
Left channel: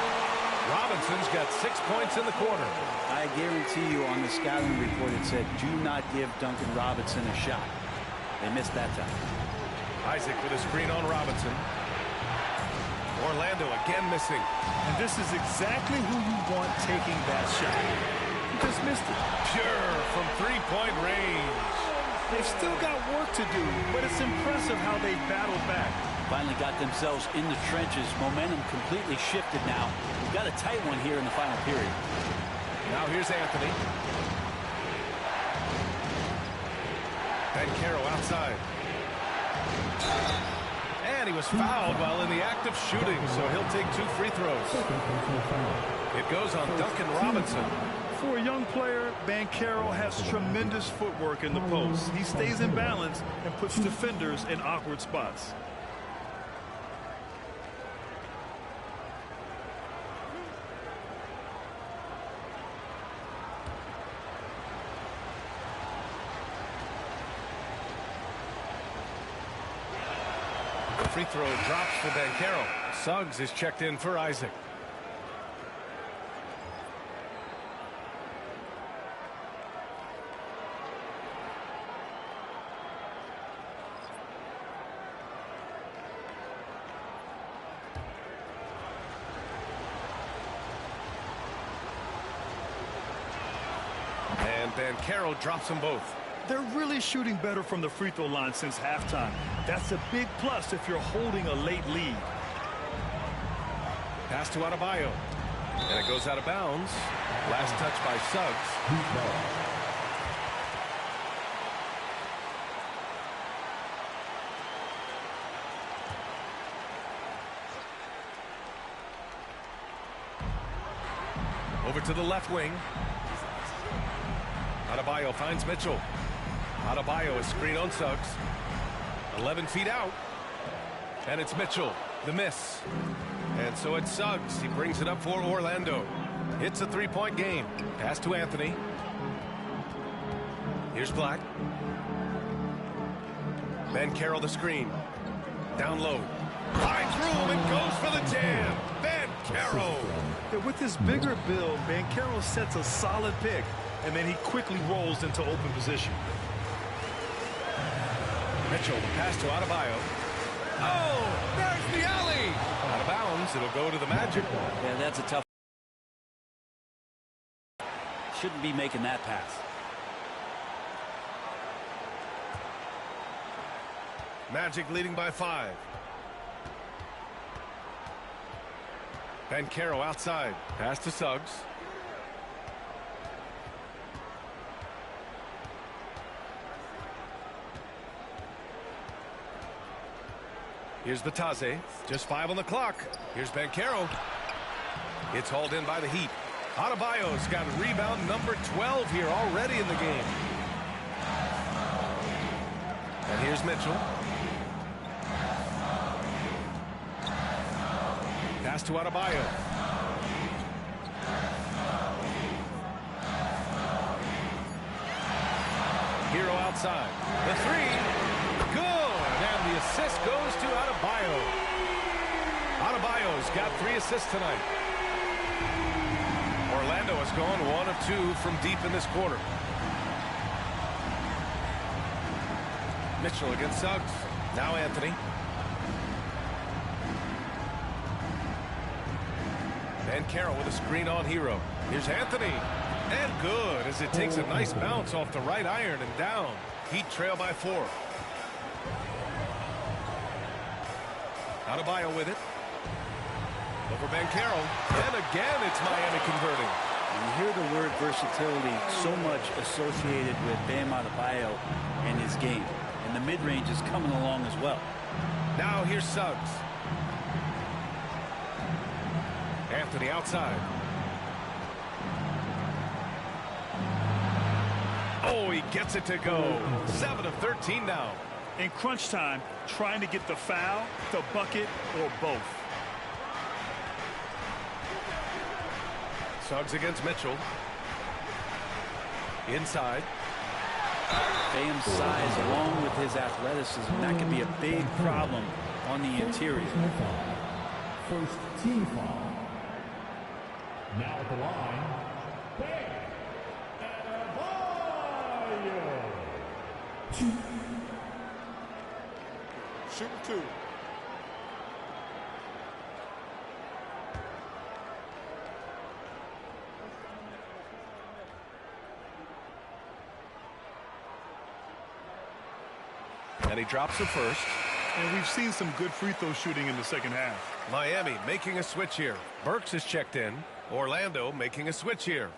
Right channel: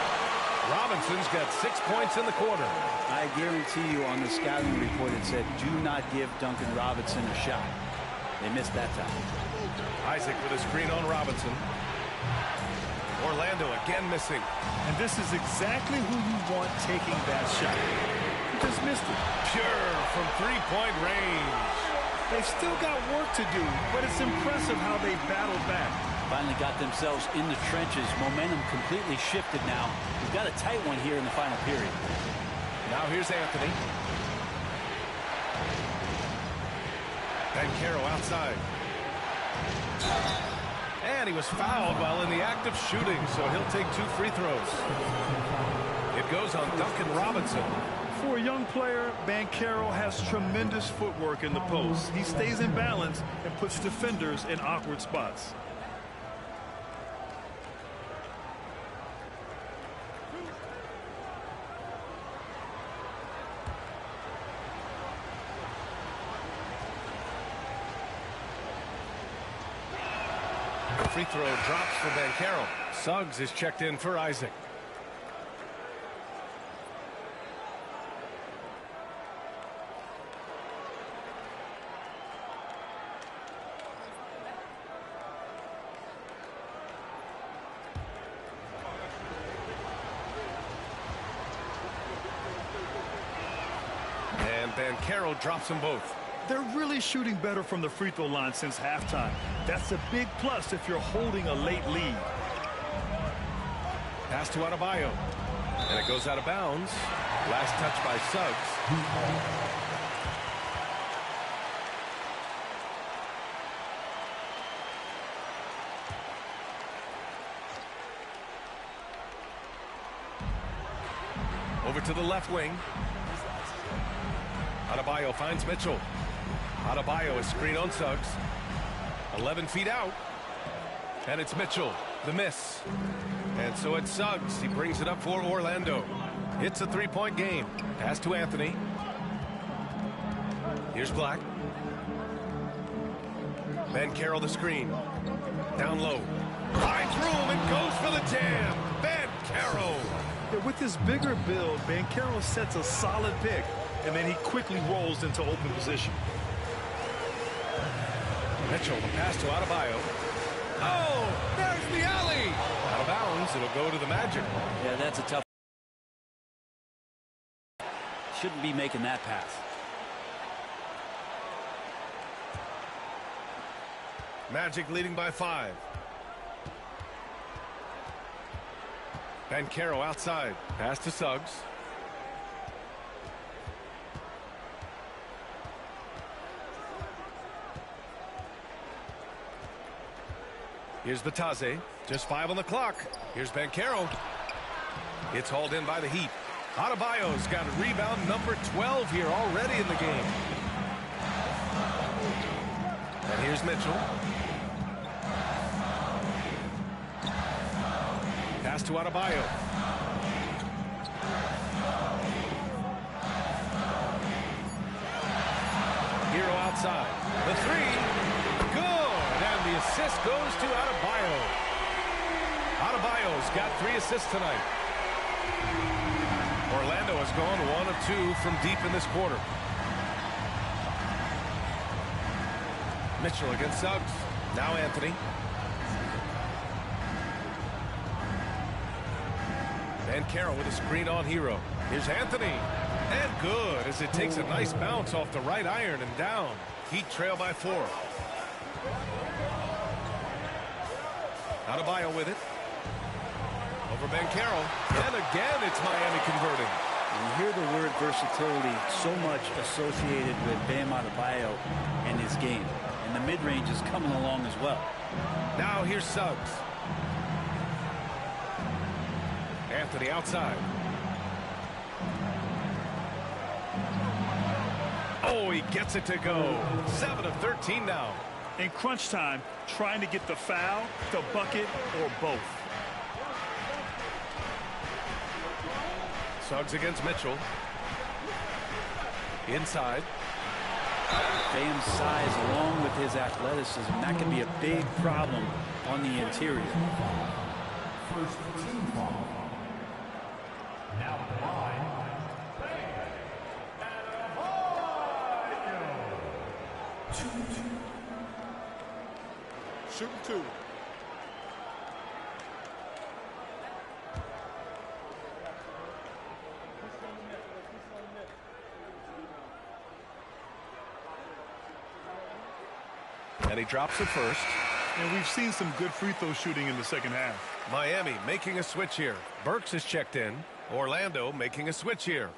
Robinson's got 6 points in the quarter. I guarantee you on the scouting report it said, do not give Duncan Robinson a shot. They missed that time. Isaac with a screen on Robinson. Orlando again missing. And this is exactly who you want taking that shot. He just missed it. Pure from 3-point range. They've still got work to do, but it's impressive how they battled back. Finally got themselves in the trenches. Momentum completely shifted now. We've got a tight one here in the final period. Now here's Anthony. Banchero outside. And he was fouled while in the act of shooting, so he'll take 2 free throws. It goes on Duncan Robinson. For a young player, Banchero has tremendous footwork in the post. He stays in balance and puts defenders in awkward spots. The free throw drops for Banchero. Suggs is checked in for Isaac. And Banchero drops them both. They're really shooting better from the free throw line since halftime. That's a big plus if you're holding a late lead. Pass to Adebayo. And it goes out of bounds. Last touch by Suggs. Over to the left wing. Adebayo finds Mitchell. Adebayo is screen on Suggs. 11 feet out. And it's Mitchell. The miss. And so it's Suggs. He brings it up for Orlando. It's a 3-point game. Pass to Anthony. Here's Black. Banchero the screen. Down low. Finds room and goes for the jam. Banchero. Yeah, with this bigger build, Banchero sets a solid pick, and then he quickly rolls into open position. Mitchell, the pass to Adebayo. Oh, there's the alley. Out of bounds. It'll go to the Magic. Yeah, that's a tough. Shouldn't be making that pass. Magic leading by 5. Banchero outside. Pass to Suggs. Here's Batase. Just 5 on the clock. Here's Banchero. It's hauled in by the Heat. Adebayo's got a rebound number 12 here already in the game. And here's Mitchell. Pass to Adebayo. Hero outside. The three. Good. And the assist goes to Adebayo. Adebayo's got 3 assists tonight. Orlando has gone 1 of 2 from deep in this quarter. Mitchell against Suggs. Now Anthony. Banchero with a screen on Hero. Here's Anthony. And good as it takes a nice bounce off the right iron and down. Heat trail by 4. Adebayo with it. Over Banchero. And again, it's Miami converting. You hear the word versatility so much associated with Bam Adebayo and his game. And the mid-range is coming along as well. Now here's Suggs. Anthony outside. Oh, he gets it to go. 7 of 13 now. In crunch time, trying to get the foul, the bucket, or both. Suggs against Mitchell. Inside. Bam's size along with his athleticism, that can be a big problem on the interior. First team foul. Now at the line, Bam Adebayo. Shooting 2. And he drops the first. And we've seen some good free throw shooting in the second half. Miami making a switch here. Burks is checked in. Orlando making a switch here.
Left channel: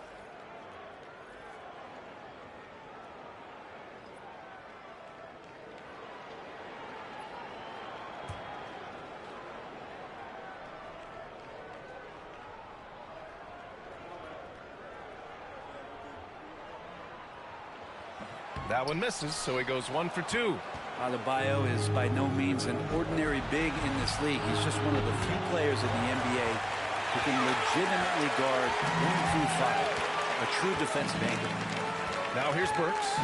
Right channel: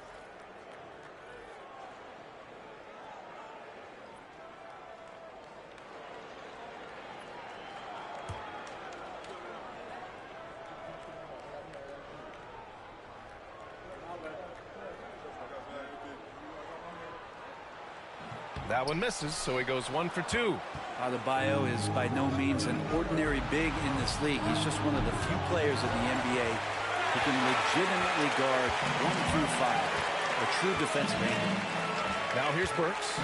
That one misses, so he goes 1 for 2. Adebayo is by no means an ordinary big in this league. He's just one of the few players in the NBA who can legitimately guard 1 through 5. A true defensive anchor. Now here's Burks.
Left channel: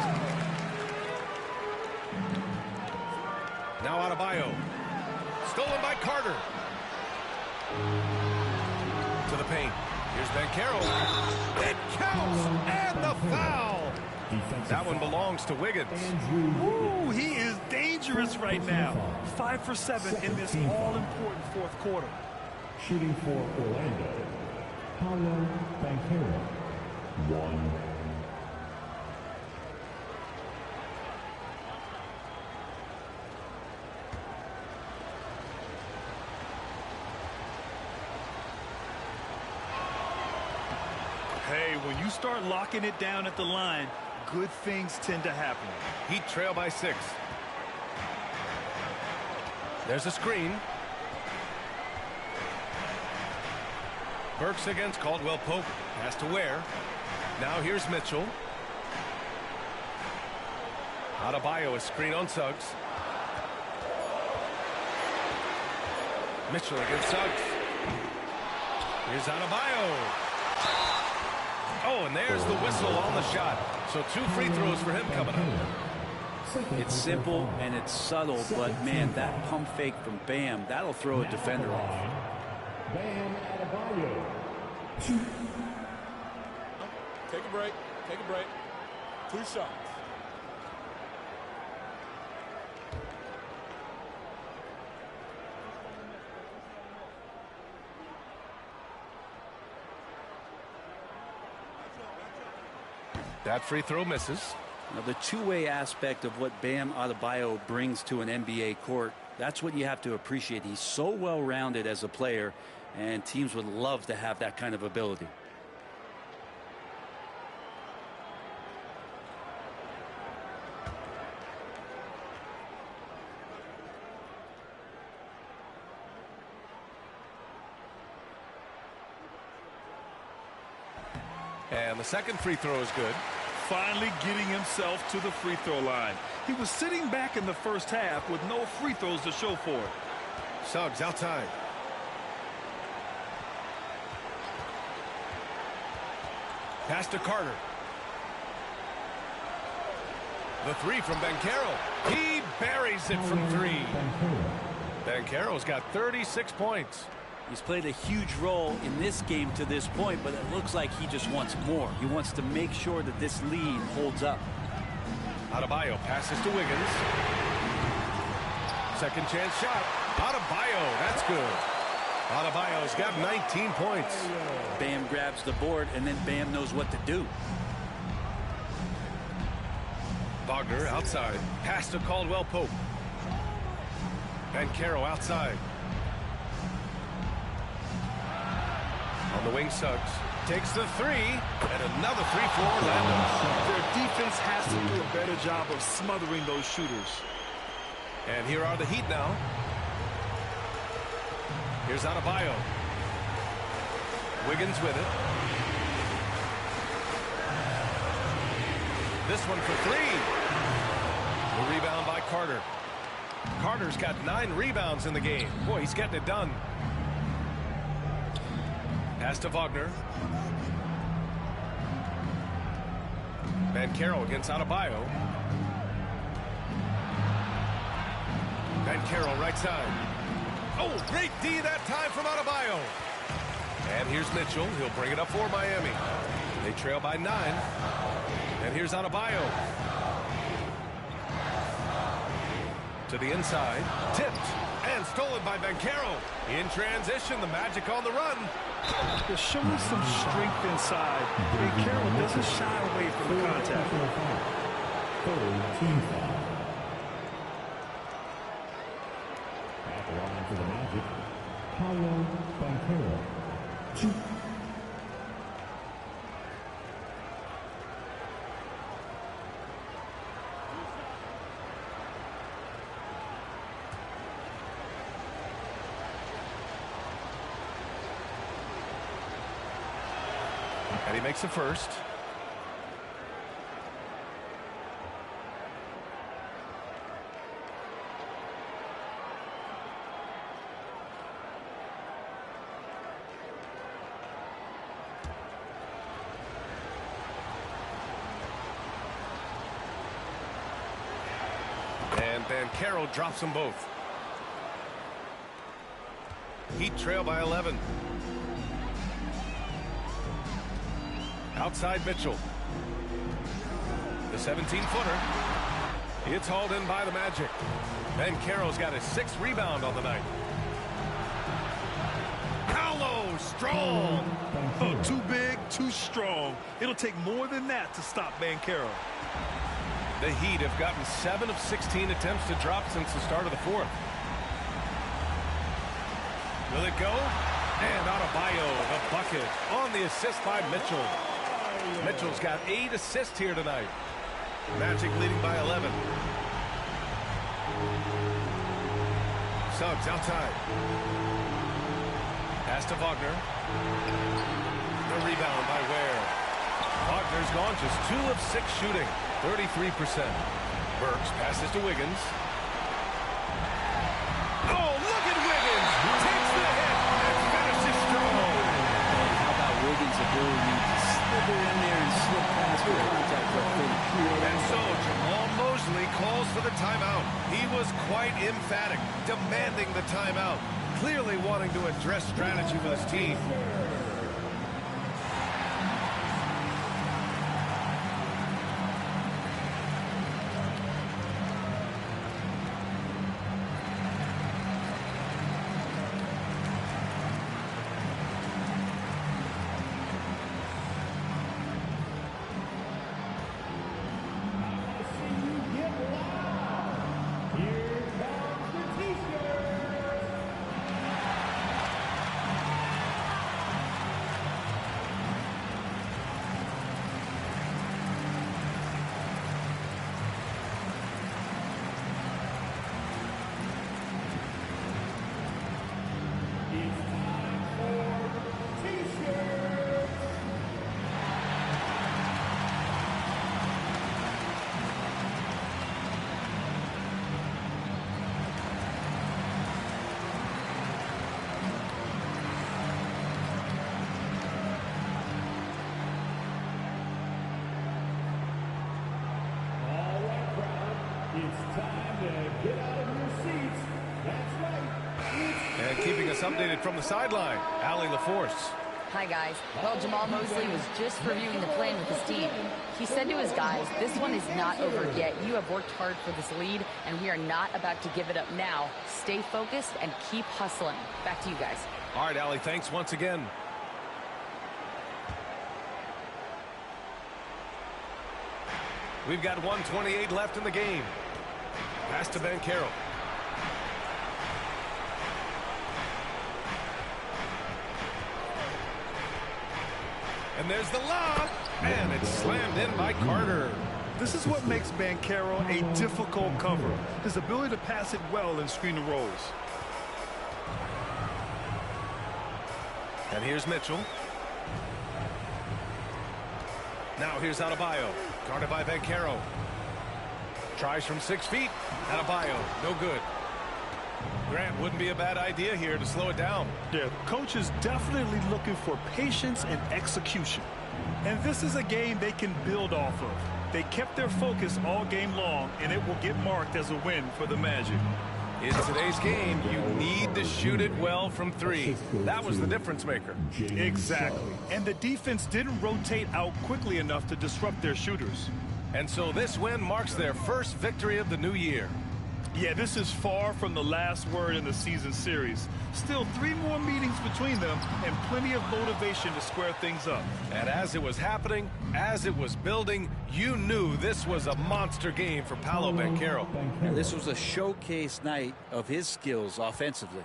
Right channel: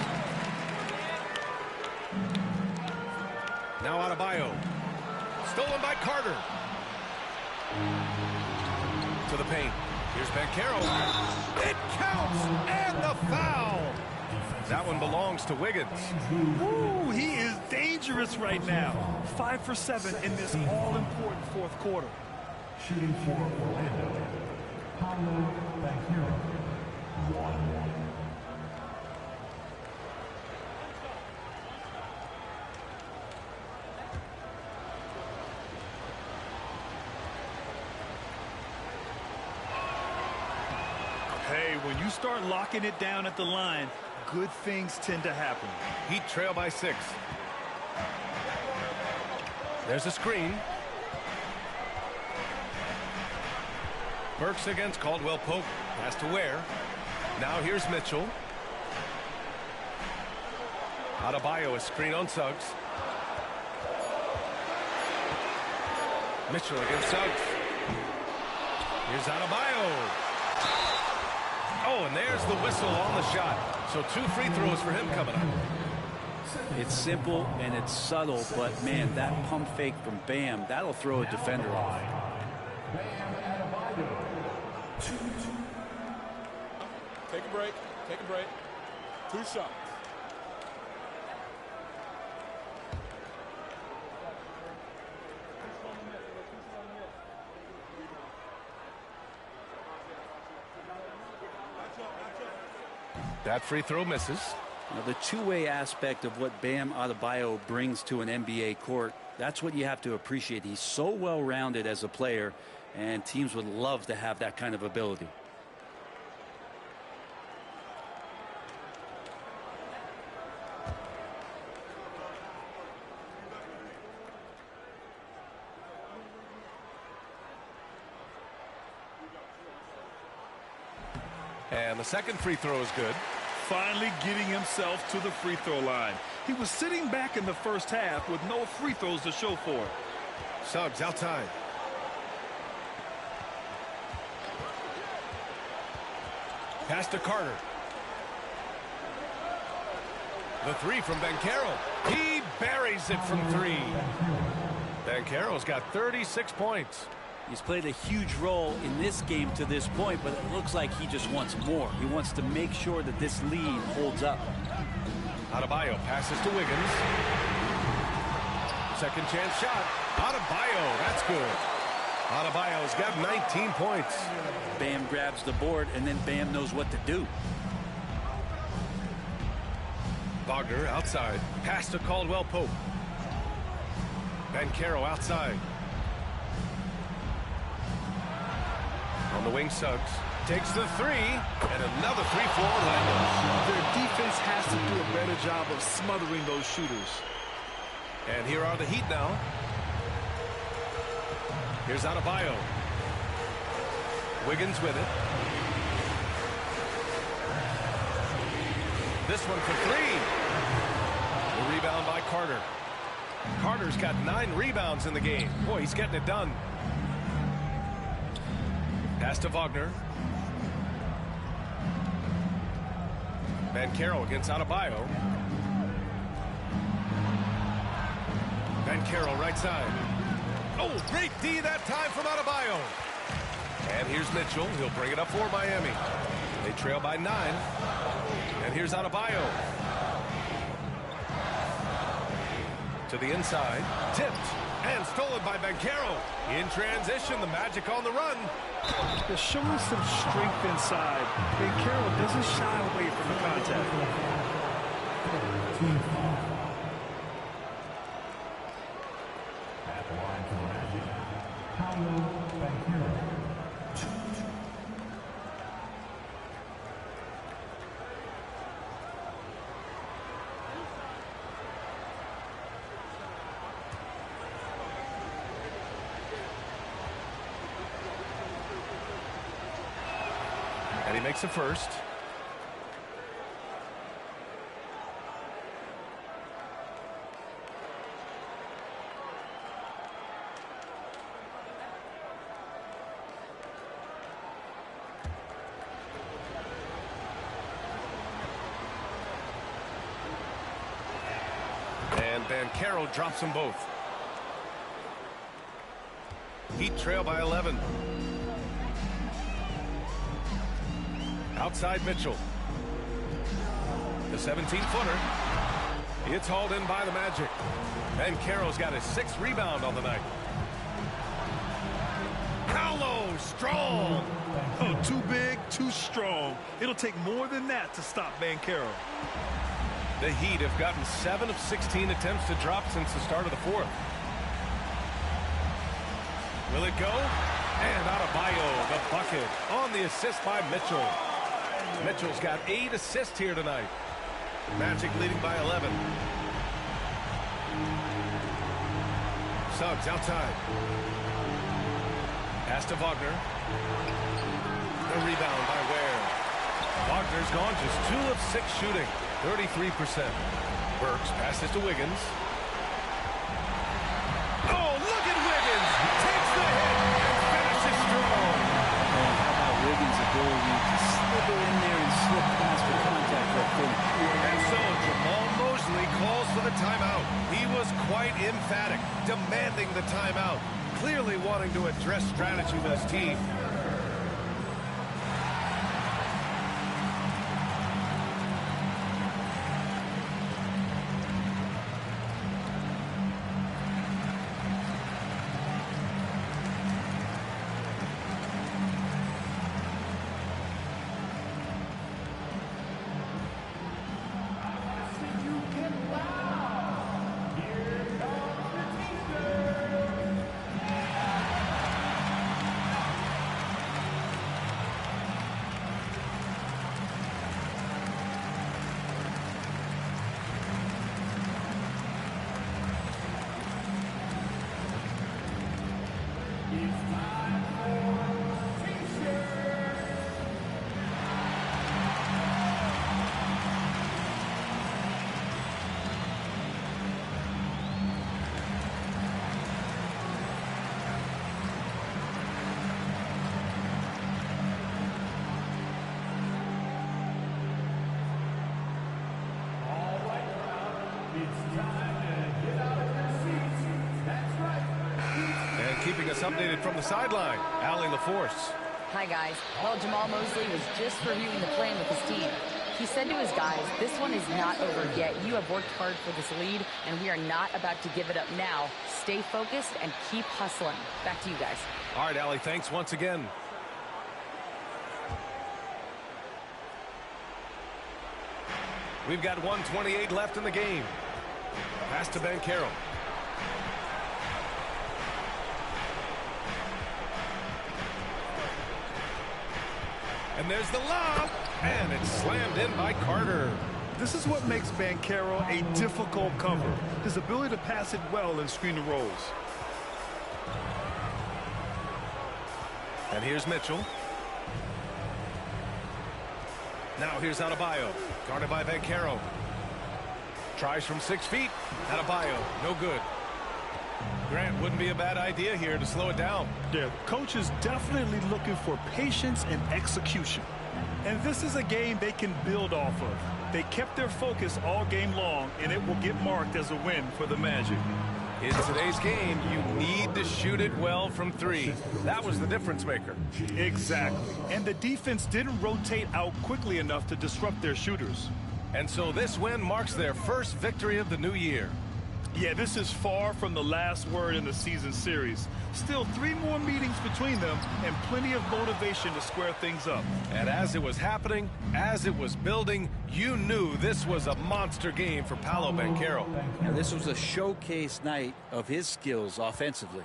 Now Adebayo. Stolen by Carter. To the paint. Here's Banchero. It counts! And the foul! That one belongs to Wiggins. Ooh, he is dangerous right now. 5 for 7 in this all-important fourth quarter. Shooting for Orlando, Paolo Banchero. 1. Hey, when you start locking it down at the line, good things tend to happen. Heat trail by 6. There's a screen. Burks against Caldwell Pope. Pass to Ware. Now here's Mitchell. Adebayo, a screen on Suggs. Mitchell against Suggs. Here's Adebayo. Oh, and there's the whistle on the shot. So 2 free throws for him coming up. It's simple and it's subtle, but man, that pump fake from Bam, that'll throw a defender off. Bam Adebayo. 2. Take a break. Take a break. 2 shots. That free throw misses. Now, the two-way aspect of what Bam Adebayo brings to an NBA court, that's what you have to appreciate. He's so well-rounded as a player, and teams would love to have that kind of ability. And the second free throw is good. Finally getting himself to the free throw line. He was sitting back in the first half with no free throws to show for it. Suggs outside. Pass to Carter. The three from Banchero. He buries it from three. Banchero's got 36 points. He's played a huge role in this game to this point, but it looks like he just wants more. He wants to make sure that this lead holds up. Adebayo passes to Wiggins. Second chance shot. Adebayo, that's good. Adebayo's got 19 points. Bam grabs the board, and then Bam knows what to do. Wagner outside. Pass to Caldwell Pope. Banchero outside. On the wing, Suggs takes the three, and another three for Orlando. Their defense has to do a better job of smothering those shooters. And here are the Heat now. Here's Adebayo. Wiggins with it. This one for three. The rebound by Carter. Carter's got 9 rebounds in the game. Boy, he's getting it done. Pass to Wagner. Banchero against Adebayo. Banchero right side. Oh, great D that time from Adebayo. And here's Mitchell. He'll bring it up for Miami. They trail by 9. And here's Adebayo. To the inside. Tipped. And stolen by Banchero. In transition, the Magic on the run. They're showing some strength inside. Banchero doesn't shy away from the contact. At the line for the Magic, Paolo Banchero. 2. And he makes the first. And Banchero drops them both. Heat trail by 11. Outside Mitchell. The 17-footer. It's hauled in by the Magic. Banchero's got his 6th rebound on the night. Paolo, strong. Oh, too big, too strong. It'll take more than that to stop Banchero. The Heat have gotten 7 of 16 attempts to drop since the start of the 4th. Will it go? And Adebayo, the bucket, on the assist by Mitchell. Mitchell's got 8 assists here tonight. Magic leading by 11. Suggs outside. Pass to Wagner. The rebound by Ware. Wagner's gone just 2 of 6 shooting, 33%. Burks passes to Wiggins. Oh, look at Wiggins! Takes the hit and finishes strong. And how about Wiggins' ability to slither in there and slip past the contact for a finish. And so Jamal Mosley calls for the timeout. He was quite emphatic, demanding the timeout, clearly wanting to address strategy with his team. It's time to get out of your seats. That's right. And keeping us updated from the sideline, Allie LaForce. Hi, guys. Well, Jamal Mosley was just reviewing the plan with his team. He said to his guys, this one is not over yet. You have worked hard for this lead, and we are not about to give it up now. Stay focused and keep hustling. Back to you guys. All right, Allie, thanks once again. We've got 1:28 left in the game. Pass to Banchero. And there's the lob, and it's slammed in by Carter. This is what makes Banchero a difficult cover, his ability to pass it well and screen the rolls. And here's Mitchell. Now here's Adebayo. Guarded by Banchero. Tries from 6 feet. Adebayo, no good. Grant, wouldn't be a bad idea here to slow it down. Yeah, the coach is definitely looking for patience and execution. And this is a game they can build off of. They kept their focus all game long, and it will get marked as a win for the Magic. In today's game, you need to shoot it well from 3. That was the difference maker. Exactly. And the defense didn't rotate out quickly enough to disrupt their shooters. And so this win marks their first victory of the new year. Yeah, this is far from the last word in the season series. Still 3 more meetings between them and plenty of motivation to square things up. And as it was happening, as it was building, you knew this was a monster game for Paolo Banchero. Now, this was a showcase night of his skills offensively.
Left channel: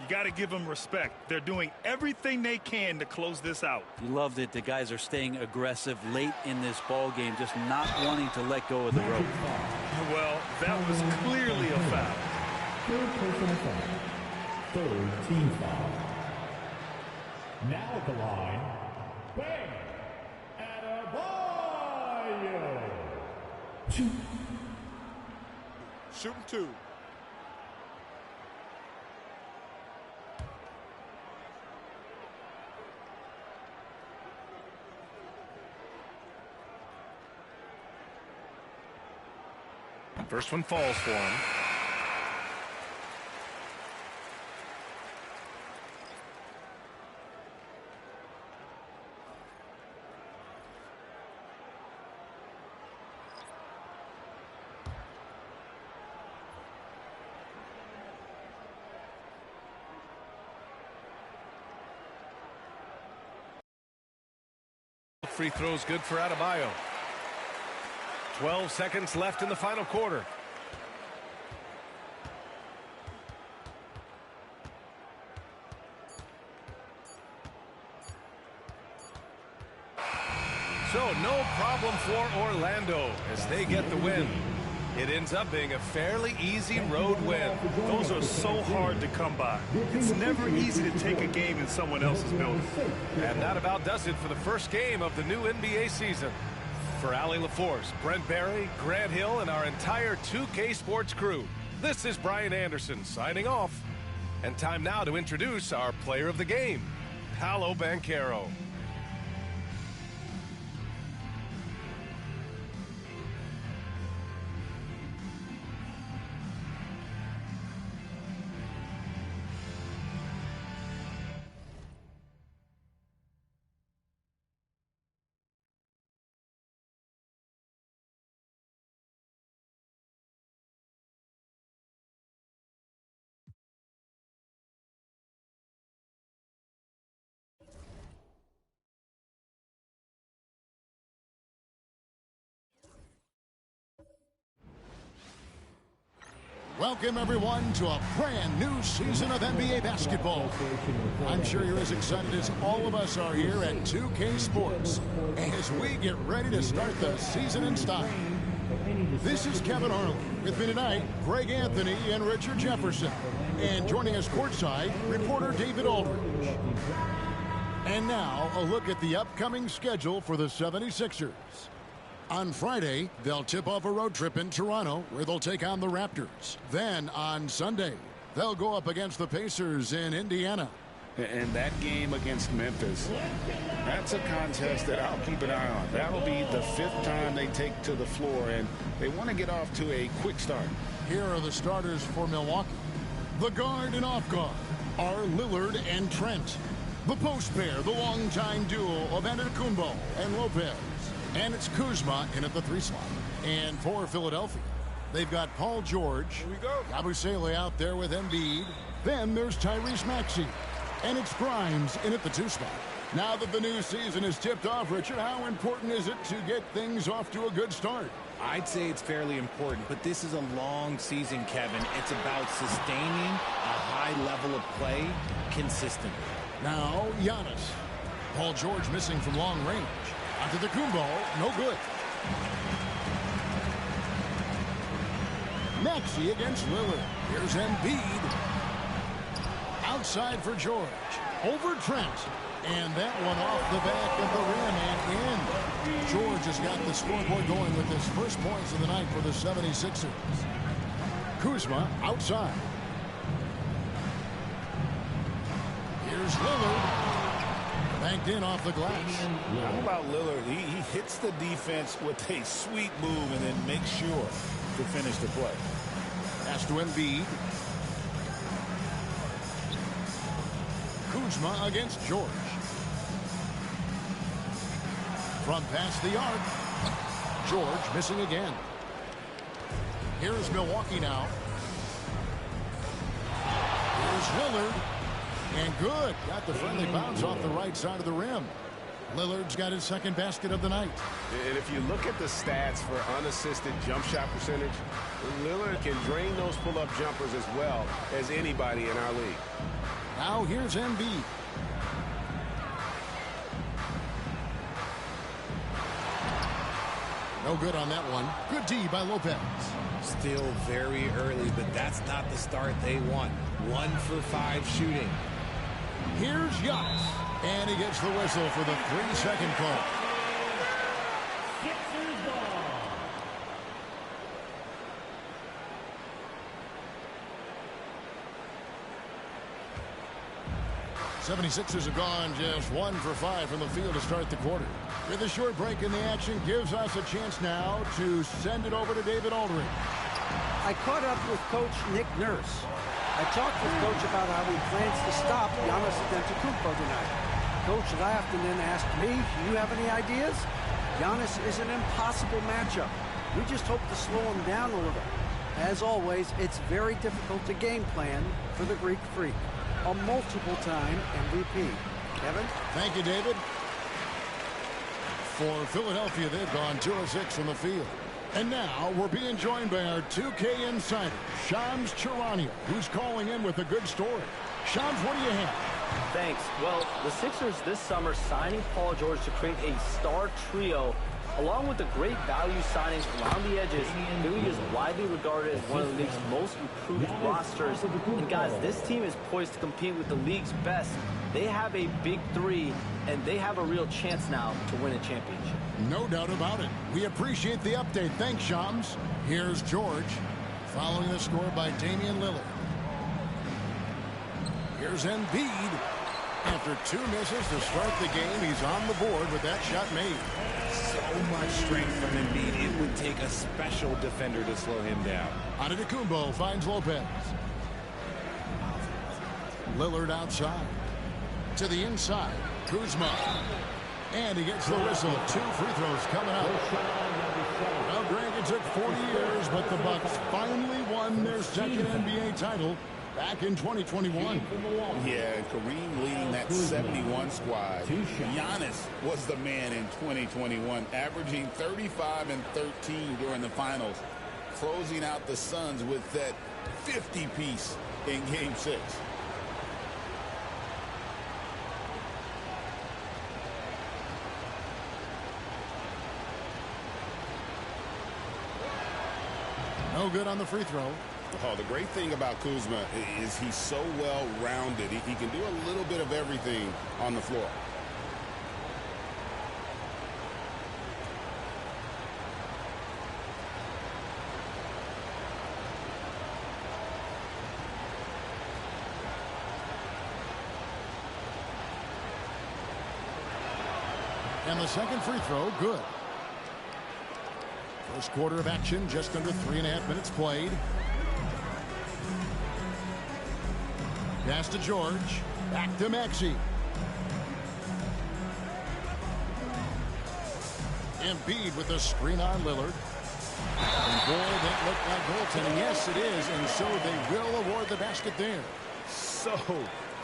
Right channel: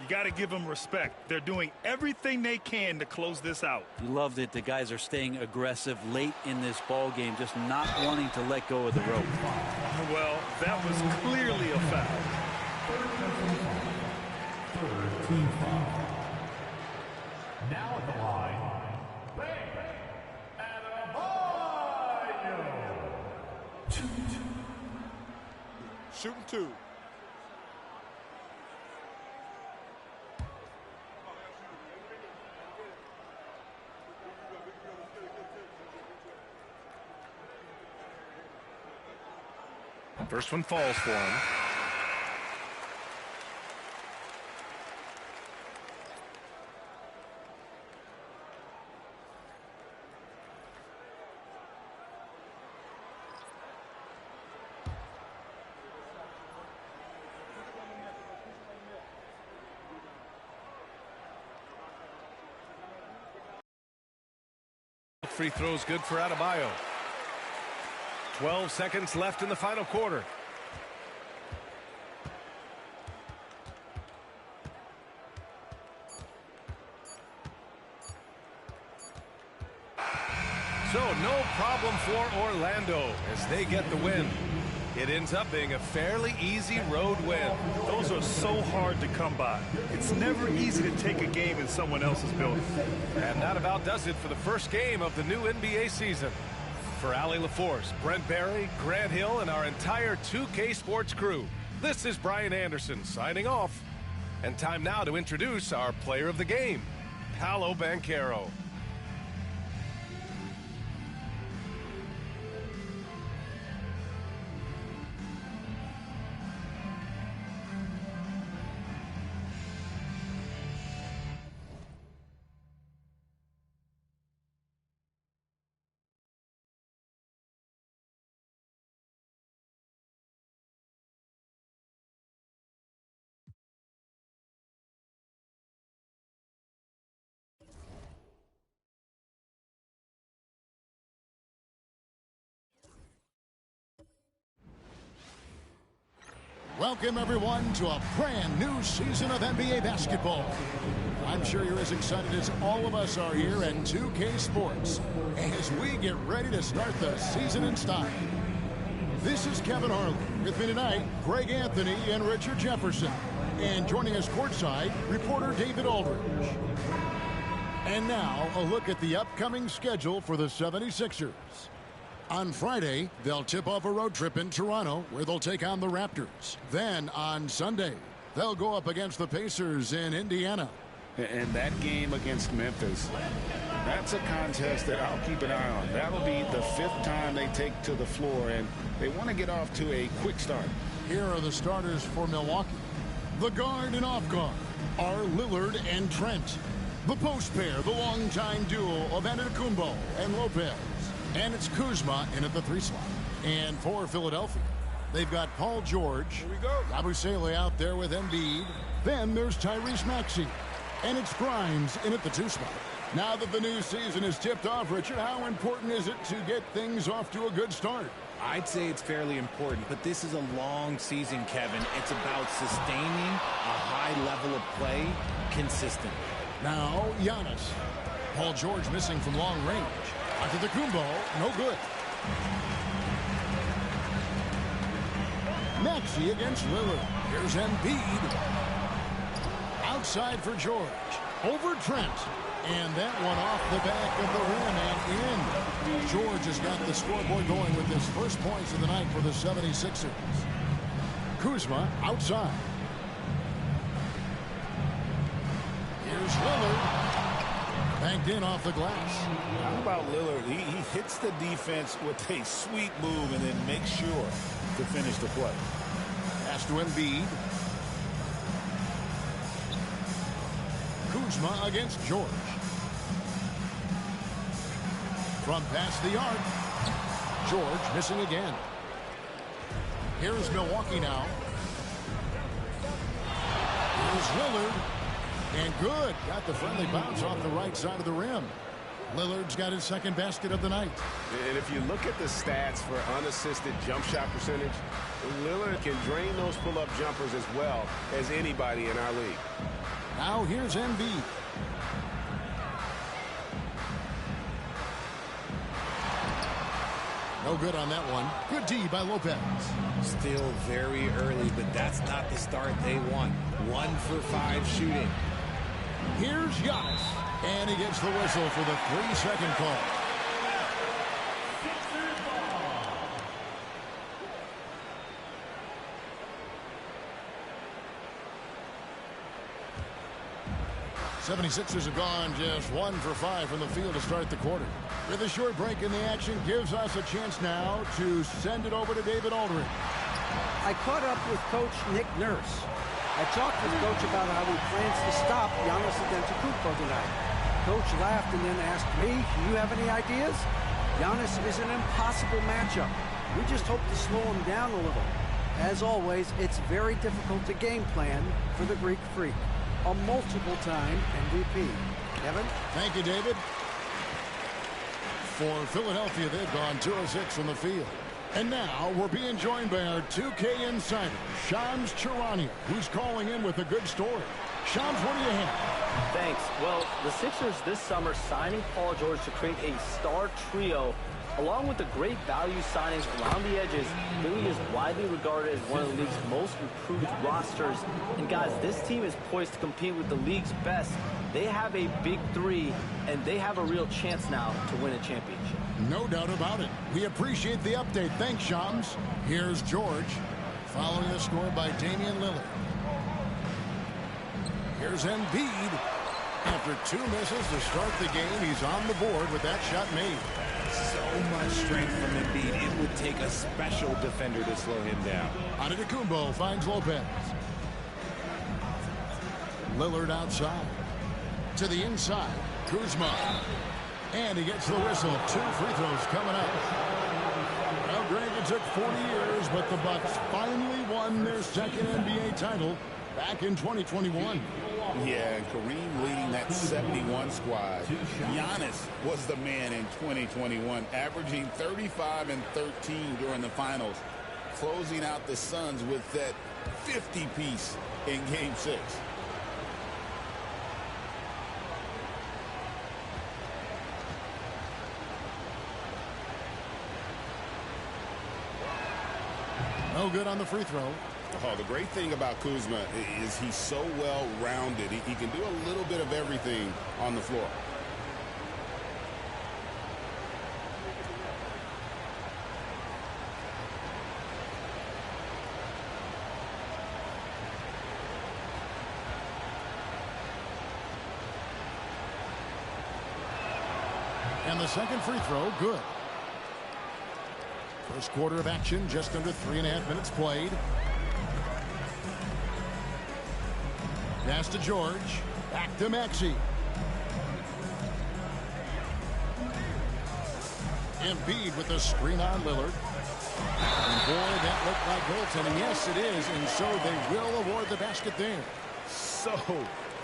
You got to give them respect. They're doing everything they can to close this out. You loved it. The guys are staying aggressive late in this ball game, just not wanting to let go of the rope. Well, that was clearly a foul. Third personal foul. Third team foul. Now at the line, Bam Adebayo. Shooting 2. First one falls for him. Free throws good for Adebayo. 12 seconds left in the final quarter. So no problem for Orlando as they get the win. It ends up being a fairly easy road win. Those are so hard to come by. It's never easy to take a game in someone else's building. And that about does it for the first game of the new NBA season. For Allie LaForce, Brent Barry, Grant Hill, and our entire 2K Sports crew, this is Brian Anderson signing off. And time now to introduce our player of the game, Paolo Banchero. Welcome, everyone, to a brand new season of NBA basketball. I'm sure you're as excited as all of us are here at 2K Sports as we get ready to start the season in style. This is Kevin Harlan. With me tonight, Greg Anthony and Richard Jefferson. And joining us courtside, reporter David Aldridge. And now, a look at the upcoming schedule for the 76ers. On Friday, they'll tip off a road trip in Toronto, where they'll take on the Raptors. Then, on Sunday, they'll go up against the Pacers in Indiana. And that game against Memphis, That's a contest that I'll keep an eye on. That'll be the 5th time they take to the floor, and they want to get off to a quick start. Here are the starters for Milwaukee. The guard and off guard are Lillard and Trent. The post pair, the longtime duo of Antetokounmpo and Lopez. And it's Kuzma in at the 3 slot. And for Philadelphia, they've got Paul George. Here we go. Yabusele out there with Embiid. Then there's Tyrese Maxey. And it's Grimes in at the 2 spot. Now that the new season is tipped off, Richard, how important is it to get things off to a good start? I'd say it's fairly important, but this is a long season, Kevin. It's about sustaining a high level of play consistently. Now, Giannis. Paul George missing from long range. Antetokounmpo, no good. Maxey against Lillard. Here's Embiid. Outside for George. Over Trent. And that one off the back of the rim and in. George has got the scoreboard going with his first points of the night for the 76ers. Kuzma outside. Here's Lillard. Banked in off the glass. How about Lillard? He hits the defense with a sweet move and then makes sure to finish the play. Pass to Embiid. Kuzma against George. From past the arc. George missing again. Here's Milwaukee now. Here's Lillard. And good. Got the friendly bounce off the right side of the rim. Lillard's got his 2nd basket of the night. And if you look at the stats for unassisted jump shot percentage, Lillard can drain those pull-up jumpers as well as anybody in our league. Now here's Embiid. No good on that one. Good D by Lopez. Still very early, but that's not the start they want. 1 for 5 shooting. Here's Giannis. And he gets the whistle for the 3-second call. Sixers ball. 76ers have gone just 1 for 5 from the field to start the quarter. With a short break in the action gives us a chance now to send it over to David Aldridge. I caught up with Coach Nick Nurse. I talked with Coach about how he plans to stop Giannis Antetokounmpo tonight. Coach laughed and then asked me, "Do you have any ideas?" Giannis is an impossible matchup. We just hope to slow him down a little. As always, it's very difficult to game plan for the Greek Freak, a multiple-time MVP. Kevin? Thank you, David. For Philadelphia, they've gone 2 of 6 from the field. And now we're being joined by our 2K insider, Shams Charania, who's calling in with a good story. Shams, what do you have? Thanks. Well, the Sixers this summer signing Paul George to create a star trio, along with the great value signings around the edges. Philly is widely regarded as one of the league's most improved rosters. And guys, this team is poised to compete with the league's best. They have a big 3, and they have a real chance now to win a championship. No doubt about it. We appreciate the update. Thanks, Shams. Here's George, following the score by Damian Lillard. Here's Embiid. After 2 misses to start the game, he's on the board with that shot made. So much strength from Embiid. It would take a special defender to slow him down. Antetokounmpo finds Lopez. Lillard outside. To the inside. Kuzma. And he gets the whistle. 2 free throws coming up. Well, Greg, it took 40 years, but the Bucks finally won their 2nd NBA title back in 2021. Yeah, and Kareem leading that 71 squad. Giannis was the man in 2021, averaging 35 and 13 during the finals, closing out the Suns with that 50-piece in Game 6. No good on the free throw. Oh, the great thing about Kuzma is he's so well-rounded. He can do a little bit of everything on the floor. And the second free throw, good. First quarter of action, just under 3.5 minutes played. Pass to George. Back to Maxey. Embiid with a screen on Lillard. And boy, that looked like goaltending. Yes, it is. And so they will award the basket there. So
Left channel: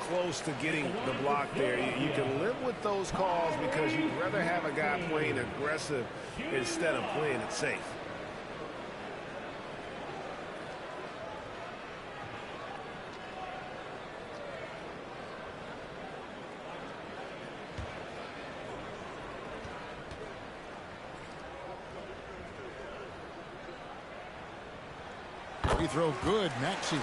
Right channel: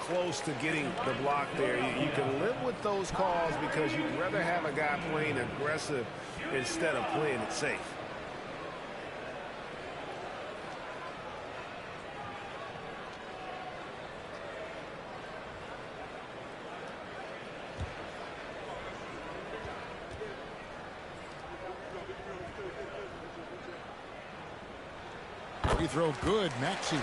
close to getting the block there. You can live with those calls because you'd rather have a guy playing aggressive instead of playing it safe. Free throw good, Maxey.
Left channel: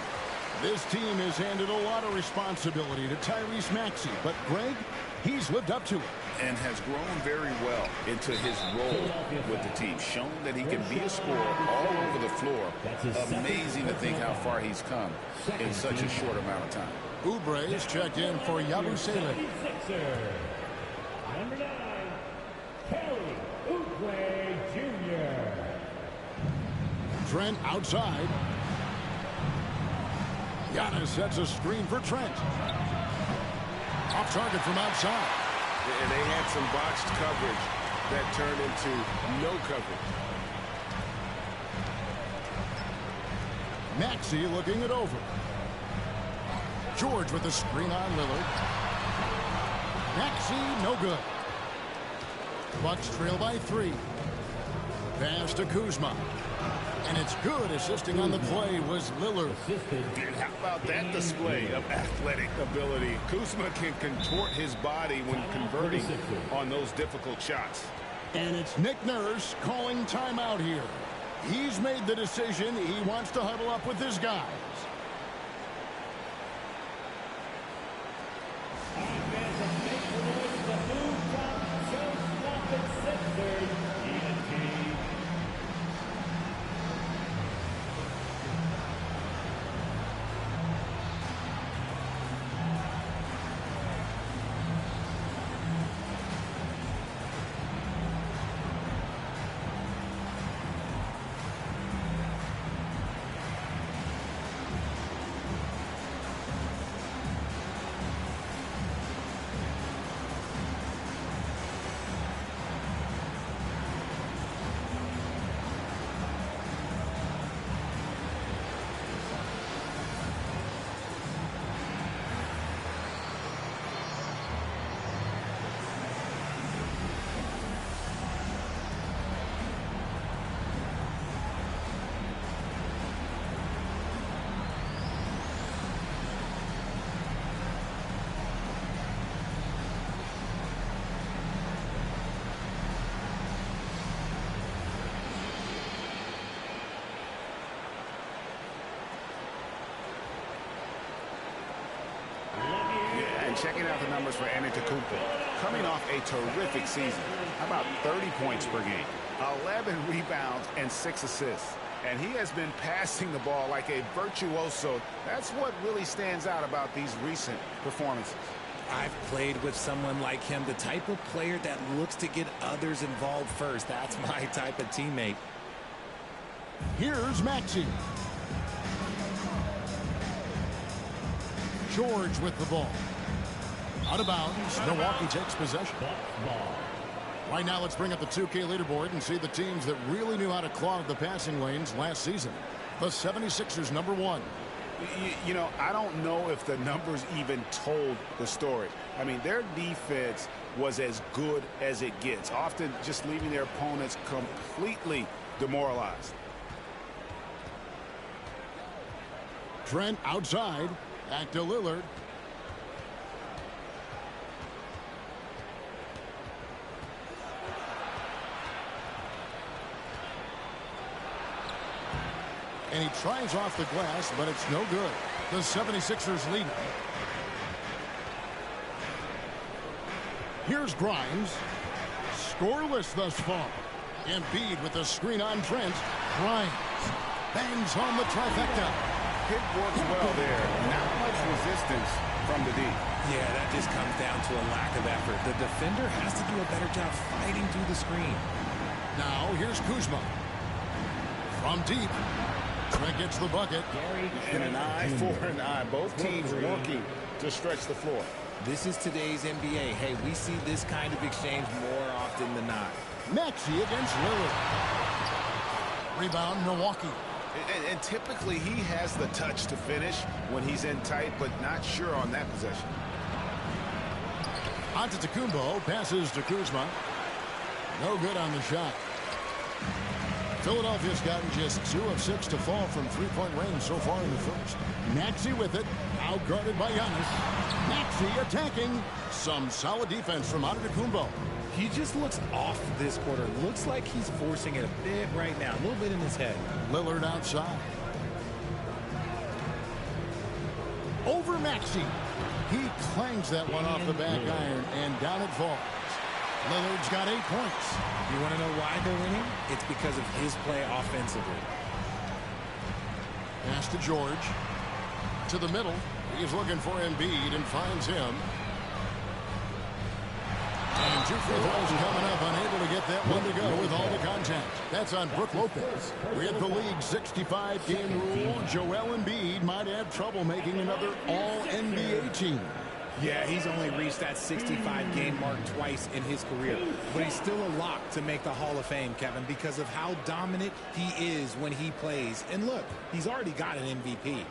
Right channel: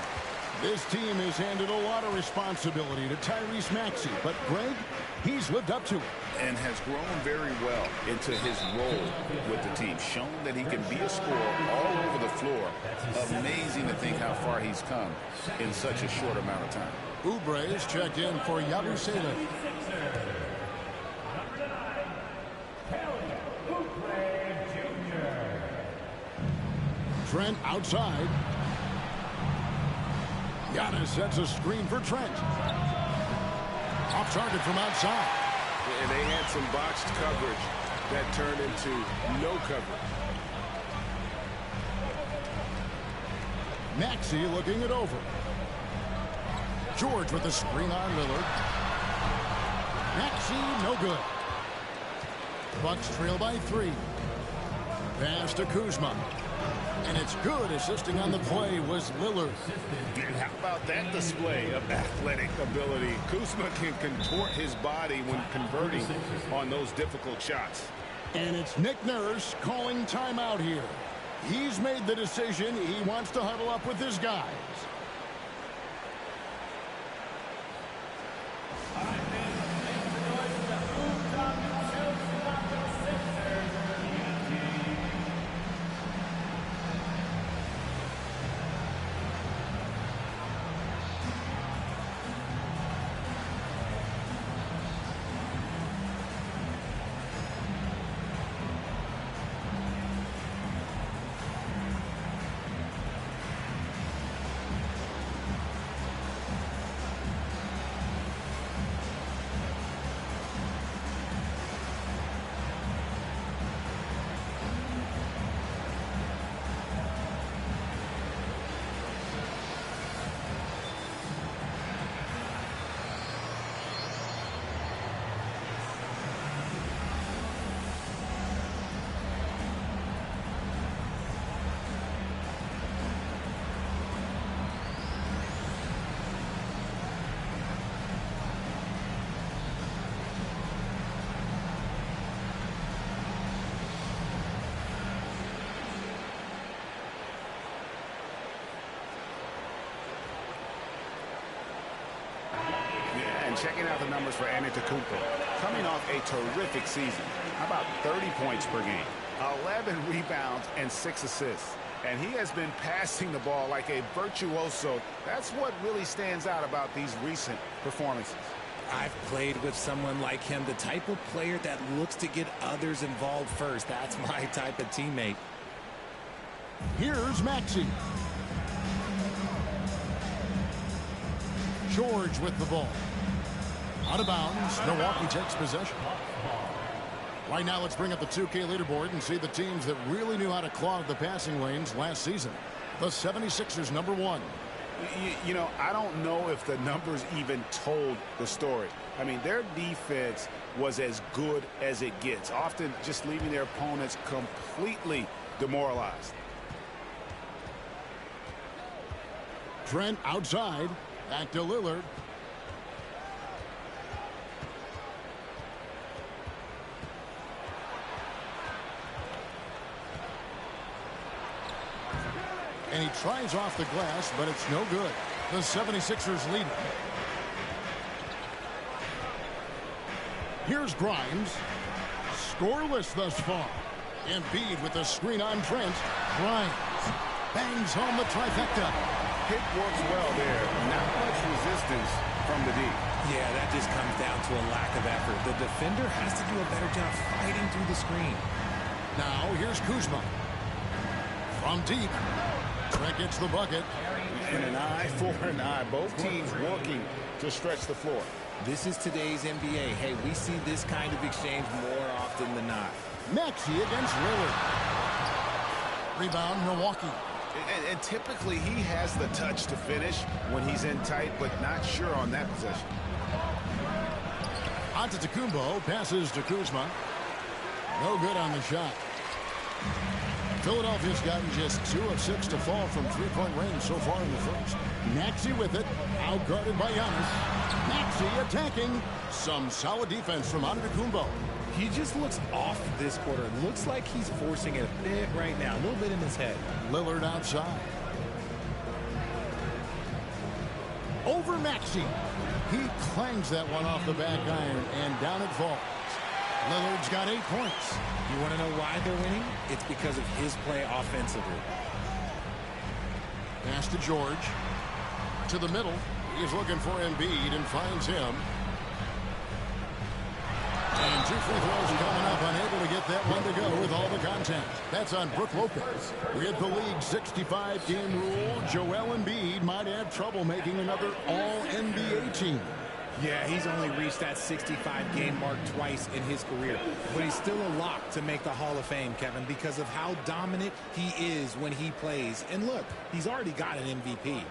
This team has handed a lot of responsibility to Tyrese Maxey, but Greg, he's lived up to it. And has grown very well into his role with the team. Shown that he can be a scorer all over the floor. Amazing to think how far he's come in such a short amount of time. Oubre's checked in for Yabusele. Number 9, Kelly Oubre Jr. Trent outside. Giannis sets a screen for Trent. Off target from outside. And they had some botched coverage that turned into no coverage. Maxey looking it over. George with the screen on Lillard. Maxey, no good. Bucks trail by 3. Pass to Kuzma. And it's good. Assisting on the play was Lillard. And how about that display of athletic ability? Kuzma can contort his body when converting on those difficult shots. And it's Nick Nurse calling timeout here. He's made the decision. He wants to huddle up with his guys. And checking out the numbers for Antetokounmpo. Coming off a terrific season. How about 30 points per game? 11 rebounds and 6 assists. And he has been passing the ball like a virtuoso. That's what really stands out about these recent performances. I've played with someone like him, the type of player that looks to get others involved first. That's my type of teammate. Here's Maxey. George with the ball. Out of bounds. Milwaukee takes possession. Right now, let's bring up the 2K leaderboard and see the teams that really knew how to clog the passing lanes last season. The 76ers, number 1. You know, I don't know if the numbers even told the story. I mean, their defense was as good as it gets, often just leaving their opponents completely demoralized. Trent outside. Back to Lillard. And he tries off the glass, but it's no good. The 76ers lead. Here's Grimes. Scoreless thus far. Embiid with the screen on Trent. Grimes bangs home the trifecta. It works well there. Not much resistance from the D. Yeah, that just comes down to a lack of effort. The defender has to do a better job fighting through the screen. Now here's Kuzma. From deep. Trent gets the bucket. And an eye for an eye. Both teams working to stretch the floor. This is today's NBA. Hey, we see this kind of exchange more often than not. Maxey against Lillard. Rebound, Milwaukee. And typically he has the touch to finish when he's in tight, but not sure on that possession. Antetokounmpo passes to Kuzma. No good on the shot. Philadelphia's gotten just 2 of 6 to fall from three-point range so far in the first. Maxey with it, outguarded by Giannis. Maxey attacking. Some solid defense from Antetokounmpo. He just looks off this quarter. Looks like he's forcing it a bit right now, a little bit in his head. Lillard outside. Over Maxey. He clangs that one off the back iron, and down it falls. Lillard's got 8 points. You want to know why they're winning? It's because of his play offensively. Pass to George. To the middle. He's looking for Embiid and finds him. And 2 free throws coming up, unable to get that one to go with all the contact. That's on Brook Lopez. With the league's 65-game rule, Joel Embiid might have trouble making another All-NBA team. Yeah, he's only reached that 65-game mark twice in his career. But he's still a lock to make the Hall of Fame, Kevin, because of how dominant he is when he plays. And look, he's already got an MVP.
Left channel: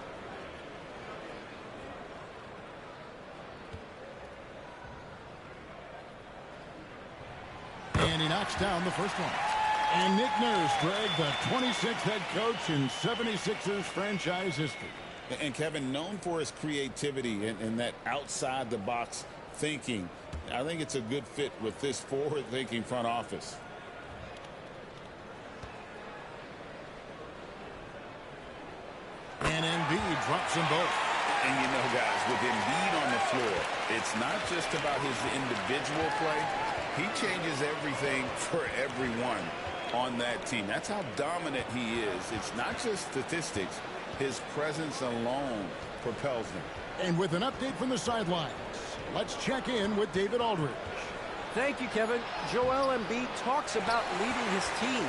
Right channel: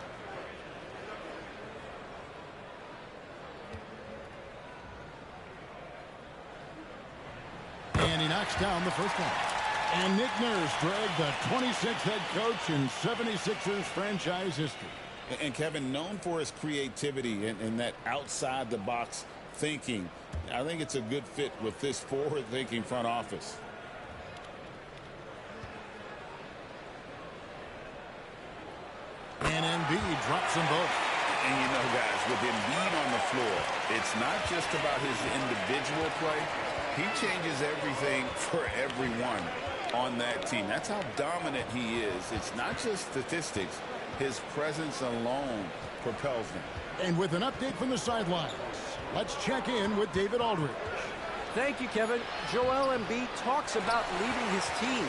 And he knocks down the first one. And Nick Nurse, Greg, the 26th head coach in 76ers franchise history. And Kevin, known for his creativity and that outside-the-box thinking, I think it's a good fit with this forward-thinking front office. And Embiid drops them both. And you know, guys, with Embiid on the floor, it's not just about his individual play. He changes everything for everyone on that team. That's how dominant he is. It's not just statistics. His presence alone propels them. And with an update from the sidelines, let's check in with David Aldridge. Thank you, Kevin. Joel Embiid talks about leading his team.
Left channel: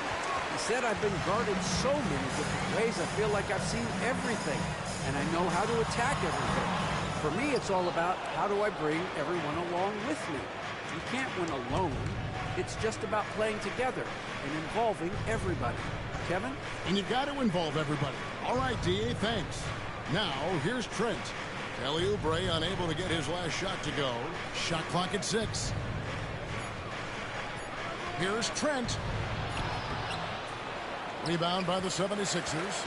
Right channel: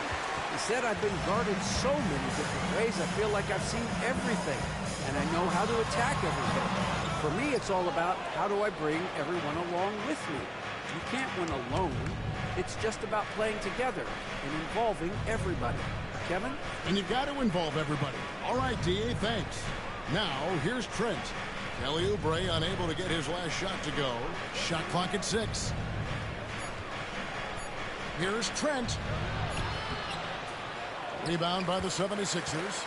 He said, I've been guarded so many different ways. I feel like I've seen everything, and I know how to attack everything. For me, it's all about how do I bring everyone along with me. You can't win alone. It's just about playing together and involving everybody. Kevin? And you've got to involve everybody. All right, D.A., thanks. Now, here's Trent. Kelly Oubre unable to get his last shot to go. Shot clock at 6. Here's Trent. Rebound by the 76ers.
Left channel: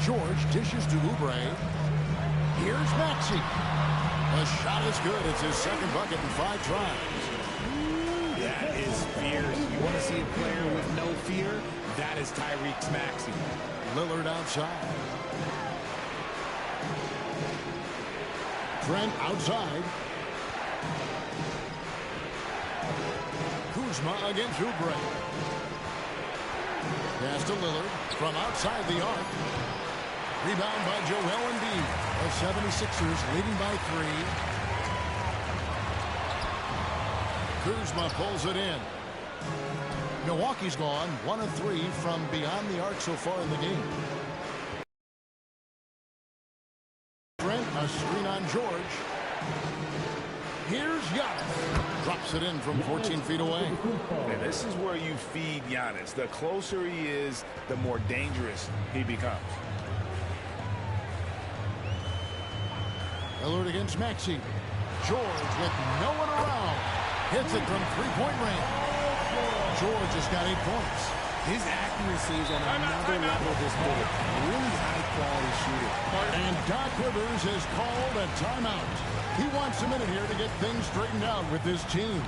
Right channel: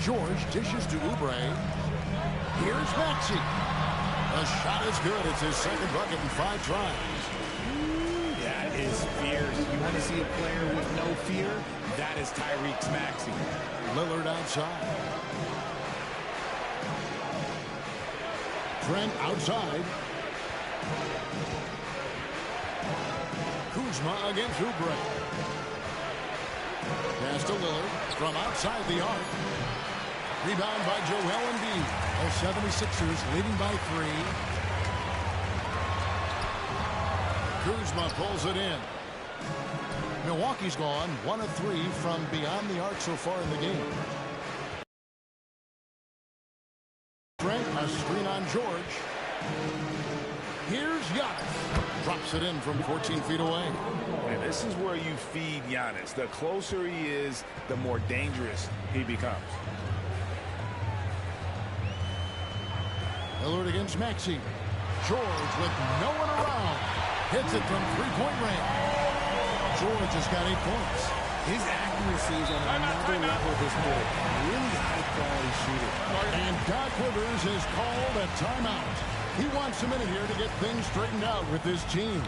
George dishes to Oubre. Here's Maxey. The shot is good. It's his second bucket in 5 tries. Ooh, that is fierce. You want to see a player with no fear? That is Tyrese Maxey. Lillard outside. Trent outside. Kuzma against Oubre. Pass to Lillard from outside the arc. Rebound by Joel Embiid. The 76ers leading by 3. Kuzma pulls it in. Milwaukee's gone 1 of 3 from beyond the arc so far in the game. Trent, a screen on George. Here's Giannis. Drops it in from 14 feet away. And this is where you feed Giannis. The closer he is, the more dangerous he becomes. Lillard against Maxey. George with no one around. Hits it from 3-point range. George has got 8 points. His accuracy is on another level this quarter. Really high-quality shooter. And Doc Rivers has called a timeout. He wants a minute here to get things straightened out with his team.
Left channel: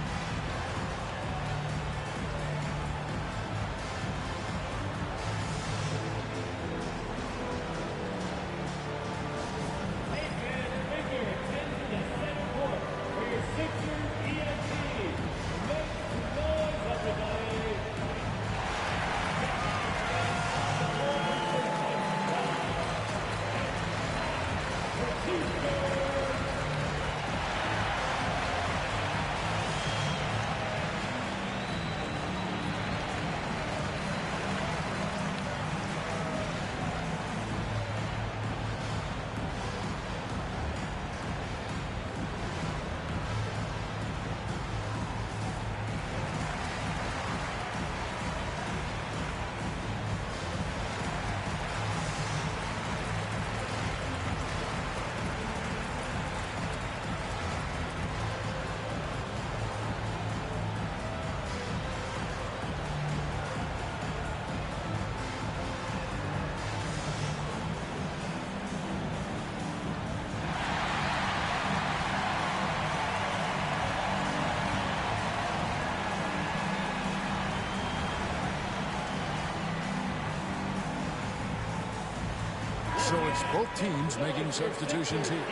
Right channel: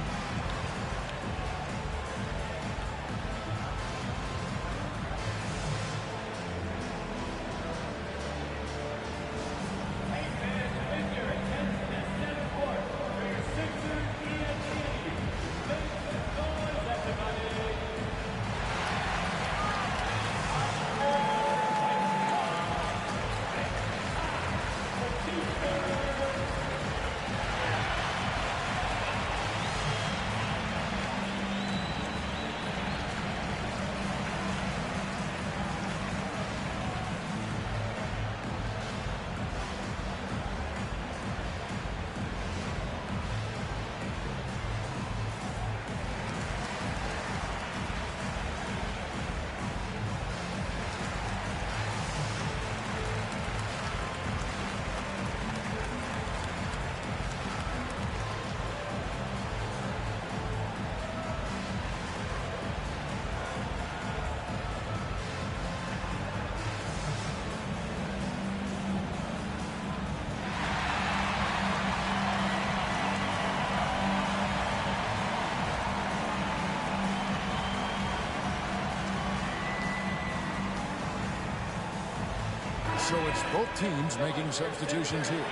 So it's both teams making substitutions here.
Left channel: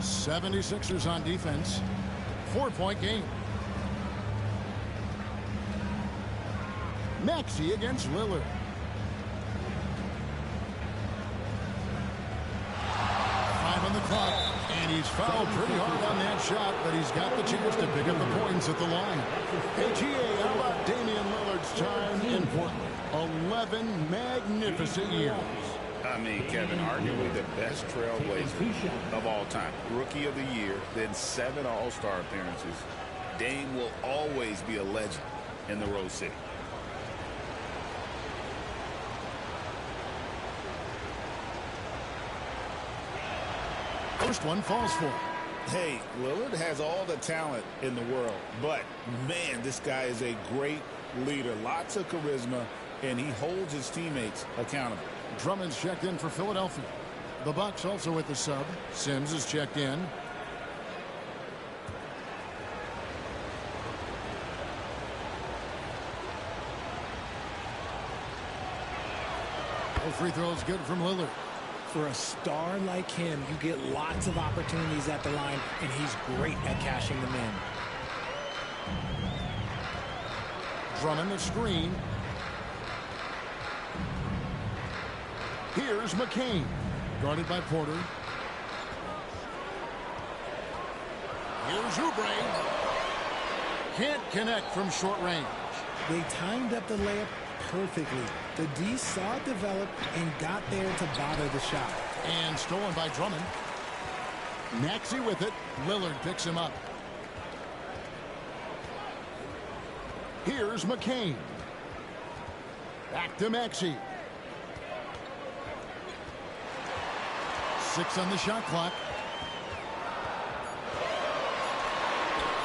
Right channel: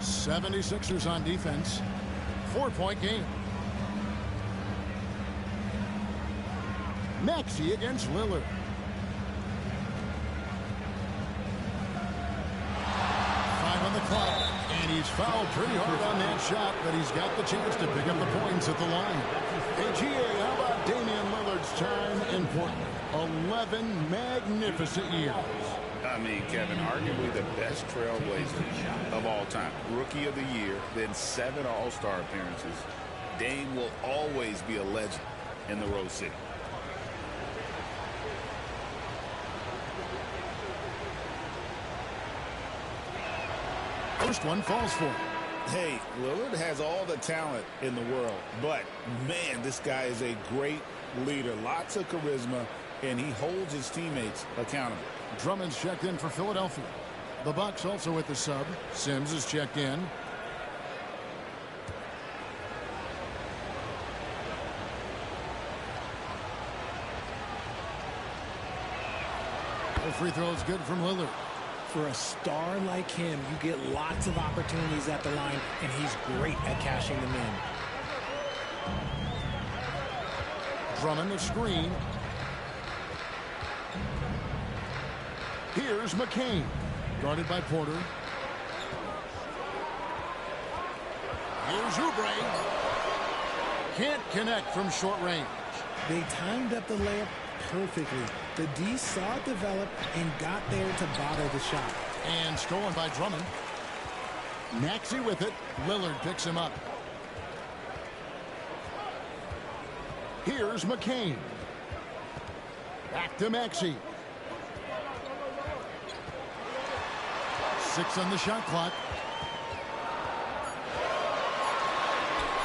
'76ers on defense. 4-point game. Maxey against Lillard. Five on the clock, and he's fouled pretty hard on that shot, but he's got the chance to pick up the points at the line. Hey, GA, how about Damian Lillard's time in Portland? 11 magnificent years. I mean, Kevin, arguably the best trailblazer of all time. Rookie of the year, then 7 All-Star appearances. Dame will always be a legend in the Rose City. First one falls for him. Hey, Lillard has all the talent in the world, but, man, this guy is a great leader. Lots of charisma, and he holds his teammates accountable. Drummond's checked in for Philadelphia. The Bucks also with the sub. Sims is checked in. No free throws good from Lillard. For a star like him, you get lots of opportunities at the line, and he's great at cashing them in. Drummond the screen. Here's McCain, guarded by Porter. Here's Oubre. Can't connect from short range. They timed up the layup perfectly. The D saw it develop and got there to bother the shot. And stolen by Drummond. Maxey with it. Lillard picks him up. Here's McCain. Back to Maxey. 6 on the shot clock.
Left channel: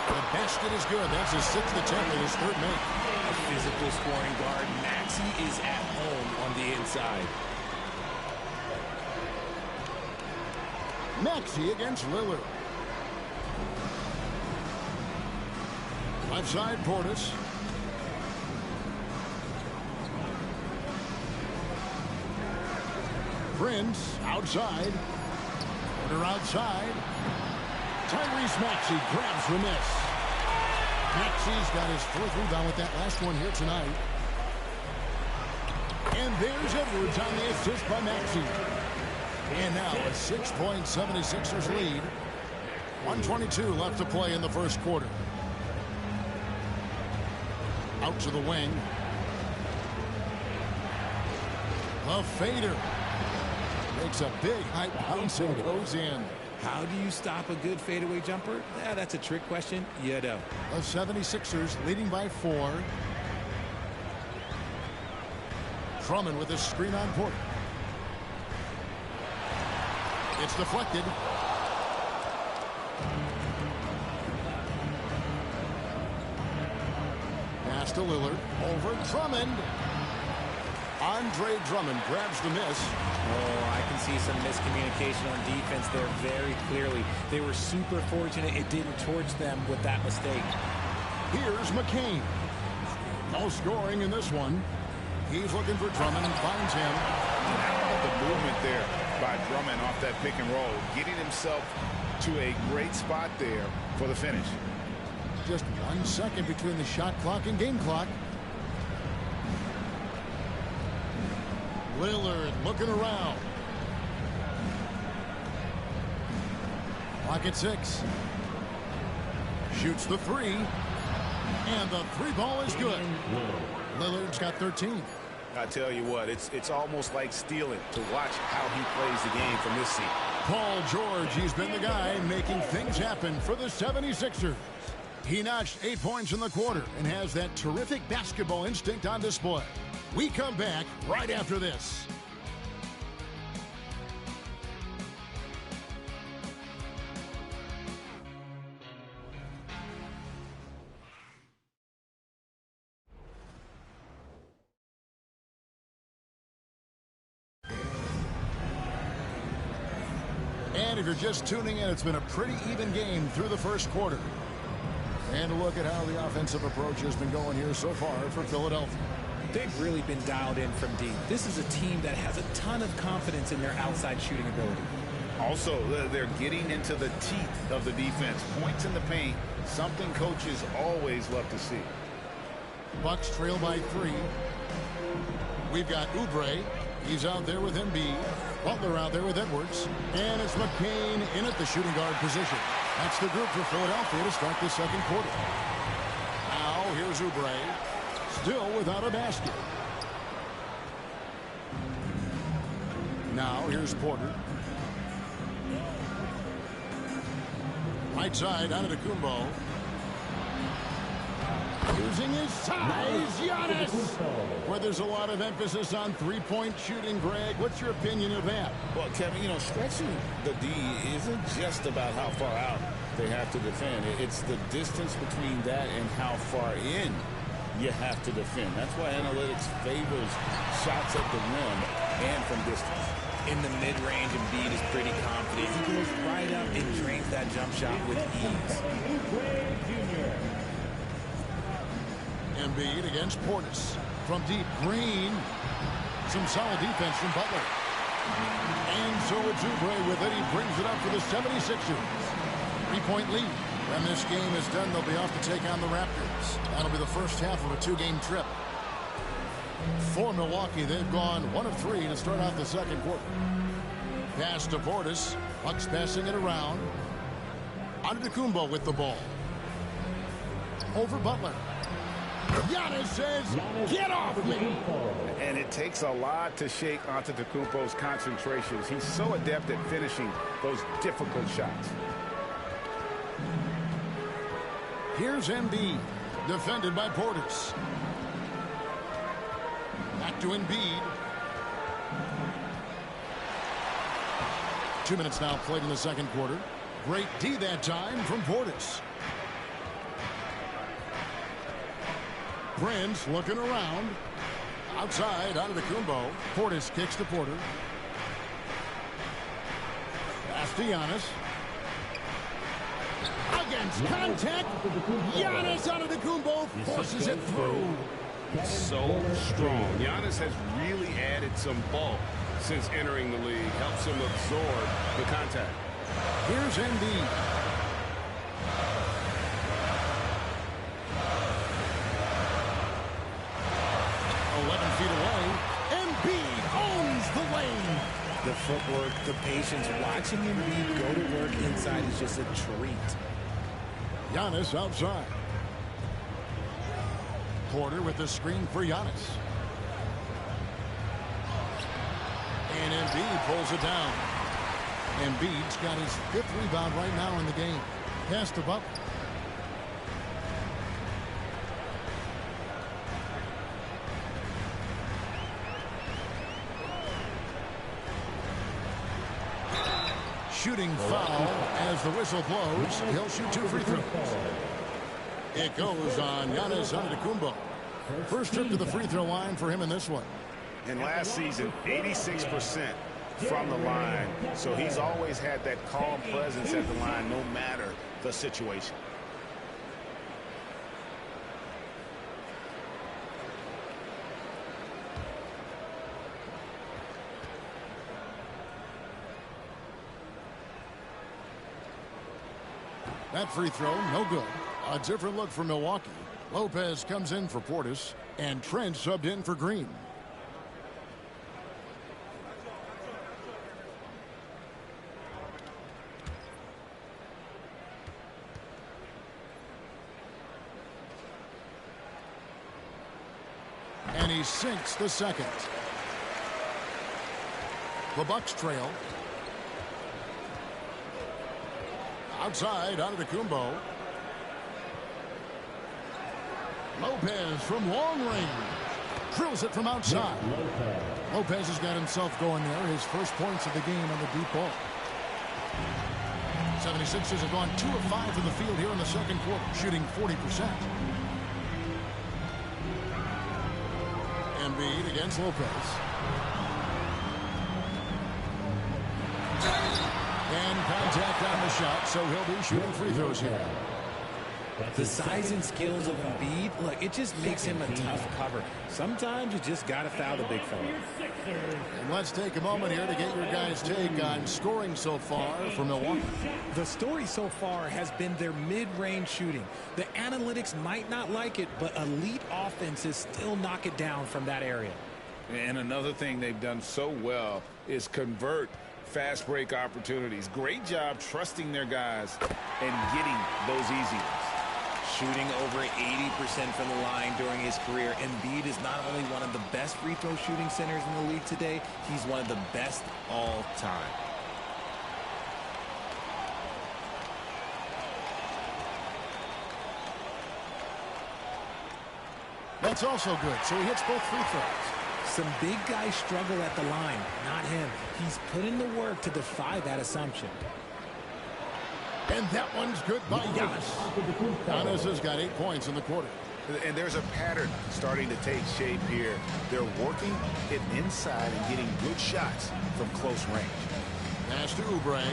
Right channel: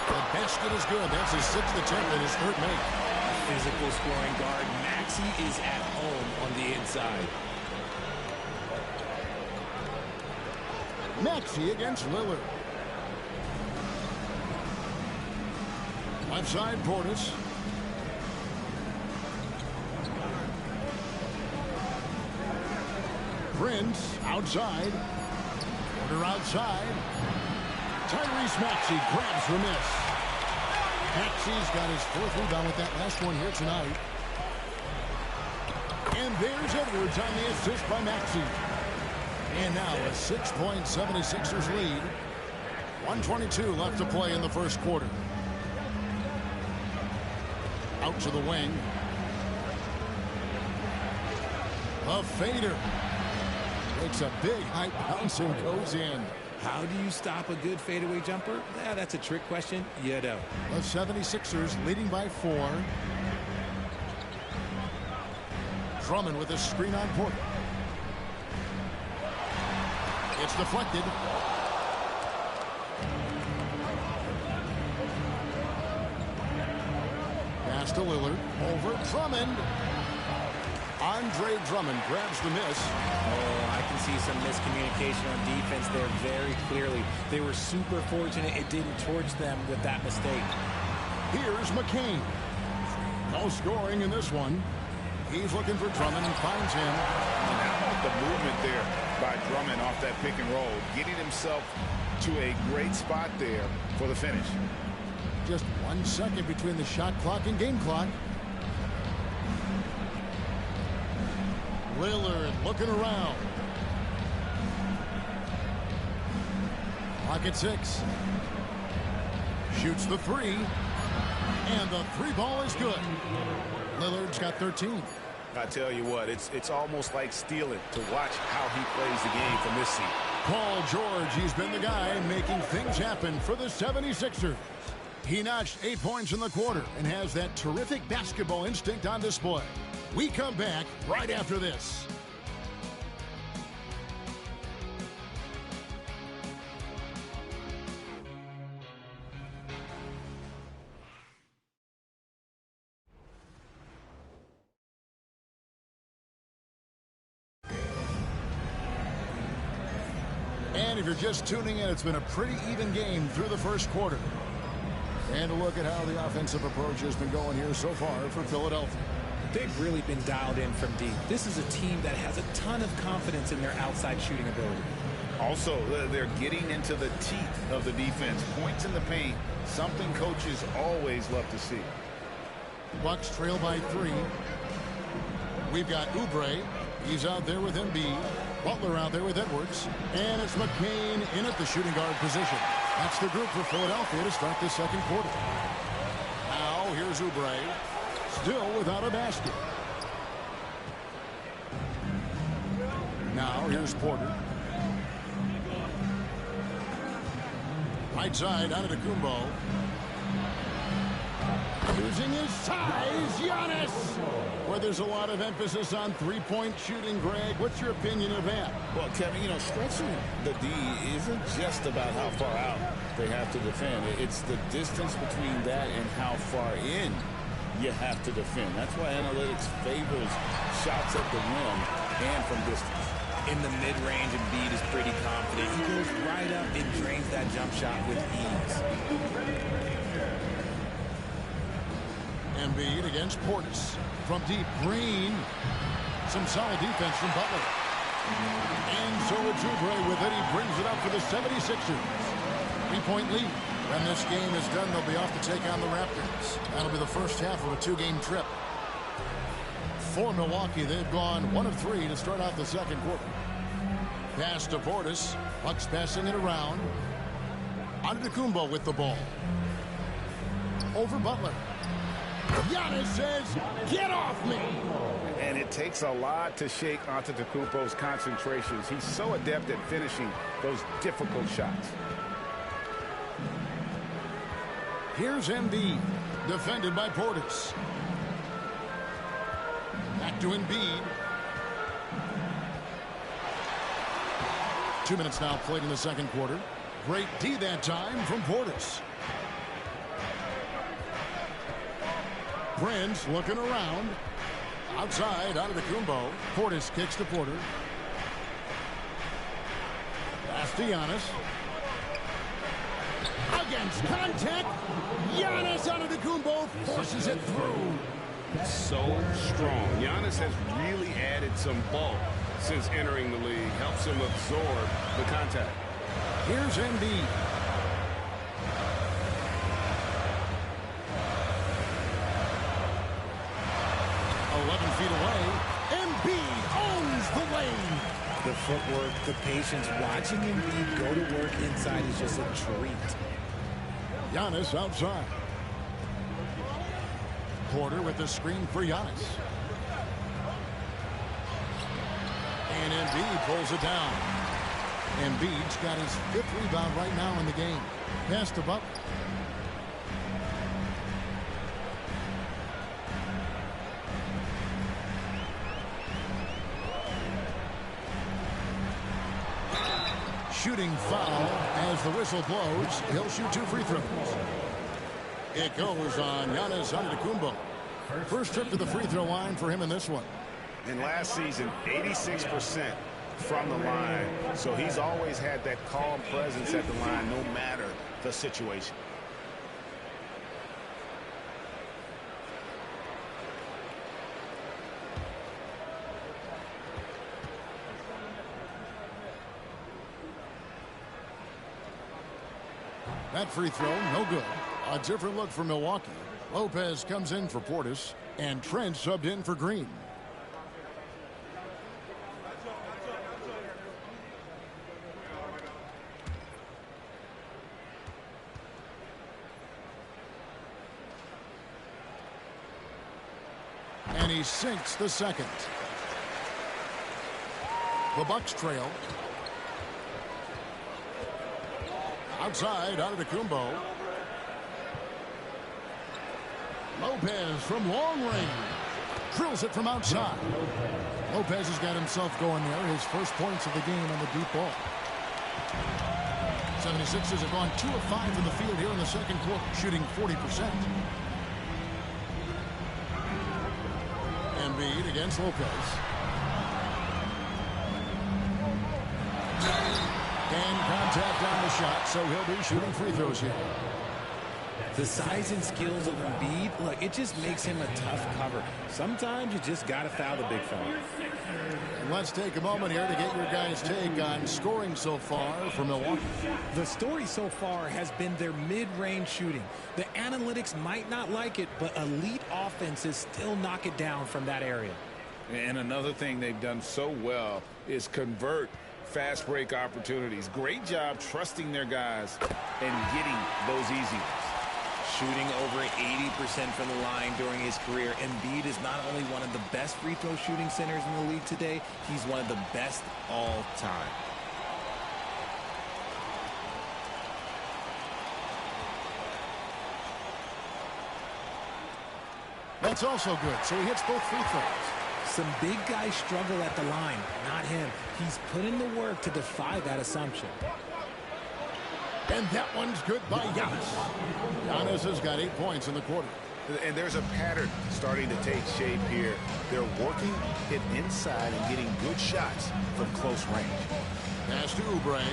The basket is good. That's his 6th attempt and his 3rd make. A physical scoring guard. Maxey is at home on the inside. Maxey against Lillard. Left side, Portis. Prince outside. Porter outside. Tyrese Maxey grabs the miss. Maxey's got his 4th rebound with that last one here tonight. And there's Edwards on the assist by Maxey. And now a 6-point 76ers lead. 1:22 left to play in the first quarter. Out to the wing. A fader. Makes a big high bounce and goes in. How do you stop a good fadeaway jumper? Yeah, that's a trick question. You know. The 76ers leading by 4. Drummond with a screen on Porter. It's deflected. Pass to Lillard. Over Drummond. Andre Drummond grabs the miss. Oh, I can see some miscommunication on defense there very clearly. They were super fortunate it didn't torch them with that mistake. Here's McCain. No scoring in this one. He's looking for Drummond and finds him. And how about the movement there by Drummond off that pick and roll, getting himself to a great spot there for the finish. Just 1 second between the shot clock and game clock. Lillard looking around. Clock at 6. Shoots the 3. And the 3 ball is good. Lillard's got 13. I tell you what, it's almost like stealing to watch how he plays the game from this seat. Paul George, he's been the guy making things happen for the 76ers. He notched 8 points in the quarter and has that terrific basketball instinct on display. We come back right after this. And if you're just tuning in, it's been a pretty even game through the first quarter. And a look at how the offensive approach has been going here so far for Philadelphia. They've really been dialed in from deep. This is a team that has a ton of confidence in their outside shooting ability. Also, they're getting into the teeth of the defense. Points in the paint, something coaches always love to see. Bucks trail by 3. We've got Oubre. He's out there with Embiid. Butler out there with Edwards. And it's McCain in at the shooting guard position. That's the group for Philadelphia to start the second quarter. Now, here's Oubre. Still without a basket. Now, here's Porter. Right side, Antetokounmpo. Using his size, Giannis. Where there's a lot of emphasis on three-point shooting, Greg. What's your opinion of that? Well, Kevin, stretching the D isn't just about how far out they have to defend. It's the distance between that and how far in you have to defend. That's why analytics favors shots at the rim and from distance. In the mid-range, Embiid is pretty confident. He goes right up and drains that jump shot with ease. Embiid against Portis. From deep, Green. Some solid defense from Butler. And so it's Oubre with it. He brings it up for the 76ers. 3-point lead. When this game is done, they'll be off to take on the Raptors. That'll be the first half of a 2-game trip. For Milwaukee, they've gone 1 of 3 to start out the second quarter. Pass to Portis. Bucks passing it around. Antetokounmpo with the ball. Over Butler. Giannis says, get off me! And it takes a lot to shake Antetokounmpo's concentrations. He's so adept at finishing those difficult shots. Here's Embiid, defended by Portis. Back to Embiid. 2 minutes now played in the second quarter. Great D that time from Portis. Prince looking around. Outside, out of the Antetokounmpo. Portis kicks to Porter. Pass to Giannis. Against contact. Giannis Antetokounmpo forces it through. So strong. Giannis has really added some bulk since entering the league. Helps him absorb the contact. Here's Embiid. Feet away. Embiid owns the lane. The footwork, the patience, watching Embiid go to work inside is just a treat. Giannis outside. Porter with the screen for Giannis. And Embiid pulls it down. Embiid's got his 5th rebound right now in the game. Pass to Butler. Shooting foul as the whistle blows. He'll shoot 2 free throws. It goes on Giannis Antetokounmpo. First trip to the free throw line for him in this one. And last season, 86% from the line. So he's always had that calm presence at the line no matter the situation. That free throw, no good. A different look for Milwaukee. Lopez comes in for Portis, and Trent subbed in for Green. And he sinks the second. The Bucks trail. Outside, Antetokounmpo. Lopez from long range. Drills it from outside. Lopez has got himself going there. His first points of the game on the deep ball. 76ers have gone 2 of 5 from the field here in the second quarter, shooting 40%. Embiid against Lopez. And contact on the shot, so he'll be shooting free throws here. The size and skills of Embiid, look, it just makes him a tough cover. Sometimes you just got to foul the big fella. And let's take a moment here to get your guys' take on scoring so far for Milwaukee. The story so far has been their mid-range shooting. The analytics might not like it, but elite offenses still knock it down from that area. And another thing they've done so well is convert fast break opportunities. Great job trusting their guys and getting those easy ones. Shooting over 80% from the line during his career, Embiid is not only one of the best free throw shooting centers in the league today, he's one of the best all time. That's also good, so he hits both free throws. Some big guys struggle at the line, not him. He's put in the work to defy that assumption. And that one's good by Giannis. Giannis has got 8 points in the quarter. And there's a pattern starting to take shape here. They're working it inside and getting good shots from close range. Pass to Oubre.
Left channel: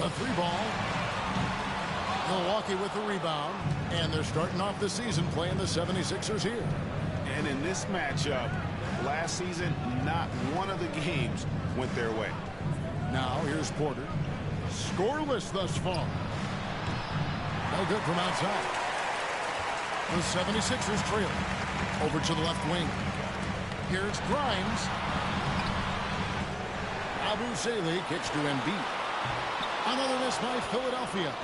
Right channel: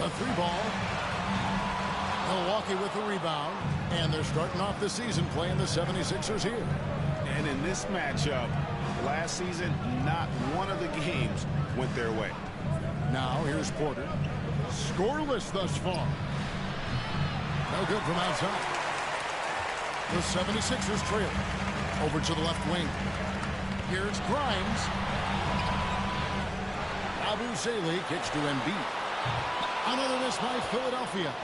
A 3-ball. Milwaukee with the rebound. And they're starting off the season playing the 76ers here. And in this matchup, last season, not one of the games went their way. Now here's Porter. Scoreless thus far. No good from outside. The 76ers trail. Over to the left wing. Here's Grimes. Abu Zayle kicks to Embiid. Another miss by Philadelphia.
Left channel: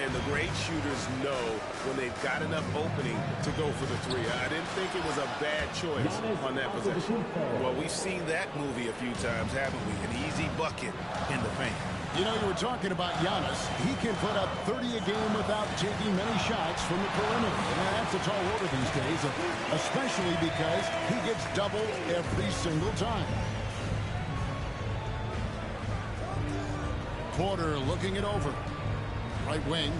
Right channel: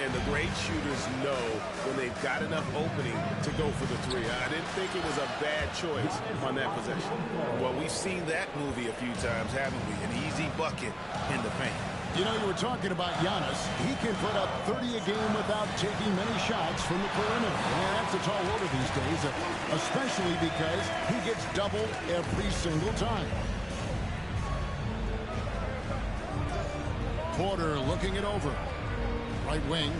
And the great shooters know when they've got enough opening to go for the three. I didn't think it was a bad choice on that possession. Well, we've seen that movie a few times, haven't we? An easy bucket in the paint. You know, you were talking about Giannis. He can put up 30 a game without taking many shots from the perimeter. And that's a tall order these days, especially because he gets doubled every single time. Porter looking it over. Right wing.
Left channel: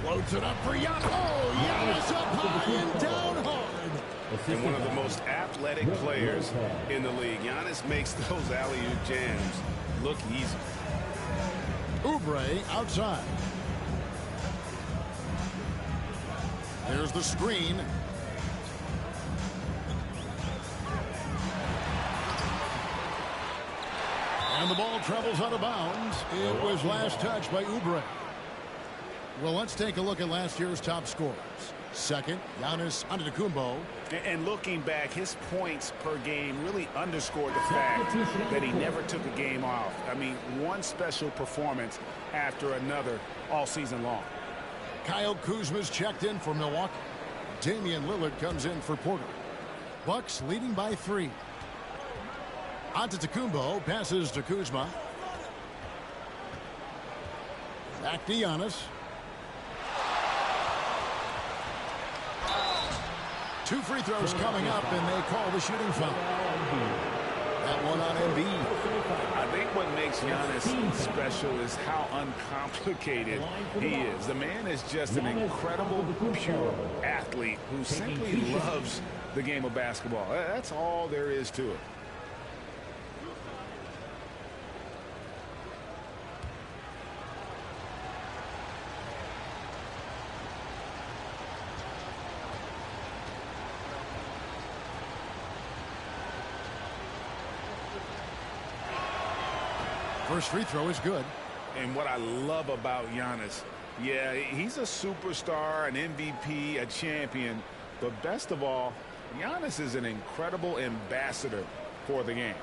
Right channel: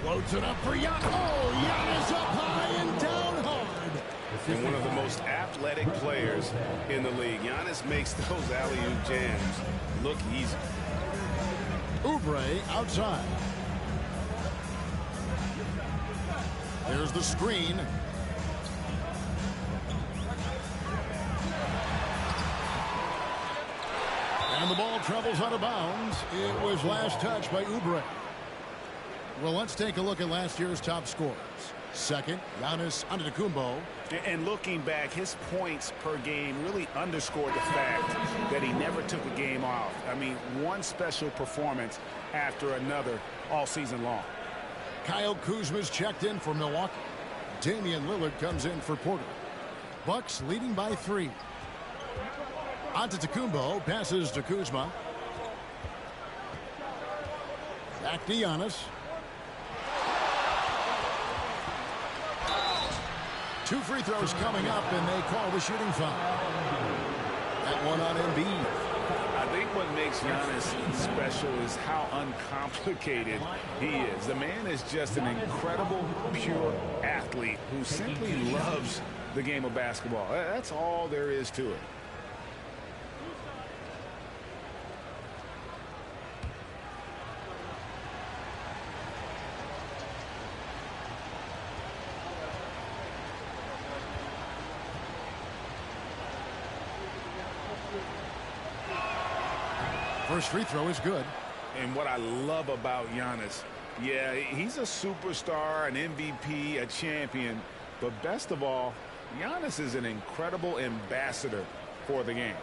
Floats it up for Giannis. Oh, Giannis up high and down hard. And one of the most athletic players in the league. Giannis makes those alley-oop jams look easy. Oubre outside. There's the screen. And the ball travels out of bounds. It was last touched by Oubre. Well, let's take a look at last year's top scorers. Second, Giannis Antetokounmpo. And looking back, his points per game really underscored the fact that he never took a game off. I mean, one special performance after another all season long. Kyle Kuzma's checked in for Milwaukee. Damian Lillard comes in for Porter. Bucks leading by 3. Antetokounmpo passes to Kuzma. Back to Giannis. 2 free throws coming up, and they call the shooting foul. That one on Embiid. I think what makes Giannis special is how uncomplicated he is. The man is just an incredible, pure athlete who simply loves the game of basketball. That's all there is to it. First free throw is good. And what I love about Giannis, yeah, he's a superstar, an MVP, a champion. But best of all, Giannis is an incredible ambassador for the game.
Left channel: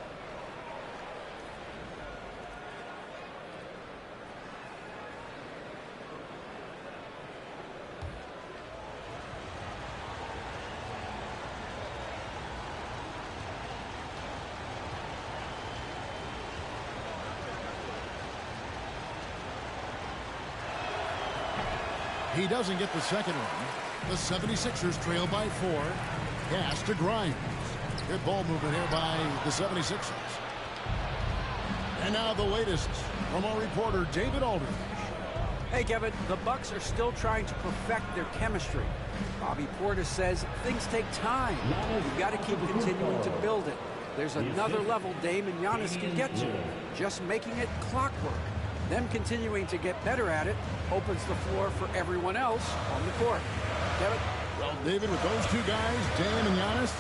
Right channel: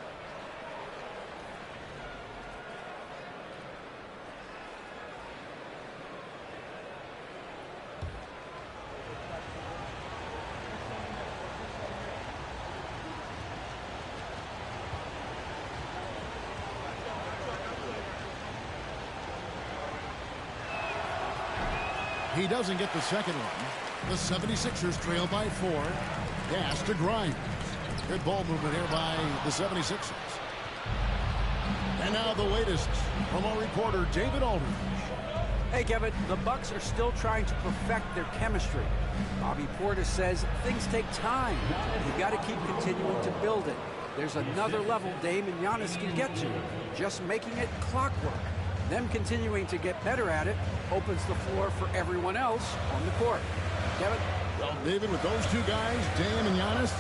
He doesn't get the second one. The 76ers trail by 4. Pass to Grimes. Good ball movement here by the 76ers. And now the latest from our reporter, David Aldridge. Hey, Kevin, the Bucks are still trying to perfect their chemistry. Bobby Portis says things take time. You've got to keep continuing to build it. There's another level Dame and Giannis can get to, just making it clockwork. Them continuing to get better at it opens the floor for everyone else on the court. Kevin? Well, David, with those two guys, Dame and Giannis,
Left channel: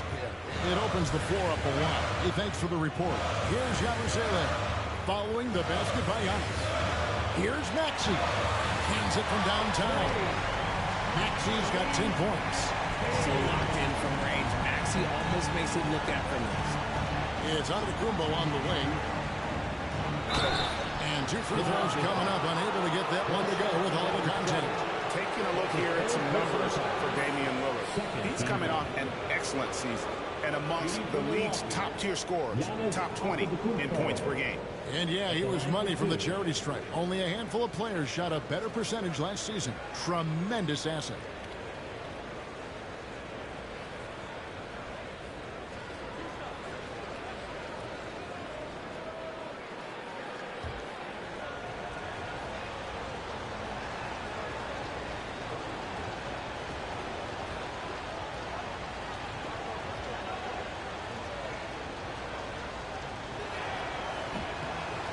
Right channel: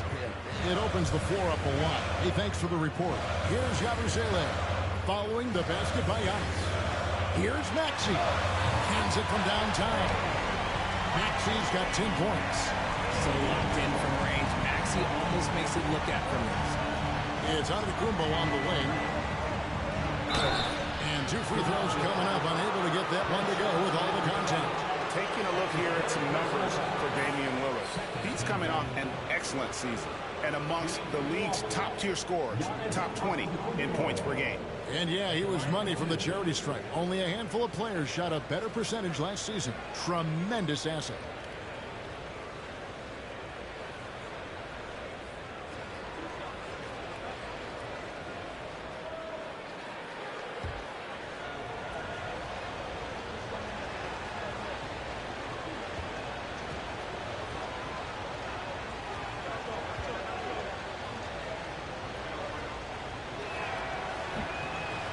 it opens the floor up a lot. Hey, thanks for the report. Here's Yabusele following the basket by Giannis. Here's Maxey. Hands it from downtown. Maxey's got 10 points. So locked in from range. Maxey almost makes it look effortless. It's Antetokounmpo on the wing. And 2 free throws coming up. Unable to get that one to go with all the contact. Taking a look here at some numbers for Damian Lillard. He's coming off an excellent season and amongst the league's top-tier scorers, top 20 in points per game. And yeah, he was money from the charity stripe. Only a handful of players shot a better percentage last season. Tremendous asset.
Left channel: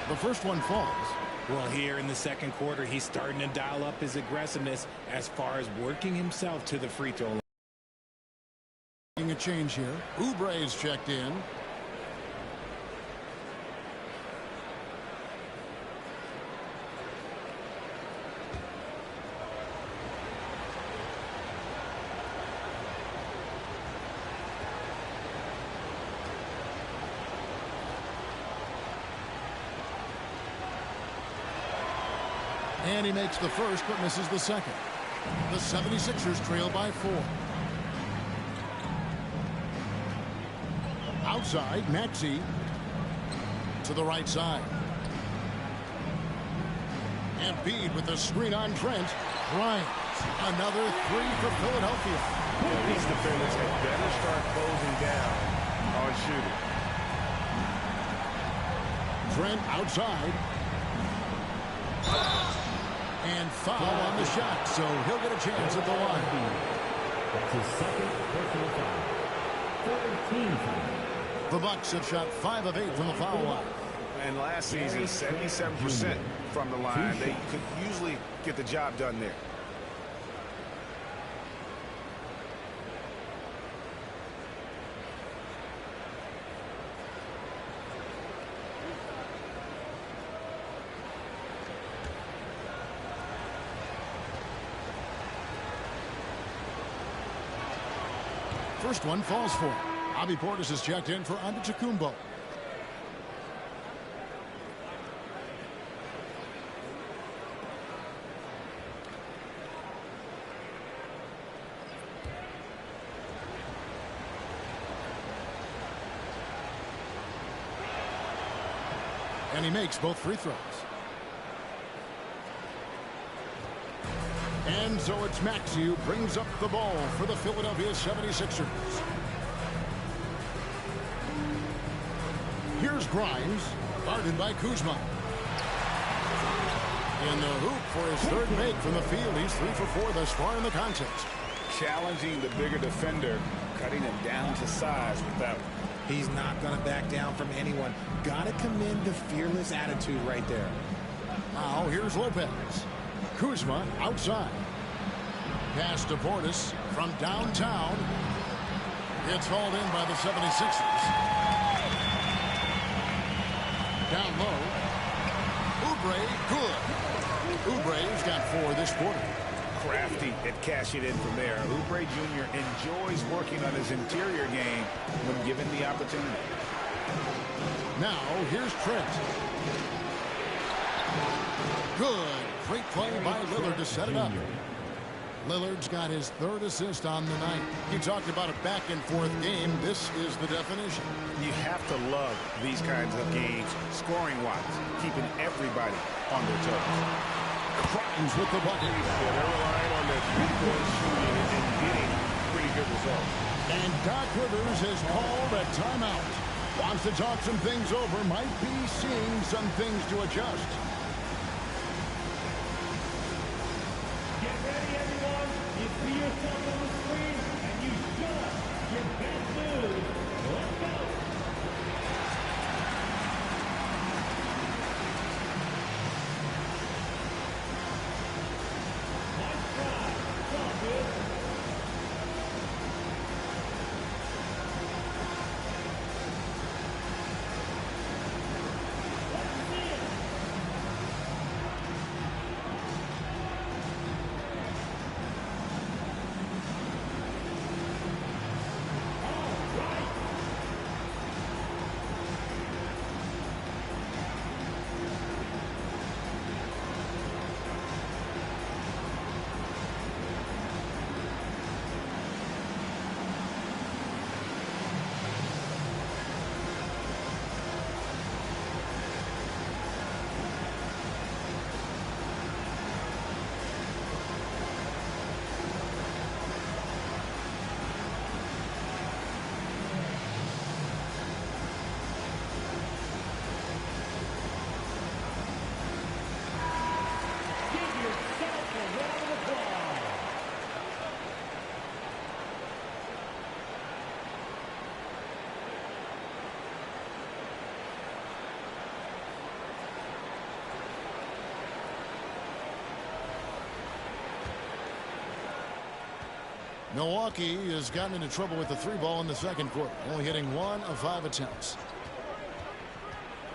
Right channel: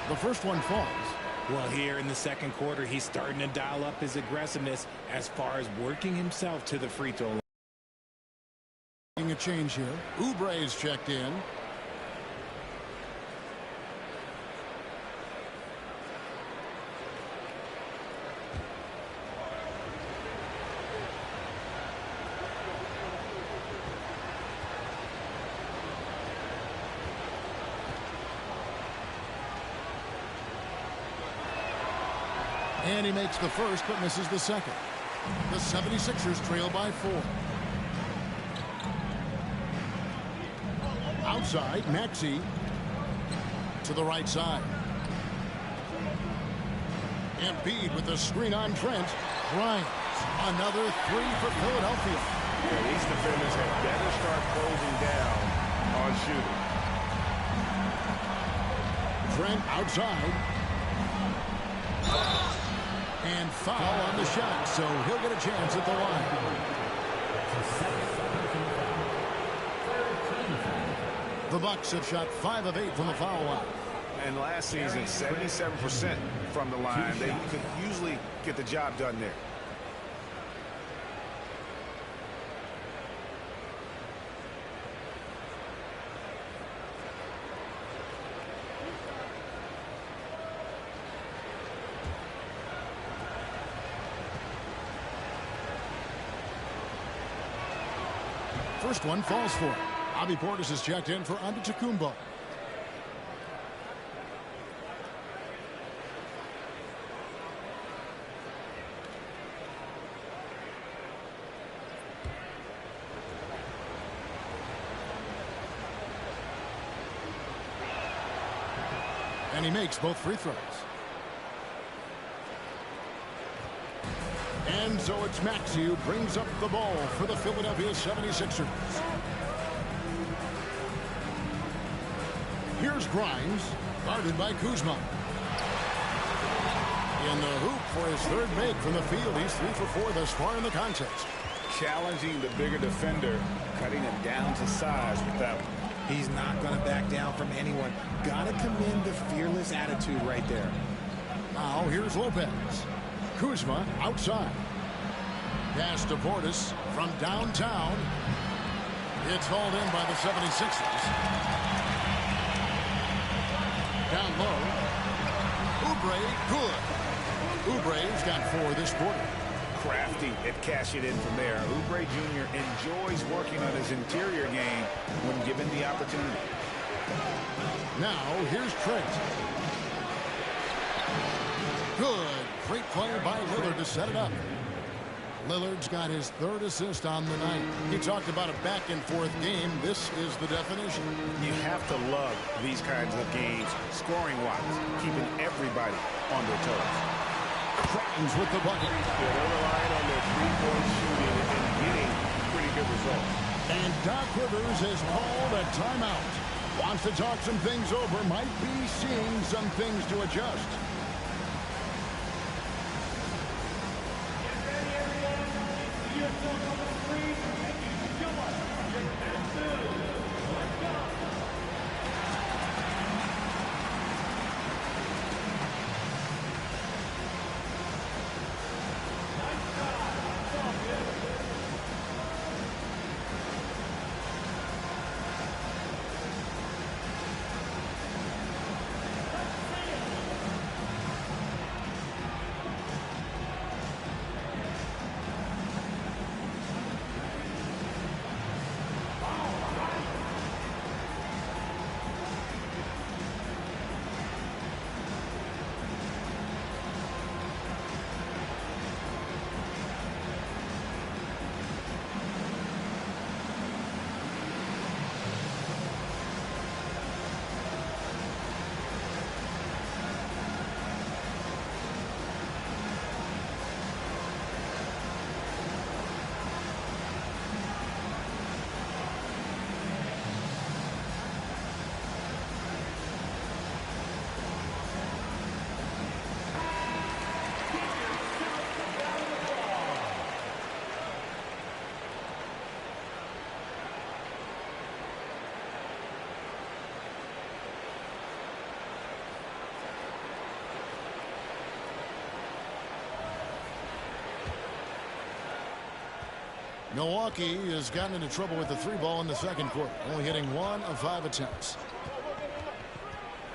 The first one falls. Well, here in the second quarter, he's starting to dial up his aggressiveness as far as working himself to the free throw line. A change here. Oubre is checked in. And he makes the first, but misses the second. The 76ers trail by 4. Outside, Maxey to the right side. Embiid with the screen on Trent. Bryant, another 3 for Philadelphia. Yeah, these defenders had better start closing down on shooting. Trent outside. And foul on the shot, so he'll get a chance at the line. The Bucks have shot 5 of 8 from the foul line. And last season, 77% from the line. They could usually get the job done there. First one falls for him. Bobby Portis is checked in for Antetokounmpo. And he makes both free throws. And so it's Maxey who brings up the ball for the Philadelphia 76ers. Here's Grimes, guarded by Kuzma. In the hoop for his third make from the field. He's 3 for 4 thus far in the contest. Challenging the bigger defender, cutting him down to size with that one. He's not going to back down from anyone. Got to commend the fearless attitude right there. Now here's Lopez. Kuzma outside. Pass to Portis from downtown. It's hauled in by the 76ers. Down low. Oubre, good. Oubre's got 4 this quarter. Crafty at cashing in from there. Oubre Jr. enjoys working on his interior game when given the opportunity. Now here's Trent. Good. Great play by Lillard to set it up. Lillard's got his 3rd assist on the night. He talked about a back-and-forth game. This is the definition. You have to love these kinds of games, scoring-wise, keeping everybody on their toes. Grimes with the bucket. Yeah, they're relying on their three-point shooting and getting pretty good results. And Doc Rivers has called a timeout. Wants to talk some things over. Might be seeing some things to adjust. Milwaukee has gotten into trouble with the 3-ball in the second quarter, only hitting 1 of 5 attempts.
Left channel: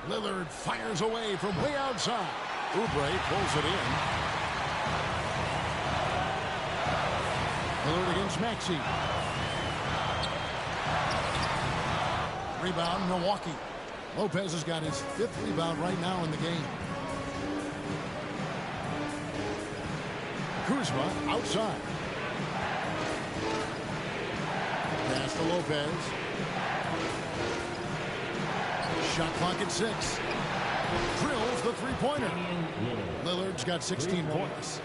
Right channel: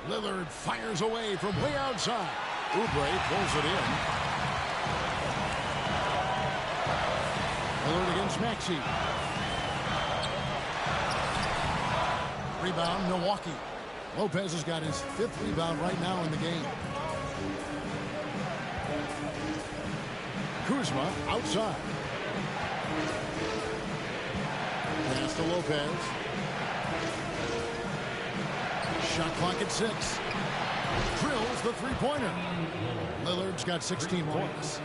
Lillard fires away from way outside. Oubre pulls it in. Lillard against Maxey. Rebound, Milwaukee. Lopez has got his 5th rebound right now in the game. Kuzma outside. Pass to Lopez. Shot clock at 6. Drills the three-pointer. Lillard's got 16 points.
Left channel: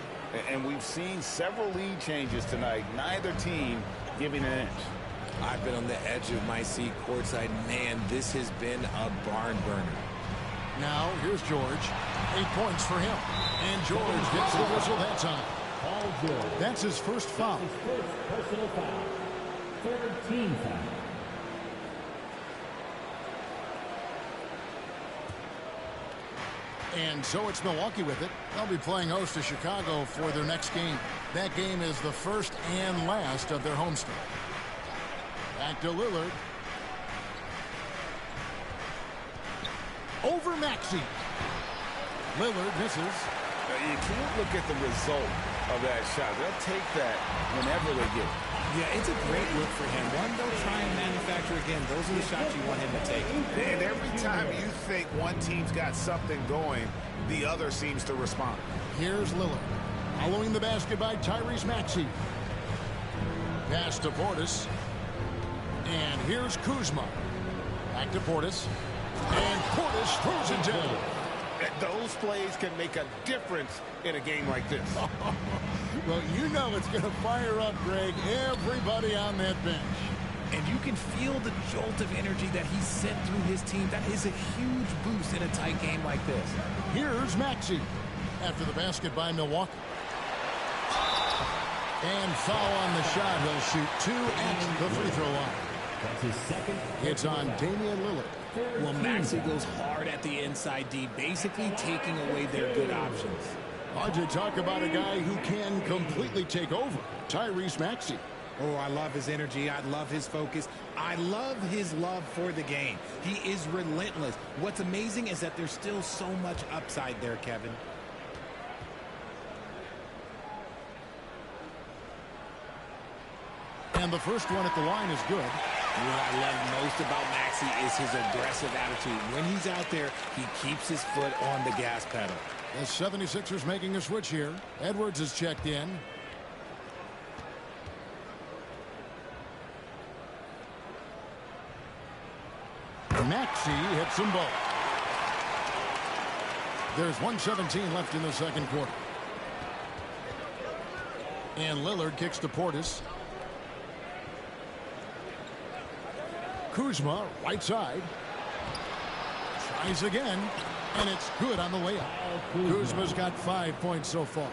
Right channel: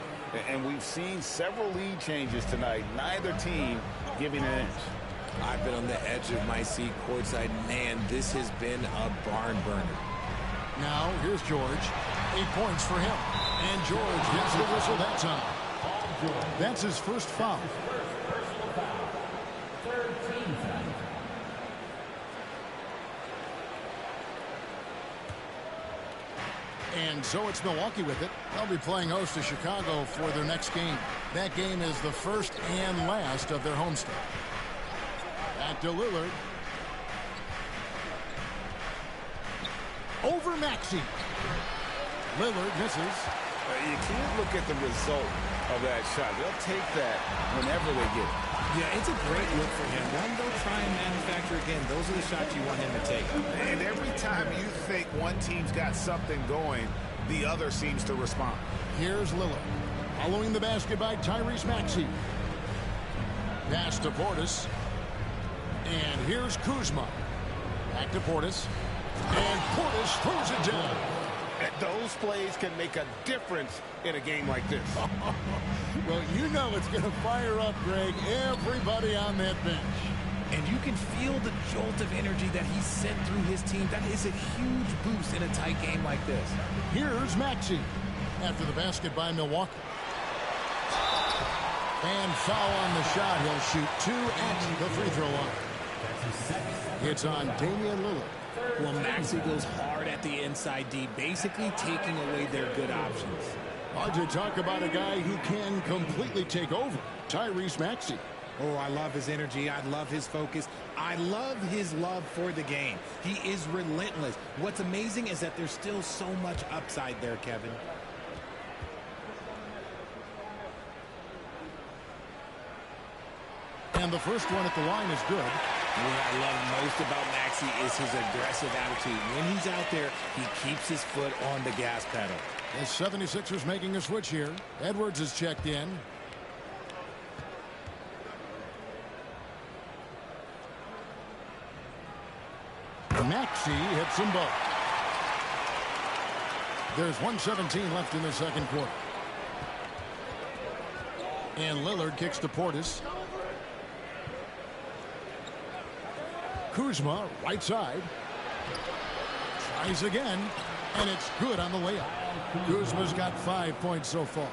And we've seen several lead changes tonight. Neither team giving an inch. I've been on the edge of my seat courtside. Man, this has been a barn burner. Now, here's George. 8 points for him. And George gets the whistle that time. That's his first foul. His first personal foul. 3rd team foul. And so it's Milwaukee with it. They'll be playing host to Chicago for their next game. That game is the first and last of their homestand. Back to Lillard. Over Maxey. Lillard misses. You can't look at the result of that shot. They'll take that whenever they get it. Yeah, it's a great look for him. One, they'll try and manufacture again. Those are the shots you want him to take. And every time you think one team's got something going, the other seems to respond. Here's Lillard. Following the basket by Tyrese Maxey. Pass to Portis. And here's Kuzma. Back to Portis. And Portis throws it down. Those plays can make a difference in a game like this. Well, you know it's going to fire up, Greg, everybody on that bench. And you can feel the jolt of energy that he sent through his team. That is a huge boost in a tight game like this. Here's Maxey after the basket by Milwaukee. And foul on the shot. He'll shoot 2 at the free throw line. It's on Damian Lillard. Well, Maxey goes hard at the inside D, basically taking away their good options. Hard to talk about a guy who can completely take over. Tyrese Maxey. Oh, I love his energy. I love his focus. I love his love for the game. He is relentless. What's amazing is that there's still so much upside there, Kevin. And the first one at the line is good. What I love most about Maxey is his aggressive attitude. When he's out there, he keeps his foot on the gas pedal. The 76ers making a switch here. Edwards is checked in. Maxey hits them both. There's 1:17 left in the second quarter. And Lillard kicks to Portis. Kuzma, right side. Tries again, and it's good on the layup. Kuzma's got 5 points so far.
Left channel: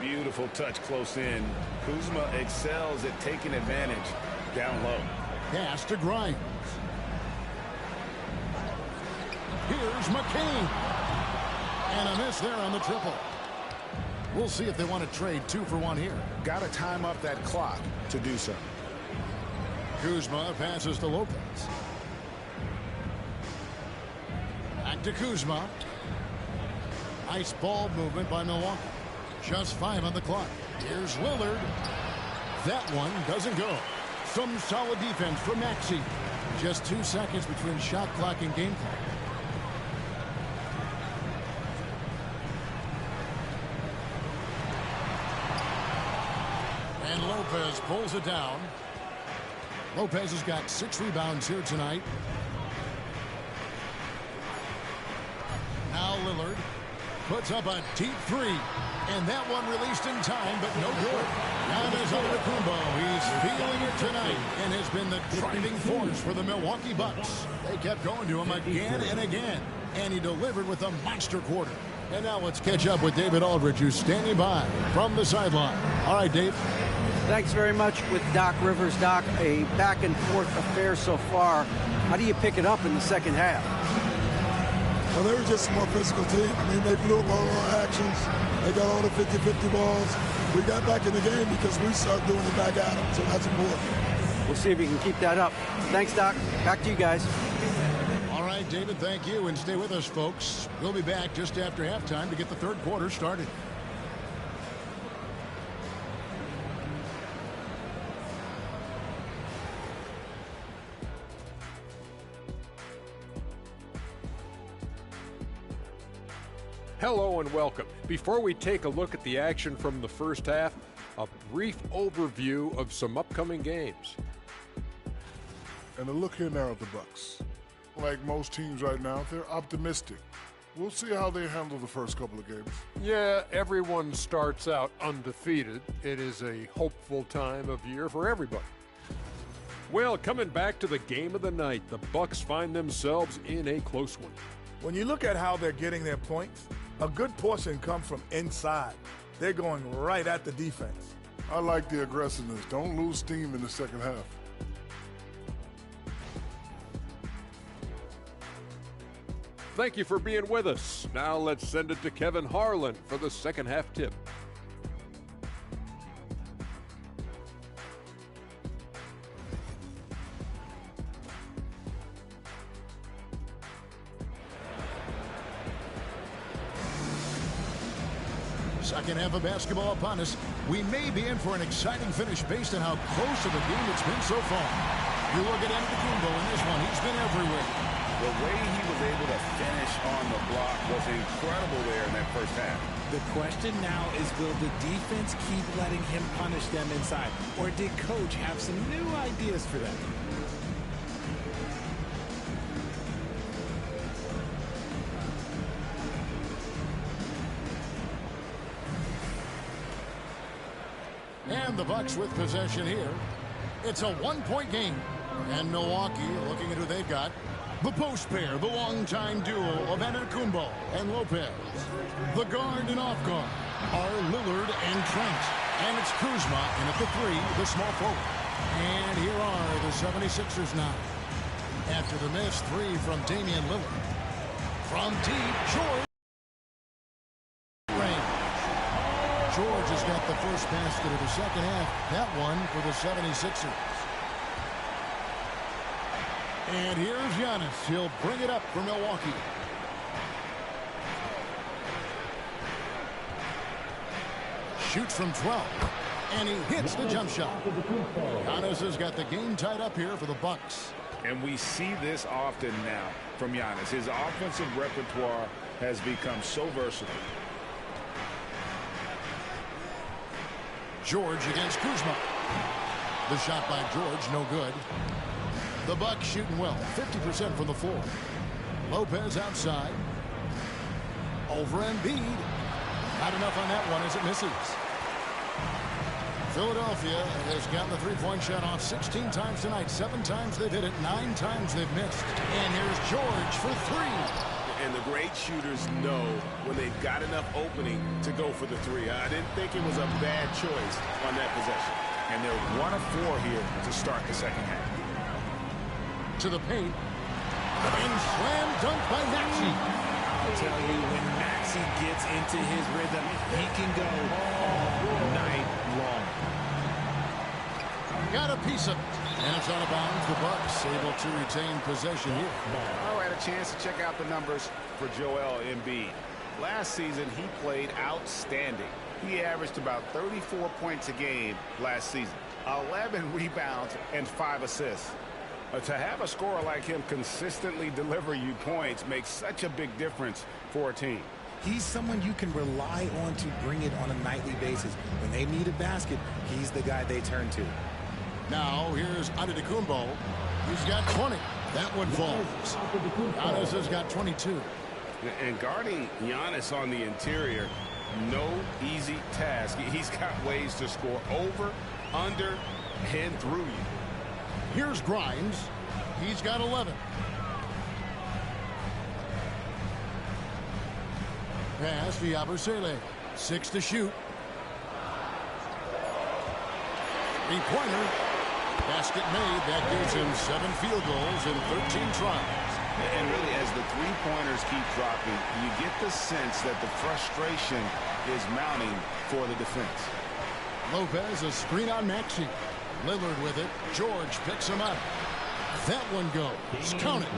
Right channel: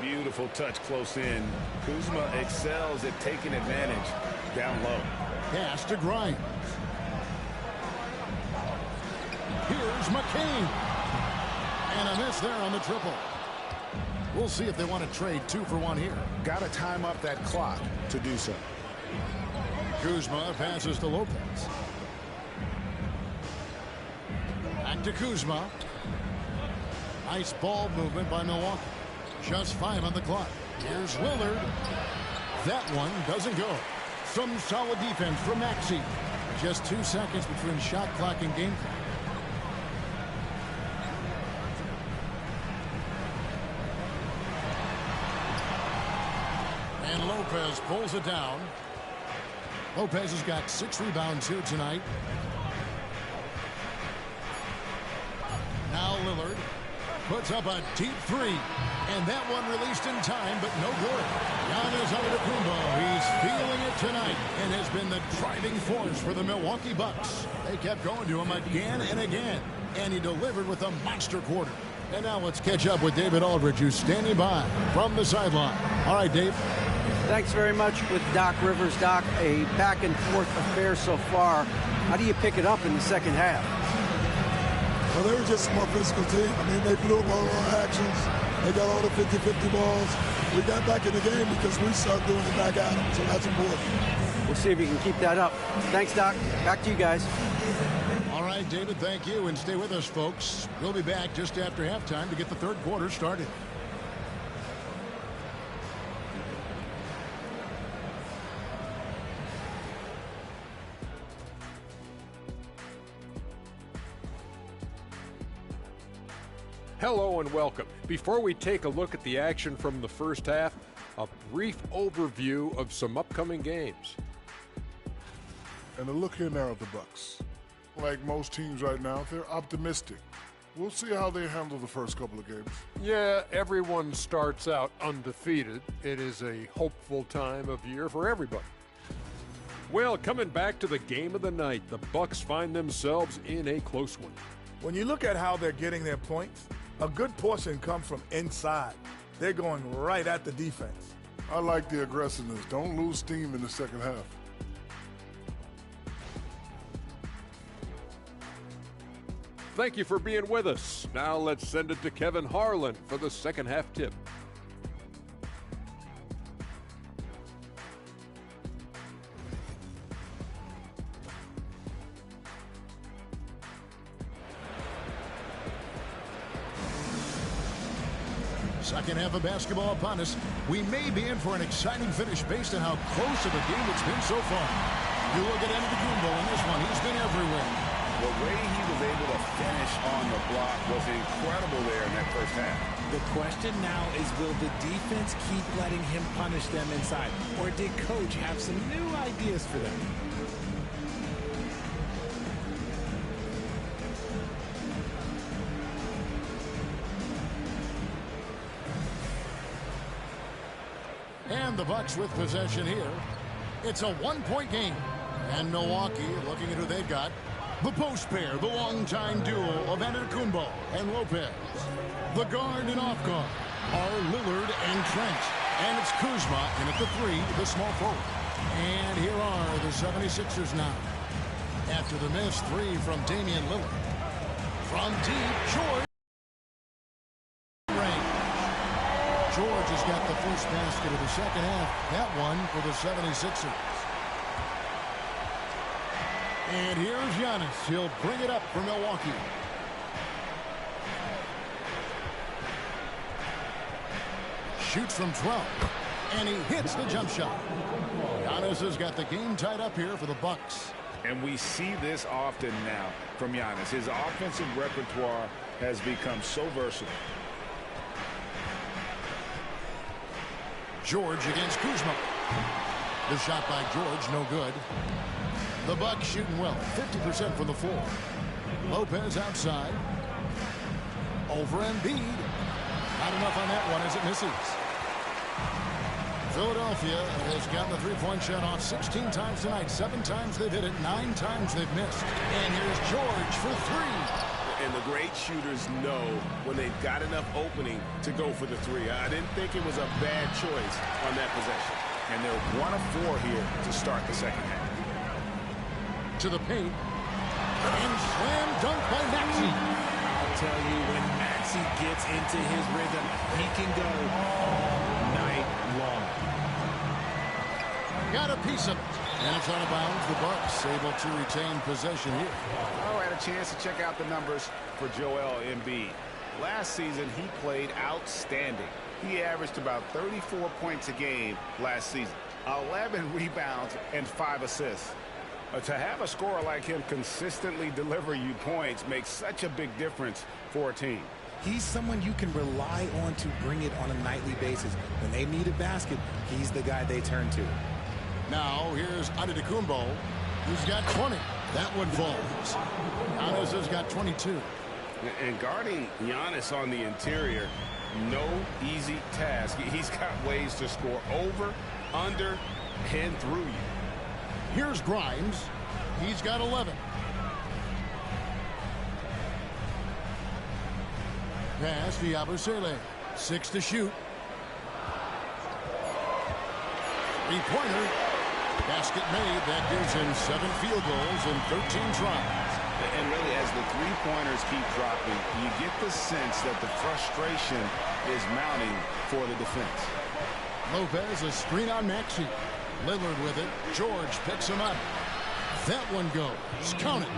Beautiful touch close in. Kuzma excels at taking advantage down low. Pass to Grimes. Here's McCain. And a miss there on the triple. We'll see if they want to trade 2 for 1 here. Got to time up that clock to do so. Kuzma passes to Lopez. Back to Kuzma. Nice ball movement by Milwaukee. Just 5 on the clock. Here's Lillard. That one doesn't go. Some solid defense from Maxey. Just 2 seconds between shot clock and game clock. And Lopez pulls it down. Lopez has got 6 rebounds here tonight. Now Lillard puts up a deep 3. And that one released in time, but no good. Giannis Antetokounmpo, he's feeling it tonight and has been the driving force for the Milwaukee Bucks. They kept going to him again and again, and he delivered with a monster quarter. And now let's catch up with David Aldridge, who's standing by from the sideline. All right, Dave. Thanks very much with Doc Rivers. Doc, a back-and-forth affair so far. How do you pick it up in the second half? Well, they were just a more physical team. I mean, they blew up all our actions. They got all the 50-50 balls. We got back in the game because we started doing it back at them, so that's important. We'll see if you can keep that up. Thanks, Doc. Back to you guys. All right, David, thank you, and stay with us, folks. We'll be back just after halftime to get the third quarter started. Hello and welcome. Before we take a look at the action from the first half, a brief overview of some upcoming games. And a look here now at the Bucks. Like most teams right now, they're optimistic. We'll see how they handle the first couple of games. Yeah, everyone starts out undefeated. It is a hopeful time of year for everybody. Well, coming back to the game of the night, the Bucks find themselves in a close one. When you look at how they're getting their points, a good portion comes from inside. They're going right at the defense. I like the aggressiveness. Don't lose steam in the second half. Thank you for being with us. Now let's send it to Kevin Harlan for the second half tip. Second half of basketball upon us. We may be in for an exciting finish based on how close of a game it's been so far. You look at Antetokounmpo in this one. He's been everywhere. The way he was able to finish on the block was incredible there in that first half. The question now is, will the defense keep letting him punish them inside? Or did Coach have some new ideas for them? And the Bucks with possession here. It's a one-point game. And Milwaukee looking at who they've got. The post pair, the longtime duo of Antetokounmpo and Lopez. The guard and off guard are Lillard and Trent. And it's Kuzma in at the three, the small forward. And here are the 76ers now. After the missed three from Damian Lillard. From deep, George. George has got the first basket of the second half. That one for the 76ers. And here's Giannis. He'll bring it up for Milwaukee. Shoots from 12. And he hits the jump shot. Giannis has got the game tied up here for the Bucks. And we see this often now from Giannis. His offensive repertoire has become so versatile. George against Kuzma. The shot by George, no good. The Bucks shooting well, 50% from the floor. Lopez outside. Over Embiid. Not enough on that one as it misses. Philadelphia has gotten the three-point shot off 16 times tonight. 7 times they've hit it, 9 times they've missed. And here's George for 3. And the great shooters know when they've got enough opening to go for the three. I didn't think it was a bad choice on that possession. And they're 1 of 4 here to start the second half. To the paint. And slam dunk by Maxey. I'll tell you, when Maxey gets into his rhythm, he can go all night long. Got a piece of it. And it's out of bounds. The Bucks able to retain possession here. Oh, I had a chance to check out the numbers for Joel Embiid. Last season, he played outstanding. He averaged about 34 points a game last season, 11 rebounds, and 5 assists. To have a scorer like him consistently deliver you points makes such a big difference for a team. He's someone you can rely on to bring it on a nightly basis. When they need a basket, he's the guy they turn to. Now here's Antetokounmpo. He's got 20. That one falls. Giannis has got 22. And guarding Giannis on the interior, no easy task. He's got ways to score over, under, and through you. Here's Grimes. He's got 11. Pass to Yabusele. 6 to shoot. 3-pointer. Basket made. That gives him 7 field goals in 13 tries. And really, as the three-pointers keep dropping, you get the sense that the frustration is mounting for the defense. Lopez, a screen on Maxey. Lillard with it. George picks him up. That one goes. Count it.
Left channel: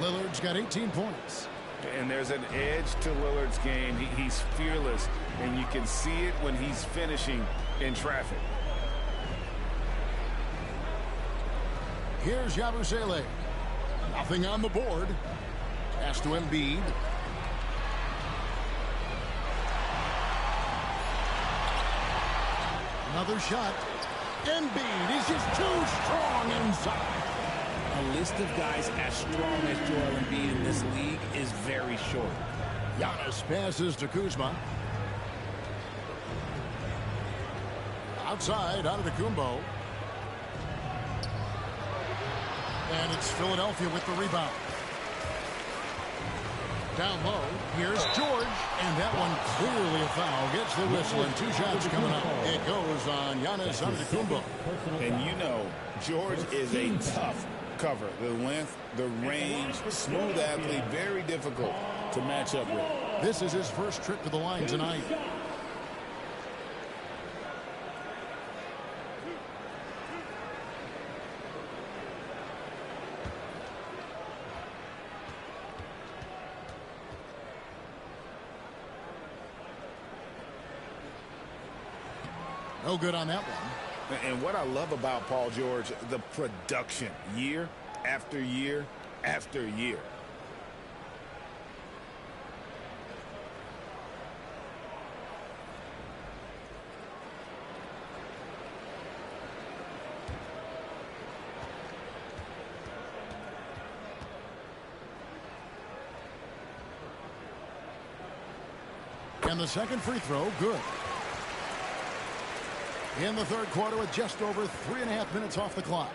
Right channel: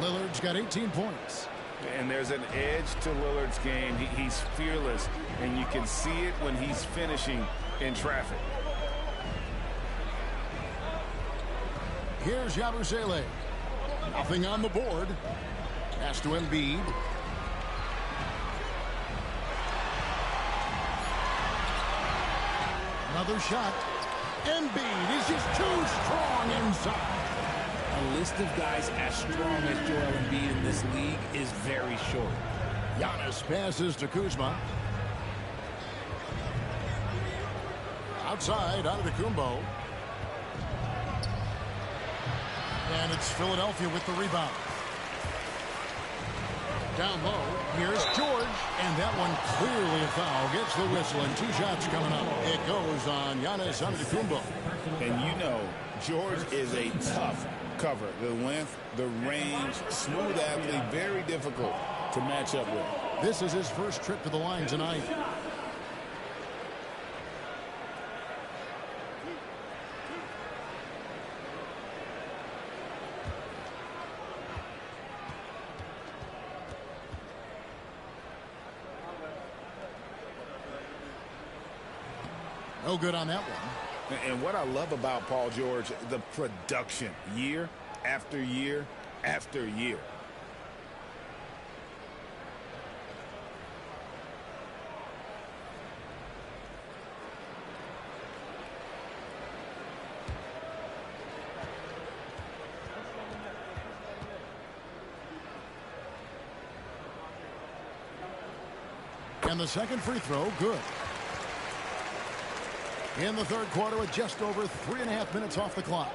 Lillard's got 18 points. And there's an edge to Lillard's game. He's fearless, and you can see it when he's finishing in traffic. Here's Yabusele. Nothing on the board. Pass to Embiid. Another shot. Embiid is just too strong inside. A list of guys as strong as Joel Embiid in this league is very short. Giannis passes to Kuzma. Outside, Antetokounmpo. And it's Philadelphia with the rebound. Down low, here's George, and that one clearly a foul. Gets the whistle, and 2 shots coming up. It goes on Giannis Antetokounmpo. And you know, George is a tough cover. The length, the range, smooth athlete, very difficult to match up with. This is his first trip to the line tonight. No good on that one. And what I love about Paul George, the production, year after year after year. And the second free throw, good. In the third quarter with just over 3.5 minutes off the clock.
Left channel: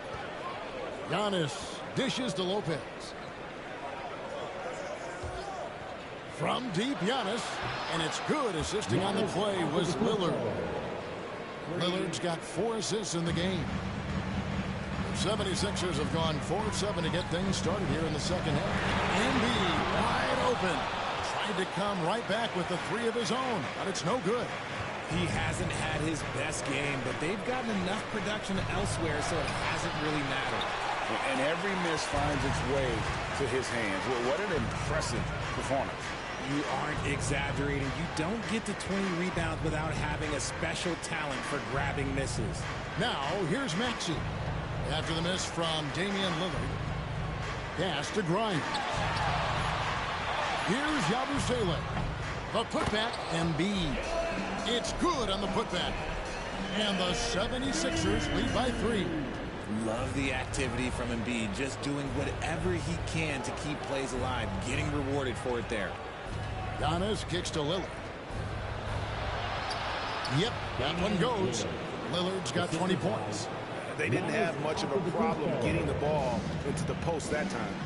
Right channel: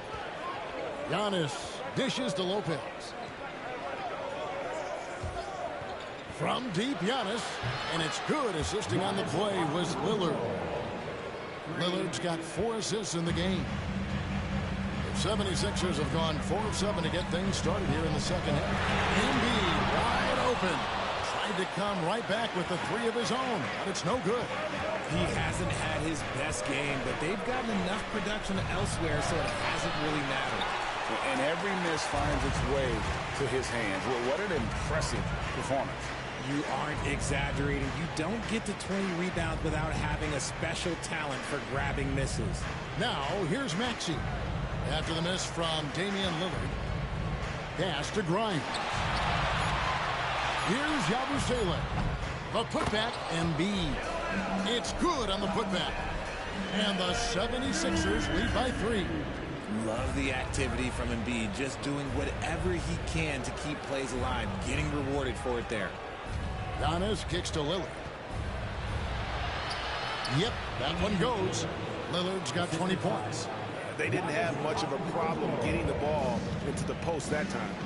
Giannis dishes to Lopez. From deep, Giannis. And it's good. Assisting on the play was Lillard. Lillard's got 4 assists in the game. The 76ers have gone 4 of 7 to get things started here in the second half. Embiid wide open. Tried to come right back with the 3 of his own, but it's no good. He hasn't had his best game, but they've gotten enough production elsewhere, so it hasn't really mattered. And every miss finds its way to his hands. Well, what an impressive performance. You aren't exaggerating. You don't get to 20 rebounds without having a special talent for grabbing misses. Now, here's Maxey. After the miss from Damian Lillard. Pass to Grimes. Here's Yabusele. The putback, Embiid. It's good on the putback. And the 76ers lead by 3. Love the activity from Embiid. Just doing whatever he can to keep plays alive. Getting rewarded for it there. Giannis kicks to Lillard. Yep, that one goes. Lillard's got 20 points. They didn't have much of a problem getting the ball into the post that time.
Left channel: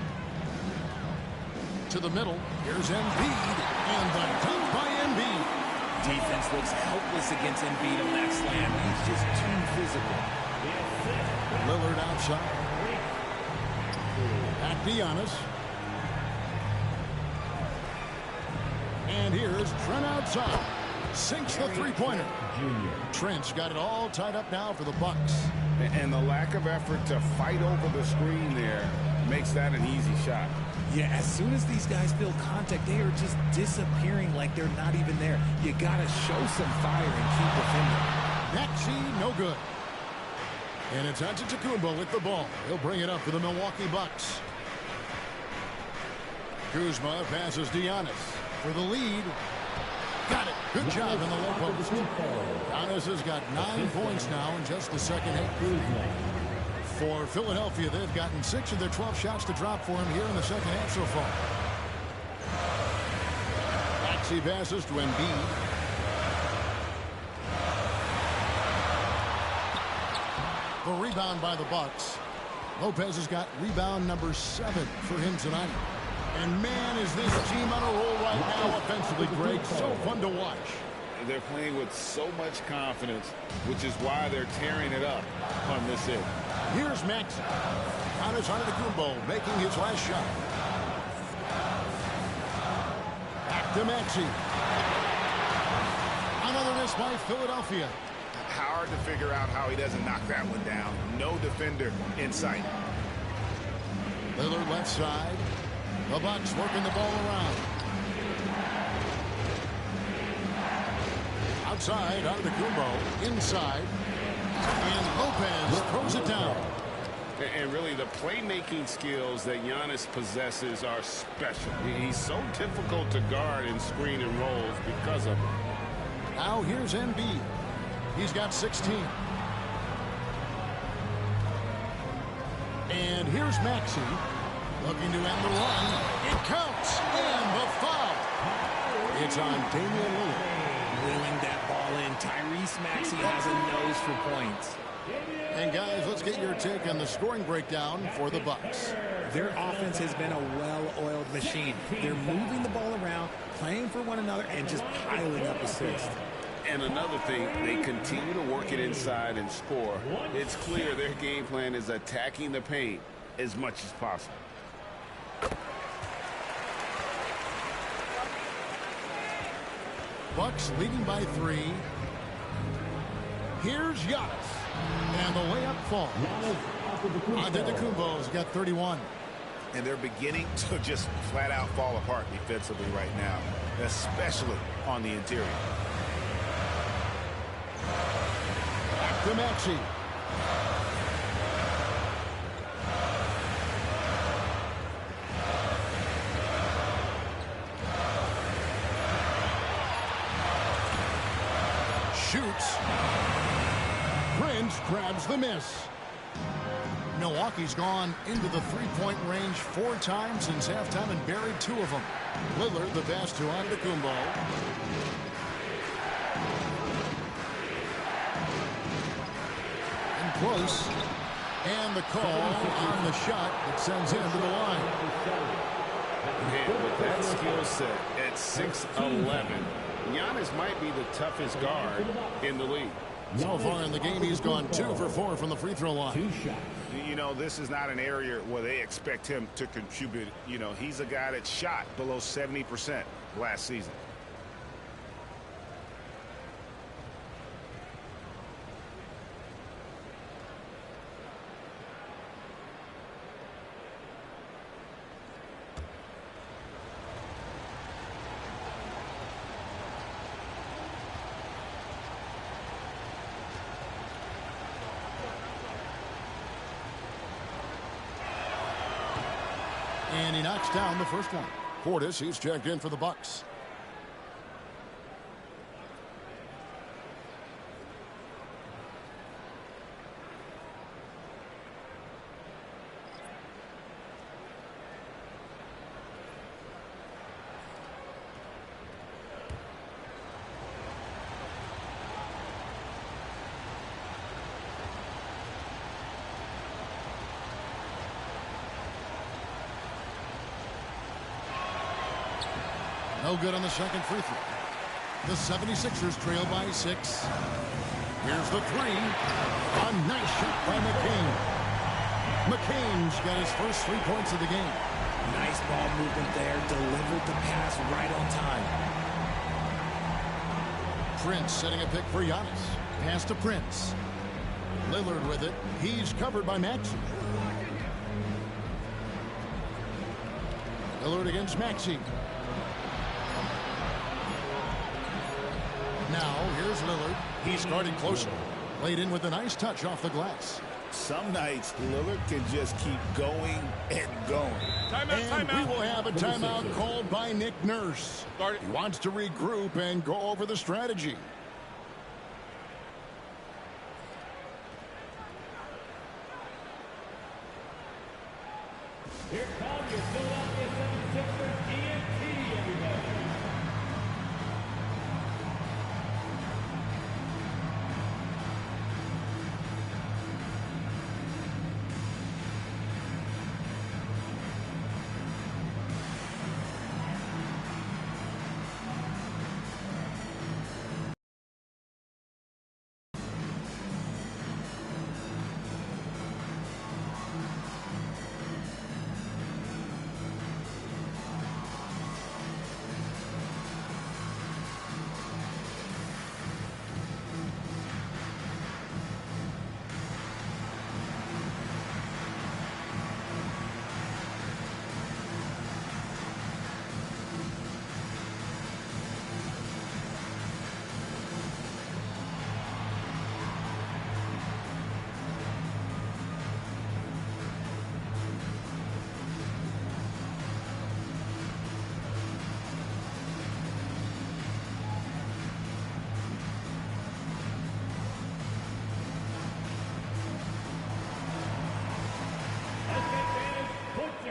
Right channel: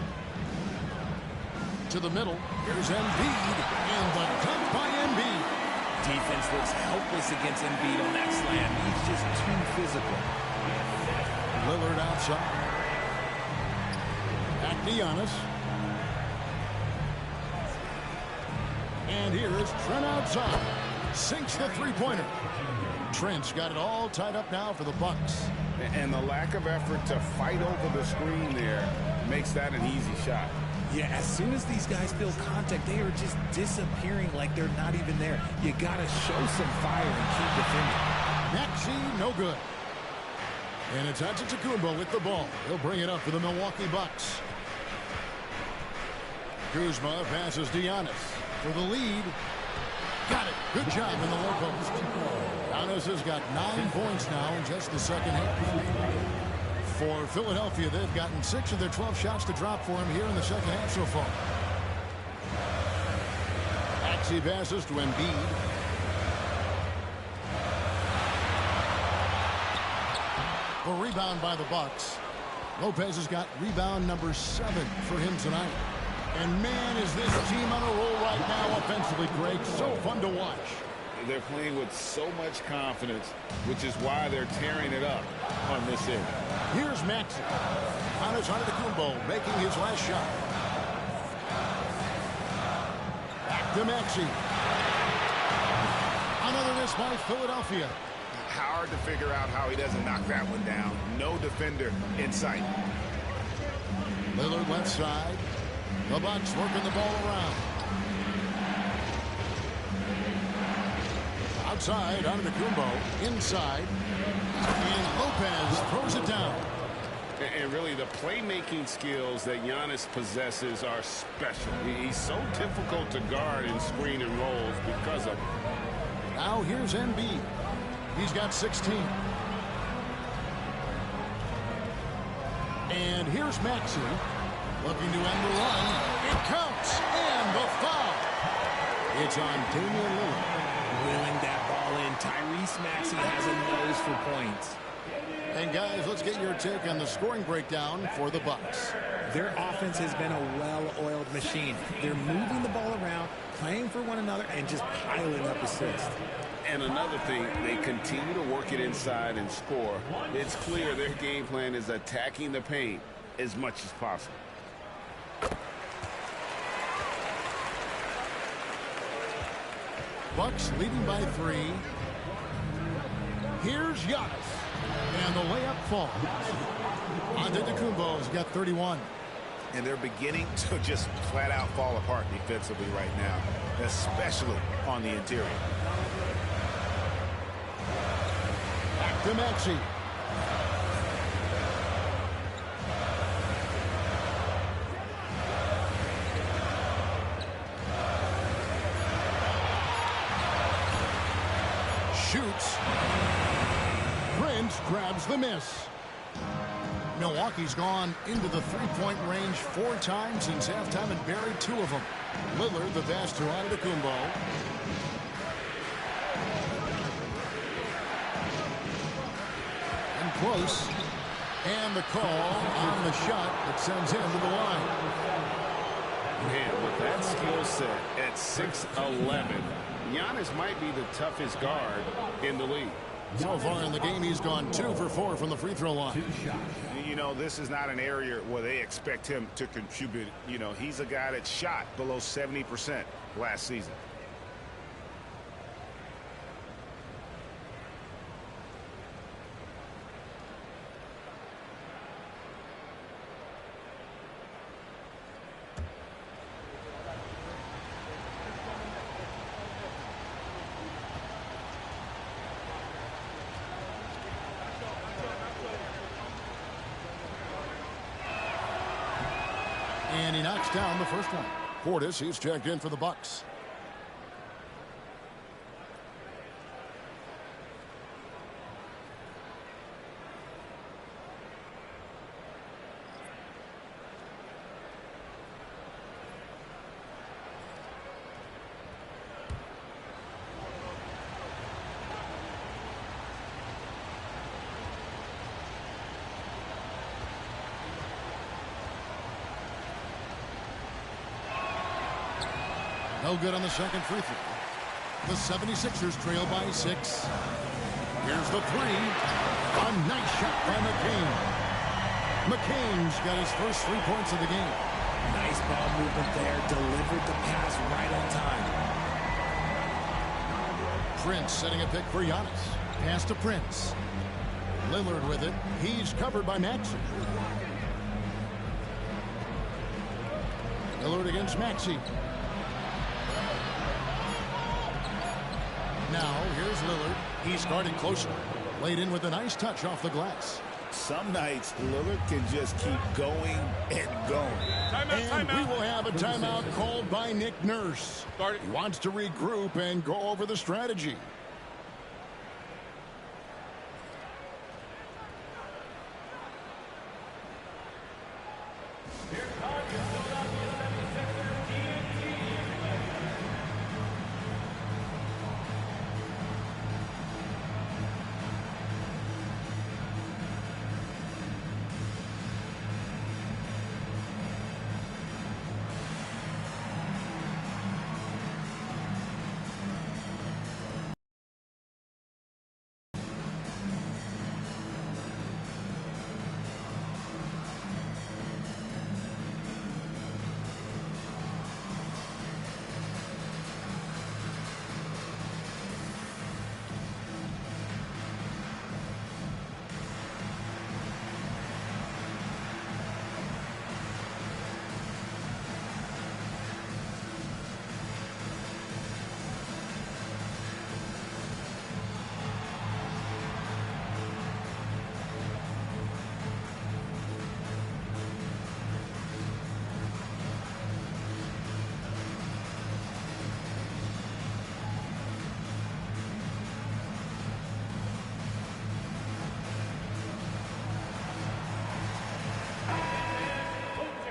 To the middle, here's Embiid, and the dunk by Embiid. Defense looks helpless against Embiid on that slam. He's just too physical. Lillard outside. Back to Giannis. And here's Trent outside. Sinks the three-pointer. Trent's got it all tied up now for the Bucks. And the lack of effort to fight over the screen there makes that an easy shot. Yeah, as soon as these guys feel contact, they are just disappearing like they're not even there. You got to show some fire and keep defending. Maxey, no good. And it's Antetokounmpo with the ball. He'll bring it up for the Milwaukee Bucks. Kuzma passes to Giannis for the lead. Got it. Good job in the low post. Giannis has got 9 points now in just the second half. For Philadelphia, they've gotten 6 of their 12 shots to drop for him here in the second half so far. Maxey passes to Embiid. The rebound by the Bucks. Lopez has got rebound number 7 for him tonight. And man, is this team on a roll right now offensively, Greg. So fun to watch. They're playing with so much confidence, which is why they're tearing it up on this end. Here's Maxey. Giannis Antetokounmpo making his last shot. to Maxey. Another miss by Philadelphia. Hard to figure out how he doesn't knock that one down. No defender in sight. Lillard left side. The Bucks working the ball around. Outside, Antetokounmpo. Inside. And Lopez throws it down. And really, the playmaking skills that Giannis possesses are special. He's so difficult to guard in screen and rolls because of it. Now here's Embiid. He's got 16. And here's Maxey. Looking to end the run. It counts. And the foul. It's on Damian Lillard. Wheeling that ball in. Tyrese Maxey has a nose for points. And guys, let's get your take on the scoring breakdown for the Bucks. Their offense has been a well-oiled machine. They're moving the ball around, playing for one another, and just piling up assists. And another thing, they continue to work it inside and score. It's clear their game plan is attacking the paint as much as possible. Bucks leading by 3. Here's Giannis. And the layup falls. Antetokounmpo's got 31. And they're beginning to just flat out fall apart defensively right now, especially on the interior. Back to Maxey. Shoots. Prince grabs the miss. Milwaukee's gone into the three-point range 4 times since halftime and buried 2 of them. Lillard, the pass to Antetokounmpo. And close. And the call on the shot that sends him to the line. Man, with that skill set at 6'11", Giannis might be the toughest guard in the league. So far in the game, he's gone 2 for 4 from the free throw line. You know, this is not an area where they expect him to contribute. You know, he's a guy that shot below 70% last season. And he knocks down the first one. Portis, he's checked in for the Bucks. No good on the second free throw. The 76ers trail by 6. Here's the 3. A nice shot by McCain. McCain's got his first 3 points of the game. Nice ball movement there. Delivered the pass right on time. Prince setting a pick for Giannis. Pass to Prince. Lillard with it. He's covered by Maxey. Lillard against Maxey. Now, here's Lillard. He's guarding closely. Laid in with a nice touch off the glass. Some nights, Lillard can just keep going and going. And we will have a timeout called by Nick Nurse. He wants to regroup and go over the strategy.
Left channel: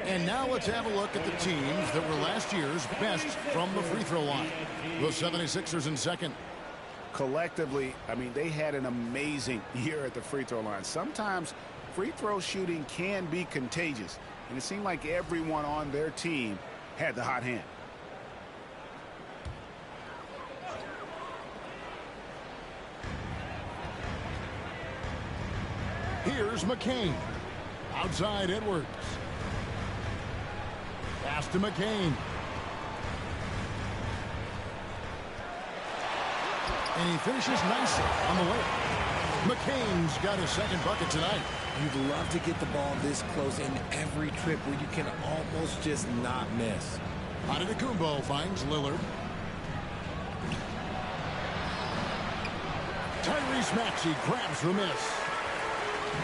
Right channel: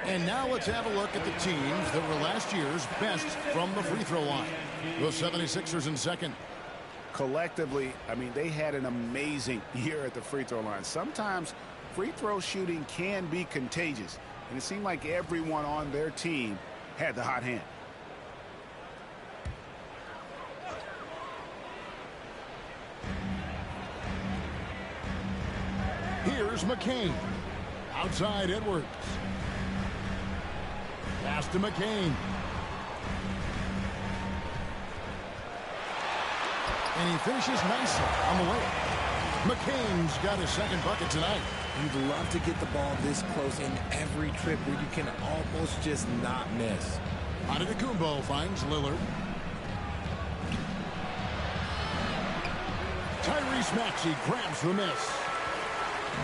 And now let's have a look at the teams that were last year's best from the free throw line. The 76ers in second. Collectively, I mean, they had an amazing year at the free throw line. Sometimes free throw shooting can be contagious, and it seemed like everyone on their team had the hot hand. Here's McCain. Outside Edwards. Pass to McCain. And he finishes nicely on the way. McCain's got his second bucket tonight. You'd love to get the ball this close in every trip where you can almost just not miss. Antetokounmpo finds Lillard. Tyrese Maxey grabs the miss.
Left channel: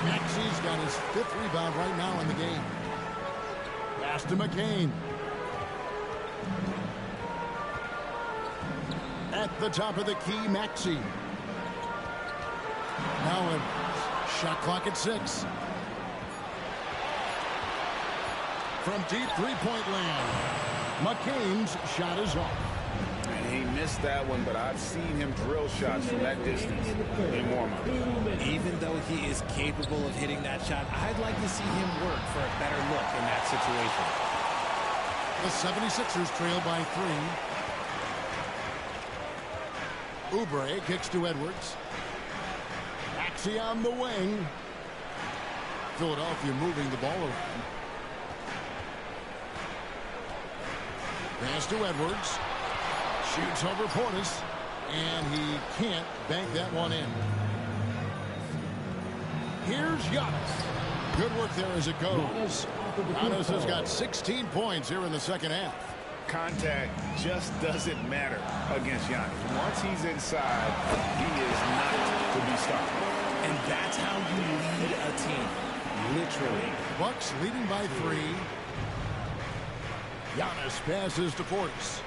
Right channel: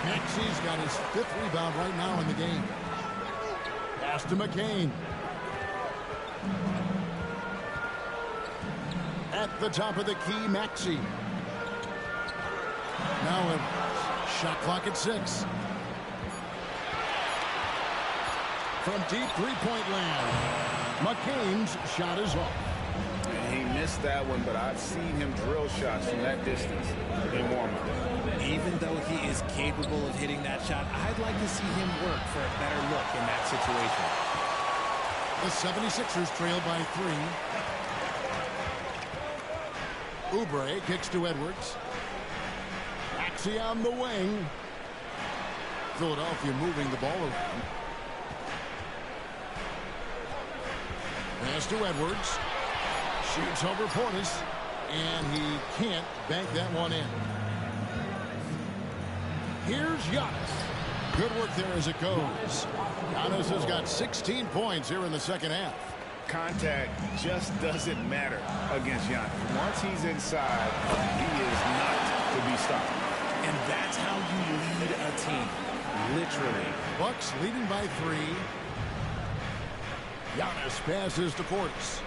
Maxey's got his 5th rebound right now in the game. Pass to McCain. At the top of the key, Maxey. Now Edwards. Shot clock at 6. From deep three-point land. McCain's shot is off. He missed that one, but I've seen him drill shots from that distance in warm-up. Even though he is capable of hitting that shot, I'd like to see him work for a better look in that situation. The 76ers trail by 3. Oubre kicks to Edwards. Maxey on the wing. Philadelphia moving the ball around. Pass to Edwards. Shoots over Portis. And he can't bank that one in. Here's Giannis. Good work there as it goes. Giannis has got 16 points here in the second half. Contact just doesn't matter against Giannis. Once he's inside, he is not to be stopped. And that's how you lead a team. Literally. Bucks leading by 3. Giannis passes to Portis.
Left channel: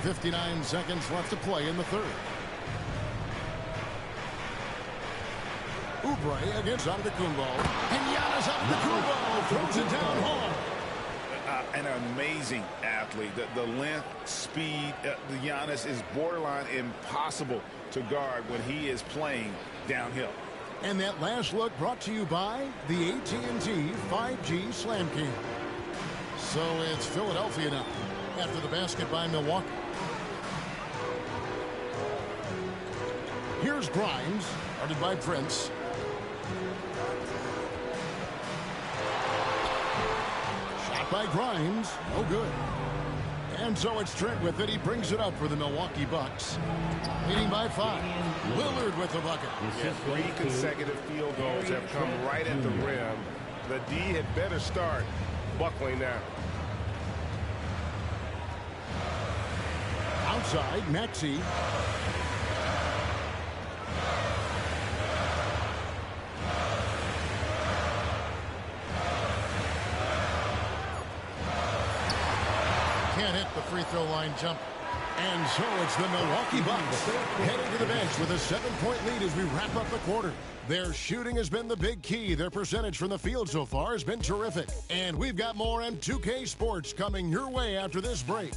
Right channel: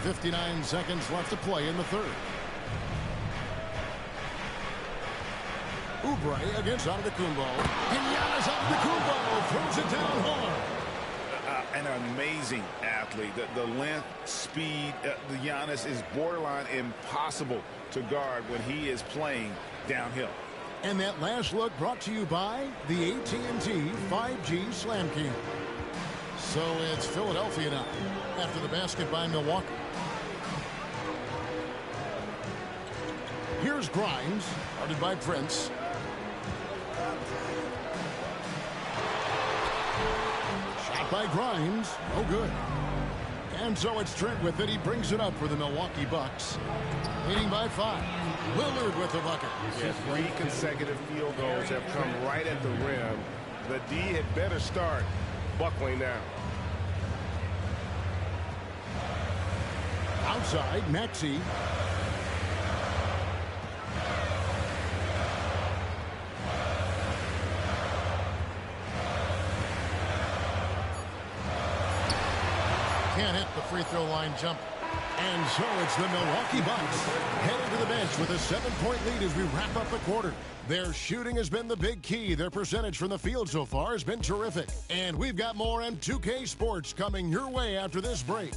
59 seconds left to play in the third. Oubre against Antetokounmpo. And Giannis Antetokounmpo throws it down hard. An amazing athlete. The length, speed, the Giannis is borderline impossible to guard when he is playing downhill. And that last look brought to you by the AT&T 5G Slam Cam. So it's Philadelphia now after the basket by Milwaukee. Here's Grimes, guarded by Prince. Shot by Grimes, no good. And so it's Trent with it. He brings it up for the Milwaukee Bucks. Leading by 5. Lillard with the bucket. Yeah, 3 consecutive field goals have come right at the rim. The D had better start buckling now. Outside, Maxey. Can't hit the free throw line jumper. And so it's the Milwaukee Bucks heading to the bench with a 7-point lead as we wrap up the quarter. Their shooting has been the big key. Their percentage from the field so far has been terrific. And we've got more M2K Sports coming your way after this break.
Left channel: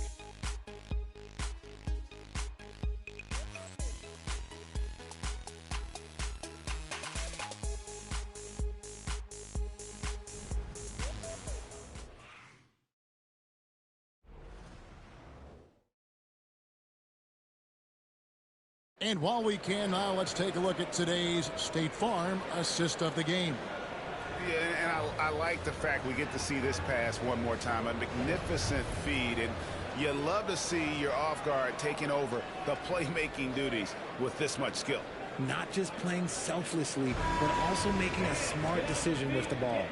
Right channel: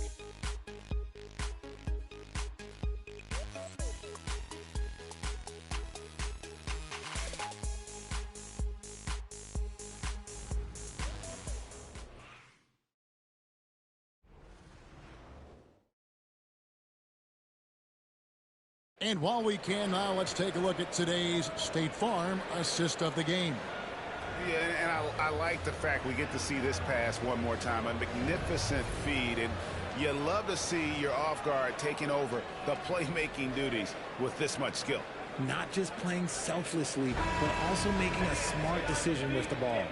And while we can now, let's take a look at today's State Farm assist of the game. Yeah, and I like the fact we get to see this pass one more time. A magnificent feed, and you love to see your off guard taking over the playmaking duties with this much skill. Not just playing selflessly, but also making a smart decision with the ball.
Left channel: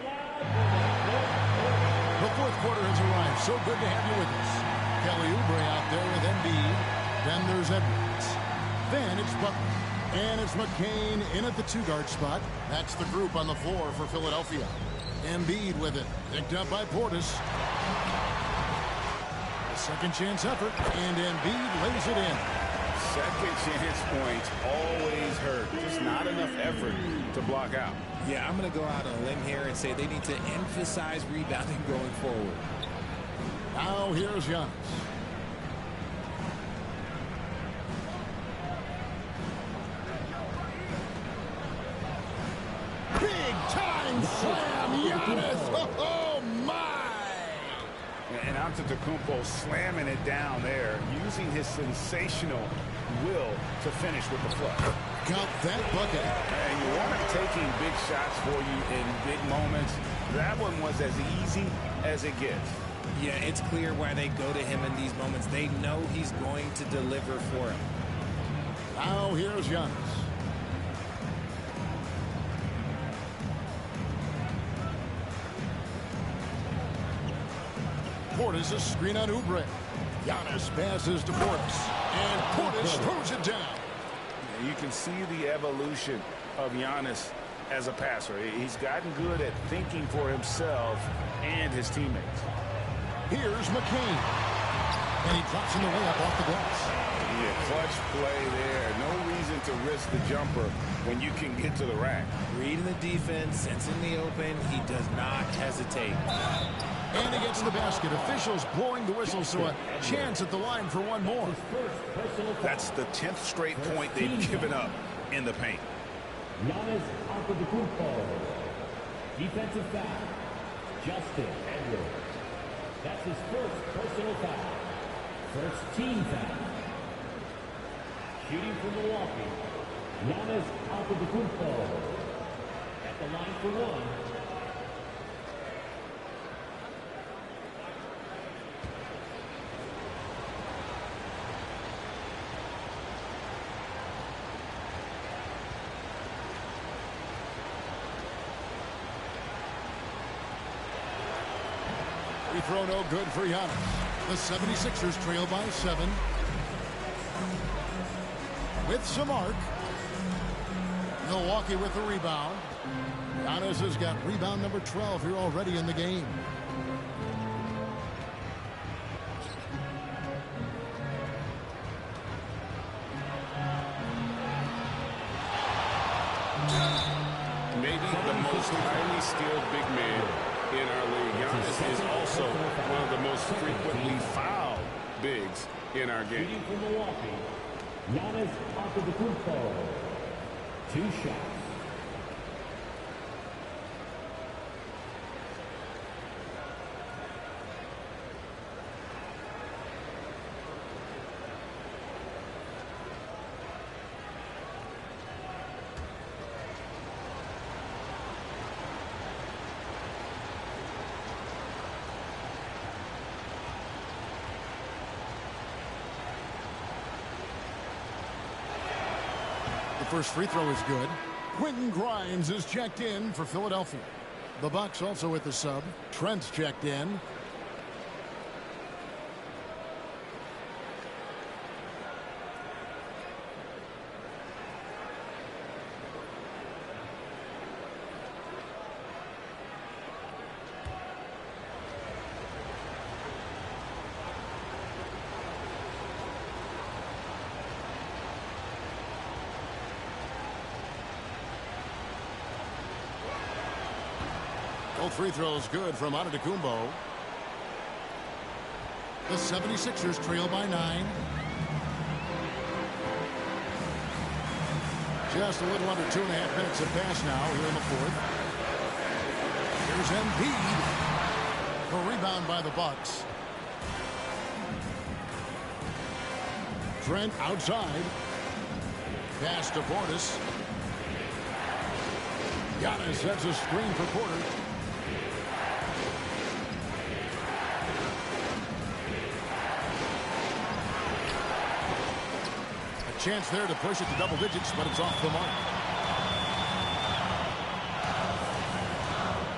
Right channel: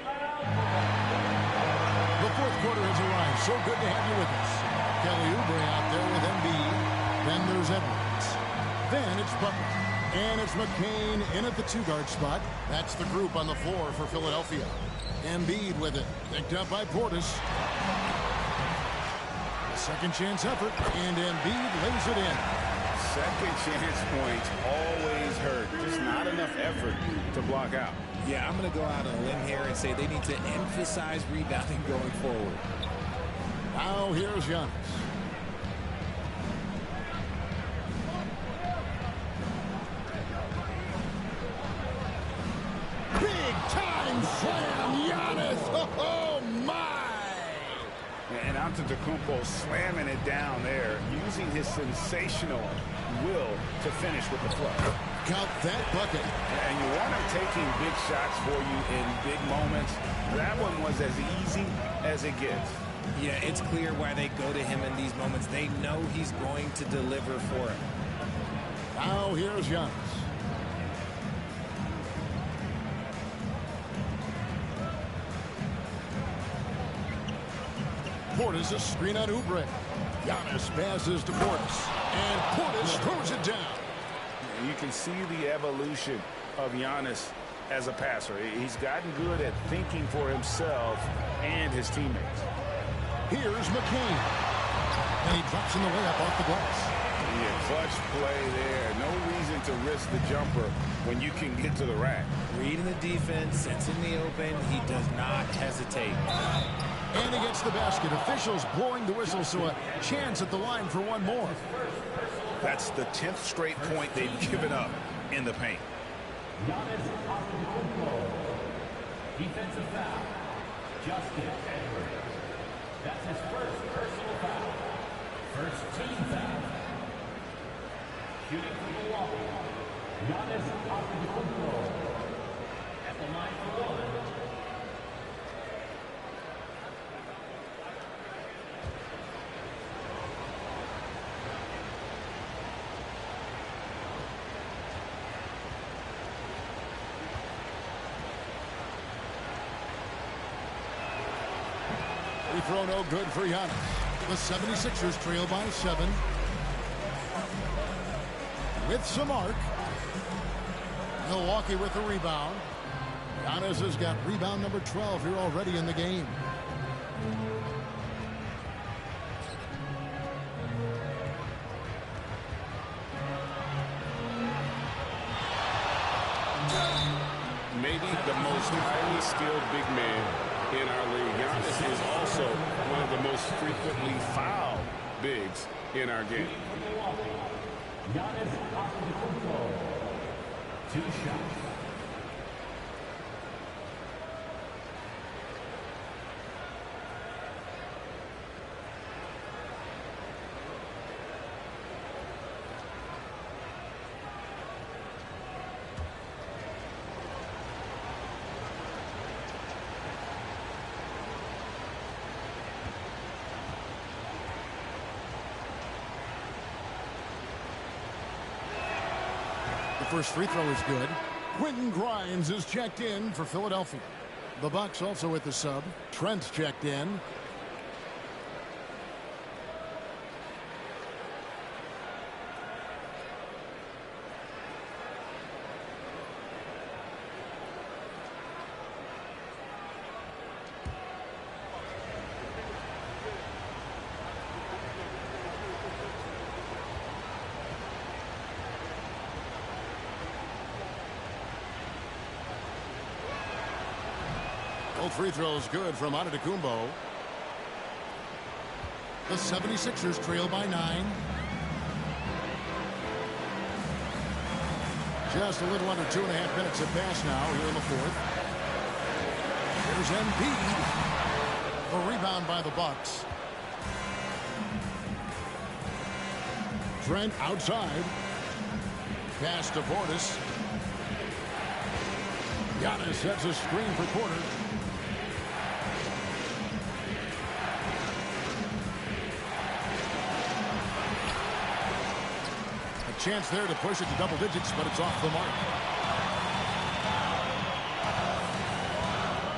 The fourth quarter has arrived. So good to have you with us. Kelly Oubre out there with Embiid. Then there's Edwards. Then it's Butler. And it's McCain in at the 2-guard spot. That's the group on the floor for Philadelphia. Embiid with it. Picked up by Portis. The second chance effort. And Embiid lays it in. Second chance points always hurt. Just not enough effort to block out. Yeah, I'm going to go out on a limb here and say they need to emphasize rebounding going forward. Now here's Giannis. Big time slam, Giannis. Oh my! And Antetokounmpo slamming it down there, using his sensational will to finish with the flush. Count that bucket. And you want him taking big shots for you in big moments. That one was as easy as it gets. Yeah, it's clear why they go to him in these moments. They know he's going to deliver for him. Now here's Giannis. Portis a screen on Oubre. Giannis passes to Portis. And Portis throws it down. You can see the evolution of Giannis as a passer. He's gotten good at thinking for himself and his teammates. Here's McCain. And he drops in the layup off the glass. Yeah, clutch play there. No reason to risk the jumper when you can get to the rack. Reading the defense, sensing the open, he does not hesitate. And he gets the basket. Officials blowing the whistle, so a chance at the line for one more. That's the 10th straight point they've given up in the paint. Giannis Antetokounmpo. Defensive foul. Justin Edwards. That's his first personal foul. First team foul. Shooting for Milwaukee. Giannis Antetokounmpo. At the line for one. Free throw no good for Giannis. The 76ers trail by 7. With some arc. Milwaukee with the rebound. Giannis has got rebound number 12 here already in the game. Maybe the most highly skilled big man in our league. Giannis is also one of the most frequently fouled bigs in our game. Giannis Antetokounmpo. 2 shots. First free throw is good. Quentin Grimes is checked in for Philadelphia. The Bucks also with the sub. Trent's checked in. Both free throws good from Antetokounmpo. The 76ers trail by 9. Just a little under 2.5 minutes have passed now here in the fourth. Here's Embiid. The rebound by the Bucks. Trent outside. Pass to Portis. Giannis sets a screen for Porter. Chance there to push it to double digits, but it's off the mark.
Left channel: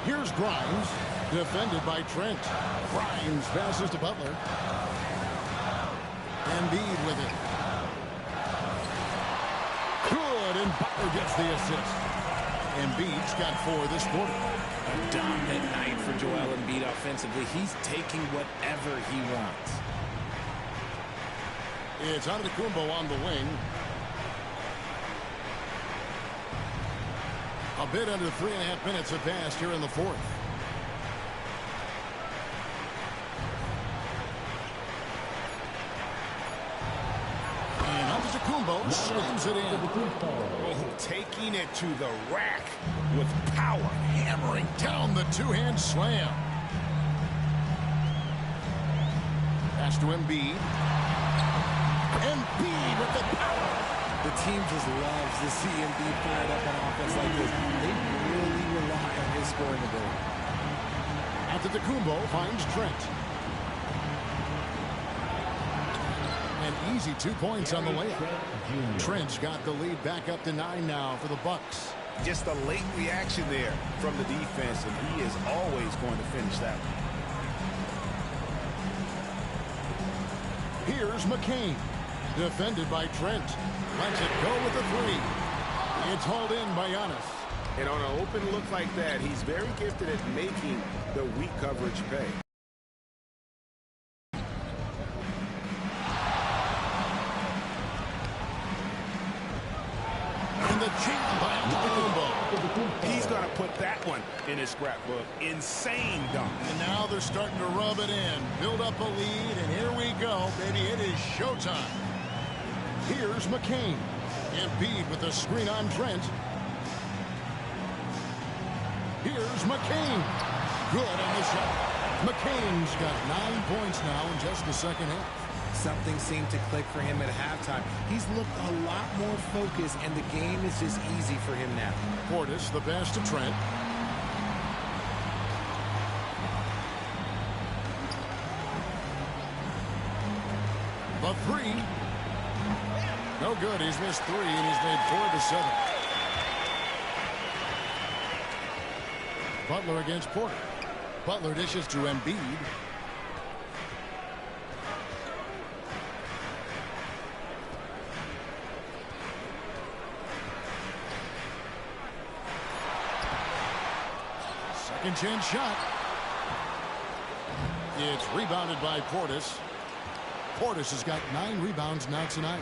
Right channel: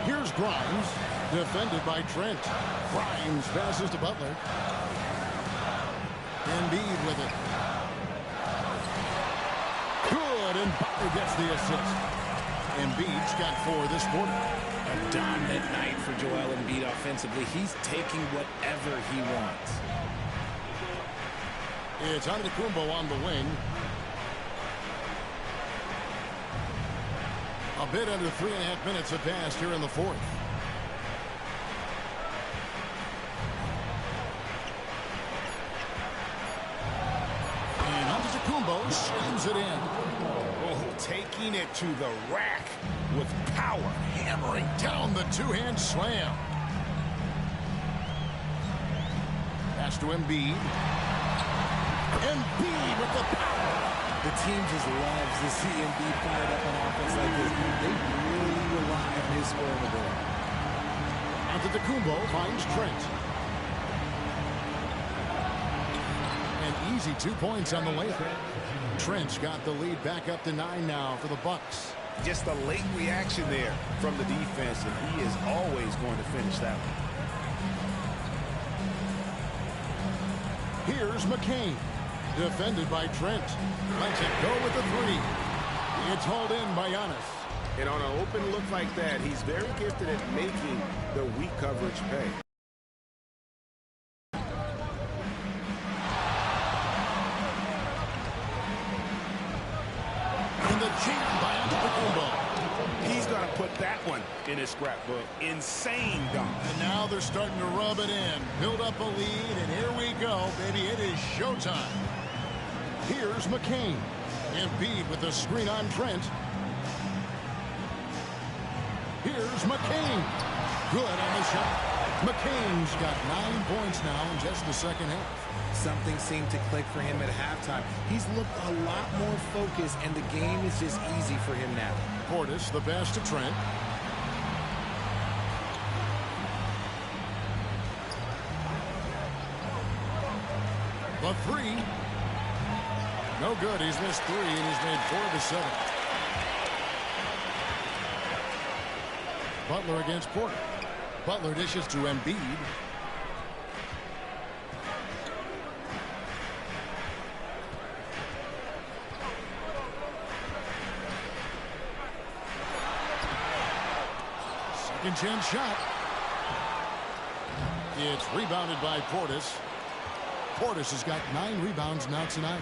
Here's Grimes, defended by Trent. Grimes passes to Butler. Embiid with it. Good, and Butler gets the assist. Embiid's got 4 this quarter. A dominant night for Joel Embiid offensively. He's taking whatever he wants. It's Antetokounmpo on the wing. A bit under 3.5 minutes have passed here in the fourth. And Antetokounmpo slams it in. Oh, taking it to the rack with power. Hammering down the two-hand slam. Pass to Embiid. Embiid with the power. The team just loves to see Embiid fired up on offense like this. They really rely on his scoring ability. Antetokounmpo finds Trent. An easy 2 points on the layup. Trent's got the lead back up to 9 now for the Bucks. Just a late reaction there from the defense, and he is always going to finish that one. Here's McCain. Defended by Trent. Lets it go with the three. It's hauled in by Giannis. And on an open look like that, he's very gifted at making the weak coverage pay. And the jam by Antetokounmpo. He's going to put that one in his scrapbook. Insane dunk. And now they're starting to rub it in. Build up a lead, and here we go, baby. It is showtime. Here's McCain. Embiid with the screen on Trent. Here's McCain. Good on the shot. McCain's got 9 points now in just the second half. Something seemed to click for him at halftime. He's looked a lot more focused, and the game is just easy for him now. Portis, the pass to Trent. The three. No good. He's missed 3, and he's made 4 of his 7. Butler against Porter. Butler dishes to Embiid. Second chance shot. It's rebounded by Portis. Portis has got 9 rebounds now tonight.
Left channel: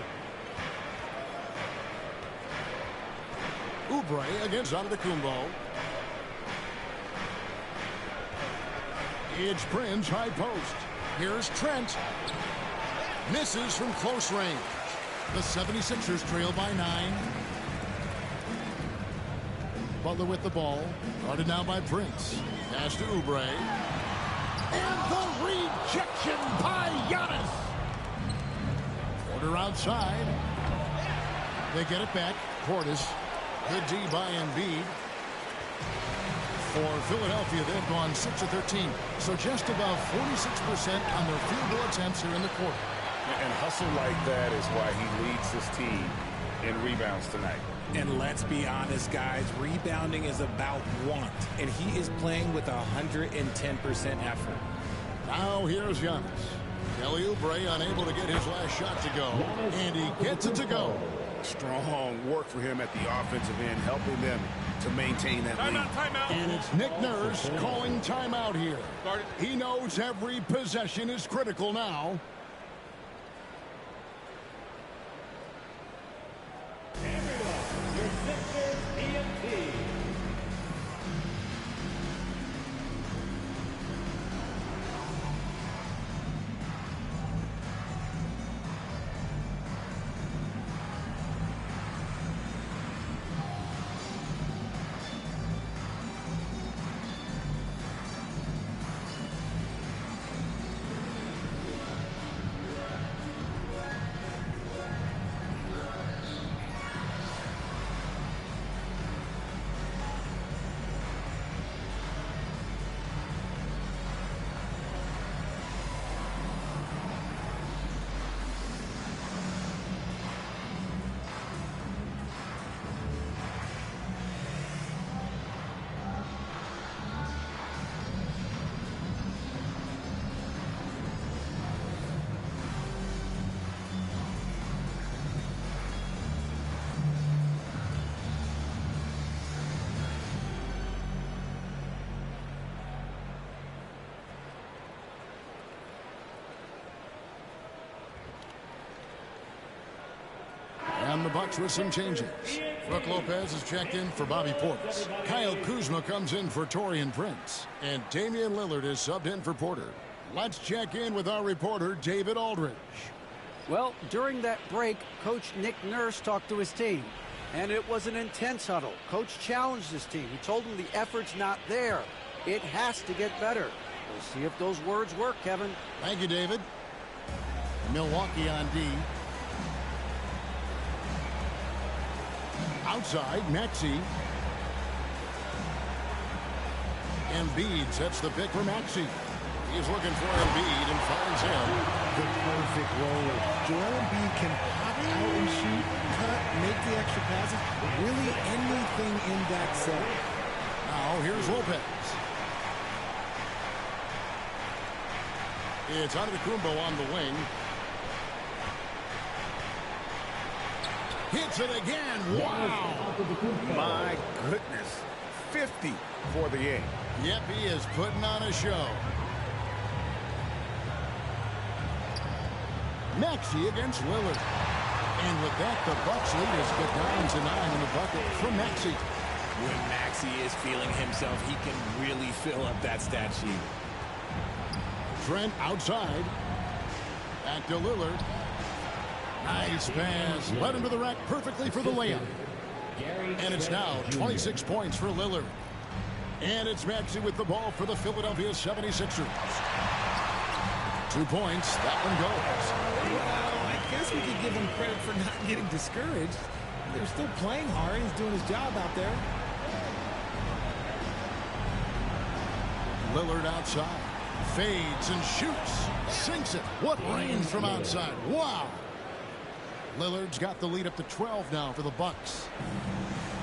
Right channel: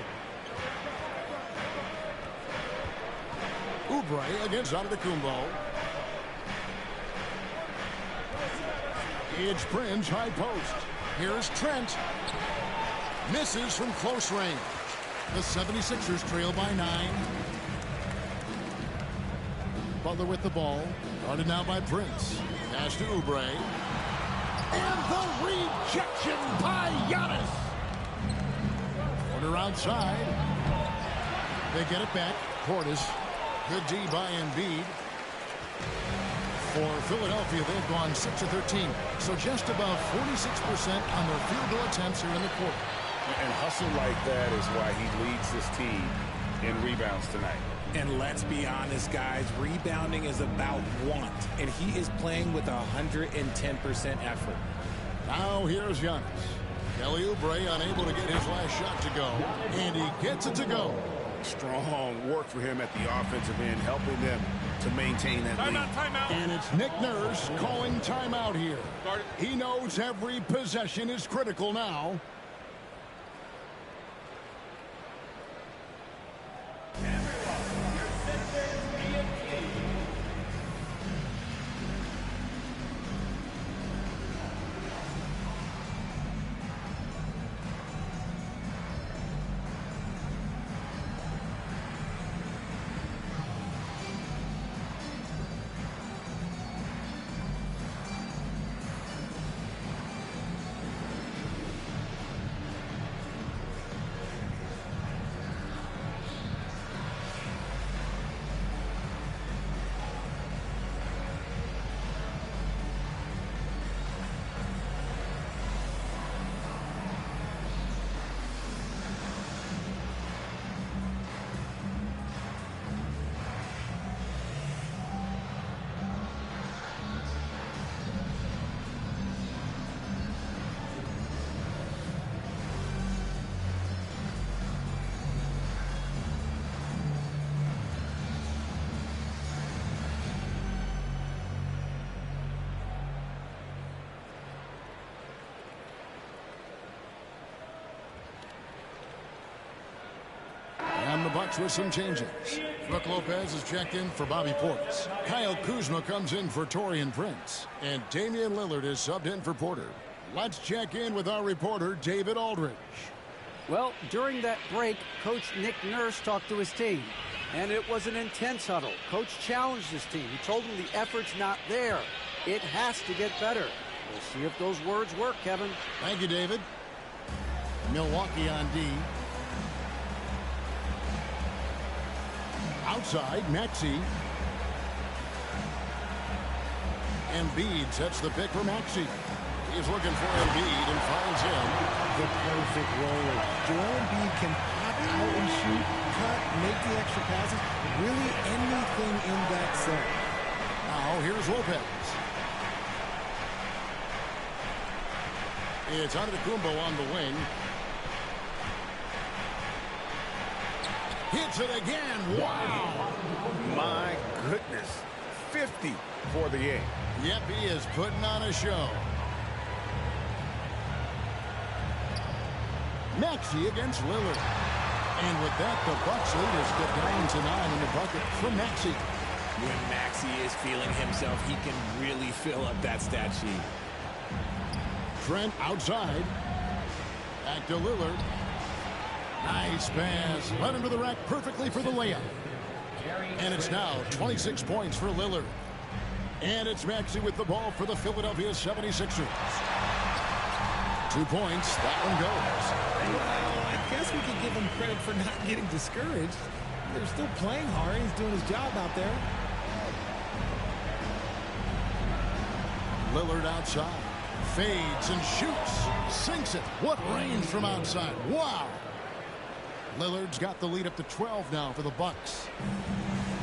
Oubre against Antetokounmpo. It's Prince, high post. Here's Trent. Misses from close range. The 76ers trail by 9. Butler with the ball. Guarded now by Prince. Pass to Oubre. And the rejection by Giannis. Porter outside. They get it back. Portis. Good D by Embiid. For Philadelphia, they've gone 6 of 13. So just about 46% on their field goal attempts here in the quarter. And hustle like that is why he leads this team in rebounds tonight. And let's be honest, guys, rebounding is about want. And he is playing with 110% effort. Now here's Giannis. Kelly Oubre unable to get his last shot to go. And he gets it to go. Strong work for him at the offensive end, helping them to maintain that lead. Timeout. And it's Nick Nurse calling timeout here. He knows every possession is critical now. And the Bucks with some changes. Brooke Lopez is checked in for Bobby Portis. Kyle Kuzma comes in for Taurean Prince. And Damian Lillard is subbed in for Porter. Let's check in with our reporter, David Aldridge. Well, during that break, Coach Nick Nurse talked to his team. And it was an intense huddle. Coach challenged his team. He told them the effort's not there. It has to get better. We'll see if those words work, Kevin. Thank you, David. Milwaukee on D. Outside, Maxey. Embiid sets the pick for Maxey. He's looking for Embiid and finds him. The perfect roller. Joel Embiid can pop out and shoot, cut, make the extra passes. Really anything in that set. Now here's Lopez. It's Antetokounmpo on the wing. Hits it again. Wow. My goodness. 50 for the game. Yep, he is putting on a show. Maxey against Lillard. And with that, the Bucks lead has cut down to 9 in the bucket from Maxey. When Maxey is feeling himself, he can really fill up that stat sheet. Trent outside. Back to Lillard. Nice pass. Led him to the rack perfectly for the layup. And it's now 26 points for Lillard. And it's Maxey with the ball for the Philadelphia 76ers. 2 points. That one goes. Well, I guess we could give him credit for not getting discouraged. They're still playing hard. He's doing his job out there. Lillard outside. Fades and shoots. Sinks it. What range from outside. Wow. Lillard's got the lead up to 12 now for the Bucks.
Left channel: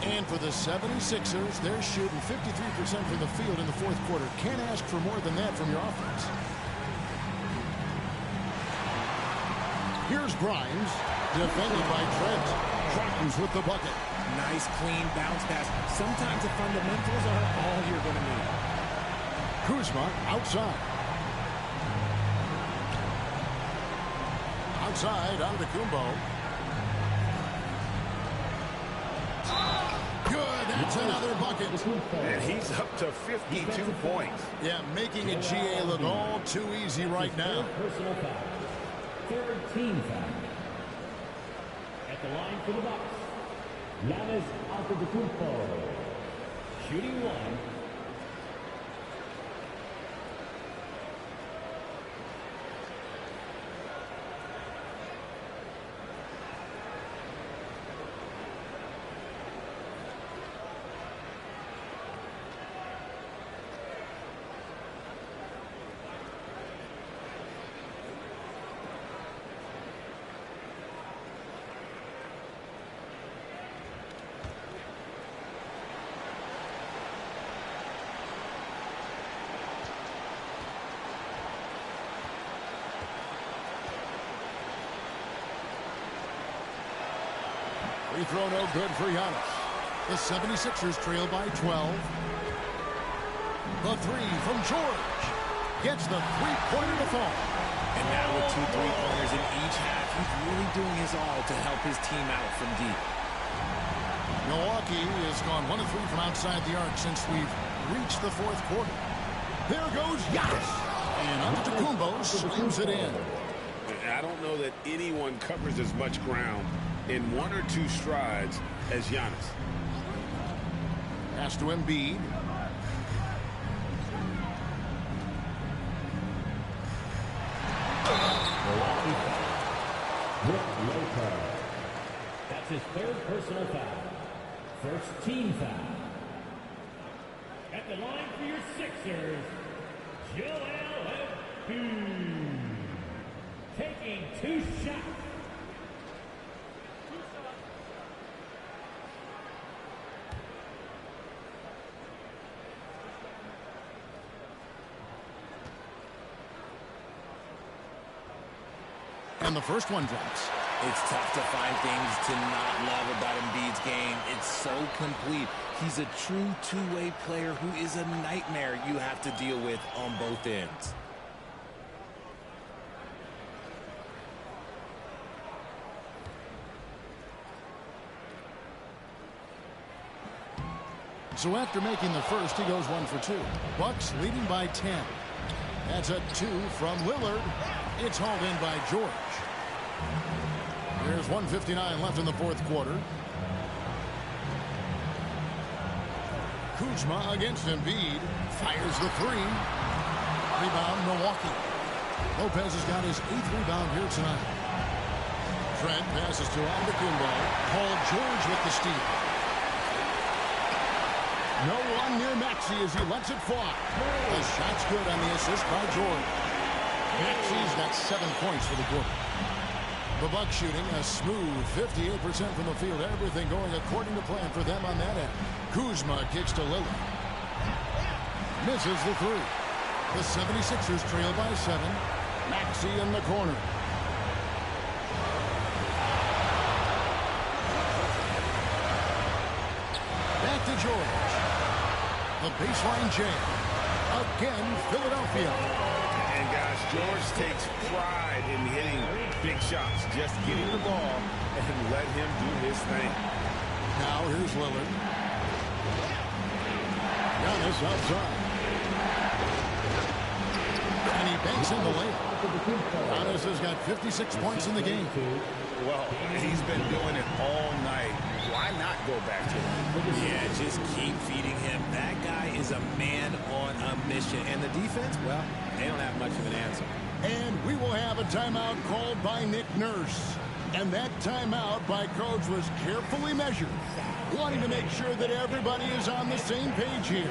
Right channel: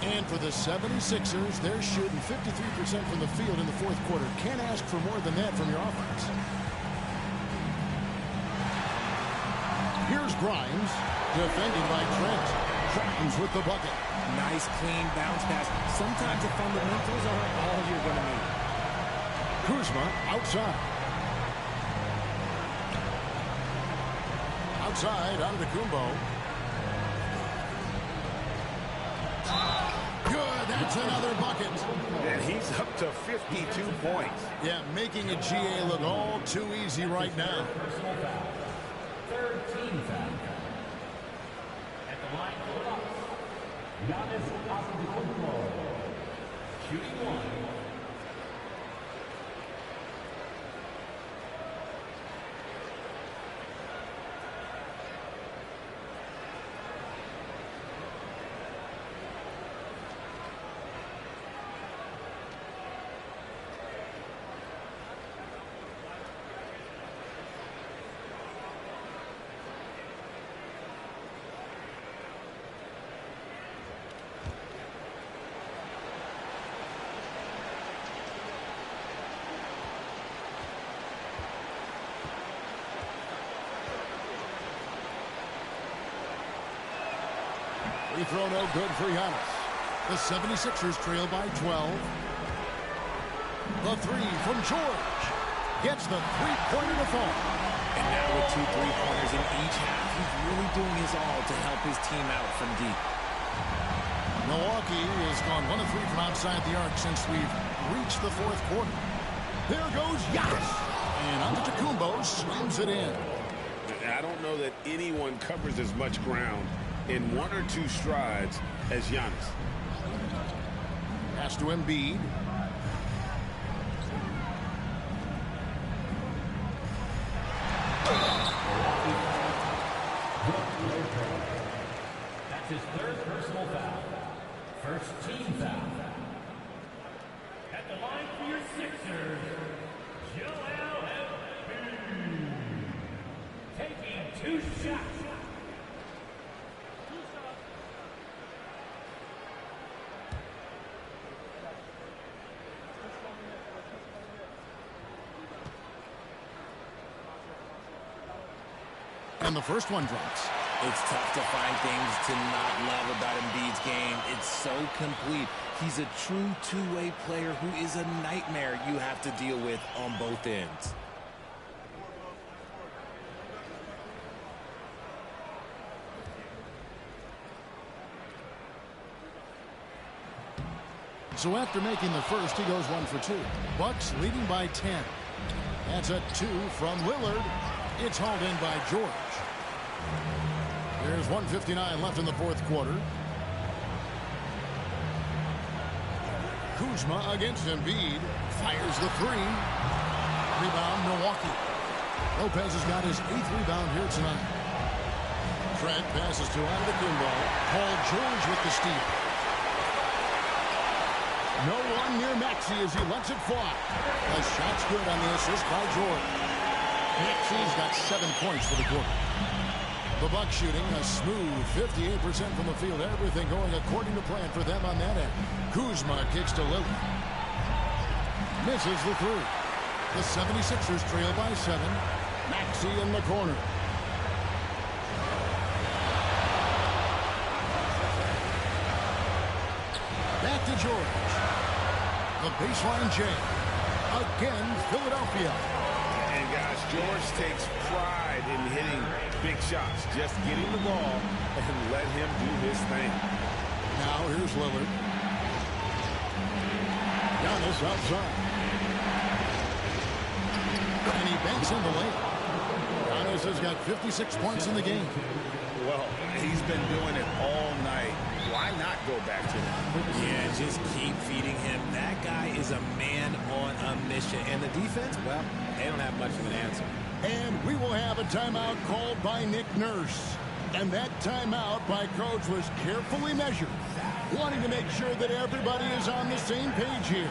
And for the 76ers, they're shooting 53% from the field in the fourth quarter. Can't ask for more than that from your offense. Here's Grimes, defended by Trent. Grimes with the bucket. Nice, clean bounce pass. Sometimes the fundamentals are all you're going to need. Kuzma outside. Outside, Antetokounmpo. Good, that's another bucket. And he's up to 52 points. Yeah, making a GA look all too easy right now. Personal foul. Third team foul. At the line for the Bucks, Giannis Antetokounmpo. Shooting one. Free throw no good for Giannis. The 76ers trail by 12. The three from George. Gets the three-pointer to fall. And now with 2 3-pointers in each half, he's really doing his all to help his team out from deep. Milwaukee has gone 1 of 3 from outside the arc since we've reached the fourth quarter. There goes Giannis. And Antetokounmpo slams it in. I don't know that anyone covers as much ground in 1 or 2 strides as Giannis. Pass to Embiid. That's his third personal foul. First team foul. At the line for your Sixers, Joel Embiid. Taking 2 shots. And the first one drops. It's tough to find things to not love about Embiid's game. It's so complete. He's a true two-way player who is a nightmare you have to deal with on both ends. So after making the first, he goes 1 for 2. Bucks leading by 10. That's a 2 from Lillard. It's hauled in by George. There's 1:59 left in the fourth quarter. Kuzma against Embiid. Fires the 3. Rebound, Milwaukee. Lopez has got his 8th rebound here tonight. Trent passes to Antetokounmpo. Paul George with the steal. No one near Maxey as he lets it fly. The shot's good on the assist by George. Maxey's got 7 points for the quarter. The Bucks shooting a smooth 58% from the field. Everything going according to plan for them on that end. Kuzma kicks to Lillard. Misses the 3. The 76ers trail by 7. Maxey in the corner. Back to George. The baseline J. Again, Philadelphia. And guys, George takes pride in hitting big shots. Just getting the ball and let him do his thing. Now here's Lillard. Giannis outside. And he banks in the layup. Giannis has got 56 points in the game. Well, he's been doing it all night. Why not go back to him? Yeah, just keep feeding him. That guy is a man on a mission. And the defense, well, they don't have much of an answer. And we will have a timeout called by Nick Nurse. And that timeout by Coach was carefully measured, wanting to make sure that everybody is on the same page here.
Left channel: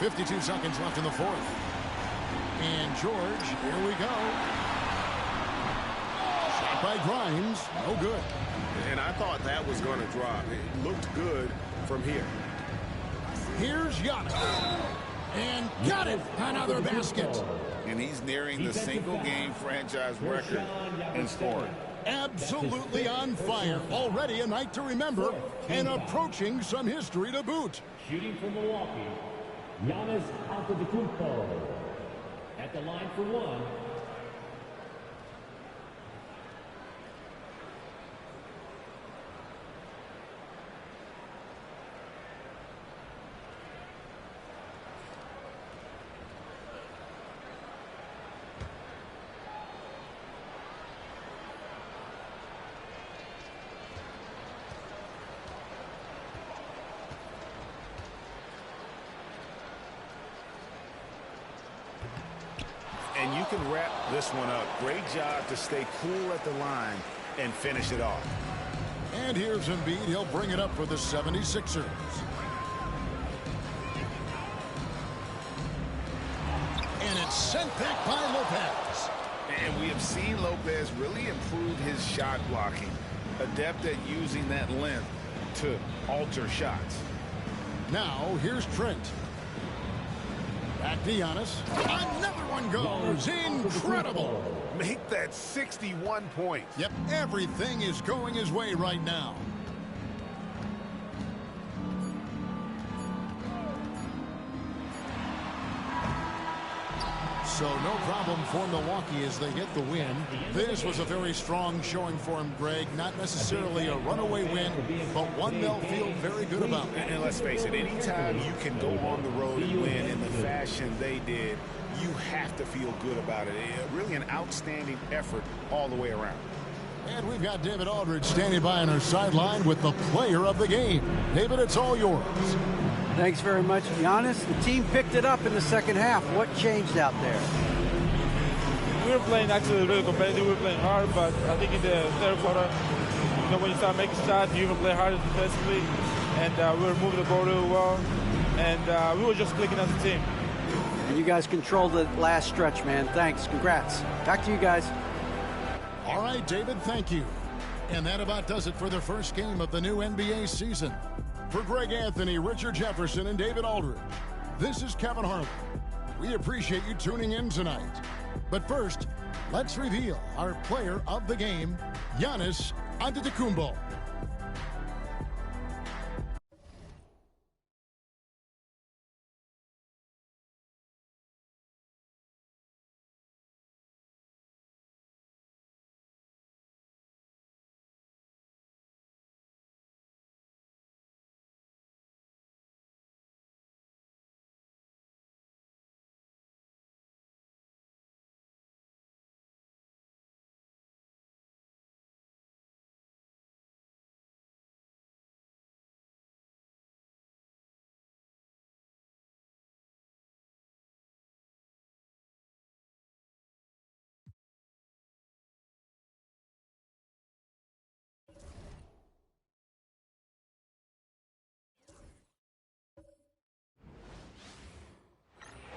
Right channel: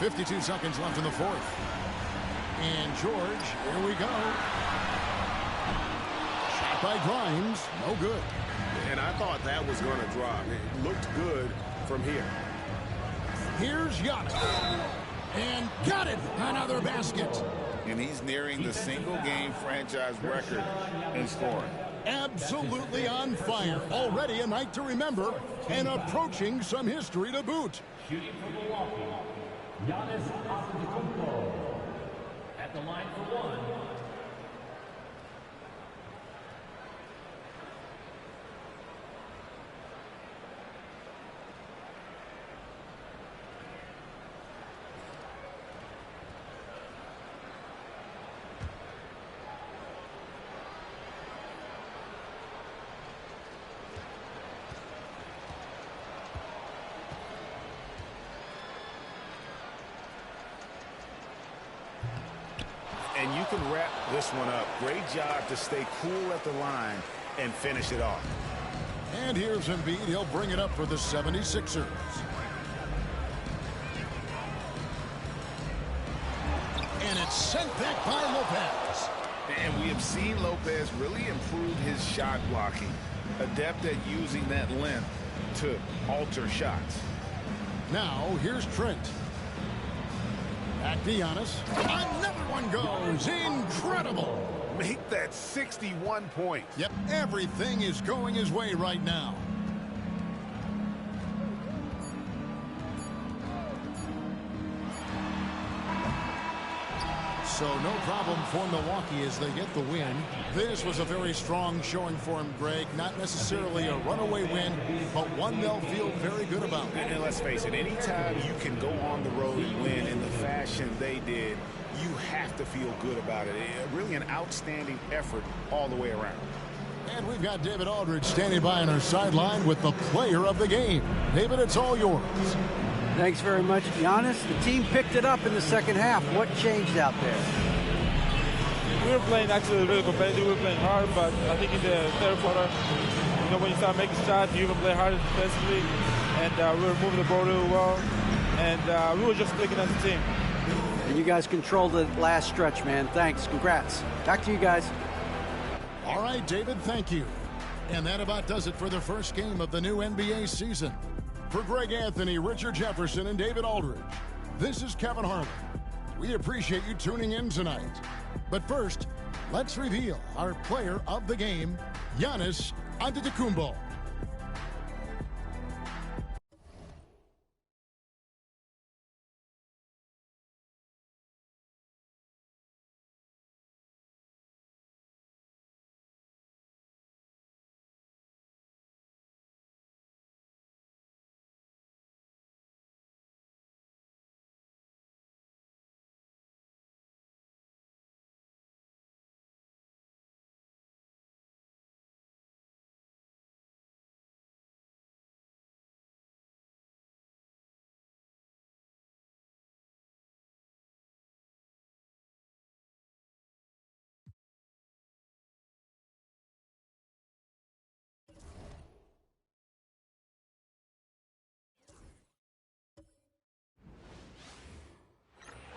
.52 seconds left in the fourth. And George, here we go. Shot by Grimes, no good. And I thought that was going to drop. It looked good from here. Here's Giannis. And got it! Another basket. And he's nearing the single-game franchise record in scoring. Absolutely on fire. Already a night to remember and approaching some history to boot. Shooting for Milwaukee, Giannis Antetokounmpo at the line for 1. And you can wrap this one up. Great job to stay cool at the line and finish it off. And here's Embiid. He'll bring it up for the 76ers. And it's sent back by Lopez. And we have seen Lopez really improve his shot blocking. Adept at using that length to alter shots. Now here's Trent. Back to Giannis. Another one goes. Incredible. make that 61 points. Yep, everything is going his way right now. So no problem for Milwaukee as they get the win. This was a very strong showing for him, Greg. Not necessarily a runaway win, but one they'll feel very good about. And let's face it, anytime you can go on the road and win in the fashion they did, you have to feel good about it. Really an outstanding effort all the way around. And we've got David Aldridge standing by on our sideline with the player of the game. David, it's all yours. Thanks very much, Giannis. The team picked it up in the second half. What changed out there? We were playing actually really competitive. We were playing hard, but I think in the third quarter, when you start making shots, you even play harder defensively, and we were moving the ball really well, and we were just clicking as a team. And you guys controlled the last stretch, man. Thanks. Congrats. Back to you guys. All right, David, thank you. And that about does it for the first game of the new NBA season. For Greg Anthony, Richard Jefferson, and David Aldridge, this is Kevin Harlan. We appreciate you tuning in tonight. But first, let's reveal our player of the game, Giannis Antetokounmpo.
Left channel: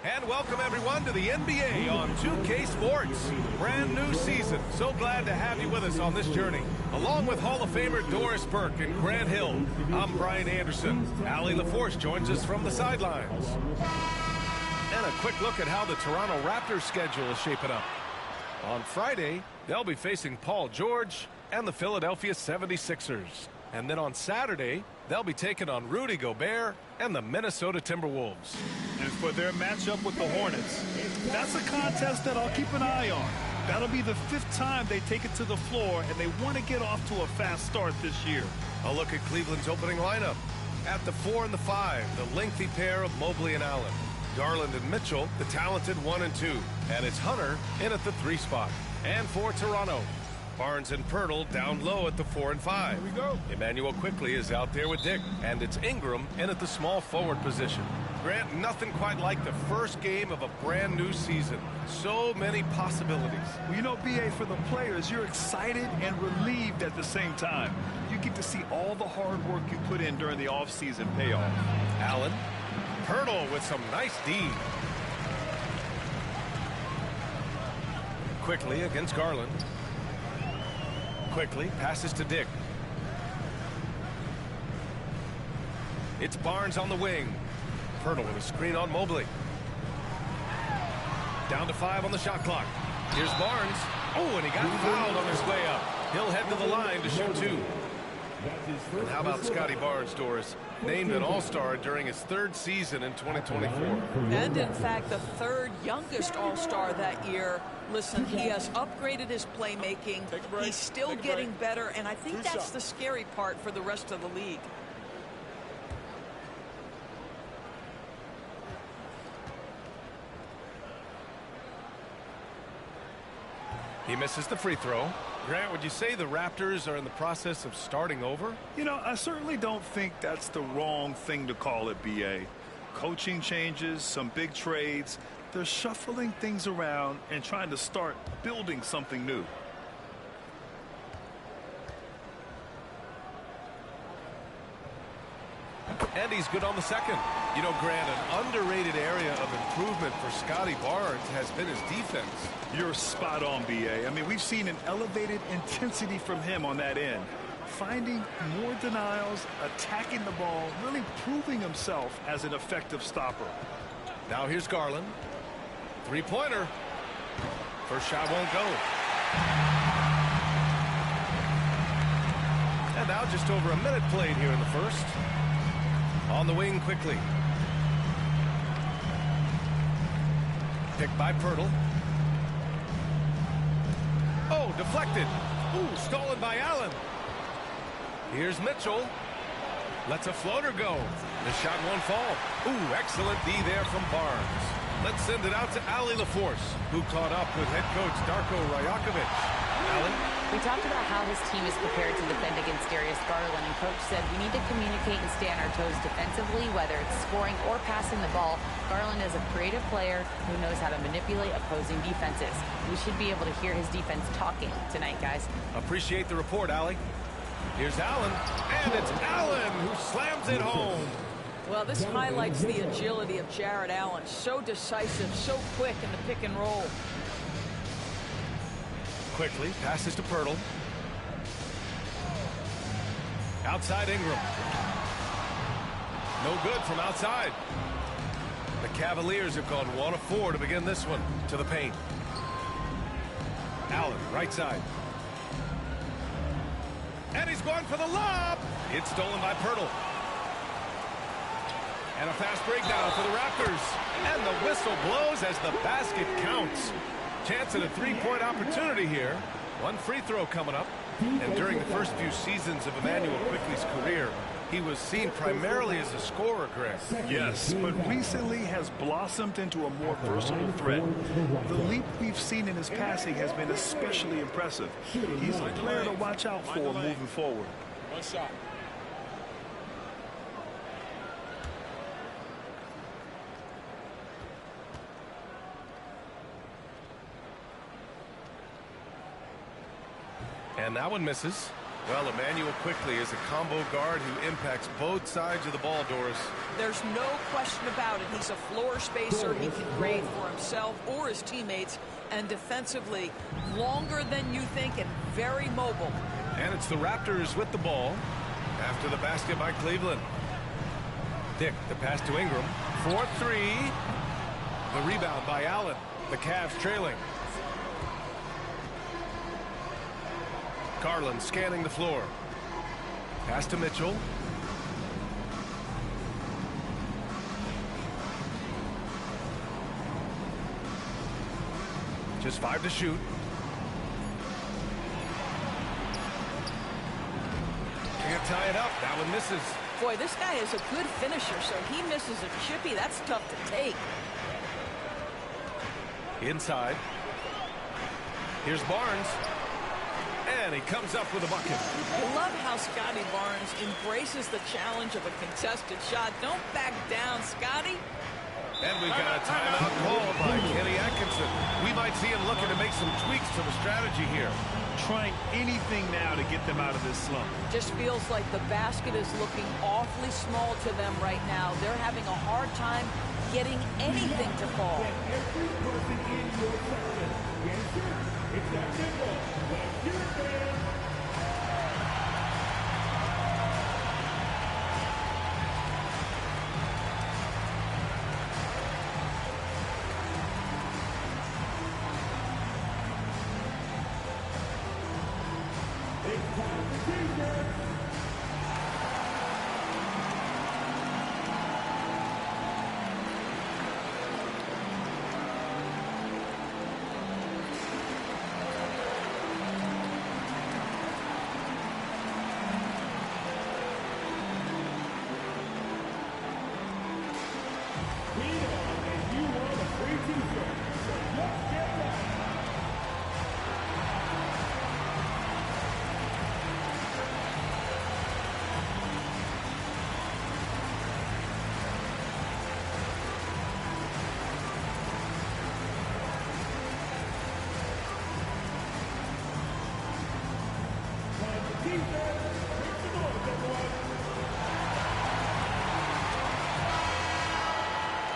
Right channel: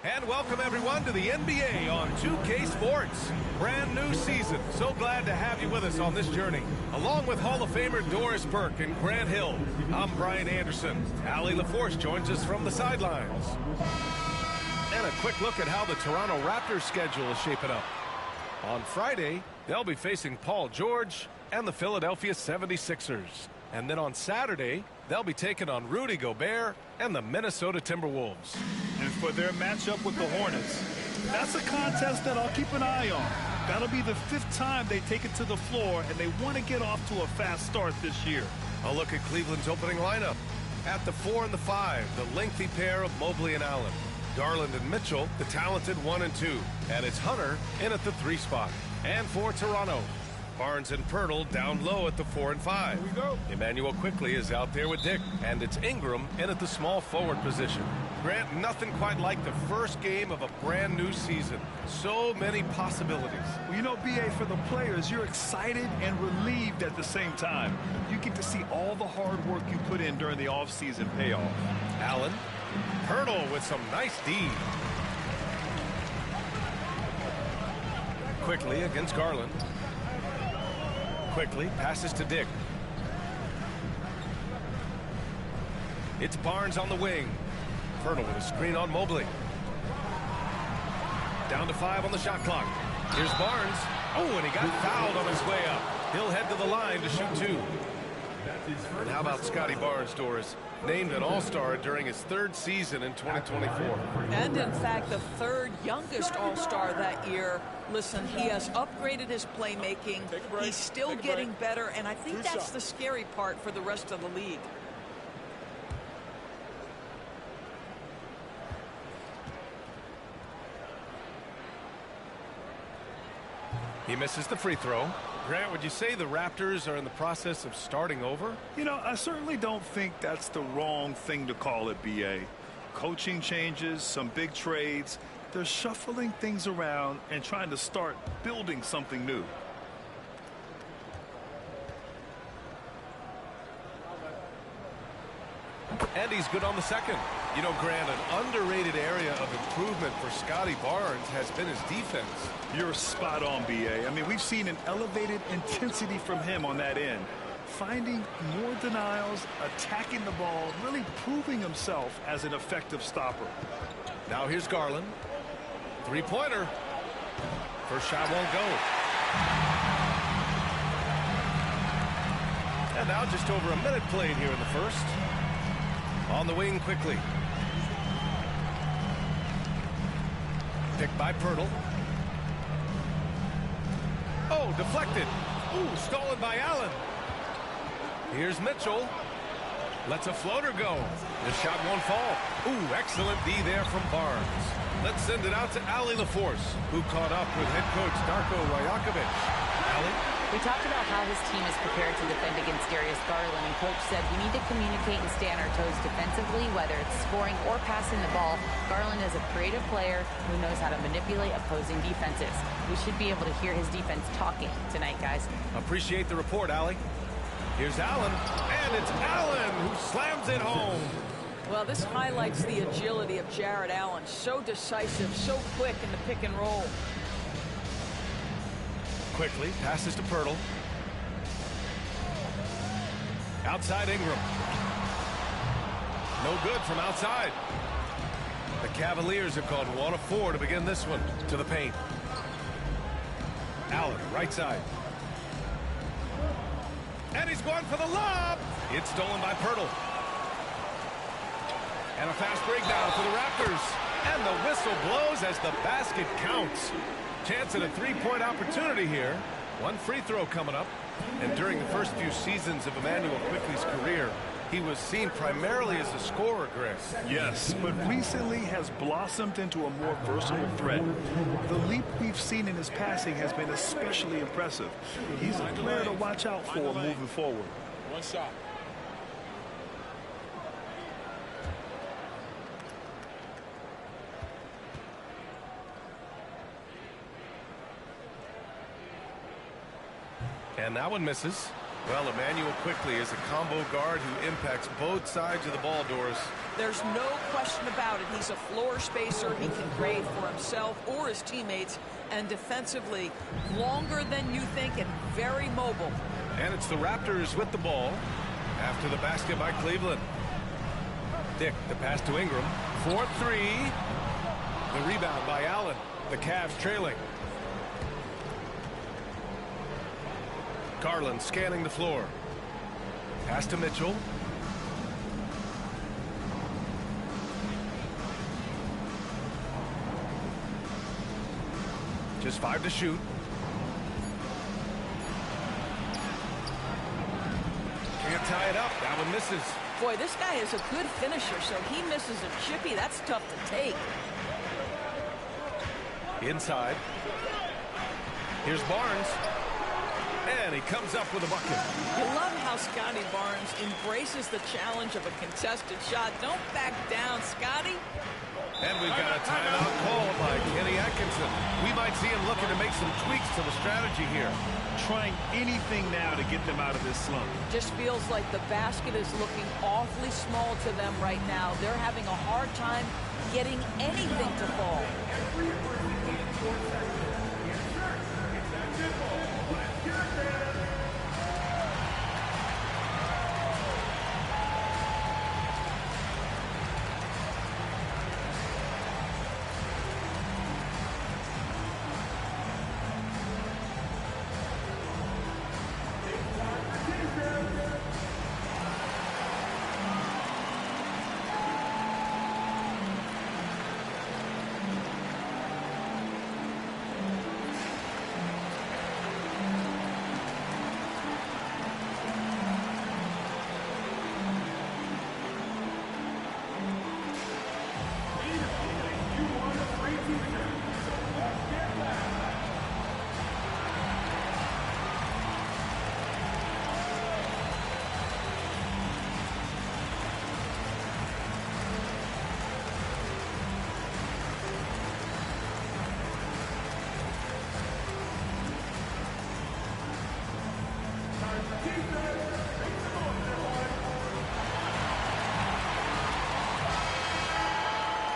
And welcome, everyone, to the NBA on 2K Sports. Brand new season. So glad to have you with us on this journey. Along with Hall of Famer Doris Burke and Grant Hill, I'm Brian Anderson. Allie LaForce joins us from the sidelines. And a quick look at how the Toronto Raptors schedule is shaping up. On Friday, they'll be facing Paul George and the Philadelphia 76ers. And then on Saturday, they'll be taking on Rudy Gobert and the Minnesota Timberwolves. And for their matchup with the Hornets, that's a contest that I'll keep an eye on. That'll be the 5th time they take it to the floor, and they want to get off to a fast start this year. A look at Cleveland's opening lineup. At the 4 and the 5, the lengthy pair of Mobley and Allen. Garland and Mitchell, the talented 1 and 2. And it's Hunter in at the 3 spot. And for Toronto, Barnes and Pirtle down low at the 4 and 5. Here we go. Emmanuel Quickly is out there with Dick. And it's Ingram in at the small forward position. Grant, nothing quite like the first game of a brand new season. So many possibilities. Well, you know, B.A., for the players, you're excited and relieved at the same time. You get to see all the hard work you put in during the offseason pay off. Allen. Pirtle with some nice D. Quickly against Garland. Quickly passes to Dick. It's Barnes on the wing. Pirtle with a screen on Mobley. Down to 5 on the shot clock. Here's Barnes. Oh, and he got fouled on his way up. He'll head to the line to shoot 2. And how about Scotty Barnes, Doris? Named an All-Star during his 3rd season in 2024. And in fact, the 3rd youngest All-Star that year. Listen, he has upgraded his playmaking. He's still getting better, and I think that's the scary part for the rest of the league. He misses the free throw. Grant, would you say the Raptors are in the process of starting over? You know, I certainly don't think that's the wrong thing to call it, B.A. Coaching changes, some big trades. They're shuffling things around and trying to start building something new. And he's good on the second. You know, Grant, an underrated area of improvement for Scotty Barnes has been his defense. You're spot on, B.A. I mean, we've seen an elevated intensity from him on that end. Finding more denials, attacking the ball, really proving himself as an effective stopper. Now here's Garland. 3-pointer. First shot won't go. And now just over a minute played here in the first. On the wing quickly. Picked by Pirtle. Oh, deflected. Ooh, stolen by Allen. Here's Mitchell. Lets a floater go. The shot won't fall. Ooh, excellent D there from Barnes. Let's send it out to Allie LaForce, who caught up with head coach Darko Rajakovic. Allie? We talked about how his team is prepared to defend against Darius Garland, and Coach said we need to communicate and stay on our toes defensively, whether it's scoring or passing the ball. Garland is a creative player who knows how to manipulate opposing defenses. We should be able to hear his defense talking tonight, guys. Appreciate the report, Allie. Here's Allen, and it's Allen who slams it home. Well, this highlights the agility of Jared Allen. So decisive, so quick in the pick and roll. Quickly, passes to Pirtle. Outside Ingram. No good from outside. The Cavaliers have gone 1 of 4 to begin this one. To the paint. Allen, right side. And he's going for the lob. It's stolen by Pirtle. And a fast breakdown for the Raptors. And the whistle blows as the basket counts. Chance at a three-point opportunity here. One free throw coming up. And during the first few seasons of Emmanuel Quickley's career, he was seen primarily as a scorer, Greg. Yes, but recently has blossomed into a more versatile threat. The leap we've seen in his passing has been especially impressive. He's a player to watch out for moving forward. One shot. And that one misses. Well, Emmanuel Quickley is a combo guard who impacts both sides of the ball, Doris. There's no question about it. He's a floor spacer. He can create for himself or his teammates. And defensively, longer than you think and very mobile. And it's the Raptors with the ball after the basket by Cleveland. Dick, the pass to Ingram. 4-3. The rebound by Allen. The Cavs trailing. Garland scanning the floor. Pass to Mitchell. Just 5 to shoot. Can't tie it up. That one misses. Boy, this guy is a good finisher, so he misses a chippy. That's tough to take. Inside. Here's Barnes. And he comes up with a bucket. You love how Scotty Barnes embraces the challenge of a contested shot. Don't back down, Scotty. And we've got a timeout called by Kenny Atkinson. We might see him looking to make some tweaks to the strategy here. Trying anything now to get them out of this slump. Just feels like the basket is looking awfully small to them right now. They're having a hard time getting anything to fall.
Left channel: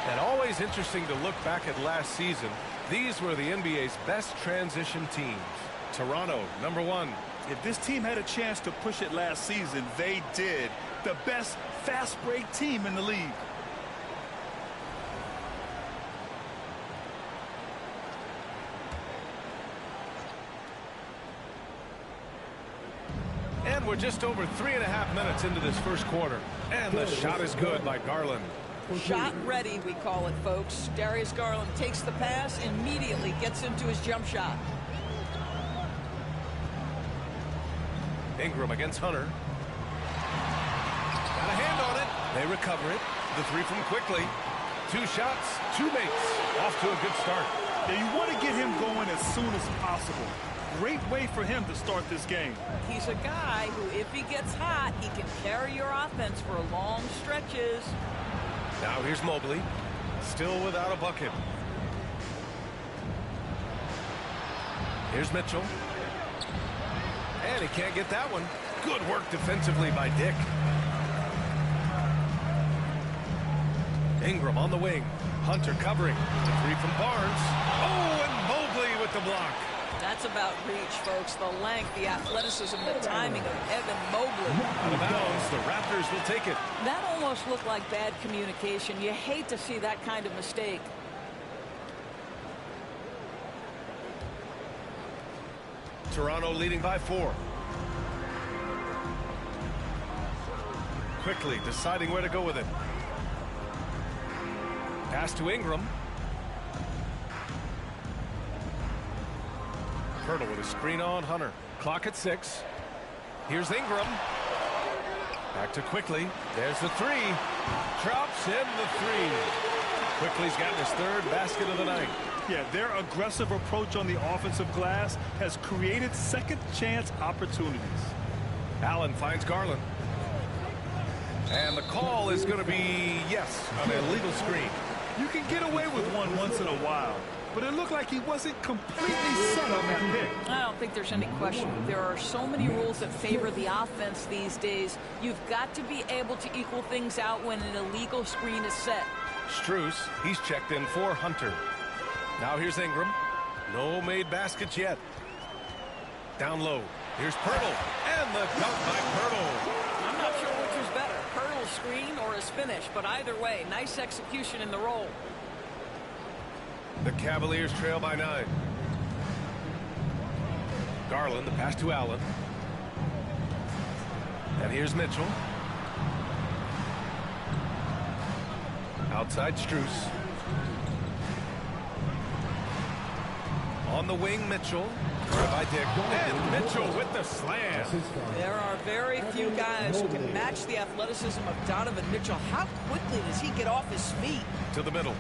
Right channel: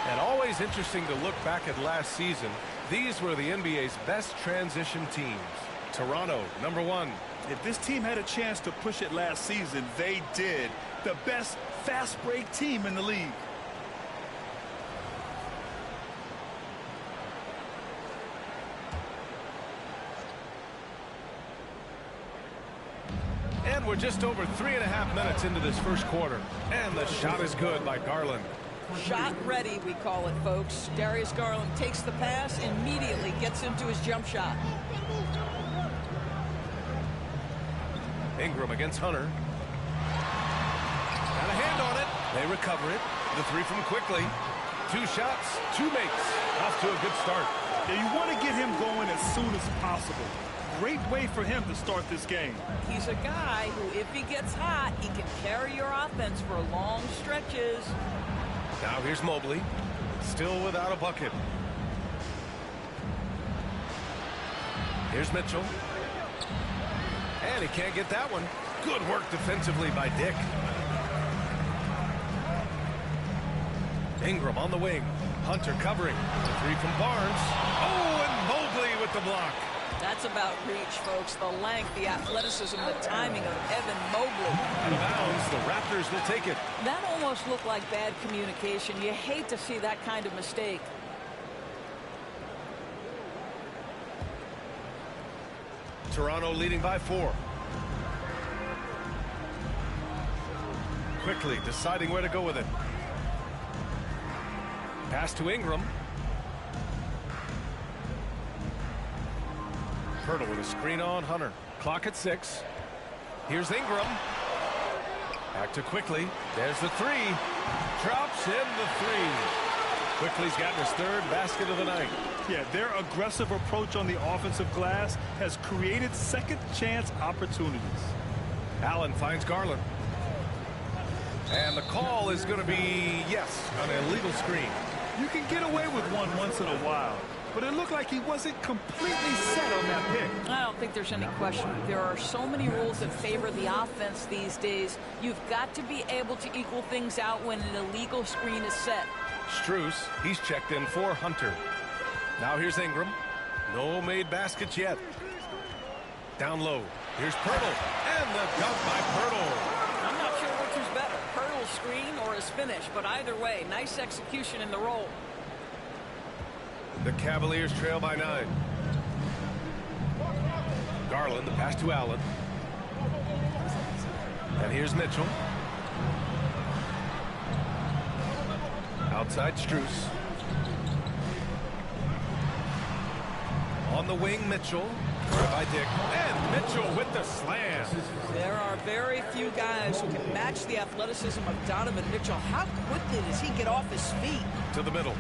And always interesting to look back at last season. These were the NBA's best transition teams. Toronto, number 1. If this team had a chance to push it last season, they did. The best fast break team in the league. we're just over 3.5 minutes into this first quarter. And the shot is good by Garland. Shot ready, we call it, folks. Darius Garland takes the pass, immediately gets into his jump shot. Ingram against Hunter. Got a hand on it. They recover it. The three from Quickly. 2 shots, 2 makes. Off to a good start. Yeah, you want to get him going as soon as possible. Great way for him to start this game. He's a guy who, if he gets hot, he can carry your offense for long stretches. Now here's Mobley. Still without a bucket. Here's Mitchell. And he can't get that one. Good work defensively by Dick. Ingram on the wing. Hunter covering. The three from Barnes. Oh, and Mobley with the block. That's about reach, folks. The length, the athleticism, the timing of Evan Mobley. Out of bounds, the Raptors will take it. That almost looked like bad communication. You hate to see that kind of mistake. Toronto leading by 4. Quickly deciding where to go with it. Pass to Ingram. Pirtle with a screen on Hunter. Clock at 6. Here's Ingram. Back to Quickly. There's the 3. Drops in the 3. Quickly's gotten his 3rd basket of the night. Yeah, their aggressive approach on the offensive glass has created second chance opportunities. Allen finds Garland. And the call is going to be, yes, an illegal screen. You can get away with one once in a while, but it looked like he wasn't completely set on that pick. I don't think there's any question. There are so many rules that favor the offense these days. You've got to be able to equal things out when an illegal screen is set. Strus, he's checked in for Hunter. Now here's Ingram. No made baskets yet. Down low. Here's Pirtle. And the dunk by Pirtle. I'm not sure which is better, Pirtle's screen or his finish, but either way, nice execution in the roll. The Cavaliers trail by 9. Garland, the pass to Allen. And here's Mitchell. Outside Strus. On the wing, Mitchell. By Dick. And Mitchell with the slam. There are very few guys who can match the athleticism of Donovan Mitchell. How quickly does he get off his feet? To the middle.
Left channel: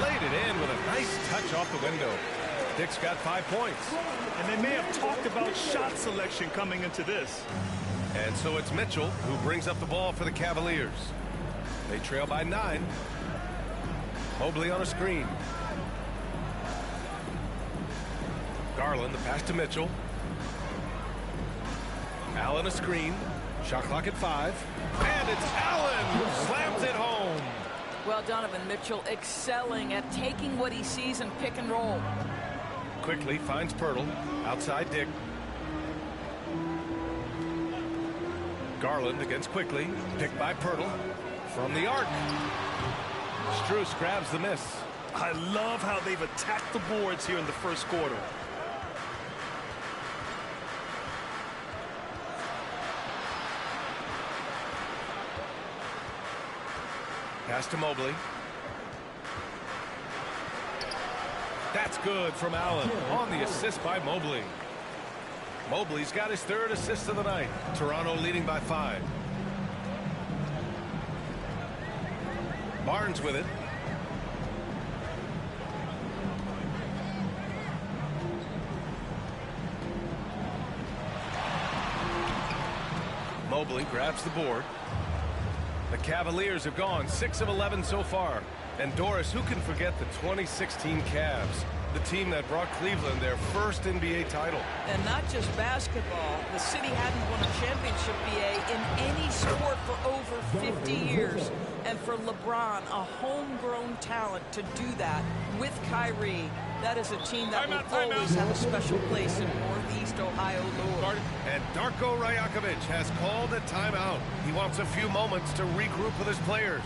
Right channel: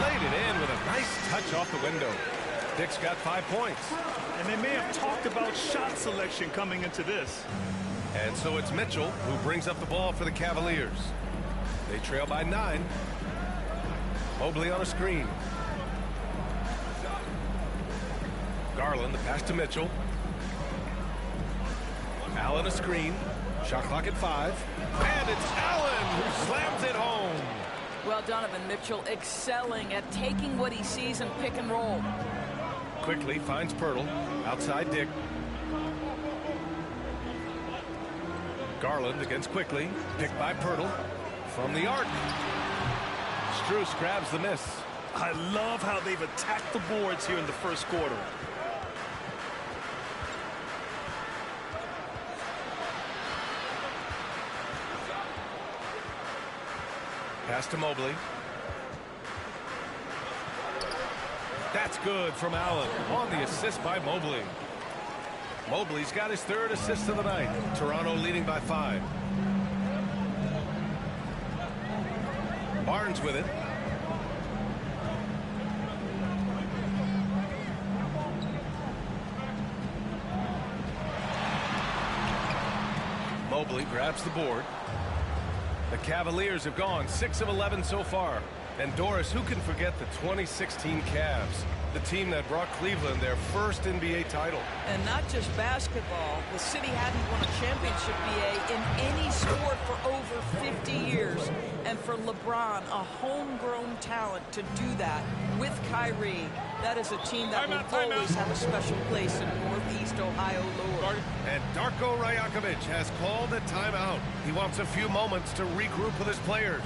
Laid it in with a nice touch off the window. Dick's got 5 points. And they may have talked about shot selection coming into this. And so it's Mitchell who brings up the ball for the Cavaliers. They trail by 9. Mobley on a screen. Garland, the pass to Mitchell. Allen a screen. Shot clock at 5. And it's Allen who slams it home. Well, Donovan Mitchell excelling at taking what he sees and pick and roll. Quickly finds Pirtle. Outside Dick. Garland against Quickly. Picked by Pirtle. From the arc. Strus grabs the miss. I love how they've attacked the boards here in the first quarter. Pass to Mobley. That's good from Allen on the assist by Mobley. Mobley's got his 3rd assist of the night. Toronto leading by 5. Barnes with it. Mobley grabs the board. The Cavaliers have gone 6 of 11 so far. And Doris, who can forget the 2016 Cavs? The team that brought Cleveland their first NBA title. And not just basketball. The city hadn't won a championship, BA, in any sport for over 50 years. And for LeBron, a homegrown talent, to do that with Kyrie, that is a team that will always have a special place in Northeast Ohio lore. And Darko Rajakovic has called a timeout. He wants a few moments to regroup with his players.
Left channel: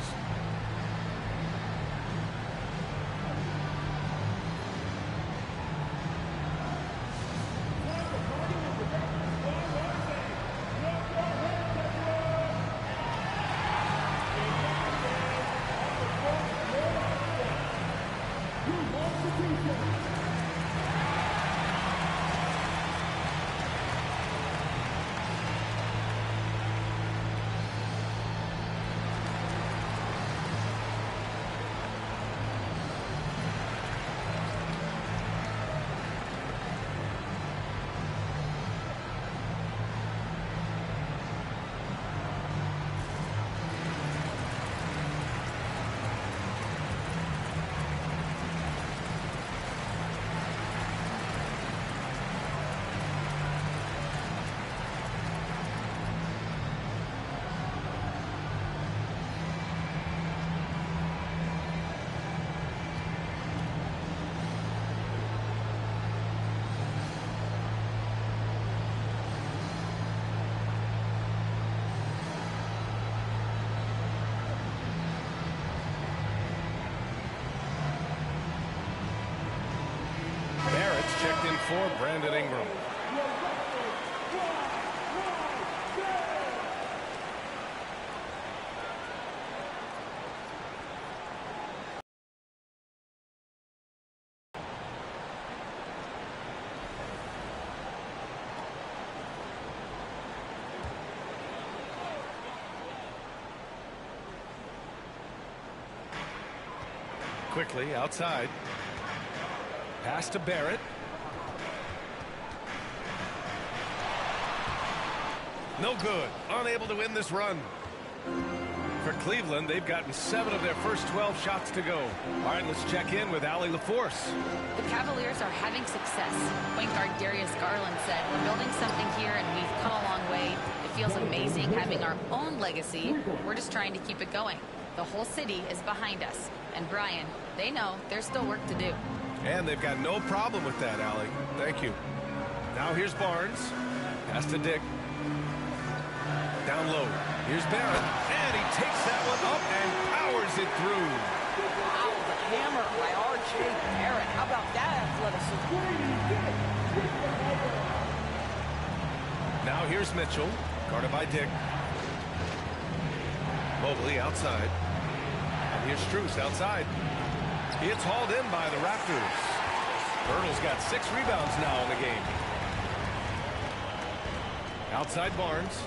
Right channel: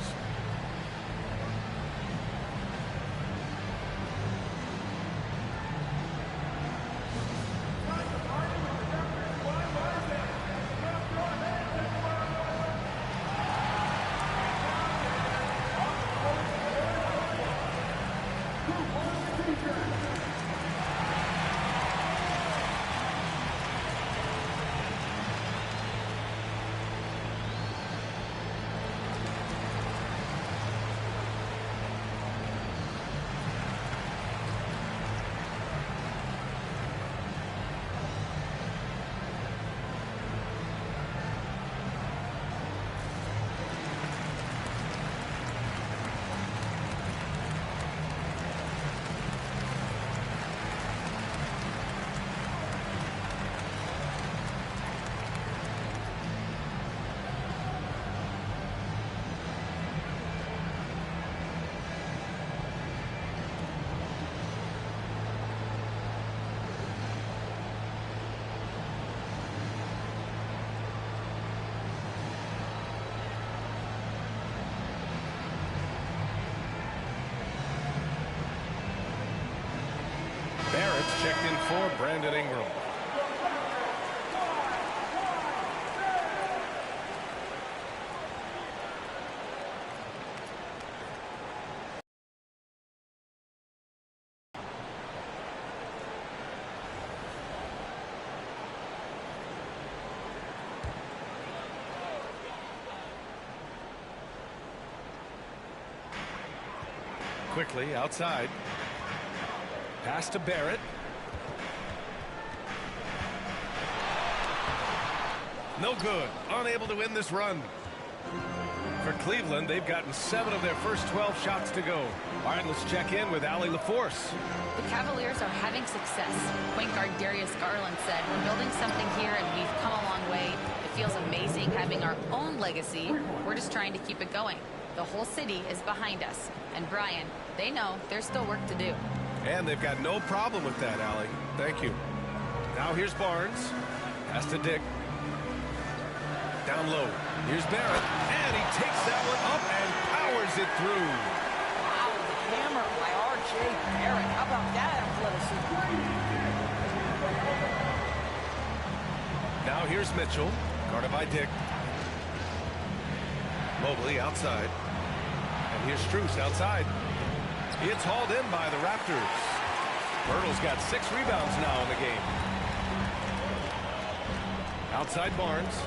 checked in for Brandon Ingram. Quickly outside. Pass to Barrett. No good. Unable to win this run. For Cleveland, they've gotten 7 of their first 12 shots to go. All right, let's check in with Allie LaForce. The Cavaliers are having success. Point guard Darius Garland said, "We're building something here and we've come a long way. It feels amazing having our own legacy. We're just trying to keep it going. The whole city is behind us." And Brian, they know there's still work to do. And they've got no problem with that, Allie. Thank you. Now here's Barnes. Pass to Dick. Down low. Here's Barrett. And he takes that one up and powers it through. Wow, the hammer by R.J. Barrett. How about that athleticism? Now here's Mitchell. Guarded by Dick. Mobley outside. And here's Strus outside. It's hauled in by the Raptors. Birtle's got 6 rebounds now in the game. Outside Barnes.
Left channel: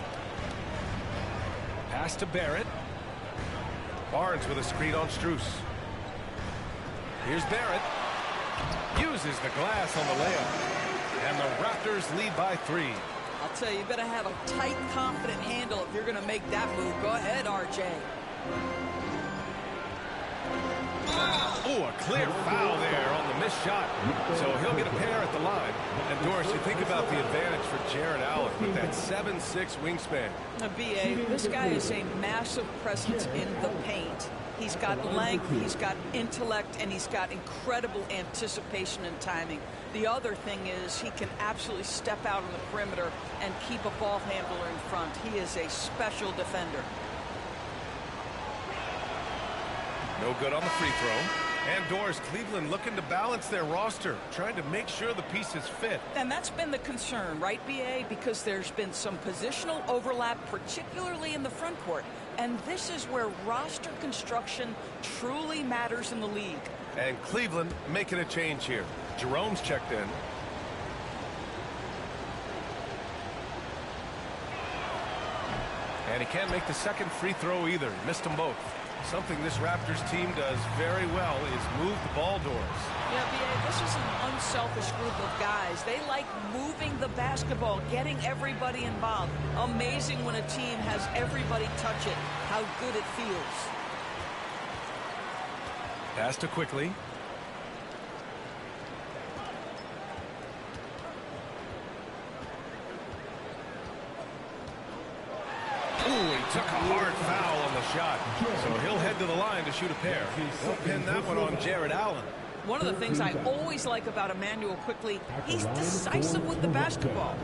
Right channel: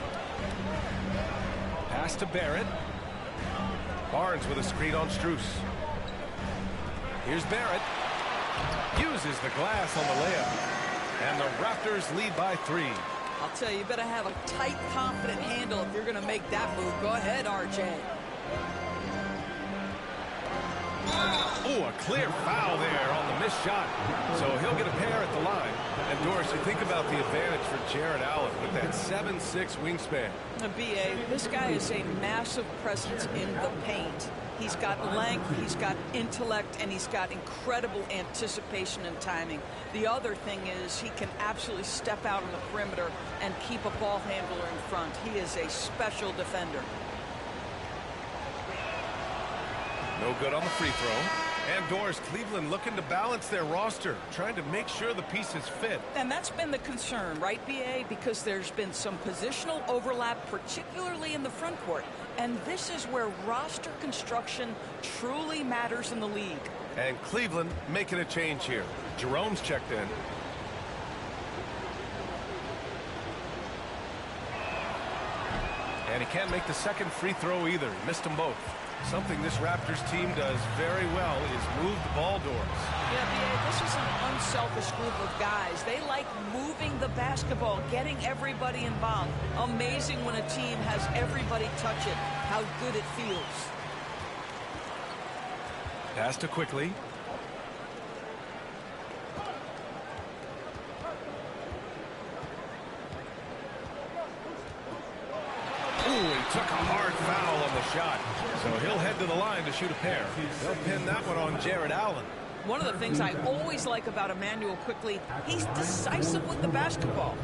Pass to Barrett. Barnes with a screen on Strus. Here's Barrett. Uses the glass on the layup. And the Raptors lead by 3. I'll tell you, you better have a tight, confident handle if you're going to make that move. Go ahead, R.J. Oh, a clear foul there on the missed shot. So he'll get a pair at the line. And Doris, you think about the advantage for Jared Allen with that 7'6" wingspan. B.A., this guy is a massive presence in the paint. He's got length, he's got intellect, and he's got incredible anticipation and timing. The other thing is he can absolutely step out on the perimeter and keep a ball handler in front. He is a special defender. No good on the free throw. And Doris, Cleveland looking to balance their roster, trying to make sure the pieces fit. And that's been the concern, right, B.A.? Because there's been some positional overlap, particularly in the front court. And this is where roster construction truly matters in the league. And Cleveland making a change here. Jerome's checked in. And he can't make the second free throw either. He missed them both. Something this Raptors team does very well is move the ball, Doris. Yeah, B.A., this is an unselfish group of guys. They like moving the basketball, getting everybody involved. Amazing when a team has everybody touch it, how good it feels. Pass to Quickly. Ooh, he took a hard foul on the shot. So he'll head to the line to shoot a pair. They'll pin that one on Jared Allen. One of the things I always like about Emmanuel Quickly, he's decisive with the basketball.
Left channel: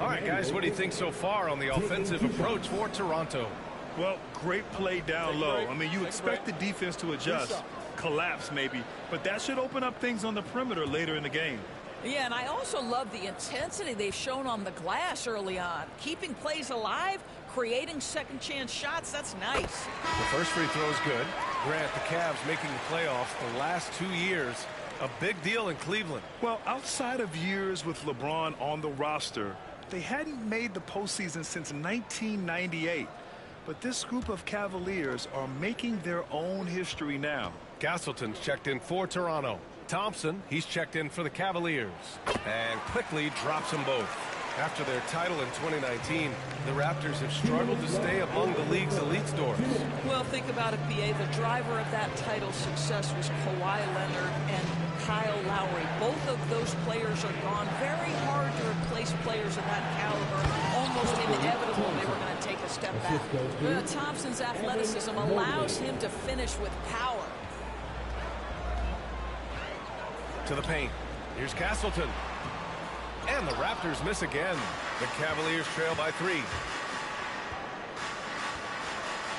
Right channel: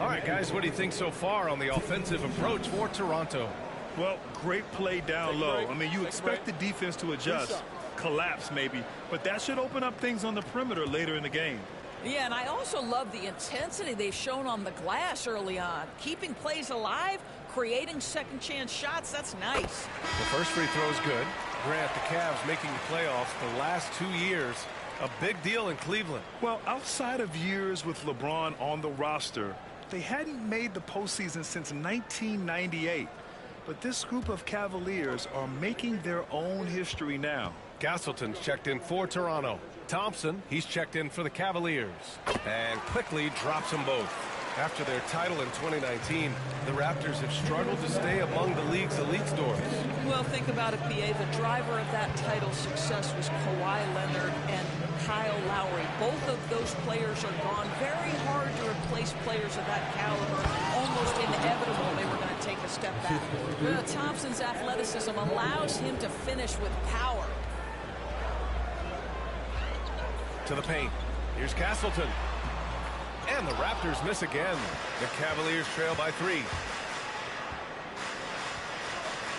All right, guys, what do you think so far on the offensive approach for Toronto? Well, great play down low. I mean, you expect the defense to adjust, collapse maybe, but that should open up things on the perimeter later in the game. Yeah, and I also love the intensity they've shown on the glass early on. Keeping plays alive, creating second chance shots, that's nice. The first free throw is good. Grant, the Cavs making the playoffs the last 2 years. A big deal in Cleveland. Well, outside of years with LeBron on the roster, they hadn't made the postseason since 1998. But this group of Cavaliers are making their own history now. Castleton's checked in for Toronto. Thompson, he's checked in for the Cavaliers. And Quickly drops them both. After their title in 2019, the Raptors have struggled to stay among the league's elite stores. Well, think about it, B.A. The driver of that title success was Kawhi Leonard and Kyle Lowry. Both of those players are gone. Very hard to replace players of that caliber. Almost inevitable they were going to take a step back. Thompson's athleticism allows him to finish with power. To the paint. Here's Castleton. And the Raptors miss again. The Cavaliers trail by 3.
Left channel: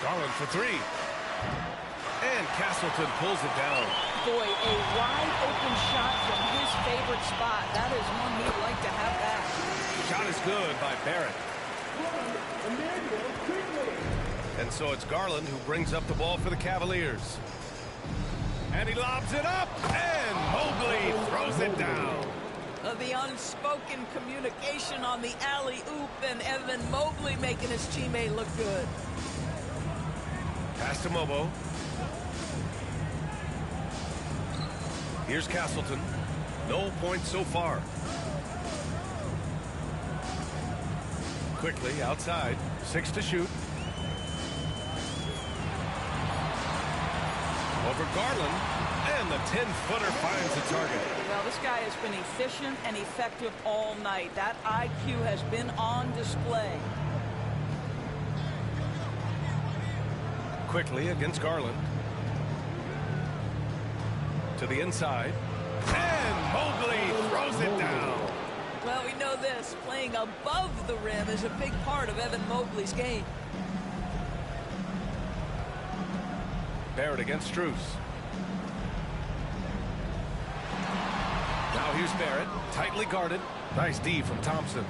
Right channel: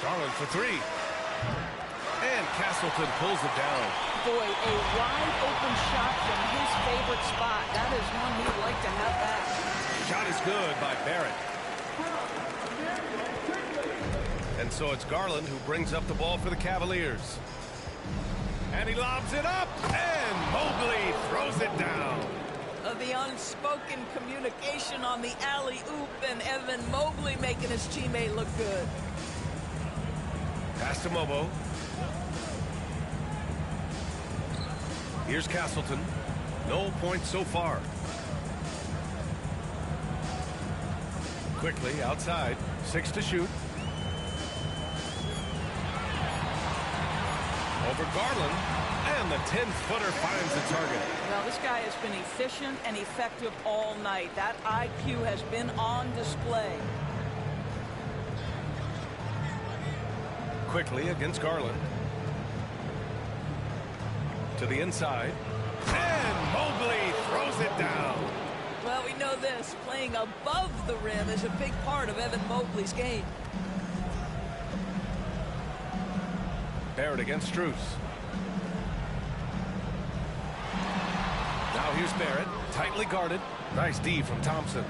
Garland for 3. And Castleton pulls it down. Boy, a wide open shot from his favorite spot. That is one he'd like to have back. Shot is good by Barrett. And so it's Garland who brings up the ball for the Cavaliers. And he lobs it up, and Mobley throws it down. The unspoken communication on the alley-oop, and Evan Mobley making his teammate look good. Pass to Mobo. Here's Castleton. No points so far. Quickly outside. 6 to shoot. Over Garland. And the 10-footer finds the target. Well, this guy has been efficient and effective all night. That IQ has been on display. Quickly against Garland. To the inside. And Mobley throws it down. Well, we know this. Playing above the rim is a big part of Evan Mobley's game. Barrett against Strus. Now here's Barrett. Tightly guarded. Nice D from Thompson.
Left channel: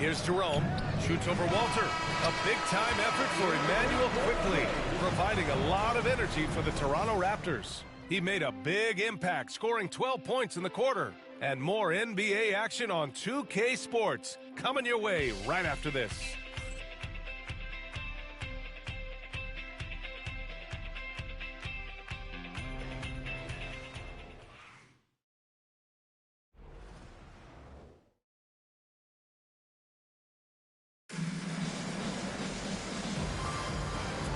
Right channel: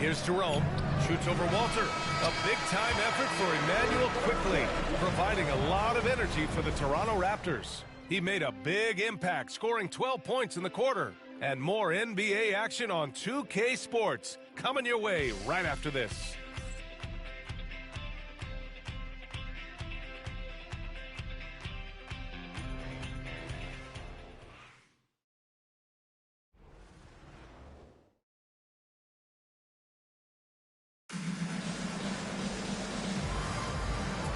Here's Jerome. Shoots over Walter. A big-time effort for Emmanuel Quickly, providing a lot of energy for the Toronto Raptors. He made a big impact, scoring 12 points in the quarter. And more NBA action on 2K Sports coming your way right after this.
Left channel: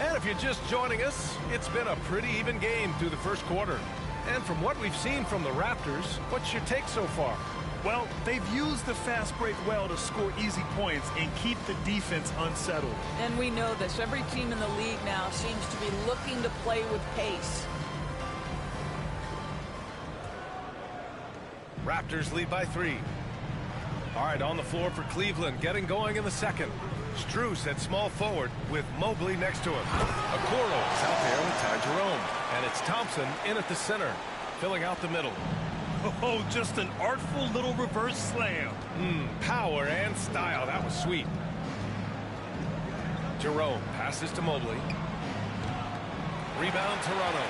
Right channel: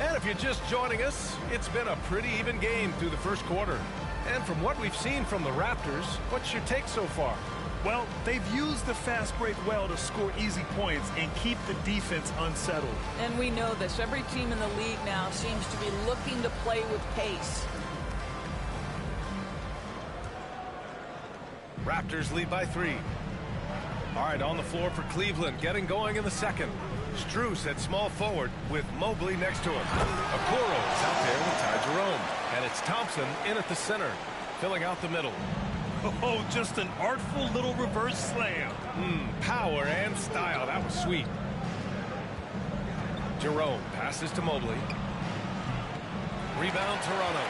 And if you're just joining us, it's been a pretty even game through the first quarter. And from what we've seen from the Raptors, what's your take so far? Well, they've used the fast break well to score easy points and keep the defense unsettled. And we know this. Every team in the league now seems to be looking to play with pace. Raptors lead by 3. All right, on the floor for Cleveland, getting going in the second. Strus at small forward with Mobley next to him. Okoro is out there with Ty Jerome. And it's Thompson in at the center, filling out the middle. Oh, just an artful little reverse slam. Power and style. That was sweet. Jerome passes to Mobley. Rebound Toronto.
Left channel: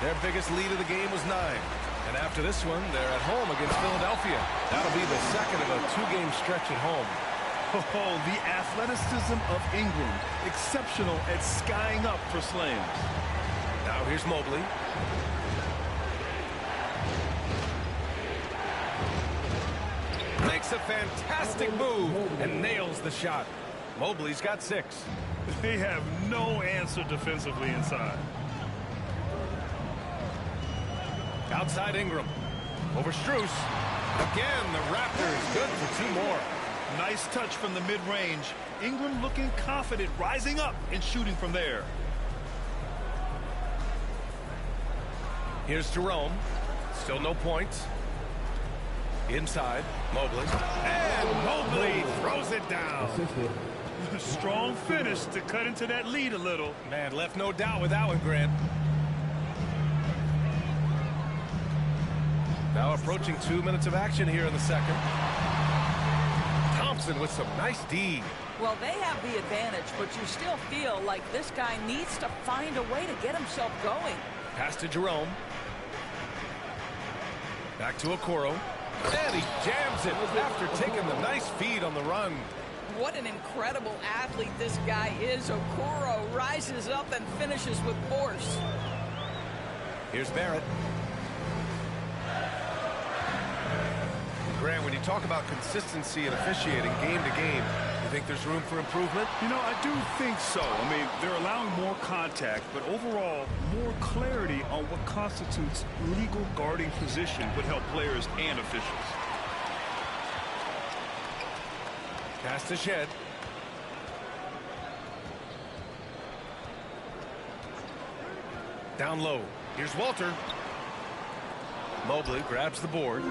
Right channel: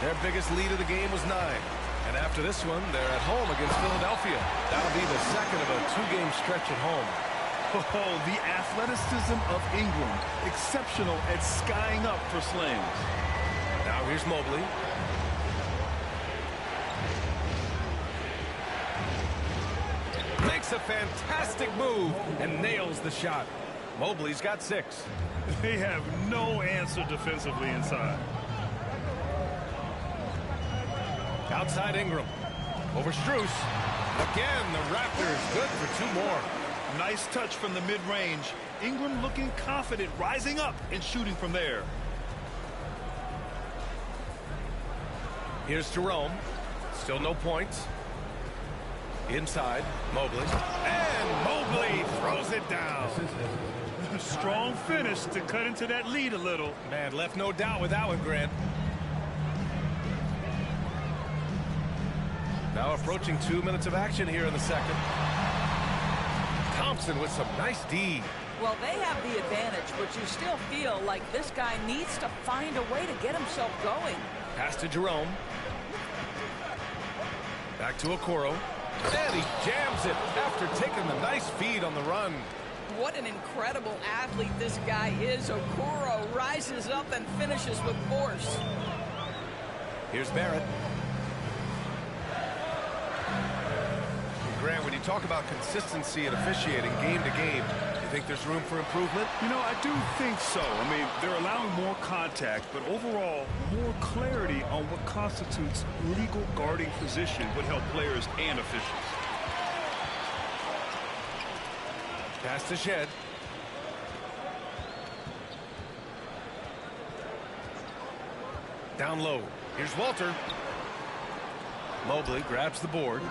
Their biggest lead of the game was 9. And after this one, they're at home against Philadelphia. That'll be the second of a 2-game stretch at home. Oh, the athleticism of Ingram. Exceptional at skying up for slams. Now here's Mobley. Makes a fantastic move and nails the shot. Mobley's got 6. They have no answer defensively inside. Outside Ingram. Over Strus. Again, the Raptors good for 2 more. Nice touch from the mid-range. Ingram looking confident, rising up and shooting from there. Here's Jerome. Still no points. Inside, Mobley. And Mobley throws it down. Strong finish to cut into that lead a little. Man, left no doubt with that one, Grant. Now approaching 2 minutes of action here in the second. Thompson with some nice D. Well, they have the advantage, but you still feel like this guy needs to find a way to get himself going. Pass to Jerome. Back to Okoro. And he jams it after taking the nice feed on the run. What an incredible athlete this guy is. Okoro rises up and finishes with force. Here's Barrett. Grant, when you talk about consistency and officiating game to game, you think there's room for improvement? You know, I do think so. I mean, they're allowing more contact, but overall, more clarity on what constitutes legal guarding position would help players and officials. Pass to Shed. Down low. Here's Walter. Mobley grabs the board.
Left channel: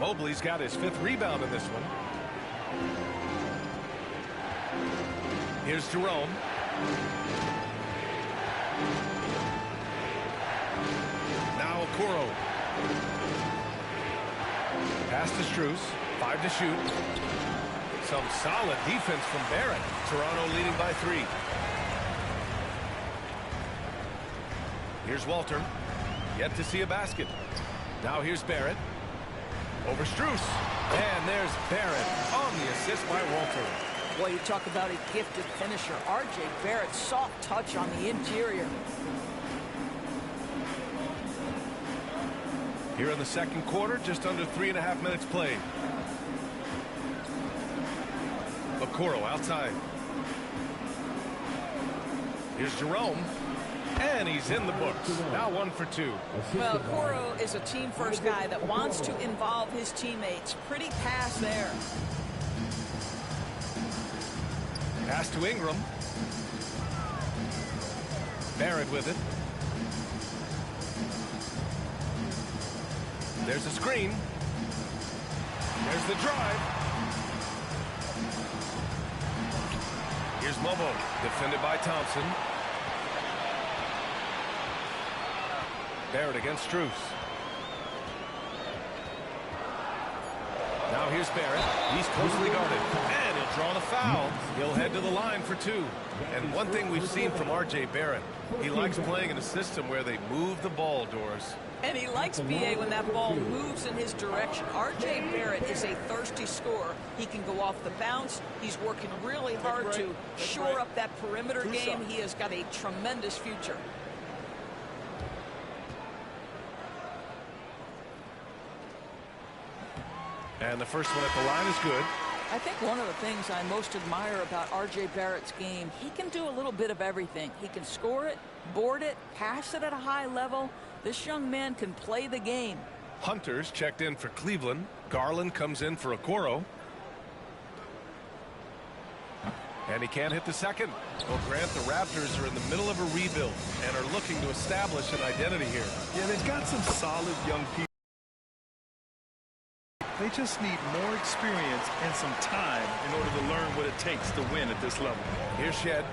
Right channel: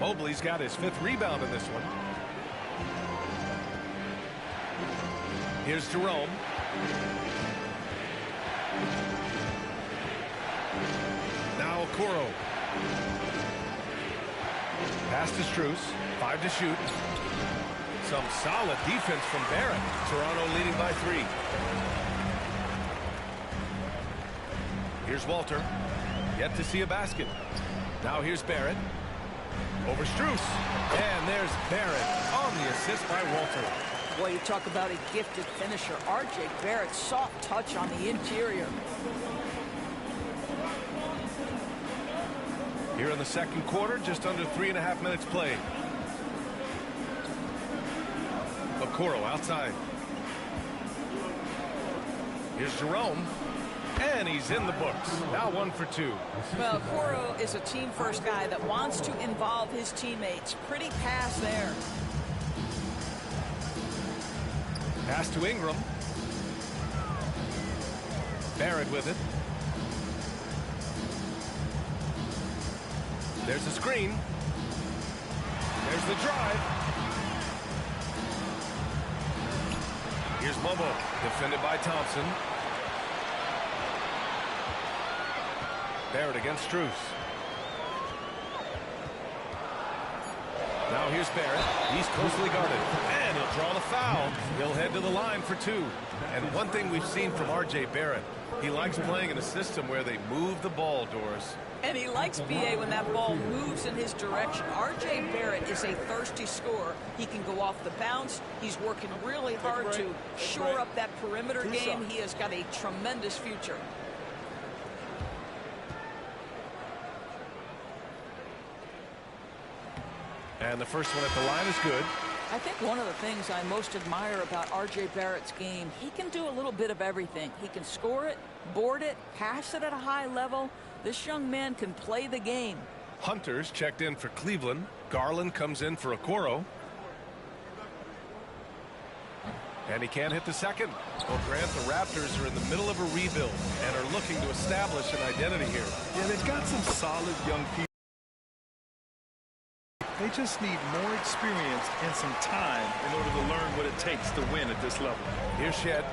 Mobley's got his 5th rebound in this one. Here's Jerome. Now Okoro. Pass to Strus. 5 to shoot. Some solid defense from Barrett. Toronto leading by 3. Here's Walter. Yet to see a basket. Now here's Barrett. Over Strus. And there's Barrett on the assist by Walter. Boy, you talk about a gifted finisher. R.J. Barrett, soft touch on the interior. Here in the second quarter, just under 3.5 minutes played. Okoro outside. Here's Jerome. And he's in the books. Now 1 for 2. Well, Okoro is a team-first guy that wants to involve his teammates. Pretty pass there. Pass to Ingram. Barrett with it. There's a screen. There's the drive. Here's Mobo, defended by Thompson. Barrett against Strus. Now here's Barrett. He's closely guarded. And he'll draw the foul. He'll head to the line for 2. And one thing we've seen from R.J. Barrett, he likes playing in a system where they move the ball, Doris. And he likes BA when that ball moves in his direction. R.J. Barrett is a thirsty scorer. He can go off the bounce. He's working really hard to shore up that perimeter game. He has got a tremendous future. And the first one at the line is good. I think one of the things I most admire about R.J. Barrett's game, he can do a little bit of everything. He can score it, board it, pass it at a high level. This young man can play the game. Hunter's checked in for Cleveland. Garland comes in for Okoro. And he can't hit the second. Well, Grant, the Raptors are in the middle of a rebuild and are looking to establish an identity here. Yeah, they've got some solid young people. They just need more experience and some time in order to learn what it takes to win at this level. Here's Shed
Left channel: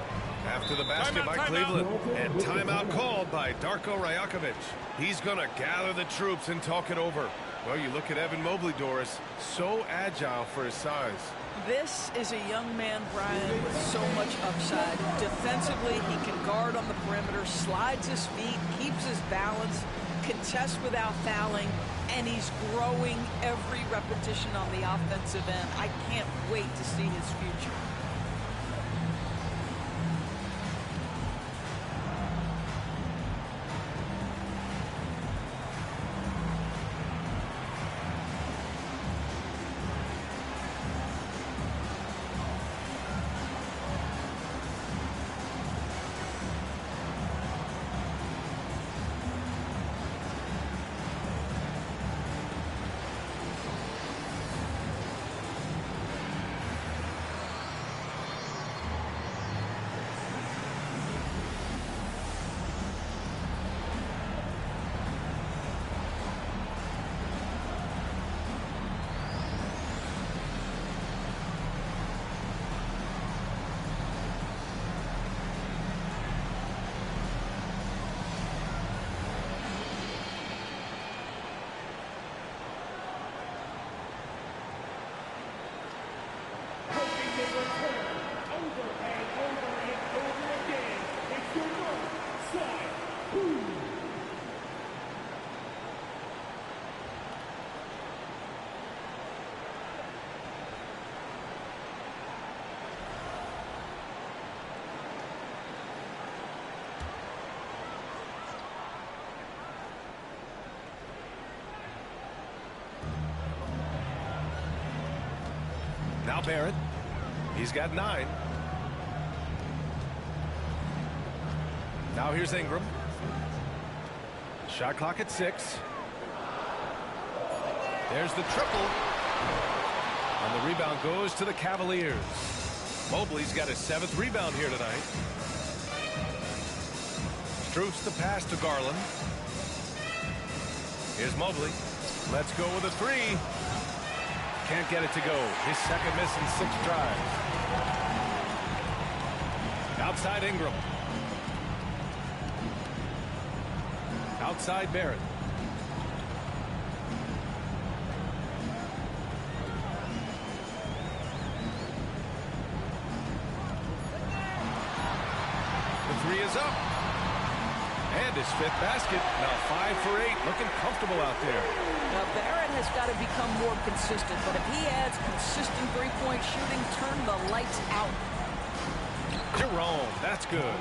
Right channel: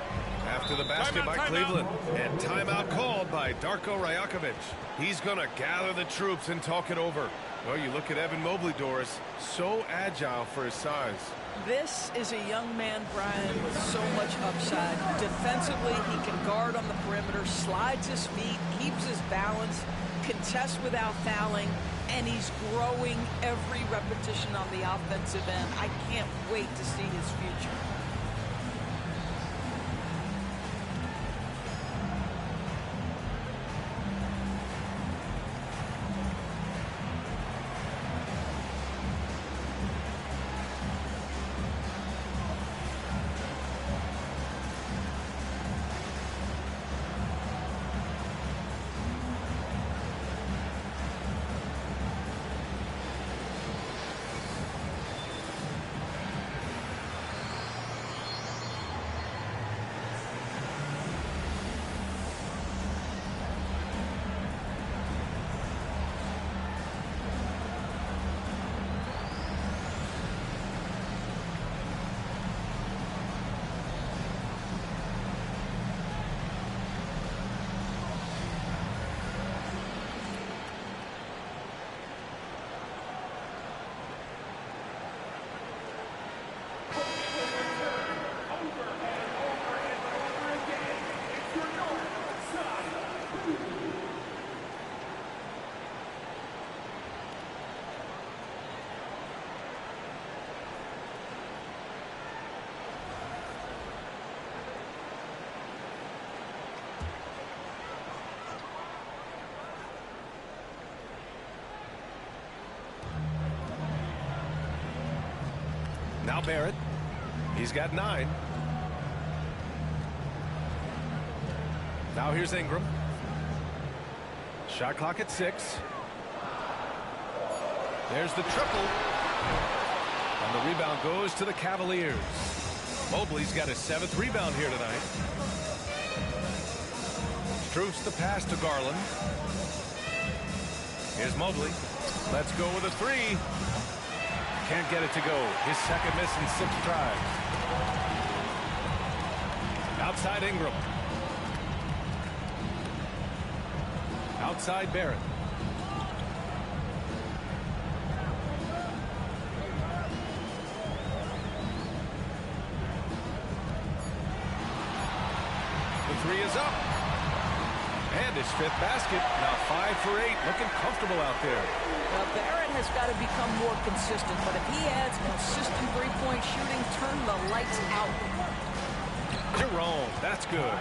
after the basket by Cleveland. And timeout called by Darko Rajakovic. He's going to gather the troops and talk it over. Well, you look at Evan Mobley, Doris, so agile for his size. This is a young man, Brian, with so much upside. Defensively, he can guard on the perimeter, slides his feet, keeps his balance, contests without fouling, and he's growing every repetition on the offensive end. I can't wait to see his future. Now Barrett. He's got 9. Now here's Ingram. Shot clock at 6. There's the triple. And the rebound goes to the Cavaliers. Mobley's got his 7th rebound here tonight. Strus the pass to Garland. Here's Mobley. Let's go with a 3. Can't get it to go. His second miss in 6 tries. Outside Ingram. Outside Barrett. The 3 is up. And his 5th basket. Now 5 for 8. Looking comfortable out there. Now, Barrett has got to become more consistent, but if he adds consistent three-point shooting, turn the lights out. Jerome, that's good.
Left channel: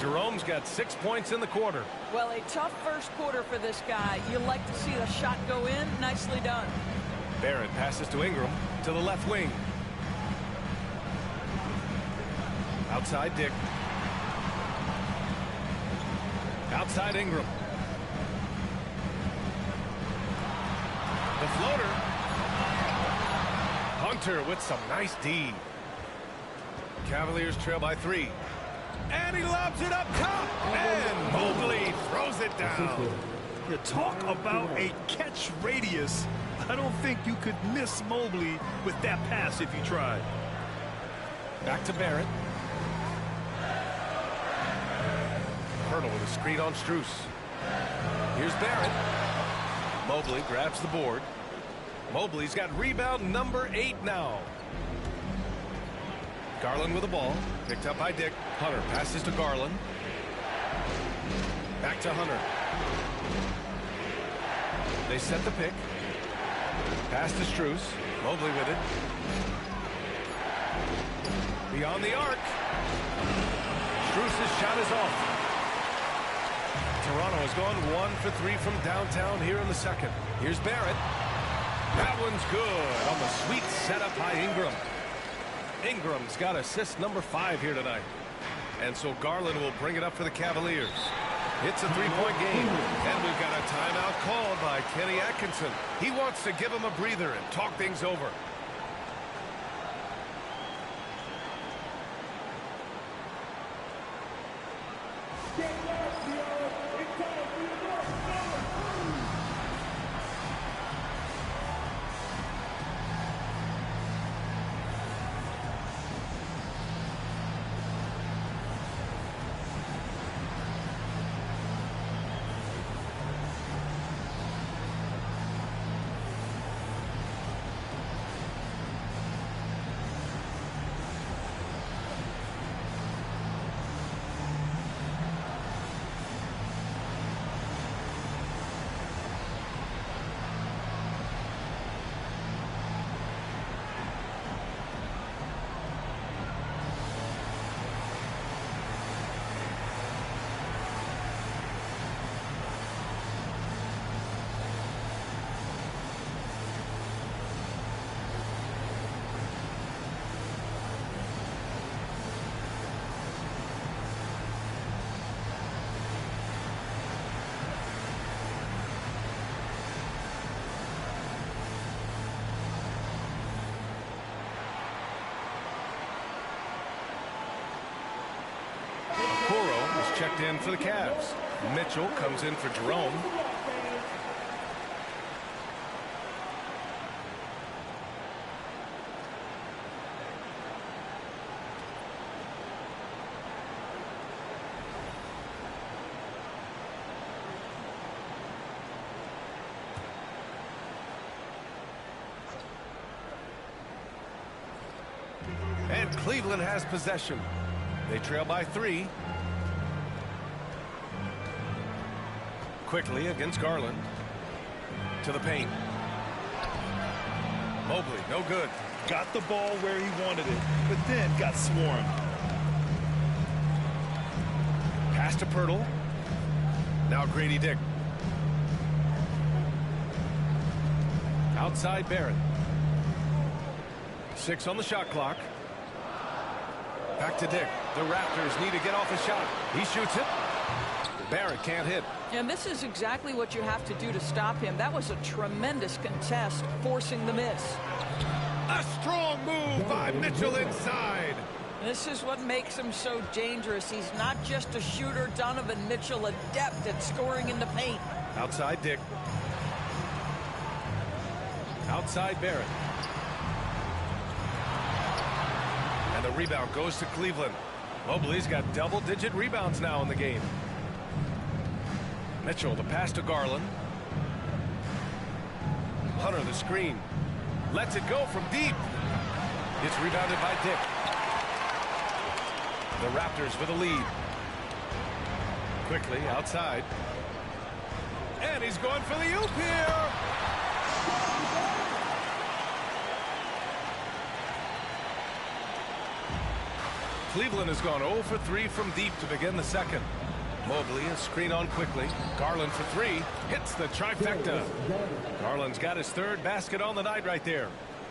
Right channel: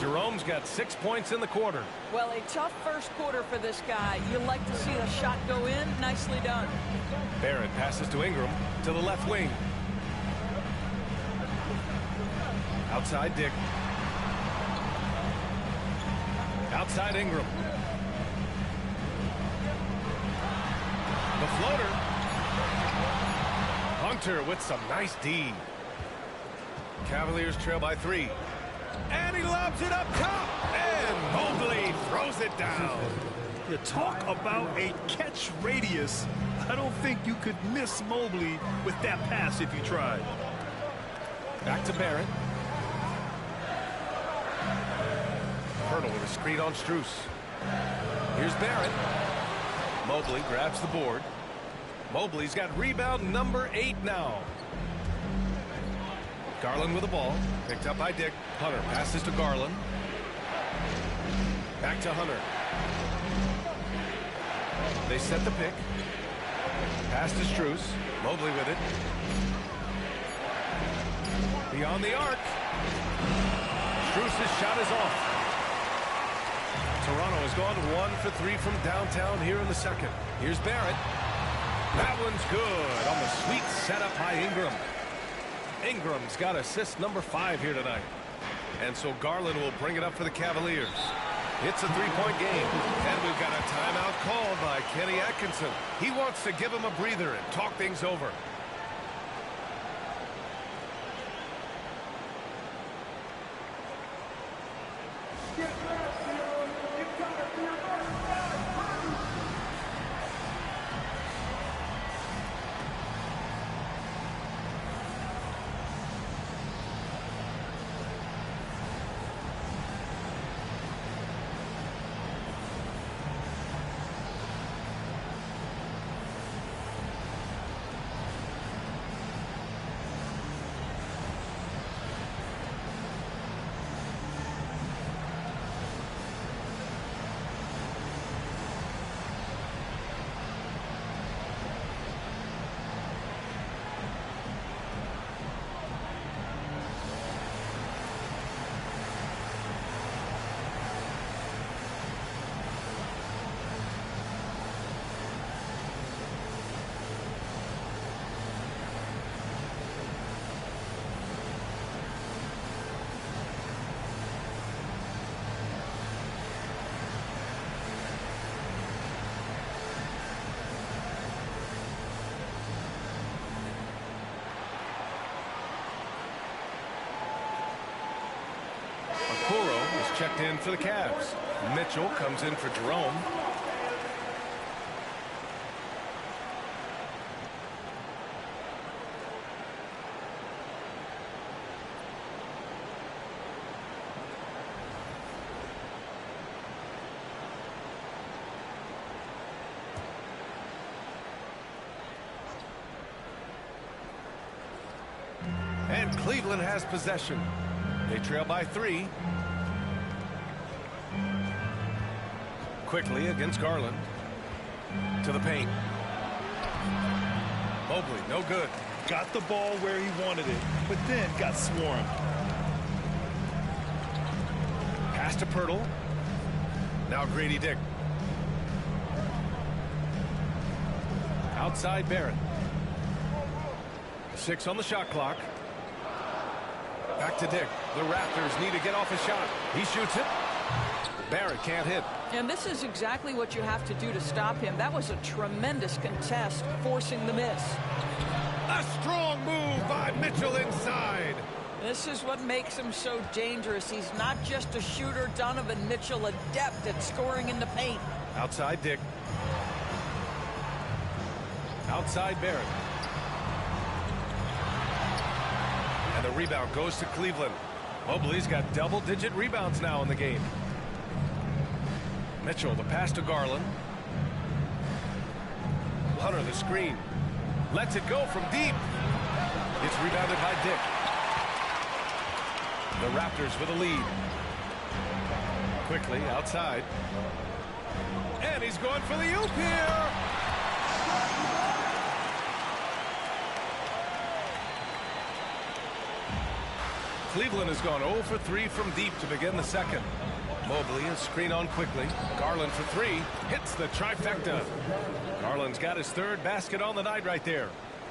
Jerome's got 6 points in the quarter. Well, a tough first quarter for this guy. You like to see the shot go in. Nicely done. Barrett passes to Ingram to the left wing. Outside Dick. Outside Ingram. The floater. Hunter with some nice D. Cavaliers trail by 3. And he lobs it up top. And Mobley throws it down. You talk about a catch radius. I don't think you could miss Mobley with that pass if you tried. Back to Barrett. Hurdle with a screen on Strus. Here's Barrett. Mobley grabs the board. Mobley's got rebound number 8 now. Garland with the ball. Picked up by Dick. Hunter passes to Garland. Back to Hunter. They set the pick. Pass to Strus. Mobley with it. Beyond the arc. Strus' shot is off. Toronto has gone 1 for 3 from downtown here in the second. Here's Barrett. That one's good on the sweet setup by Ingram. Ingram's got assist number 5 here tonight. And so Garland will bring it up for the Cavaliers. It's a 3-point game. And we've got a timeout called by Kenny Atkinson. He wants to give him a breather and talk things over. Okoro is checked in for the Cavs. Mitchell comes in for Jerome. And Cleveland has possession. They trail by 3. Quickly against Garland. To the paint. Mobley, no good. Got the ball where he wanted it, but then got swarmed. Pass to Pirtle. Now Grady Dick. Outside Barrett. 6 on the shot clock. Back to Dick. The Raptors need to get off a shot. He shoots it. Barrett can't hit. And this is exactly what you have to do to stop him. That was a tremendous contest, forcing the miss. A strong move by Mitchell inside. This is what makes him so dangerous. He's not just a shooter. Donovan Mitchell, adept at scoring in the paint. Outside Dick. Outside Barrett. And the rebound goes to Cleveland. Mobley's got double-digit rebounds now in the game. Mitchell, the pass to Garland. Hunter, the screen. Lets it go from deep. It's rebounded by Dick. The Raptors with a lead. Quickly outside. And he's going for the oop here. Cleveland has gone 0 for 3 from deep to begin the second. Mobley is screen on quickly. Garland for 3. Hits the trifecta. Garland's got his third basket on the night right there.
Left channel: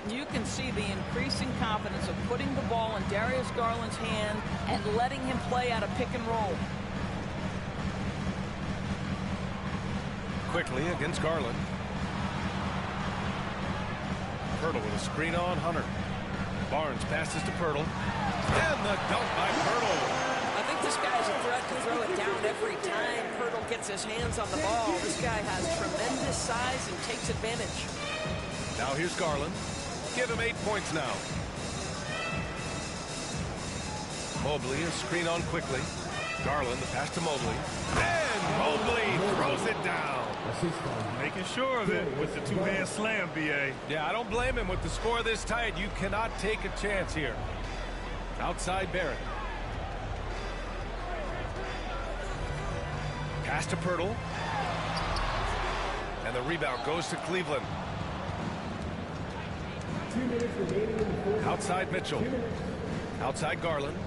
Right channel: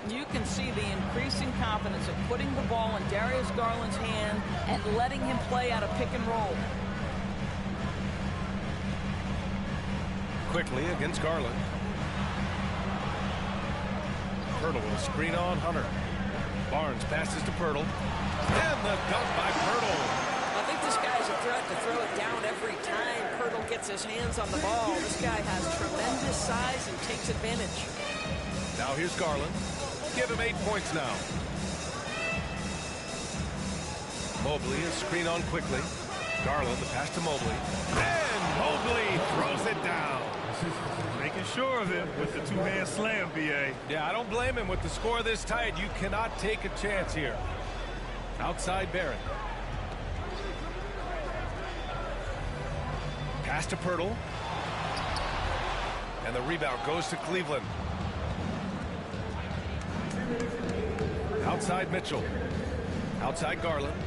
You can see the increasing confidence of putting the ball in Darius Garland's hand and letting him play out of pick and roll. Quickly against Garland. Pirtle with a screen on Hunter. Barnes passes to Pirtle. And the dunk by Pirtle. I think this guy is a threat to throw it down every time Pirtle gets his hands on the ball. This guy has tremendous size and takes advantage. Now here's Garland. Give him 8 points now. Mobley is screen on quickly. Garland, the pass to Mobley. And Mobley throws it down. Making sure of it with the two-hand slam, B.A. Yeah, I don't blame him with the score this tight. You cannot take a chance here. Outside Barrett. Pass to Pirtle. And the rebound goes to Cleveland. Outside Mitchell. Outside Garland.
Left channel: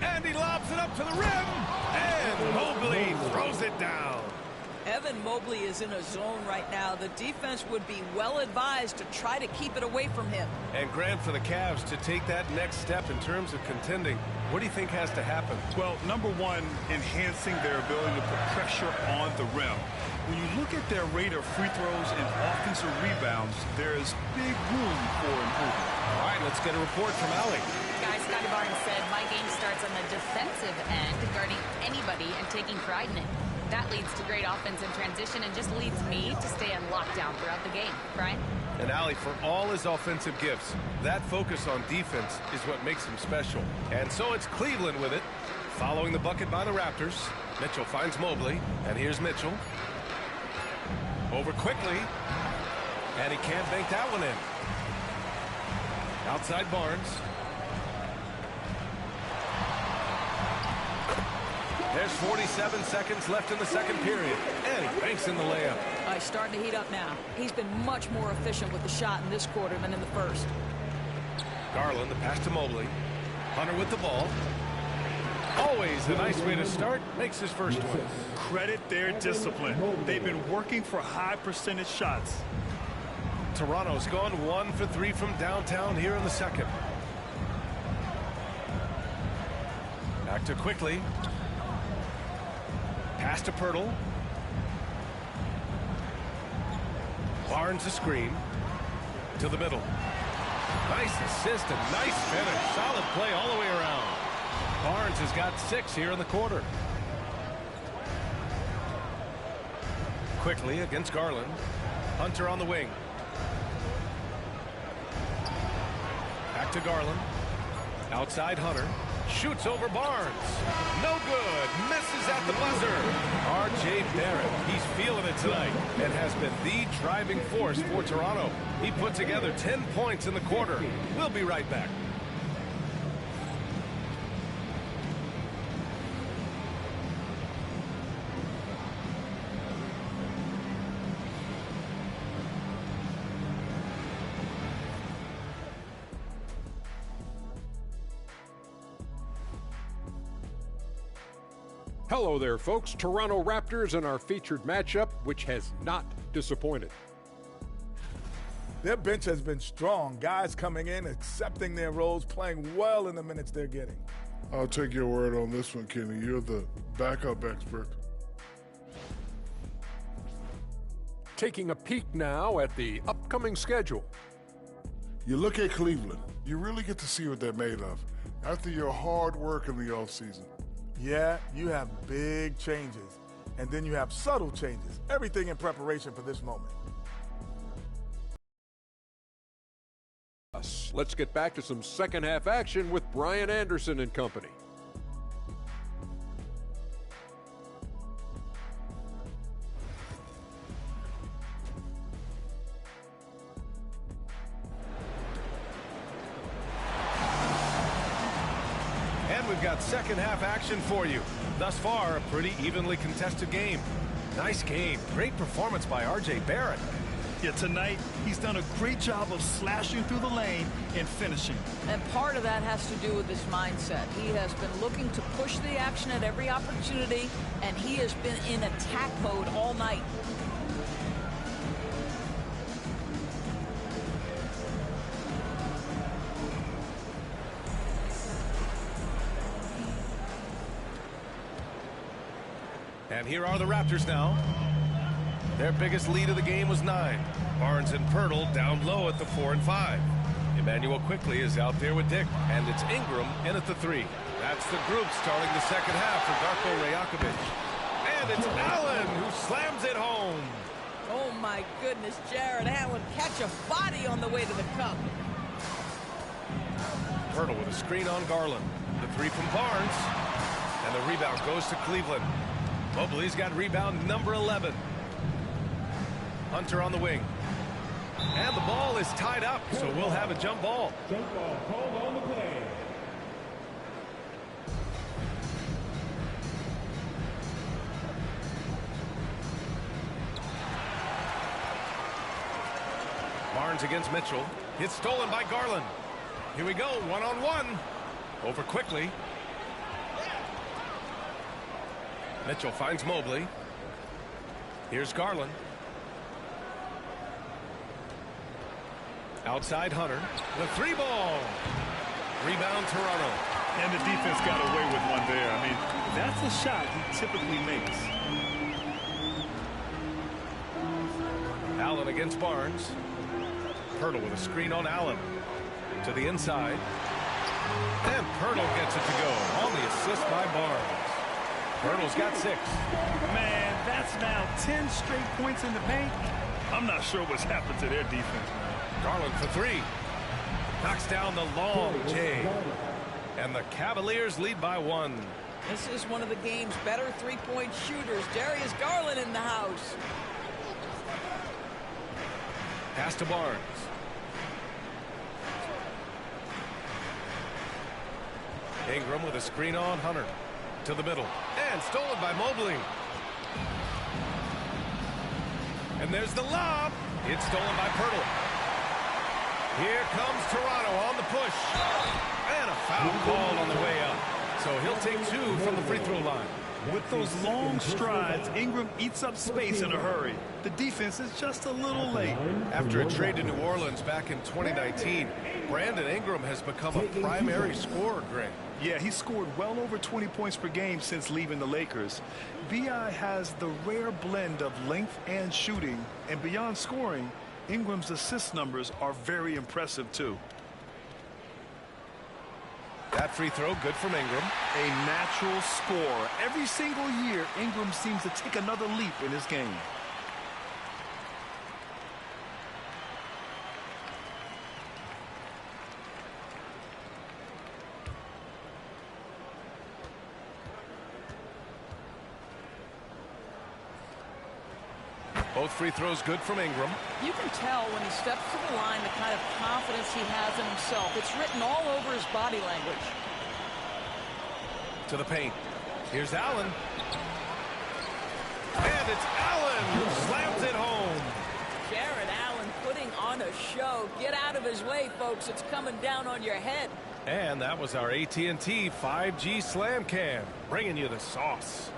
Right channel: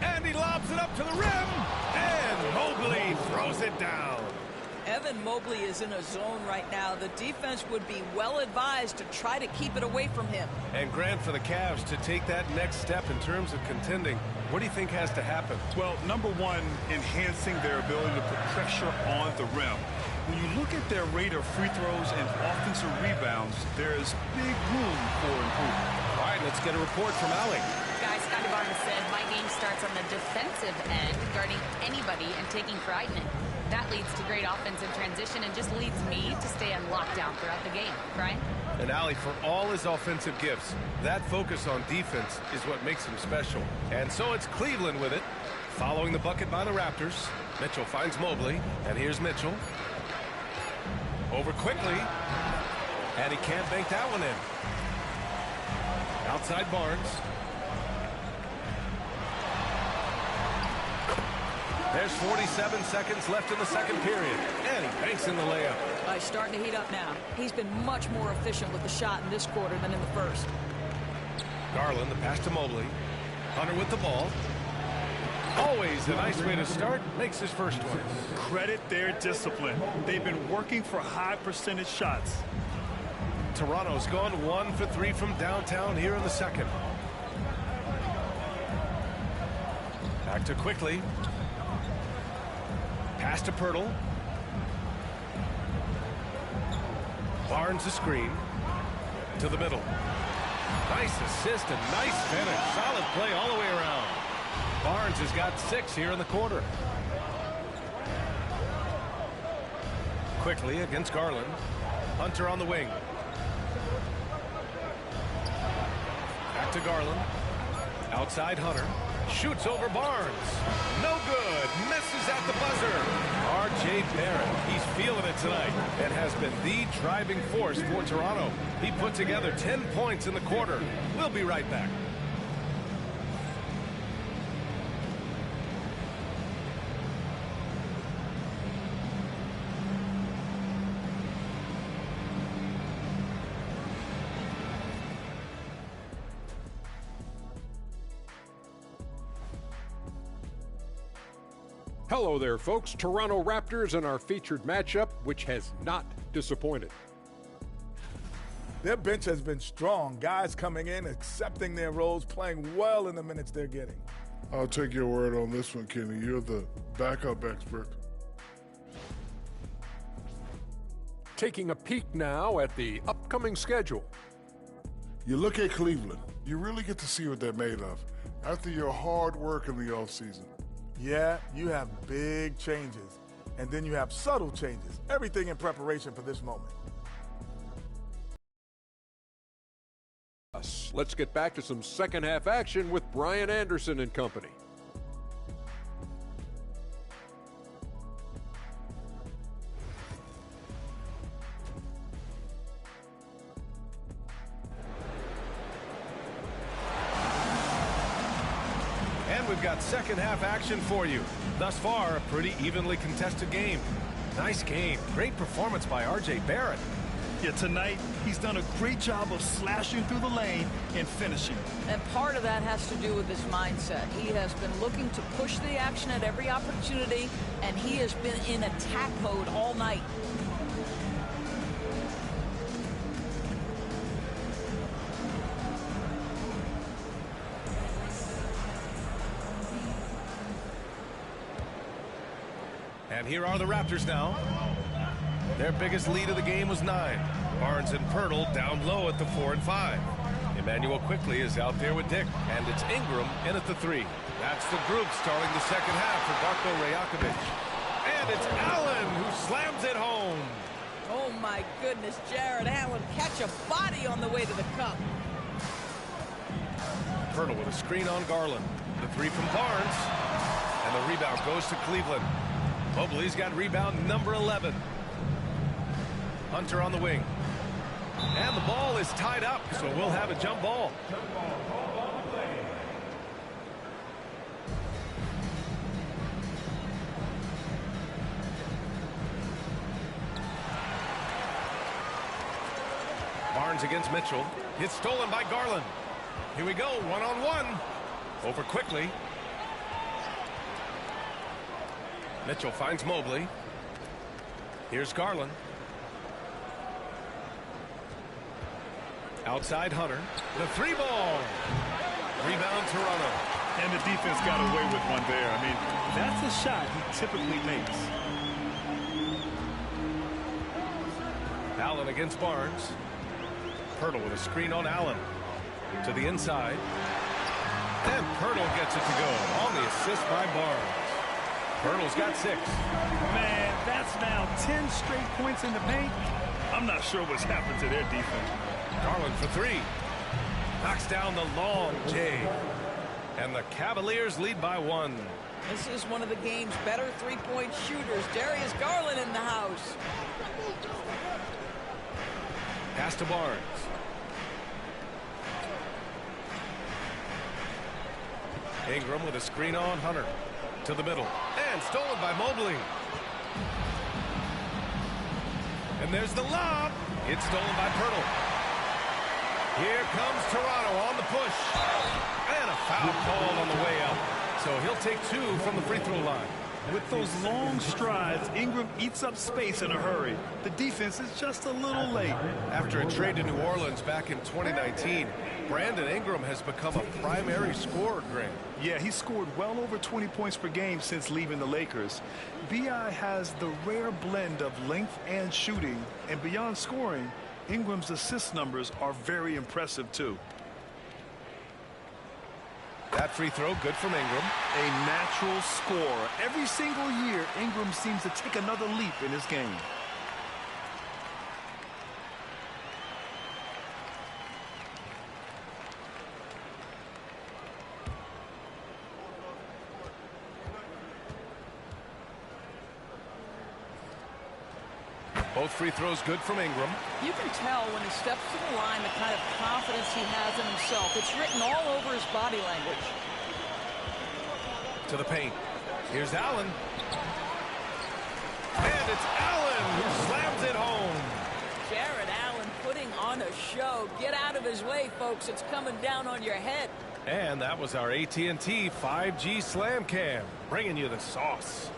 And he lobs it up to the rim. And Mobley throws it down. Evan Mobley is in a zone right now. The defense would be well advised to try to keep it away from him. And Grant, for the Cavs to take that next step in terms of contending, what do you think has to happen? Well, number one, enhancing their ability to put pressure on the rim. When you look at their rate of free throws and offensive rebounds, there is big room for improvement. All right, let's get a report from Allie. Guys, Scotty Barnes said, my game starts on the defensive end, guarding anybody and taking pride in it. That leads to great offensive transition and just leads me to stay on lockdown throughout the game. Brian? And Allie, for all his offensive gifts, that focus on defense is what makes him special. And so it's Cleveland with it, following the bucket by the Raptors. Mitchell finds Mobley, and here's Mitchell. Over quickly, and he can't bank that one in. Outside Barnes. There's 47 seconds left in the second period, and he banks in the layup. He's starting to heat up now. He's been much more efficient with the shot in this quarter than in the first. Garland, the pass to Mobley. Hunter with the ball. Always a nice way to start. Makes his first one. Credit their discipline. They've been working for high percentage shots. Toronto's gone 1 for 3 from downtown here in the second. Back to quickly. Pass to Pirtle. Barnes the screen. To the middle. Nice assist and nice finish. Solid play all the way around. Barnes has got 6 here in the quarter. Quickly against Garland. Hunter on the wing. Back to Garland. Outside Hunter. Shoots over Barnes. No good. Misses at the buzzer. R.J. Barrett. He's feeling it tonight and has been the driving force for Toronto. He put together 10 points in the quarter. We'll be right back. Hello there, folks. Toronto Raptors in our featured matchup, which has not disappointed. Their bench has been strong. Guys coming in, accepting their roles, playing well in the minutes they're getting. I'll take your word on this one, Kenny. You're the backup expert. Taking a peek now at the upcoming schedule. You look at Cleveland, you really get to see what they're made of after your hard work in the offseason. Yeah, you have big changes, and then you have subtle changes. Everything in preparation for this moment. points. Let's get back to some second half action with Brian Anderson and company. And we've got second half action for you. Thus far, a pretty evenly contested game. Nice game. Great performance by R.J. Barrett. Yeah, tonight he's done a great job of slashing through the lane and finishing. And part of that has to do with his mindset. He has been looking to push the action at every opportunity, and he has been in attack mode all night. And here are the Raptors now. Their biggest lead of the game was 9. Barnes and Pirtle down low at the 4 and 5. Emmanuel quickly is out there with Dick, and it's Ingram in at the 3. That's the group starting the second half for Darko Rajakovic. And it's Allen who slams it home. Oh my goodness, Jared Allen catch a body on the way to the cup. Pirtle with a screen on Garland. The 3 from Barnes. And the rebound goes to Cleveland. Mobley's got rebound number 11. Hunter on the wing. And the ball is tied up, so we'll have a jump ball. Jump ball called on the play. Barnes against Mitchell. It's stolen by Garland. Here we go, one-on-one. Over quickly. Mitchell finds Mobley. Here's Garland. Outside Hunter. The 3 ball. Rebound Toronto. And the defense got away with one there. I mean, that's a shot he typically makes. Allen against Barnes. Pirtle with a screen on Allen. To the inside. And Pirtle gets it to go on the assist by Barnes. Pirtle's got 6. Man, that's now 10 straight points in the paint. I'm not sure what's happened to their defense, man. Garland for 3. Knocks down the long J. And the Cavaliers lead by 1. This is one of the game's better three-point shooters. Darius Garland in the house. Pass to Barnes. Ingram with a screen on Hunter. To the middle. And stolen by Mobley. And there's the lob. It's stolen by Pirtle. Here comes Toronto on the push. And a foul called on the way up. So he'll take 2 from the free throw line. With those long strides, Ingram eats up space in a hurry. The defense is just a little late. After a trade to New Orleans back in 2019, Brandon Ingram has become a primary scorer, Grant. Yeah, he scored well over 20 points per game since leaving the Lakers. B.I. has the rare blend of length and shooting, and beyond scoring, Ingram's assist numbers are very impressive, too. That free throw, good from Ingram. A natural scorer. Every single year, Ingram seems to take another leap in his game. Both free throws good from Ingram. You can tell when he steps to the line the kind of confidence he has in himself. It's written all over his body language. To the paint. Here's Allen. And it's Allen who slams it home. Jared Allen putting on a show. Get out of his way, folks. It's coming down on your head. And that was our AT&T 5G Slam Cam, bringing you the sauce.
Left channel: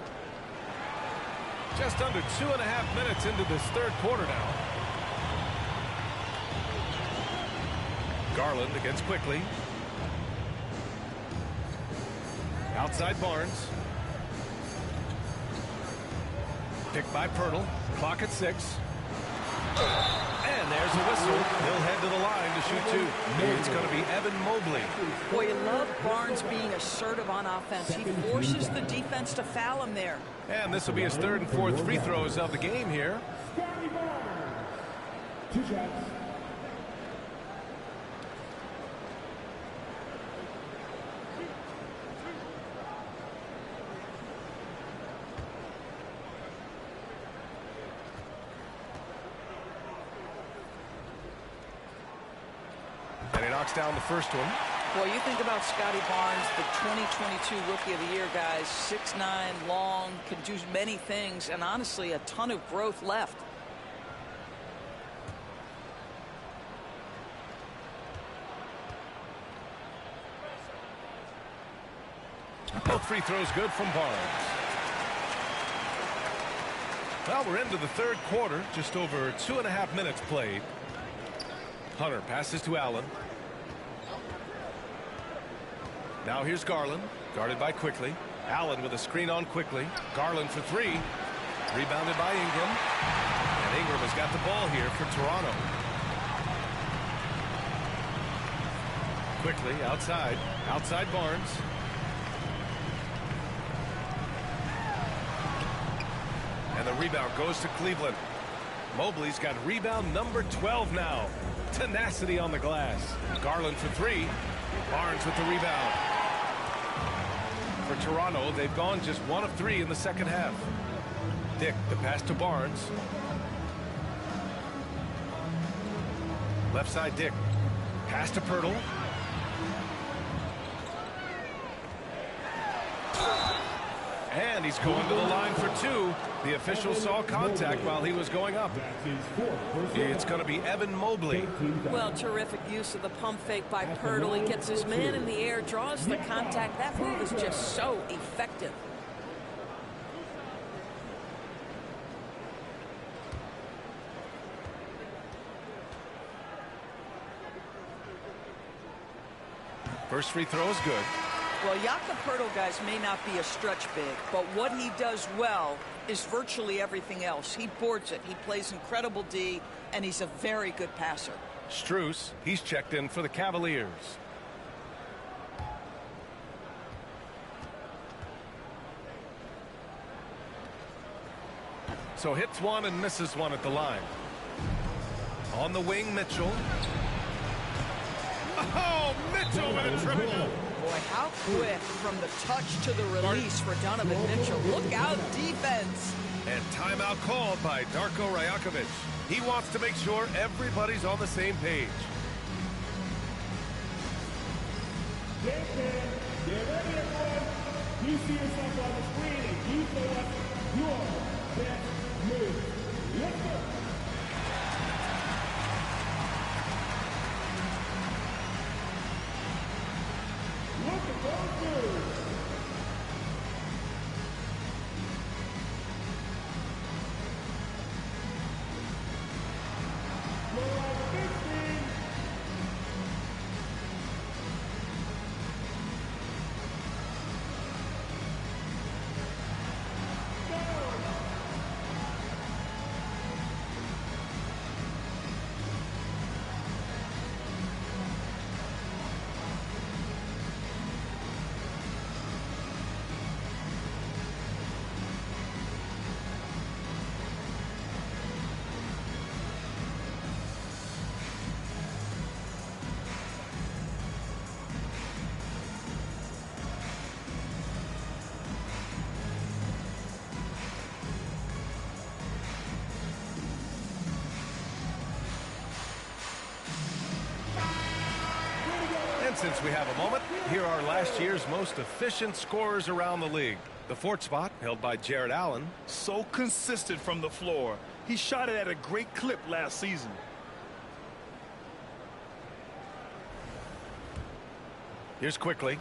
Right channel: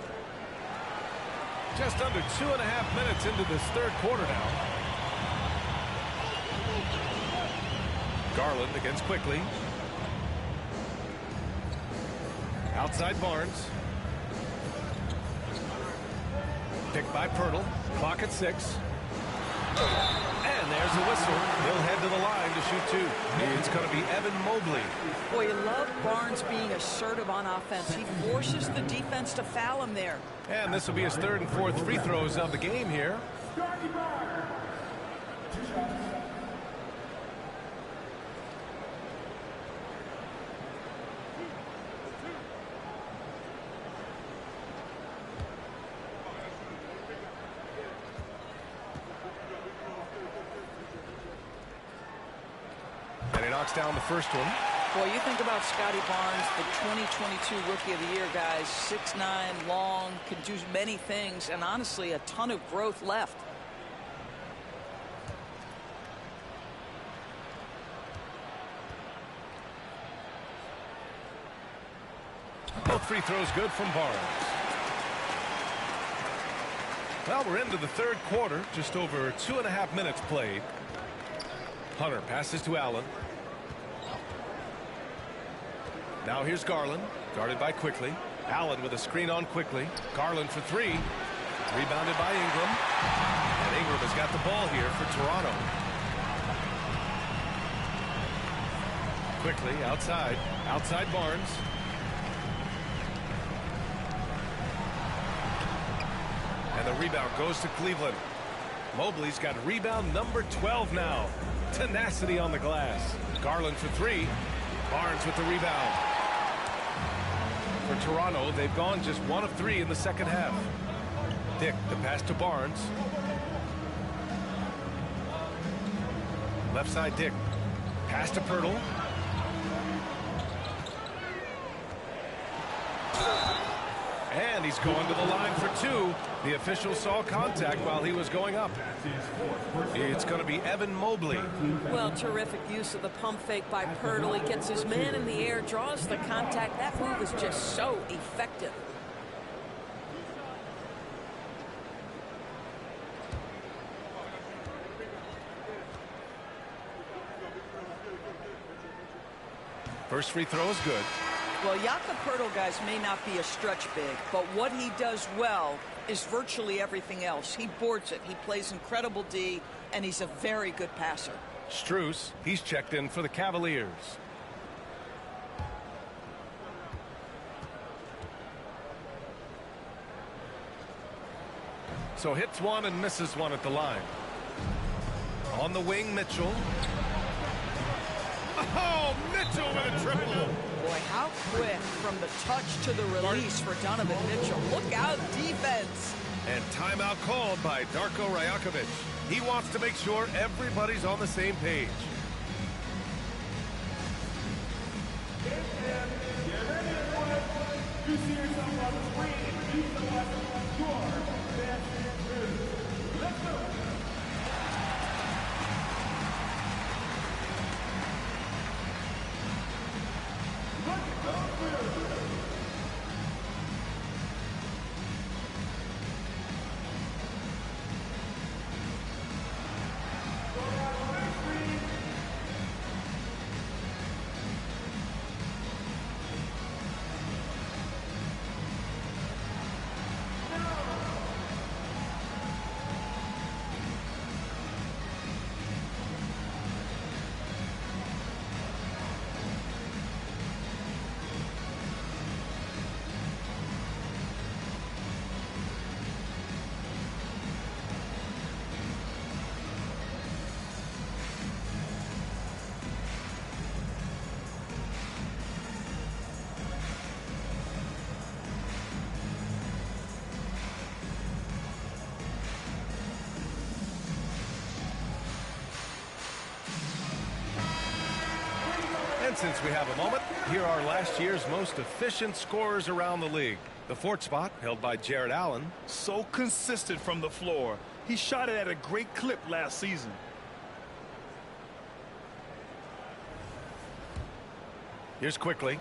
Just under 2.5 minutes into this third quarter now. Garland against Quickly. Outside Barnes. Picked by Pirtle. Clock at 6. And there's a whistle. He'll head to the line to shoot 2. It's going to be Evan Mobley. Boy, you love Barnes being assertive on offense. He forces the defense to foul him there. And this will be his 3rd and 4th free throws of the game here. knocks down the first one. Boy, you think about Scotty Barnes, the 2022 Rookie of the Year, guys. 6'9", long, can do many things, and honestly, a ton of growth left. Both free throws good from Barnes. Well, we're into the third quarter, just over 2.5 minutes played. Hunter passes to Allen. Now here's Garland, guarded by Quickly. Allen with a screen on Quickly. Garland for three. Rebounded by Ingram. And Ingram has got the ball here for Toronto. Quickly outside. Outside Barnes. And the rebound goes to Cleveland. Mobley's got rebound number 12 now. Tenacity on the glass. Garland for three. Barnes with the rebound. For Toronto, they've gone just 1 of 3 in the second half. Dick, the pass to Barnes. Left side, Dick. Pass to Pirtle. And he's going to the line for 2. The official saw contact while he was going up. It's going to be Evan Mobley. Well, terrific use of the pump fake by Pirtle. He gets his man in the air, draws the contact. That move is just so effective. First free throw is good. Well, Jakob Pirtle, guys, may not be a stretch big, but what he does well is virtually everything else. He boards it. He plays incredible D, and he's a very good passer. Strus, he's checked in for the Cavaliers. So hits one and misses one at the line. On the wing, Mitchell. Oh, Mitchell with a triple. Boy, how quick from the touch to the release for Donovan Mitchell. Look out, defense. And timeout called by Darko Rajakovic. He wants to make sure everybody's on the same page. Get ready, everyone. You see yourself on the screen and you select your best move. Let's go. Look at those moves. And since we have a moment, here are last year's most efficient scorers around the league. The fourth spot held by Jared Allen. So consistent from the floor. He shot it at a great clip last season. Here's Quickly.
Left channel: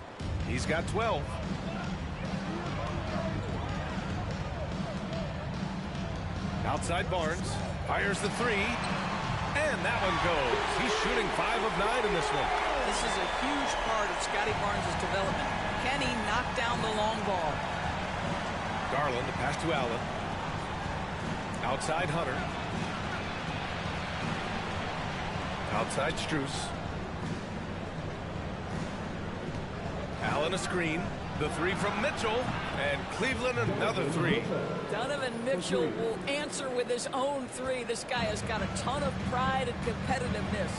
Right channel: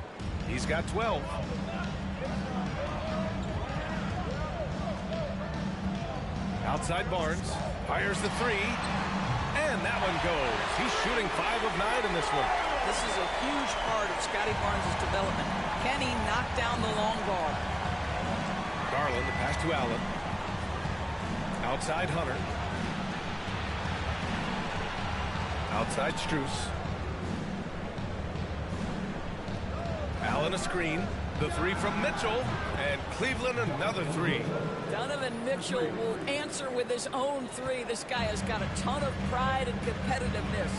He's got 12. Outside Barnes. Fires the three. And that one goes. He's shooting 5 of 9 in this one. This is a huge part of Scotty Barnes' development. Can he knock down the long ball? Garland, the pass to Allen. Outside Hunter. Outside Strus. Allen a screen. The three from Mitchell. And Cleveland another three. Donovan Mitchell will answer with his own three. This guy has got a ton of pride and competitiveness.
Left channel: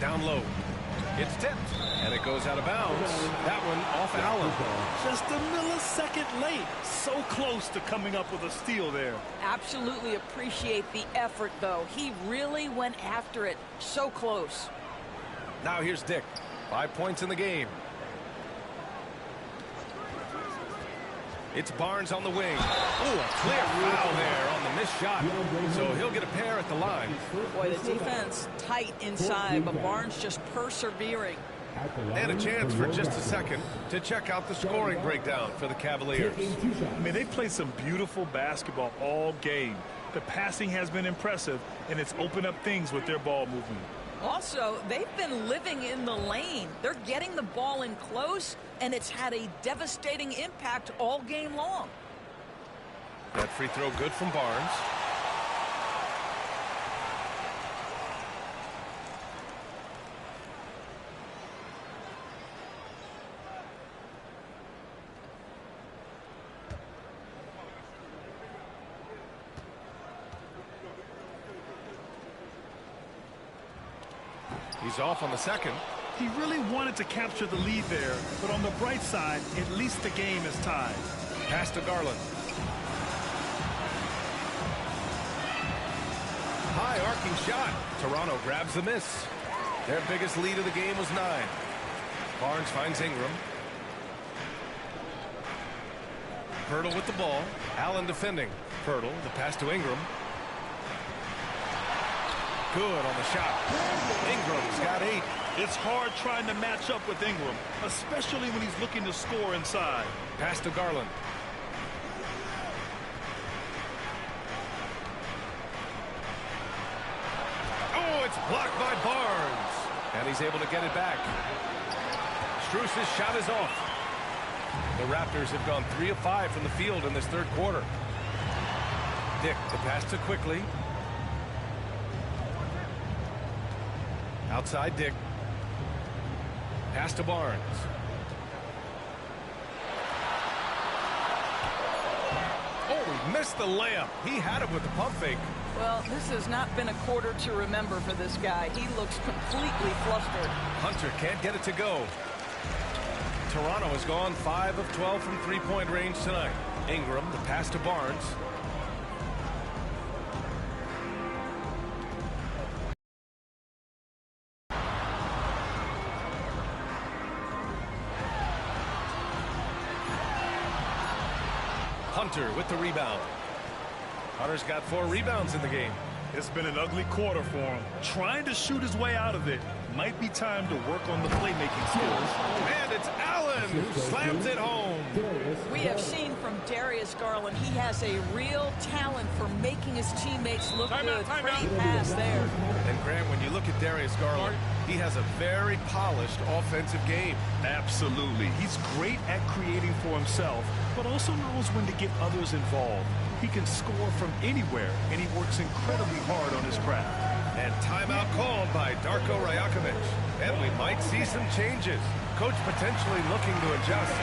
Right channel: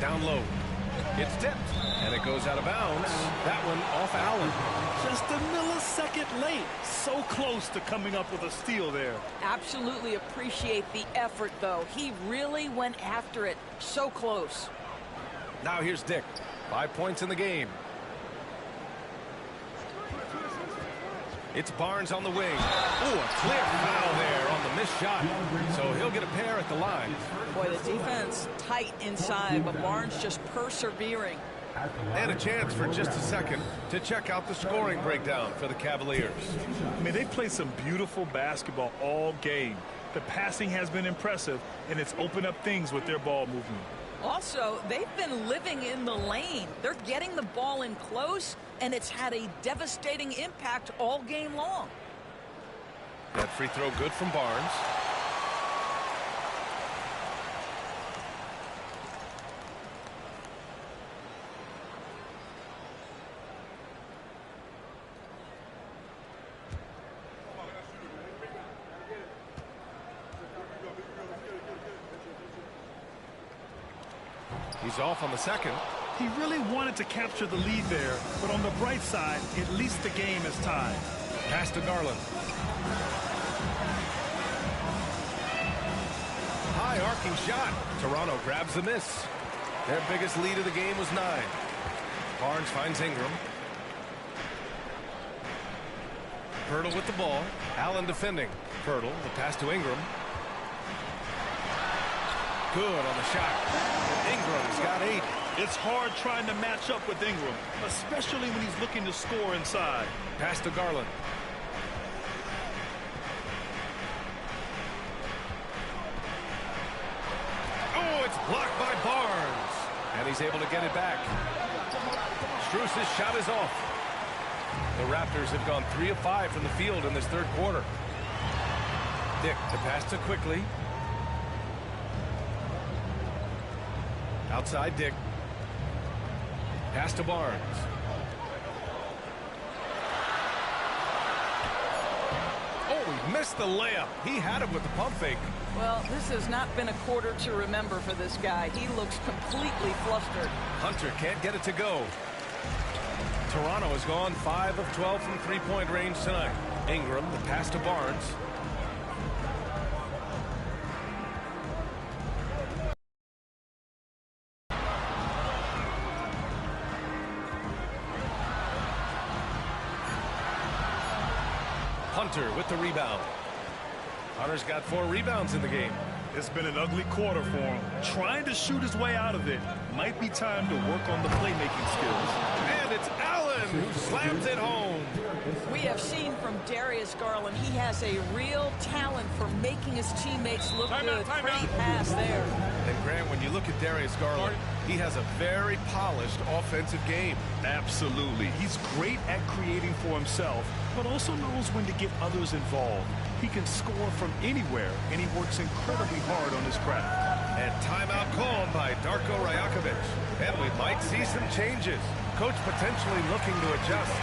Down low. It's tipped, and it goes out of bounds. That one off Allen. Just a millisecond late. So close to coming up with a steal there. Absolutely appreciate the effort, though. He really went after it. So close. Now here's Dick. 5 points in the game. It's Barnes on the wing. Ooh, a clear foul there on the missed shot. So he'll get a pair at the line. Boy, the defense tight inside, but Barnes just persevering. And a chance for just a second to check out the scoring breakdown for the Cavaliers. I mean, they played some beautiful basketball all game. The passing has been impressive, and it's opened up things with their ball movement. Also, they've been living in the lane. They're getting the ball in close, and it's had a devastating impact all game long. That free throw good from Barnes. He's off on the second. He really wanted to capture the lead there, but on the bright side, at least the game is tied. Pass to Garland. High arcing shot. Toronto grabs the miss. Their biggest lead of the game was 9. Barnes finds Ingram. Pirtle with the ball. Allen defending. Pirtle, the pass to Ingram. Good on the shot. Ingram's got 8. It's hard trying to match up with Ingram, especially when he's looking to score inside. Pass to Garland. Oh, it's blocked by Barnes. And he's able to get it back. Strus's shot is off. The Raptors have gone 3 of 5 from the field in this third quarter. Dick, the pass to Quickly. Outside Dick. Pass to Barnes. Oh, he missed the layup. He had it with the pump fake. Well, this has not been a quarter to remember for this guy. He looks completely flustered. Hunter can't get it to go. Toronto has gone 5 of 12 from three-point range tonight. Ingram, the pass to Barnes. Hunter with the rebound. Hunter's got 4 rebounds in the game. It's been an ugly quarter for him. Trying to shoot his way out of it. Might be time to work on the playmaking skills. And it's Allen who slams it home. We have seen from Darius Garland, he has a real talent for making his teammates look good. Great pass there. And Grant, when you look at Darius Garland, he has a very polished offensive game. Absolutely. He's great at creating for himself, but also knows when to get others involved. He can score from anywhere, and he works incredibly hard on his craft. And timeout called by Darko Rajakovic. And we might see some changes. Coach potentially looking to adjust.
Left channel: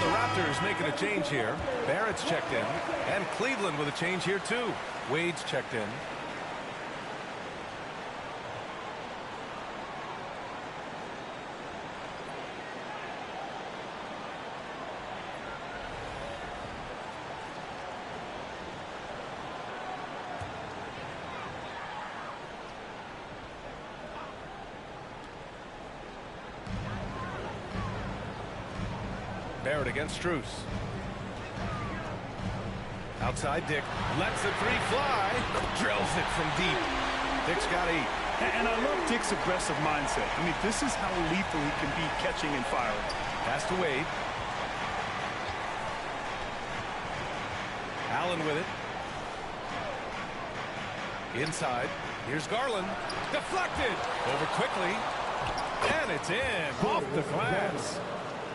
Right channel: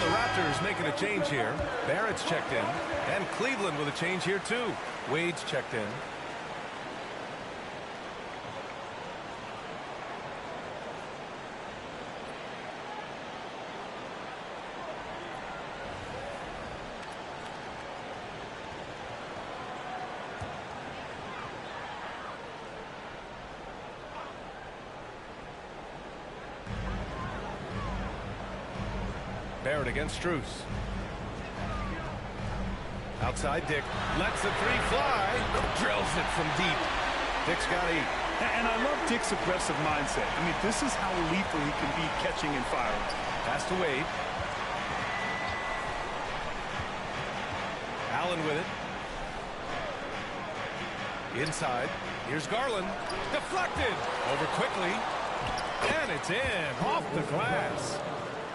The Raptors making a change here. Barrett's checked in. And Cleveland with a change here, too. Wade's checked in. Barrett against Strus. Outside Dick. Lets the three fly. Drills it from deep. Dick's got 8. And I love Dick's aggressive mindset. I mean, this is how lethal he can be catching and firing. Pass to Wade. Allen with it. Inside. Here's Garland. Deflected. Over quickly. And it's in. Off the glass.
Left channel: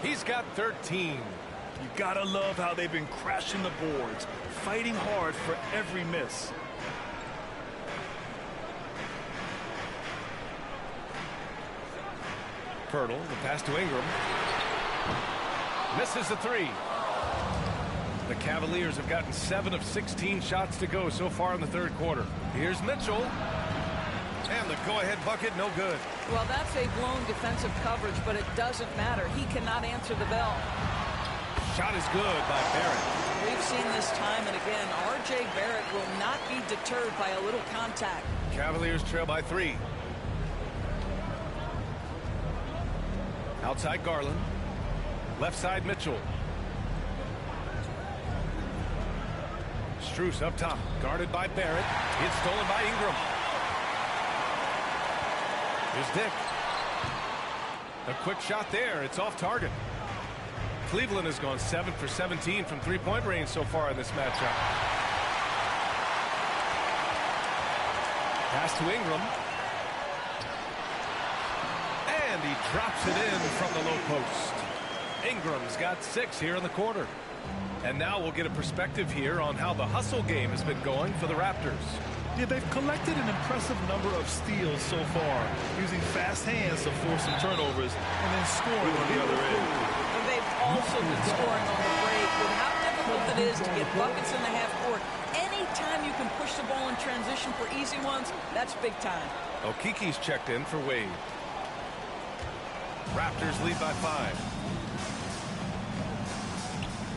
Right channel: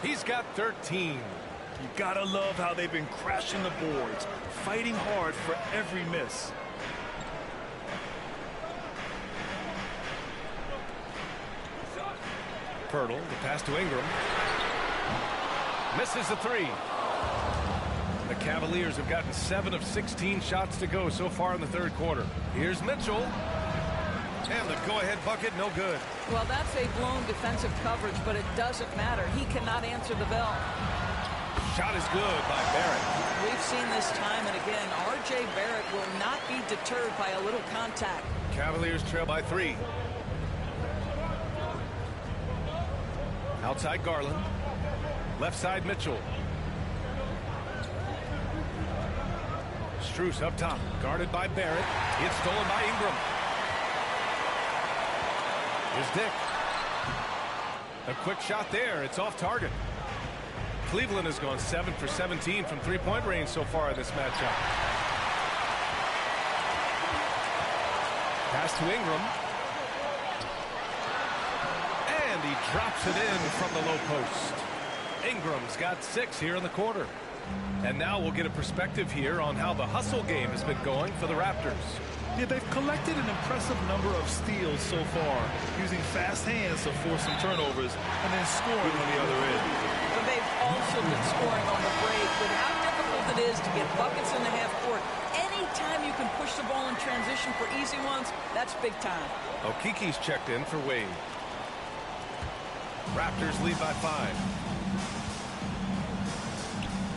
He's got 13. You gotta love how they've been crashing the boards, fighting hard for every miss. Pirtle, the pass to Ingram. Misses the 3. The Cavaliers have gotten 7 of 16 shots to go so far in the third quarter. Here's Mitchell. And the go-ahead bucket, no good. Well, that's a blown defensive coverage, but it doesn't matter. He cannot answer the bell. Shot is good by Barrett. We've seen this time and again. R.J. Barrett will not be deterred by a little contact. Cavaliers trail by 3. Outside Garland. Left side Mitchell. Strus up top. Guarded by Barrett. It's stolen by Ingram. Here's Dick. A quick shot there. It's off target. Cleveland has gone 7 for 17 from three-point range so far in this matchup. Pass to Ingram. And he drops it in from the low post. Ingram's got 6 here in the quarter. And now we'll get a perspective here on how the hustle game has been going for the Raptors. Yeah, they've collected an impressive number of steals so far, using fast hands to force some turnovers and then scoring on the other end. They've also been scoring on the break. With how difficult it is to get buckets in the half court, anytime you can push the ball in transition for easy ones, that's big time. Okiki's checked in for Wade. Raptors lead by 5.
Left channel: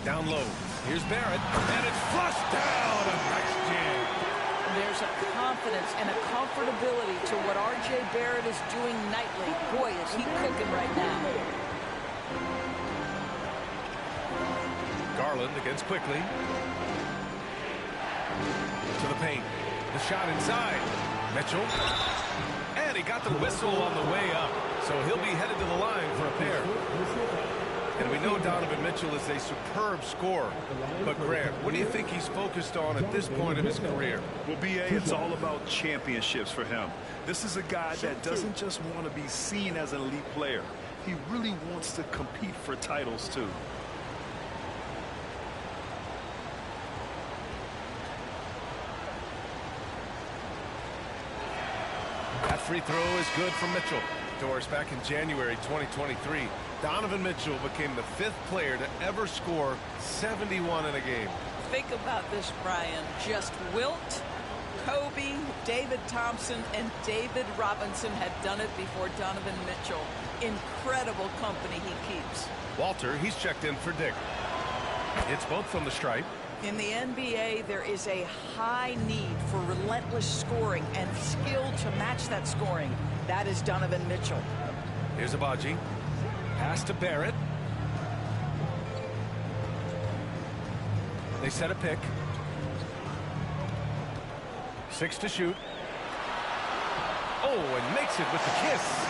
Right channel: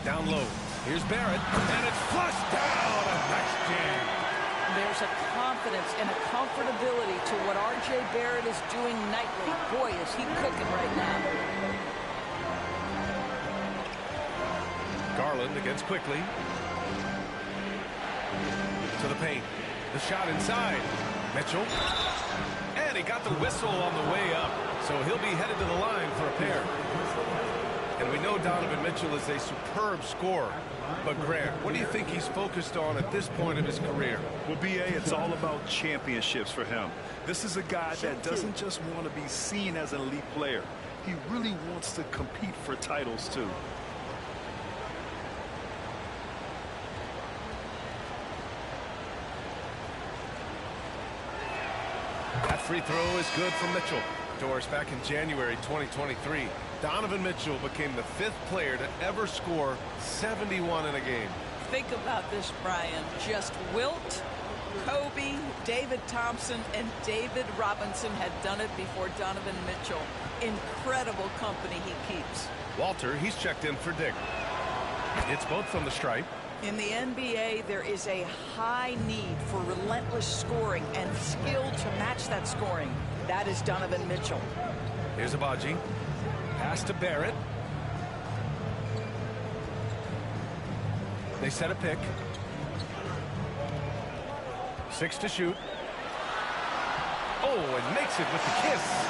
Down low. Here's Barrett. And it's flushed down. A nice jam. There's a confidence and a comfortability to what R.J. Barrett is doing nightly. Boy, is he cooking right now. Garland against Quickly. To the paint. The shot inside. Mitchell. And he got the whistle on the way up. So he'll be headed to the line for a pair. And we know Donovan Mitchell is a superb scorer. But, Grant, what do you think he's focused on at this point of his career? Well, B.A., it's all about championships for him. This is a guy that doesn't just want to be seen as an elite player. He really wants to compete for titles, too. That free throw is good for Mitchell. Doris, back in January 2023, Donovan Mitchell became the 5th player to ever score 71 in a game. Think about this, Brian. Just Wilt, Kobe, David Thompson, and David Robinson had done it before Donovan Mitchell. Incredible company he keeps. Walter, he's checked in for Dick. It's both from the stripe. In the NBA, there is a high need for relentless scoring and skill to match that scoring. That is Donovan Mitchell. Here's Abaji. Pass to Barrett. They set a pick. 6 to shoot. Oh, and makes it with the kiss.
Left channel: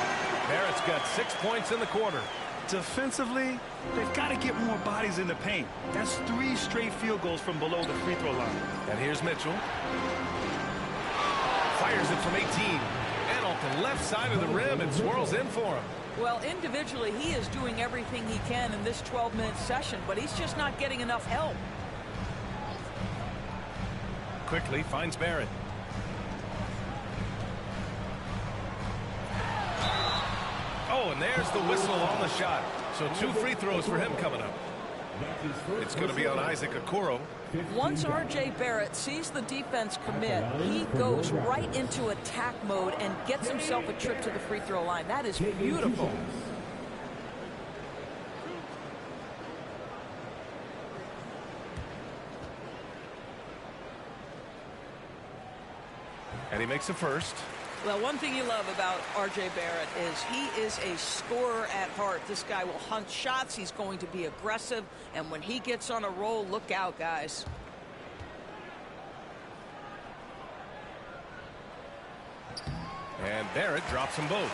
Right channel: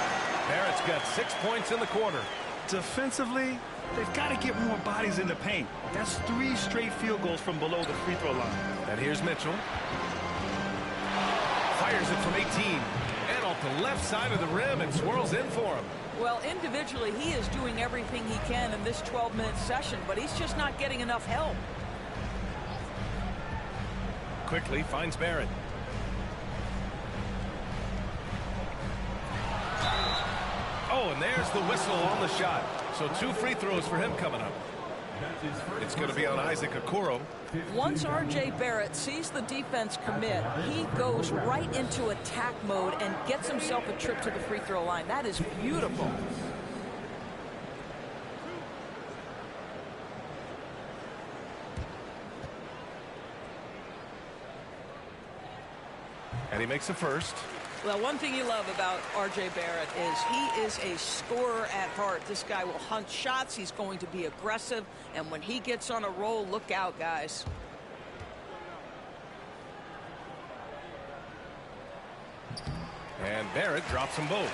Barrett's got 6 points in the quarter. Defensively, they've got to get more bodies in the paint. That's 3 straight field goals from below the free throw line. And here's Mitchell. Fires it from 18. And off the left side of the rim, it swirls in for him. Well, individually, he is doing everything he can in this 12-minute session, but he's just not getting enough help. Quickly finds Barrett. Oh, and there's the whistle on the shot. So 2 free throws for him coming up. It's going to be on Isaac Okoro. Once R.J. Barrett sees the defense commit, he goes right into attack mode and gets himself a trip to the free throw line. That is beautiful. And he makes the first. Well, one thing you love about R.J. Barrett is he is a scorer at heart. This guy will hunt shots. He's going to be aggressive. And when he gets on a roll, look out, guys. And Barrett drops them both.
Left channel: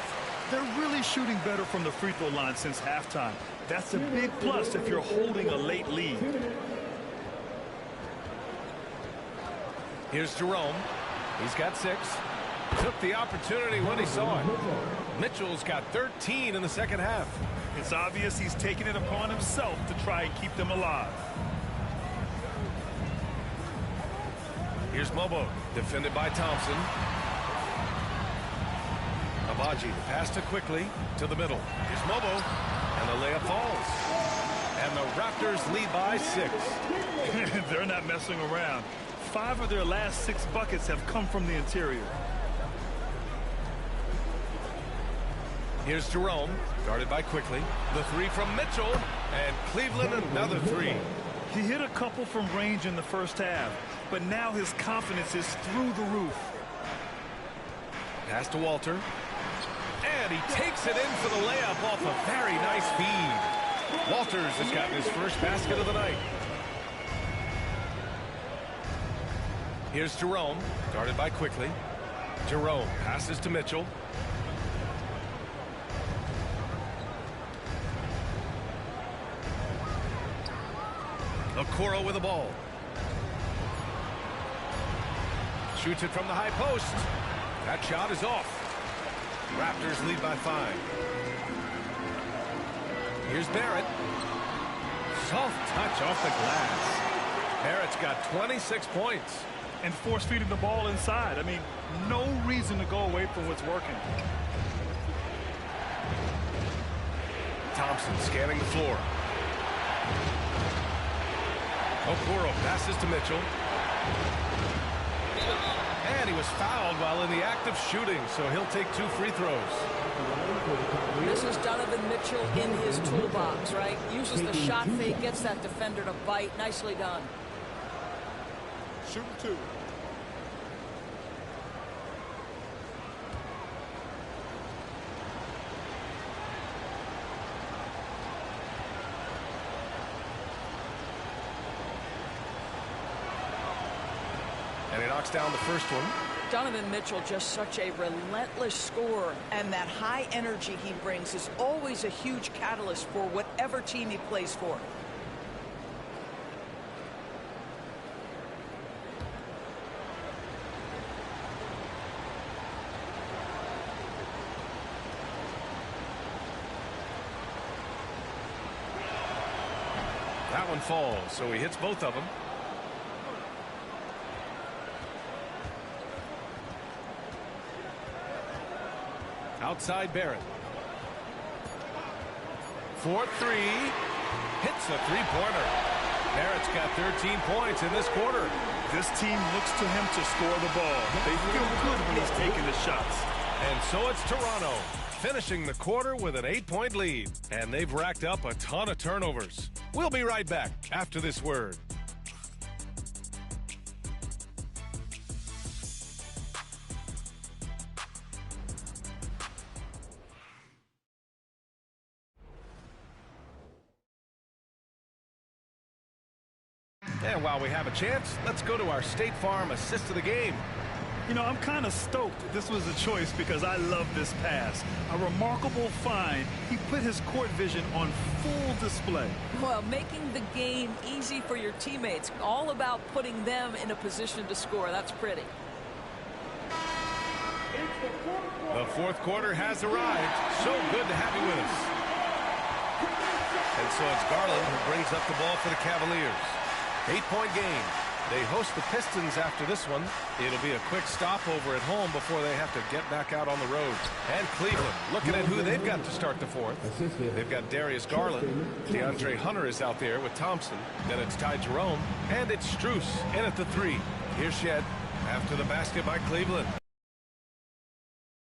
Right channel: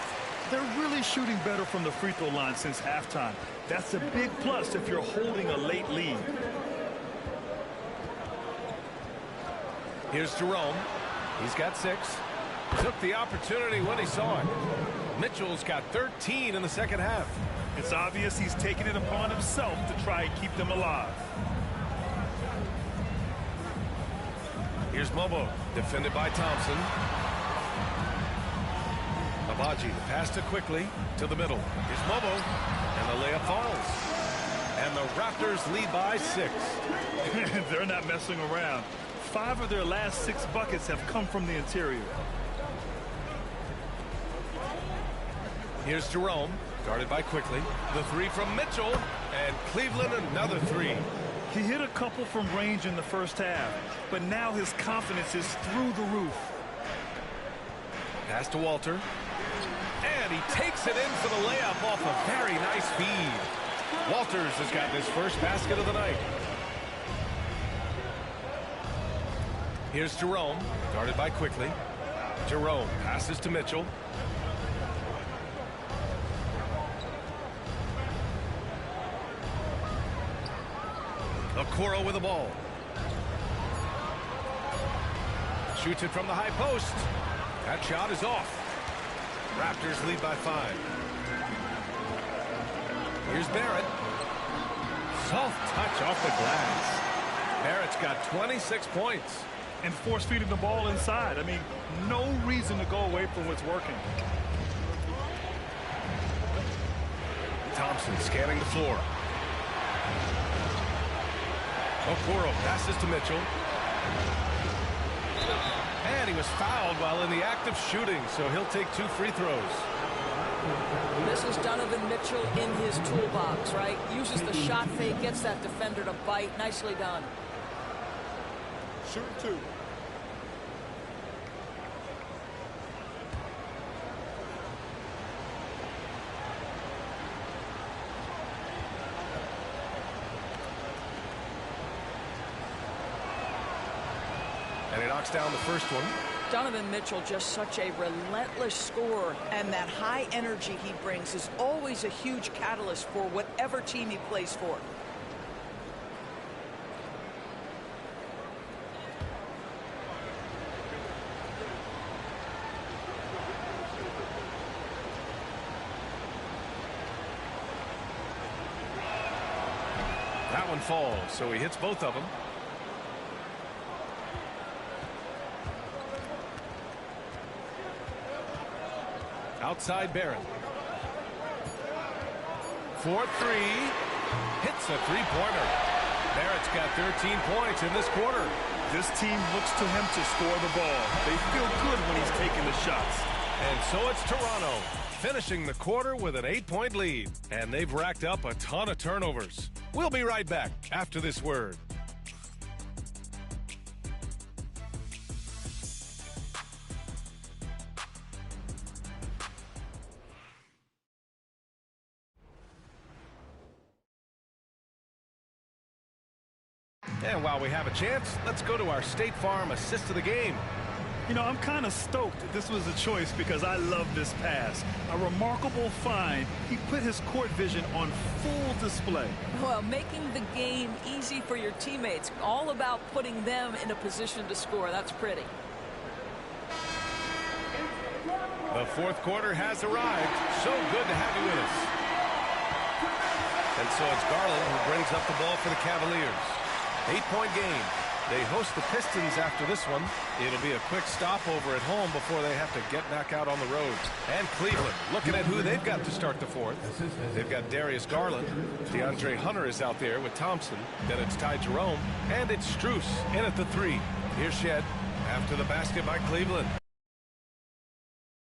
They're really shooting better from the free throw line since halftime. That's a big plus if you're holding a late lead. Here's Jerome. He's got 6. Took the opportunity when he saw it. Mitchell's got 13 in the second half. It's obvious he's taking it upon himself to try and keep them alive. Here's Mobo, defended by Thompson. Abaji, the pass to quickly to the middle. Here's Mobo, and the layup falls. And the Raptors lead by 6. They're not messing around. 5 of their last 6 buckets have come from the interior. Here's Jerome, guarded by quickly. The 3 from Mitchell, and Cleveland another 3. He hit a couple from range in the first half, but now his confidence is through the roof. Pass to Walter. And he takes it in for the layup off a very nice feed. Walters has gotten his first basket of the night. Here's Jerome, guarded by quickly. Jerome passes to Mitchell. Okoro with the ball. Shoots it from the high post. That shot is off. Raptors lead by 5. Here's Barrett. Soft touch off the glass. Barrett's got 26 points. And force-feeding the ball inside. I mean, no reason to go away from what's working. Thompson scanning the floor. Okoro passes to Mitchell. And he was fouled while in the act of shooting, so he'll take 2 free throws. This is Donovan Mitchell in his toolbox, right? Uses the shot fake, gets that defender to bite. Nicely done. Shooting 2. And he knocks down the first one. Donovan Mitchell, just such a relentless scorer, and that high energy he brings is always a huge catalyst for whatever team he plays for. That one falls, so he hits both of them. Outside Barrett. 4-3. Hits a three-pointer. Barrett's got 13 points in this quarter. This team looks to him to score the ball. They feel good when he's taking the shots. And so it's Toronto, finishing the quarter with an 8-point lead. And they've racked up a ton of turnovers. We'll be right back after this word. And while we have a chance, let's go to our State Farm assist of the game. You know, I'm kind of stoked this was a choice because I love this pass. A remarkable find. He put his court vision on full display. Well, making the game easy for your teammates. All about putting them in a position to score. That's pretty. The fourth quarter has arrived. So good to have you with us. And so it's Garland who brings up the ball for the Cavaliers. 8-point game. They host the Pistons after this one. It'll be a quick stopover at home before they have to get back out on the road. And Cleveland, looking at who they've got to start the fourth. They've got Darius Garland. DeAndre Hunter is out there with Thompson. Then it's Ty Jerome. And it's Strus in at the 3. Here's Shed after the basket by Cleveland.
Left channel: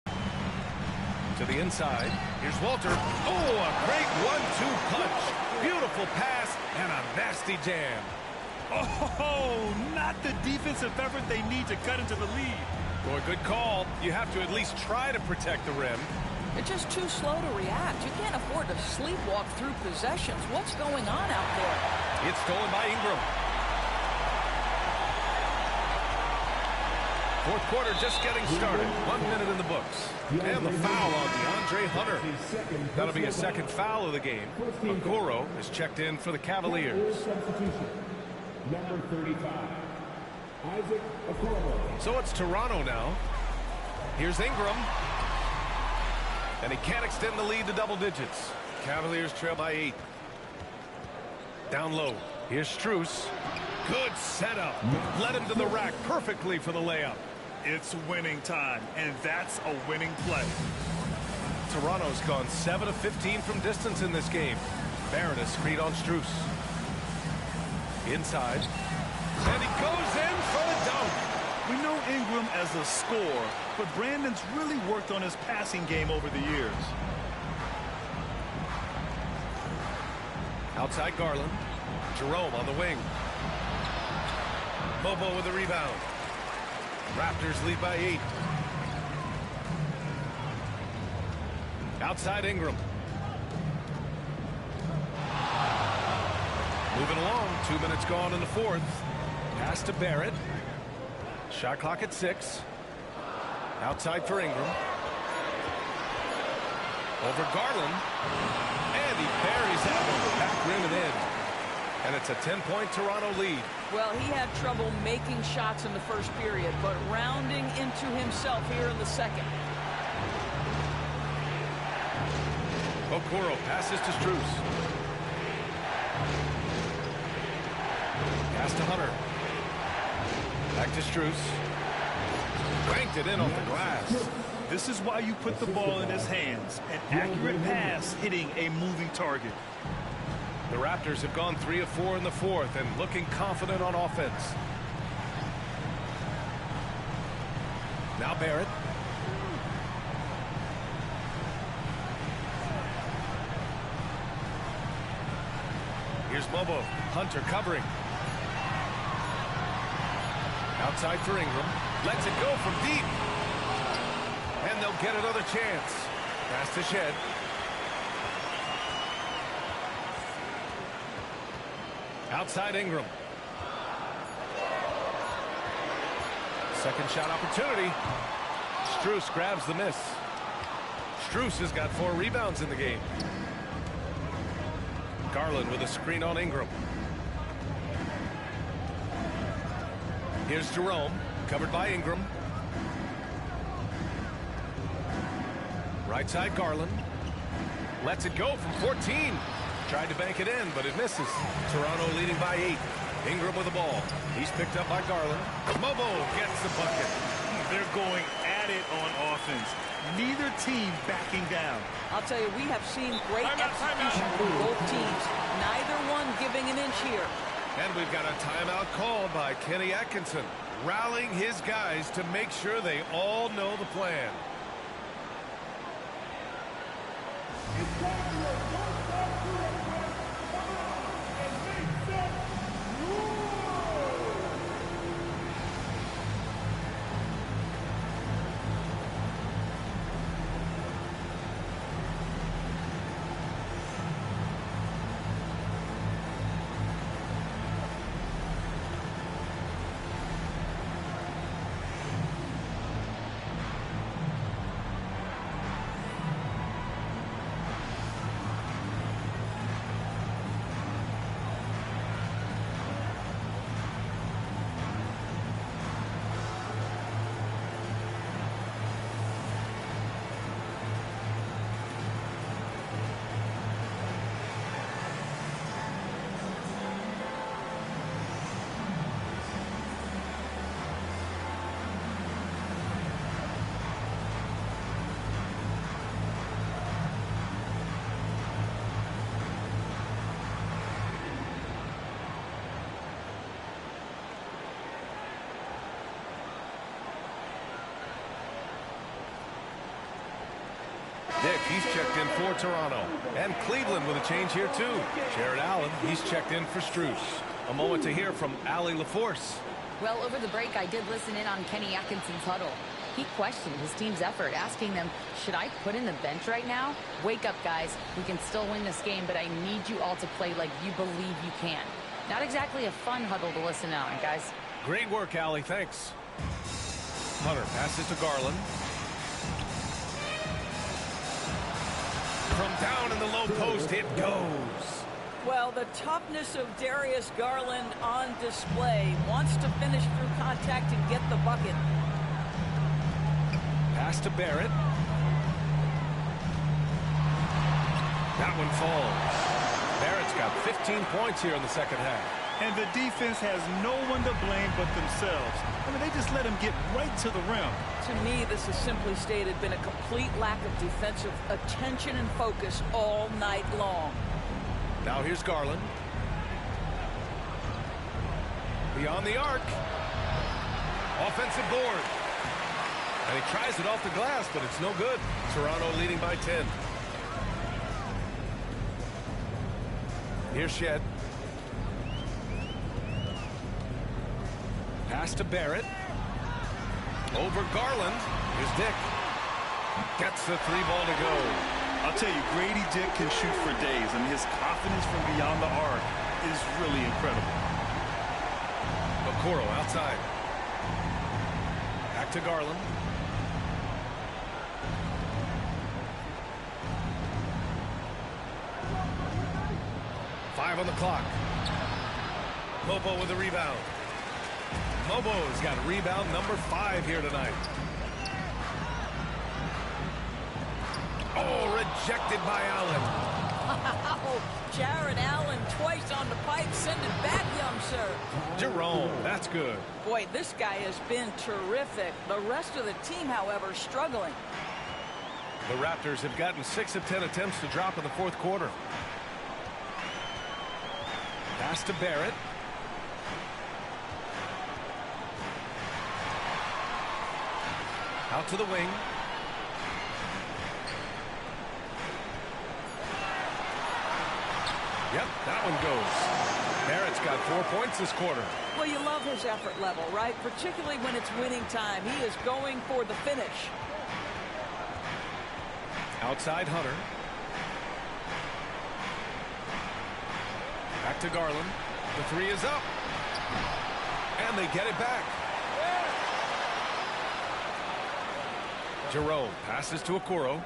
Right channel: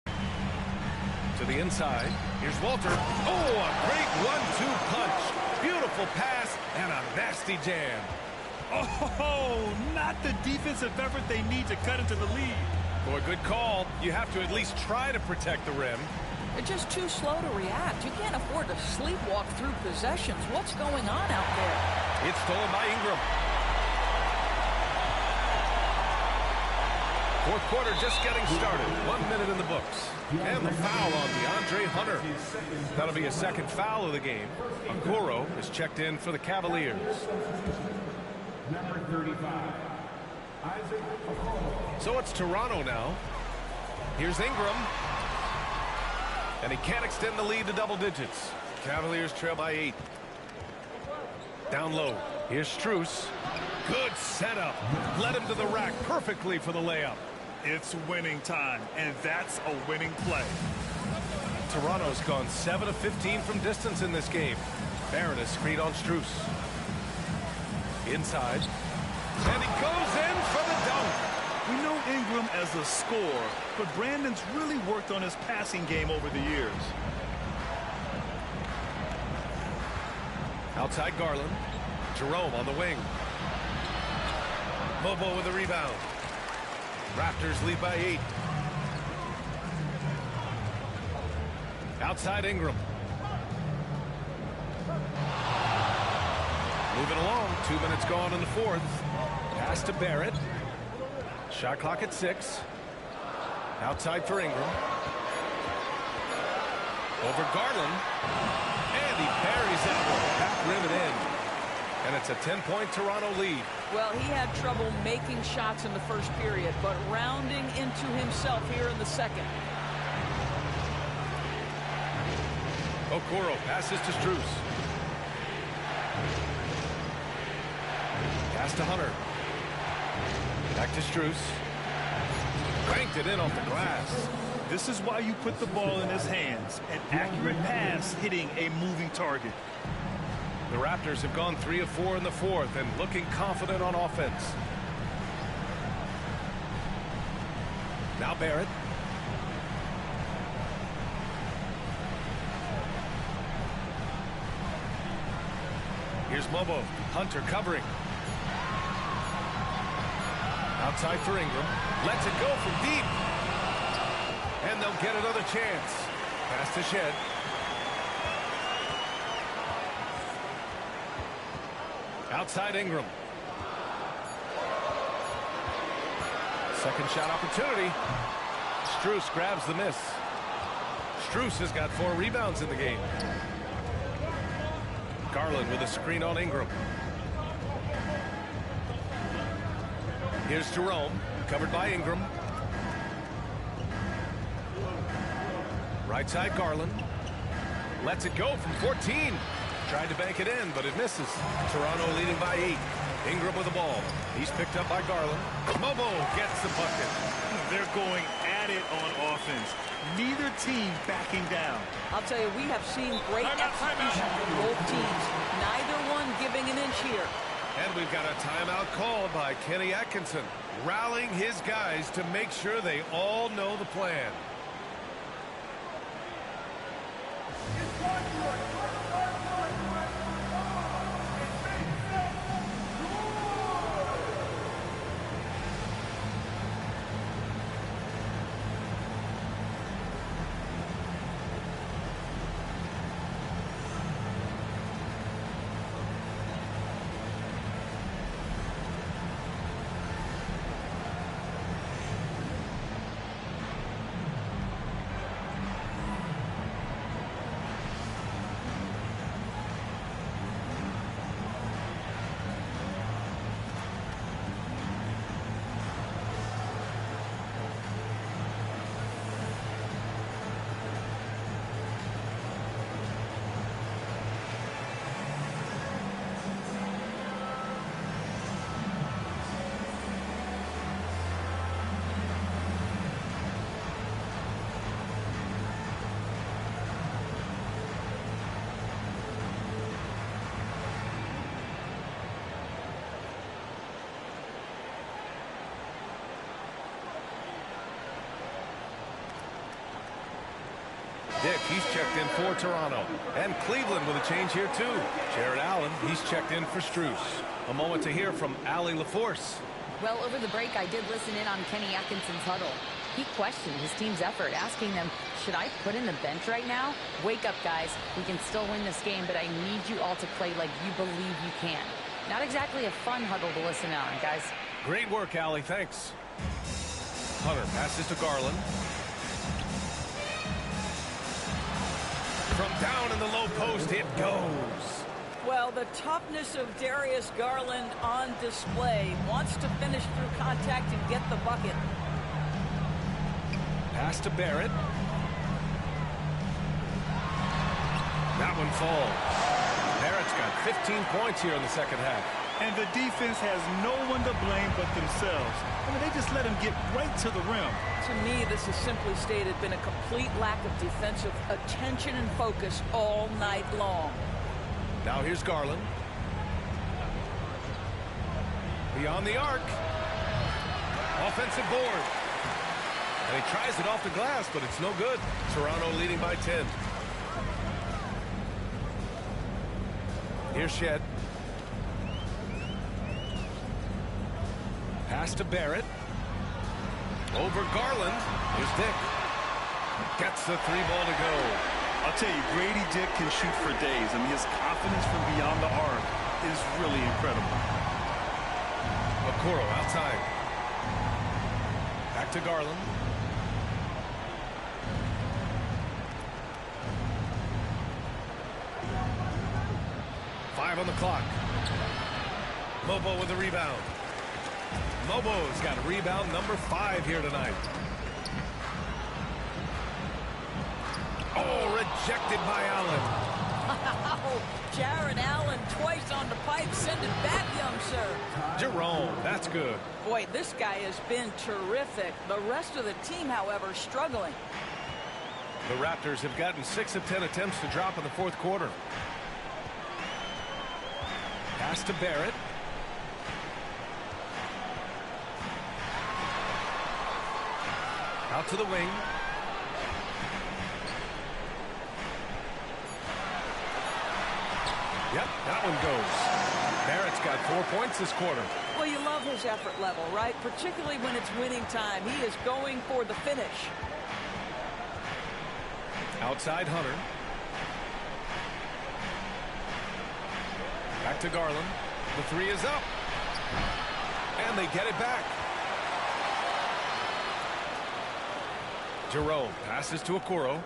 To the inside. Here's Walter. Oh, a great 1-2 punch. Beautiful pass and a nasty jam. Oh, not the defensive effort they need to cut into the lead. Boy, good call. You have to at least try to protect the rim. They're just too slow to react. You can't afford to sleepwalk through possessions. What's going on out there? It's stolen by Ingram. Fourth quarter just getting started. 1 minute in the books. And the foul on DeAndre Hunter. That'll be his second foul of the game. Okoro is checked in for the Cavaliers. Number 35, Isaac Okoro. So it's Toronto now. Here's Ingram. And he can't extend the lead to double digits. Cavaliers trail by 8. Down low. Here's Strus. Good setup. Led him to the rack perfectly for the layup. It's winning time, and that's a winning play. Toronto's gone 7 of 15 from distance in this game. Barron is screened on Strus. Inside. And he goes in for the dunk. We know Ingram as a scorer, but Brandon's really worked on his passing game over the years. Outside Garland. Jerome on the wing. Bobo with the rebound. Raptors lead by 8. Outside Ingram. Moving along. 2 minutes gone in the fourth. Pass to Barrett. Shot clock at 6. Outside for Ingram. Over Garland. And he buries that one. Back rim and in. And it's a 10-point Toronto lead. Well, he had trouble making shots in the first period, but rounding into himself here in the second. Okoro passes to Strus. Pass to Hunter. Back to Strus. Banked it in off the glass. This is why you put the ball in his hands. An accurate pass hitting a moving target. The Raptors have gone 3 of 4 in the fourth and looking confident on offense. Now Barrett. Here's Mobo. Hunter covering. Outside for Ingram. Lets it go from deep. And they'll get another chance. Pass to Shed. Outside Ingram. Second shot opportunity. Strus grabs the miss. Strus has got 4 rebounds in the game. Garland with a screen on Ingram. Here's Jerome, covered by Ingram. Right side Garland. Lets it go from 14. Tried to bank it in, but it misses. Toronto leading by 8. Ingram with the ball. He's picked up by Garland. Mobo gets the bucket. They're going at it on offense. Neither team backing down. I'll tell you, we have seen great execution from both teams. Neither one giving an inch here. And we've got a timeout called by Kenny Atkinson, rallying his guys to make sure they all know the plan. Dick, he's checked in for Toronto. And Cleveland with a change here, too. Jared Allen, he's checked in for Strus. A moment to hear from Allie LaForce. Well, over the break, I did listen in on Kenny Atkinson's huddle. He questioned his team's effort, asking them, should I put in the bench right now? Wake up, guys. We can still win this game, but I need you all to play like you believe you can. Not exactly a fun huddle to listen on, guys. Great work, Allie. Thanks. Hunter passes to Garland. From down in the low post, it goes. Well, the toughness of Darius Garland on display. Wants to finish through contact and get the bucket. Pass to Barrett. That one falls. Barrett's got 15 points here in the second half. And the defense has no one to blame but themselves. I mean, they just let him get right to the rim. To me, this has simply stated been a complete lack of defensive attention and focus all night long. Now here's Garland. Beyond the arc. Offensive board. And he tries it off the glass, but it's no good. Toronto leading by 10. Here's Shed. Pass to Barrett. Over Garland. Here's Dick. Gets the three ball to go. I'll tell you, Grady Dick can shoot for days. I mean, his confidence from beyond the arc is really incredible. Okoro outside. Back to Garland. Five on the clock. Mobo with the rebound. Mobo's got rebound number 5 here tonight. Oh, rejected by Allen. Wow, Jared Allen twice on the pipe. Send it back, young sir. Jerome, that's good. Boy, this guy has been terrific. The rest of the team, however, struggling. The Raptors have gotten 6 of 10 attempts to drop in the fourth quarter. Pass to Barrett. Out to the wing. Yep, that one goes. Barrett's got 4 points this quarter. Well, you love his effort level, right? Particularly when it's winning time. He is going for the finish. Outside Hunter. Back to Garland. The three is up. And they get it back. Jerome passes to Okoro.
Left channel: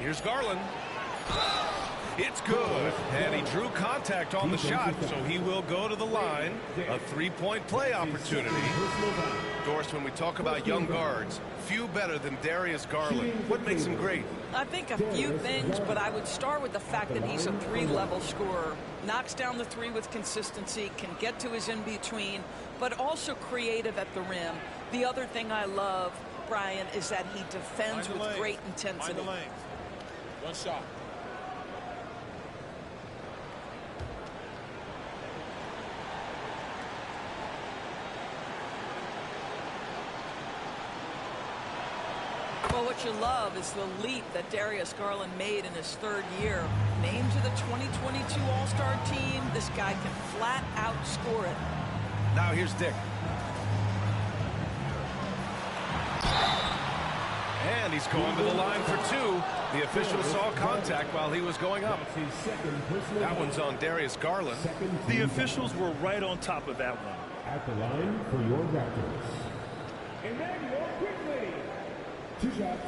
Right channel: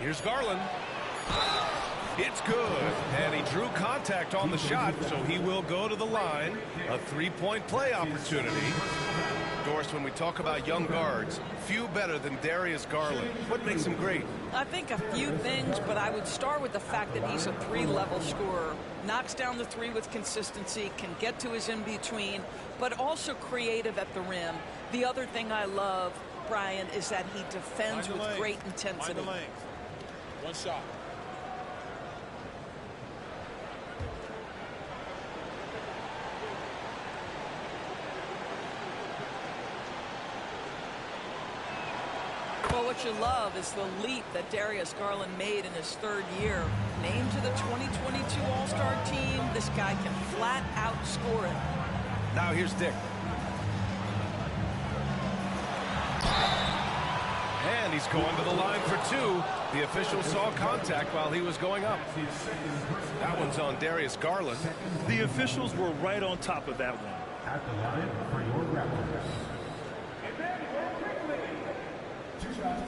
Here's Garland. It's good. And he drew contact on the shot, so he will go to the line. A three-point play opportunity. Doris, when we talk about young guards, few better than Darius Garland. What makes him great? I think a few things, but I would start with the fact that he's a three-level scorer. Knocks down the three with consistency, can get to his in-between, but also creative at the rim. The other thing I love, Brian, is that he defends with great intensity. Mind the lanes. One shot. Well, what you love is the leap that Darius Garland made in his third year. Named to the 2022 All-Star team, this guy can flat out score it. Now here's Dick. And he's going to the line for two. The official saw contact while he was going up. That one's on Darius Garland. The officials were right on top of that one. At the line for your Raptors. And then go quickly. 2 shots.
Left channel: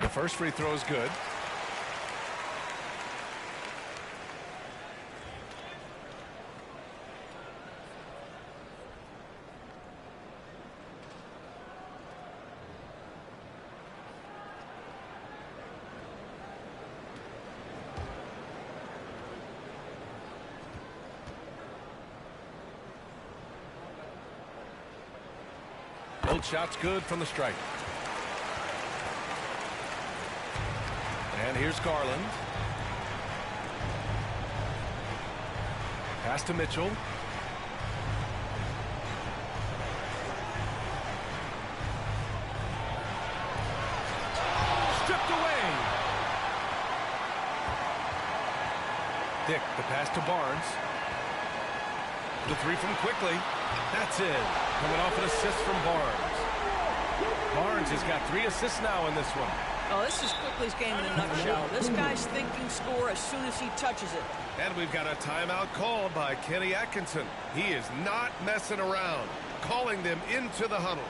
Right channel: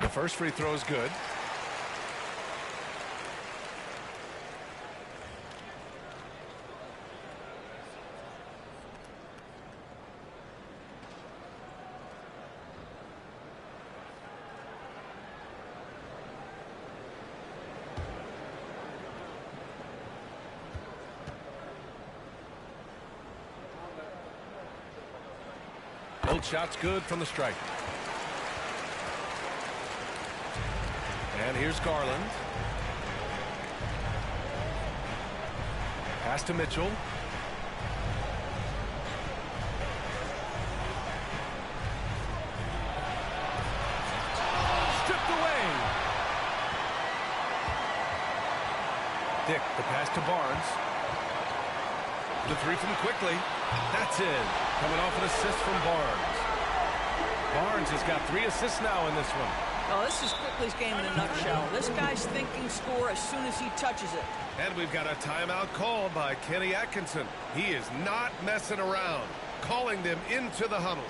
The first free throw is good. Both shots good from the stripe. And here's Garland. Pass to Mitchell. Dick, the pass to Barnes. The three from Quickly. That's in. Coming off an assist from Barnes. Barnes has got 3 assists now in this one. Oh, this is Quickly's game in a nutshell. This guy's thinking score as soon as he touches it. And we've got a timeout called by Kenny Atkinson. He is not messing around, calling them into the huddle.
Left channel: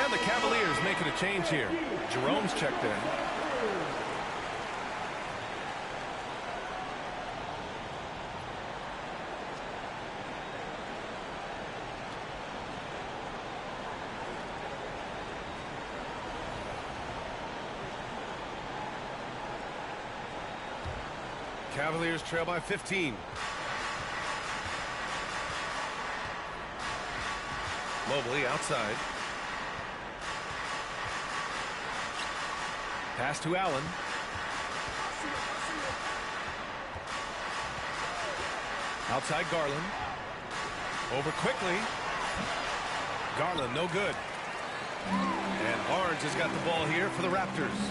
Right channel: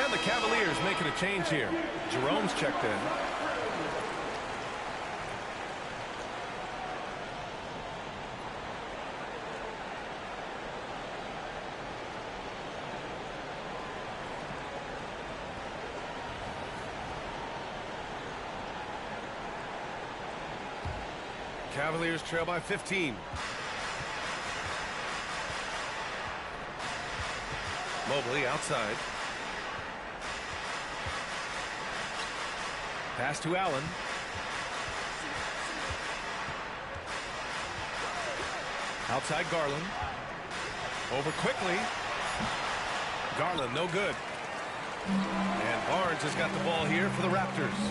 And the Cavaliers making a change here. Jerome's checked in. Cavaliers trail by 15. Mobley outside. Pass to Allen. Outside Garland. Over Quickly. Garland no good. And Barnes has got the ball here for the Raptors.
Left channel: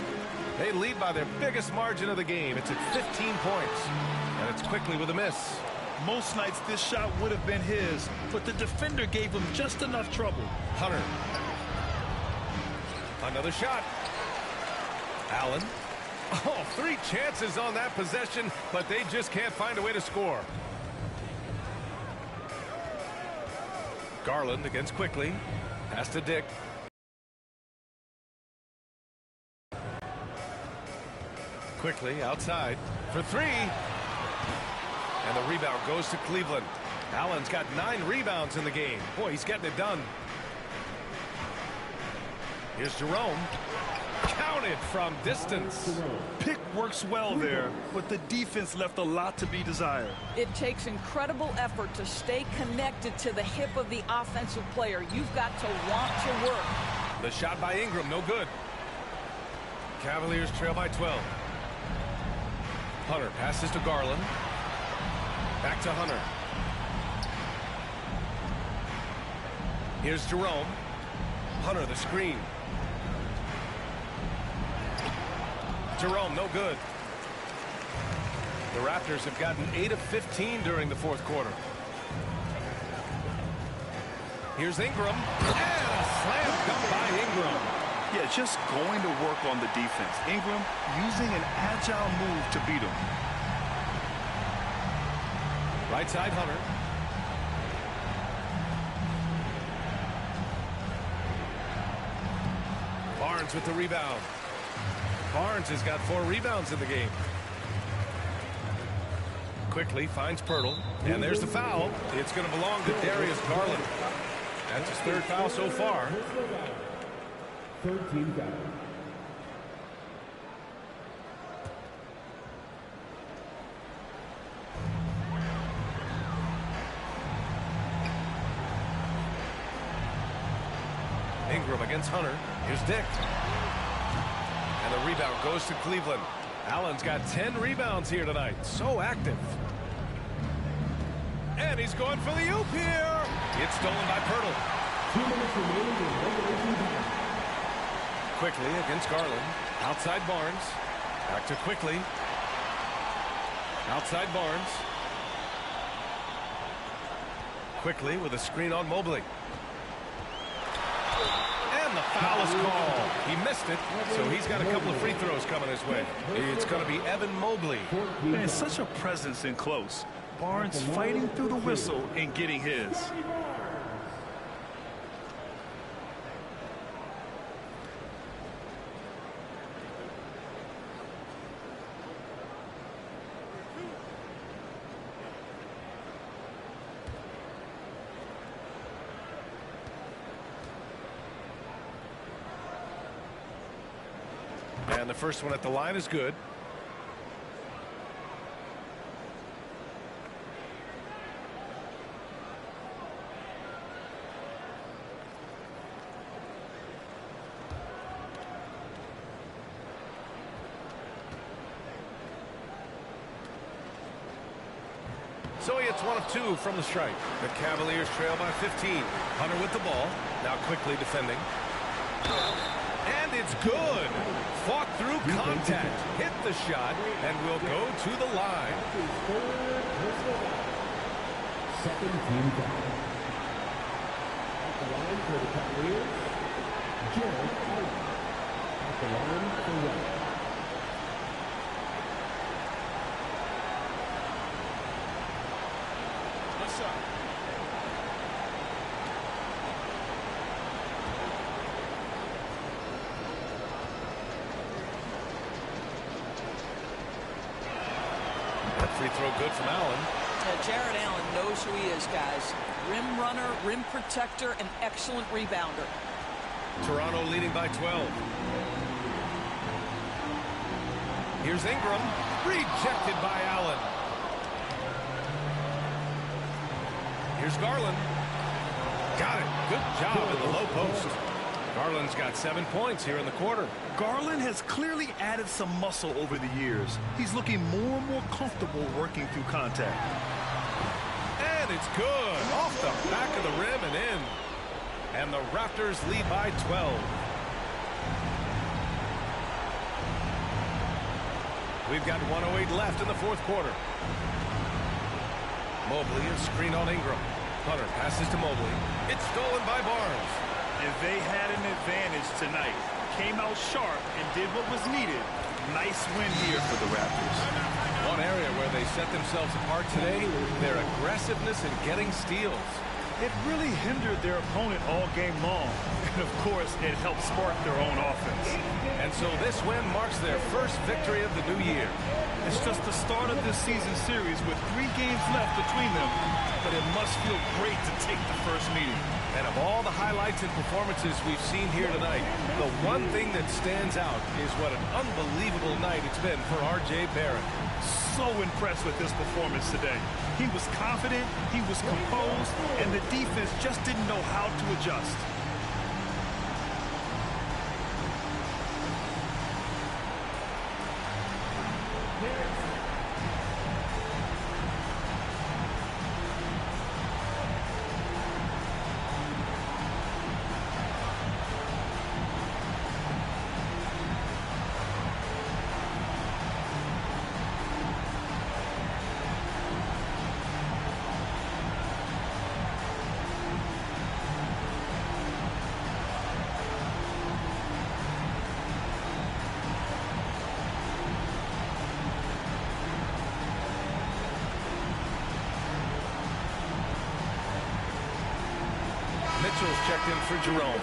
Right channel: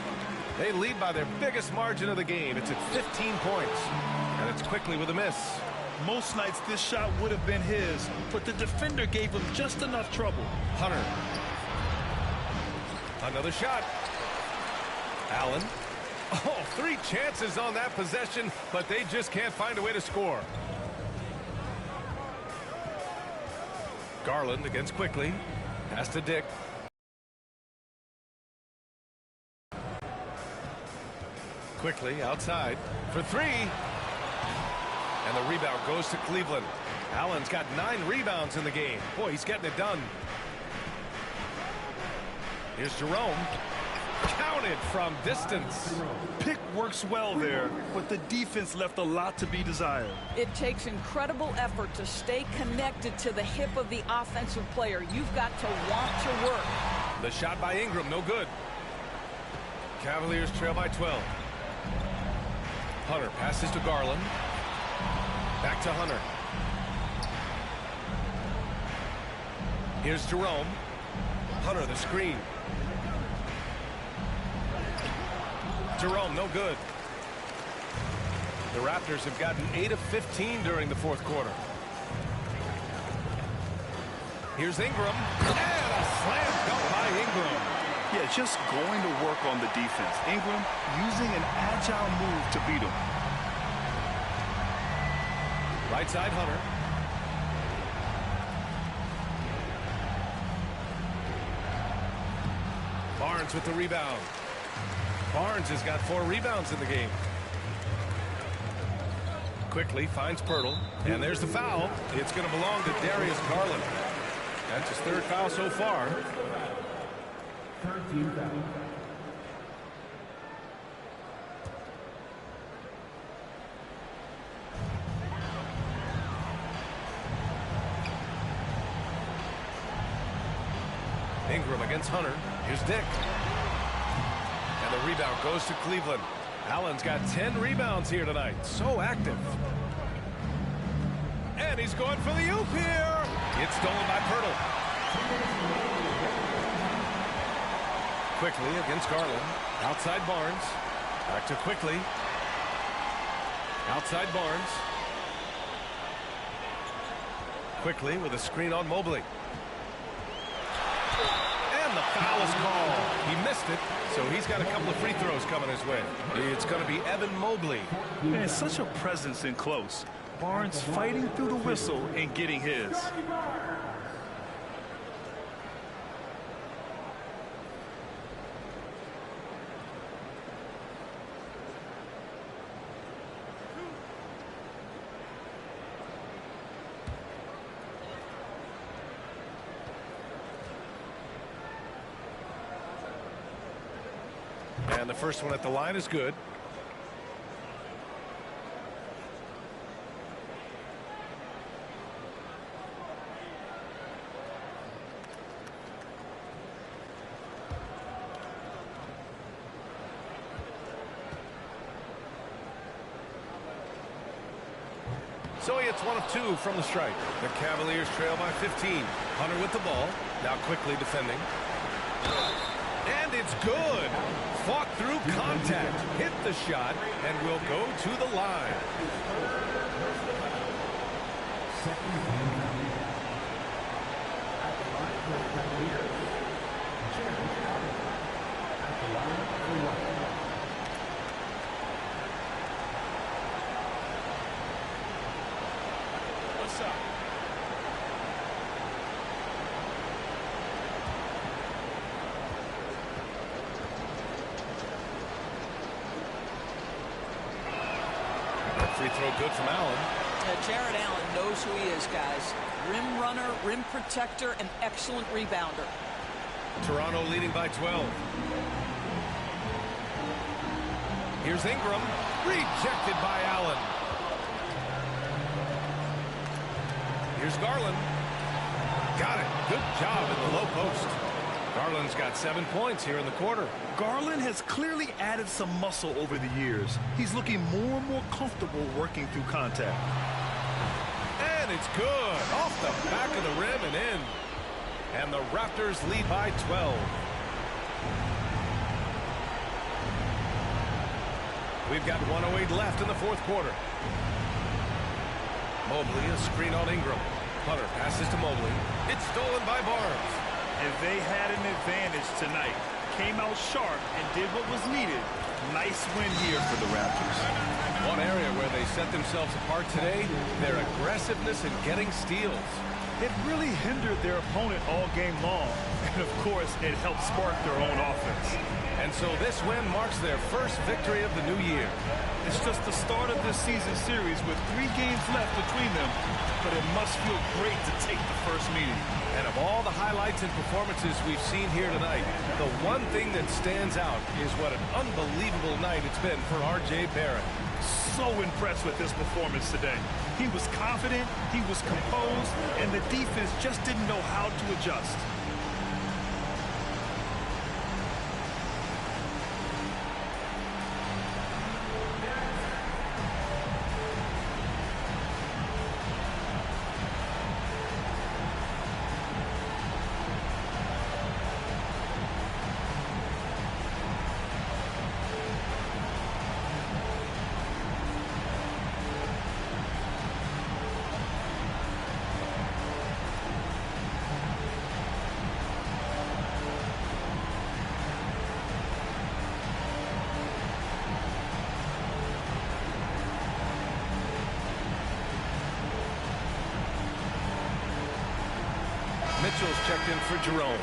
They lead by their biggest margin of the game. It's at 15 points. And it's Quickly with a miss. Most nights this shot would have been his, but the defender gave him just enough trouble. Hunter. Another shot. Allen. Oh, 3 chances on that possession, but they just can't find a way to score. Garland against Quickly. Pass to Dick. Quickly outside for 3. And the rebound goes to Cleveland. Allen's got 9 rebounds in the game. Boy, he's getting it done. Here's Jerome. Counted from distance. Pick works well there, but the defense left a lot to be desired. It takes incredible effort to stay connected to the hip of the offensive player. You've got to want to work. The shot by Ingram, no good. Cavaliers trail by 12. Hunter passes to Garland. Back to Hunter. Here's Jerome. Hunter the screen. Jerome no good. The Raptors have gotten 8 of 15 during the fourth quarter. Here's Ingram. And a slam dunk by Ingram. Yeah, just going to work on the defense. Ingram using an agile move to beat him. Right side Hunter. Barnes with the rebound. Barnes has got 4 rebounds in the game. Quickly finds Pirtle. And there's the foul. It's going to belong to Darius Garland. That's his 3rd foul so far. 13 foul. Ingram against Hunter. Here's Dick. And the rebound goes to Cleveland. Allen's got 10 rebounds here tonight. So active. And he's going for the oop here. It's stolen by Pirtle. Quickly against Garland. Outside Barnes. Back to Quickly. Outside Barnes. Quickly with a screen on Mobley. And the foul is called. He missed it, so he's got a couple of free throws coming his way. It's going to be Evan Mobley. Man, such a presence in close. Barnes fighting through the whistle and getting his. And the first one at the line is good. So he hits one of two from the stripe. The Cavaliers trail by 15. Hunter with the ball. Now quickly defending. And it's good. Fought through contact. Hit the shot and will go to the line. Second team foul. At the line for the Cavaliers, Jared Allen. At the line for one. One shot. Free throw good from Allen. Jared Allen knows who he is, guys. Rim runner, rim protector, and excellent rebounder. Toronto leading by 12. Here's Ingram. Rejected by Allen. Here's Garland. Got it. Good job in the low post. Garland's got 7 points here in the quarter. Garland has clearly added some muscle over the years. He's looking more and more comfortable working through contact. And it's good. Off the back of the rim and in. And the Raptors lead by 12. We've got 1:08 left in the fourth quarter. Mobley, a screen on Ingram. Hunter passes to Mobley. It's stolen by Barnes. And they had an advantage tonight. Came out sharp and did what was needed. Nice win here for the Raptors. One area where they set themselves apart today, their aggressiveness in getting steals. It really hindered their opponent all game long. And, of course, it helped spark their own offense. And so this win marks their first victory of the new year. It's just the start of this season series with 3 games left between them. But it must feel great to take the first meeting. And of all the highlights and performances we've seen here tonight, the one thing that stands out is what an unbelievable night it's been for R.J. Barrett. So impressed with his performance today. He was confident, he was composed, and the defense just didn't know how to adjust. Mitchell's checked in for Jerome.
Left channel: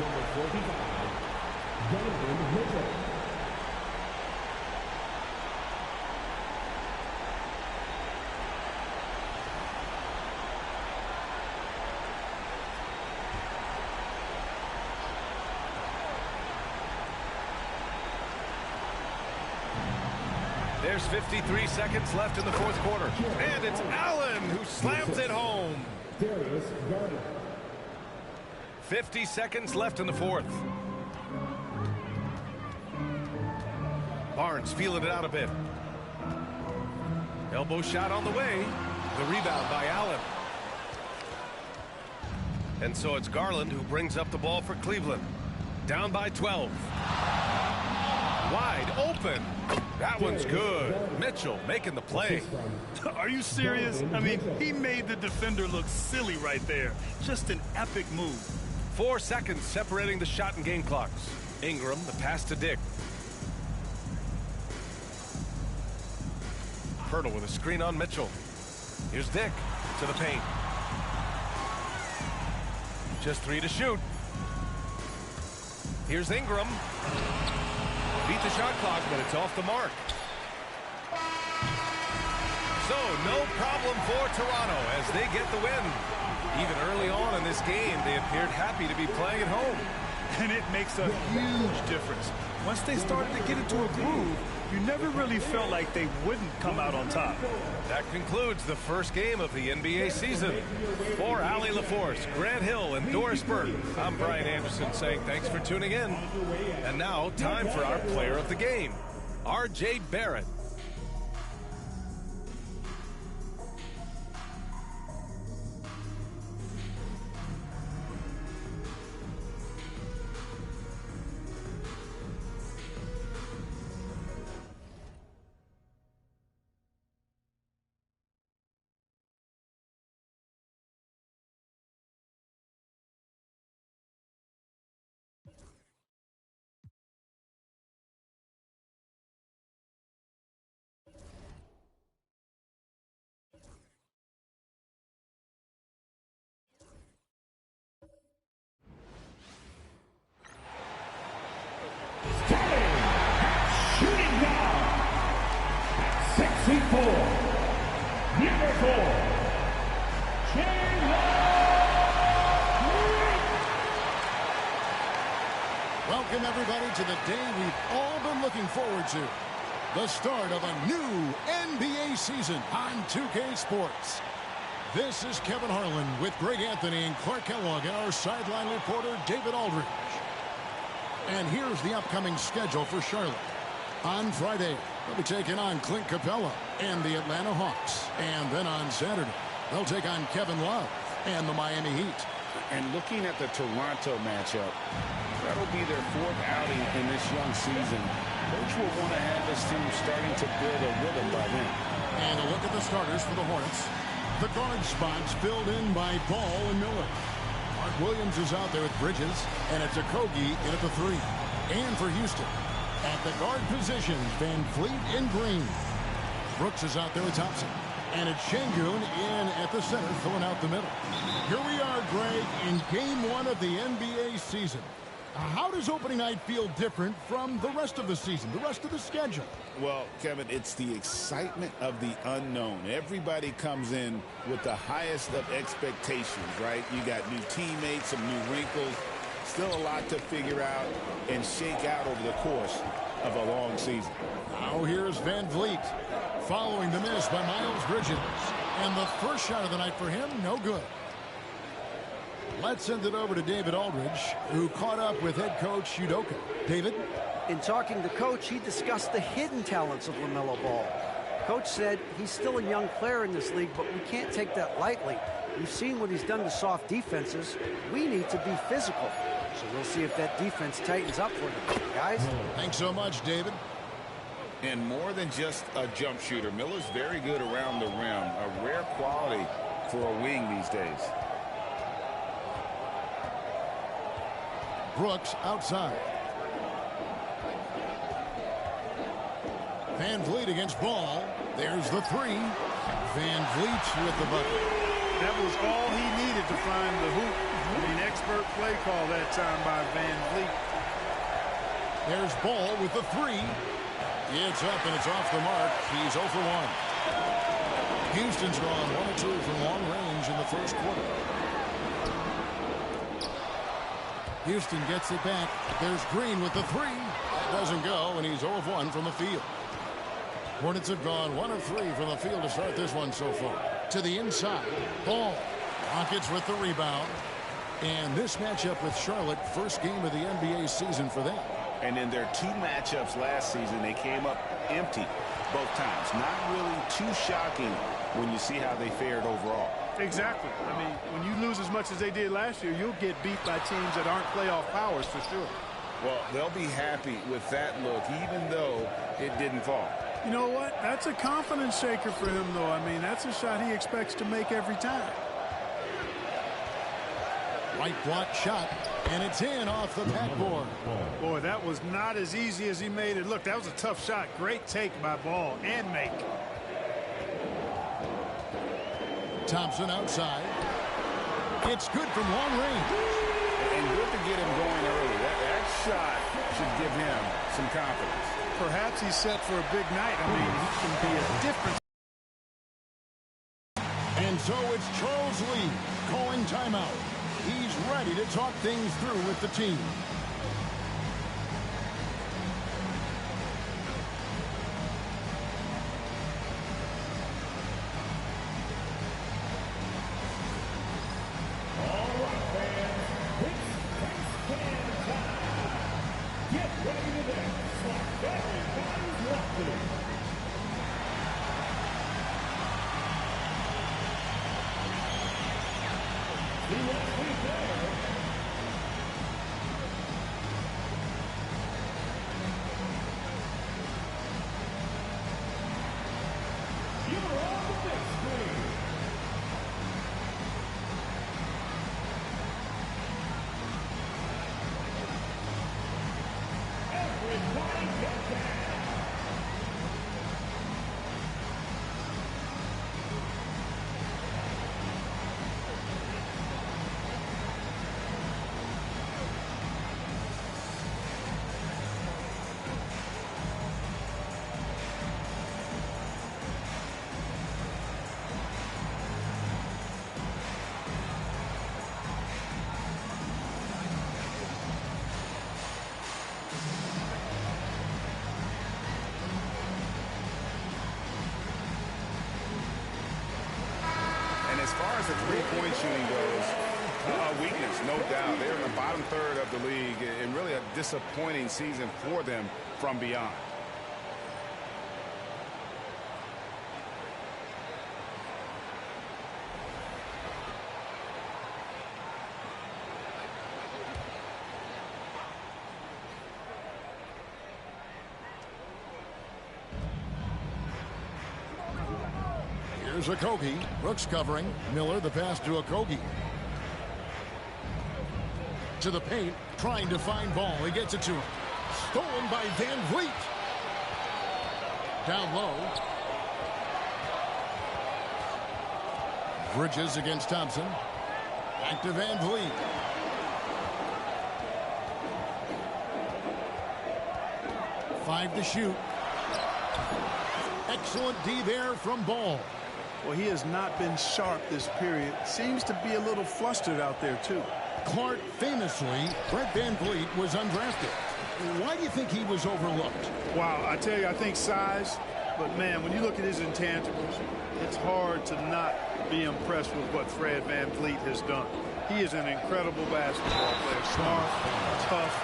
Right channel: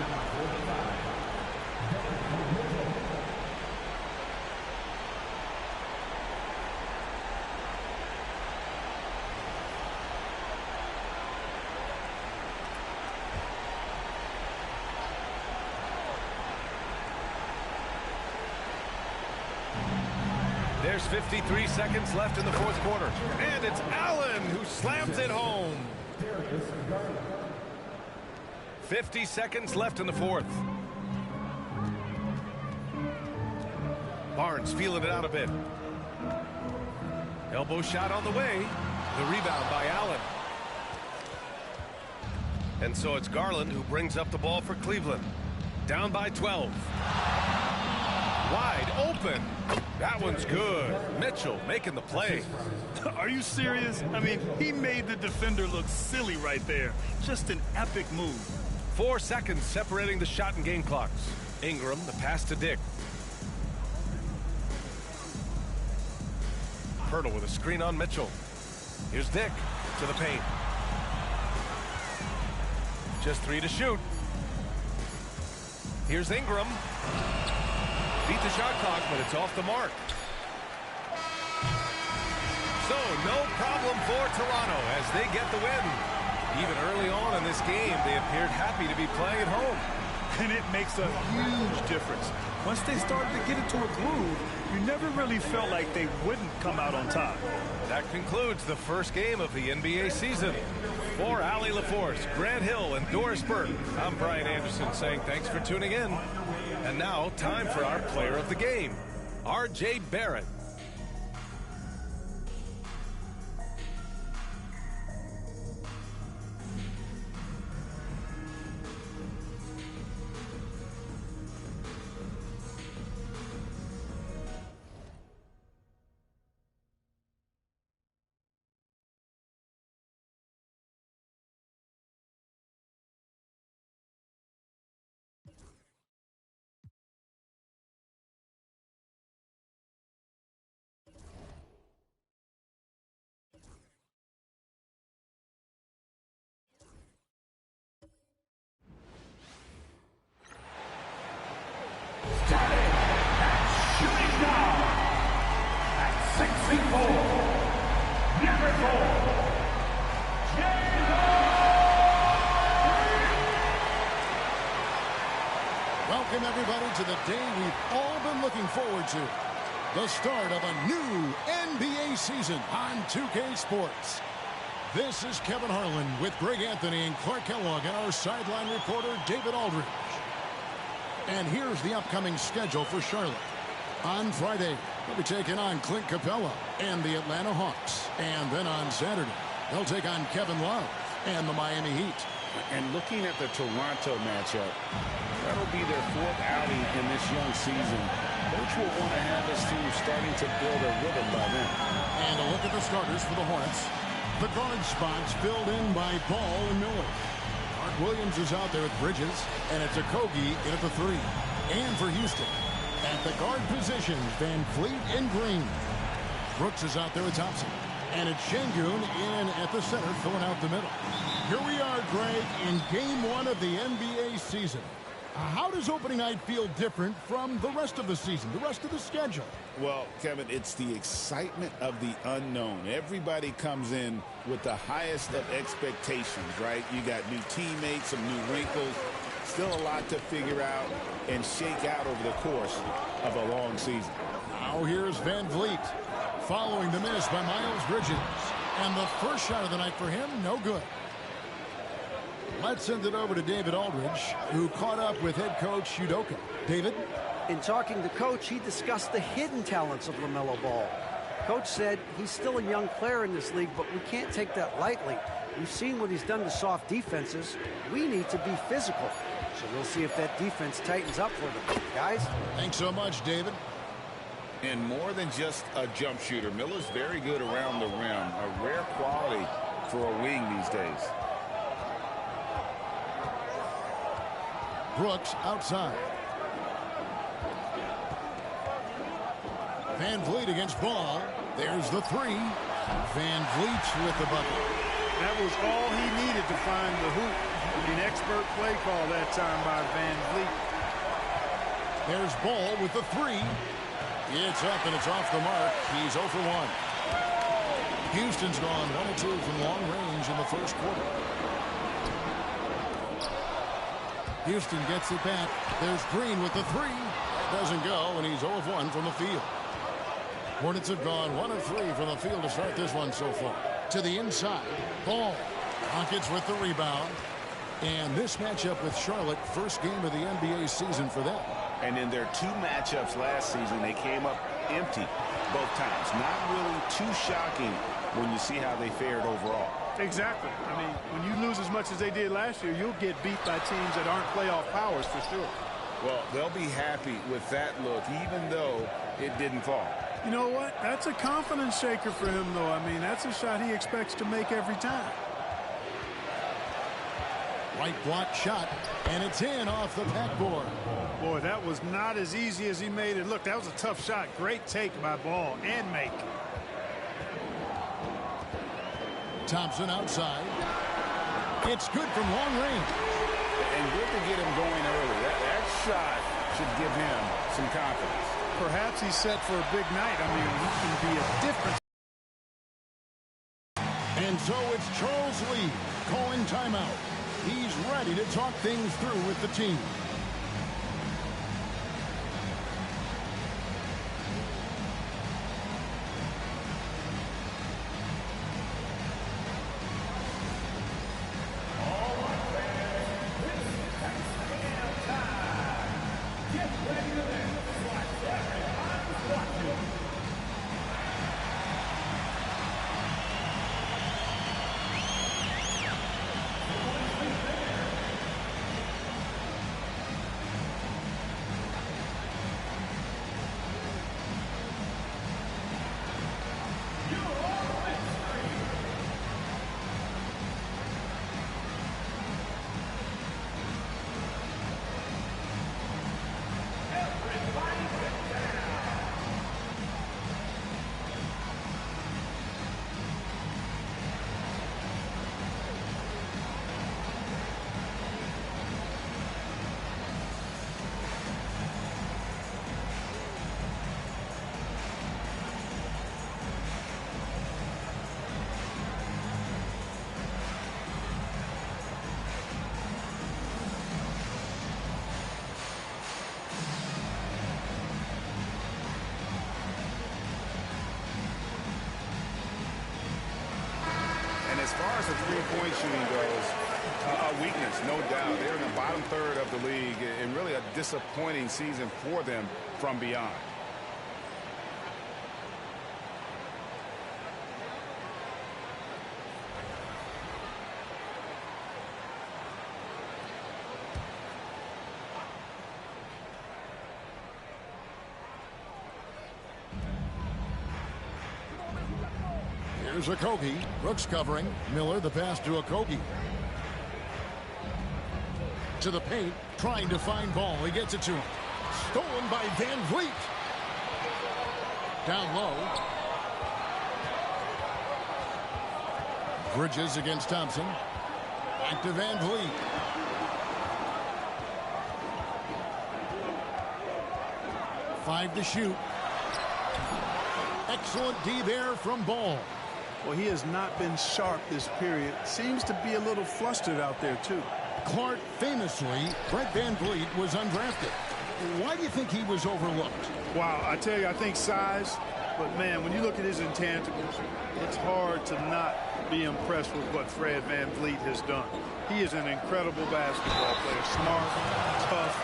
Number 45, Donovan Mitchell. There's 53 seconds left in the fourth quarter. And it's Allen who slams it home. 50 seconds left in the fourth. Barnes feeling it out a bit. Elbow shot on the way. The rebound by Allen. And so it's Garland who brings up the ball for Cleveland. Down by 12. Wide open. That one's good. Mitchell making the play. Are you serious? I mean, he made the defender look silly right there. Just an epic move. 4 seconds separating the shot and game clocks. Ingram, the pass to Dick. Hurdle with a screen on Mitchell. Here's Dick to the paint. Just 3 to shoot. Here's Ingram. Beat the shot clock, but it's off the mark. So, no problem for Toronto as they get the win. Even early on in this game, they appeared happy to be playing at home. And it makes a huge difference. Once they started to get into a groove, you never really felt like they wouldn't come out on top. That concludes the first game of the NBA season. For Allie LaForce, Grant Hill, and Doris Burke, I'm Brian Anderson saying thanks for tuning in. And now, time for our player of the game, R.J. Barrett. Starting at shooting guard at 6'4", number 4, Welcome, everybody, to the day we've all been looking forward to. The start of a new NBA season on 2K Sports. This is Kevin Harlan with Greg Anthony and Clark Kellogg and our sideline reporter, David Aldridge. And here's the upcoming schedule for Charlotte. On Friday, they'll be taking on Clint Capella and the Atlanta Hawks. And then on Saturday, they'll take on Kevin Love and the Miami Heat. And looking at the Toronto matchup, that'll be their 4th outing in this young season. Coach will want to have his team starting to build a rhythm by then. And a look at the starters for the Hornets. The guard spots filled in by Ball and Miller. Mark Williams is out there with Bridges, and it's Okogie in at the 3. And for Houston, at the guard positions, Van Fleet and Green. Brooks is out there with Thompson. And it's Şengün in at the center, filling out the middle. Here we are, Greg, in Game 1 of the NBA season. How does opening night feel different from the rest of the season, the rest of the schedule? Well, Kevin, it's the excitement of the unknown. Everybody comes in with the highest of expectations, right? You got new teammates, some new wrinkles, still a lot to figure out and shake out over the course of a long season. Now here's Van Vliet, following the miss by Miles Bridges. And the first shot of the night for him, no good. Let's send it over to David Aldridge, who caught up with head coach Udoka. David? In talking to Coach, he discussed the hidden talents of LaMelo Ball. Coach said he's still a young player in this league, but we can't take that lightly. We've seen what he's done to soft defenses. We need to be physical. So we'll see if that defense tightens up for them. Guys? Thanks so much, David. And more than just a jump shooter, Miller's very good around the rim. A rare quality for a wing these days. Brooks outside. Van Vliet against Ball. There's the 3. Van Vliet with the bucket. That was all he needed to find the hoop. I mean, expert play call that time by Van Vliet. There's Ball with the 3. It's up and it's off the mark. He's 0 for 1. Houston's gone 1 of 2 from long range in the first quarter. Houston gets it back. There's Green with the 3. That doesn't go, and he's 0 of 1 from the field. Hornets have gone 1 of 3 from the field to start this one so far. To the inside, Ball. Rockets with the rebound. And this matchup with Charlotte, first game of the NBA season for them. And in their 2 matchups last season, they came up empty both times. Not really too shocking when you see how they fared overall. Exactly. I mean, when you lose as much as they did last year, you'll get beat by teams that aren't playoff powers for sure. Well, they'll be happy with that look, even though it didn't fall. You know what? That's a confidence shaker for him, though. I mean, that's a shot he expects to make every time. Right block shot, and it's in off the backboard. Boy, that was not as easy as he made it look. That was a tough shot. Great take by Ball and make. Thompson outside. It's good from long range. And good to get him going early. That shot should give him some confidence. Perhaps he's set for a big night. I mean, he can be a difference. And so it's Charles Lee calling timeout. He's ready to talk things through with the team. As far as the three-point shooting goes, a weakness, no doubt. They're in the bottom third of the league, and really a disappointing season for them from beyond. Here's Okogie. Brooks covering. Miller the pass to Okogie. To the paint. Trying to find Ball. He gets it to him. Stolen by Van Vliet. Down low. Bridges against Thompson. Back to Van Vliet. Five to shoot. Excellent D there from Ball. Well, he has not been sharp this period. Seems to be a little flustered out there, too. Clark famously, Brett Van Vliet was undrafted. Why do you think he was overlooked? Wow, I tell you, I think size. But, man, when you look at his intangibles, it's hard to not be impressed with what Fred Van Vliet has done. He is an incredible basketball player. Smart, tough,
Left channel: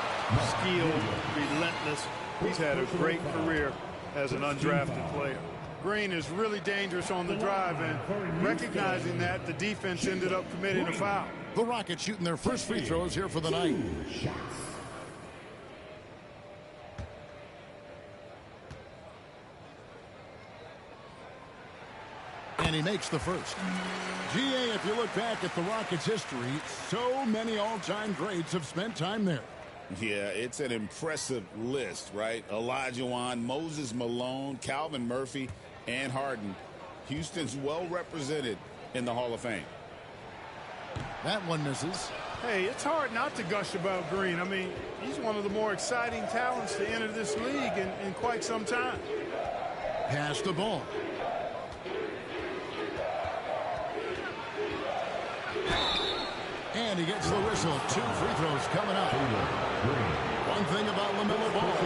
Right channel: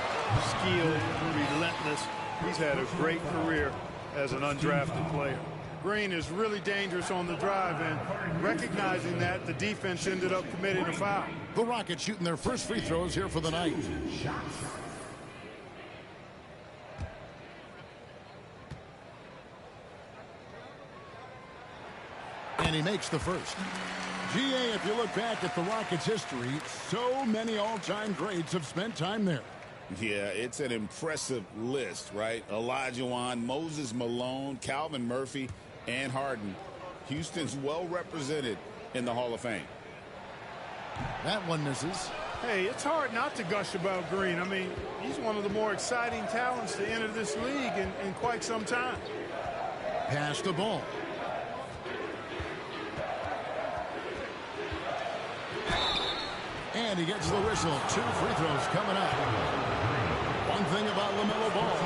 skilled, relentless. He's had a great career as an undrafted player. Green is really dangerous on the drive, and recognizing that, the defense ended up committing a foul. The Rockets shooting their first free throws here for the night. And he makes the first. GA, if you look back at the Rockets' history, so many all-time greats have spent time there. Yeah, it's an impressive list, right? Olajuwon, Moses Malone, Calvin Murphy, and Harden. Houston's well represented in the Hall of Fame. That one misses. Hey, it's hard not to gush about Green. I mean, he's one of the more exciting talents to enter this league in quite some time. Pass the ball. And he gets the whistle. 2 free throws coming up. One thing about LaMelo Ball,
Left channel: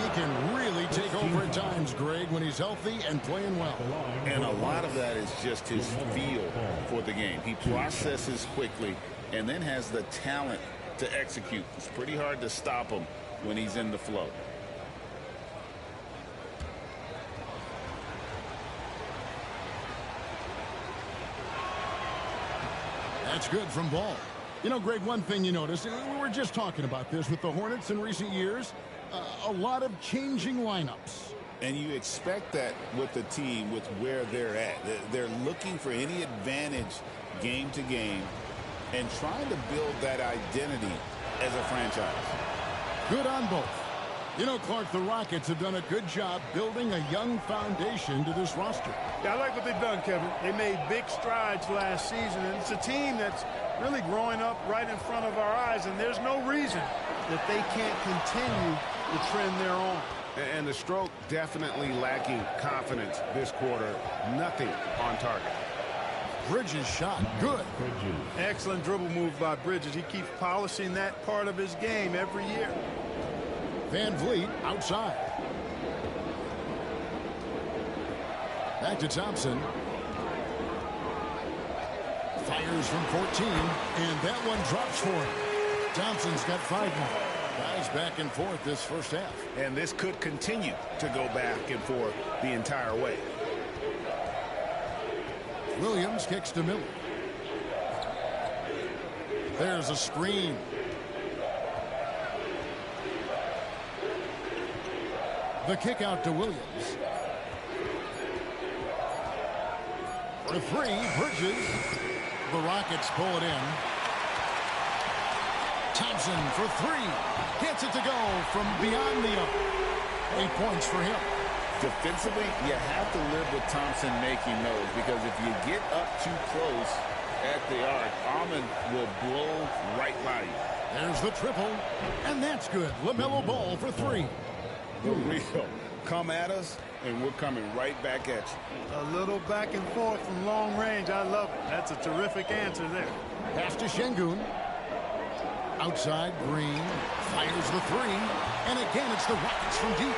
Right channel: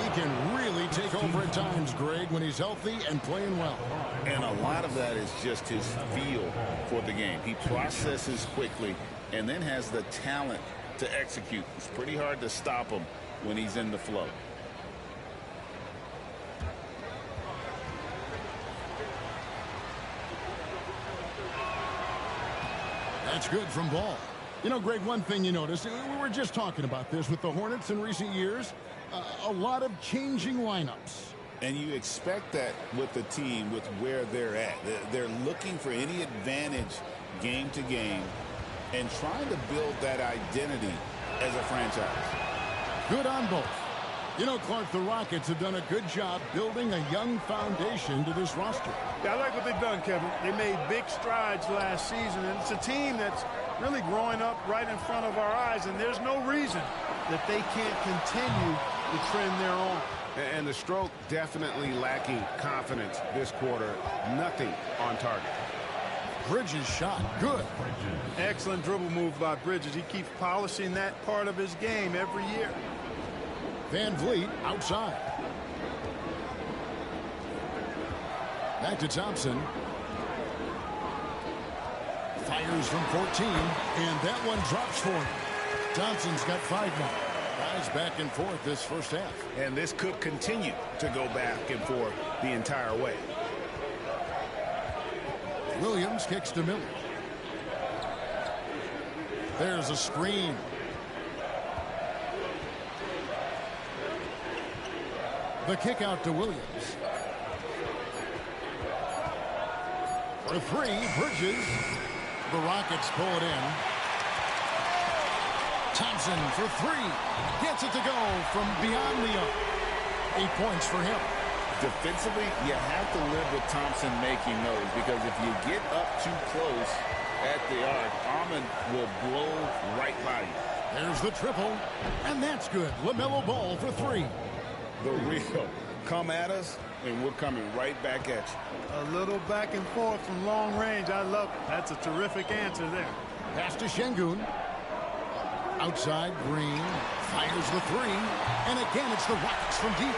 he can really take over at times, Greg, when he's healthy and playing well. And a lot of that is just his feel for the game. He processes quickly and then has the talent to execute. It's pretty hard to stop him when he's in the flow. That's good from Ball. You know, Greg, one thing you notice, we were just talking about this with the Hornets in recent years, a lot of changing lineups. And you expect that with the team, with where they're at. They're looking for any advantage game to game and trying to build that identity as a franchise. Good on both. You know, Clark, the Rockets have done a good job building a young foundation to this roster. Yeah, I like what they've done, Kevin. They made big strides last season, and it's a team that's really growing up right in front of our eyes, and there's no reason that they can't continue the trend they're on. And the stroke definitely lacking confidence this quarter. Nothing on target. Bridges shot. Good. Excellent dribble move by Bridges. He keeps polishing that part of his game every year. Van Vliet outside. Back to Thompson. Fires from 14, and that one drops for him. Thompson's got 5 now. Guys back and forth this first half. And this could continue to go back and forth the entire way. Williams kicks to Miller. There's a screen. The kick out to Williams. For 3, Bridges. The Rockets pull it in. Thompson for 3. Gets it to go from beyond the arc. 8 points for him. Defensively, you have to live with Thompson making those, because if you get up too close at the arc, Ahmed will blow right by you. There's the triple, and that's good. LaMelo Ball for 3. The real. Come at us, and we're coming right back at you. A little back and forth from long range. I love it. That's a terrific answer there. Pass to Şengün. Outside, Green fires the 3, and again it's the Rockets from deep.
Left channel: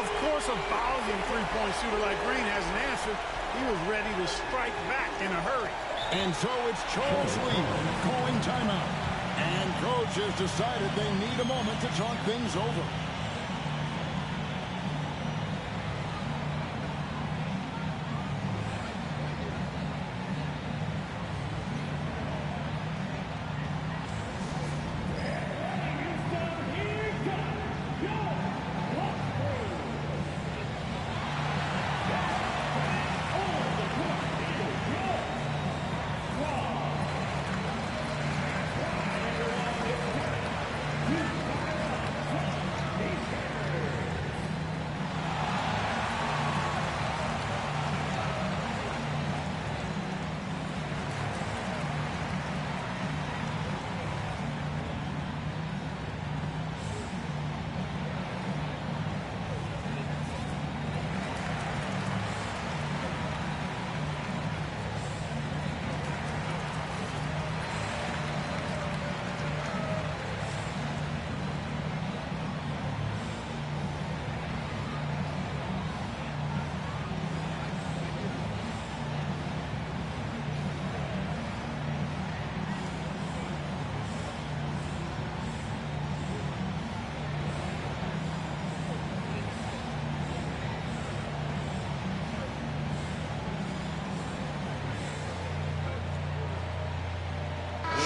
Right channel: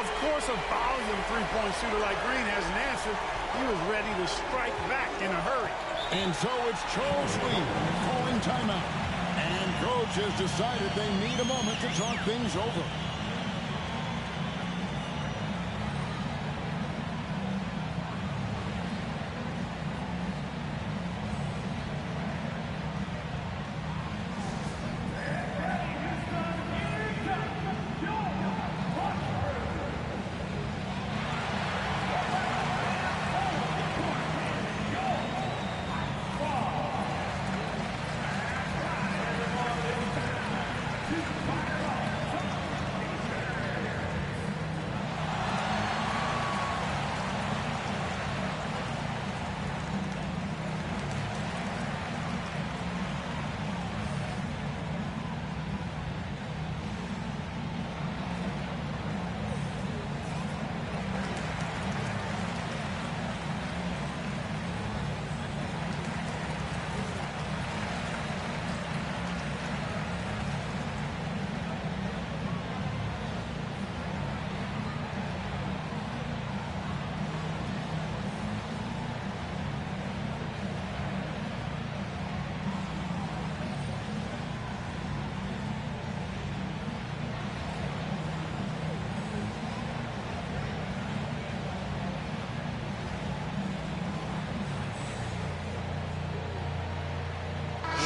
Of course, a volume three-point shooter like Green has an answer. He was ready to strike back in a hurry. And so it's Charles Lee calling timeout. And coach has decided they need a moment to talk things over.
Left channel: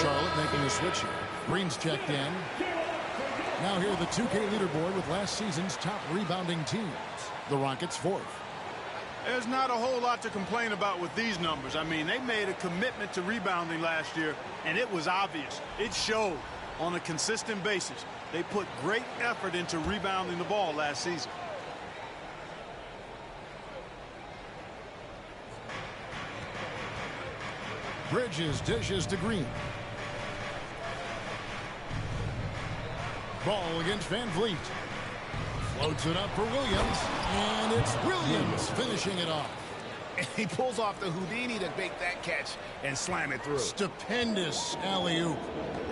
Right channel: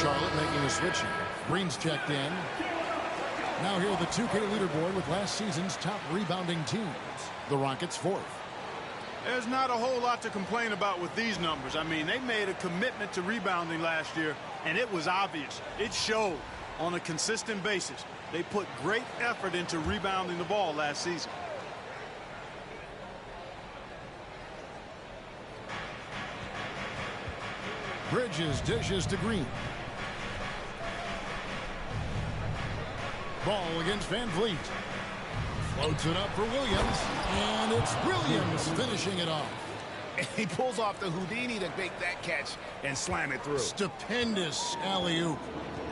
Charlotte making a switch here. Green's checked in. Now here the 2K leaderboard with last season's top rebounding teams. The Rockets 4th. There's not a whole lot to complain about with these numbers. I mean, they made a commitment to rebounding last year, and it was obvious. It showed on a consistent basis. They put great effort into rebounding the ball last season. Bridges dishes to Green. Ball against Van Vliet. Floats it up for Williams, and it's Williams finishing it off. He pulls off the Houdini to make that catch and slam it through. Stupendous alley-oop.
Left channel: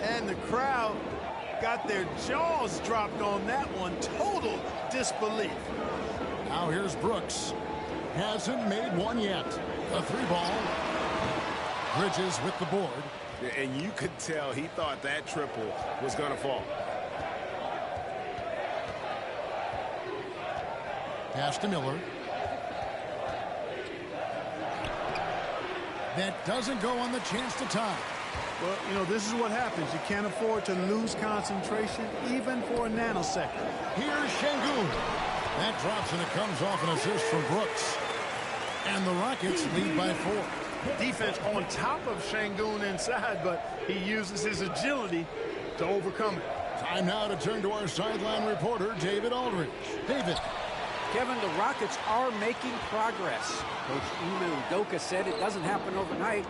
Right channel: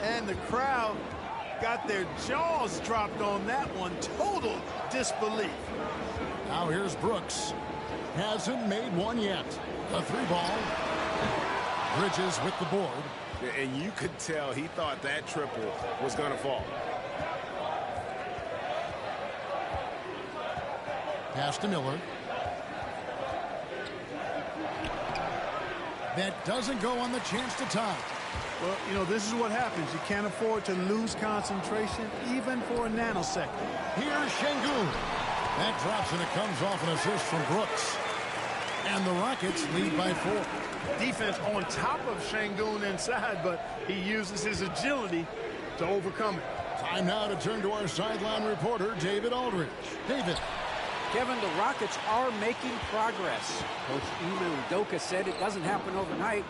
And the crowd got their jaws dropped on that one. Total disbelief. Now here's Brooks. Hasn't made one yet. The 3-ball. Bridges with the board. And you could tell he thought that triple was going to fall. Pass to Miller. That doesn't go on the chance to tie. Well, you know, this is what happens. You can't afford to lose concentration even for a nanosecond. Here's Şengün. That drops, and it comes off an assist from Brooks. And the Rockets lead by 4. Defense on top of Şengün inside, but he uses his agility to overcome it. Time now to turn to our sideline reporter, David Aldridge. David. Kevin, the Rockets are making progress. Coach Ime Udoka said it doesn't happen overnight.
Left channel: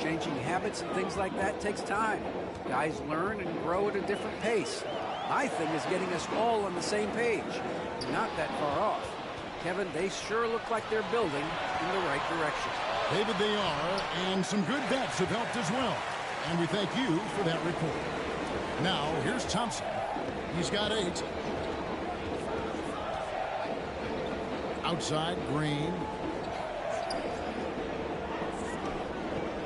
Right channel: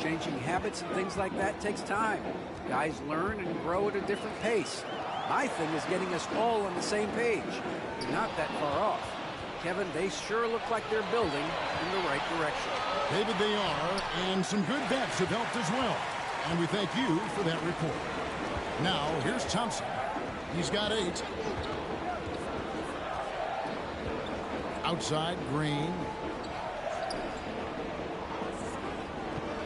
Changing habits and things like that takes time. Guys learn and grow at a different pace. My thing is getting us all on the same page. We're not that far off. Kevin, they sure look like they're building in the right direction. David, they are, and some good vets have helped as well. And we thank you for that report. Now, here's Thompson. He's got 8. Outside, Green.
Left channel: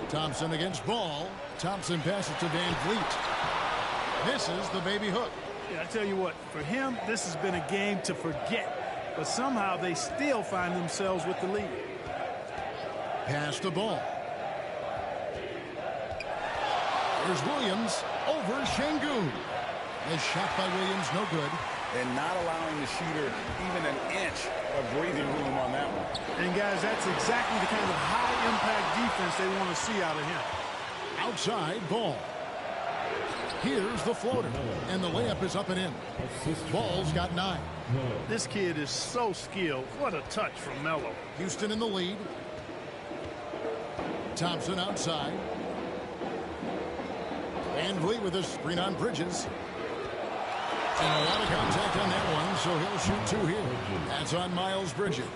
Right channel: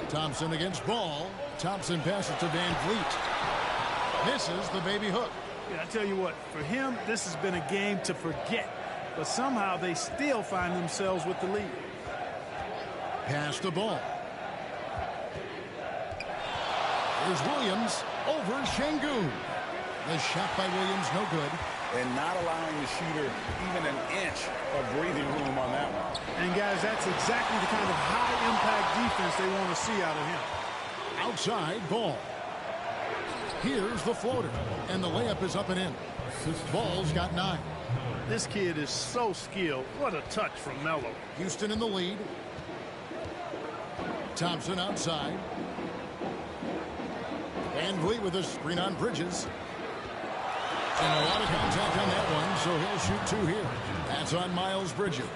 Thompson against Ball. Thompson passes to Van Vliet. Misses the baby hook. Yeah, I tell you what, for him, this has been a game to forget. But somehow they still find themselves with the lead. Pass the ball. Here's Williams over Şengün. The shot by Williams, no good. And not allowing the shooter even an inch of breathing room on that one. And, guys, that's exactly the kind of high-impact defense they want to see out of him. Outside, Ball. Here's the floater, and the layup is up and in. Ball's got 9. This kid is so skilled. What a touch from Melo. Houston in the lead. Thompson outside. Van Vliet with a screen on Bridges. And a lot of contact on that one, so he'll shoot 2 here. That's on Miles Bridges.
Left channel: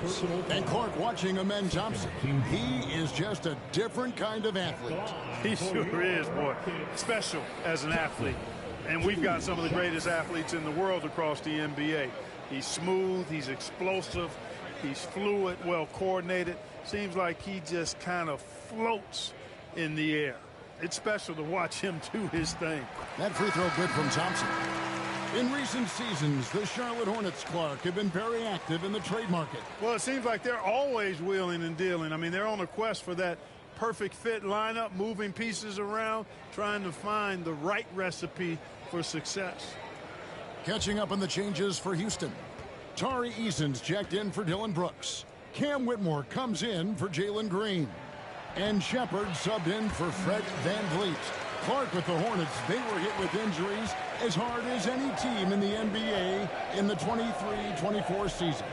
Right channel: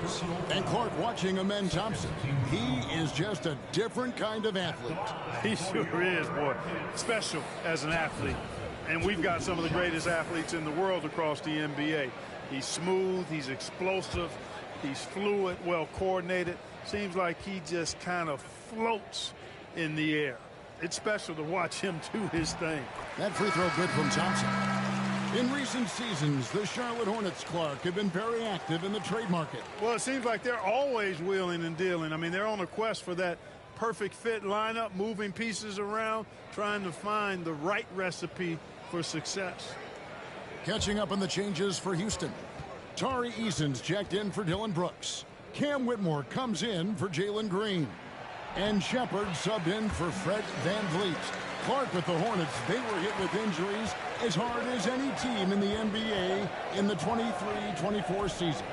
And Clark watching Amen Thompson. He is just a different kind of athlete. He sure is, boy. Special as an athlete. And we've got some of the greatest athletes in the world across the NBA. He's smooth, he's explosive, he's fluid, well coordinated. Seems like he just kind of floats in the air. It's special to watch him do his thing. That free throw good from Thompson. In recent seasons, the Charlotte Hornets, Clark, have been very active in the trade market. Well, it seems like they're always wheeling and dealing. I mean, they're on a quest for that perfect fit lineup, moving pieces around, trying to find the right recipe for success. Catching up on the changes for Houston. Tari Eason's checked in for Dylan Brooks. Cam Whitmore comes in for Jalen Green. And Shepard subbed in for Fred Van Vliet. Clark with the Hornets, they were hit with injuries as hard as any team in the NBA in the 23-24 season.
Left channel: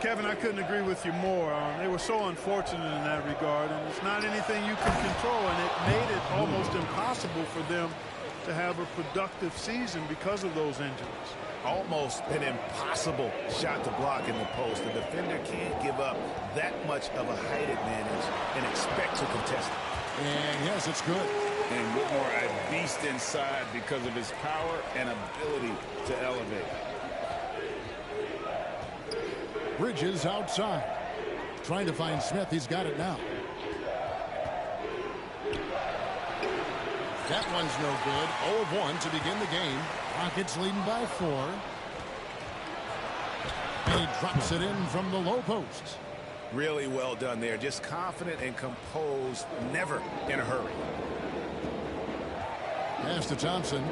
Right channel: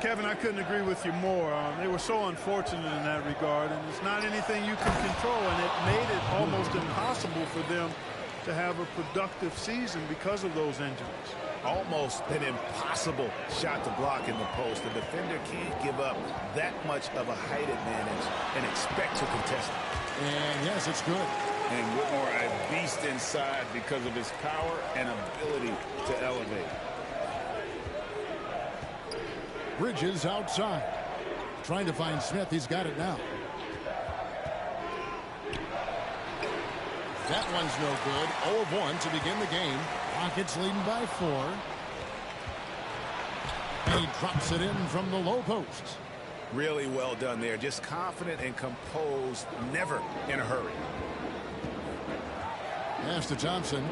Kevin, I couldn't agree with you more. They were so unfortunate in that regard, and it's not anything you can control, and it made it almost impossible for them to have a productive season because of those injuries. Almost an impossible shot to block in the post. The defender can't give up that much of a height advantage and expect to contest it. And yes, it's good. And Whitmore a beast inside because of his power and ability to elevate. Bridges outside. Trying to find Smith. He's got it now. That one's no good. 0 of 1 to begin the game. Rockets leading by 4. And he drops it in from the low post. Really well done there. Just confident and composed. Never in a hurry. Pass to Thompson.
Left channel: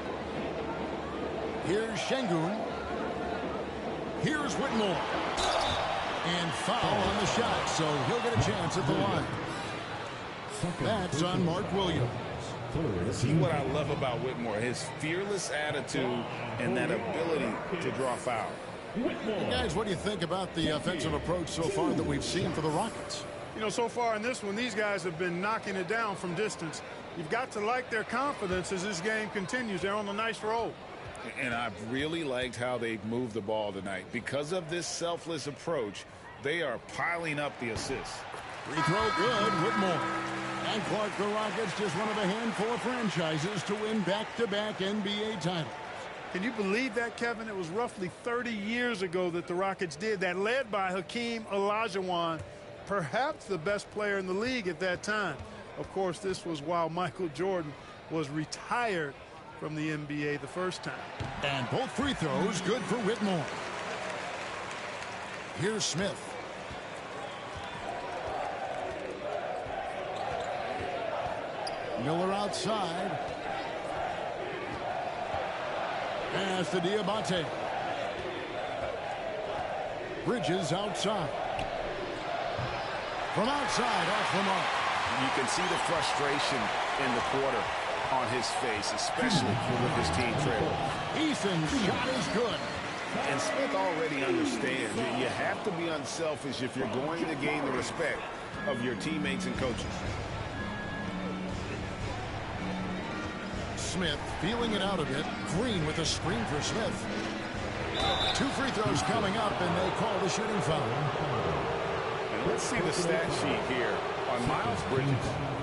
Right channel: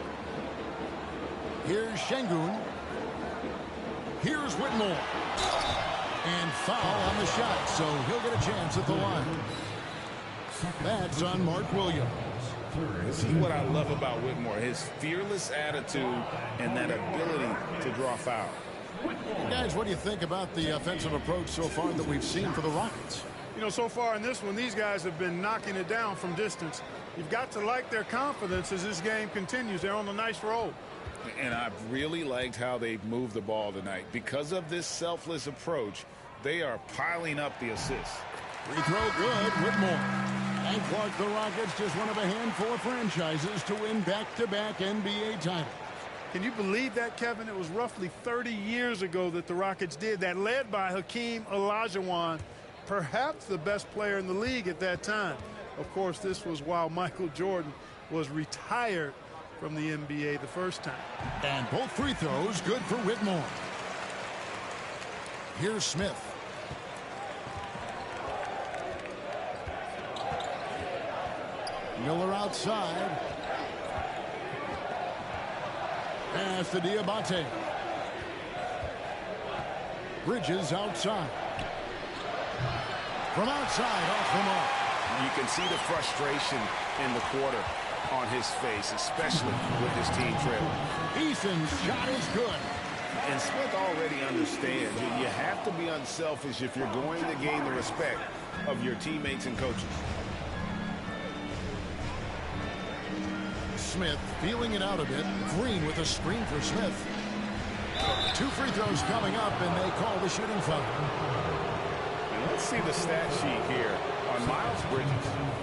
Here's Şengün. Here's Whitmore. And foul on the shot, so he'll get a chance at the line. That's on Mark Williams. See what I love about Whitmore, his fearless attitude and that ability to draw foul. And guys, what do you think about the offensive approach so far that we've seen for the Rockets? You know, so far in this one, these guys have been knocking it down from distance. You've got to like their confidence as this game continues. They're on a nice roll. And I've really liked how they've moved the ball tonight. Because of this selfless approach, they are piling up the assists. Free throw good, Whitmore. And Clark, the Rockets, just one of a handful of franchises to win back-to-back NBA titles. Can you believe that, Kevin? It was roughly 30 years ago that the Rockets did that, led by Hakeem Olajuwon, perhaps the best player in the league at that time. Of course, this was while Michael Jordan was retired from the NBA the first time. And both free throws good for Whitmore. Here's Smith. Miller outside. Pass to Diabate. Bridges outside. From outside, off the mark. You can see the frustration in the quarter on his face, especially with his team trailing. Eason's shot is good. And Smith already understands you have to be unselfish if you're going to gain the respect of your teammates and coaches. Smith feeling it out a bit. Green with a screen for Smith. 2 free throws coming up, and they call the shooting foul. And let's see the stat sheet here on Miles Bridges.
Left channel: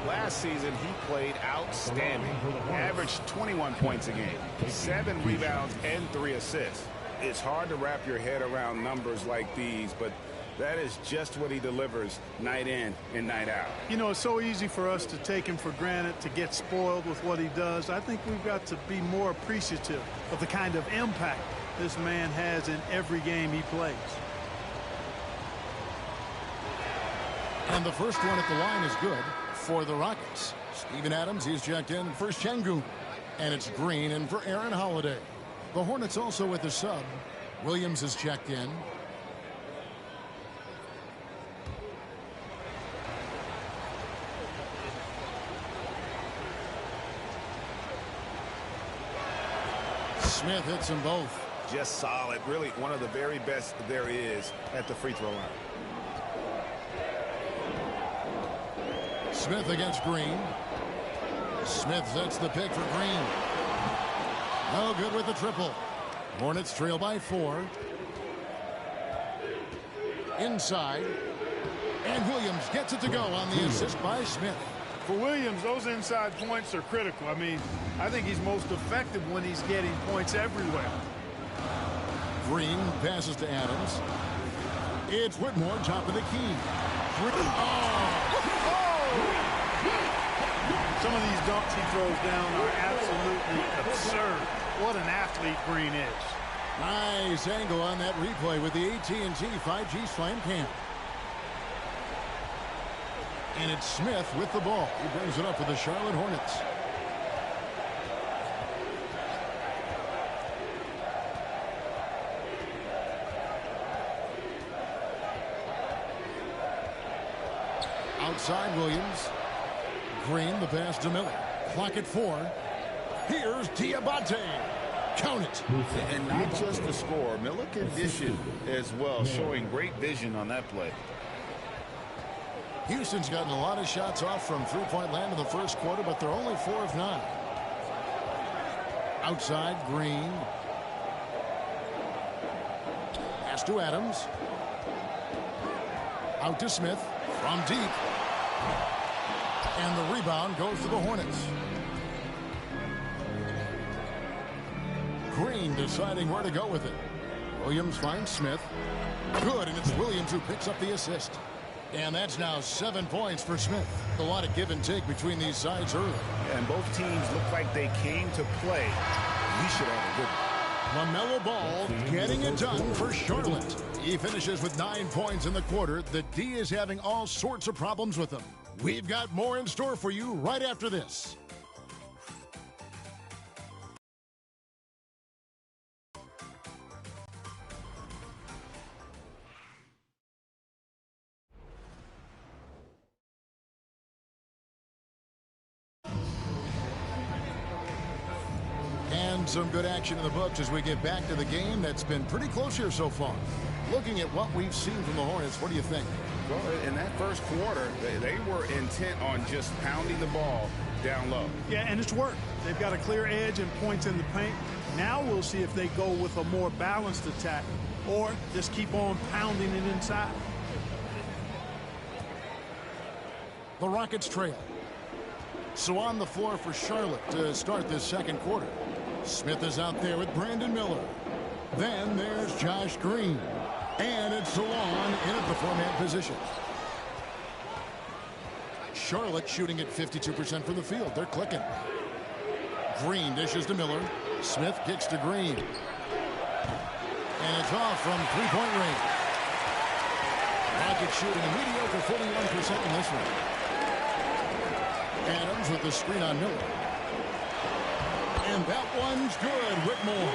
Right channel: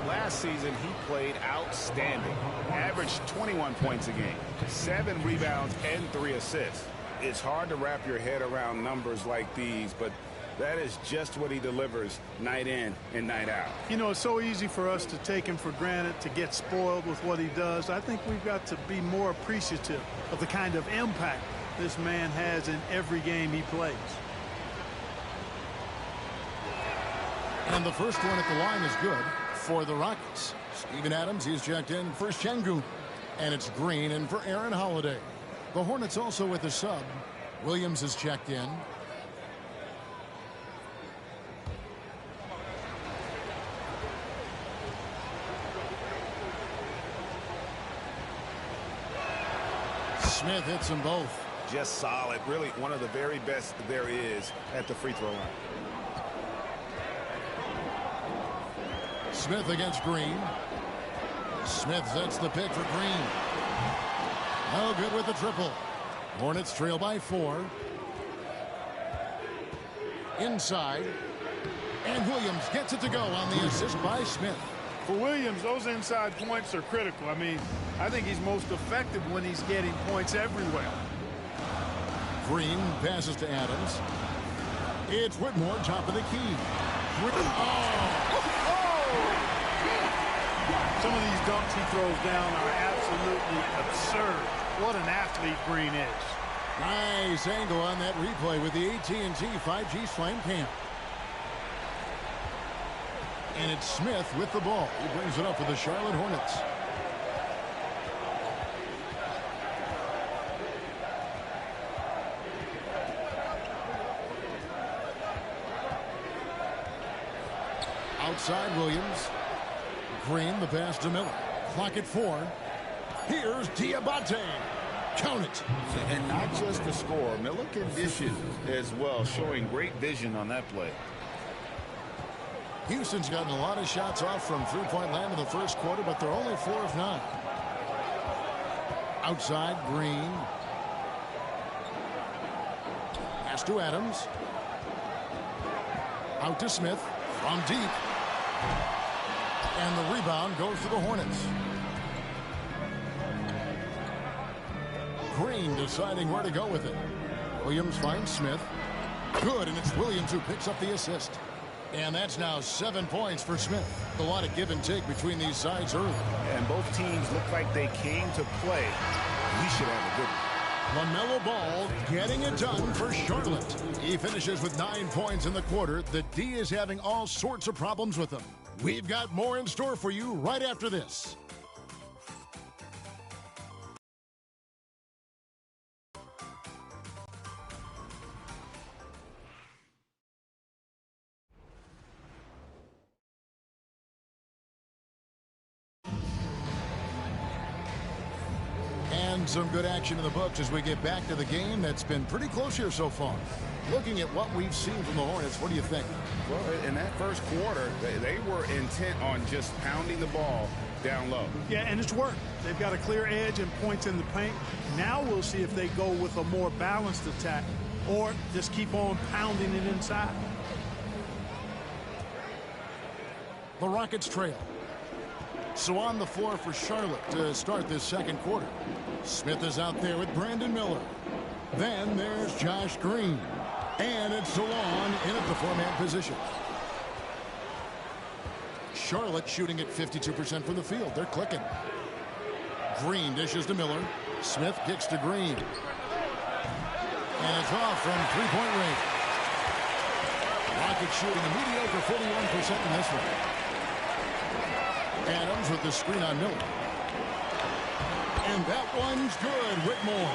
Last season, he played outstanding. Averaged 21 points a game, 7 rebounds, and 3 assists. It's hard to wrap your head around numbers like these, but that is just what he delivers night in and night out. You know, it's so easy for us to take him for granted, to get spoiled with what he does. I think we've got to be more appreciative of the kind of impact this man has in every game he plays. And the first one at the line is good for the Rockets. Steven Adams, he's checked in for Şengün. And it's Green in for Aaron Holiday. The Hornets also with a sub. Williams is checked in. Smith hits them both. Just solid. Really one of the very best there is at the free throw line. Smith against Green. Smith sets the pick for Green. No good with the triple. Hornets trail by 4. Inside. And Williams gets it to go on the assist by Smith. For Williams, those inside points are critical. I mean, I think he's most effective when he's getting points everywhere. Green passes to Adams. It's Whitmore, top of the key. Some of these dunks he throws down are absolutely absurd. What an athlete Green is. Nice angle on that replay with the AT&T 5G Slam Cam. And it's Smith with the ball. He brings it up for the Charlotte Hornets. Outside Williams. Green, the pass to Miller. Clock at 4. Here's Diabate. Count it. And not just the score. Miller can dish it as well, showing great vision on that play. Houston's gotten a lot of shots off from three-point land in the first quarter, but they're only 4 of 9. Outside, Green. Pass to Adams. Out to Smith from deep. And the rebound goes to the Hornets. Green deciding where to go with it. Williams finds Smith. Good, and it's Williams who picks up the assist. And that's now 7 points for Smith. A lot of give and take between these sides early. And both teams look like they came to play. We should have a good one. LaMelo Ball getting it done for Charlotte. He finishes with 9 points in the quarter. The D is having all sorts of problems with him. We've got more in store for you right after this. And some good action in the books as we get back to the game that's been pretty close here so far. Looking at what we've seen from the Hornets, what do you think? Well, in that first quarter, they were intent on just pounding the ball down low. Yeah, and it's worked. They've got a clear edge and points in the paint. Now we'll see if they go with a more balanced attack or just keep on pounding it inside. The Rockets trail. So on the floor for Charlotte to start this second quarter. Smith is out there with Brandon Miller. Then there's Josh Green. And it's DeLon in at the 4-man position. Charlotte shooting at 52% from the field. They're clicking. Green dishes to Miller. Smith kicks to Green. And it's off from three-point range. Rockets shooting a mediocre 41% in this one. Adams with the screen on Miller. And that one's good, Whitmore.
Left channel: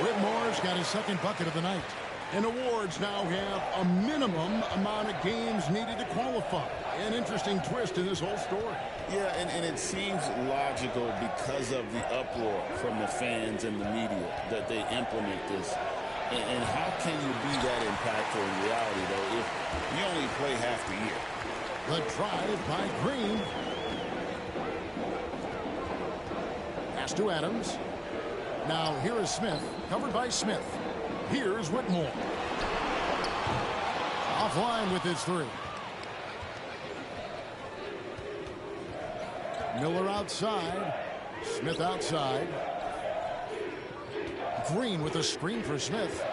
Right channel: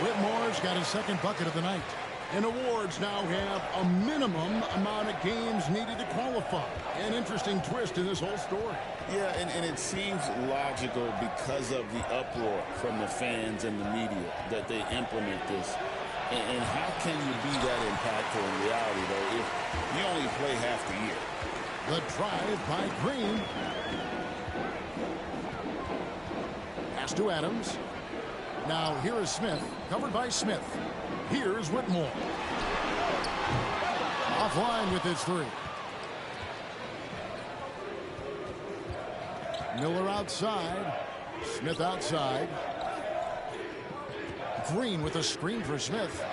Whitmore's got his second bucket of the night. And awards now have a minimum amount of games needed to qualify. An interesting twist in this whole story. Yeah, and it seems logical because of the uproar from the fans and the media that they implement this. And how can you be that impactful in reality, though, if you only play half the year? The drive by Green. Pass to Adams. Now here is Smith, covered by Smith. Here's Whitmore. Offline with his three. Miller outside. Smith outside. Green with a screen for Smith.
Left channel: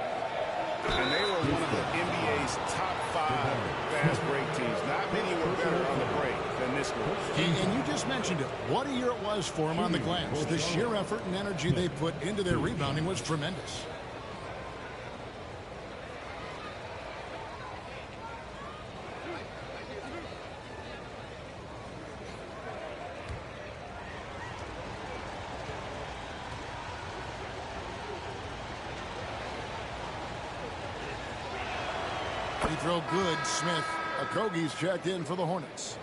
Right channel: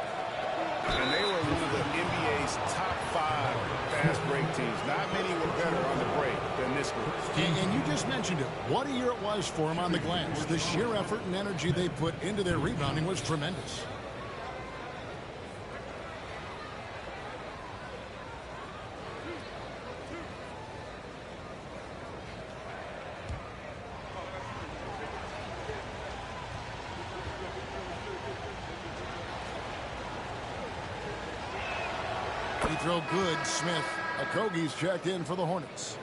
And they were one of the NBA's top 5 fast break teams. Not many were better on the break than this group. And you just mentioned it. What a year it was for them on the glass. The sheer effort and energy they put into their rebounding was tremendous. Free throw good, Smith. Okogie's checked in for the Hornets.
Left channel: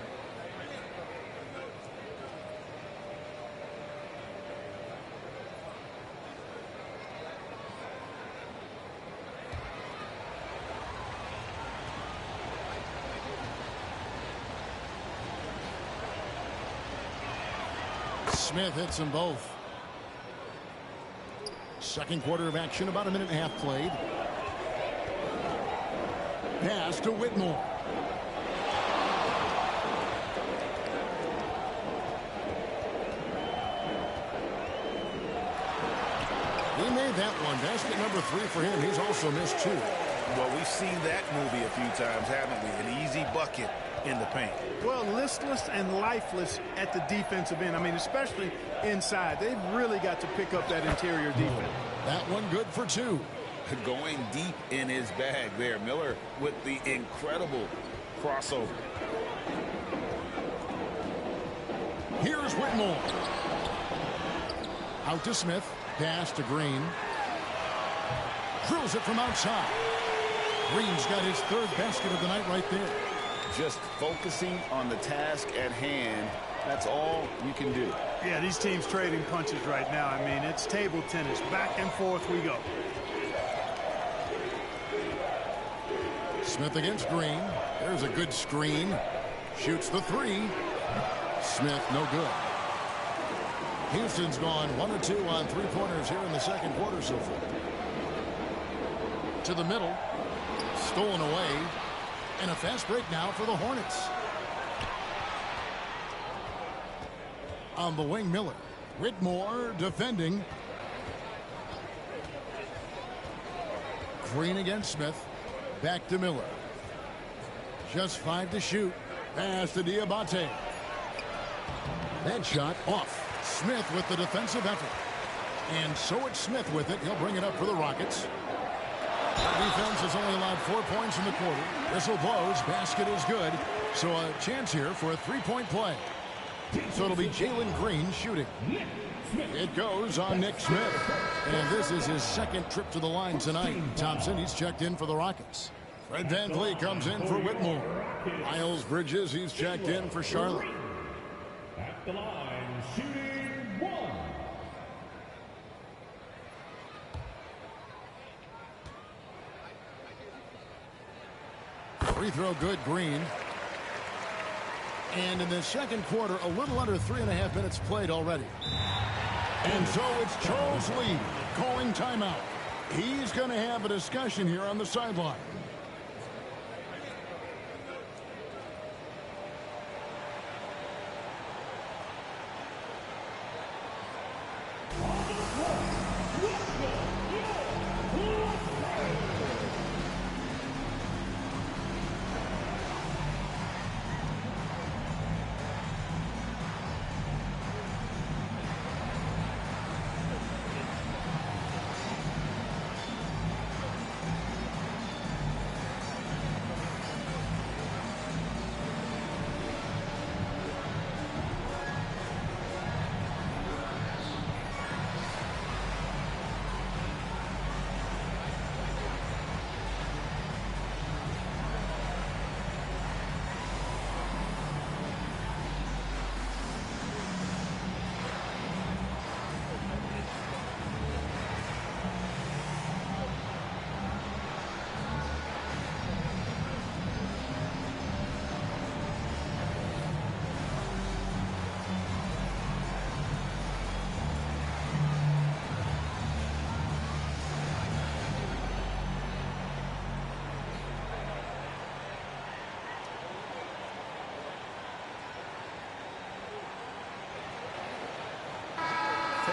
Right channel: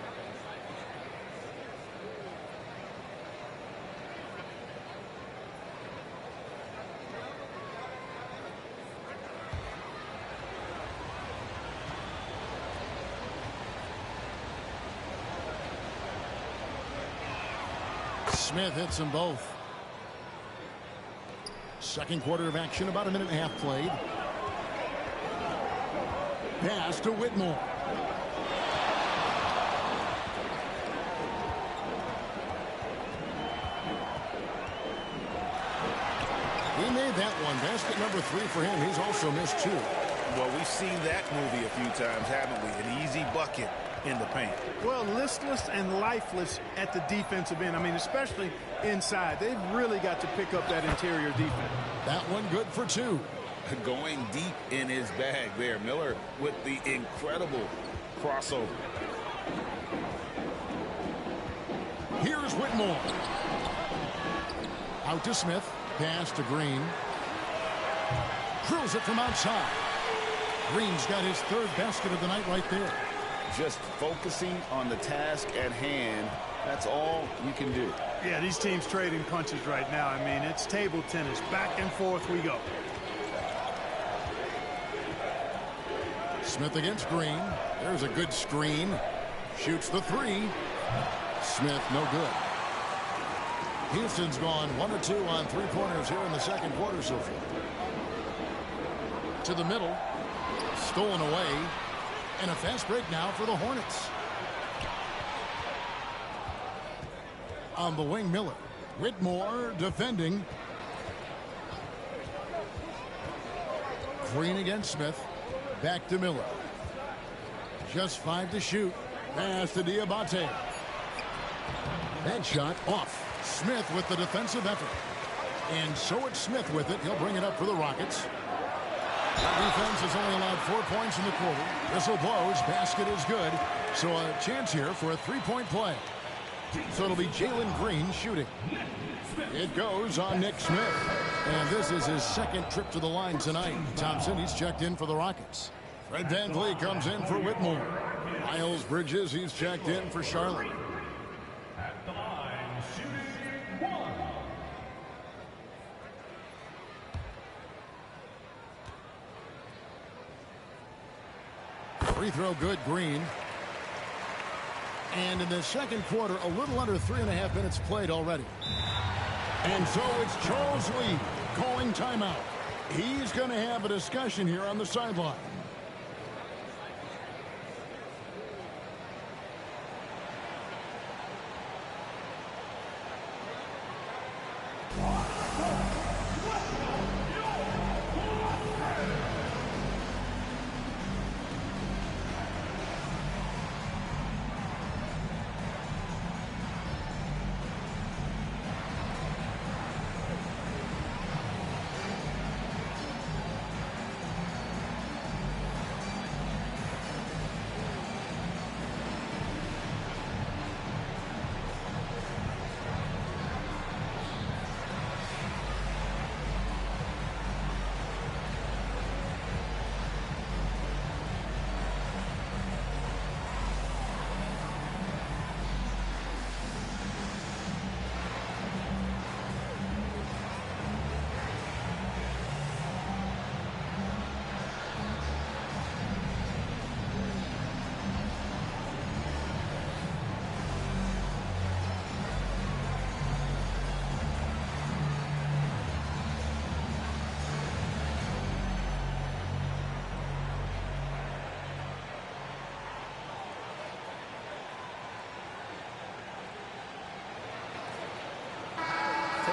Smith hits them both. Second quarter of action, about a minute and a half played. Pass to Whitmore. He made that one. Basket number 3 for him. He's also missed 2. Well, we've seen that movie a few times, haven't we? An easy bucket in the paint. Well, listless and lifeless at the defensive end. I mean, especially inside. They've really got to pick up that interior defense. That one good for 2. Going deep in his bag there. Miller with the incredible crossover. Here's Whitmore. Out to Smith. Pass to Green. Drills it from outside. Green's got his 3rd basket of the night right there. Just focusing on the task at hand. That's all you can do. Yeah, these teams trading punches right now. I mean, it's table tennis. Back and forth we go. Smith against Green. There's a good screen. Shoots the 3. Smith, no good. Houston's gone 1 or 2 on 3-pointers here in the second quarter so far. To the middle. Stolen away. And a fast break now for the Hornets. On the wing, Miller. Whitmore defending. Green against Smith. Back to Miller. Just 5 to shoot. Pass to Diabate. That shot off. Smith with the defensive effort. And so it's Smith with it. He'll bring it up for the Rockets. That defense has only allowed 4 points in the quarter. Whistle blows. Basket is good. So a chance here for a 3-point play. So it'll be Jalen Green shooting. It goes on Nick Smith. And this is his second trip to the line tonight. Thompson, he's checked in for the Rockets. Fred VanVleet comes in for Whitmore. Miles Bridges, he's checked in for Charlotte. At the line, shooting 1. Free throw good, Green. And in the second quarter, a little under 3.5 minutes played already. And so it's Charles Lee calling timeout. He's going to have a discussion here on the sideline.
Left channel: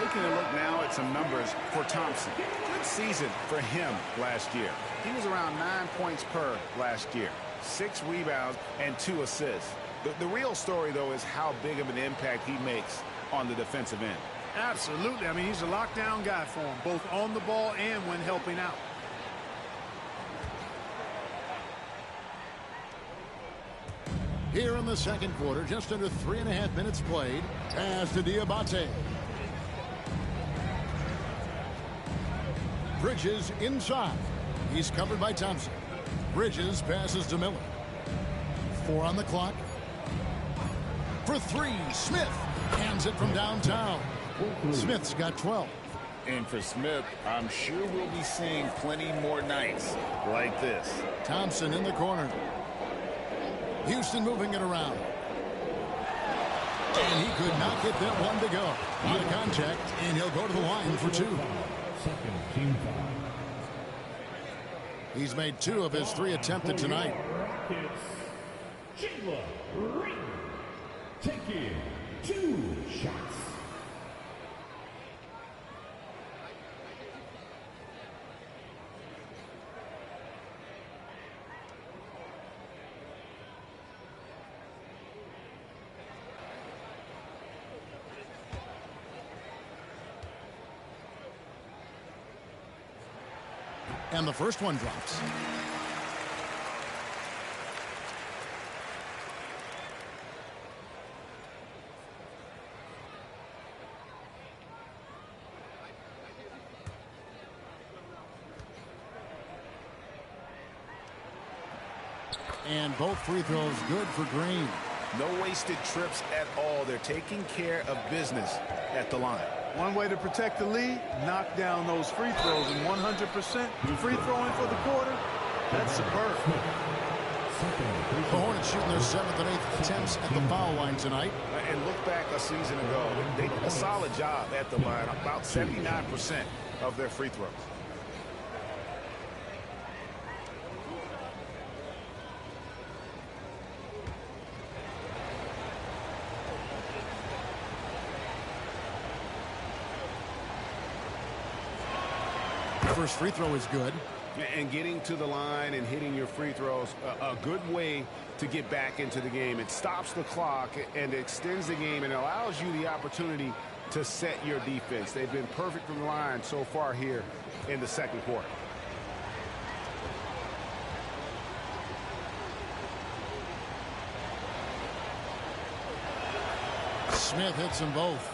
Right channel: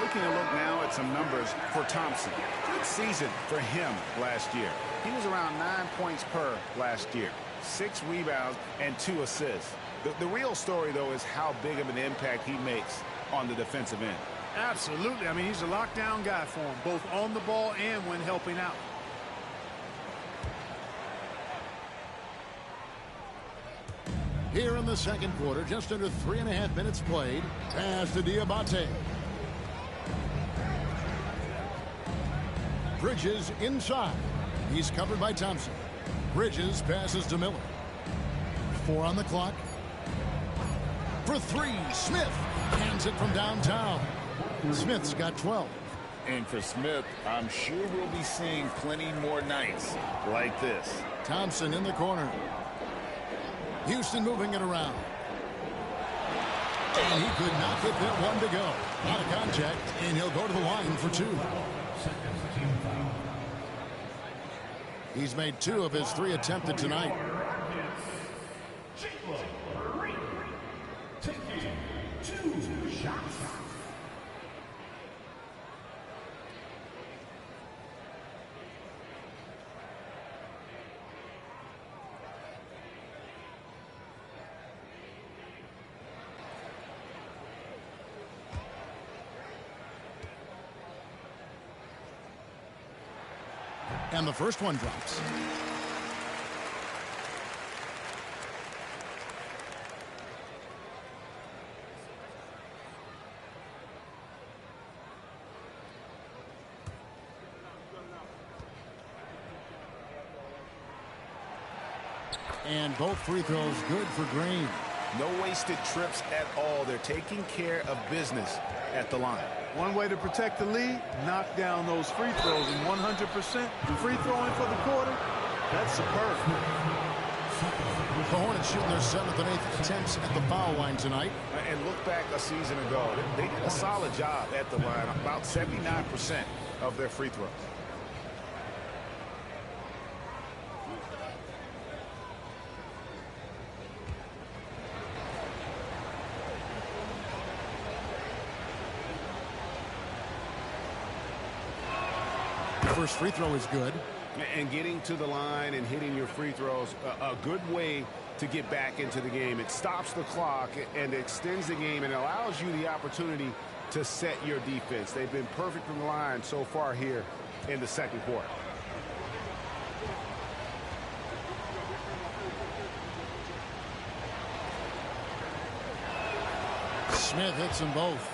Taking a look now at some numbers for Thompson. Good season for him last year. He was around 9 points per last year. 6 rebounds and 2 assists. The real story, though, is how big of an impact he makes on the defensive end. Absolutely. I mean, he's a lockdown guy for him, both on the ball and when helping out. Here in the second quarter, just under 3.5 minutes played. Pass to Diabate. Bridges inside. He's covered by Thompson. Bridges passes to Miller. 4 on the clock. For 3, Smith hands it from downtown. Smith's got 12. And for Smith, I'm sure we'll be seeing plenty more nights like this. Thompson in the corner. Houston moving it around. And he could not get that one to go. Out of contact, and he'll go to the line for 2. He's made 2 of his 3 attempted tonight. Taking 2 shots. And the first one drops. And both free throws good for Green. No wasted trips at all. They're taking care of business at the line. One way to protect the lead, knock down those free throws, and 100% free throwing for the quarter, that's superb. The Hornets shooting their 7th and 8th attempts at the foul line tonight. And look back a season ago. They did a solid job at the line, about 79% of their free throws. First free throw is good. And getting to the line and hitting your free throws, a good way to get back into the game. It stops the clock and extends the game and allows you the opportunity to set your defense. They've been perfect from the line so far here in the second quarter. Smith hits them both.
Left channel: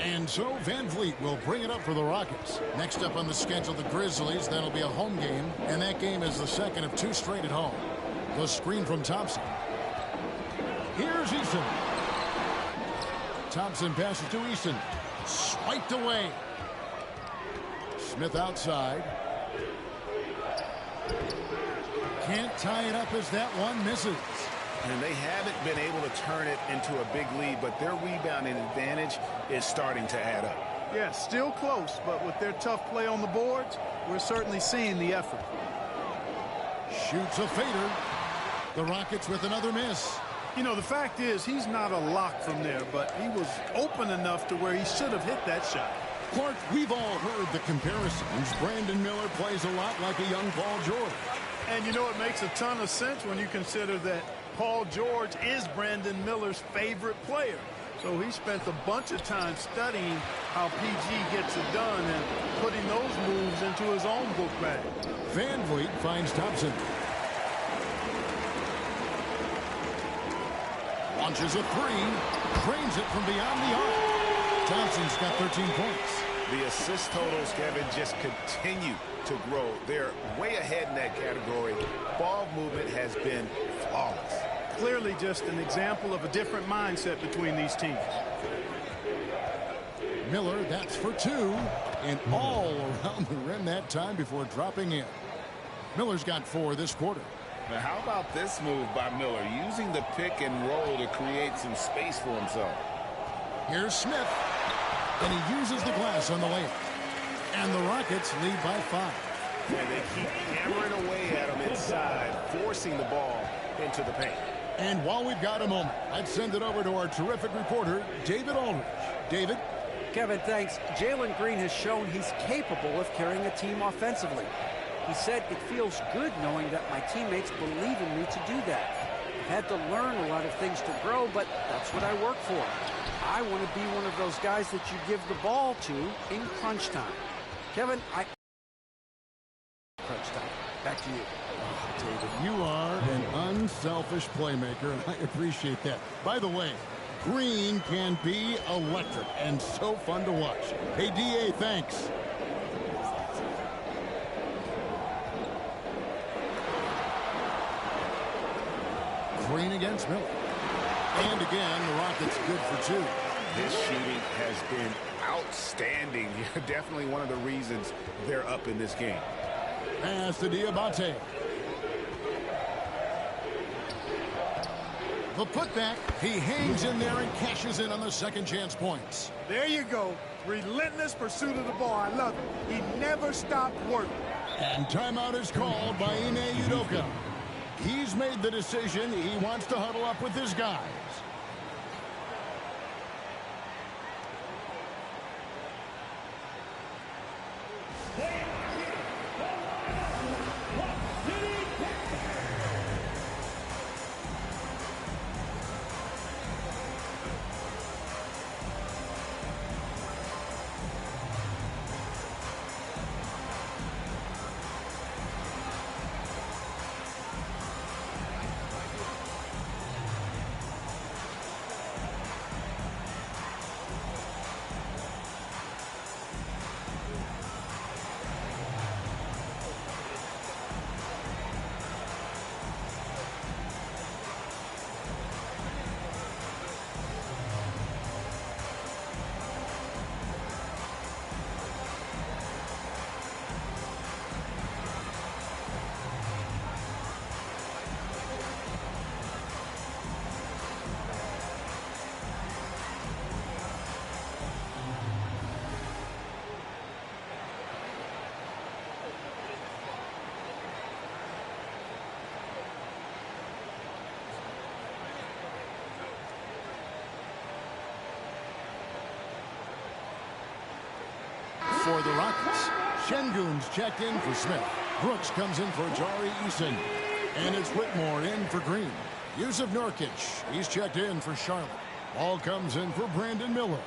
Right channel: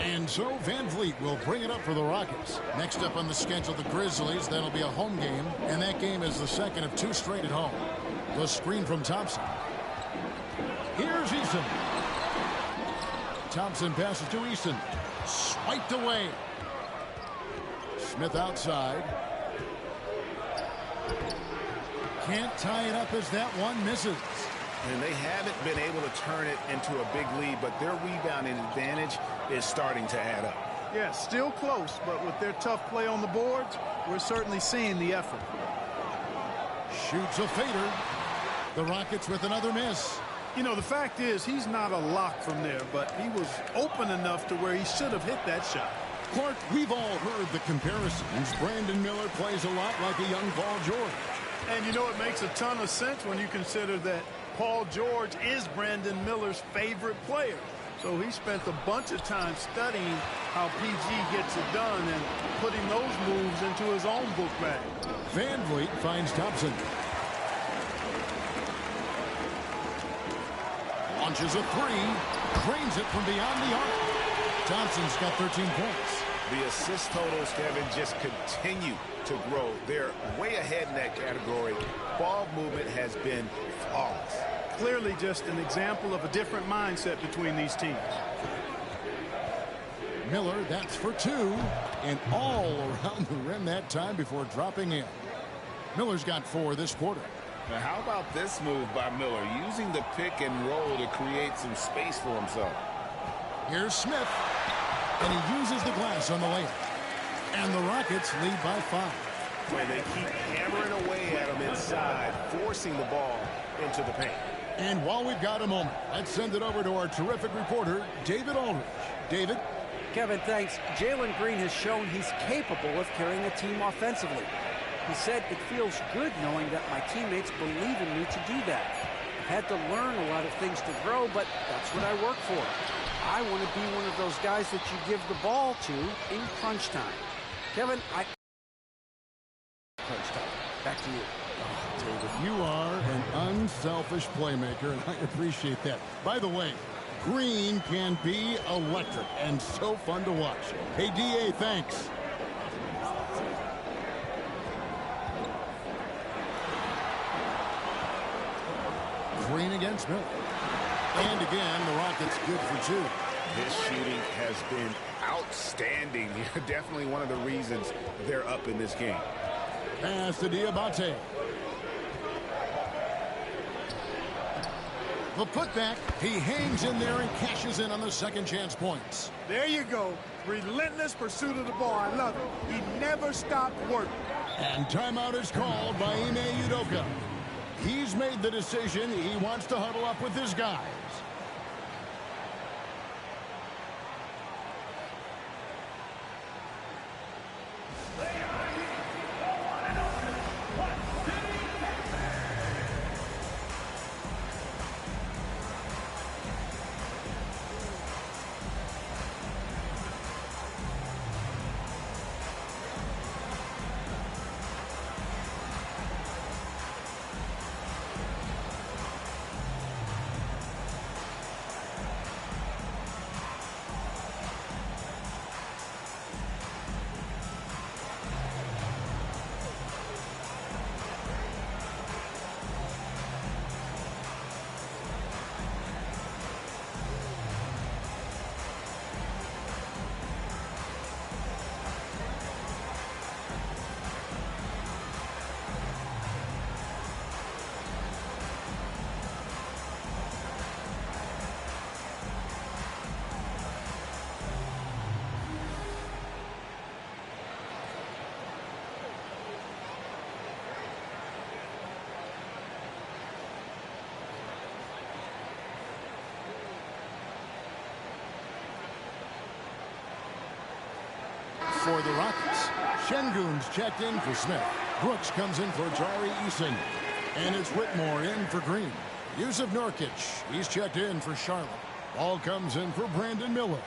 And so Van Vliet will bring it up for the Rockets. Next up on the schedule, the Grizzlies. That'll be a home game, and that game is the second of 2 straight at home. The screen from Thompson. Here's Eason. Thompson passes to Eason. Swiped away. Smith outside. Can't tie it up as that one misses. And they haven't been able to turn it into a big lead, but their rebounding advantage is starting to add up. Yeah, still close, but with their tough play on the boards, we're certainly seeing the effort. Shoots a fader. The Rockets with another miss. You know, the fact is he's not a lock from there, but he was open enough to where he should have hit that shot. Clark, we've all heard the comparisons. Brandon Miller plays a lot like a young Paul George. And you know, it makes a ton of sense when you consider that Paul George is Brandon Miller's favorite player. So he spent a bunch of time studying how PG gets it done and putting those moves into his own book bag. Van Vliet finds Thompson. Launches a 3. Drains it from beyond the arc. Thompson's got 13 points. The assist totals, Kevin, just continue to grow. They're way ahead in that category. Ball movement has been flawless. Clearly just an example of a different mindset between these teams. Miller, that's for 2. And all around the rim that time before dropping in. Miller's got 4 this quarter. Now, how about this move by Miller, using the pick and roll to create some space for himself? Here's Smith. And he uses the glass on the layup. And the Rockets lead by 5. When they keep hammering away at him inside, forcing the ball into the paint. And while we've got a moment, let's send it over to our terrific reporter, David Aldridge. David? Kevin, thanks. Jalen Green has shown he's capable of carrying a team offensively. He said, "It feels good knowing that my teammates believe in me to do that. I've had to learn a lot of things to grow, but that's what I work for. I want to be one of those guys that you give the ball to in crunch time." Kevin, crunch time. Back to you. Oh, David, you are an unselfish playmaker, and I appreciate that. By the way, Green can be electric and so fun to watch. Hey, DA, thanks. Green against Miller. And again, the Rockets good for two. His shooting has been outstanding. Definitely one of the reasons they're up in this game. Pass to Diabate. The putback, he hangs in there and cashes in on the second chance points. There you go. Relentless pursuit of the ball. I love it. He never stopped working. And timeout is called by Ime Udoka. He's made the decision. He wants to huddle up with his guys. For the Rockets, Şengün's checked in for Smith. Brooks comes in for Jari Eason. And it's Whitmore in for Green. Yusuf Nurkic, he's checked in for Charlotte. Ball comes in for Brandon Miller.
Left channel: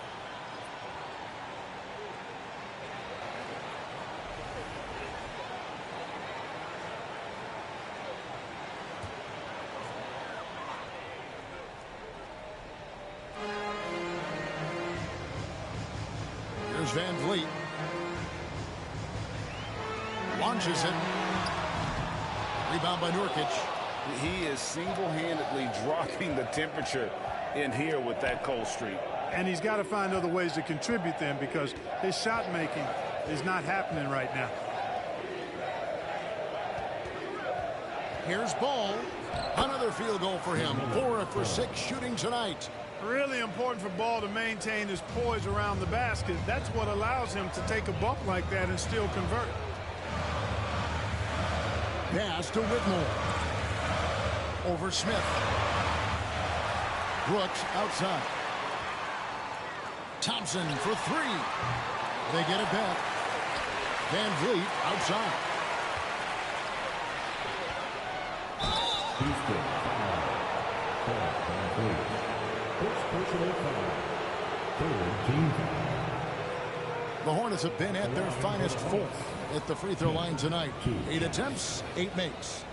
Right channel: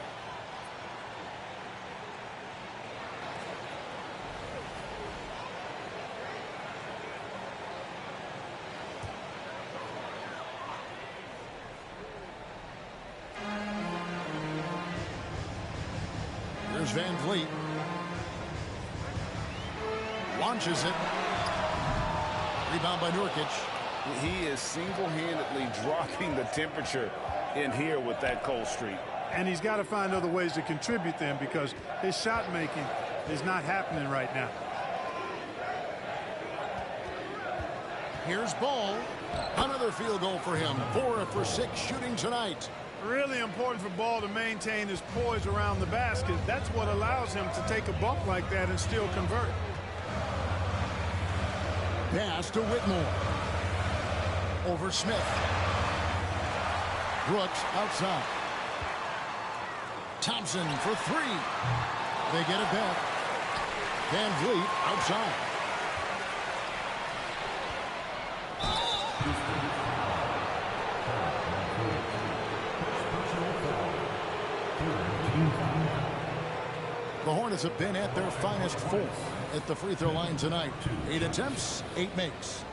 Here's Van Vliet. Launches it. Rebound by Nurkic. He is single-handedly dropping the temperature in here with that cold streak. And he's got to find other ways to contribute then, because his shot making is not happening right now. Here's Ball. Another field goal for him. 4 for 6 shooting tonight. Really important for Ball to maintain his poise around the basket. That's what allows him to take a bump like that and still convert. Pass to Whitmore. Over Smith. Brooks outside. Thompson for 3. They get it back. Van Vliet outside. The Hornets have been at their finest 4th at the free throw line tonight. 8 attempts, 8 makes.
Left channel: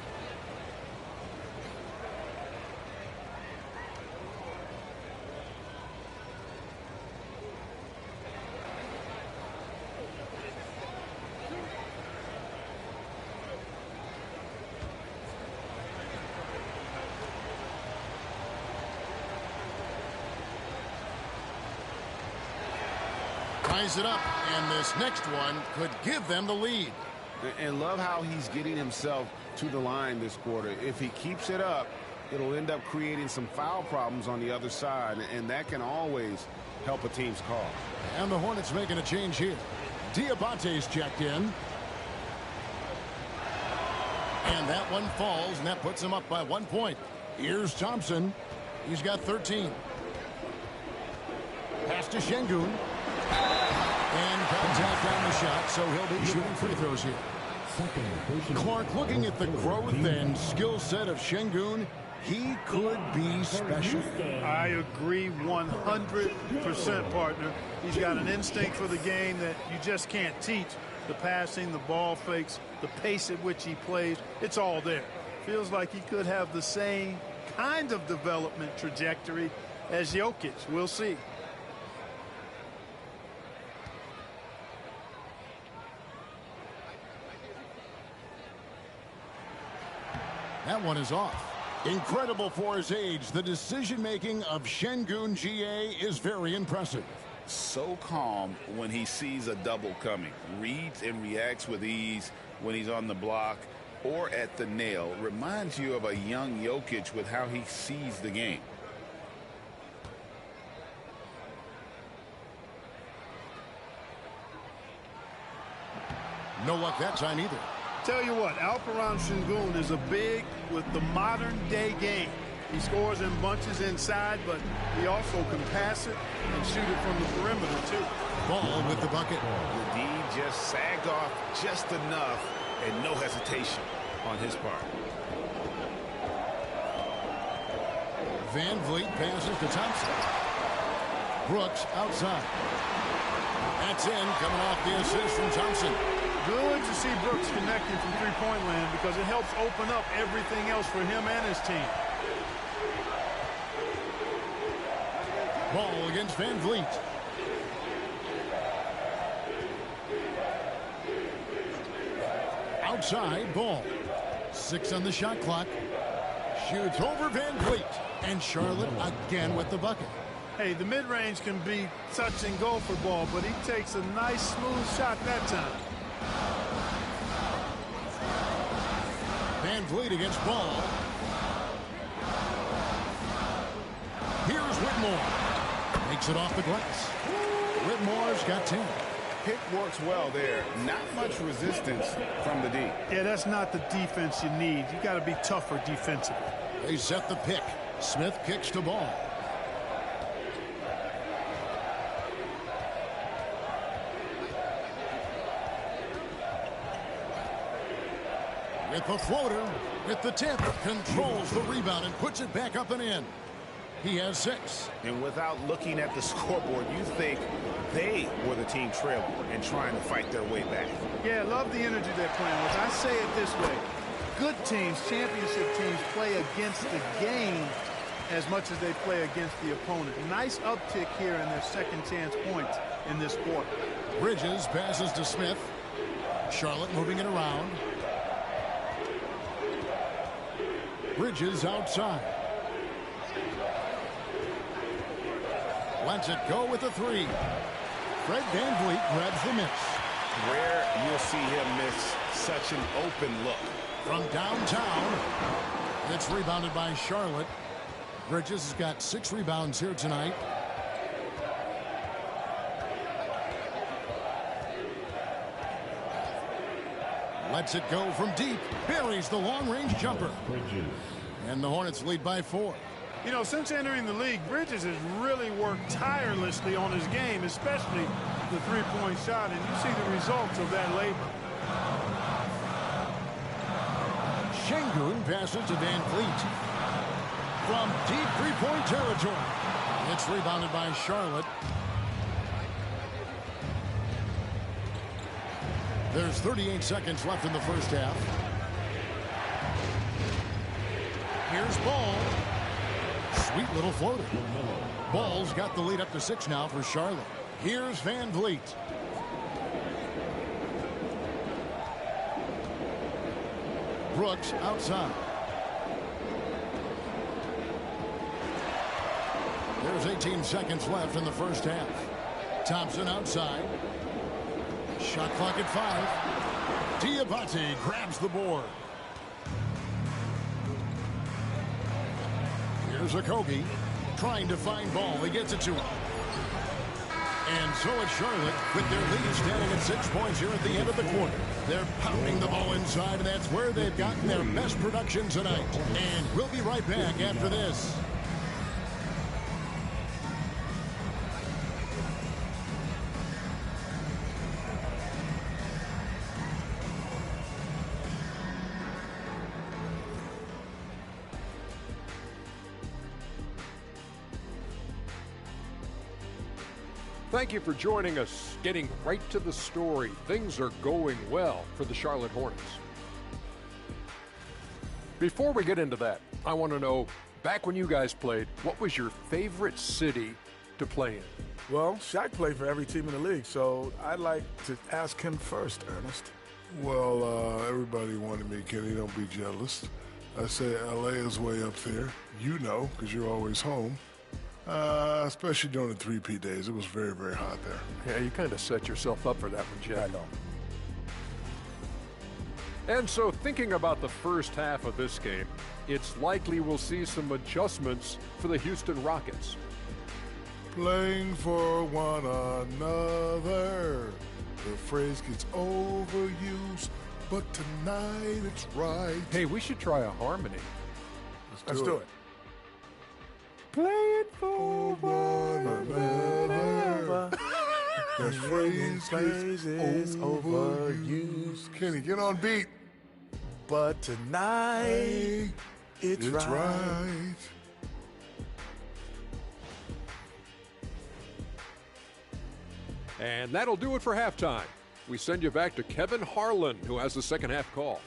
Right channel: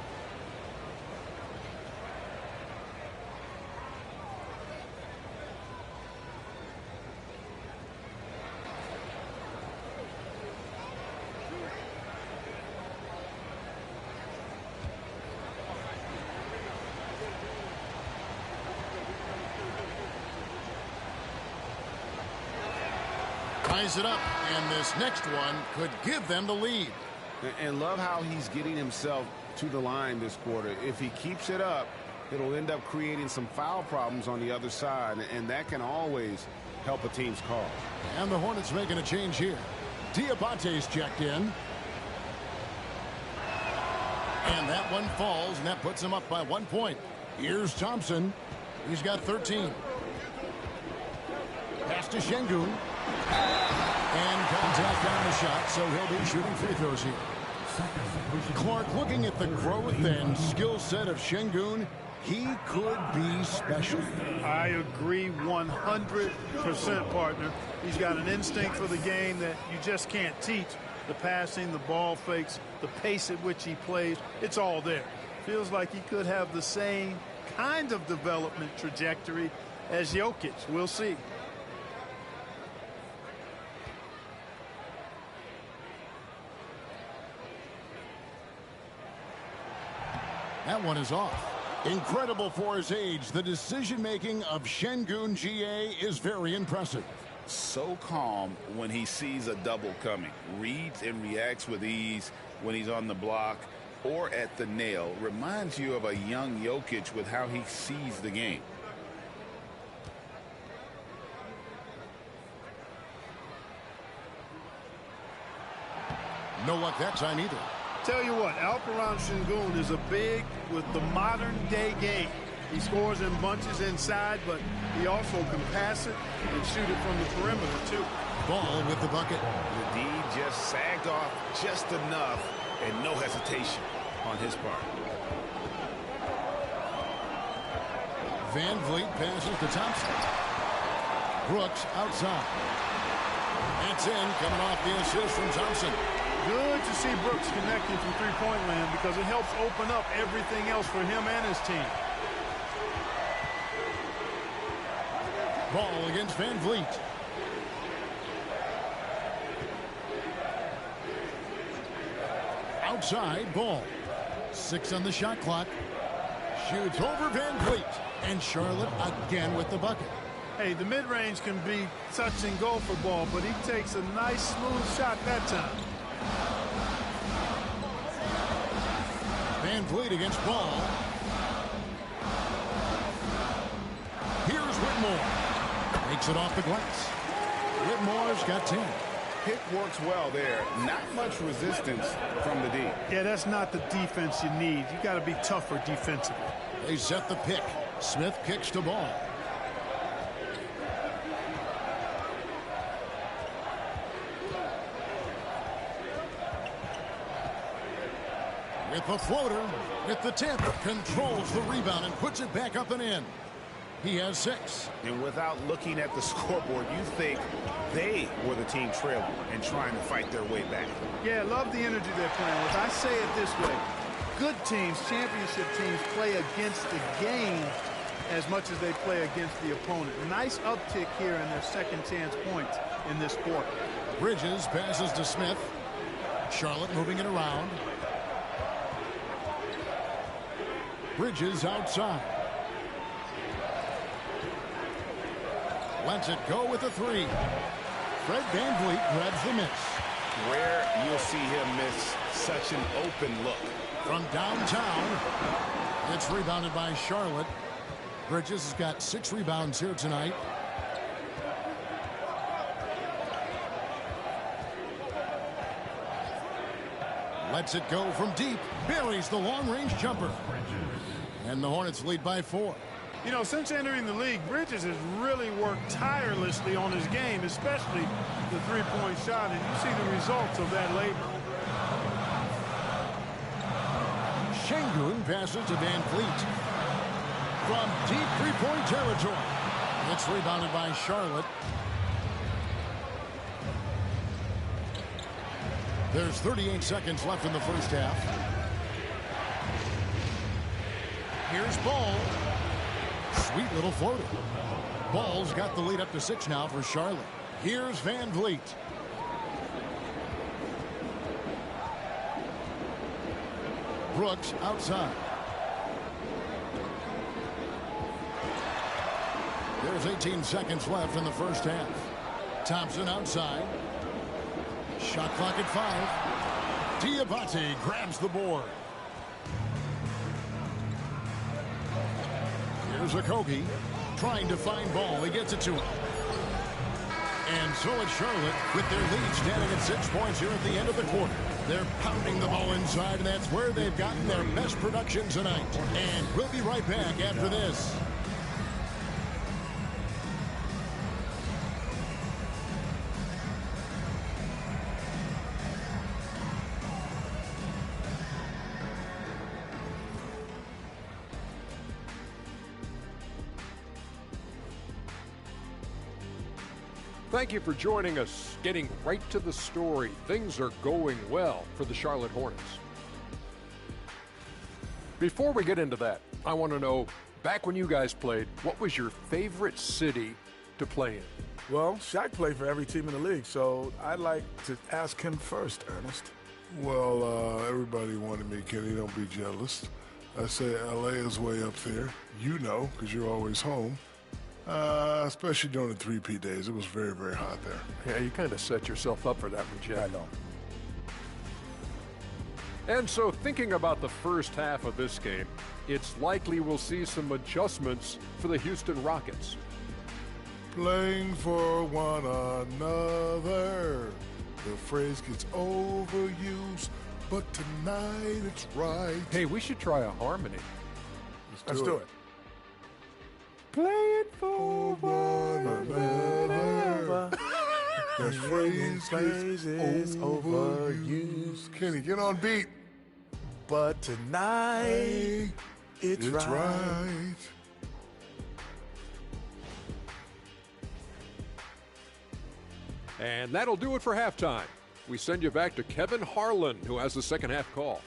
Ties it up, and this next one could give them the lead. And love how he's getting himself to the line this quarter. If he keeps it up, it'll end up creating some foul problems on the other side, and that can always help a team's cause. And the Hornets making a change here. Diabate's checked in. And that one falls, and that puts them up by 1 point. Here's Thompson. He's got 13. Pass to Şengün. And contact on the shot, so he'll be shooting free throws here. Clark, looking at the growth and skill set of Şengün, he could be special. I agree 100%, partner. He's got an instinct for the game that you just can't teach. The passing, the ball fakes, the pace at which he plays, it's all there. Feels like he could have the same kind of development trajectory as Jokic. We'll see. That one is off. Incredible for his age. The decision-making of Şengün GA is very impressive. So calm when he sees a double coming. Reads and reacts with ease when he's on the block or at the nail. Reminds you of a young Jokic with how he sees the game. No luck that time either. Tell you what, Alperen Şengün is a big with the modern-day game. He scores in bunches inside, but he also can pass it and shoot it from the perimeter, too. Ball with the bucket. The D just sagged off just enough, and no hesitation on his part. Van Vliet passes to Thompson. Brooks outside. That's in, coming off the assist from Thompson. Good to see Brooks connecting from three-point land because it helps open up everything else for him and his team. Ball against Van Vliet. Outside, Ball. 6 on the shot clock. Shoots over Van Vliet. And Charlotte again with the bucket. Hey, the mid-range can be touch and go for Ball, but he takes a nice, smooth shot that time. Van Vliet against Ball. Here's Whitmore. Makes it off the glass. Whitmore's got 10. Pick works well there. Not much resistance from the D. Yeah, that's not the defense you need. You got to be tougher defensively. They set the pick. Smith kicks to Ball. With the floater, with the tip, controls the rebound and puts it back up and in. He has 6. And without looking at the scoreboard, you think they were the team trailing and trying to fight their way back. Yeah, love the energy they're playing with. I say it this way. Good teams, championship teams, play against the game as much as they play against the opponent. Nice uptick here in their second chance points in this quarter. Bridges passes to Smith. Charlotte moving it around. Bridges outside. Lets it go with a 3. Fred Van Vliet grabs the miss. Rare you'll see him miss such an open look. From downtown, it's rebounded by Charlotte. Bridges has got 6 rebounds here tonight. Lets it go from deep. Buries the long-range jumper. And the Hornets lead by 4. You know, since entering the league, Bridges has really worked tirelessly on his game, especially the three-point shot, and you see the results of that labor. Şengün passes to Van Vliet. From deep three-point territory. It's rebounded by Charlotte. There's 38 seconds left in the first half. Here's Ball. Sweet little floater. Ball's got the lead up to 6 now for Charlotte. Here's Van Vliet. Brooks outside. There's 18 seconds left in the first half. Thompson outside. Shot clock at 5. Diabate grabs the board. Here's Okogie trying to find Ball. He gets it to him. And so it's Charlotte with their lead standing at 6 points here at the end of the quarter. They're pounding the ball inside, and that's where they've gotten their best production tonight. And we'll be right back after this. Thank you for joining us. Getting right to the story. Things are going well for the Charlotte Hornets. Before we get into that, I want to know, back when you guys played, what was your favorite city to play in? Well, Shaq played for every team in the league, so I'd like to ask him first, Ernest. Well, everybody wanted me, Kenny. Don't be jealous. I say L.A. is way up there. You know, because you're always home. Especially during the 3P days. It was very, very hot there. Yeah, you kind of set yourself up for that one, Jeff. I know. And so thinking about the first half of this game, it's likely we'll see some adjustments for the Houston Rockets. Playing for one another. The phrase gets overused, but tonight it's right. Hey, we should try a harmony. Let's do it. Playing for one another. That phrase is overused. Kenny, get on beat. But tonight, it's right. And that'll do it for halftime. We send you back to Kevin Harlan, who has the second half call.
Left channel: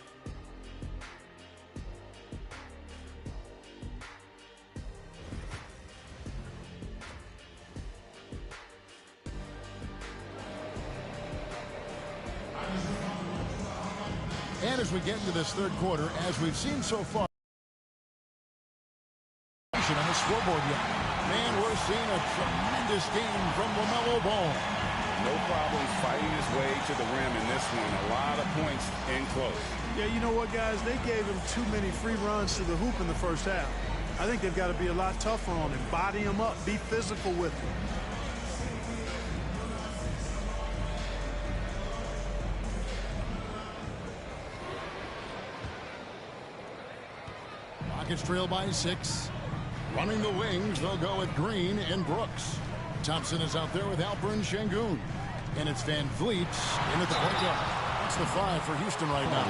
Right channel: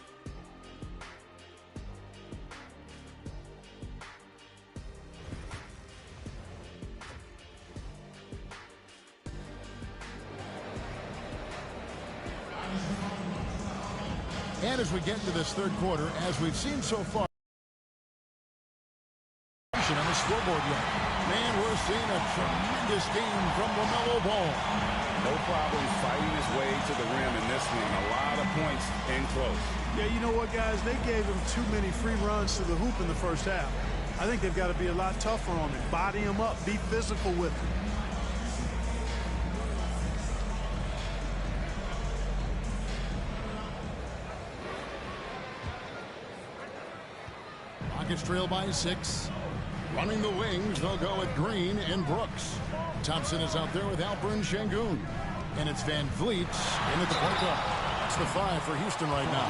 And as we get into this third quarter, as we've seen so far, on the scoreboard yet. Man, we're seeing a tremendous game from LaMelo Ball. No problems fighting his way to the rim in this one. A lot of points in close. Yeah, you know what, guys? They gave him too many free runs to the hoop in the first half. I think they've got to be a lot tougher on him. Body him up. Be physical with him. Rockets trail by 6. Running the wings, they'll go with Green and Brooks. Thompson is out there with Alperen Şengün. And it's Van Vliet in at the point guard. That's the 5 for Houston right now.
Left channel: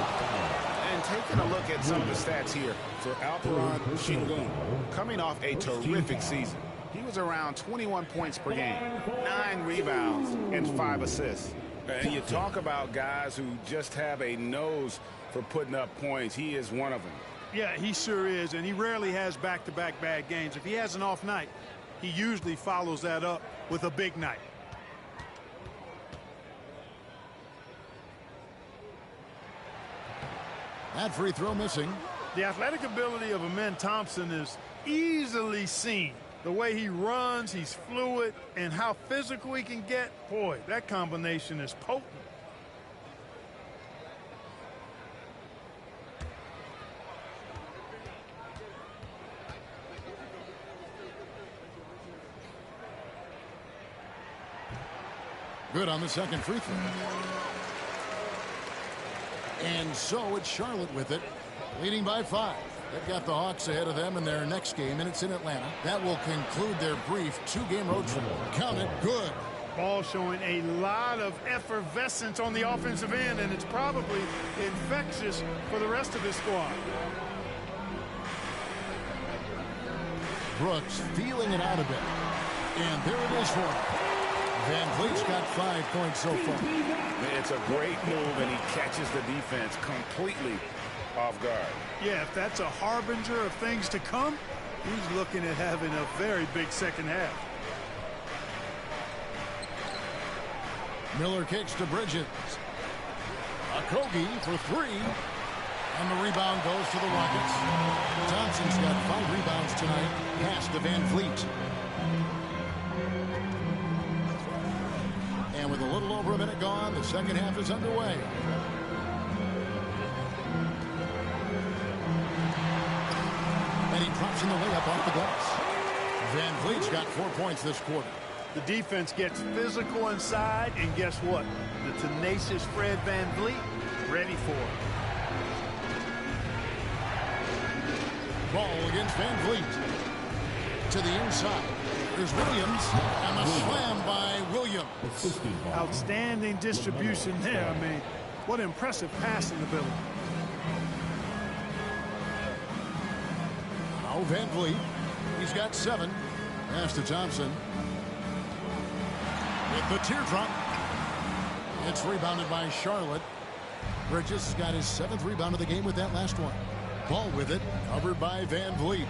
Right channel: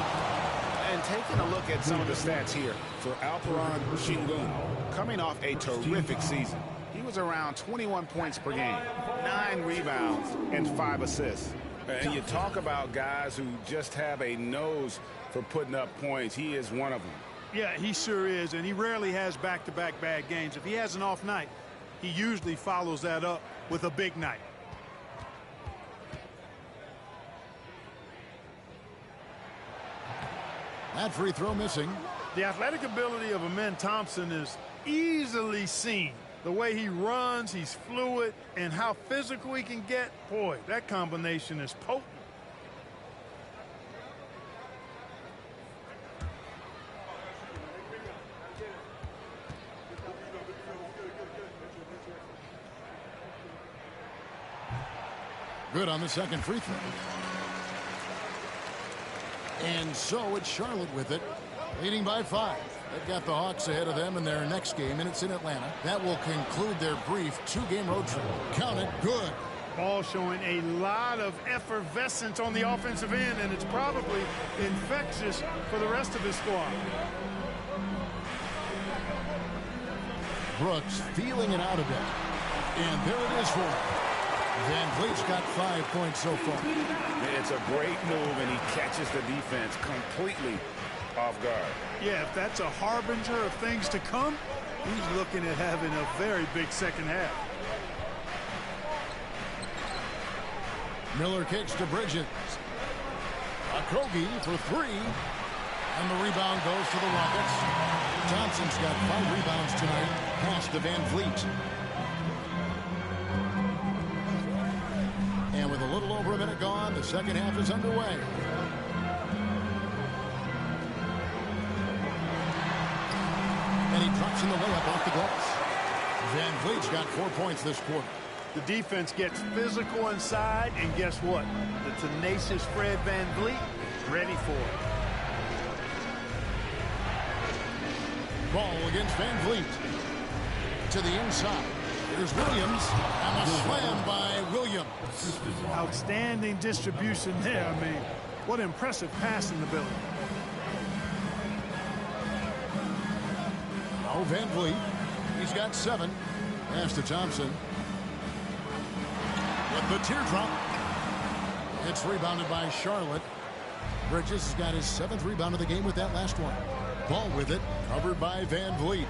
And taking a look at some of the stats here for Alperen Şengün, coming off a terrific season. He was around 21 points per game, 9 rebounds, and 5 assists. And you talk about guys who just have a nose for putting up points. He is one of them. Yeah, he sure is, and he rarely has back-to-back bad games. If he has an off night, he usually follows that up with a big night. That free throw missing. The athletic ability of Amen Thompson is easily seen. The way he runs, he's fluid, and how physical he can get, boy, that combination is potent. Good on the second free throw. And so it's Charlotte with it, leading by 5. They've got the Hawks ahead of them in their next game, and it's in Atlanta. That will conclude their brief 2-game road trip. Count it good. Ball showing a lot of effervescence on the offensive end, and it's probably infectious for the rest of his squad. Brooks feeling it out a bit. And there it is for him. Van Vliet's got 5 points so far. It's a great move, and he catches the defense completely off guard. Yeah, if that's a harbinger of things to come, he's looking at having a very big second half. Miller kicks to Bridges. Okogie for 3. And the rebound goes to the Rockets. Thompson's got 5 rebounds tonight. Pass to Van Vliet. And with a little over a minute gone, the second half is underway. And he drops in the layup off the glass. Van Vliet's got 4 points this quarter. The defense gets physical inside, and guess what? The tenacious Fred VanVleet ready for it. Ball against VanVleet. To the inside. Here's Williams, and the slam by Williams. Outstanding distribution there. I mean, what impressive passing ability. Now VanVleet. He's got 7. Pass to Thompson. With the teardrop. It's rebounded by Charlotte. Bridges has got his 7th rebound of the game with that last one. Ball with it, covered by VanVleet.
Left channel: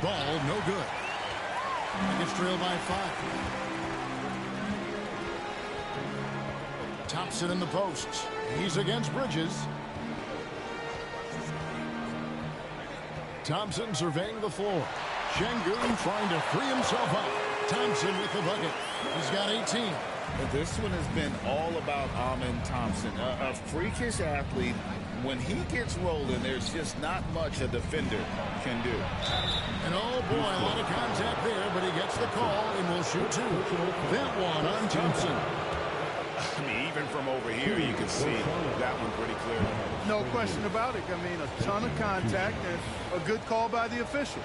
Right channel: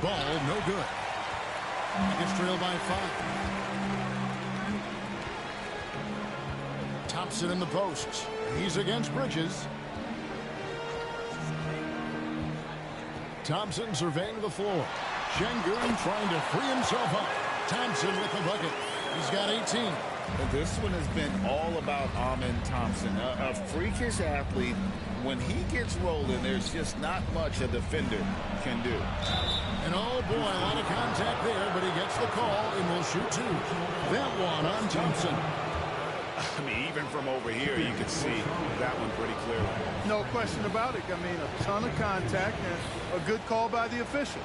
Ball no good. Nuggets trail by 5. Thompson in the posts. He's against Bridges. Thompson surveying the floor. Şengün trying to free himself up. Thompson with the bucket. He's got 18. But this one has been all about Amen Thompson, a freakish athlete. When he gets rolling, there's just not much a defender can do. And oh boy, a lot of contact there, but he gets the call and will shoot 2. That one on Thompson. I mean, even from over here, you can see that one pretty clearly. No question about it. I mean, a ton of contact and a good call by the officials.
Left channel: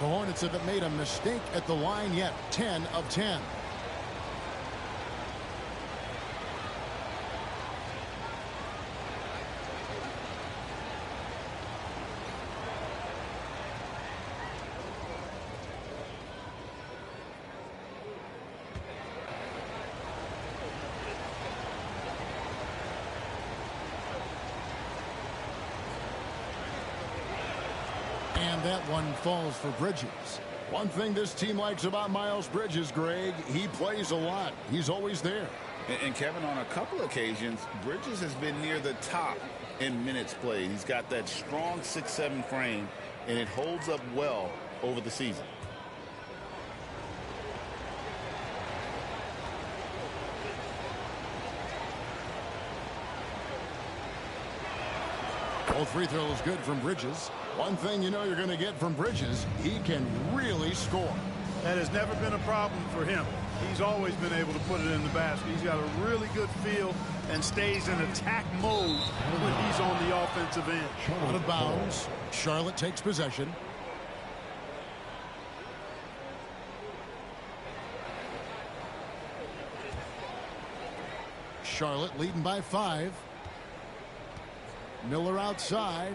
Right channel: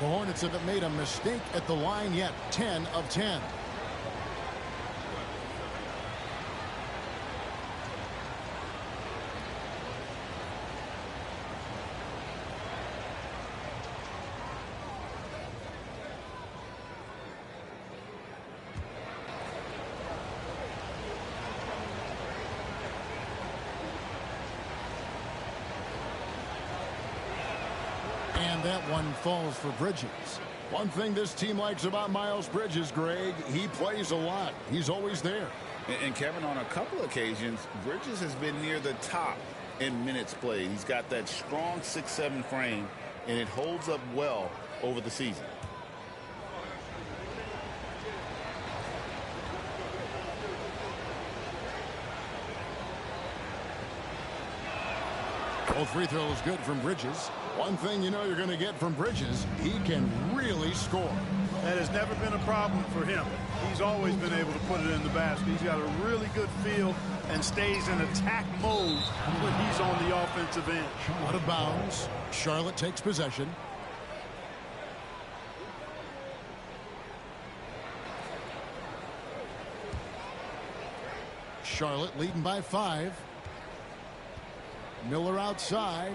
The Hornets haven't made a mistake at the line yet. 10 of 10. And that one falls for Bridges. One thing this team likes about Miles Bridges, Greg, he plays a lot. He's always there. And Kevin, on a couple occasions, Bridges has been near the top in minutes played. He's got that strong 6'7" frame, and it holds up well over the season. Both free throws good from Bridges. One thing you know you're going to get from Bridges, he can really score. That has never been a problem for him. He's always been able to put it in the basket. He's got a really good feel and stays in attack mode when he's on the offensive end. Out of bounds. Charlotte takes possession. Charlotte leading by 5. Miller outside.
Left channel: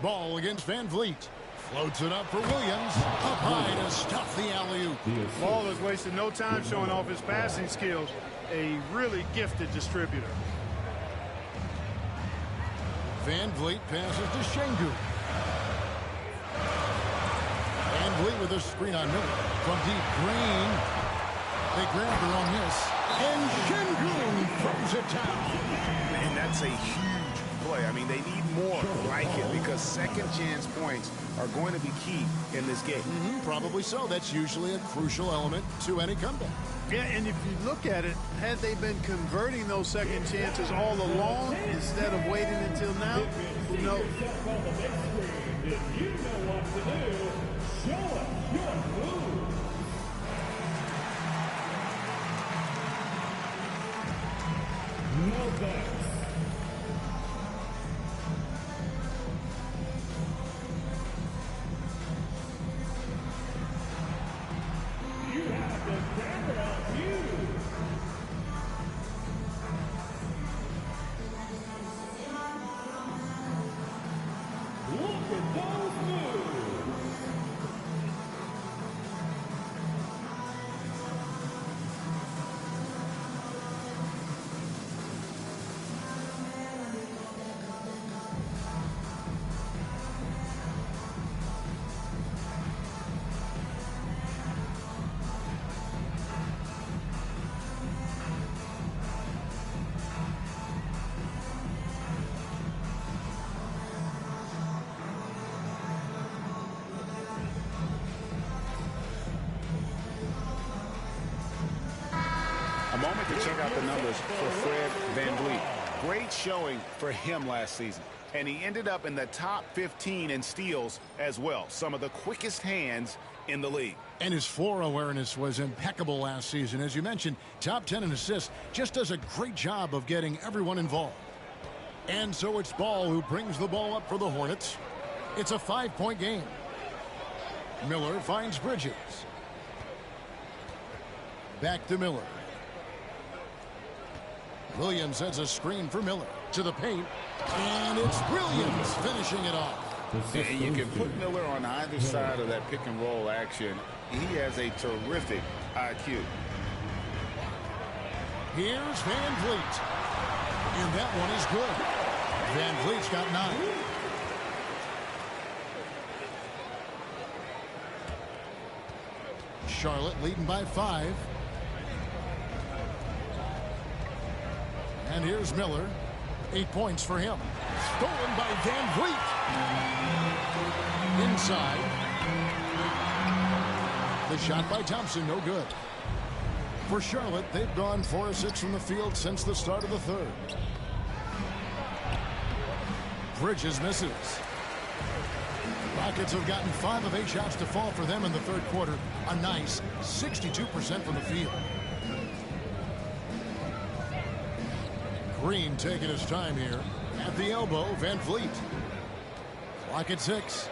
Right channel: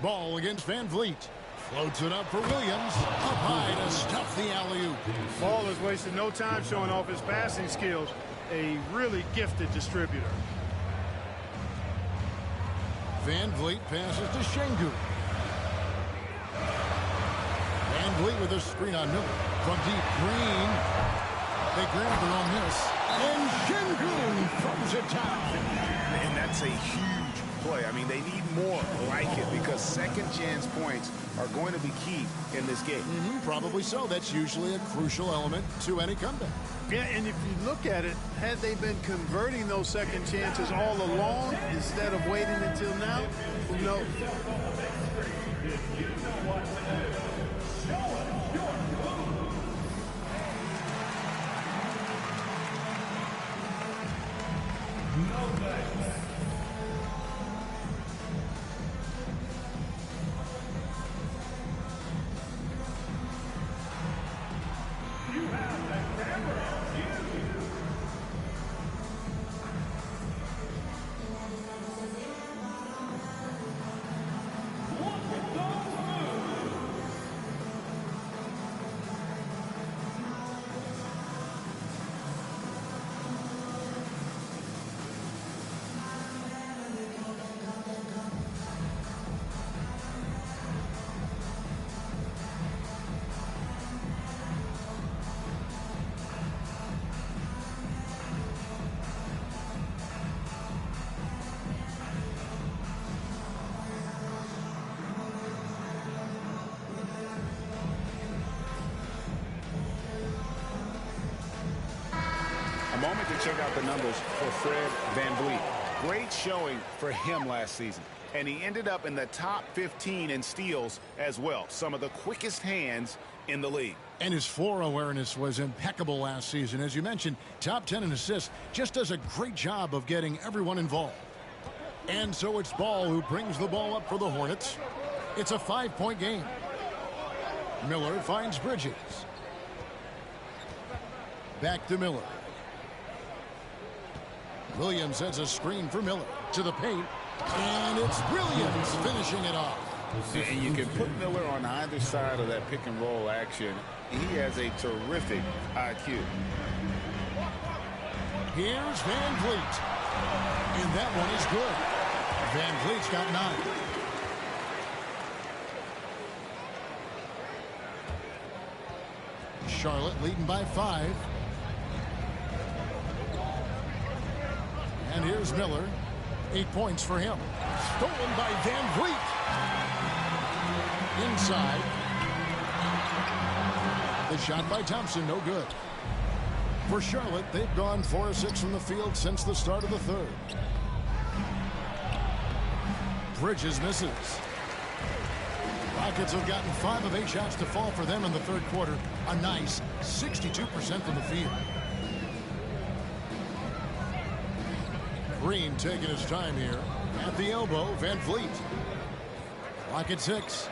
Ball against VanVleet. Floats it up for Williams. Up high to stuff the alley-oop. Ball has wasted no time showing off his passing skills. A really gifted distributor. VanVleet passes to Şengün. VanVleet with a screen on Miller. From deep, Green. They grab her on this. And Şengün throws it down. And that's a huge play. I mean, they need more like it because second chance points are going to be key in this game. Probably so. That's usually a crucial element to any comeback. Yeah, and if you look at it, had they been converting those second chances all along instead of waiting until now, who knows? A moment to check out the numbers for Fred VanVleet. Great showing for him last season. and he ended up in the top 15 in steals as well. Some of the quickest hands in the league. And his floor awareness was impeccable last season. As you mentioned, top 10 in assists. Just does a great job of getting everyone involved. And so it's Ball who brings the ball up for the Hornets. It's a 5-point game. Miller finds Bridges. Back to Miller. Williams has a screen for Miller. To the paint. And it's Williams finishing it off. And you can put Miller on either side of that pick and roll action. He has a terrific IQ. Here's Van Vliet. And that one is good. Van Vliet's got 9. Charlotte leading by 5. And here's Miller. 8 points for him. Stolen by Van Vliet. Inside. The shot by Thompson, no good. For Charlotte, they've gone 4 of 6 from the field since the start of the third. Bridges misses. Rockets have gotten 5 of 8 shots to fall for them in the third quarter. A nice 62% from the field. Green taking his time here. At the elbow, Van Vliet. Clock at 6.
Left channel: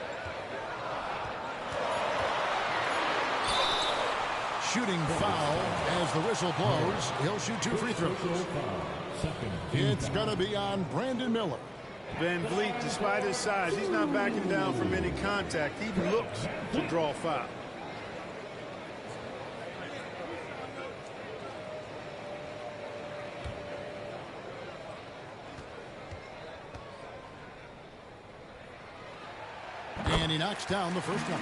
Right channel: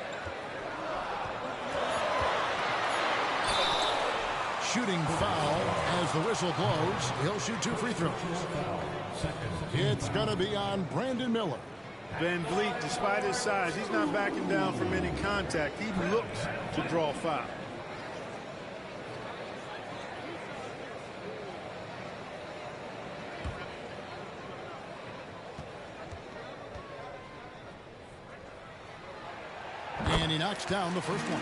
Shooting foul as the whistle blows. He'll shoot 2 free throws. It's going to be on Brandon Miller. Van Vliet, despite his size, he's not backing down from any contact. He looks to draw foul. And he knocks down the first one.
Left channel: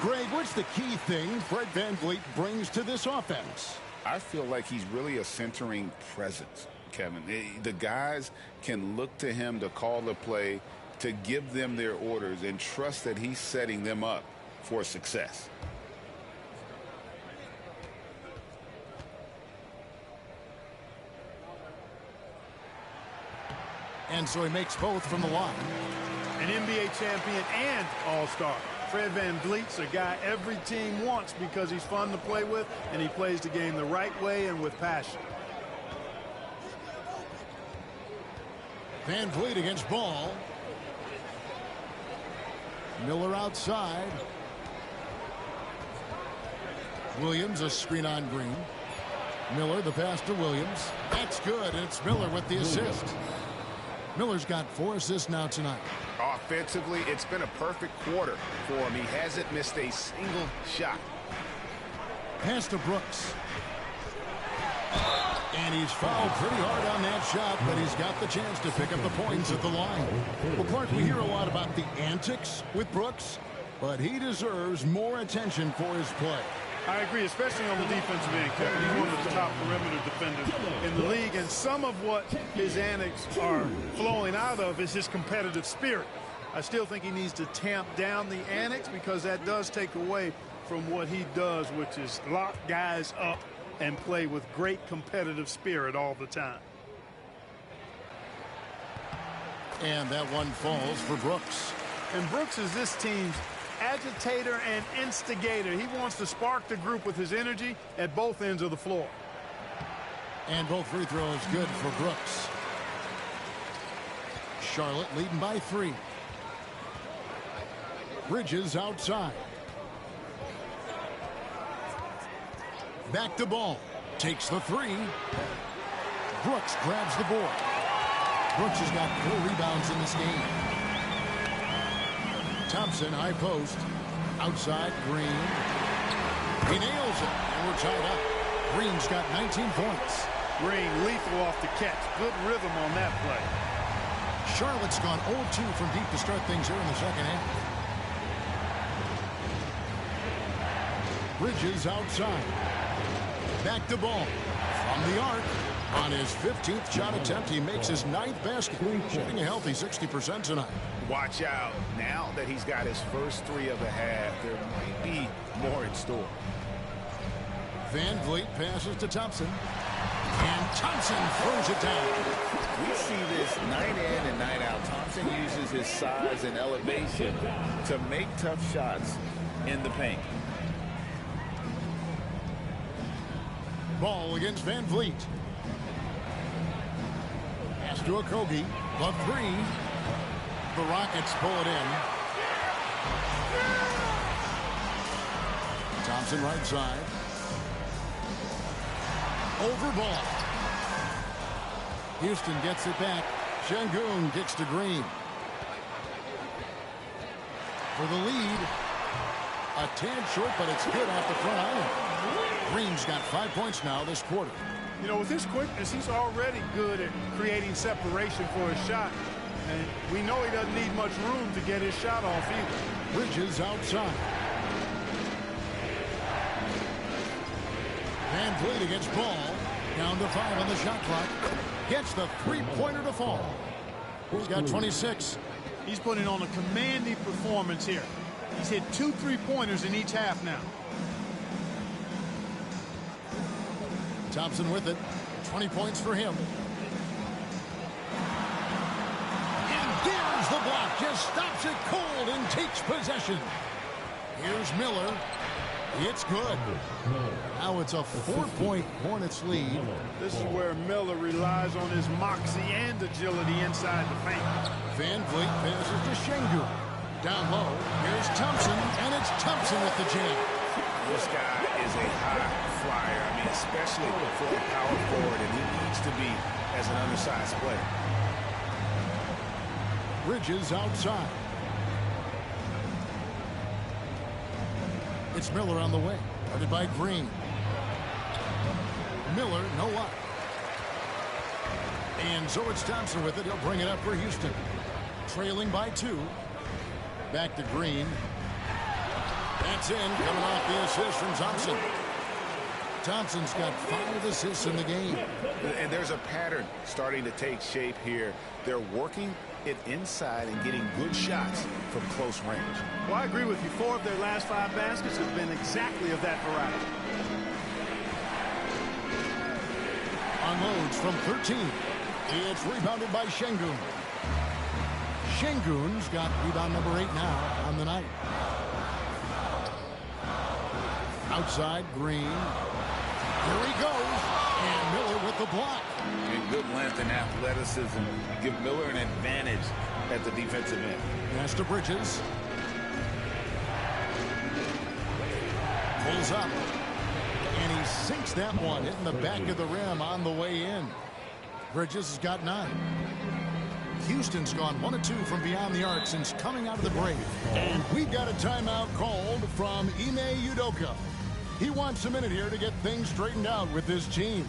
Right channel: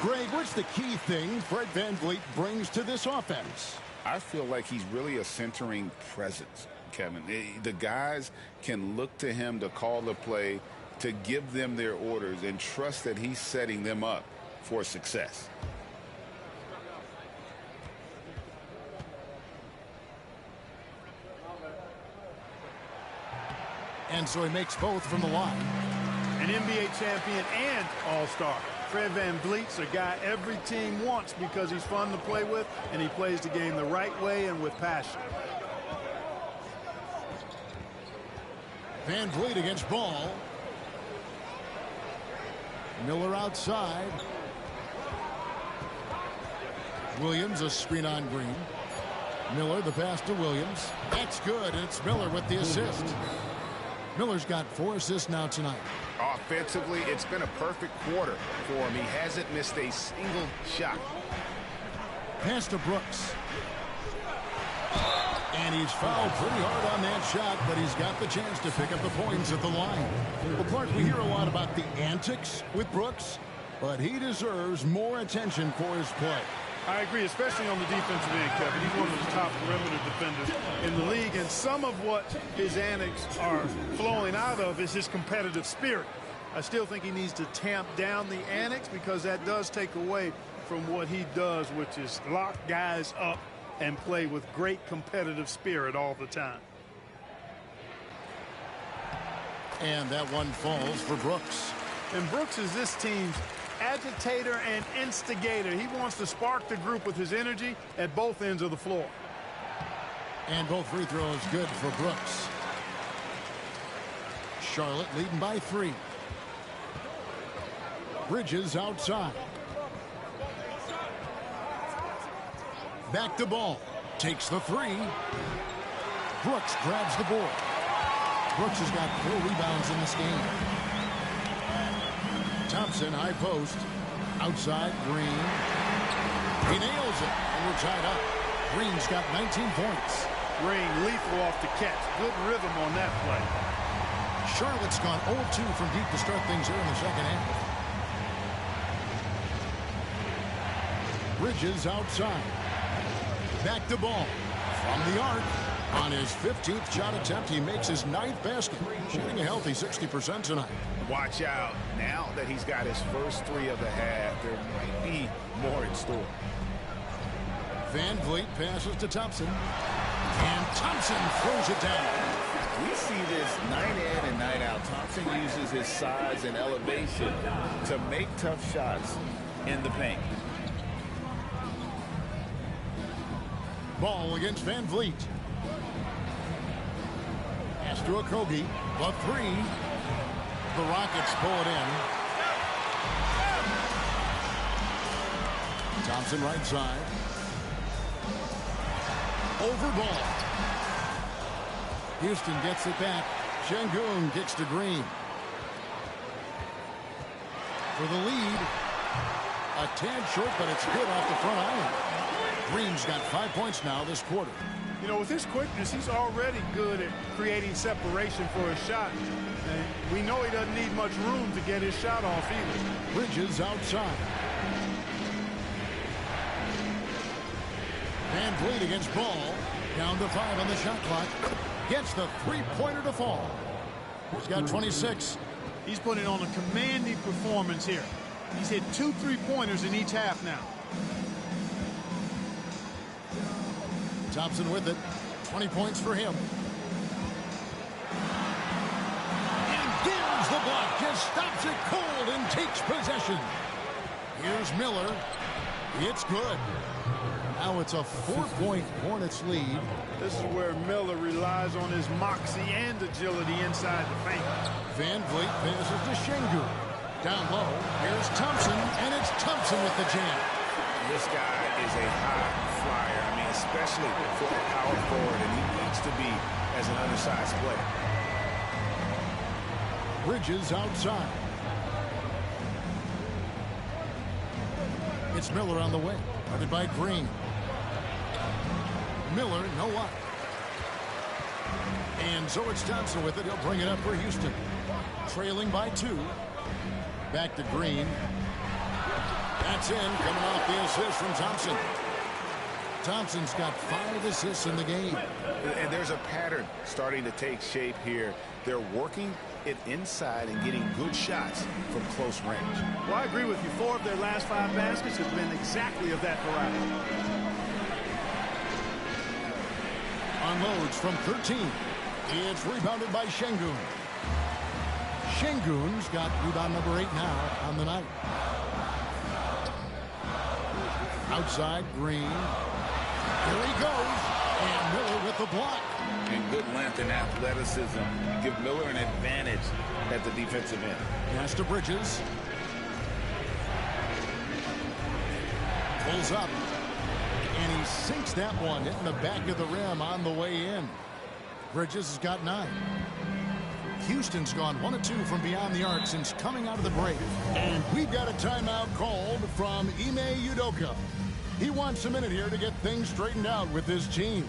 Greg, what's the key thing Fred Van Vliet brings to this offense? I feel like he's really a centering presence, Kevin. The guys can look to him to call the play, to give them their orders, and trust that he's setting them up for success. And so he makes both from the line. An NBA champion and all-star. Fred Van Vliet's a guy every team wants because he's fun to play with and he plays the game the right way and with passion. Van Vliet against Ball. Miller outside. Williams a screen on Green. Miller the pass to Williams. That's good, and it's Miller with the assist. Miller's got 4 assists now tonight. Offensively, it's been a perfect quarter for him. He hasn't missed a single shot. Pass to Brooks. And he's fouled pretty hard on that shot, but he's got the chance to pick up the points at the line. Well, Clark, we hear a lot about the antics with Brooks, but he deserves more attention for his play. I agree, especially on the defensive end, Kevin. He's one of the top perimeter defenders in the league, and some of what his antics are flowing out of is his competitive spirit. I still think he needs to tamp down the antics because that does take away from what he does, which is lock guys up and play with great competitive spirit all the time. And that one falls for Brooks. And Brooks is this team's agitator and instigator. He wants to spark the group with his energy at both ends of the floor. And both free throws good for Brooks. Charlotte leading by 3. Bridges outside. Back to Ball. Takes the 3. Brooks grabs the board. Brooks has got 4 rebounds in this game. Thompson, high post. Outside, Green. He nails it, and we're tied up. Green's got 19 points. Green lethal off the catch. Good rhythm on that play. Charlotte's gone 0-2 from deep to start things here in the second half. Bridges outside. Back to Ball. From the arc. On his 15th shot attempt, he makes his 9th basket. Shooting a healthy 60% tonight. Watch out. Now that he's got his first 3 of the half, there might be more in store. Van Vliet passes to Thompson. And Thompson throws it down. We see this night in and night out. Thompson uses his size and elevation to make tough shots in the paint. Ball against Van Vliet. Pass to Okogie. The three. The Rockets pull it in. Thompson right side. Over ball. Houston gets it back. Şengün kicks to Green. For the lead. A tad short, but it's good off the front island. Green's got 5 points now this quarter. You know, with his quickness, he's already good at creating separation for his shot. And we know he doesn't need much room to get his shot off either. Bridges outside. Van Vliet against Ball. Down to 5 on the shot clock. Gets the three-pointer to fall. He's got 26. He's putting on a commanding performance here. He's hit 2 3-pointers in each half now. Thompson with it. 20 points for him. And there's the block. Just stops it cold and takes possession. Here's Miller. It's good. Now it's a 4-point Hornets lead. This is where Miller relies on his moxie and agility inside the paint. Van Vliet passes to Şengün. Down low. Here's Thompson, and it's Thompson with the jam. This guy is a high flyer. I mean, especially for a power forward, and he needs to be as an undersized player. Bridges outside. It's Miller on the wing. Guarded by Green. Miller, no luck. And so it's Thompson with it. He'll bring it up for Houston. Trailing by 2. Back to Green. That's in, coming off the assist from Thompson. Thompson's got 5 assists in the game. And there's a pattern starting to take shape here. They're working it inside and getting good shots from close range. Well, I agree with you. 4 of their last 5 baskets have been exactly of that variety. Unloads from 13. It's rebounded by Şengün. Şengün's got rebound number 8 now on the night. Outside, Green. Here he goes. And Miller with the block. And good length and athleticism give Miller an advantage at the defensive end. Pass to Bridges. Pulls up. And he sinks that one, hitting the back of the rim on the way in. Bridges has got 9. Houston's gone 1 of 2 from beyond the arc since coming out of the break. And we've got a timeout called from Ime Udoka. He wants a minute here to get things straightened out with his team.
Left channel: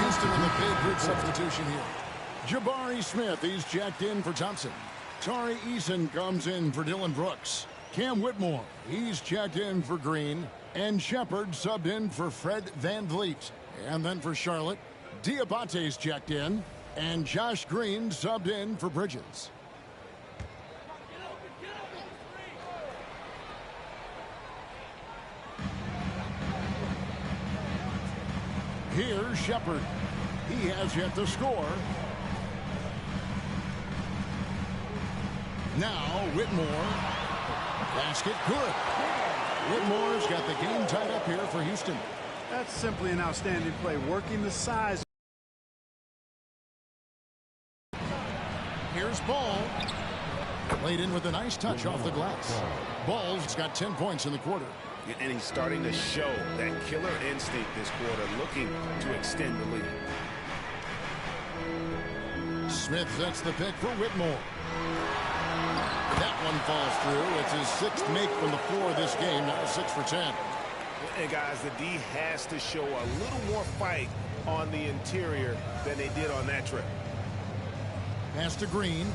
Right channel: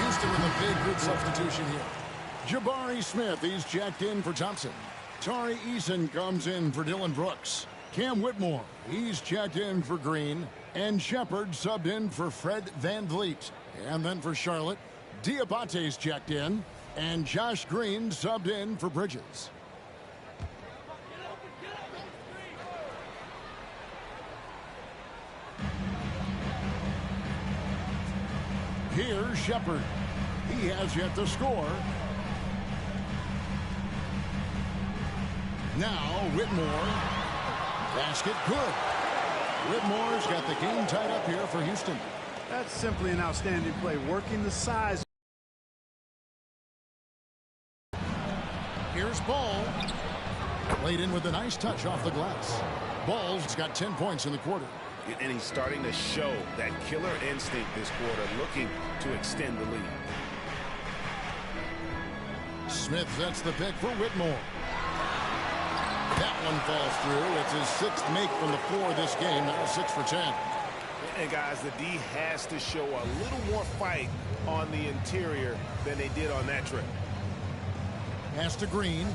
Houston with a big group substitution here. Jabari Smith, he's checked in for Thompson. Tari Eason comes in for Dylan Brooks. Cam Whitmore, he's checked in for Green. And Shepard subbed in for Fred Van Vliet. And then for Charlotte, Diabate's checked in. And Josh Green subbed in for Bridges. Here's Shepard. He has yet to score. Now Whitmore. Basket good. Whitmore's got the game tied up here for Houston. That's simply an outstanding play, working the size. Here's Ball. Played in with a nice touch off the glass. Ball's got 10 points in the quarter. And he's starting to show that killer instinct this quarter, looking to extend the lead. Smith sets the pick for Whitmore. That one falls through. It's his 6th make from the floor this game, now 6 for 10. And guys, the D has to show a little more fight on the interior than they did on that trip. Pass to Green.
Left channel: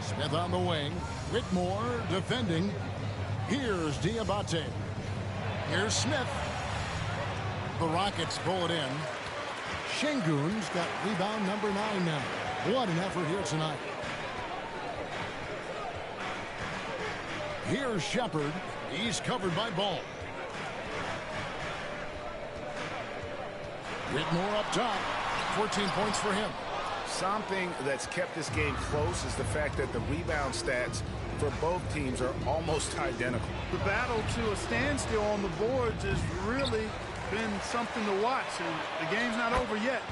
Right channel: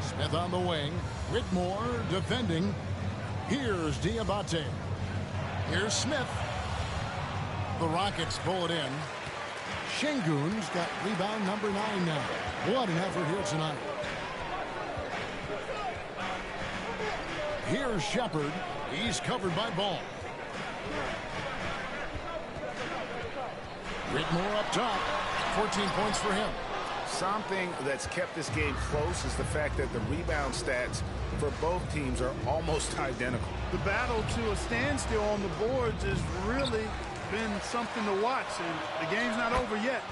Smith on the wing. Whitmore defending. Here's Diabate. Here's Smith. The Rockets pull it in. Şengün's got rebound number 9 now. What an effort here tonight. Here's Shepard. He's covered by Ball. Whitmore up top. 14 points for him. Something that's kept this game close is the fact that the rebound stats for both teams are almost identical. The battle to a standstill on the boards has really been something to watch, and the game's not over yet.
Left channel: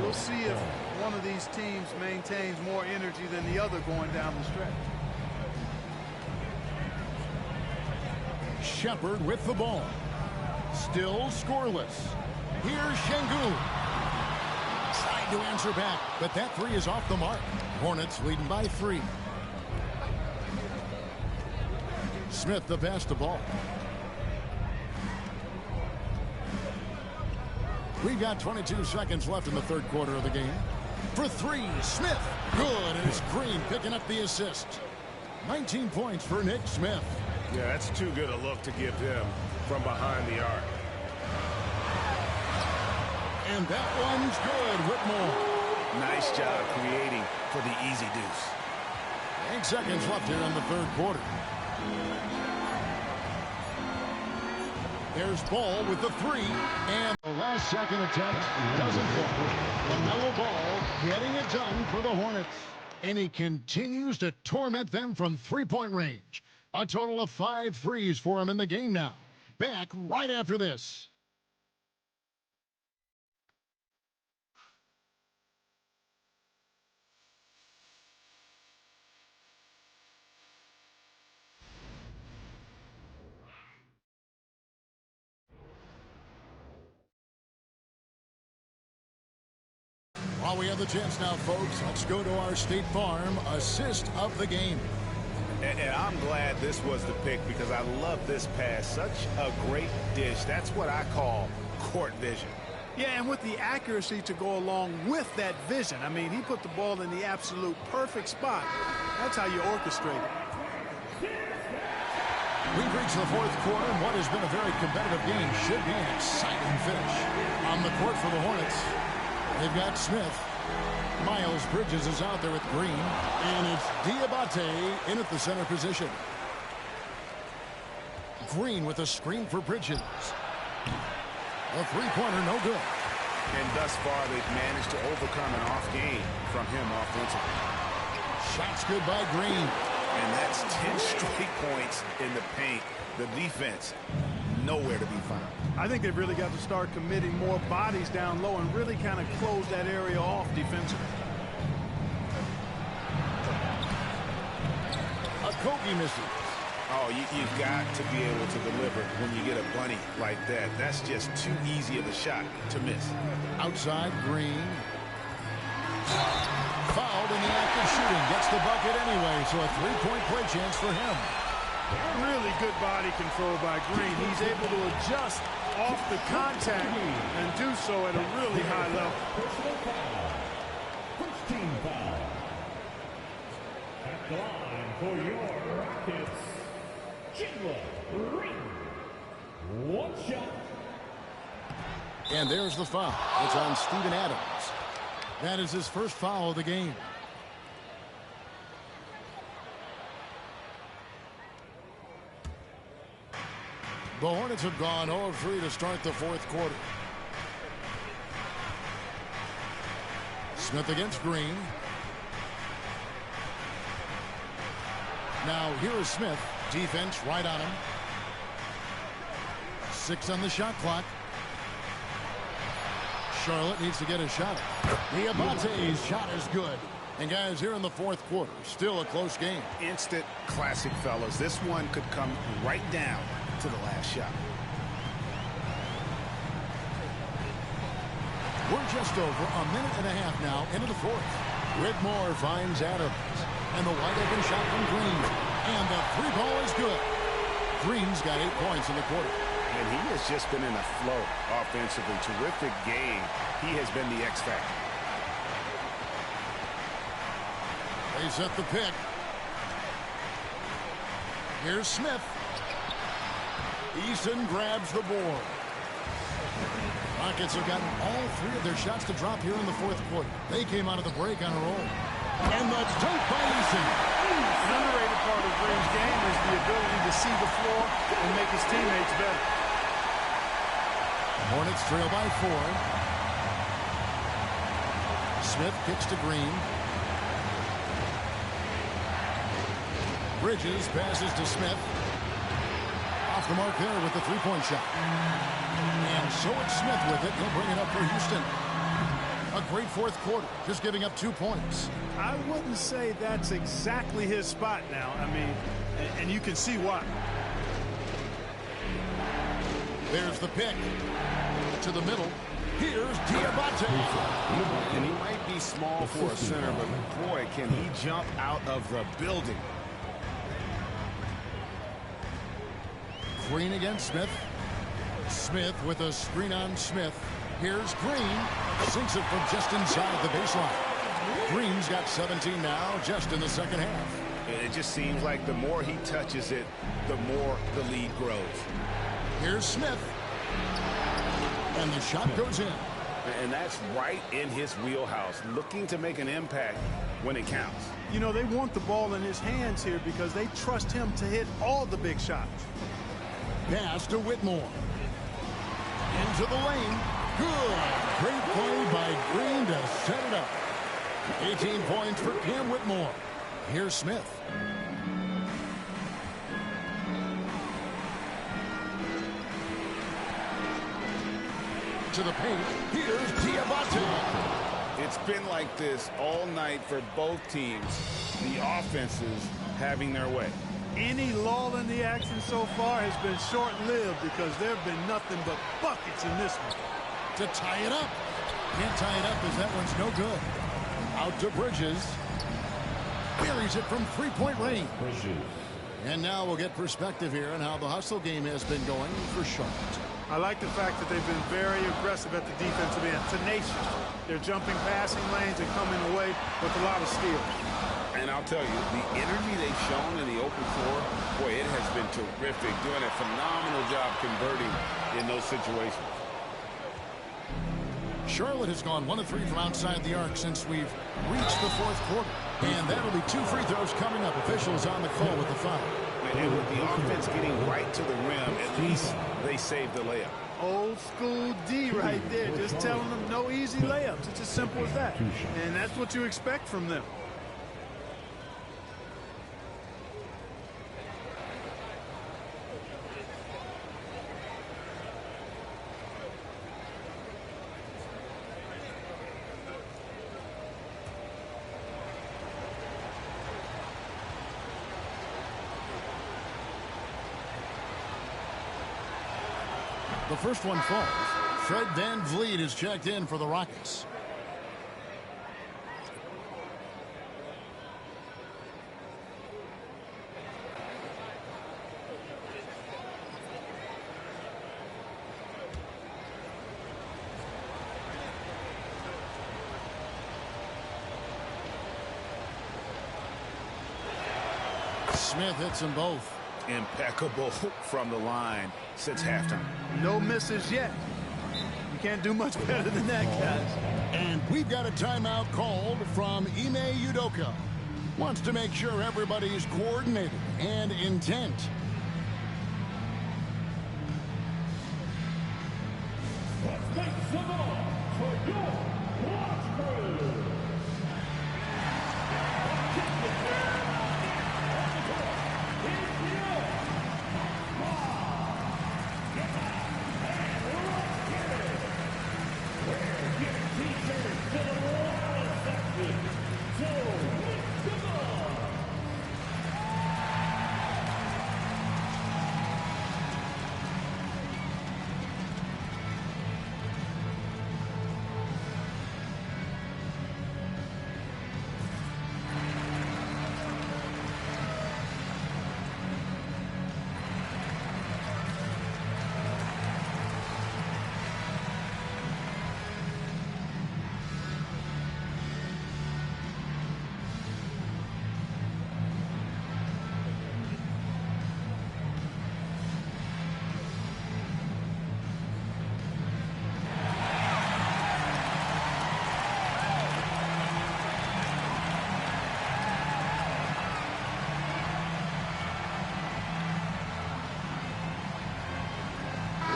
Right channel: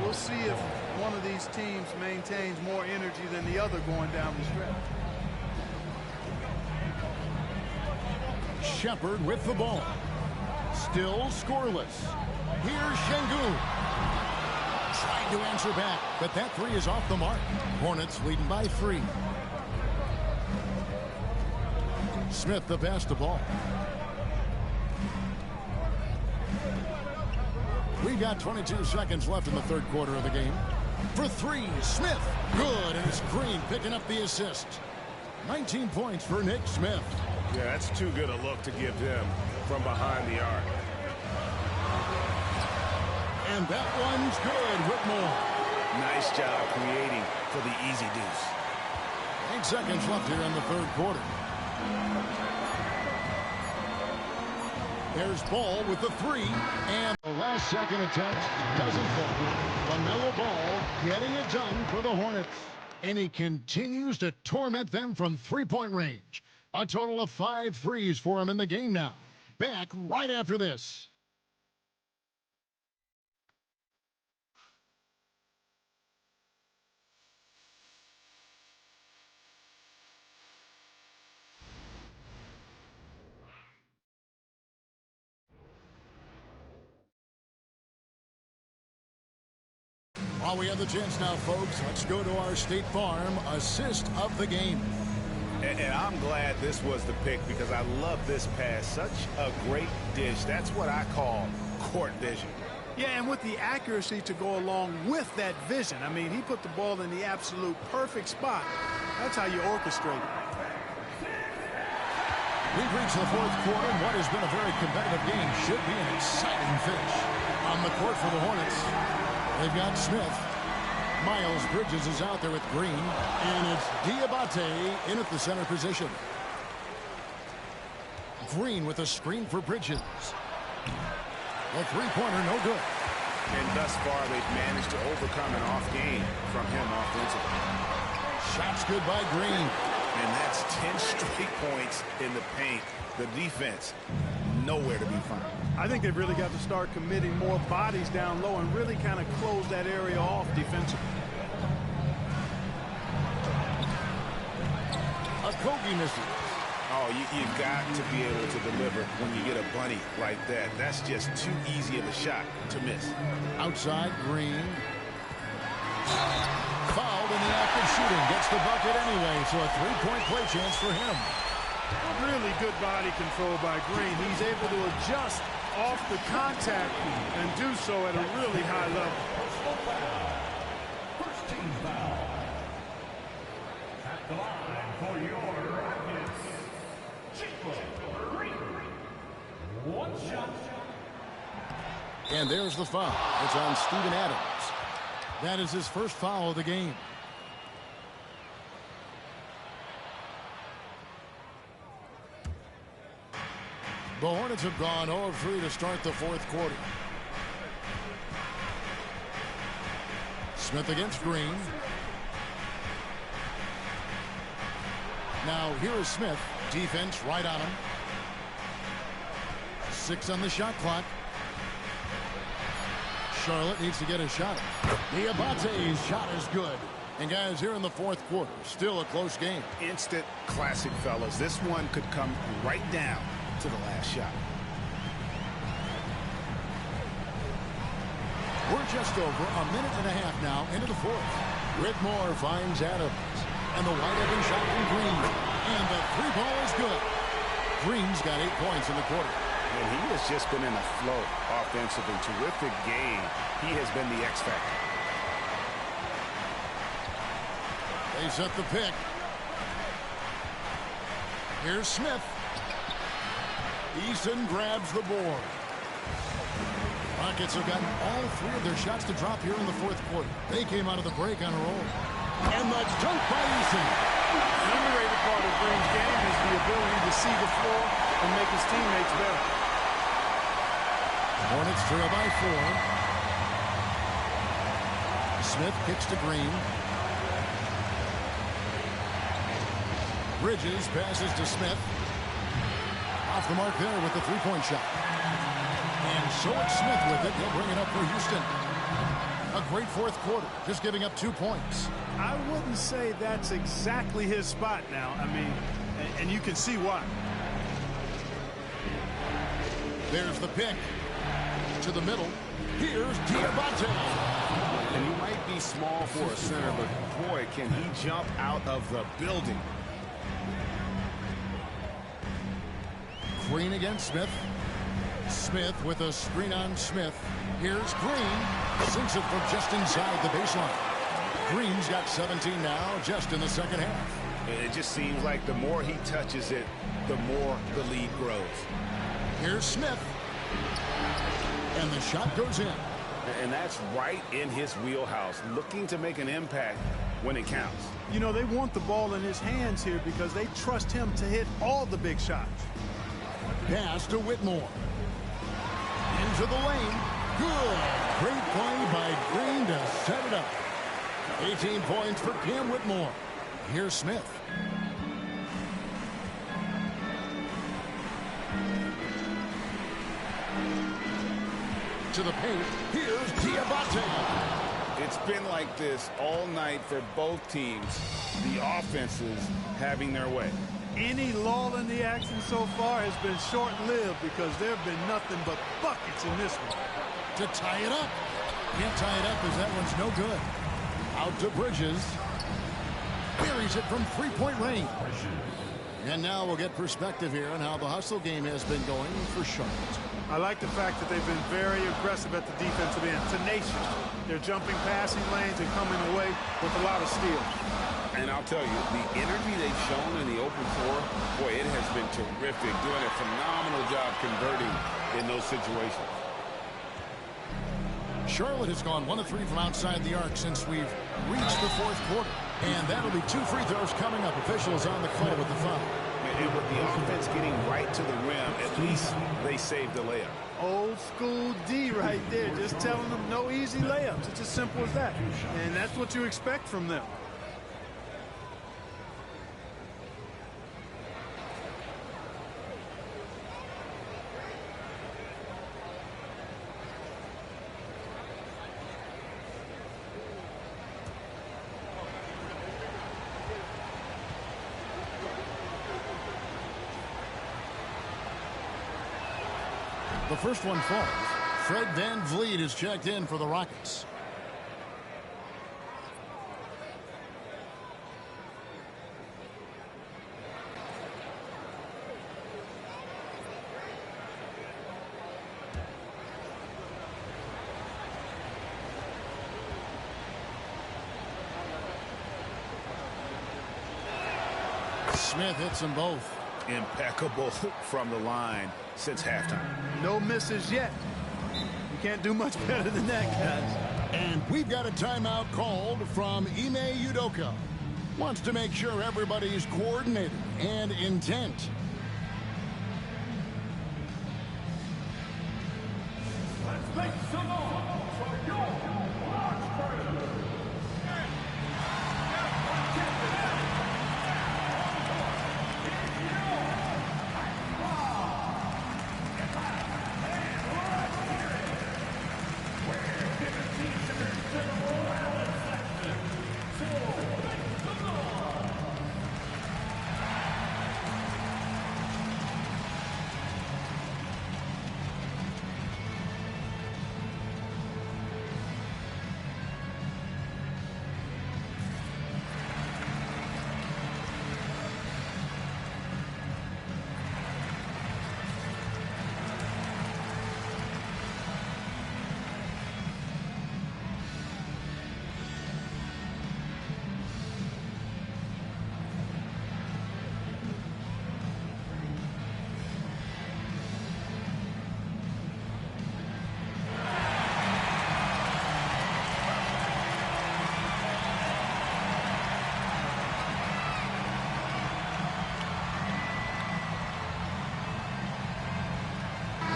We'll see if one of these teams maintains more energy than the other going down the stretch. Shepard with the ball. Still scoreless. Here's Şengün. Trying to answer back, but that 3 is off the mark. Hornets leading by 3. Smith the pass to Ball. We've got 22 seconds left in the third quarter of the game. For 3, Smith. Good, and it's Green picking up the assist. 19 points for Nick Smith. Yeah, that's too good a look to give him from behind the arc. And that one's good, Whitmore. Nice job creating for the easy deuce. 8 seconds left here in the third quarter. There's Ball with the 3, and the last second attempt doesn't fall. LaMelo Ball getting it done for the Hornets. And he continues to torment them from three-point range. A total of 5 threes for him in the game now. Back right after this. While we have the chance now, folks, let's go to our State Farm assist of the game. And I'm glad this was the pick because I love this pass. Such a great dish. That's what I call court vision. Yeah, and with the accuracy to go along with that vision. I mean, he put the ball in the absolute perfect spot. That's how you orchestrate it. We've reached the fourth quarter, and what has been a very competitive game should be an exciting finish. On the court for the Hornets, they've got Smith. Miles Bridges is out there with Green, and it's Diabate in at the center position. Green with a screen for Bridges. A three-pointer, no good. And thus far, they've managed to overcome an off game from him offensively. Shots good by Green. And that's 10 straight points in the paint. The defense, nowhere to be found. I think they've really got to start committing more bodies down low and really kind of close that area off defensively. Okogie misses. Oh, you've got to be able to deliver when you get a bunny like that. That's just too easy of a shot to miss. Outside, Green. Fouled in the act of shooting. Gets the bucket anyway, so a three-point play chance for him. Really good body control by Green. He's able to adjust off the contact and do so at a really high level. First team foul. At the line for your Rockets, Jalen Green. One shot. And there's the foul. It's on Steven Adams. That is his first foul of the game. The Hornets have gone 0 of 3 to start the fourth quarter. Smith against Green. Now here is Smith. Defense right on him. 6 on the shot clock. Charlotte needs to get a shot. Diabate's shot is good. And guys, here in the fourth quarter, still a close game. Instant classic, fellas. This one could come right down to the last shot. We're just over a minute and a half now into the fourth. Whitmore finds Adams. And the wide open shot from Green. And the three ball is good. Green's got 8 points in the quarter. And he has just been in a flow offensively. Terrific game. He has been the X factor. They set the pick. Here's Smith. Eason grabs the board. Rockets have gotten all 3 of their shots to drop here in the fourth quarter. They came out of the break on a roll. And the dunk by Eason. An underrated part of Green's game is the ability to see the floor and make his teammates better. Hornets trail by 4. Smith kicks to Green. Bridges passes to Smith. Off the mark there with the three-point shot. And so it's Smith with it. He'll bring it up for Houston. A great fourth quarter, just giving up 2 points. I wouldn't say that's exactly his spot now. I mean, and you can see why. There's the pick. To the middle. Here's Diabate. And he might be small for a center, but boy, can he jump out of the building. Green against Smith. Smith with a screen on Smith. Here's Green. Sinks it from just inside the baseline. Green's got 17 now, just in the second half. It just seems like the more he touches it, the more the lead grows. Here's Smith. And the shot goes in. And that's right in his wheelhouse, looking to make an impact when it counts. You know, they want the ball in his hands here because they trust him to hit all the big shots. Pass to Whitmore. Into the lane. Good. Great play by Green to set it up. 18 points for Cam Whitmore. Here's Smith. To the paint. Here's Diabate. It's been like this all night for both teams. The offenses having their way. Any lull in the action so far has been short-lived because there have been nothing but buckets in this one. To tie it up. Can't tie it up as that one's no good. Out to Bridges. Buries it from three-point range. And now we'll get perspective here on how the hustle game has been going for Charlotte. I like the fact that they've been very aggressive at the defensive end. Tenacious. They're jumping passing lanes and coming away with a lot of steals. And I'll tell you, the energy they've shown in the open floor, boy, it has been terrific. Doing a phenomenal job converting in those situations. Charlotte has gone 1 of 3 from outside the arc since we've reached the fourth quarter. And that'll be 2 free throws coming up. Officials on the call with the foul. And with the offense getting right to the rim, at least they saved the layup. Old school D right there, just telling them no easy layups. It's as simple as that. And that's what you expect from them. The first one falls. Fred VanVleet is checked in for the Rockets. Smith hits them both. Impeccable from the line since halftime. No misses yet. You can't do much better than that, guys. And we've got a timeout called from Ime Udoka. Wants to make sure everybody's coordinated and intent. Thanks a lot for your watch crew.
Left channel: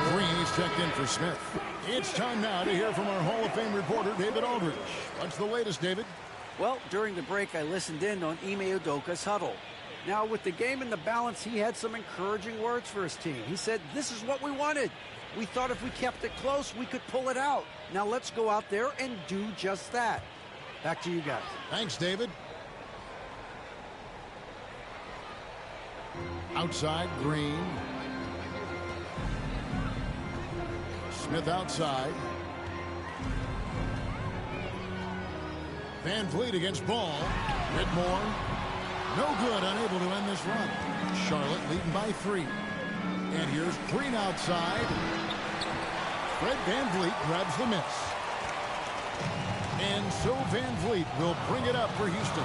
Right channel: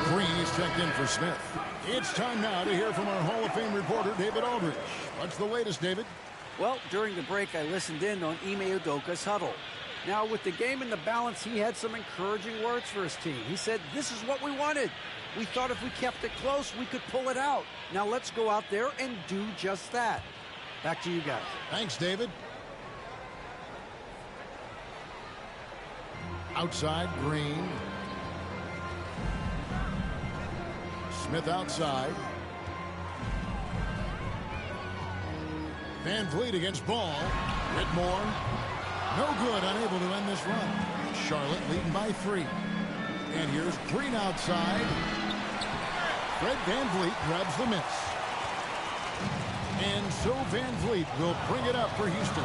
Green is checked in for Smith. It's time now to hear from our Hall of Fame reporter, David Aldridge. What's the latest, David? Well, during the break, I listened in on Ime Udoka's huddle. Now, with the game in the balance, he had some encouraging words for his team. He said, this is what we wanted. We thought if we kept it close, we could pull it out. Now let's go out there and do just that. Back to you guys. Thanks, David. Outside, Green. Smith outside. Van Vliet against Ball. Whitmore. No good, unable to end this run. Charlotte leading by 3. And here's Green outside. Fred Van Vliet grabs the miss. And so Van Vliet will bring it up for Houston.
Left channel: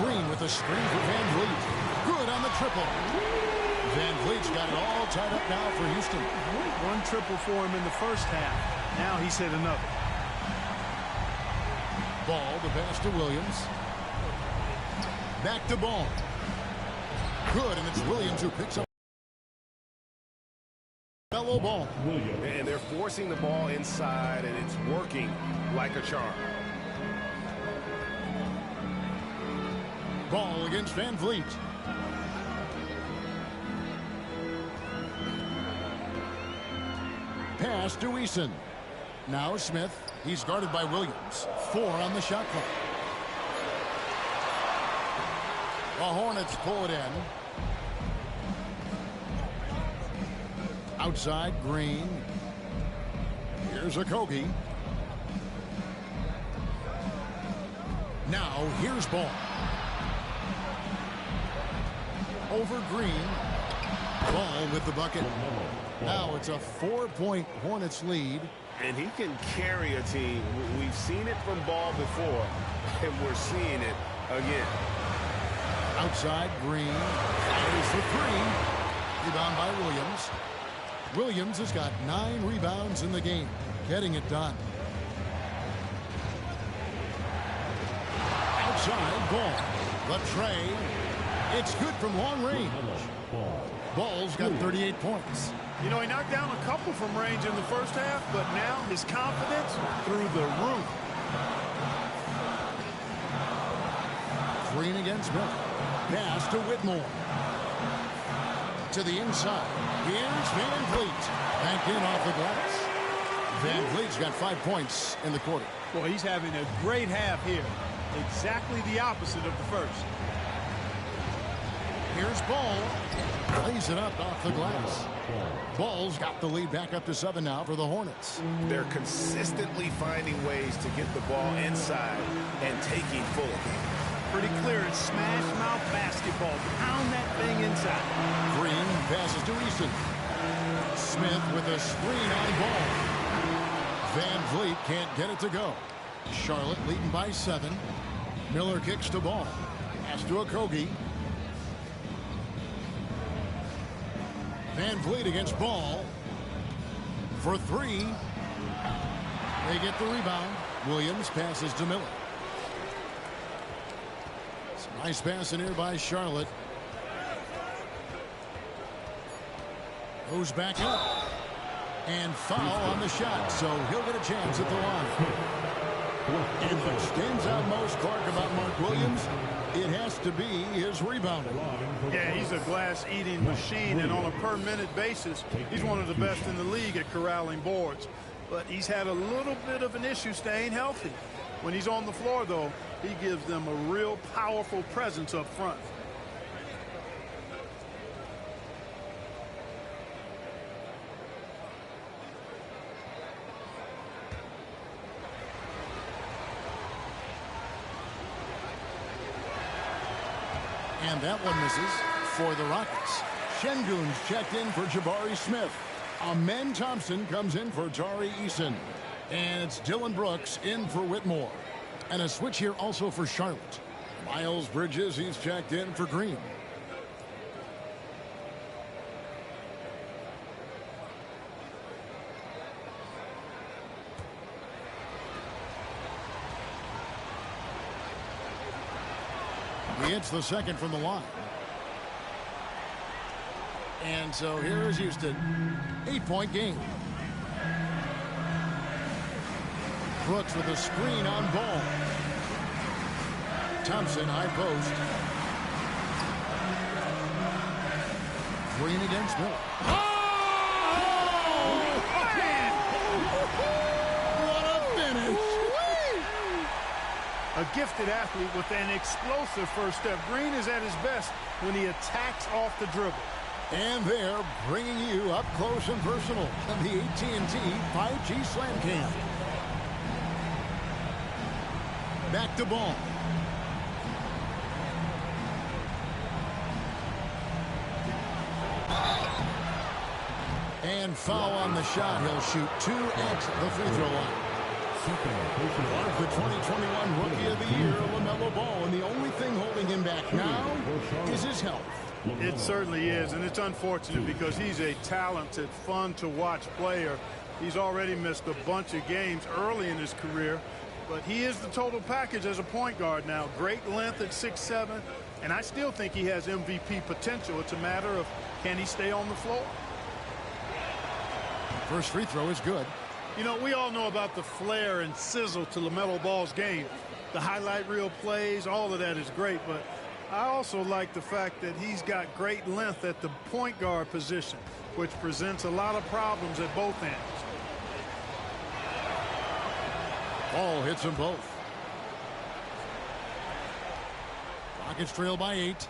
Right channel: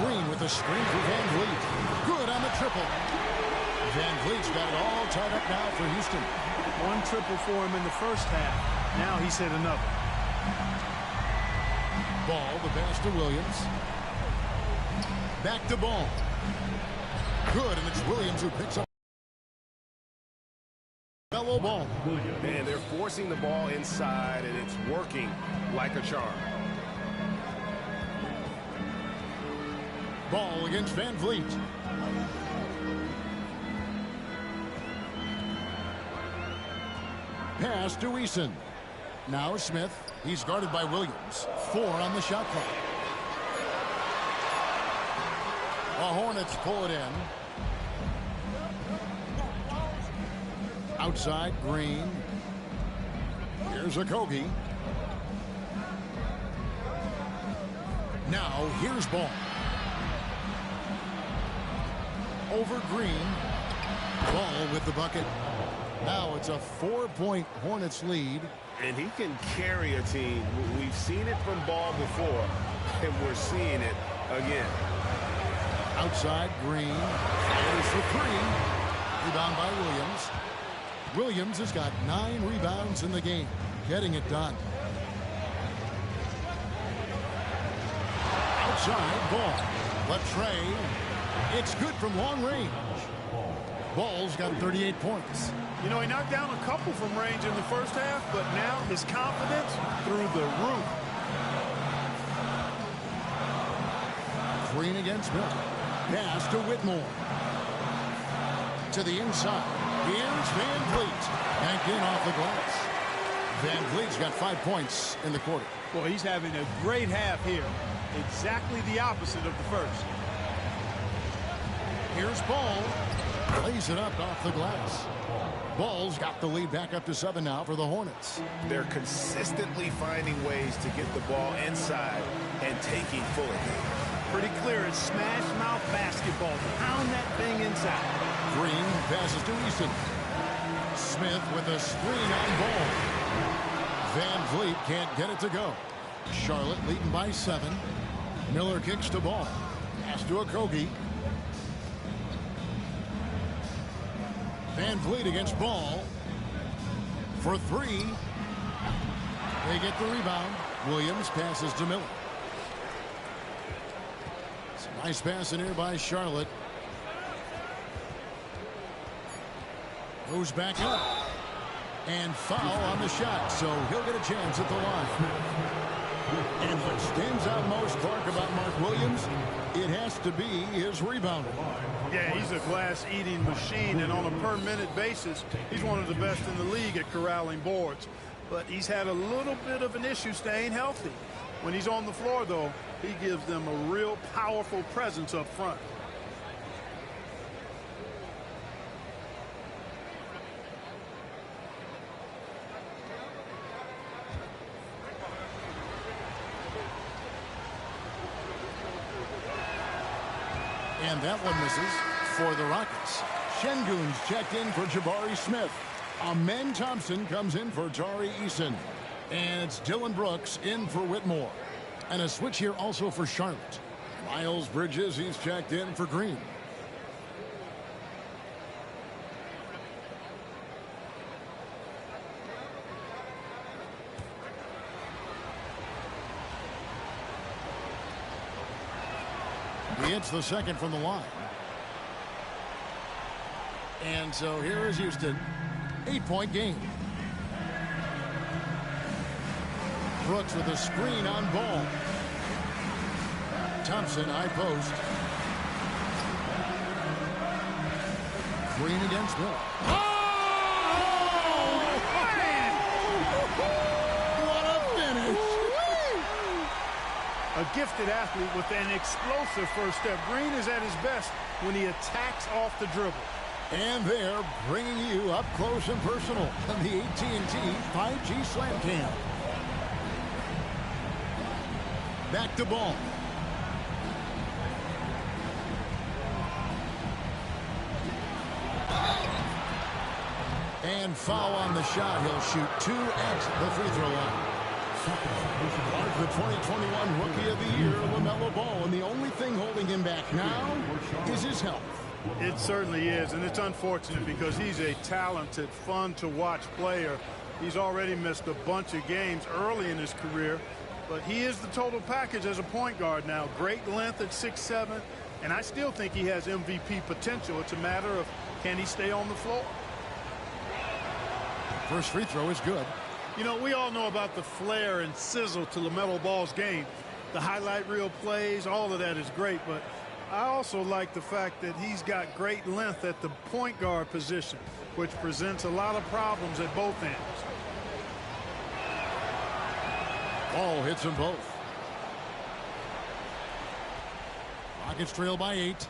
Green with a screen for Van Vliet. Good on the triple. Van Vliet's got it all tied up now for Houston. One triple for him in the first half. Now he's hit another. Ball, the pass to Williams. Back to Ball. Good, and it's Williams who picks up fellow ball. And they're forcing the ball inside, and it's working like a charm. Ball against Van Vliet. Pass to Eason. Now Smith. He's guarded by Williams. 4 on the shot clock. The Hornets pull it in. Outside, Green. Here's Okogie. Now here's Ball. Over Green. Ball with the bucket. Now it's a 4-point Hornets lead. And he can carry a team. We've seen it from Ball before, and we're seeing it again. Outside, Green. Fires for 3. Rebound by Williams. Williams has got 9 rebounds in the game. Getting it done. Outside, Ball. Latrey. It's good from long range. Ball's got 38 points. You know, he knocked down a couple from range in the first half, but now his confidence through the roof. Green against Miller. Pass to Whitmore. To the inside. Here's Van Vliet. Banked in off the glass. Van Vliet's got 5 points in the quarter. Boy, he's having a great half here. Exactly the opposite of the first. Here's Ball. Lays it up off the glass. Ball's got the lead back up to 7 now for the Hornets. They're consistently finding ways to get the ball inside and taking full advantage. Pretty clear it's smash mouth basketball. Pound that thing inside. Green passes to Eason. Smith with a screen on Ball. Van Vliet can't get it to go. Charlotte leading by 7. Miller kicks to Ball. Pass to Okogie. Van Vliet against Ball. For 3. They get the rebound. Williams passes to Miller. Some nice pass in here by Charlotte. Goes back up. And foul on the shot, so he'll get a chance at the line. And what stands out most, Clark, about Mark Williams, it has to be his rebounding. Yeah, he's a glass-eating machine, and on a per-minute basis, he's one of the best in the league at corralling boards. But he's had a little bit of an issue staying healthy. When he's on the floor, though, he gives them a real powerful presence up front. And that one misses for the Rockets. Şengün's checked in for Jabari Smith. Amen Thompson comes in for Tari Eason. And it's Dylan Brooks in for Whitmore. And a switch here also for Charlotte. Miles Bridges, he's checked in for Green. He hits the second from the line. And so here is Houston. 8-point game. Brooks with a screen on ball. Thompson, high post. Green against Miller. Oh, man! What a finish! A gifted athlete with an explosive first step. Green is at his best when he attacks off the dribble. And they're bringing you up close and personal on the AT&T 5G Slam Cam. Back to ball. And foul on the shot. He'll shoot 2 at the free throw line. Clark, the 2021 Rookie of the Year, LaMelo Ball, and the only thing holding him back now is his health. It certainly is, and it's unfortunate because he's a talented, fun-to-watch player. He's already missed a bunch of games early in his career, but he is the total package as a point guard now. Great length at 6'7", and I still think he has MVP potential. It's a matter of can he stay on the floor. First free throw is good. You know, we all know about the flair and sizzle to LaMelo Ball's game. The highlight reel plays, all of that is great, but I also like the fact that he's got great length at the point guard position, which presents a lot of problems at both ends. Ball hits them both. Rockets trail by 8.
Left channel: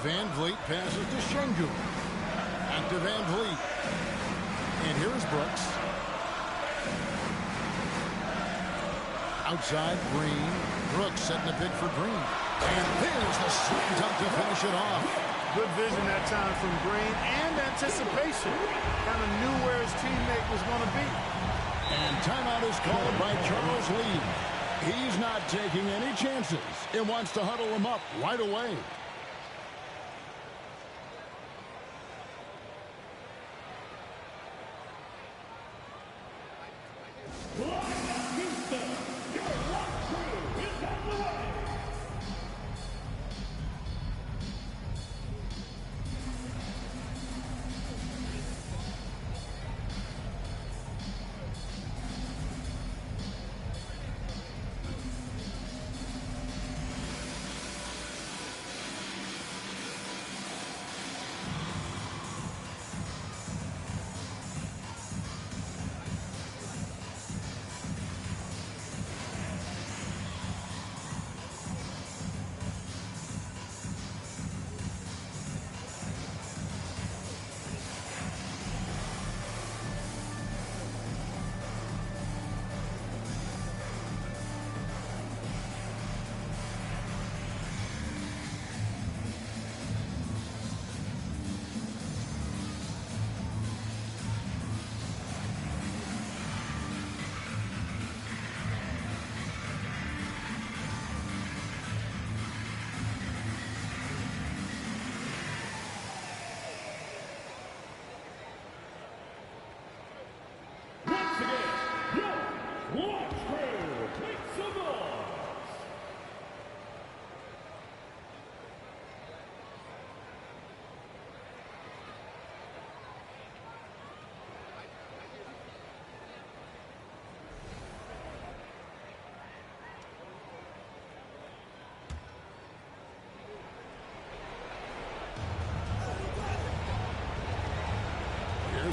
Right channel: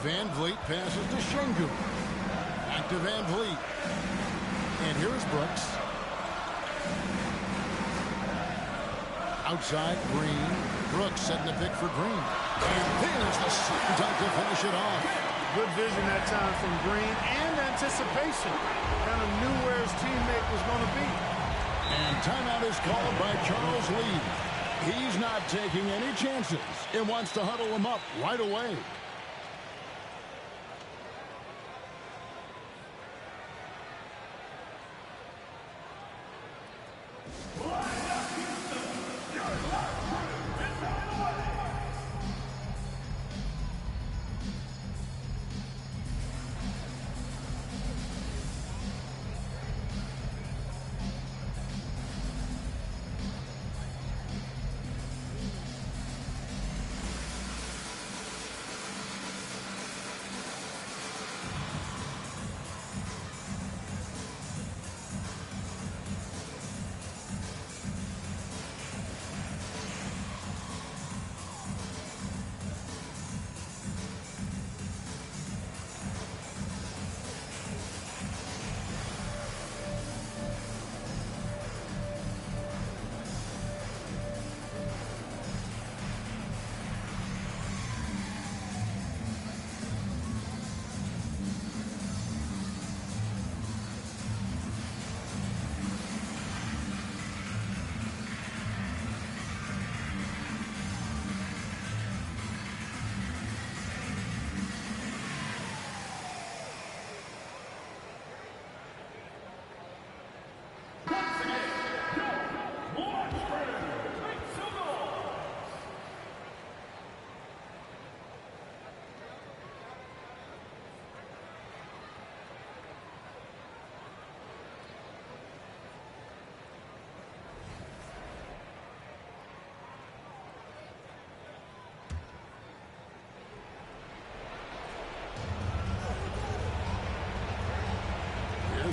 Van Vliet passes to Şengün. Back to Van Vliet. And here is Brooks. Outside, Green. Brooks setting the pick for Green. And there's the slam dunk to finish it off. Good vision that time from Green and anticipation. Kind of knew where his teammate was going to be. And timeout is called by Charles Lee. He's not taking any chances and wants to huddle him up right away.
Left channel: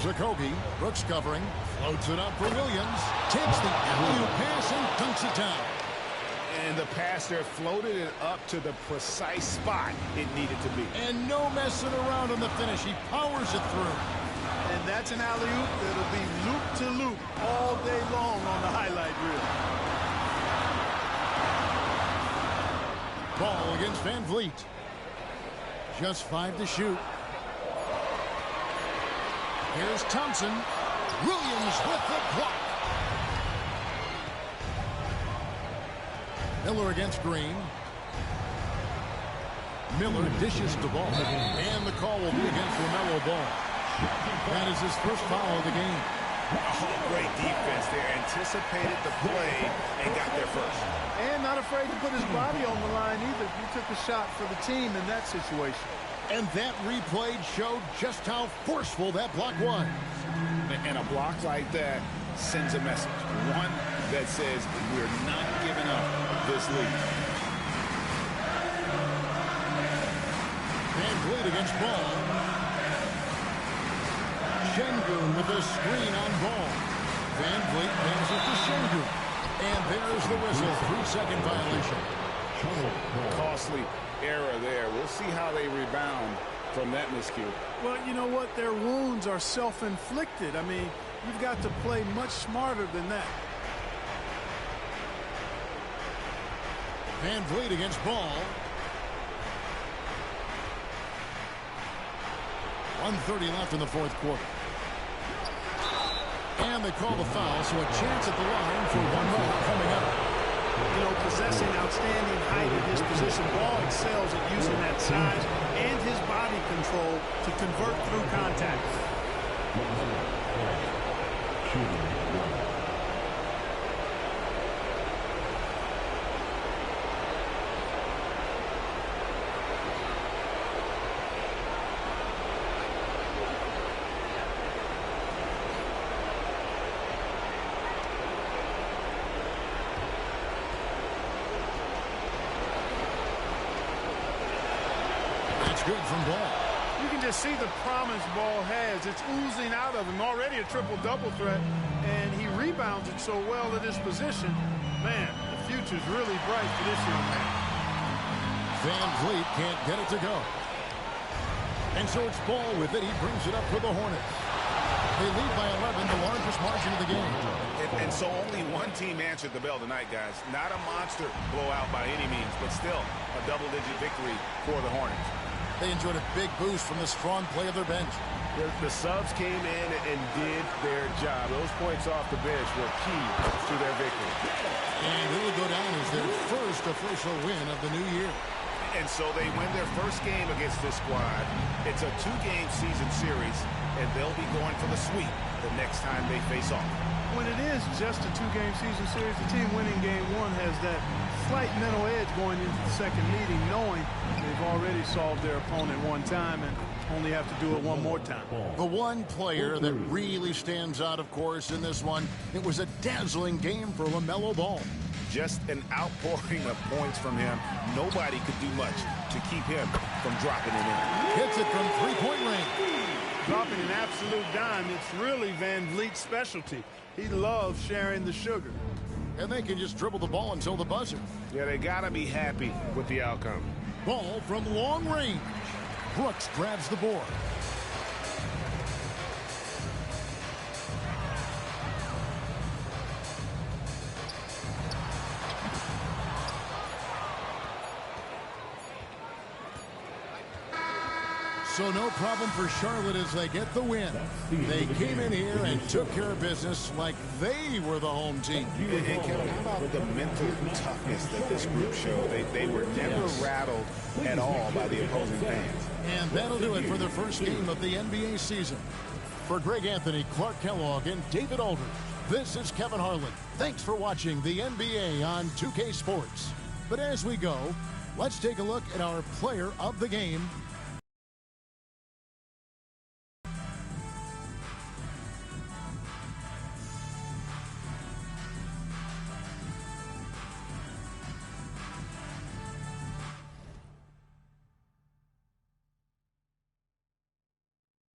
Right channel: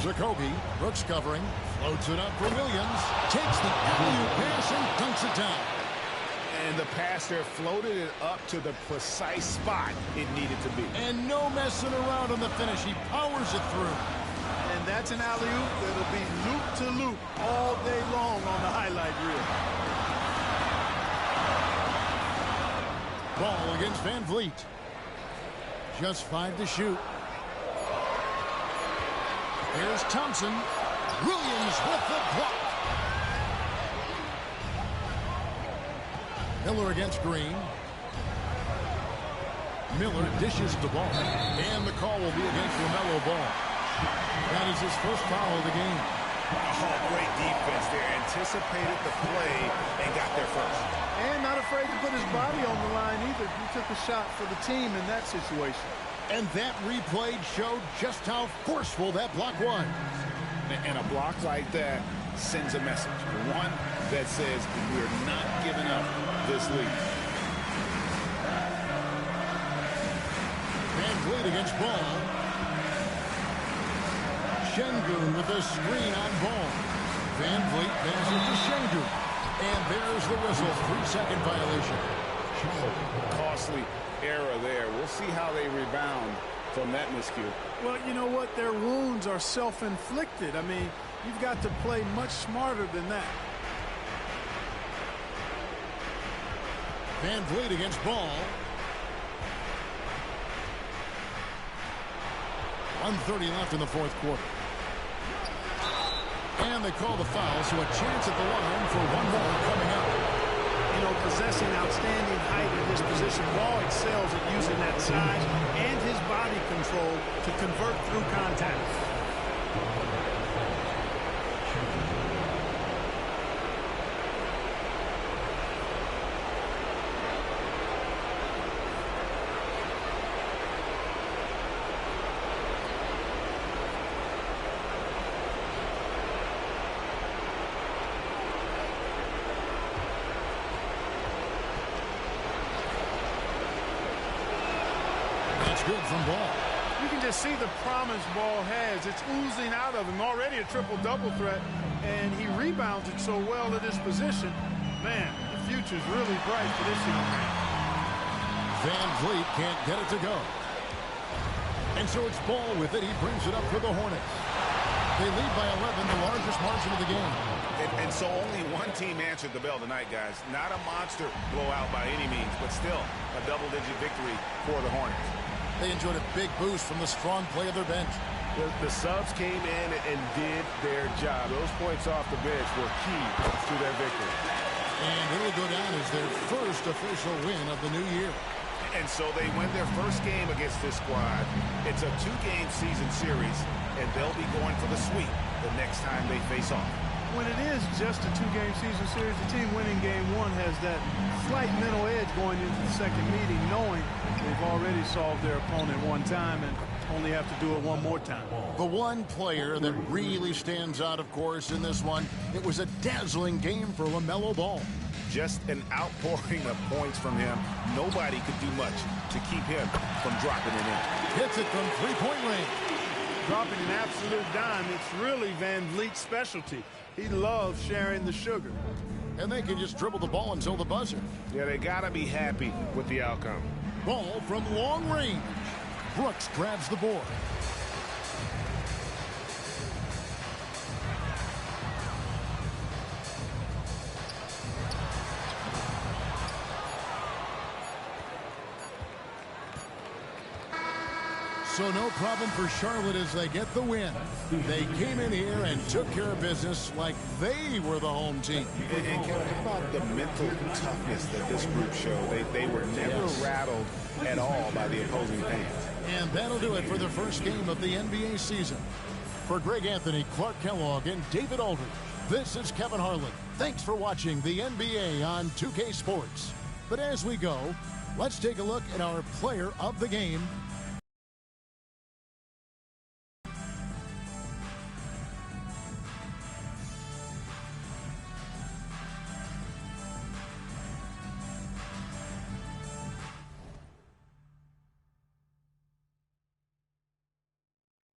Jacoby, Brooks covering, floats it up for Williams, takes the alley-oop pass and dunks it down. And the passer floated it up to the precise spot it needed to be. And no messing around on the finish. He powers it through. And that's an alley-oop that'll be loop-to-loop all day long on the highlight reel. Ball against Van Vliet. Just 5 to shoot. Here's Thompson. Williams with the block. Miller against Green. Miller dishes the ball. And the call will be against LaMelo Ball. That is his first foul of the game. Oh, great defense there. Anticipated the play and got there first. And not afraid to put his body on the line either. He took a shot for the team in that situation. And that replay showed just how forceful that block was. And a block like that sends a message. One that says we're not giving up this lead. Van Vliet against Ball. Şengün with a screen on Ball. Van Vliet passes to Şengün. And there's the whistle. 3-second violation. Costly error there. We'll see how they rebound from that miscue. Well, you know what? Their wounds are self-inflicted. I mean, you've got to play much smarter than that. Van Vliet against Ball. 1:30 left in the fourth quarter. And they call the foul, so a chance at the line for one more coming up. You know, possessing outstanding height at his position, Ball excels at using that size and his body control to convert through contact. Good from Ball. You can just see the promise Ball has. It's oozing out of him. Already a triple-double threat, and he rebounds it so well at his position. Man, the future's really bright for this young man. Van Vliet can't get it to go. And so it's Ball with it. He brings it up for the Hornets. They lead by 11, the largest margin of the game. And so only one team answered the bell tonight, guys. Not a monster blowout by any means, but still a double-digit victory for the Hornets. They enjoyed a big boost from the strong play of their bench. The subs came in and did their job. Those points off the bench were key to their victory. And it'll go down as their first official win of the new year. And so they win their first game against this squad. It's a 2-game season series, and they'll be going for the sweep the next time they face off. When it is just a 2-game season series, the team winning game 1 has that slight mental edge going into the second meeting, knowing they've already solved their opponent one time and only have to do it one more time. The one player that really stands out, of course, in this one, it was a dazzling game for LaMelo Ball. Just an outpouring of points from him. Nobody could do much to keep him from dropping it in. Hits it from 3-point range. Dropping an absolute dime, it's really Van Vliet's specialty. He loves sharing the sugar. And they can just dribble the ball until the buzzer. Yeah, they got to be happy with the outcome. Ball from long range. Brooks grabs the board. So no problem for Charlotte as they get the win. They came in here and took care of business like they were the home team. And Kevin, how about the mental toughness that this group showed? They were never rattled at all by the opposing fans. And that'll do it for the first game of the NBA season. For Greg Anthony, Clark Kellogg, and David Aldridge, this is Kevin Harlan. Thanks for watching the NBA on 2K Sports. But as we go, let's take a look at our player of the game